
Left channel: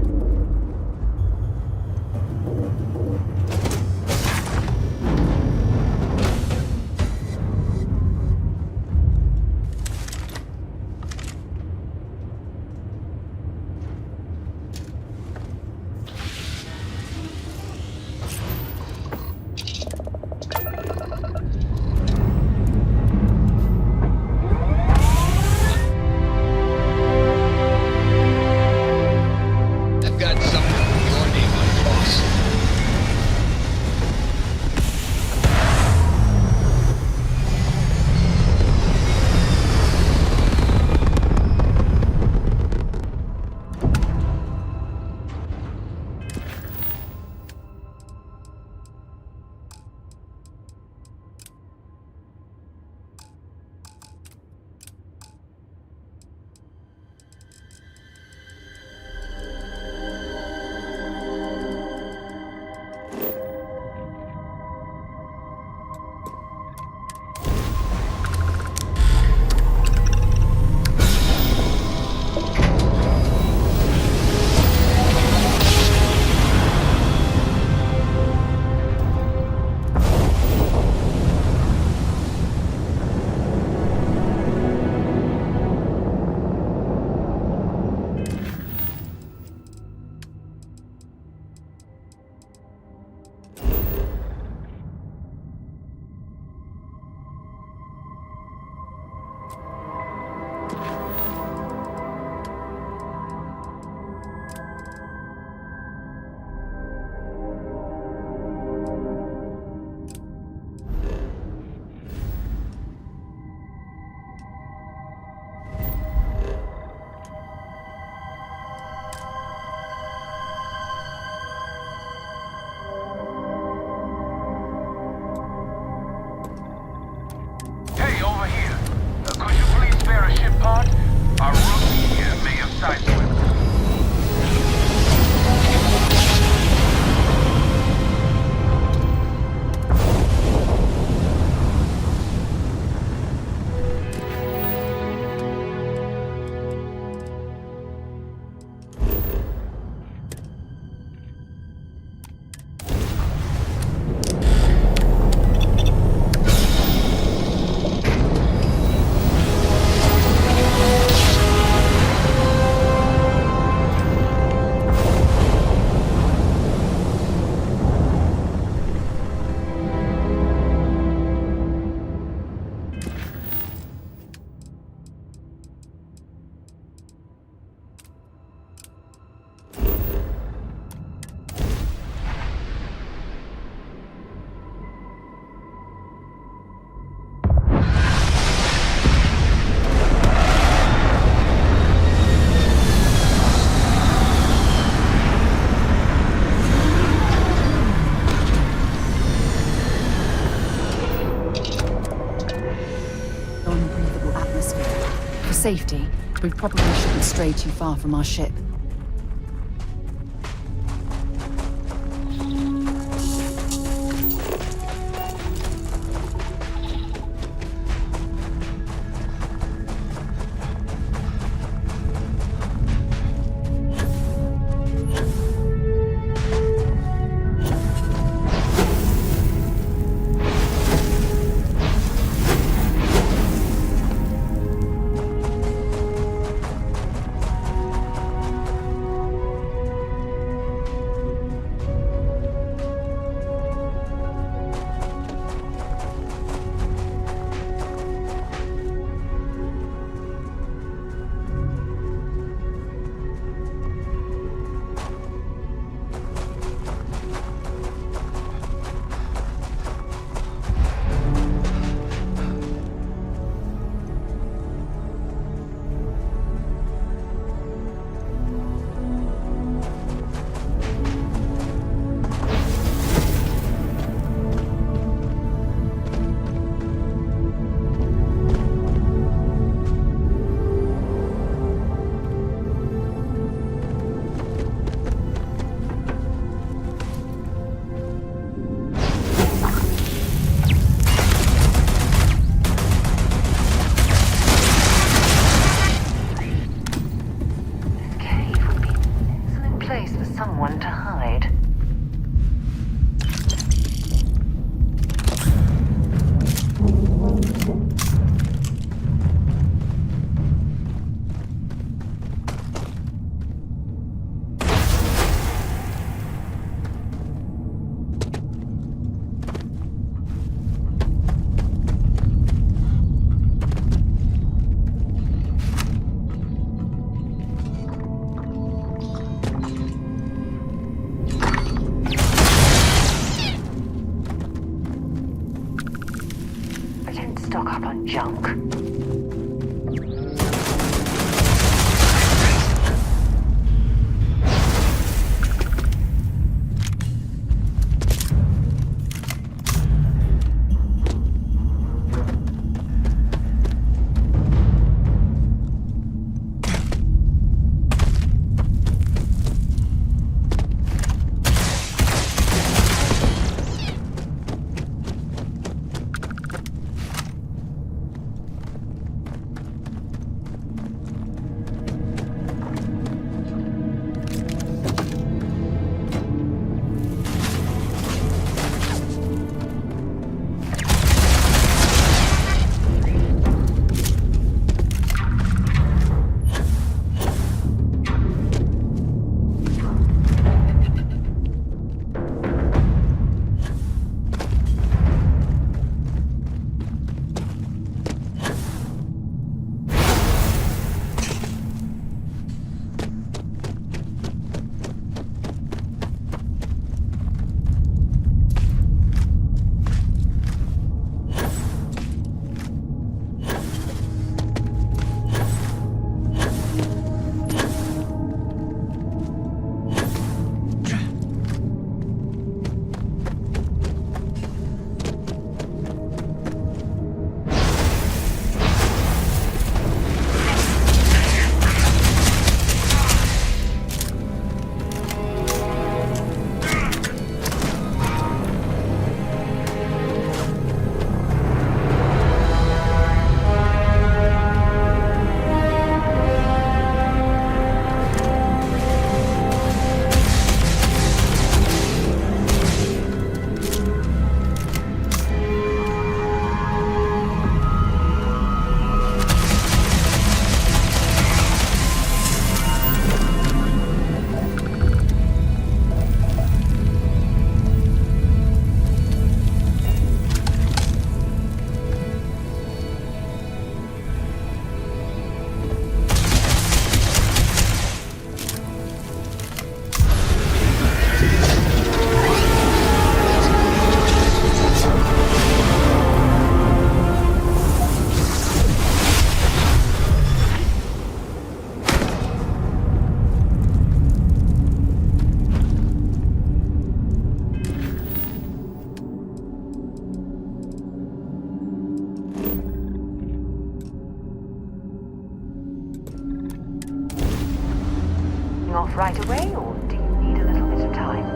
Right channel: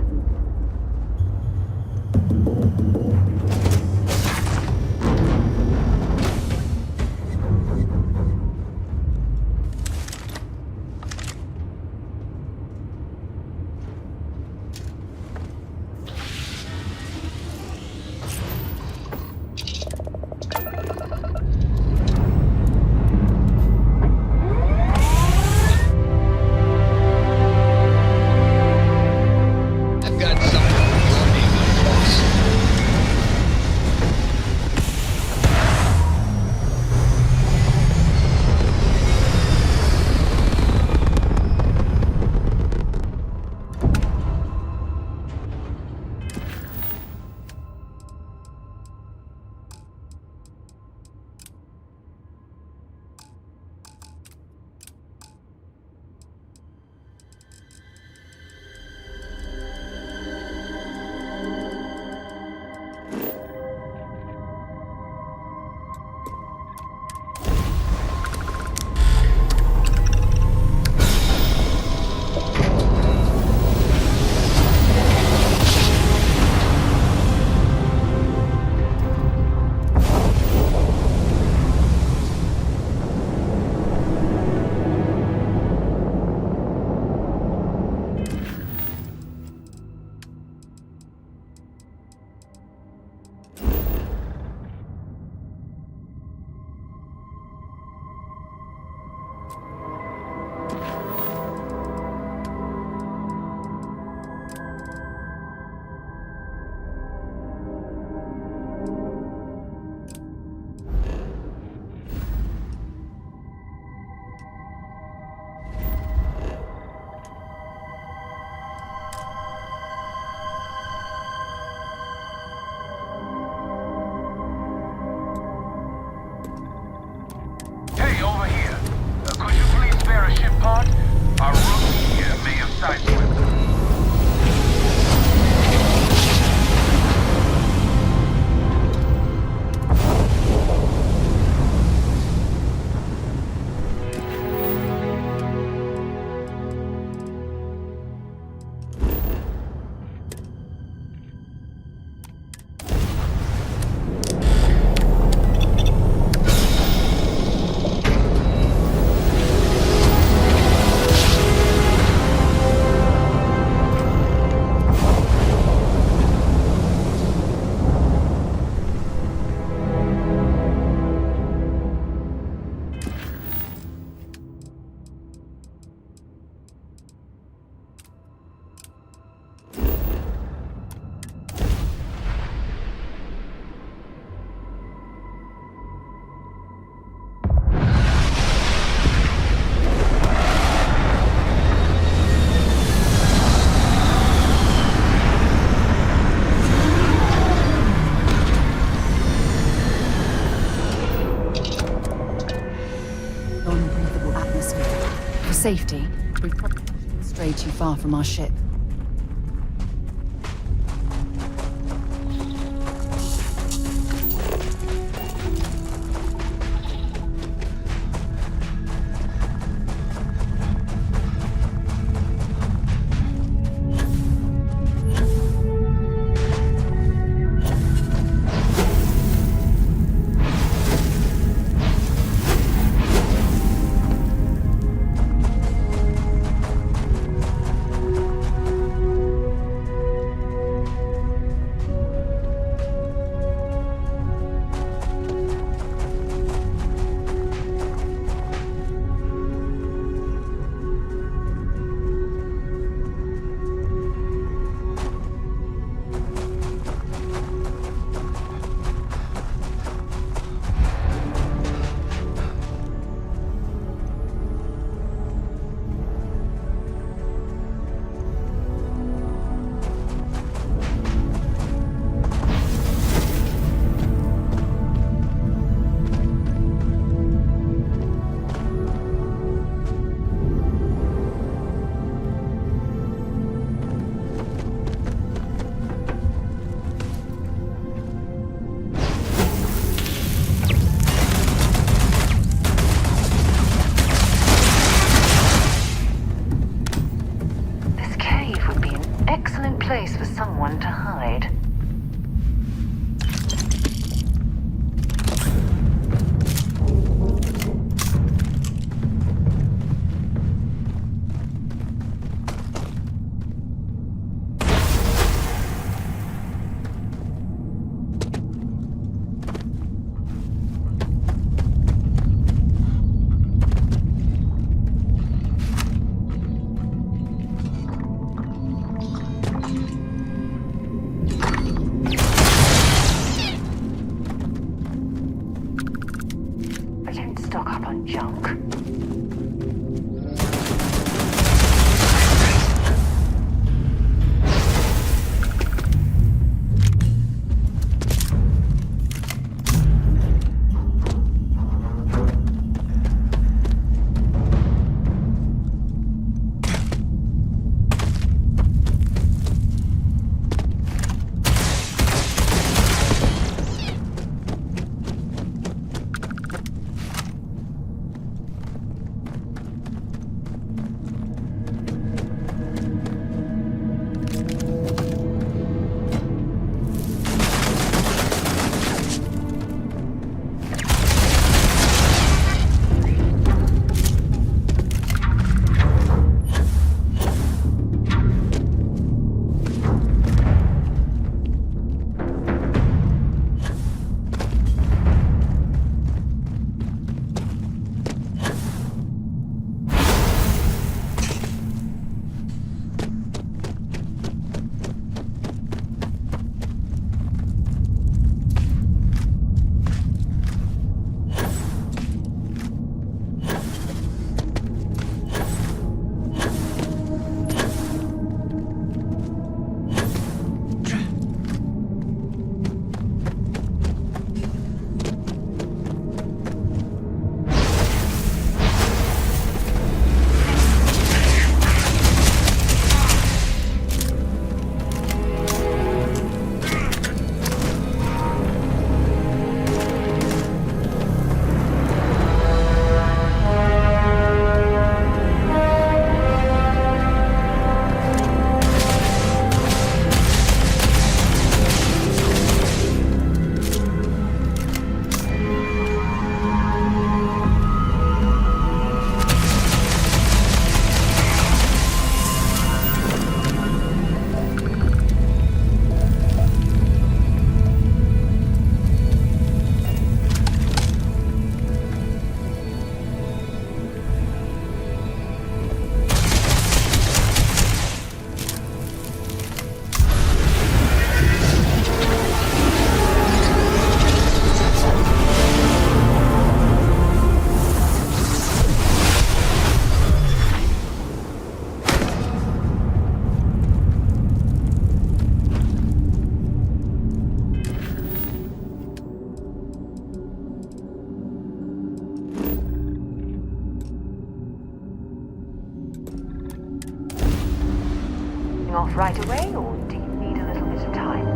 For safety, we probably shouldn't stray too far from our ship. Someone to hide. Stock up on junk. taking off right away, or do you need a little bit of time?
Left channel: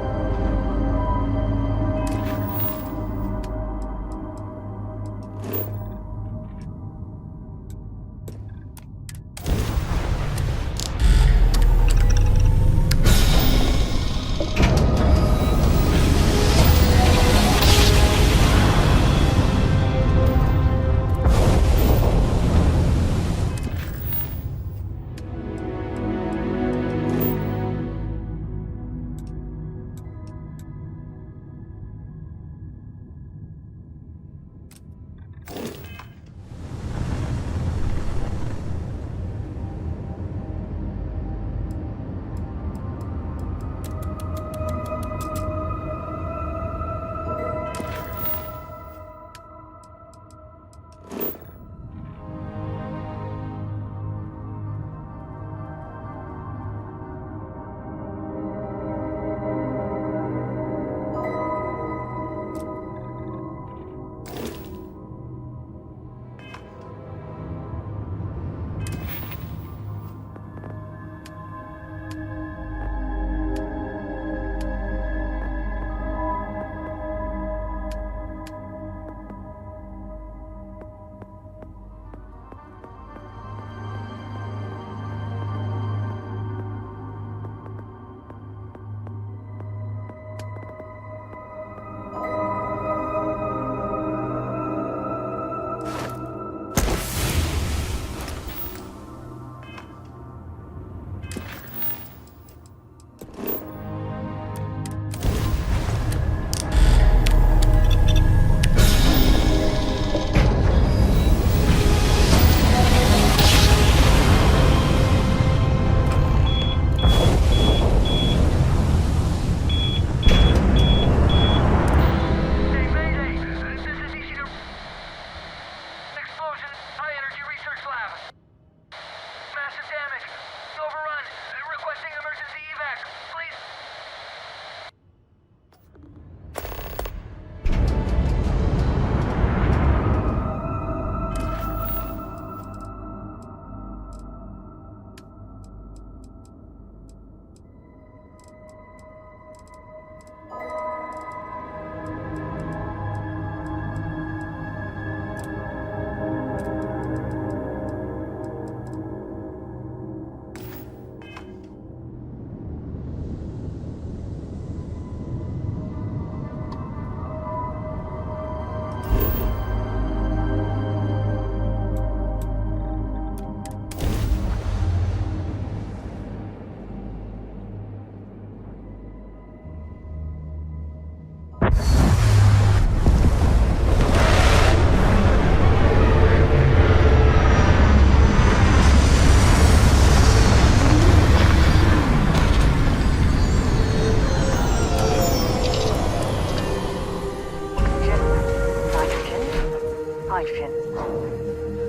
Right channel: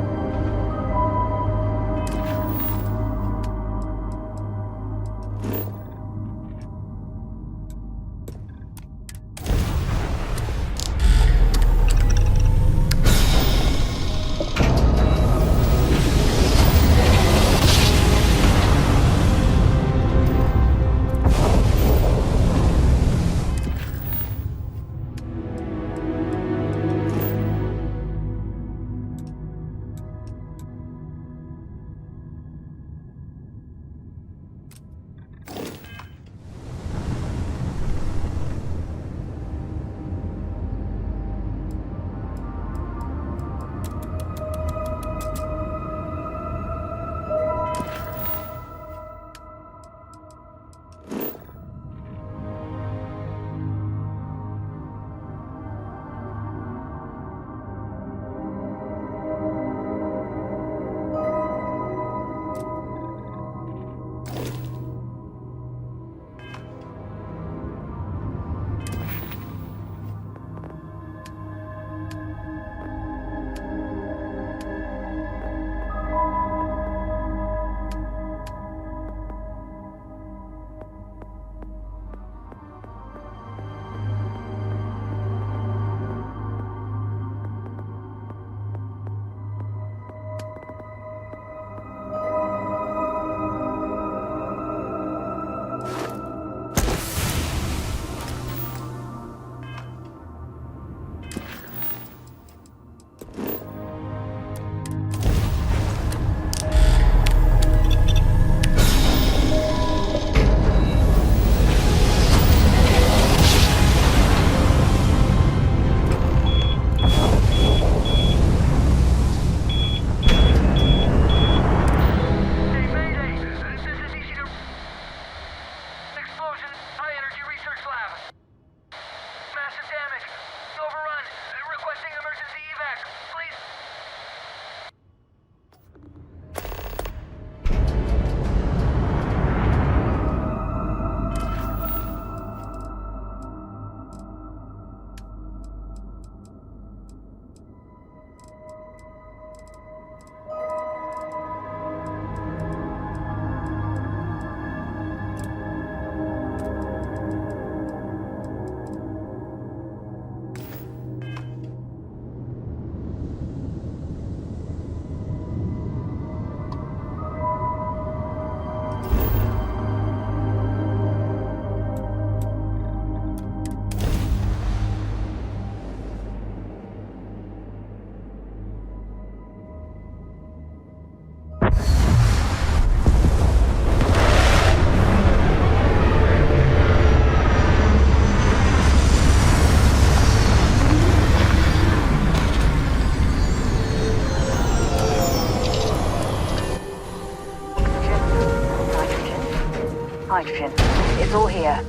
Hydrogen. It's all here.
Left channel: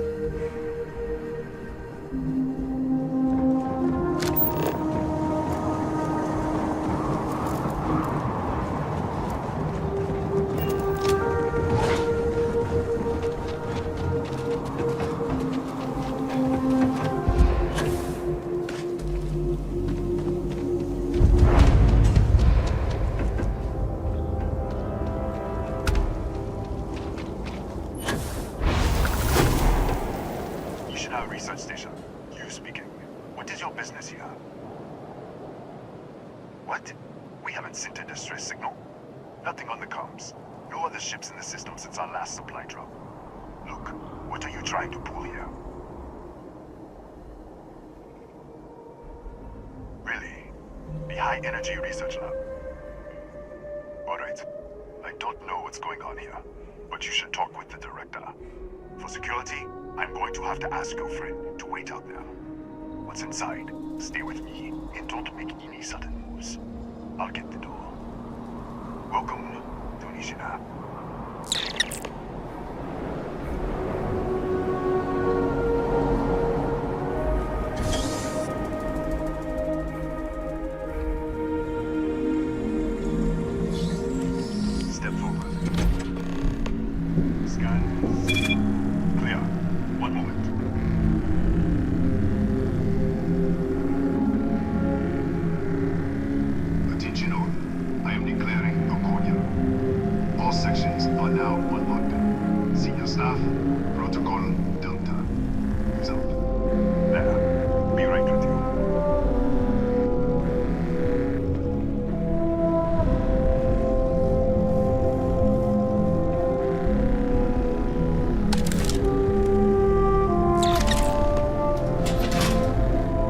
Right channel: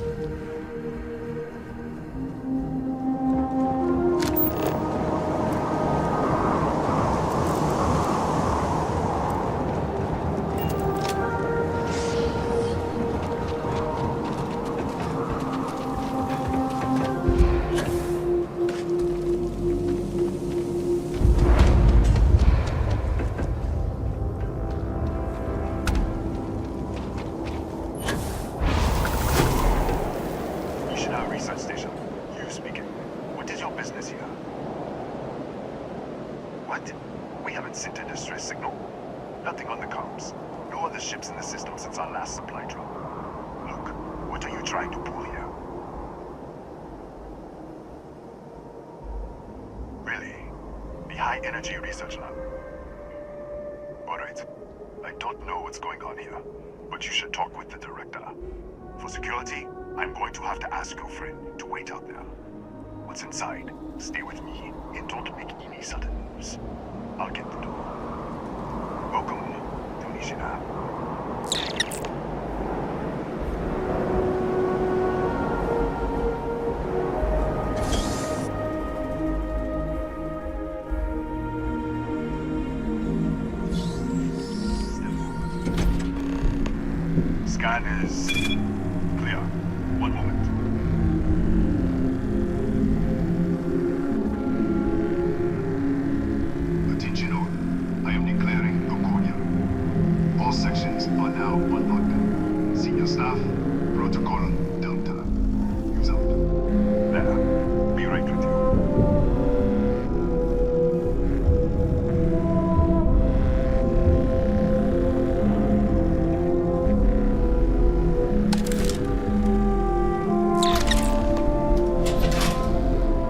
Research station. You speaking. What is your business here? What? We haven't sent a distress signal? Nothing on the comms. No other ships in the system since our last supply drop. Look, what are you trying to pull here? Really? The High Energy Research Lab? Alright. I don't know what's going on here, but you should talk with the director. For security, I'm going to have to ask your friend to wait out there. What's inside? Stay with me and don't make any sudden moves. I'll get the door. Welcome, Tunisia. Step forward. Scan is clear. One moment.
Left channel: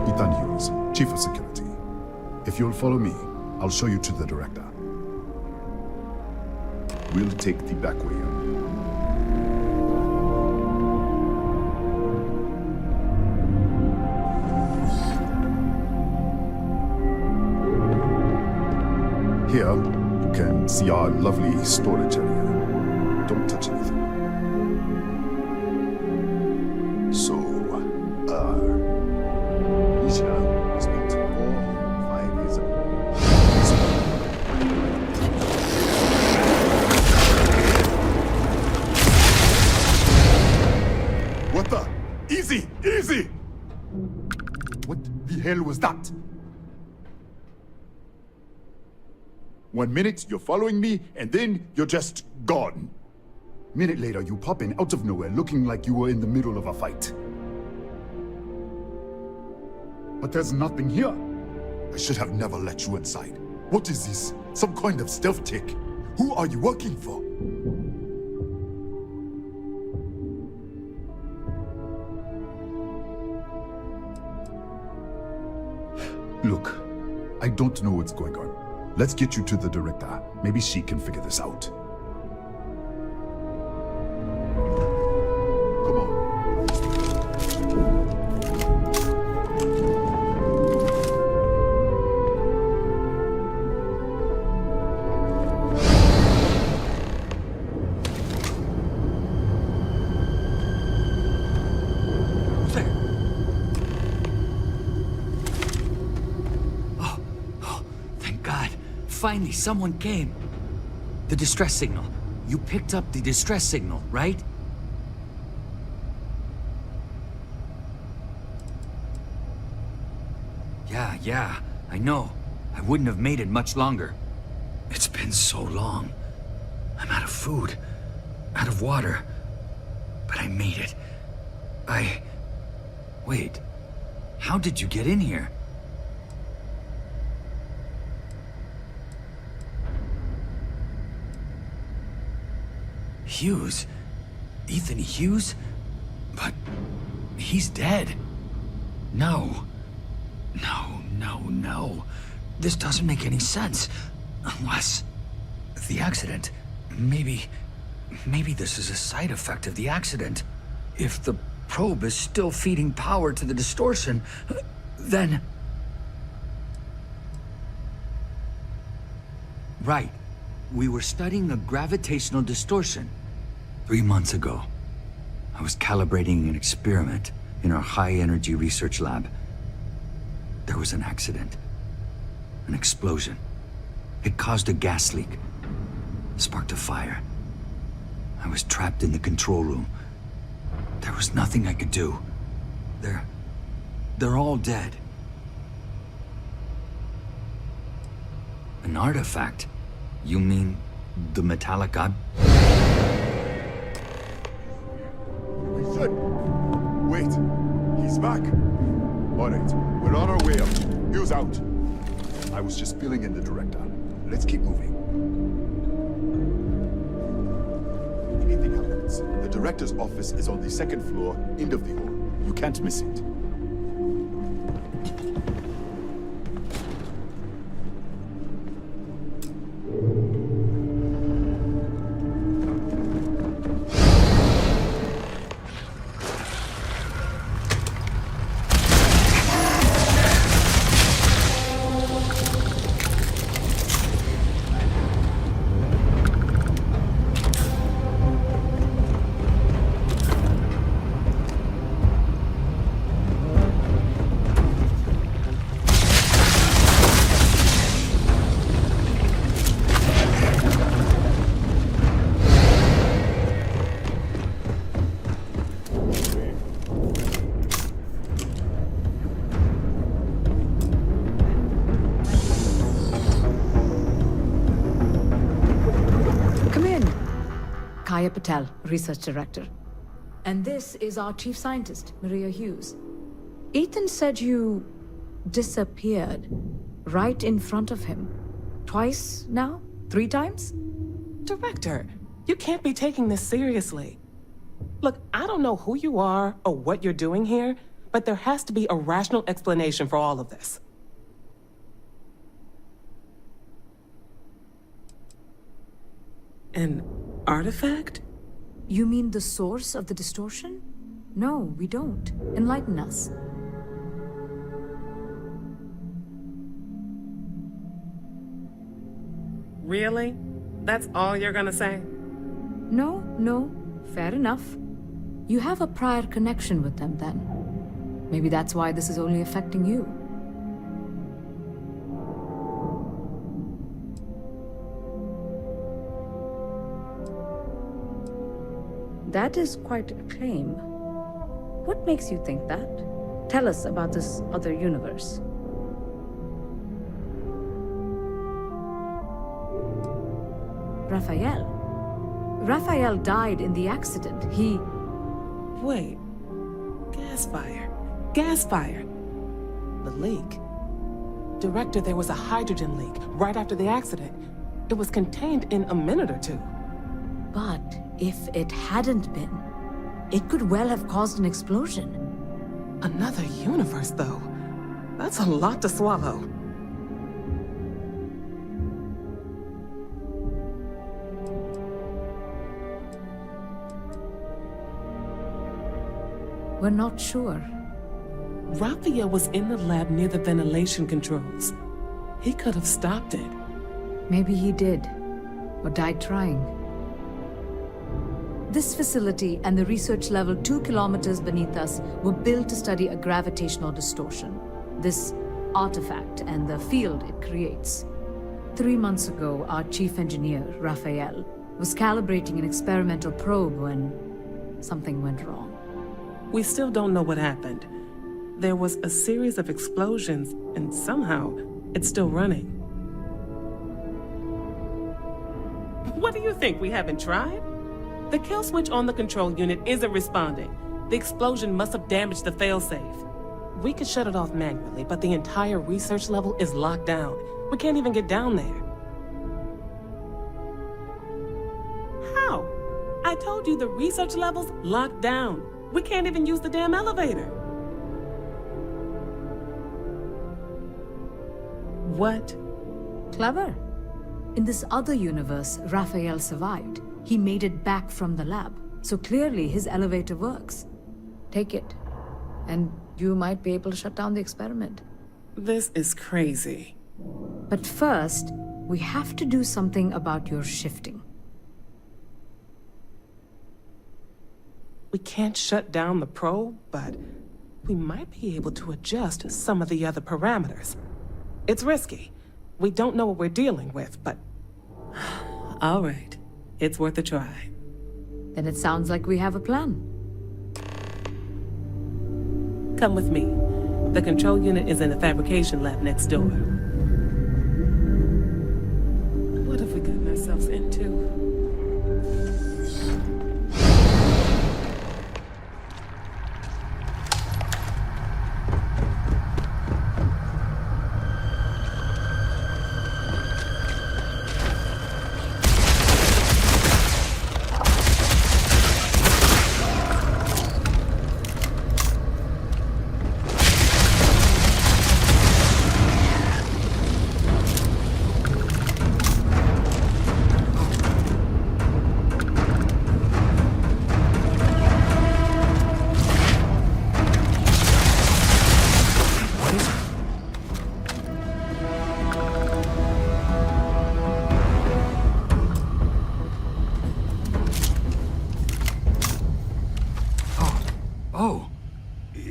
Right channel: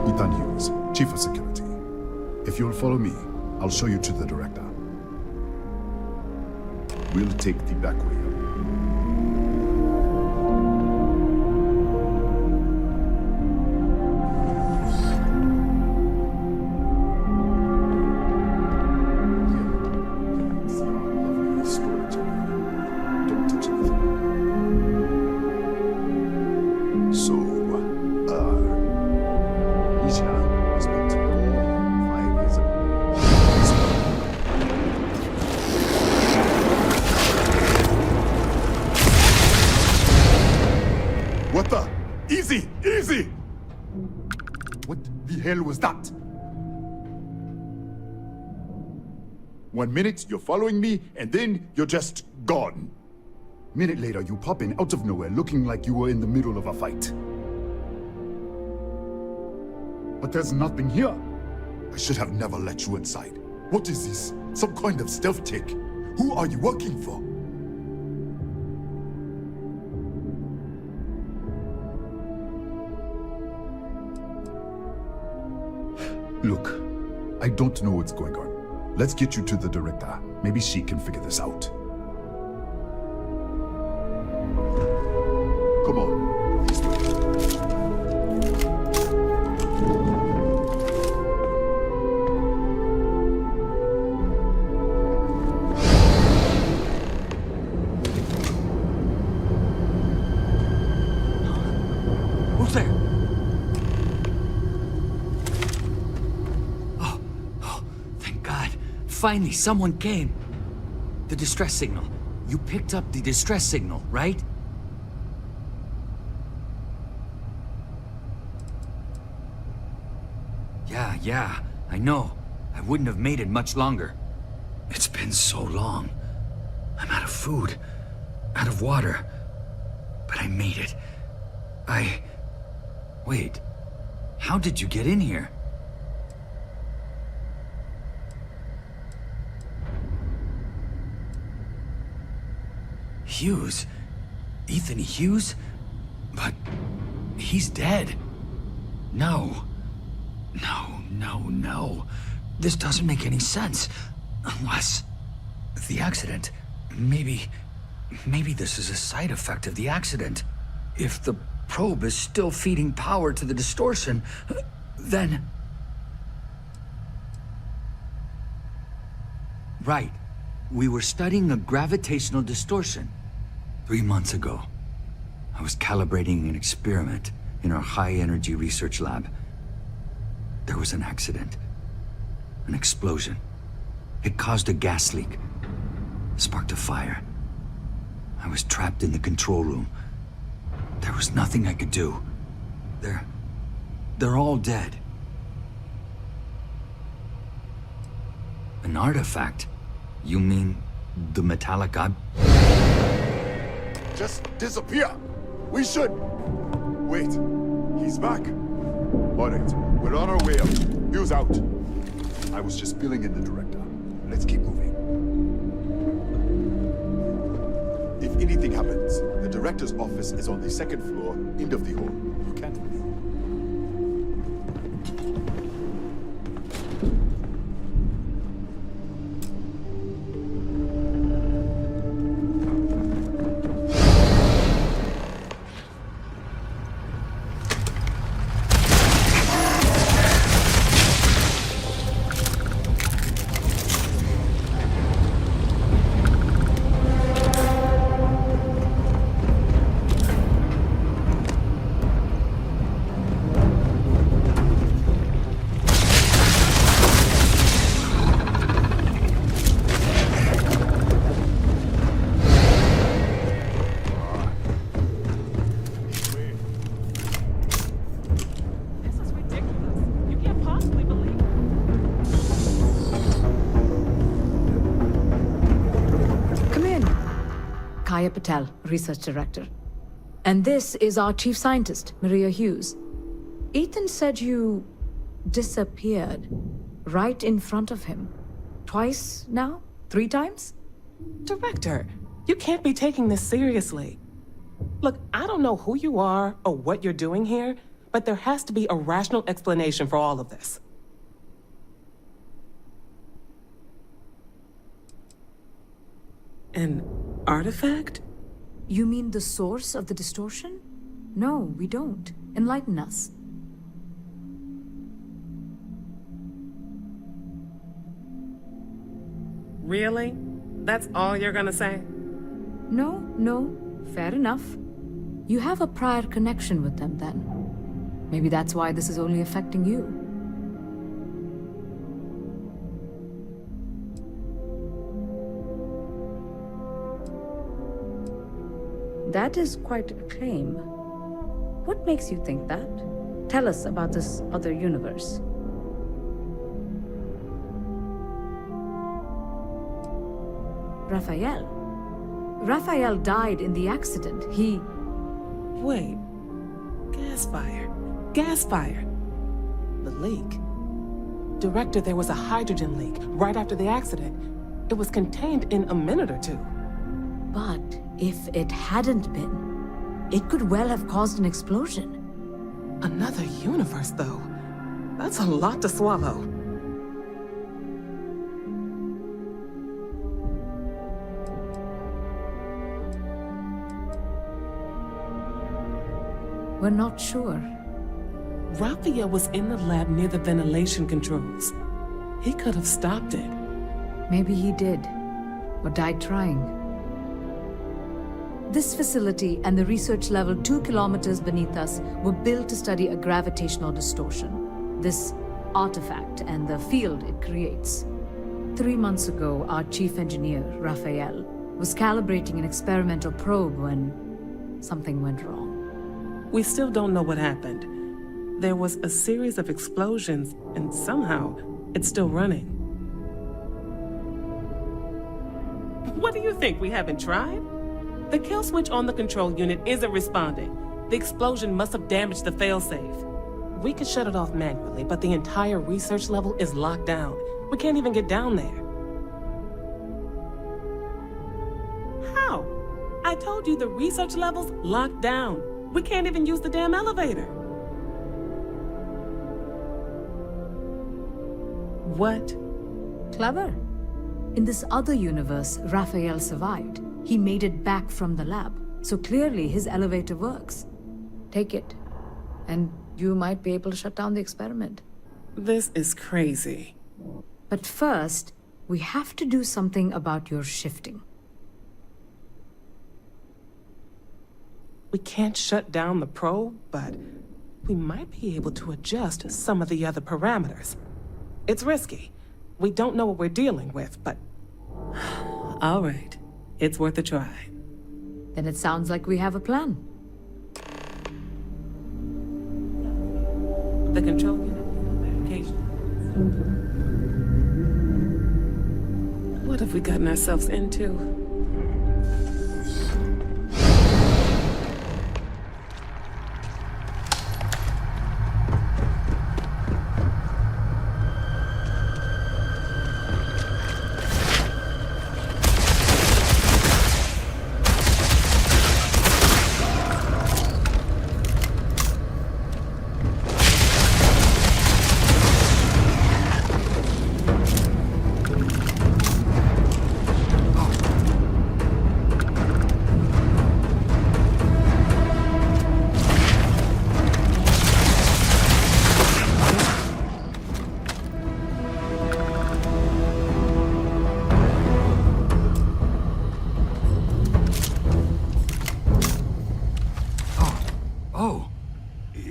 Ethan Hughes, Chief of Security. If you'll follow me, I'll show you to the director. We'll take the back way up. Here, you can see our lovely storage area. Don't touch anything. So, Nisha was built 4 or 5 years ago. What the? Easy! Easy! What the hell was that? 1 minute, you're following me, and then you're just gone. Minute later, you pop in out of nowhere looking like you were in the middle of a fight. But there's nothing here. I should have never let you inside. What is this? Some kind of stealth tick? Who are you working for? Look, I don't know what's going on. Let's get you to the director. Maybe she can figure this out. Come on. Who's there? Thank God. Finally, someone came. The distress signal. You picked up the distress signal, right? Yeah, I know. I wouldn't have made it much longer. It's been so long. I'm out of food, out of water. But I made it. Wait. How did you get in here? Hughes? Ethan Hughes? But he's dead. No. This doesn't make any sense. Unless... the accident. Maybe this is a side effect of the accident. If the probe is still feeding power to the distortion, then... Right. We were studying a gravitational distortion. 3 months ago, I was calibrating an experiment in our high-energy research lab. There was an accident. An explosion. It caused a gas leak. Sparked a fire. I was trapped in the control room. There was nothing I could do. They're all dead. An artifact? You mean the metallic Just disappear. We should. Wait. He's back. All right. We're on our way up. Hughes out. I was just filling in the director. Let's keep moving. If anything happens, the director's office is on the 2nd floor, end of the hall. You can't miss it. Kaya Patel, Research Director. And this is our Chief Scientist, Maria Hughes. Ethan said you disappeared right in front of him. Twice now? 3 times? Director, you can't be taking this seriously. Look, I don't know who you are or what you're doing here, but there has to be a rational explanation for all of this. An artifact? You mean the source of the distortion? No, we don't. Enlighten us. Really? That's all you're gonna say? No. Fair enough. You have a prior connection with them then. Maybe that's why this is only affecting you. That is quite a claim. What makes you think that? Tell us about this other universe. Raphael died in the accident. He... Wait. Gas fire. The leak. Director, there was a hydrogen leak right after the accident. It was contained in a minute or two. But if it hadn't been, it could well have caused an explosion. Another universe, though. That's a lot to swallow. We're not sure. Raphael was in the lab near the ventilation controls. He could have stopped it. Maybe he did, or died trying. This facility and the research level 2 kilometers beneath us were built to study a gravitational distortion, this artifact and the field it creates. 3 months ago, our chief engineer, Raphael, was calibrating an experimental probe when something went wrong. We still don't know what happened. There was a series of explosions, and somehow, it's still running. What do you think, we haven't tried? The kill switch on the control unit isn't responding. The explosion must have damaged the failsafe. We could shut it off manually, but the entire research level is locked down. We can't even get down there. How? I told you the research level's locked down. We can't even use the damn elevator. What? Clever. In this other universe, Raphael survived. He made it back from the lab, so clearly his elevator works. Take it, and you might be able to shut down the experiment. This is crazy. But first, we have to do something about your shifting. We can't shut down the probe, but we might be able to adjust some of the other parameters. It's risky. We don't know what we're dealing with, but... All right. It's worth a try. Then it sounds like we have a plan. Come with me. The control unit is in the fabrication lab next door. What have we gotten ourselves into?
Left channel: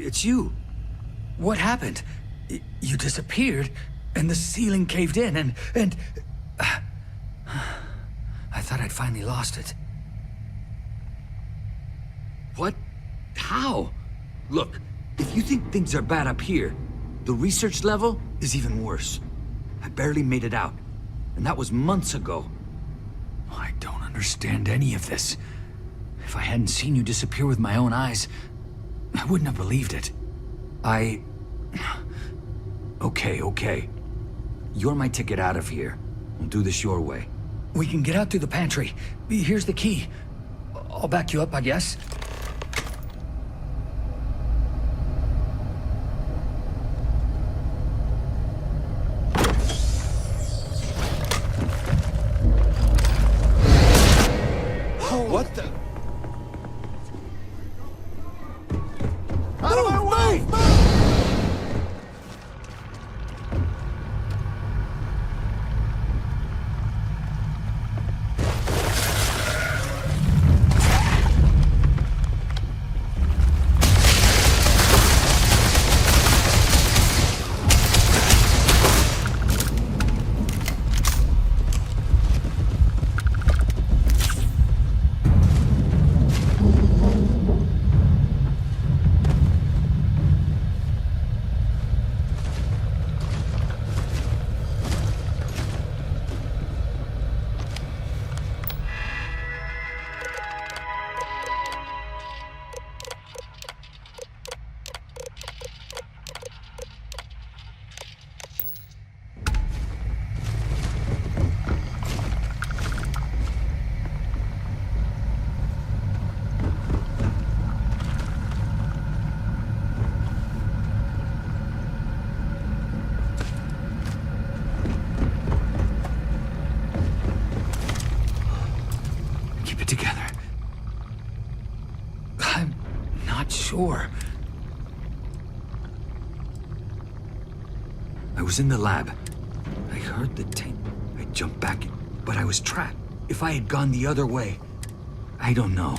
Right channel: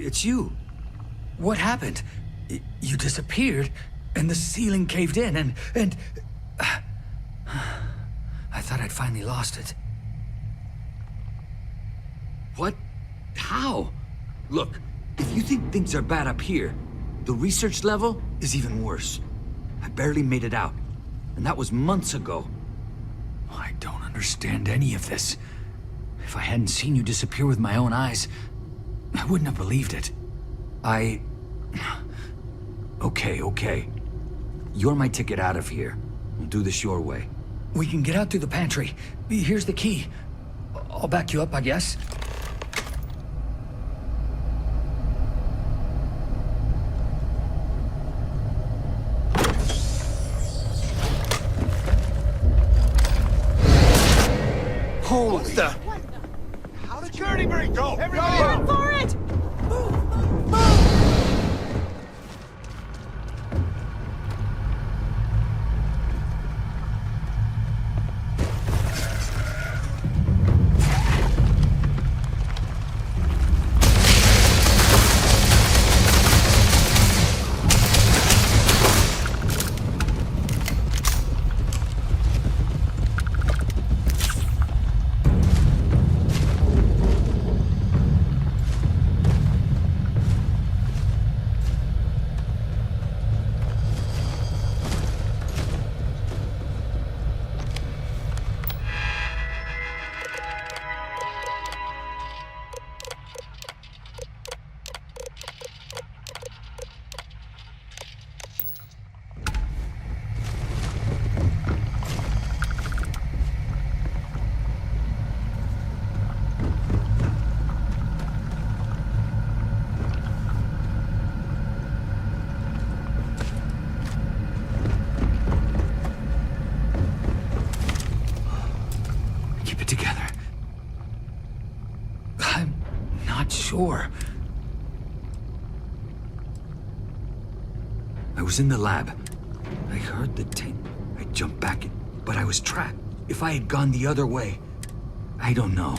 It's you. What happened? You disappeared, and the ceiling caved in, and... I thought I'd finally lost it. What? How? Look, if you think things are bad up here, the research level is even worse. I barely made it out, and that was months ago. I don't understand any of this. If I hadn't seen you disappear with my own eyes, I wouldn't have believed it. Okay. You're my ticket out of here. We'll do this your way. We can get out through the pantry. Here's the key. I'll back you up, I guess. What the? Security break, go! Everybody Go! for it! Move! Keep it together. I'm not sure. I was in the lab. I heard the tape. I jumped back, but I was trapped. If I had gone the other way, I don't know.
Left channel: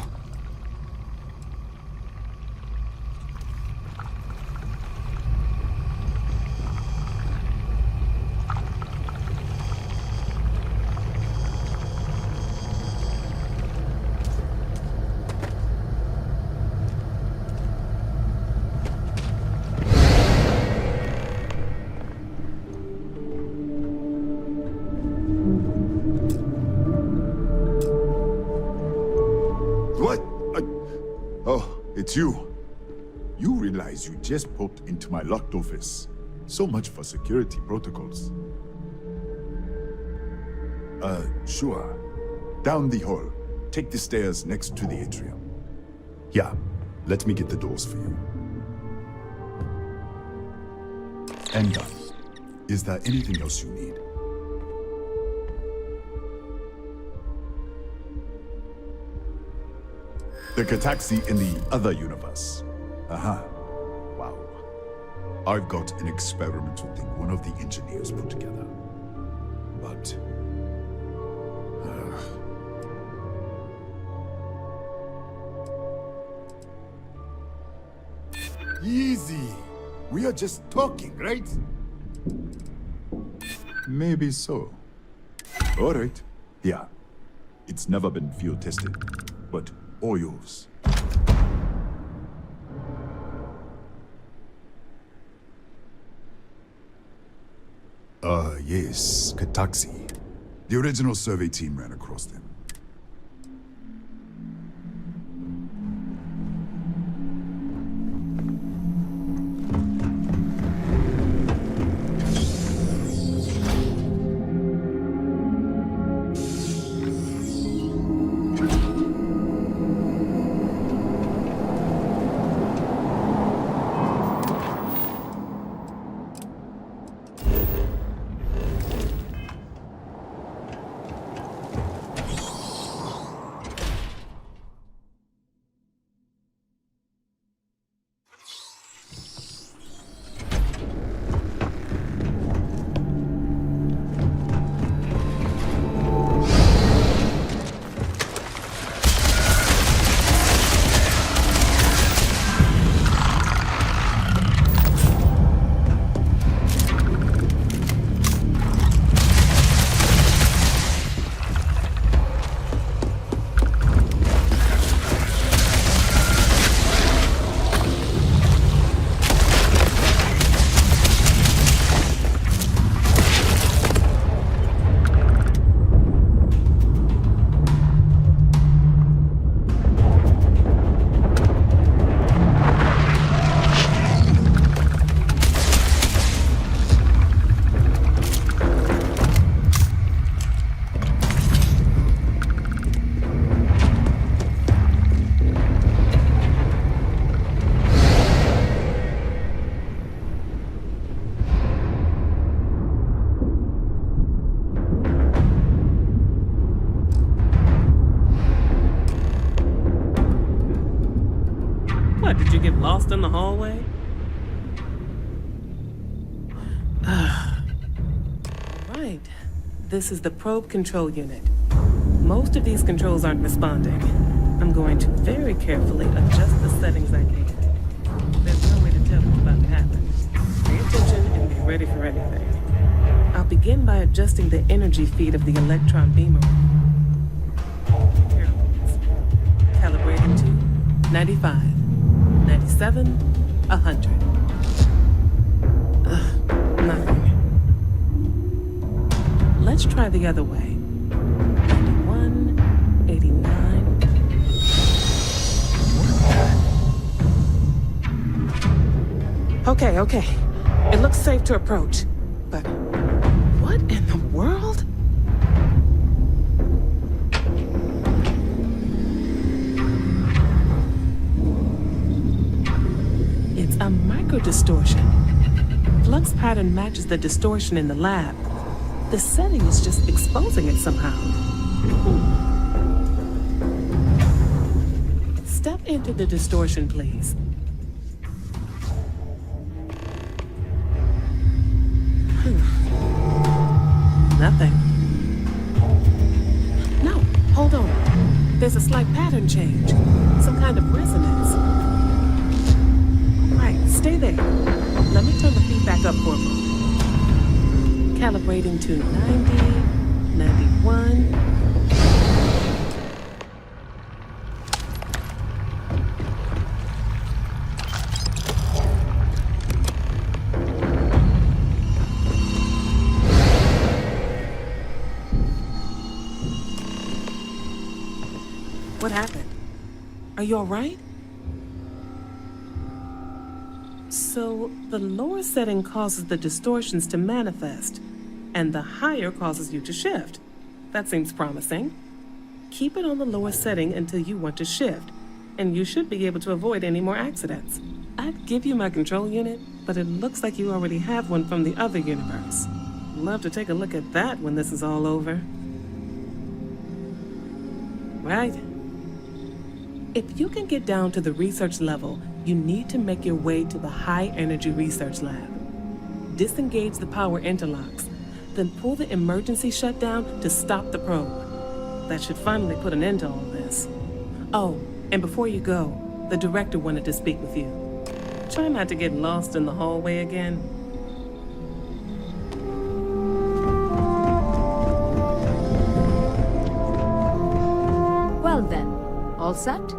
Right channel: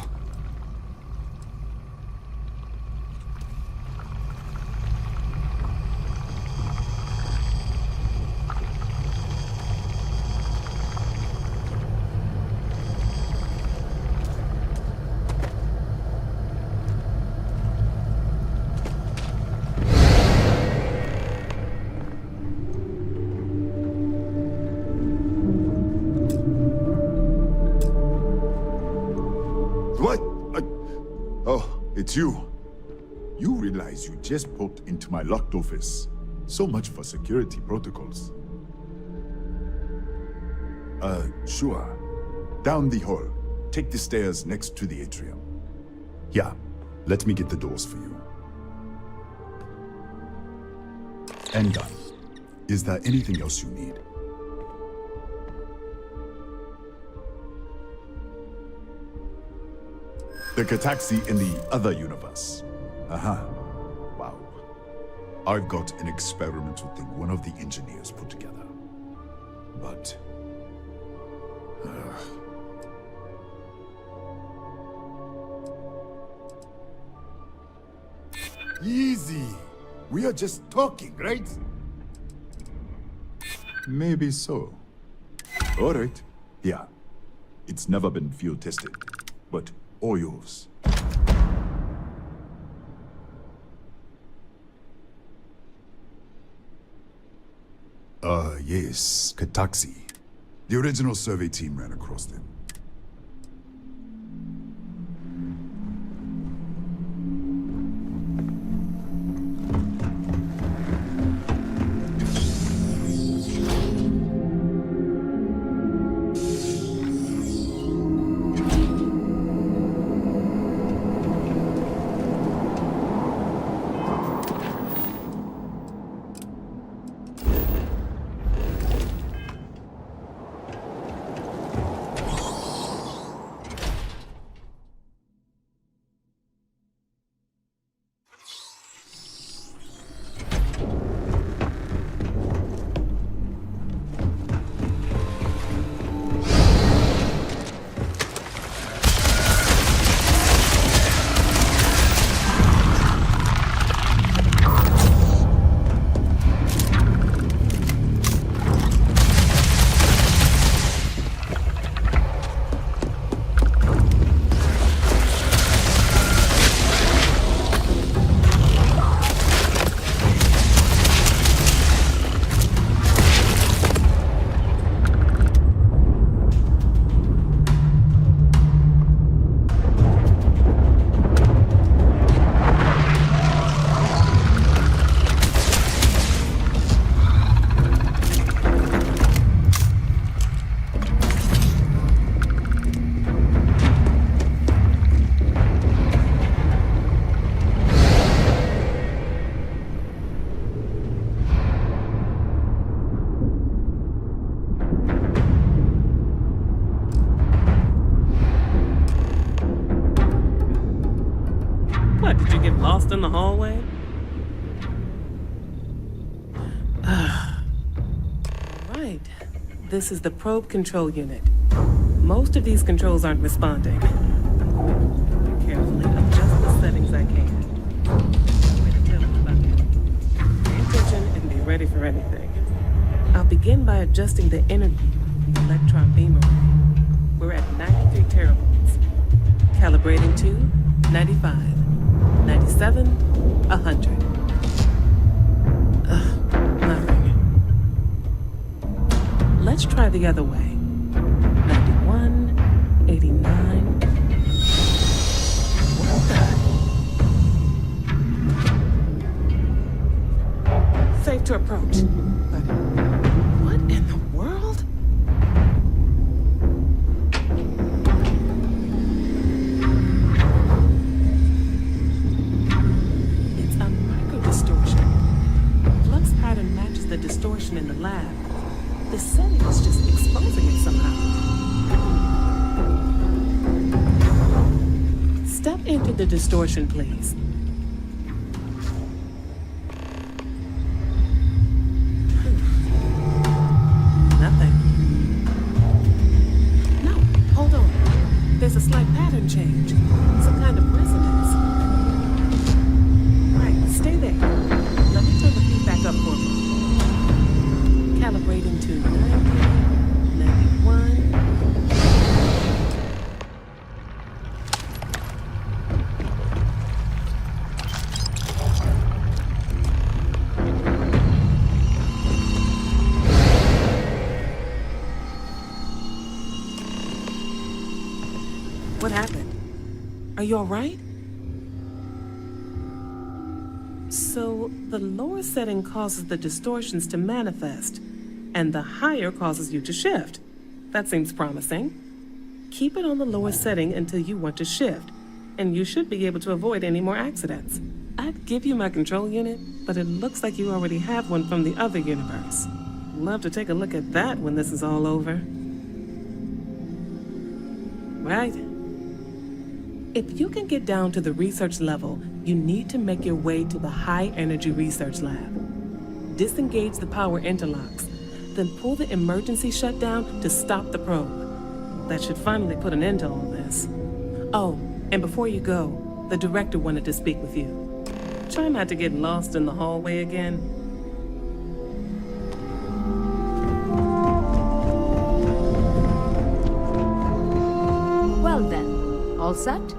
What? Oh, it's you. You realize you just popped into my locked office. So much for security protocols. Sure. Down the hall. Take the stairs next to the atrium. Yeah, let me get the doors for you. And done. Is there anything else you need? The Kataxi in the other universe. Aha. Wow. I've got an experimental thing one of the engineers put together. But... Easy. We are just talking, right? Maybe so. All right. Yeah. It's never been field tested, but all yours. Yes, Kataxi. The original survey team ran across them. lost in the hallway? Right. This is the probe control unit. Most of these controls aren't responding. I'm going to very carefully adjust the settings I can. There's no way to tell what's about to happen. Pay attention and be ready for anything. I'll begin by adjusting the energy feed of the electron beam array. We're at 93 teravolts. Calibrating to 95, 97, 100. Nothing. Let's try the other way. 91, 89. What the? Okay. It looks safe to approach. But what in the world? It's a microdistortion. Flux pattern matches the distortion in the lab. The setting is just exposing it somehow. Step into the distortion, please. Nothing. No, hold on. There's a slight pattern change. Some kind of resonance. Right, stay there. Let me turn the feedback up for a moment. Calibrating to 90, 91. What happened? Are you all right? So, the lower setting causes the distortions to manifest, and the higher causes you to shift. That seems promising. Keep it on the lower setting until you want to shift, and you should be able to avoid any more accidents. I'd give you my control unit, but it looks like you already have one from the other universe. Love to take a look at that when this is all over. Right. If you can get down to the research level, you need to make your way to the high-energy research lab. Disengage the power interlocks, then pull the emergency shutdown to stop the probe. That should finally put an end to all this. Oh, and before you go, the director wanted to speak with you. Try not to get lost in the hallway again. Well then, all set?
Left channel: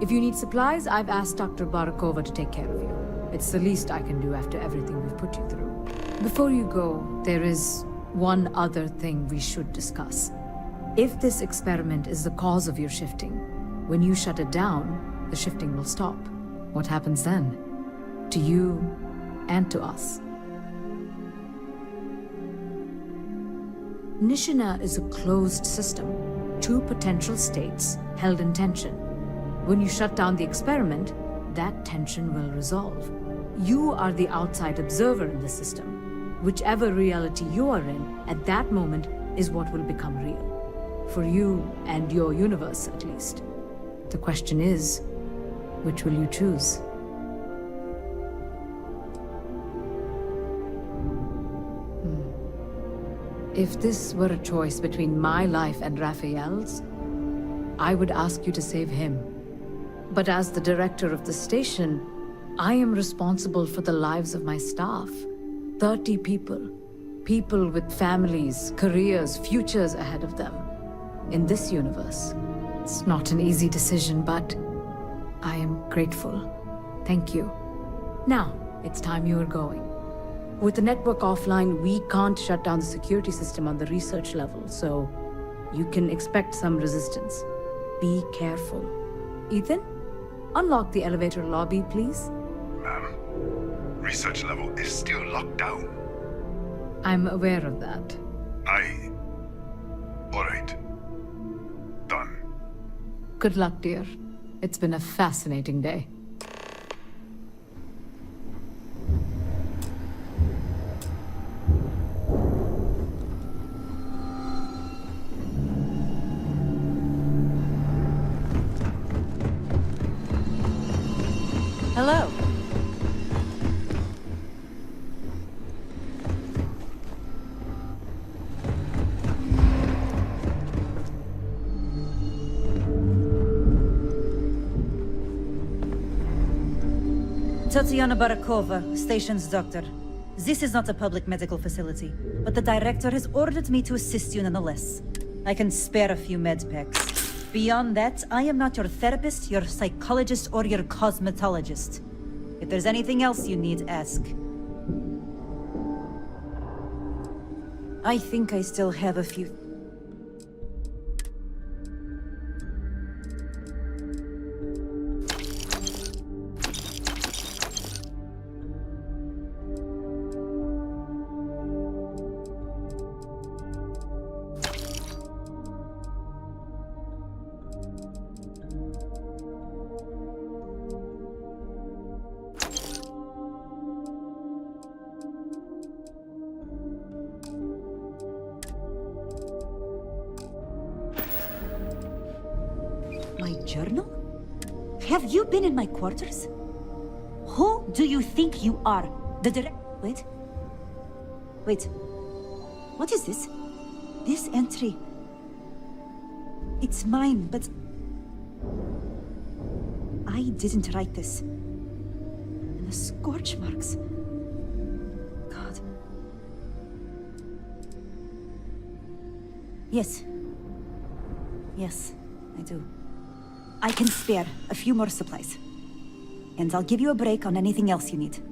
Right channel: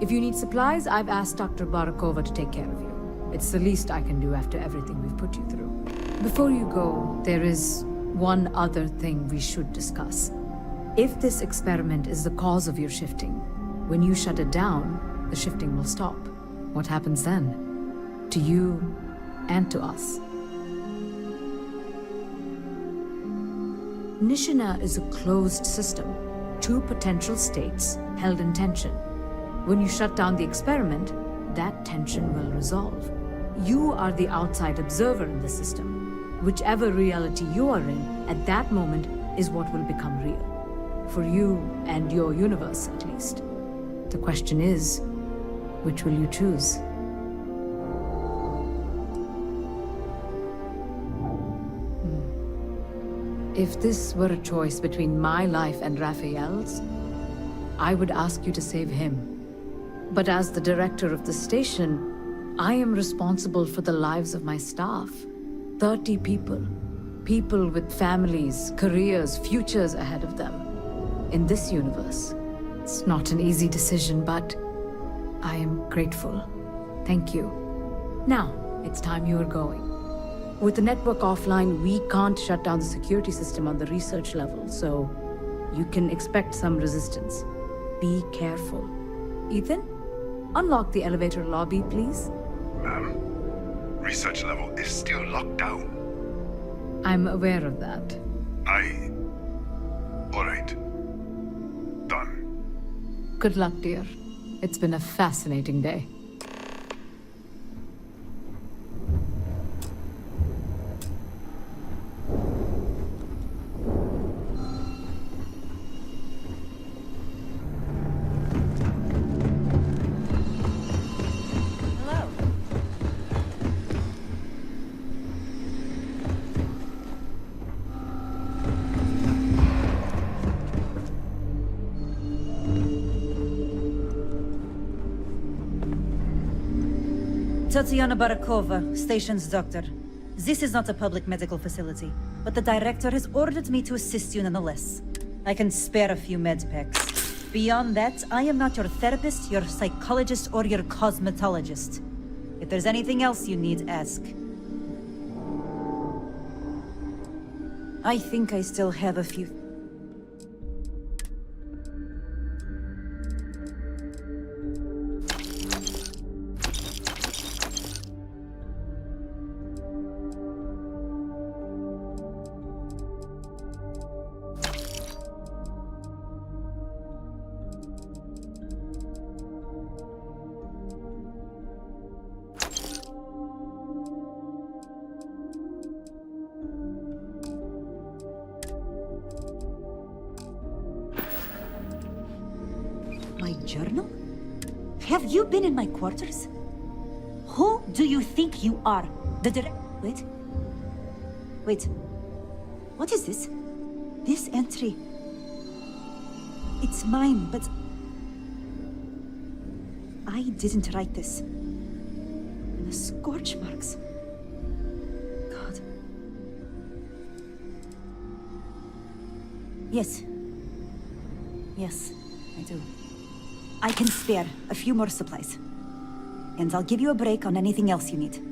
If you need supplies, I've asked Dr. Barakova to take care of you. It's the least I can do after everything we've put you through. Before you go, there is one other thing we should discuss. If this experiment is the cause of your shifting, when you shut it down, the shifting will stop. What happens then? To you and to us. Nishina is a closed system. Two potential states held in tension. When you shut down the experiment, that tension will resolve. You are the outside observer in the system. Whichever reality you are in, at that moment, is what will become real. For you and your universe, at least. The question is, which will you choose? If this were a choice between my life and Raphael's, I would ask you to save him. But as the director of the station, I am responsible for the lives of my staff. 30 people. People with families, careers, futures ahead of them. In this universe. It's not an easy decision, but I am grateful. Thank you. Now, it's time you are going. With the network offline, we can't shut down the security system on the research level, so you can expect some resistance. Be careful. Ethan, unlock the elevator lobby, please. Ma'am, research level is still locked down. I'm aware of that. All right. Done. Good luck, dear. It's been a fascinating day. Hello. Tatiana Barakova, station's doctor. This is not a public medical facility, but the director has ordered me to assist you nonetheless. I can spare a few med packs. Beyond that, I am not your therapist, your psychologist, or your cosmetologist. If there's anything else you need, ask. I think I still have a few... My journal? Have you been in my quarters? Who do you think you are? The direct... Wait. What is this? This entry... It's mine, but... I didn't write this. And the scorch marks... God. Yes. Yes, I do. I can spare a few more supplies. And I'll give you a break on anything else you need.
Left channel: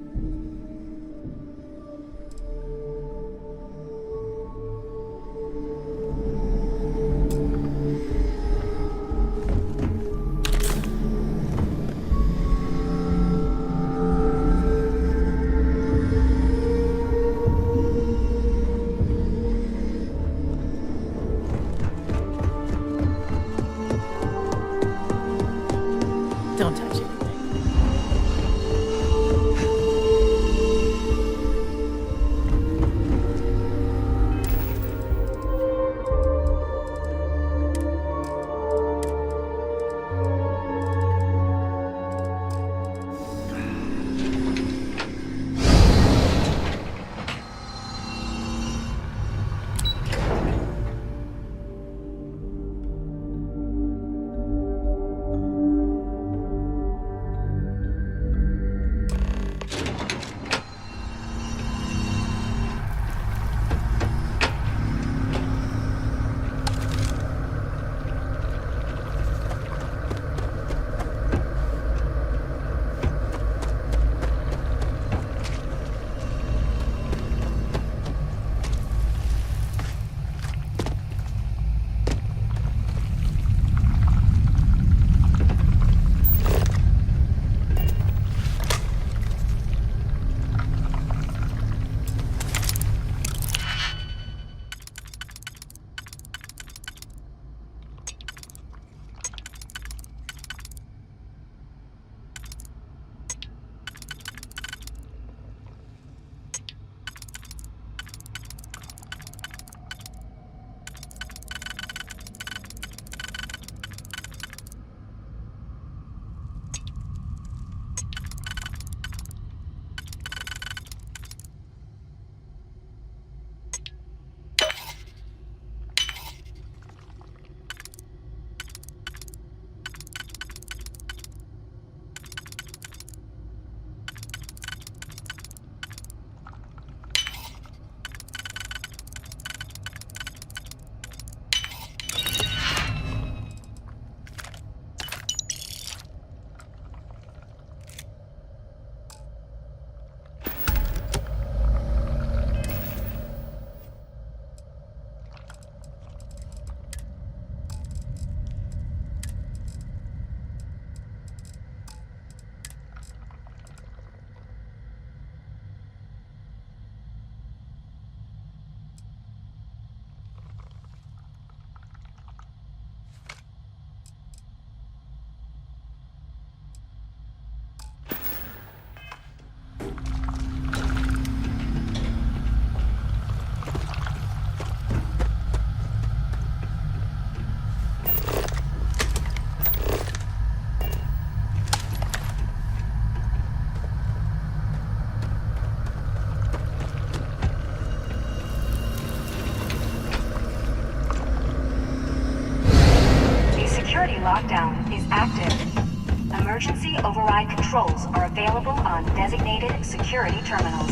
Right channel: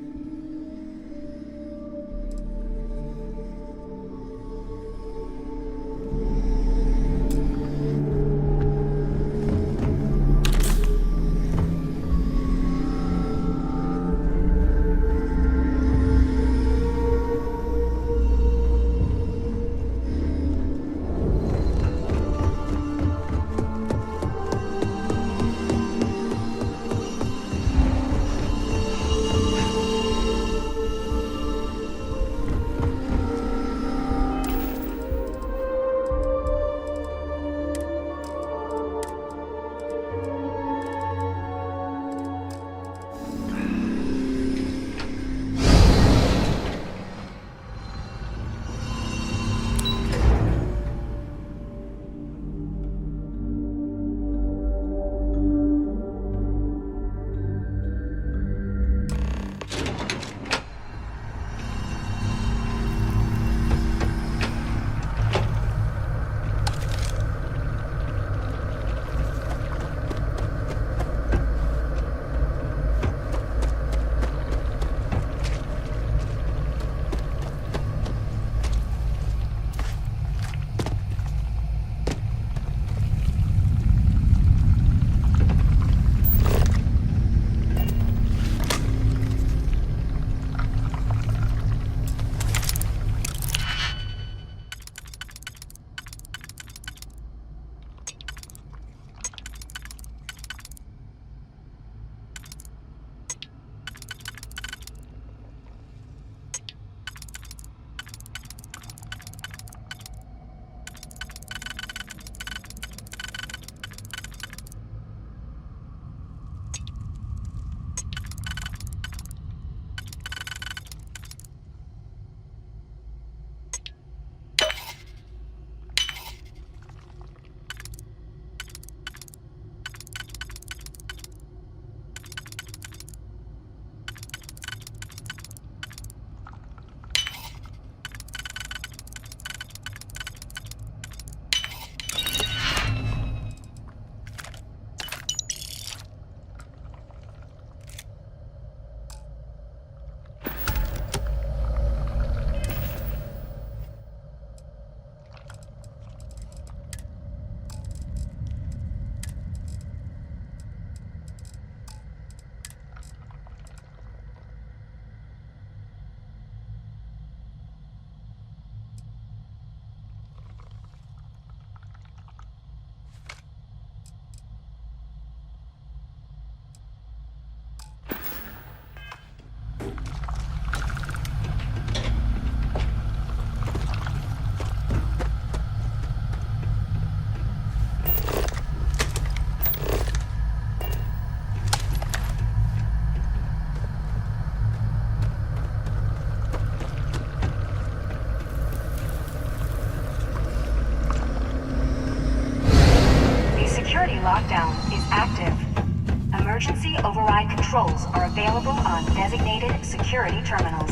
Lockdown is active. Emergency override controls are available on designated security terminals.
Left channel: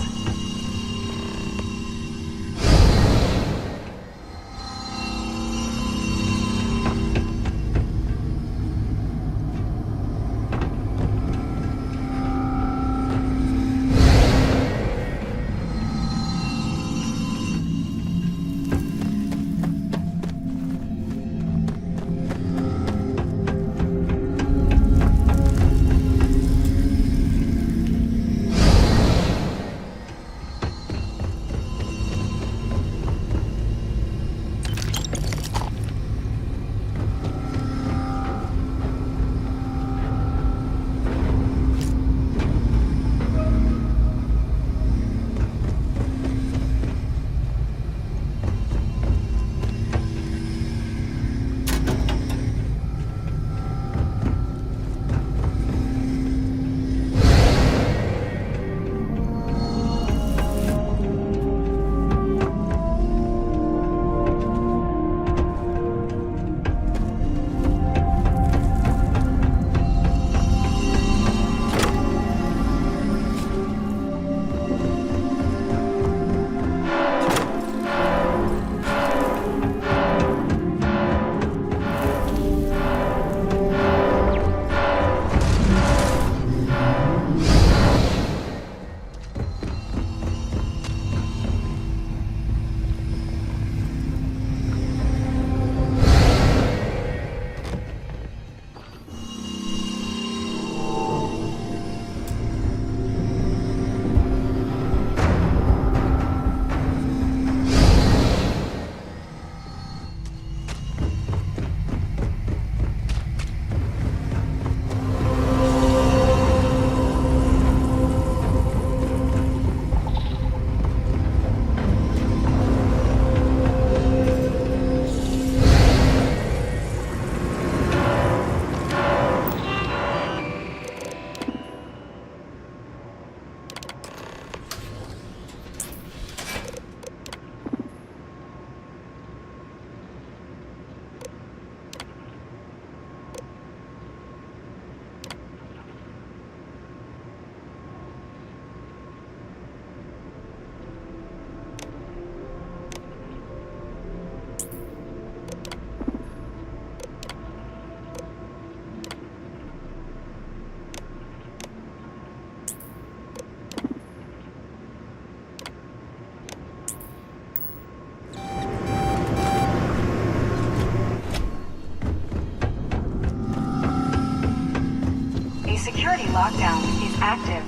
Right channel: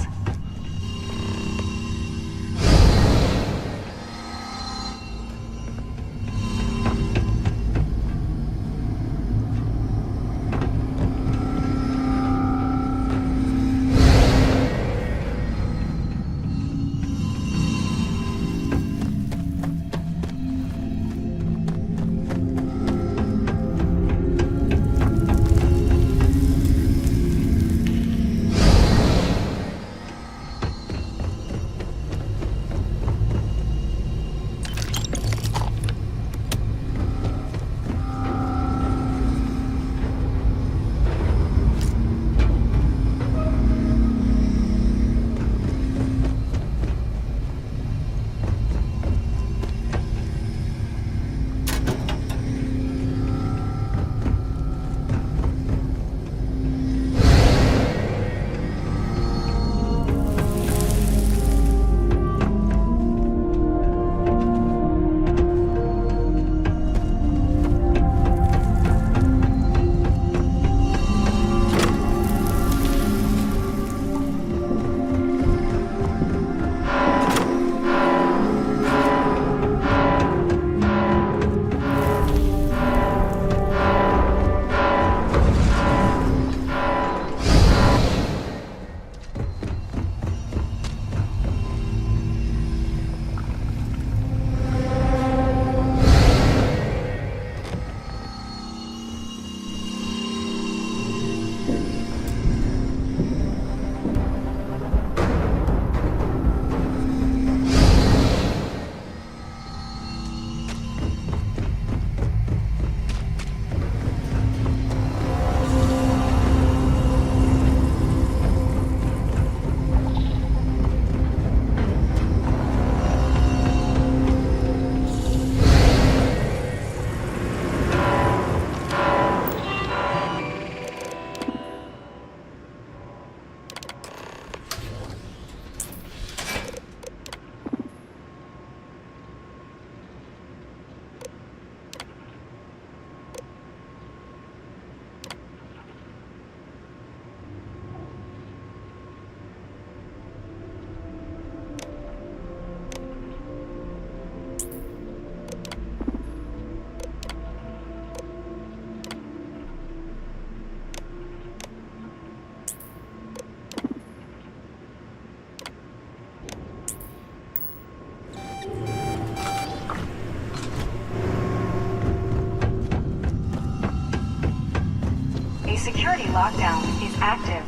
Security lockdown is active.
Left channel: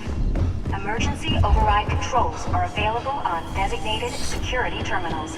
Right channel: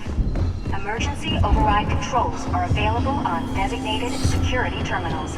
Emergency override controls are available on designated security terminals.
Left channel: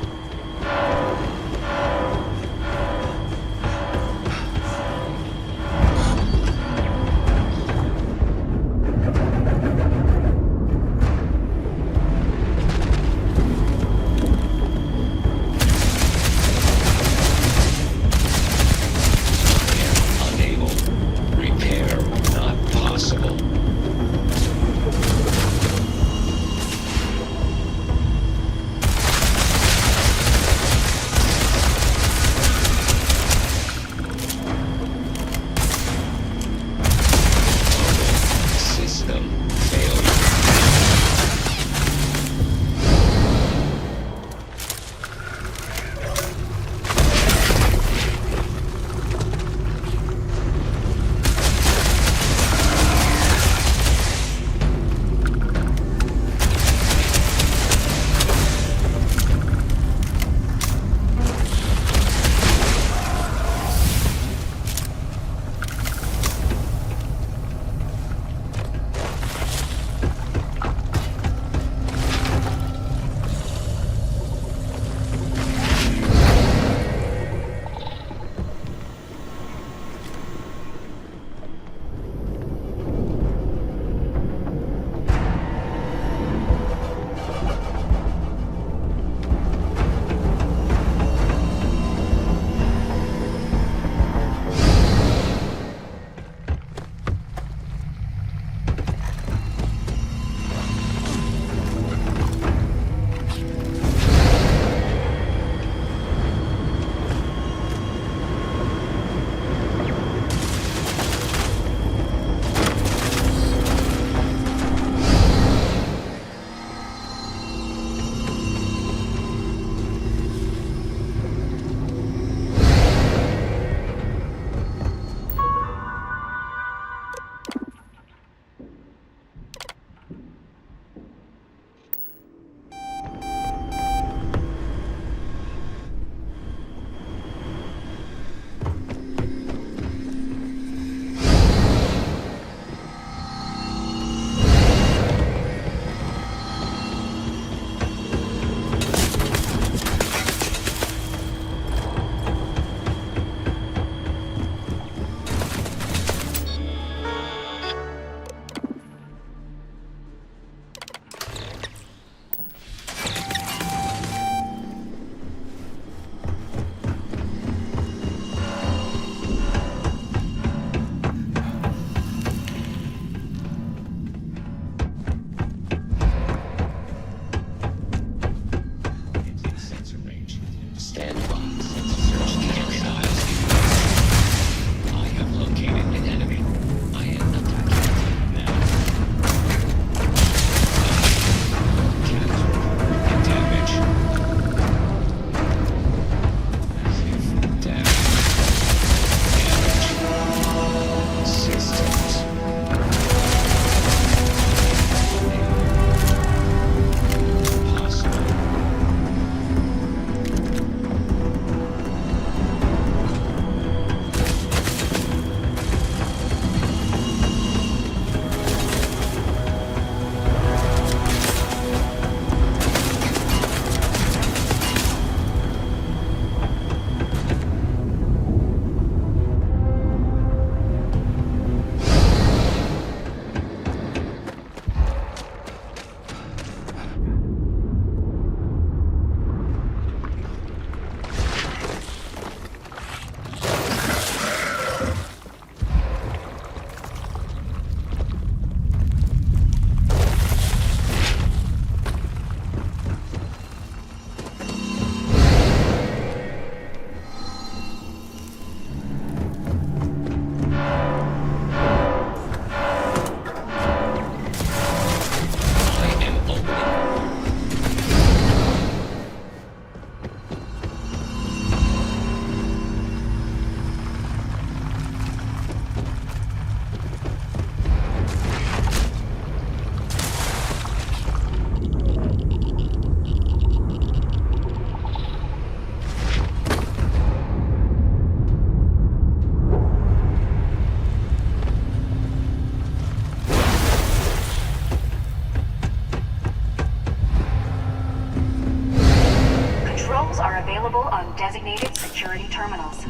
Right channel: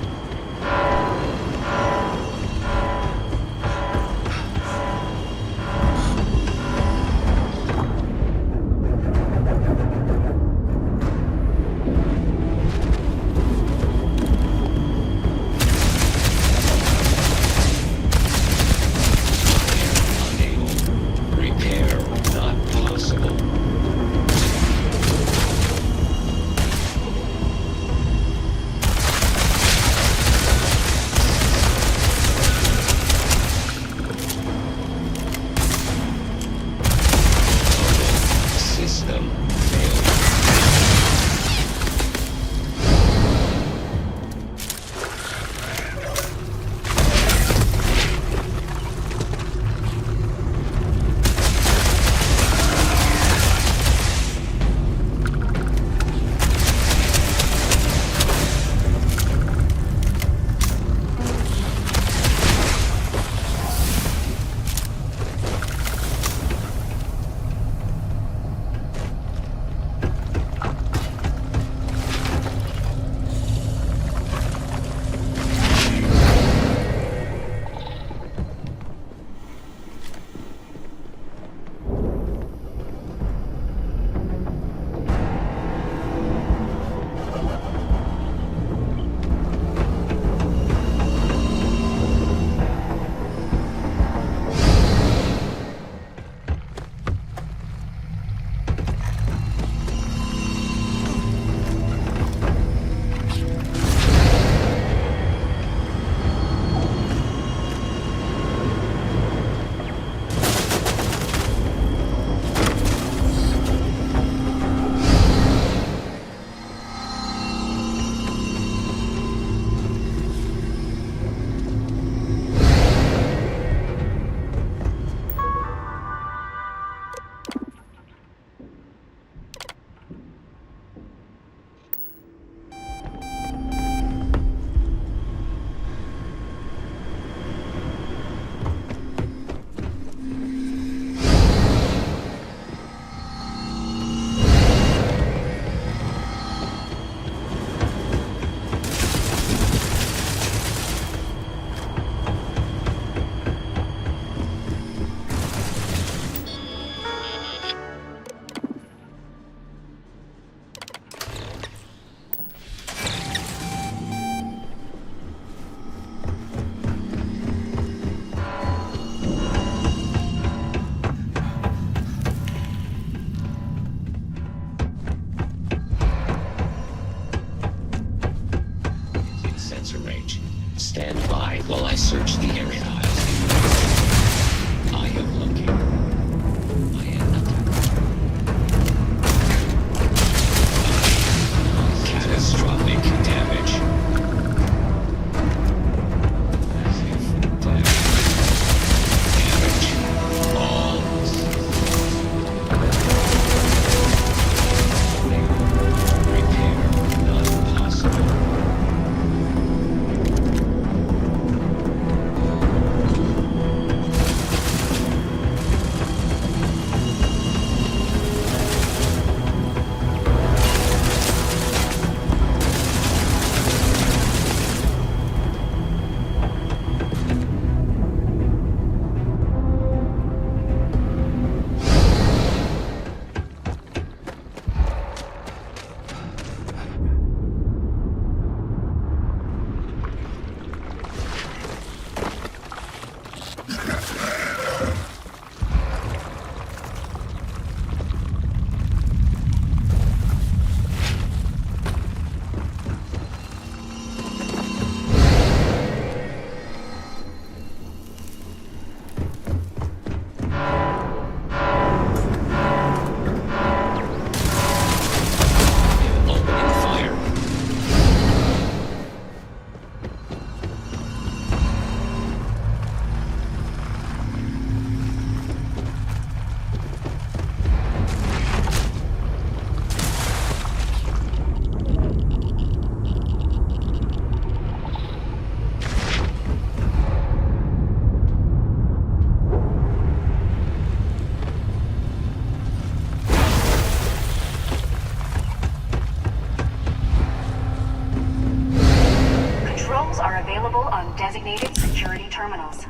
are available on designated security terminals.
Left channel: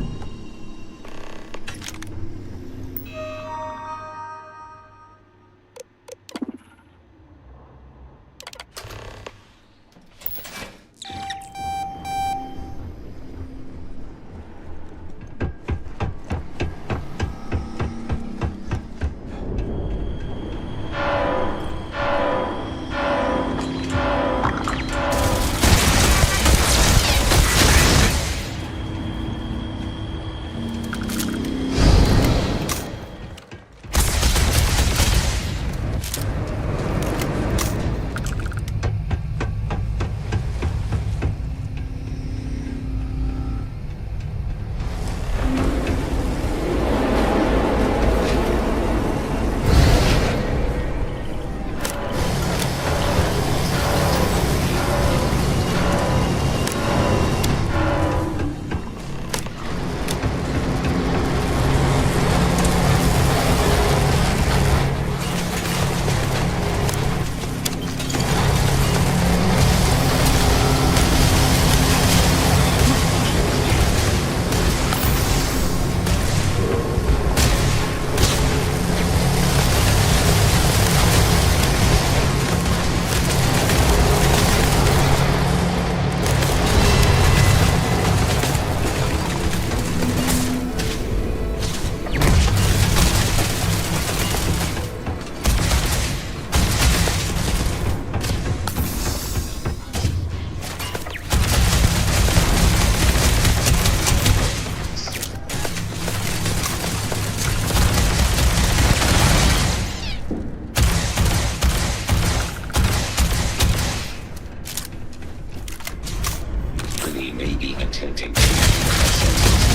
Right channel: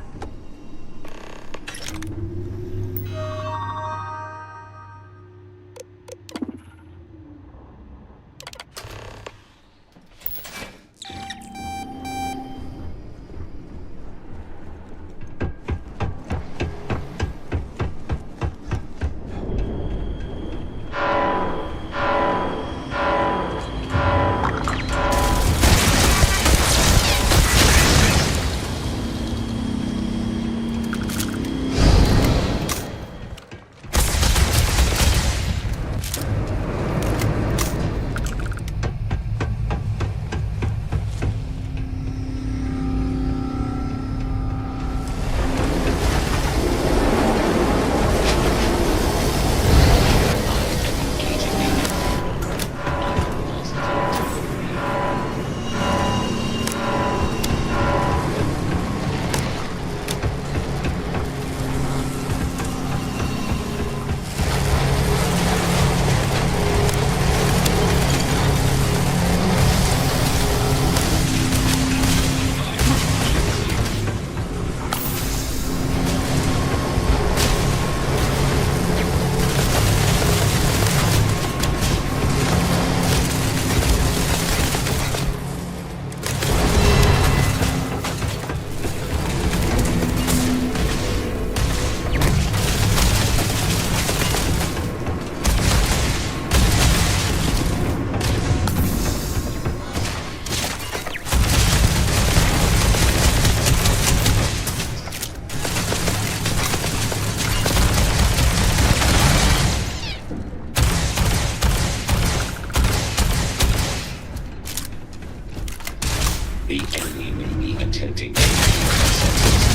attempting to massive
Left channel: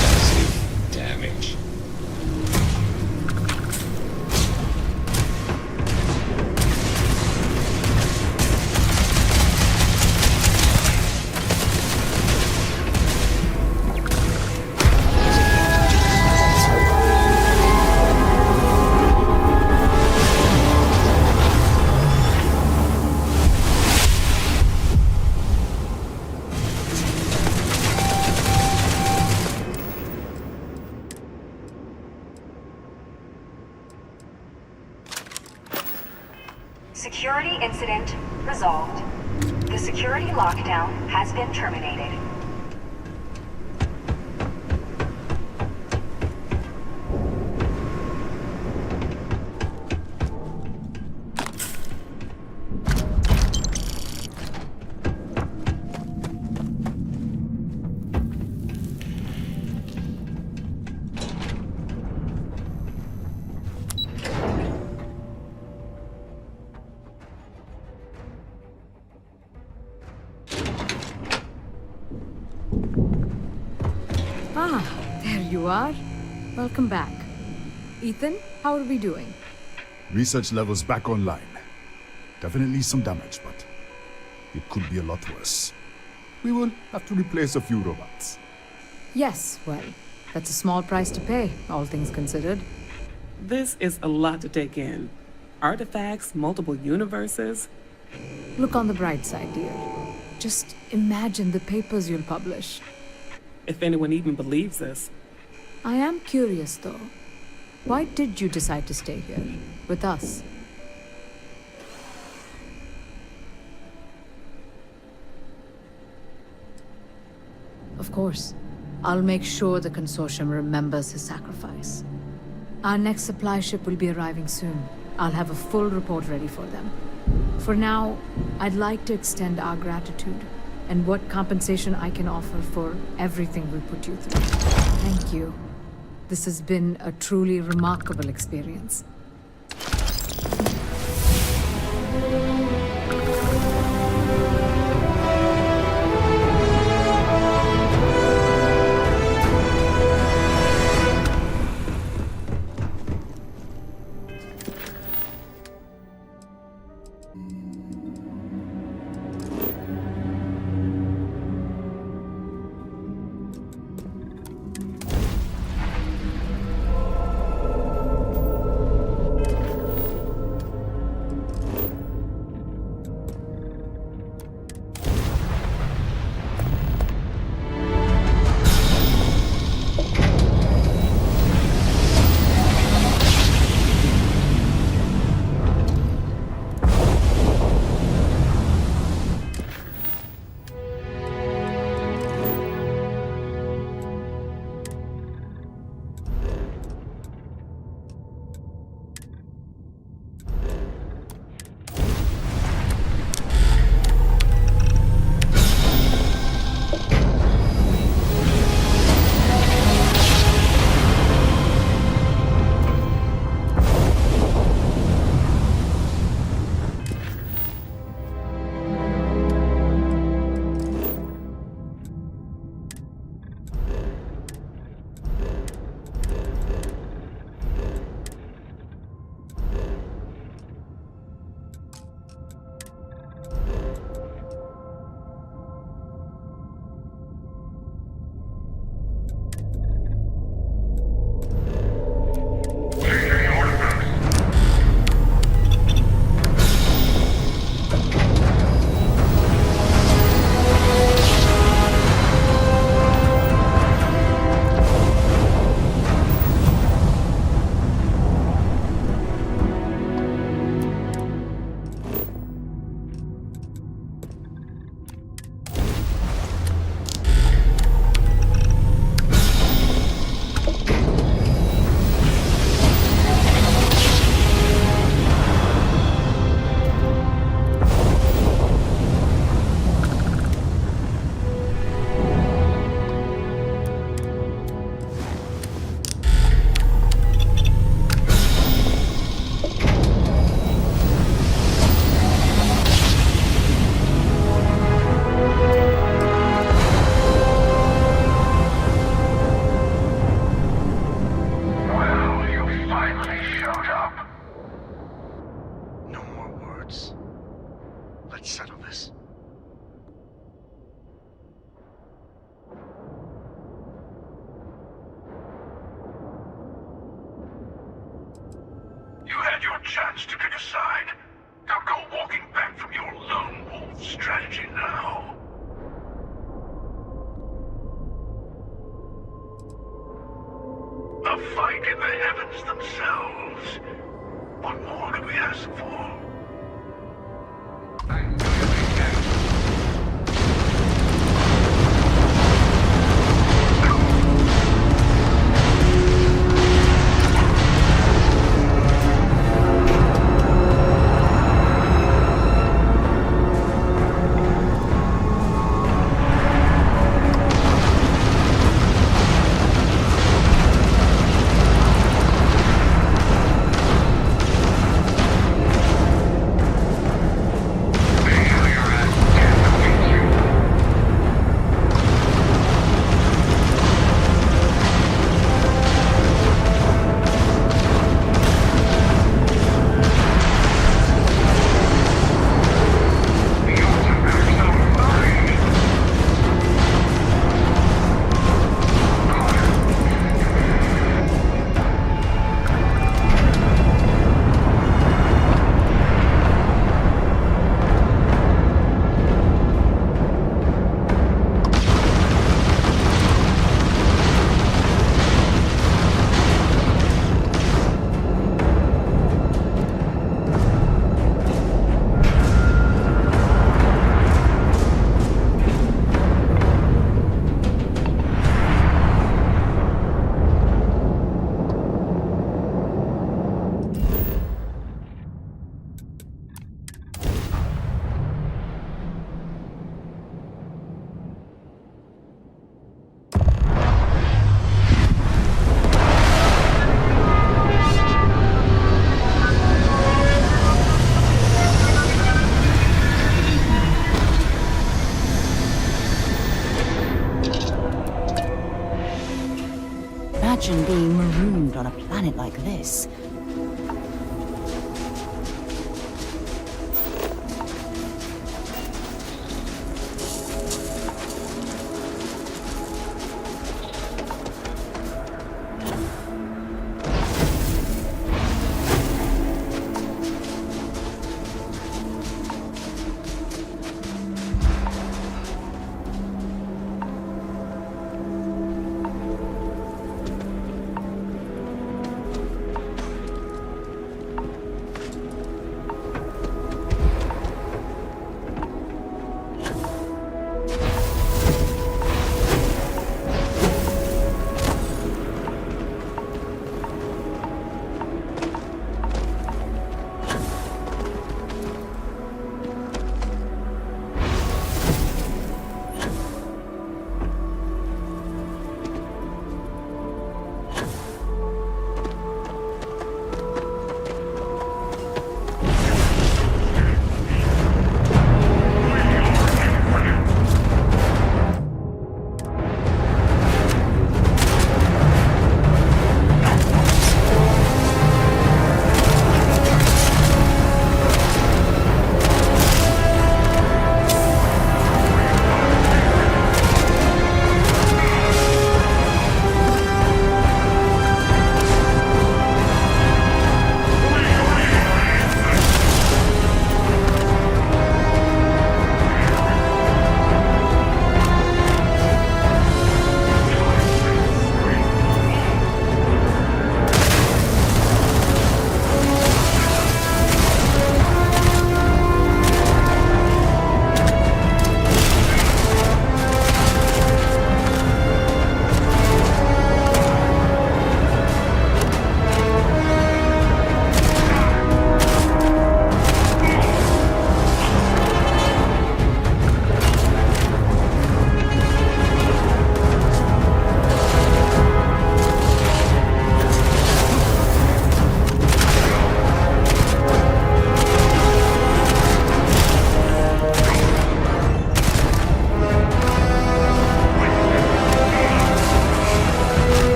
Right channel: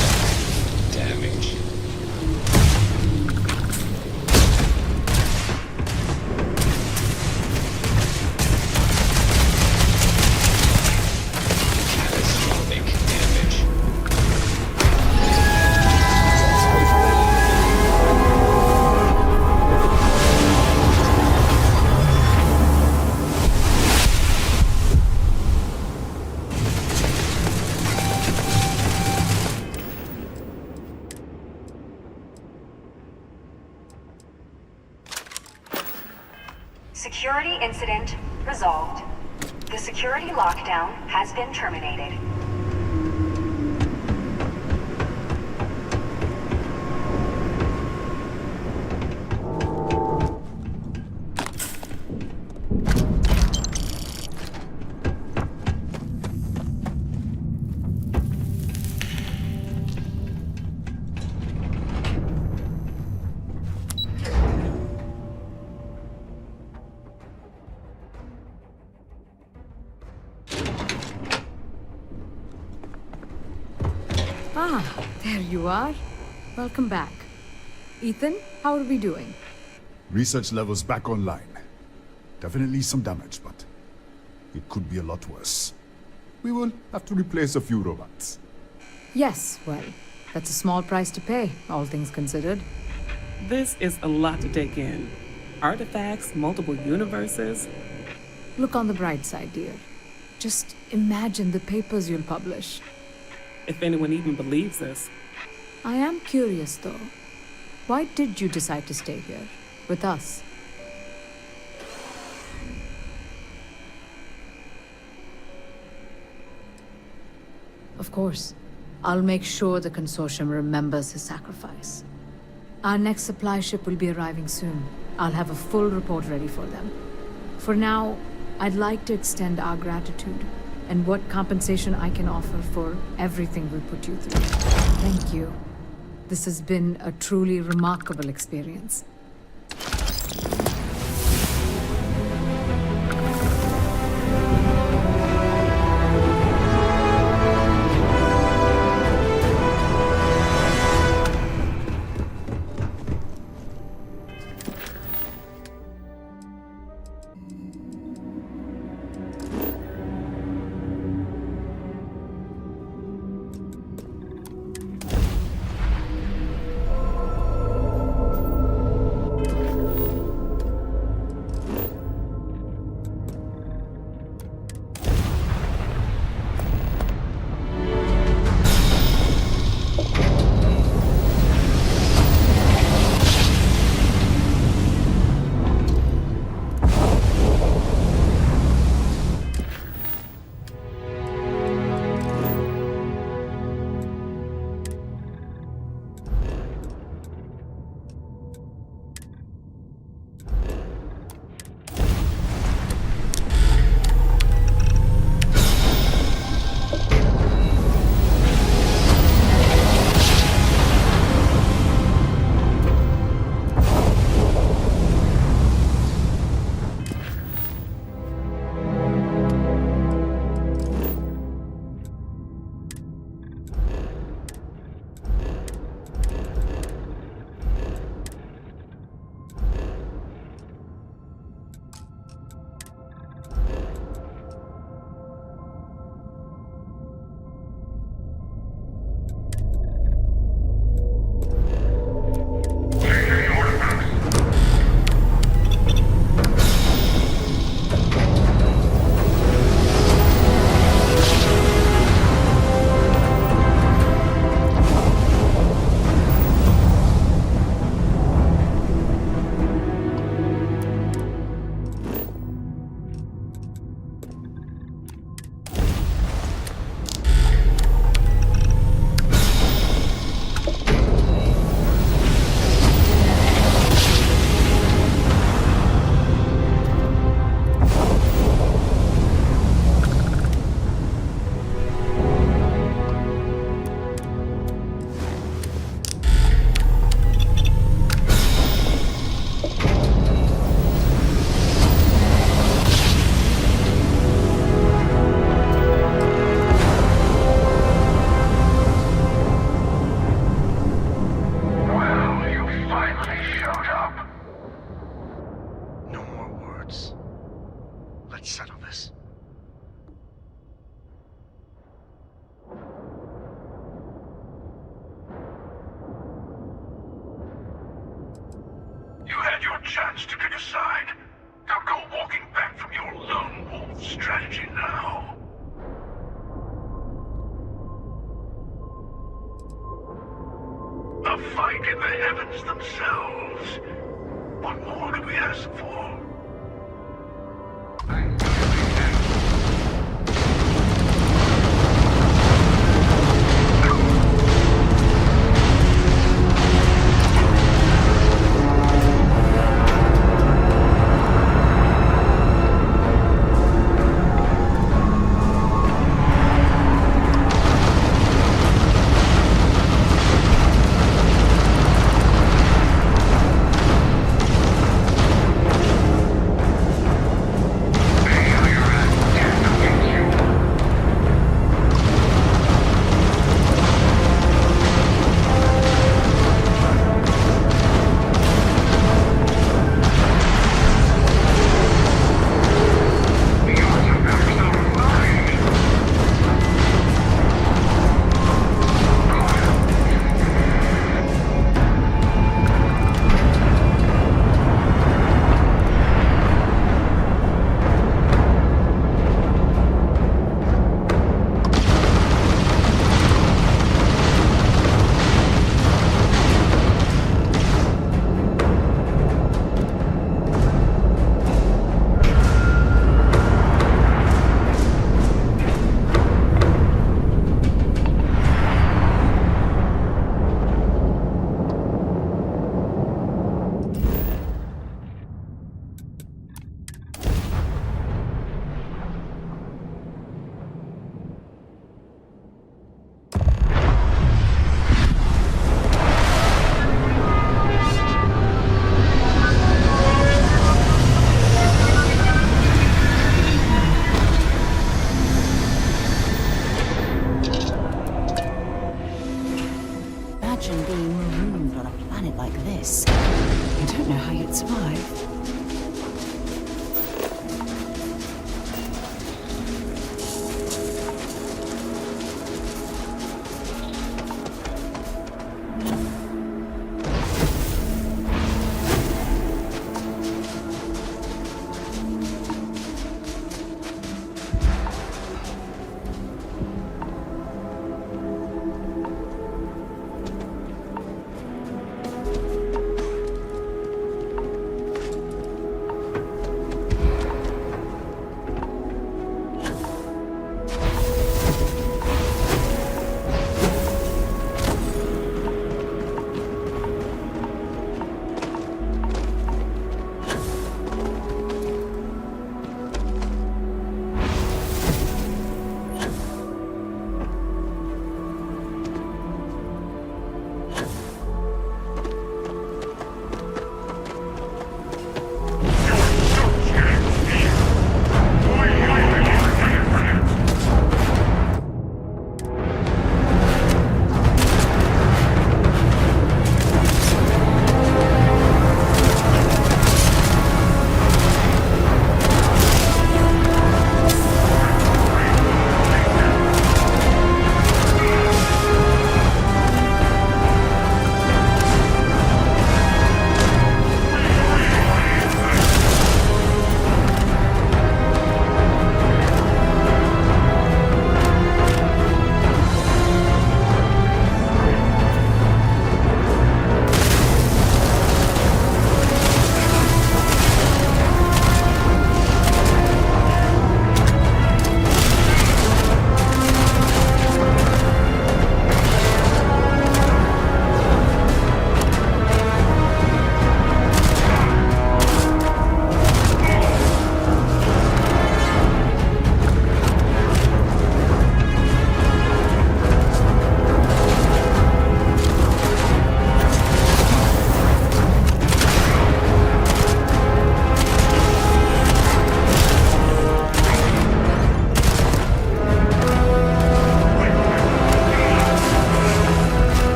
damage. Security incident resolved. The security lockdown has been terminated. Ah, there you are. Welcome back. Ethan, how are we doing? Research levels back online. Definitely some damage, but it could be a lot worse. We will have to replace a few robots. Yes, well, that's a small price to pay, all things considered. This is a lot to take in. Artifacts, multiple universes. Look on the bright side, dear. Just imagine the papers you'll publish. If anyone even believes this. I am curious, though. Why did you decide to stay here, with us? Of course. I'll make sure the consortium remembers his sacrifice. Our next supply ship will be arriving soon. I'll have a full report ready for them. For now, I'd like to extend our gratitude and what compensation I can offer for everything we put you through. Thank you. This has been a truly remarkable experience. energy now. A fight in the heavens themselves. What more could we ask for? Imagine being marooned on a planet like this. I don't know how you'd survive.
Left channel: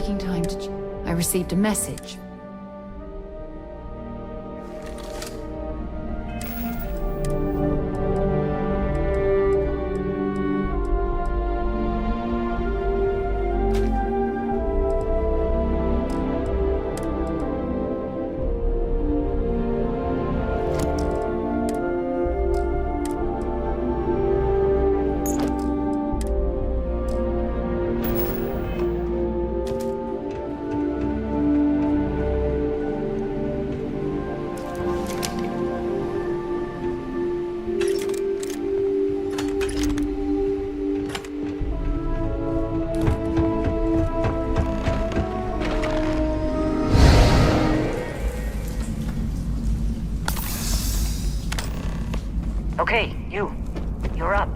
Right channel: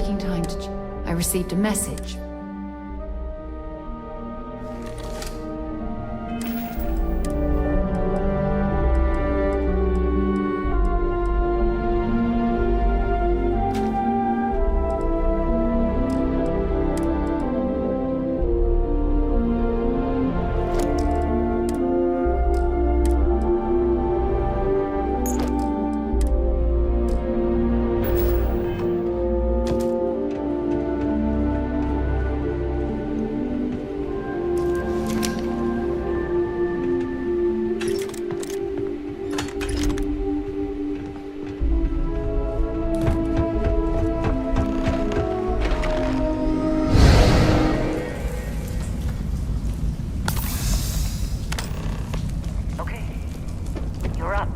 taking time to... I received a message. Okay, you're up.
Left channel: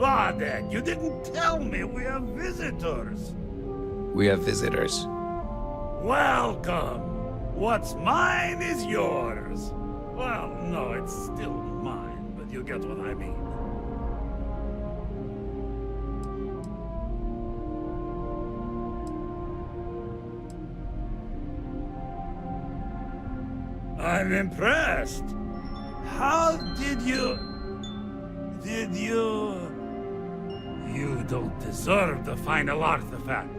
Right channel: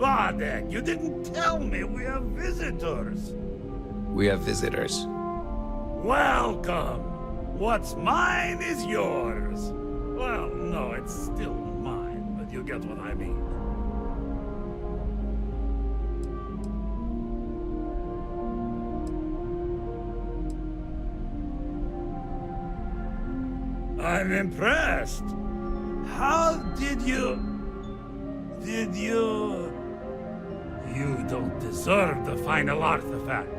Vadek, you didn't tell me we have visitors. We have visitors. Welcome. What's mine is yours. Well, no, it's still you get what I mean. I'm impressed. How did you... You don't deserve the final artifact.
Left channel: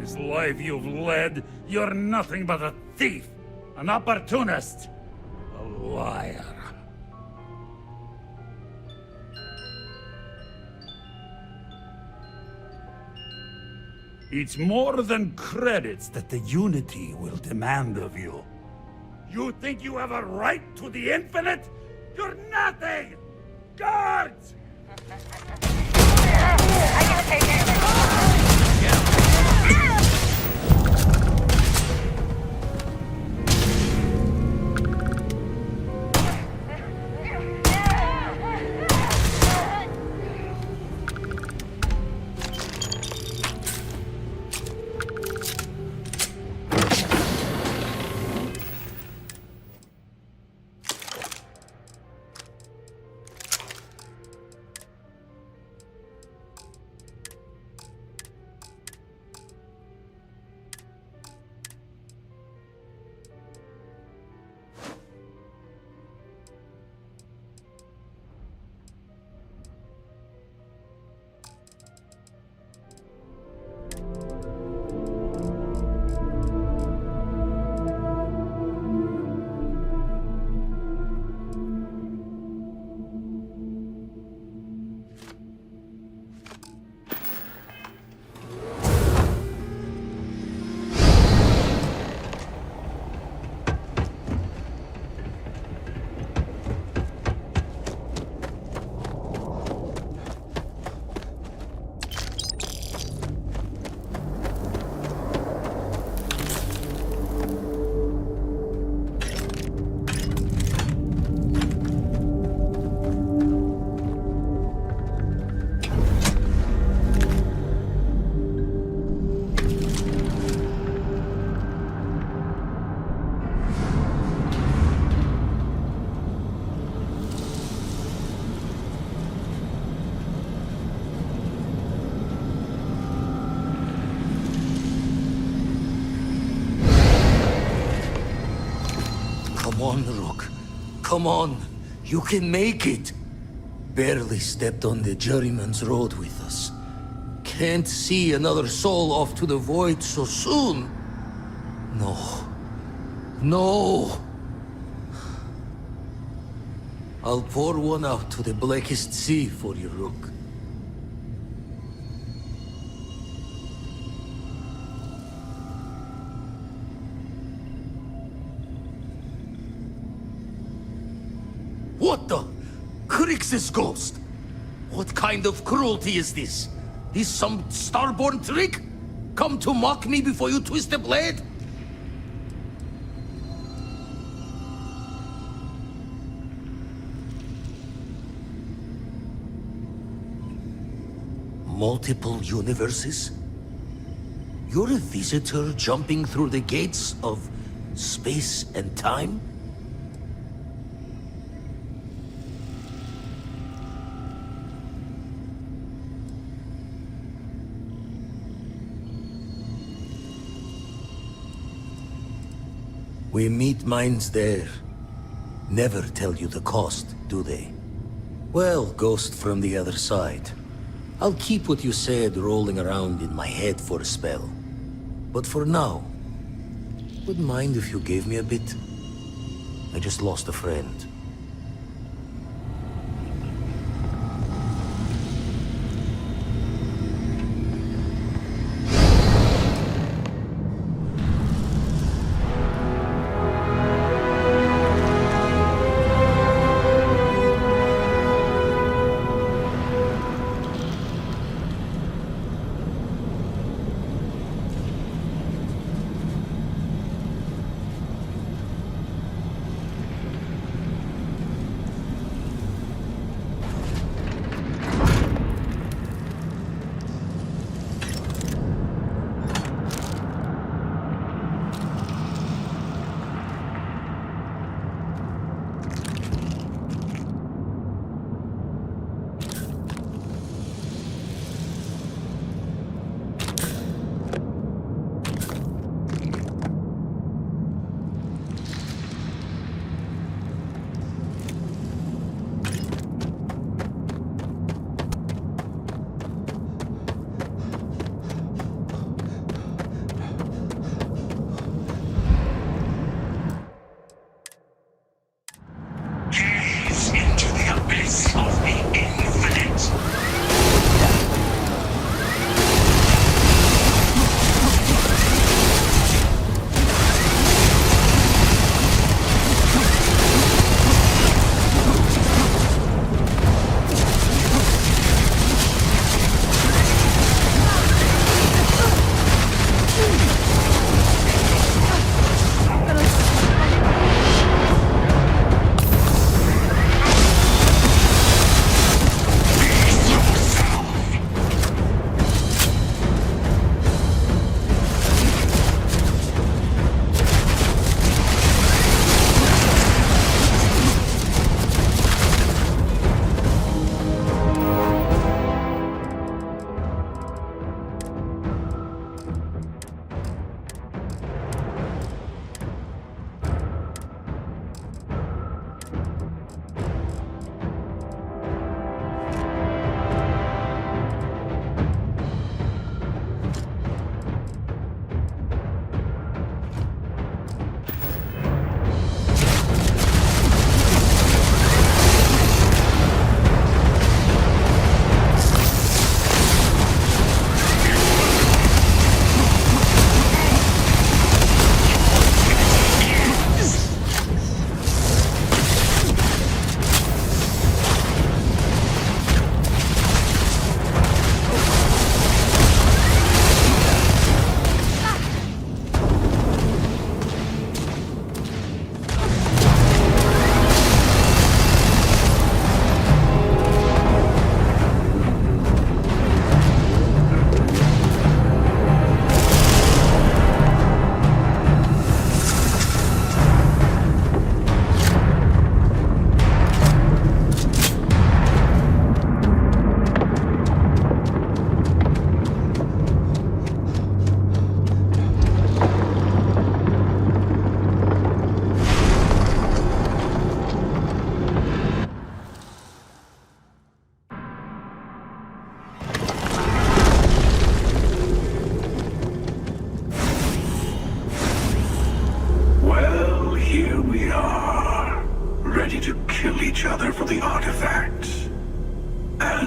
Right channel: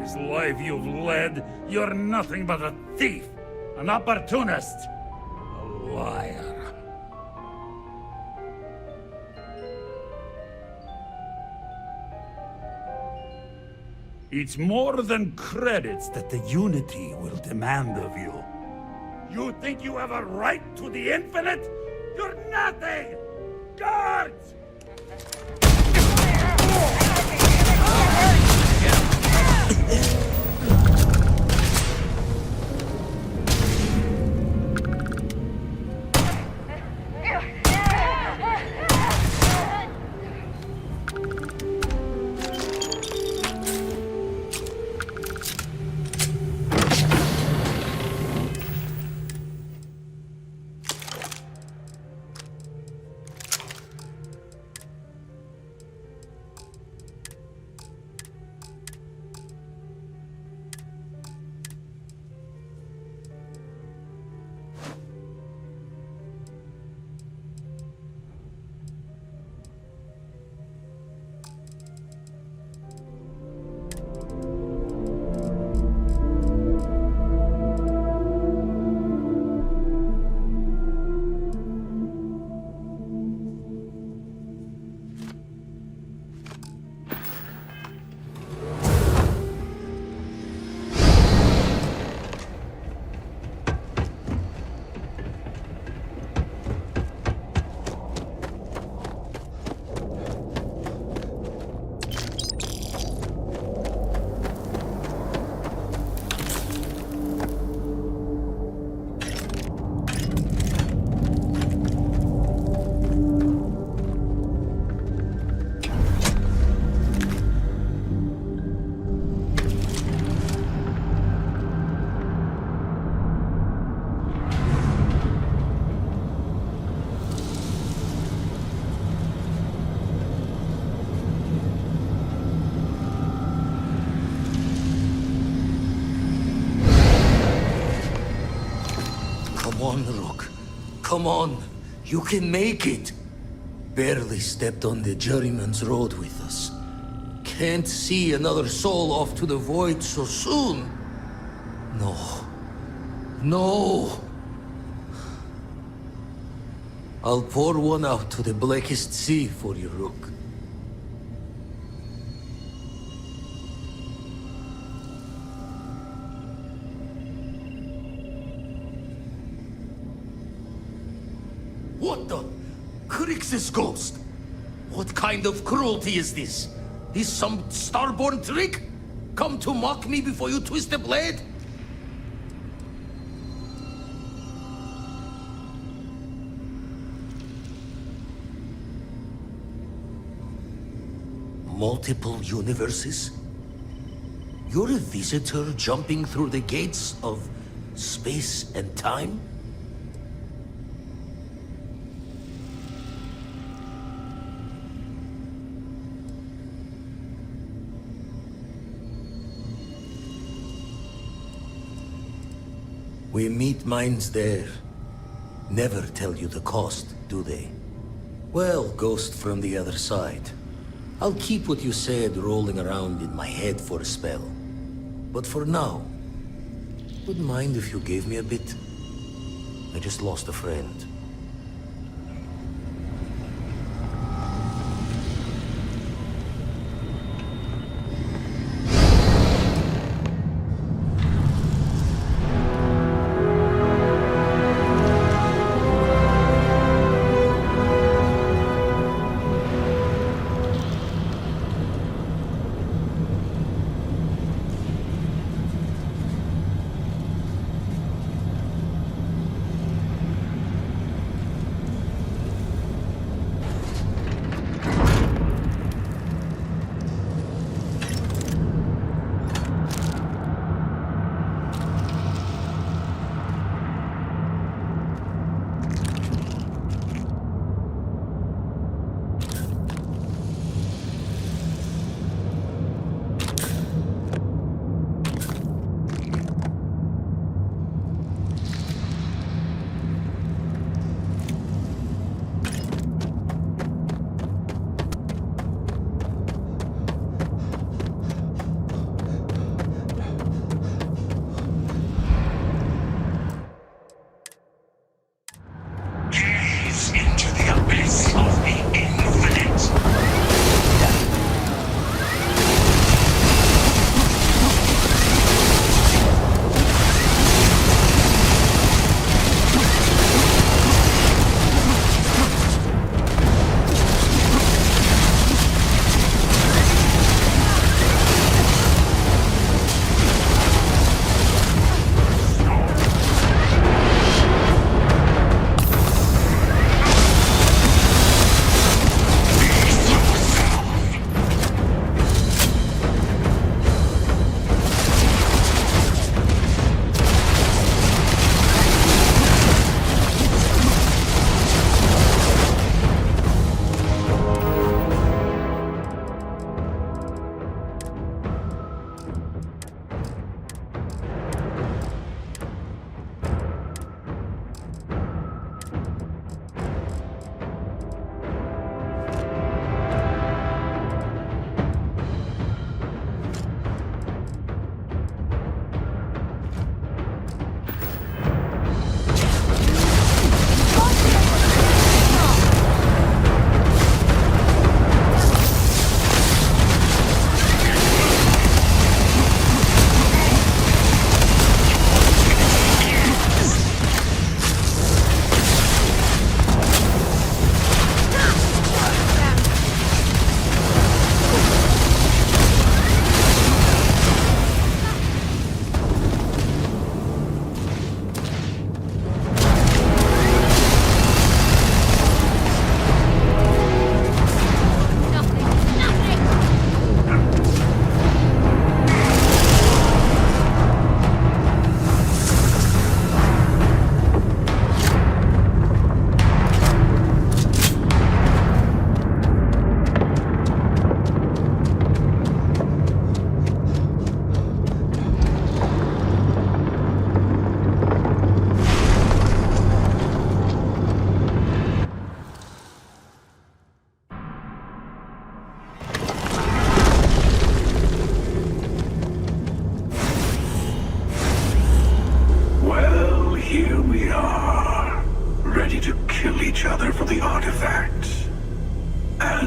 This life you've led, you're nothing but a thief, an opportunist, a liar. It's more than credits that the Unity will demand of you. You think you have a right to the infinite? You're nothing! Guards! Come on, Rook. Come on. You can make it. Barely stepped on the juryman's road with us. Can't see another soul off to the void so soon. No. No. I'll pour one out to the blackest sea for you, Rook. What the? Crix's ghost? What kind of cruelty is this? This some starborn trick? Come to mock me before you twist the blade? Multiple universes? You're a visitor jumping through the gates of space and time? We meet minds there. Never tell you the cost, do they? Well, ghost from the other side. I'll keep what you said rolling around in my head for a spell. But for now, wouldn't mind if you gave me a bit. I just lost a friend.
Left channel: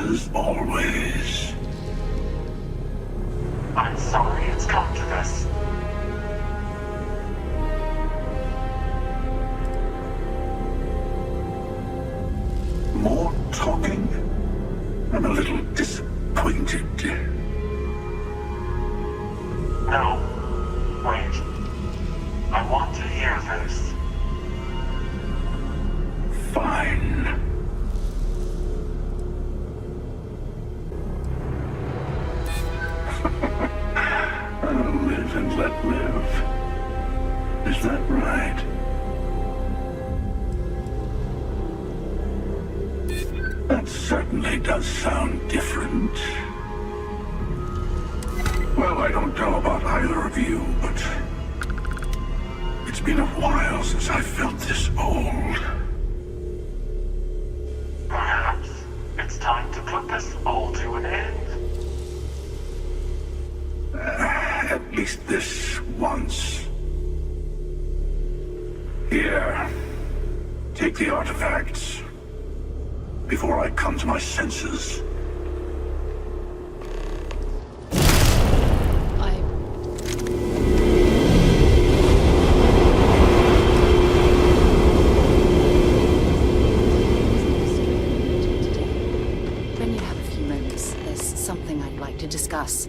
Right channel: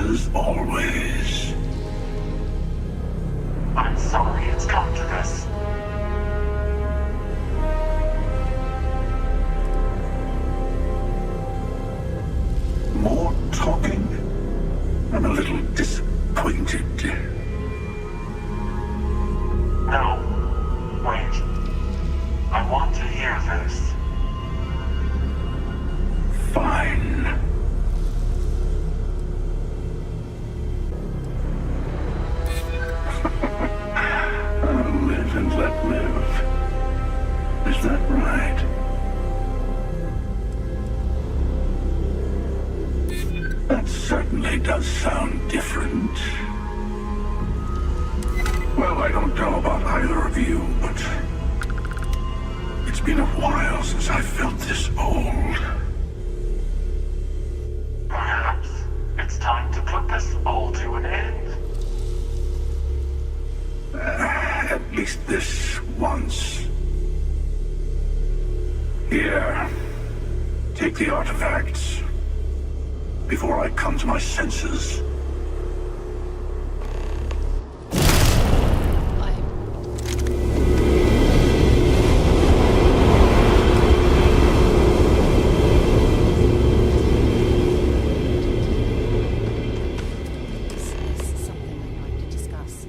As always. I'm sorry it's come to this. More talking? I'm a little disappointed. No. Wait. I want to hear this. Fine. Live and let live. Is that right? That certainly does sound different. Well, I don't know about either of you, but it's been a while since I felt this old. Perhaps it's time to put this all to an end. At least this once. Here, take the artifacts before I come to my senses. There's something I'd like to discuss.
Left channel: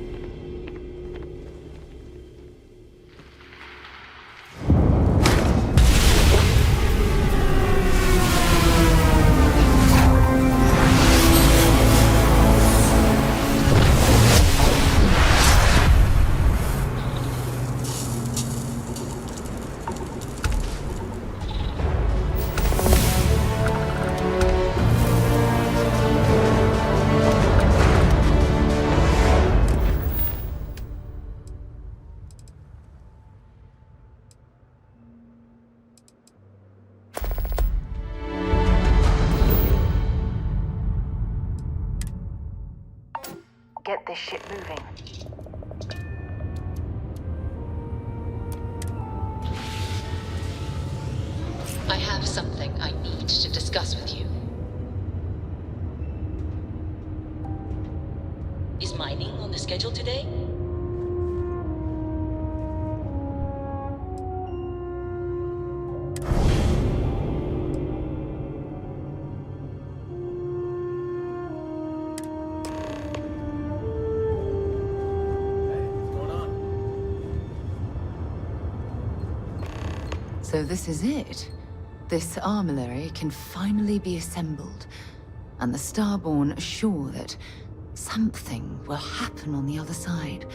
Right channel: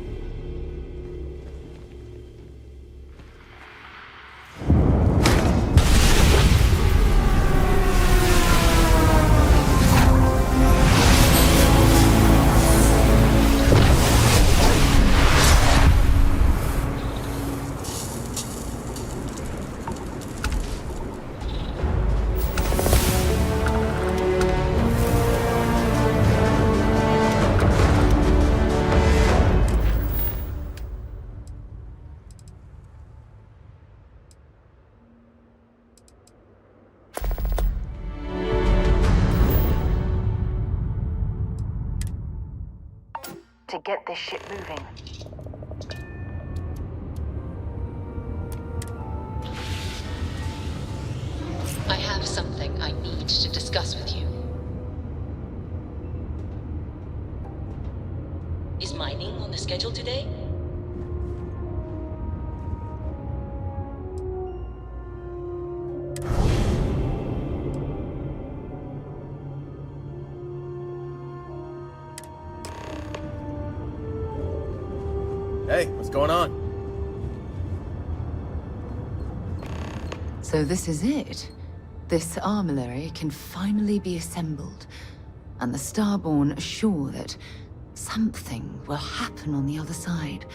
To get this shit moving. I have something I need to discuss with you. Is mining on the schedule today? Hey, what's going on? So this is it. This armillary can finally be assembled, and the Starborn are sure that something will happen on the other side.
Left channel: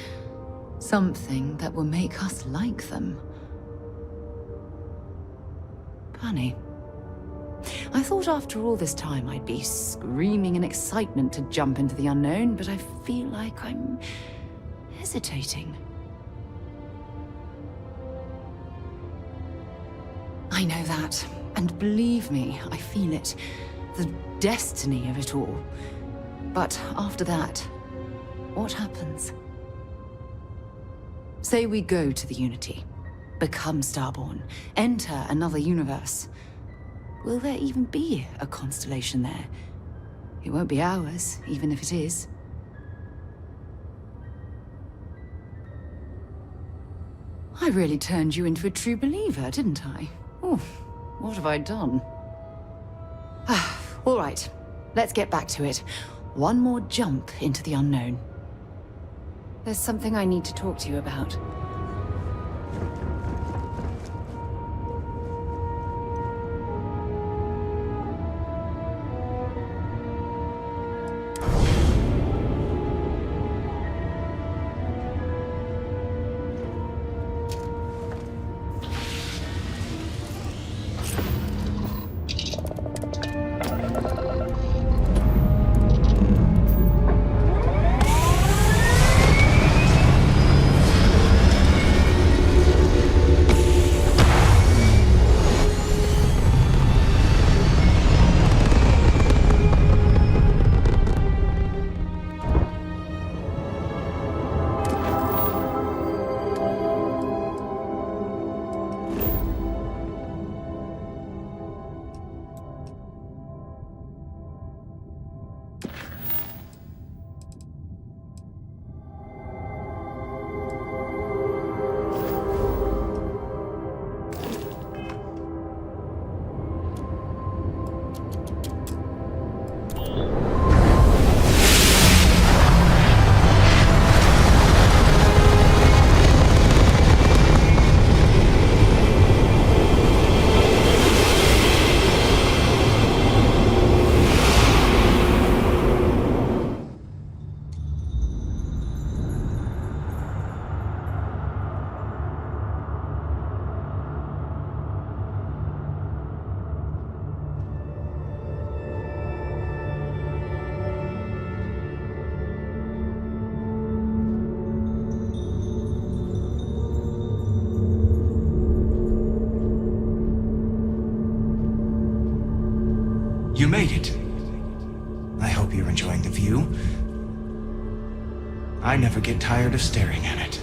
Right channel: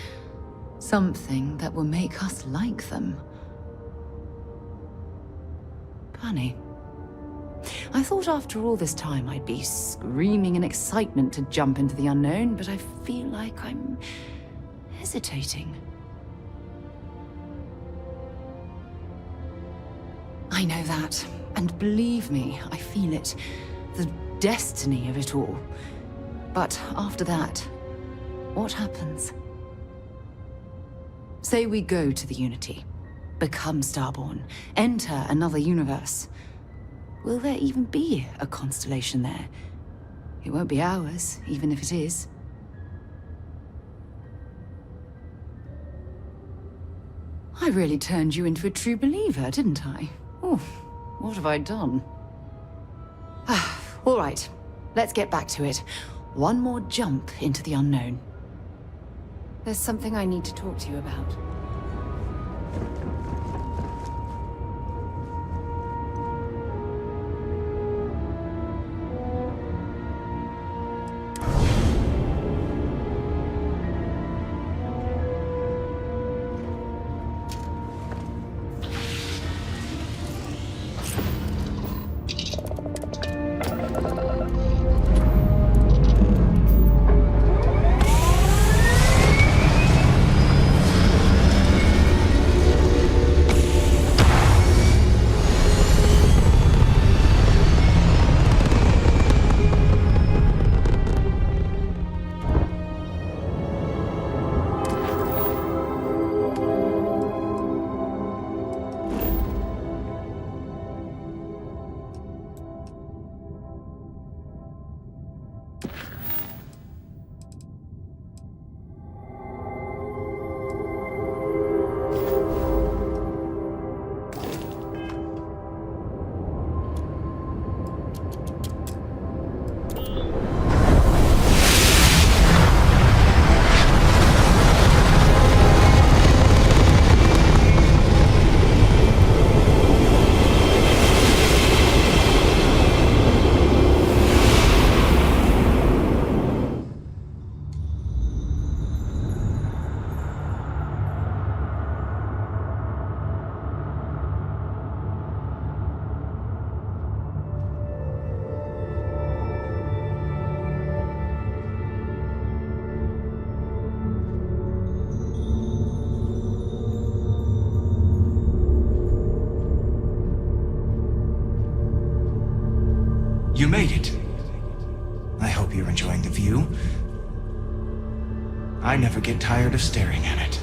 Something that will make us like them. Funny. I thought after all this time I'd be screaming in excitement to jump into the unknown, but I feel like I'm hesitating. I know that, and believe me, I feel it. The destiny of it all. But after that, what happens? Say we go to the Unity, become Starborn, enter another universe. Will there even be a constellation there? It won't be ours, even if it is. I really turned you into a true believer, didn't I? Oh, what have I done? All right, let's get back to it. One more jump into the unknown. There's something I need to talk to you about. made it. I hope you're enjoying the view. I never get tired of staring at it.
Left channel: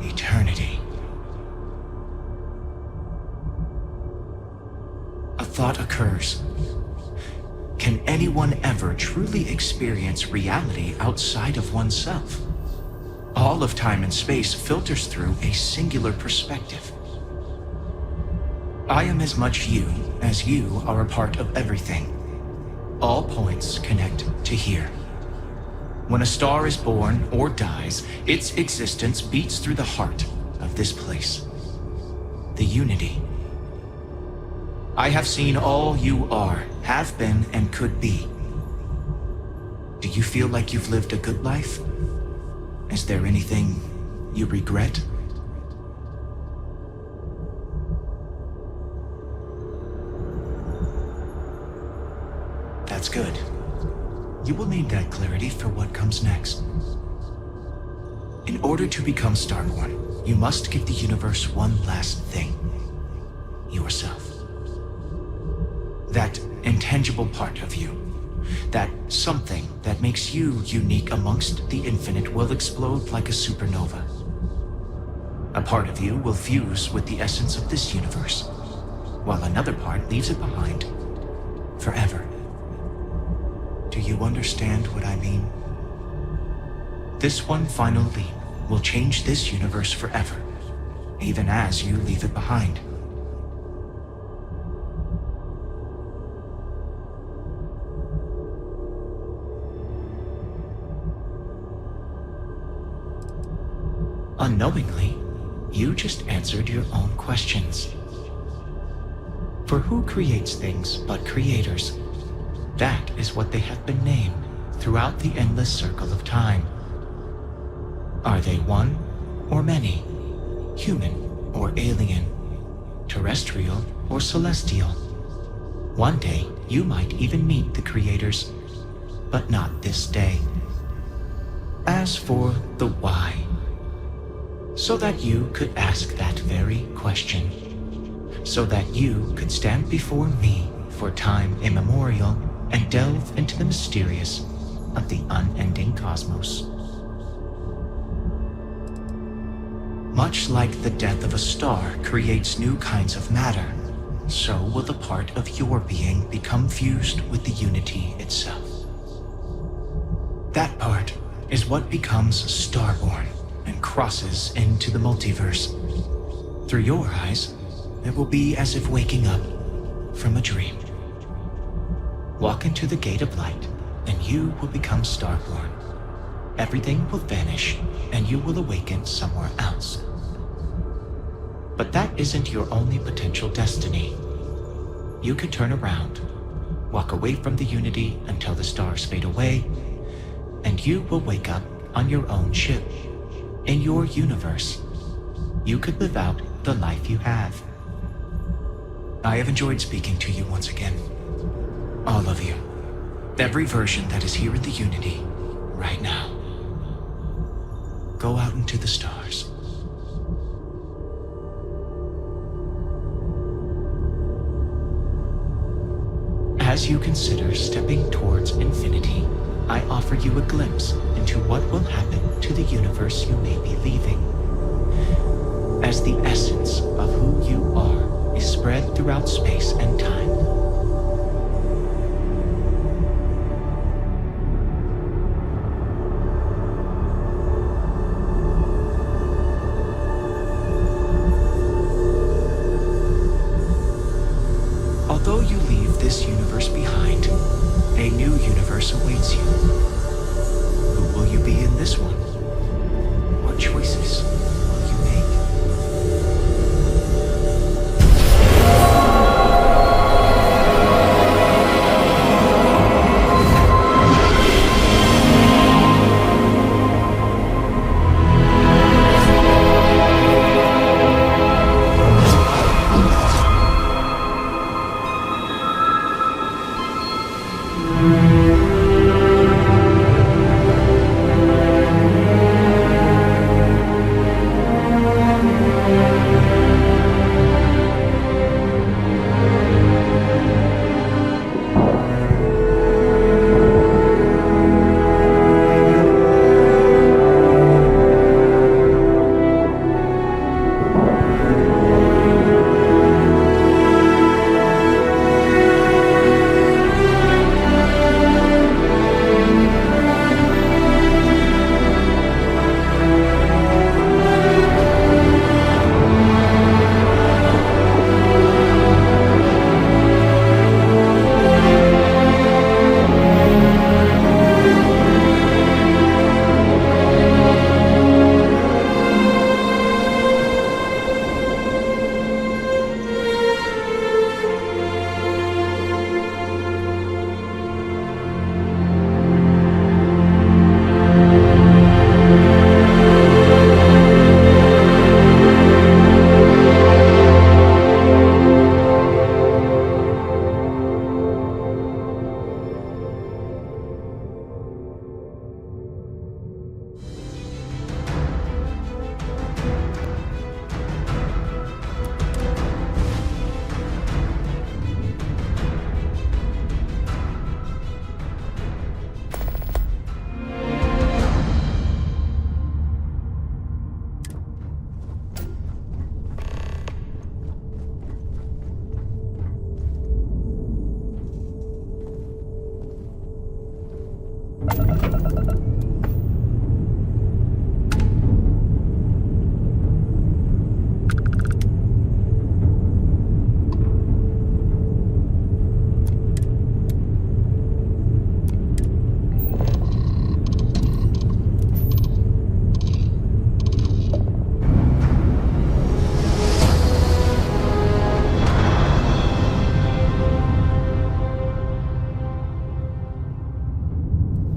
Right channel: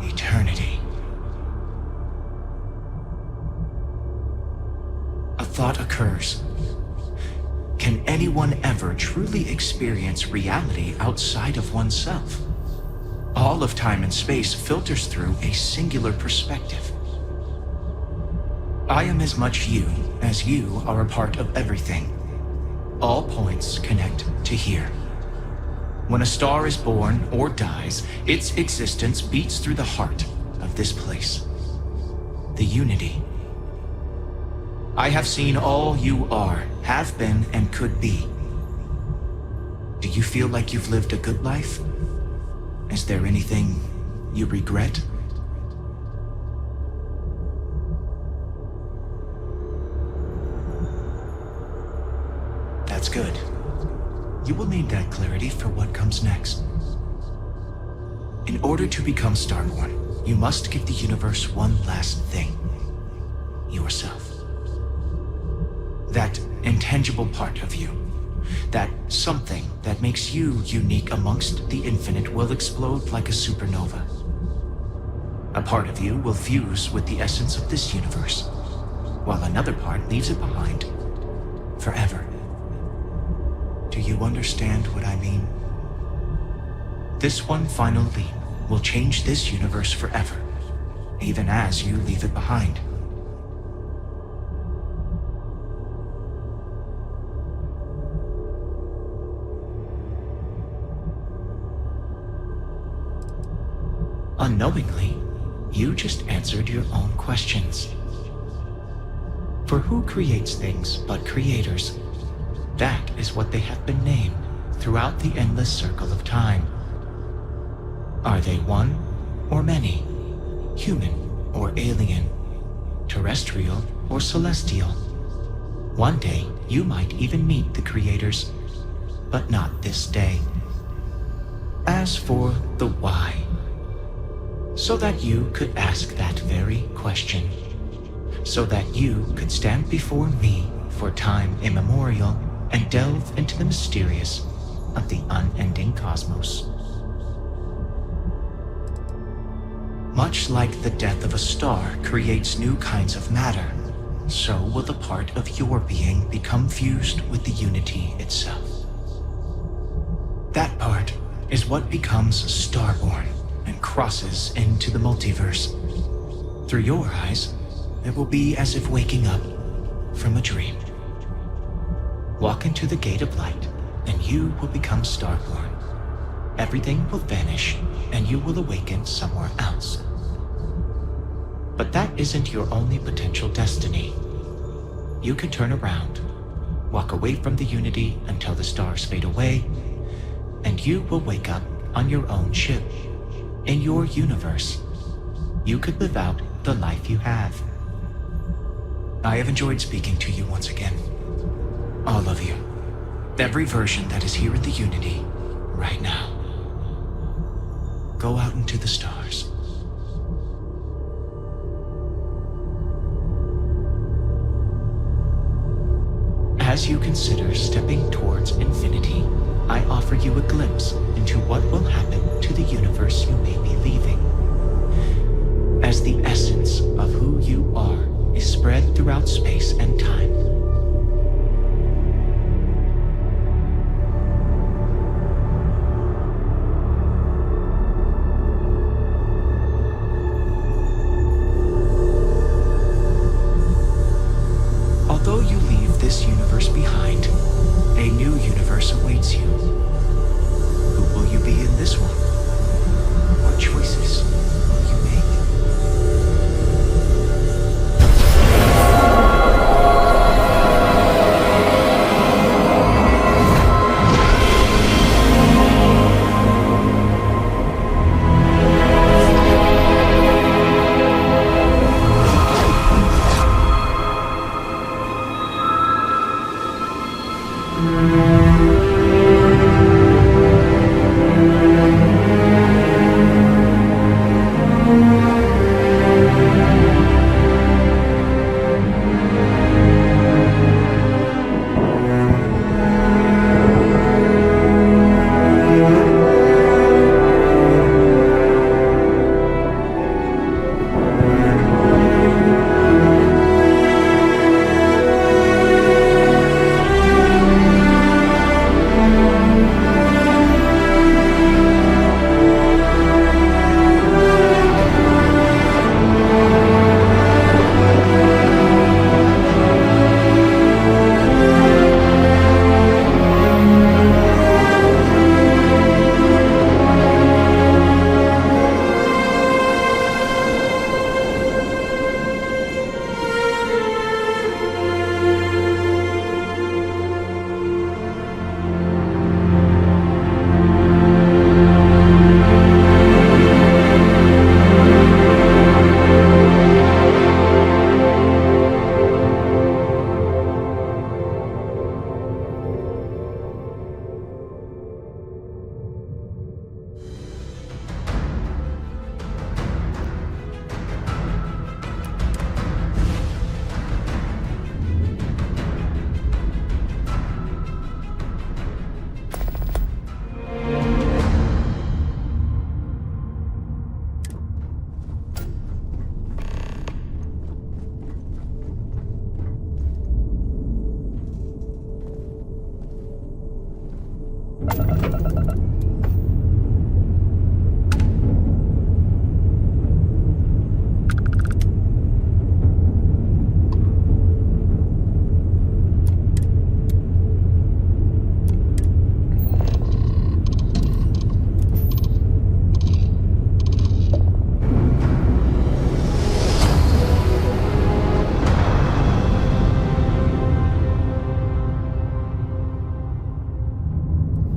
Eternity. A thought occurs. Can anyone ever truly experience reality outside of oneself? All of time and space filters through a singular perspective. I am as much you as you are a part of everything. All points connect to here. When a star is born or dies, its existence beats through the heart of this place. The unity. I have seen all you are, have been, and could be. Do you feel like you've lived a good life? Is there anything you regret? That's good. You will need that clarity for what comes next. In order to become Starborn, you must give the universe one last thing. Yourself. That intangible part of you. That something that makes you unique amongst the infinite will explode like a supernova. A part of you will fuse with the essence of this universe, while another part leaves it behind forever. Do you understand what I mean? This one final leap will change this universe forever, even as you leave it behind. Unknowingly, you just answered your own questions. For who creates things but creators? That is what they have been named throughout the endless circle of time. Are they one or many? Human or alien? Terrestrial or celestial? One day, you might even meet the creators, but not this day. As for the why, so that you could ask that very question, so that you could stand before me for time immemorial and delve into the mysterious of the unending cosmos. Much like the death of a star creates new kinds of matter, so will the part of your being become fused with the unity itself. That part is what becomes Starborn and crosses into the multiverse. Through your eyes, it will be as if waking up from a dream. Walk into the gate of light, and you will become Starborn. Everything will vanish, and you will awaken somewhere else. But that isn't your only potential destiny. You can turn around, walk away from the unity until the stars fade away, and you will wake up on your own ship. In your universe, you could live out the life you have. I have enjoyed speaking to you once again. All of you. Every version that is here in the Unity, right now. Go out into the stars. As you consider stepping towards infinity, I offer you a glimpse into what will happen to the universe you may be leaving. As the essence of who you are is spread throughout space and time. Although you leave this universe behind, a new universe awaits you. Who will you be in this one? What choices will you make?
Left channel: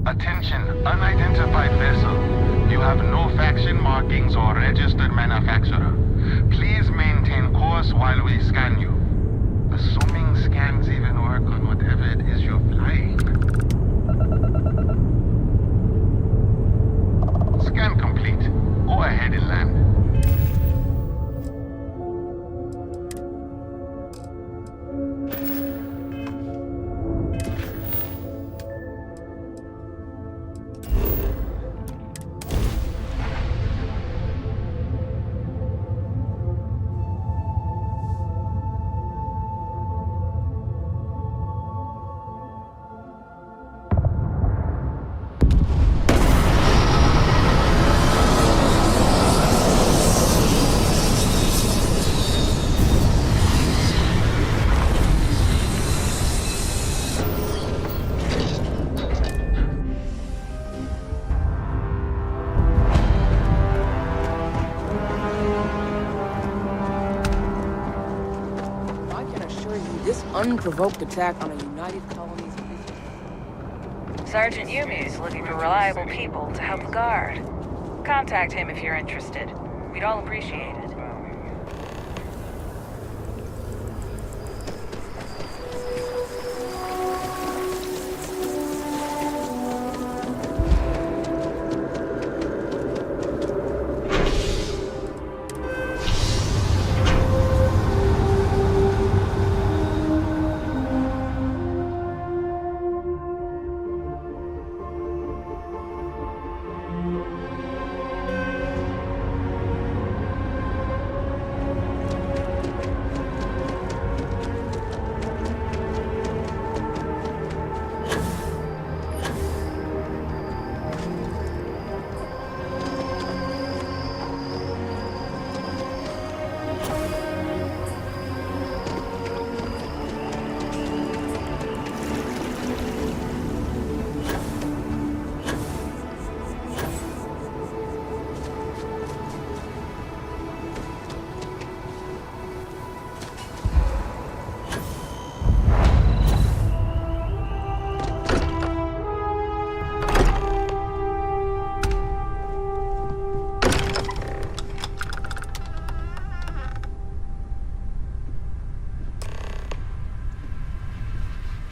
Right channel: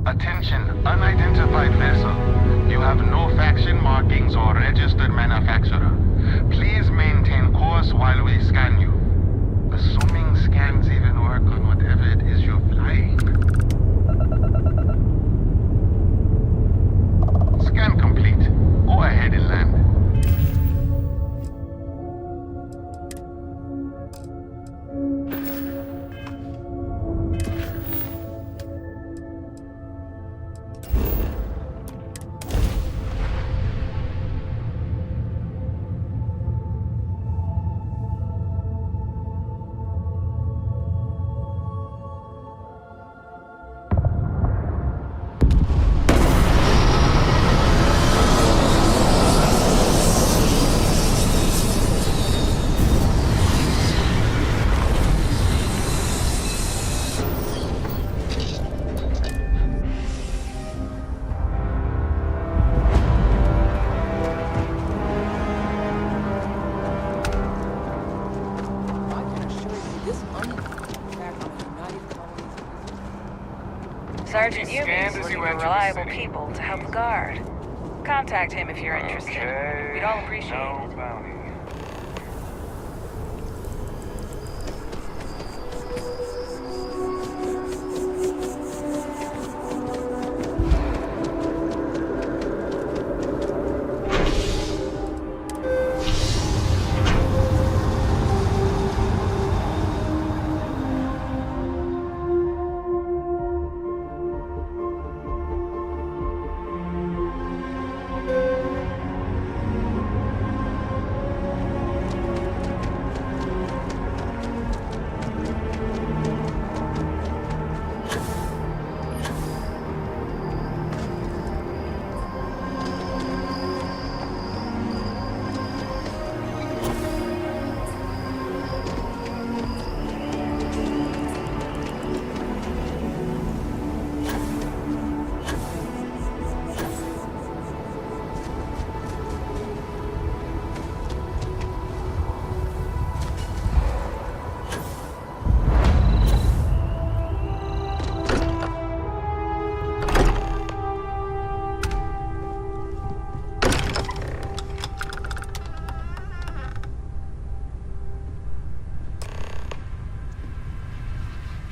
Attention, unidentified vessel. You have no faction markings or registered manufacturer. Please maintain course while we scan you. Assuming scans even work on whatever it is you're flying. Scan complete. Go ahead and land. Unprovoked attack on a United Colonies. Sergeant Yumi's looking for reliable people to help the guard. Contact him if you're interested. We'd all appreciate it.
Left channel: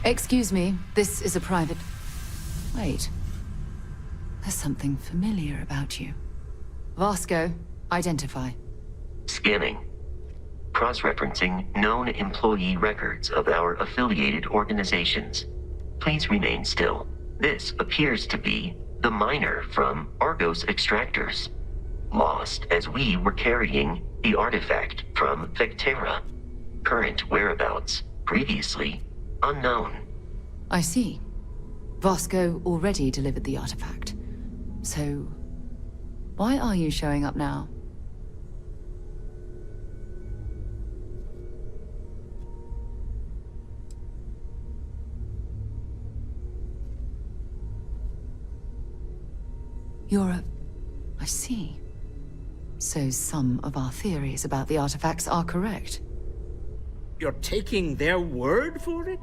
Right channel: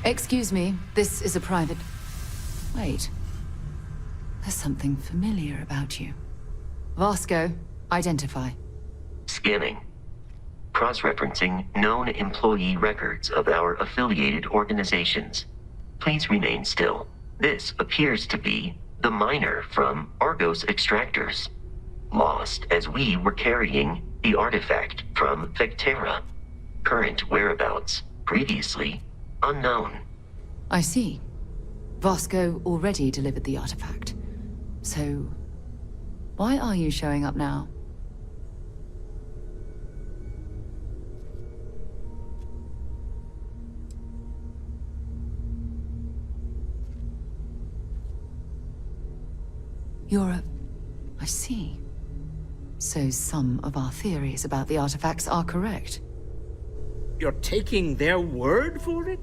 Excuse me, this is a private... Wait. There's something familiar about you. Vasco, identify. Scanning. Cross-referencing known employee records of our affiliated organizations. Please remain still. This appears to be the miner from Argos Extractors. Lost as we were carrying the artifact from Vectera. Current whereabouts, previously unknown. I see. Vasco already delivered the artifact. So, why are you showing up now? I see. So some of our theories about the artifacts are correct. You're taking their word for it?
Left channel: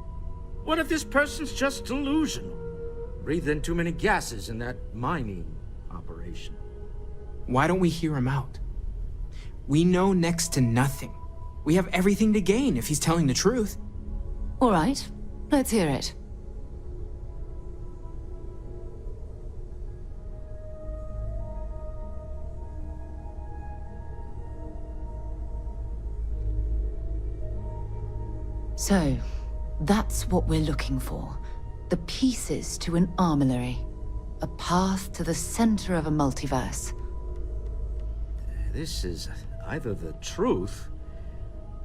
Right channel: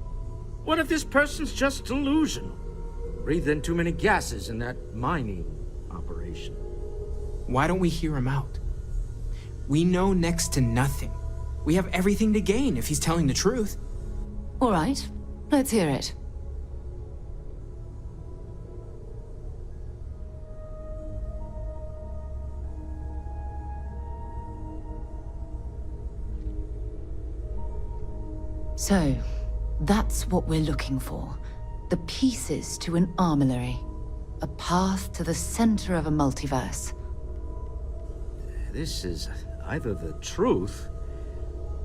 What if this person's just delusional? Breathed in too many gases in that mining operation. Why don't we hear him out? We know next to nothing. We have everything to gain if he's telling the truth. All right, let's hear it. So, that's what we're looking for. The pieces to an armillary. A path to the center of a multiverse. This is either the truth,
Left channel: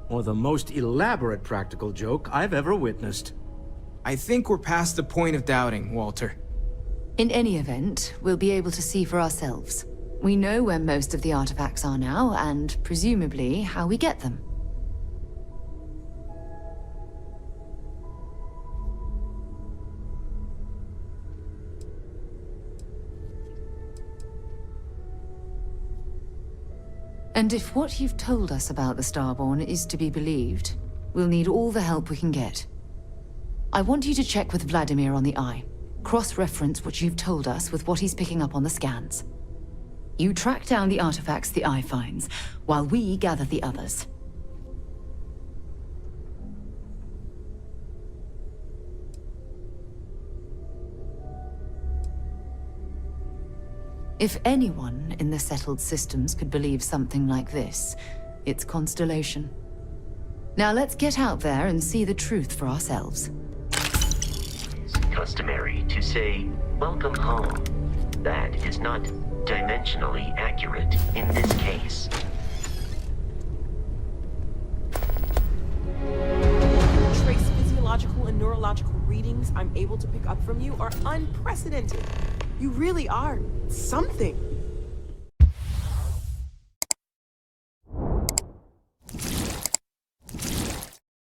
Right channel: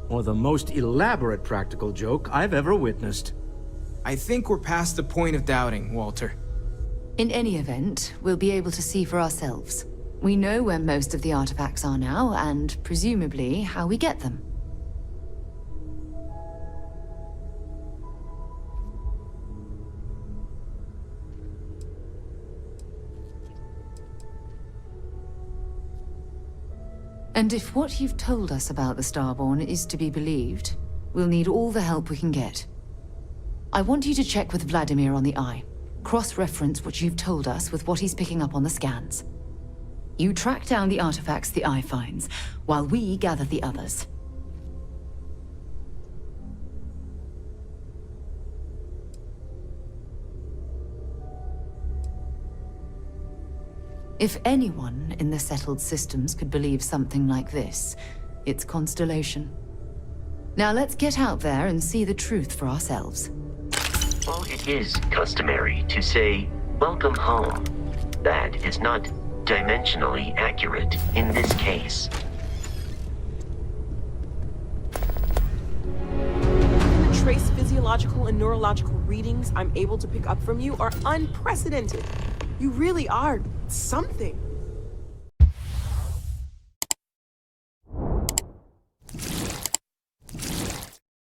or the most elaborate practical joke I've ever witnessed. I think we're past the point of doubting, Walter. In any event, we'll be able to see for ourselves. We know where most of the artifacts are now, and presumably how we get them. And if what you've told us about the Starborn is to be believed, we'll need all the help we can get. I want you to check with Vladimir on the Eye. Cross-reference what you've told us with what he's picking up on the scans. You track down the artifacts the Eye finds, while we gather the others. If anyone in the settled systems could believe something like this, it's Constellation. Now let's get out there and see the truth for ourselves. Well, it is customary to say, "Welcome home." That is not dimensionally accurate in this case. The trace physiological and neurological readings I'm able to pick up from you are unprecedented. You really are something.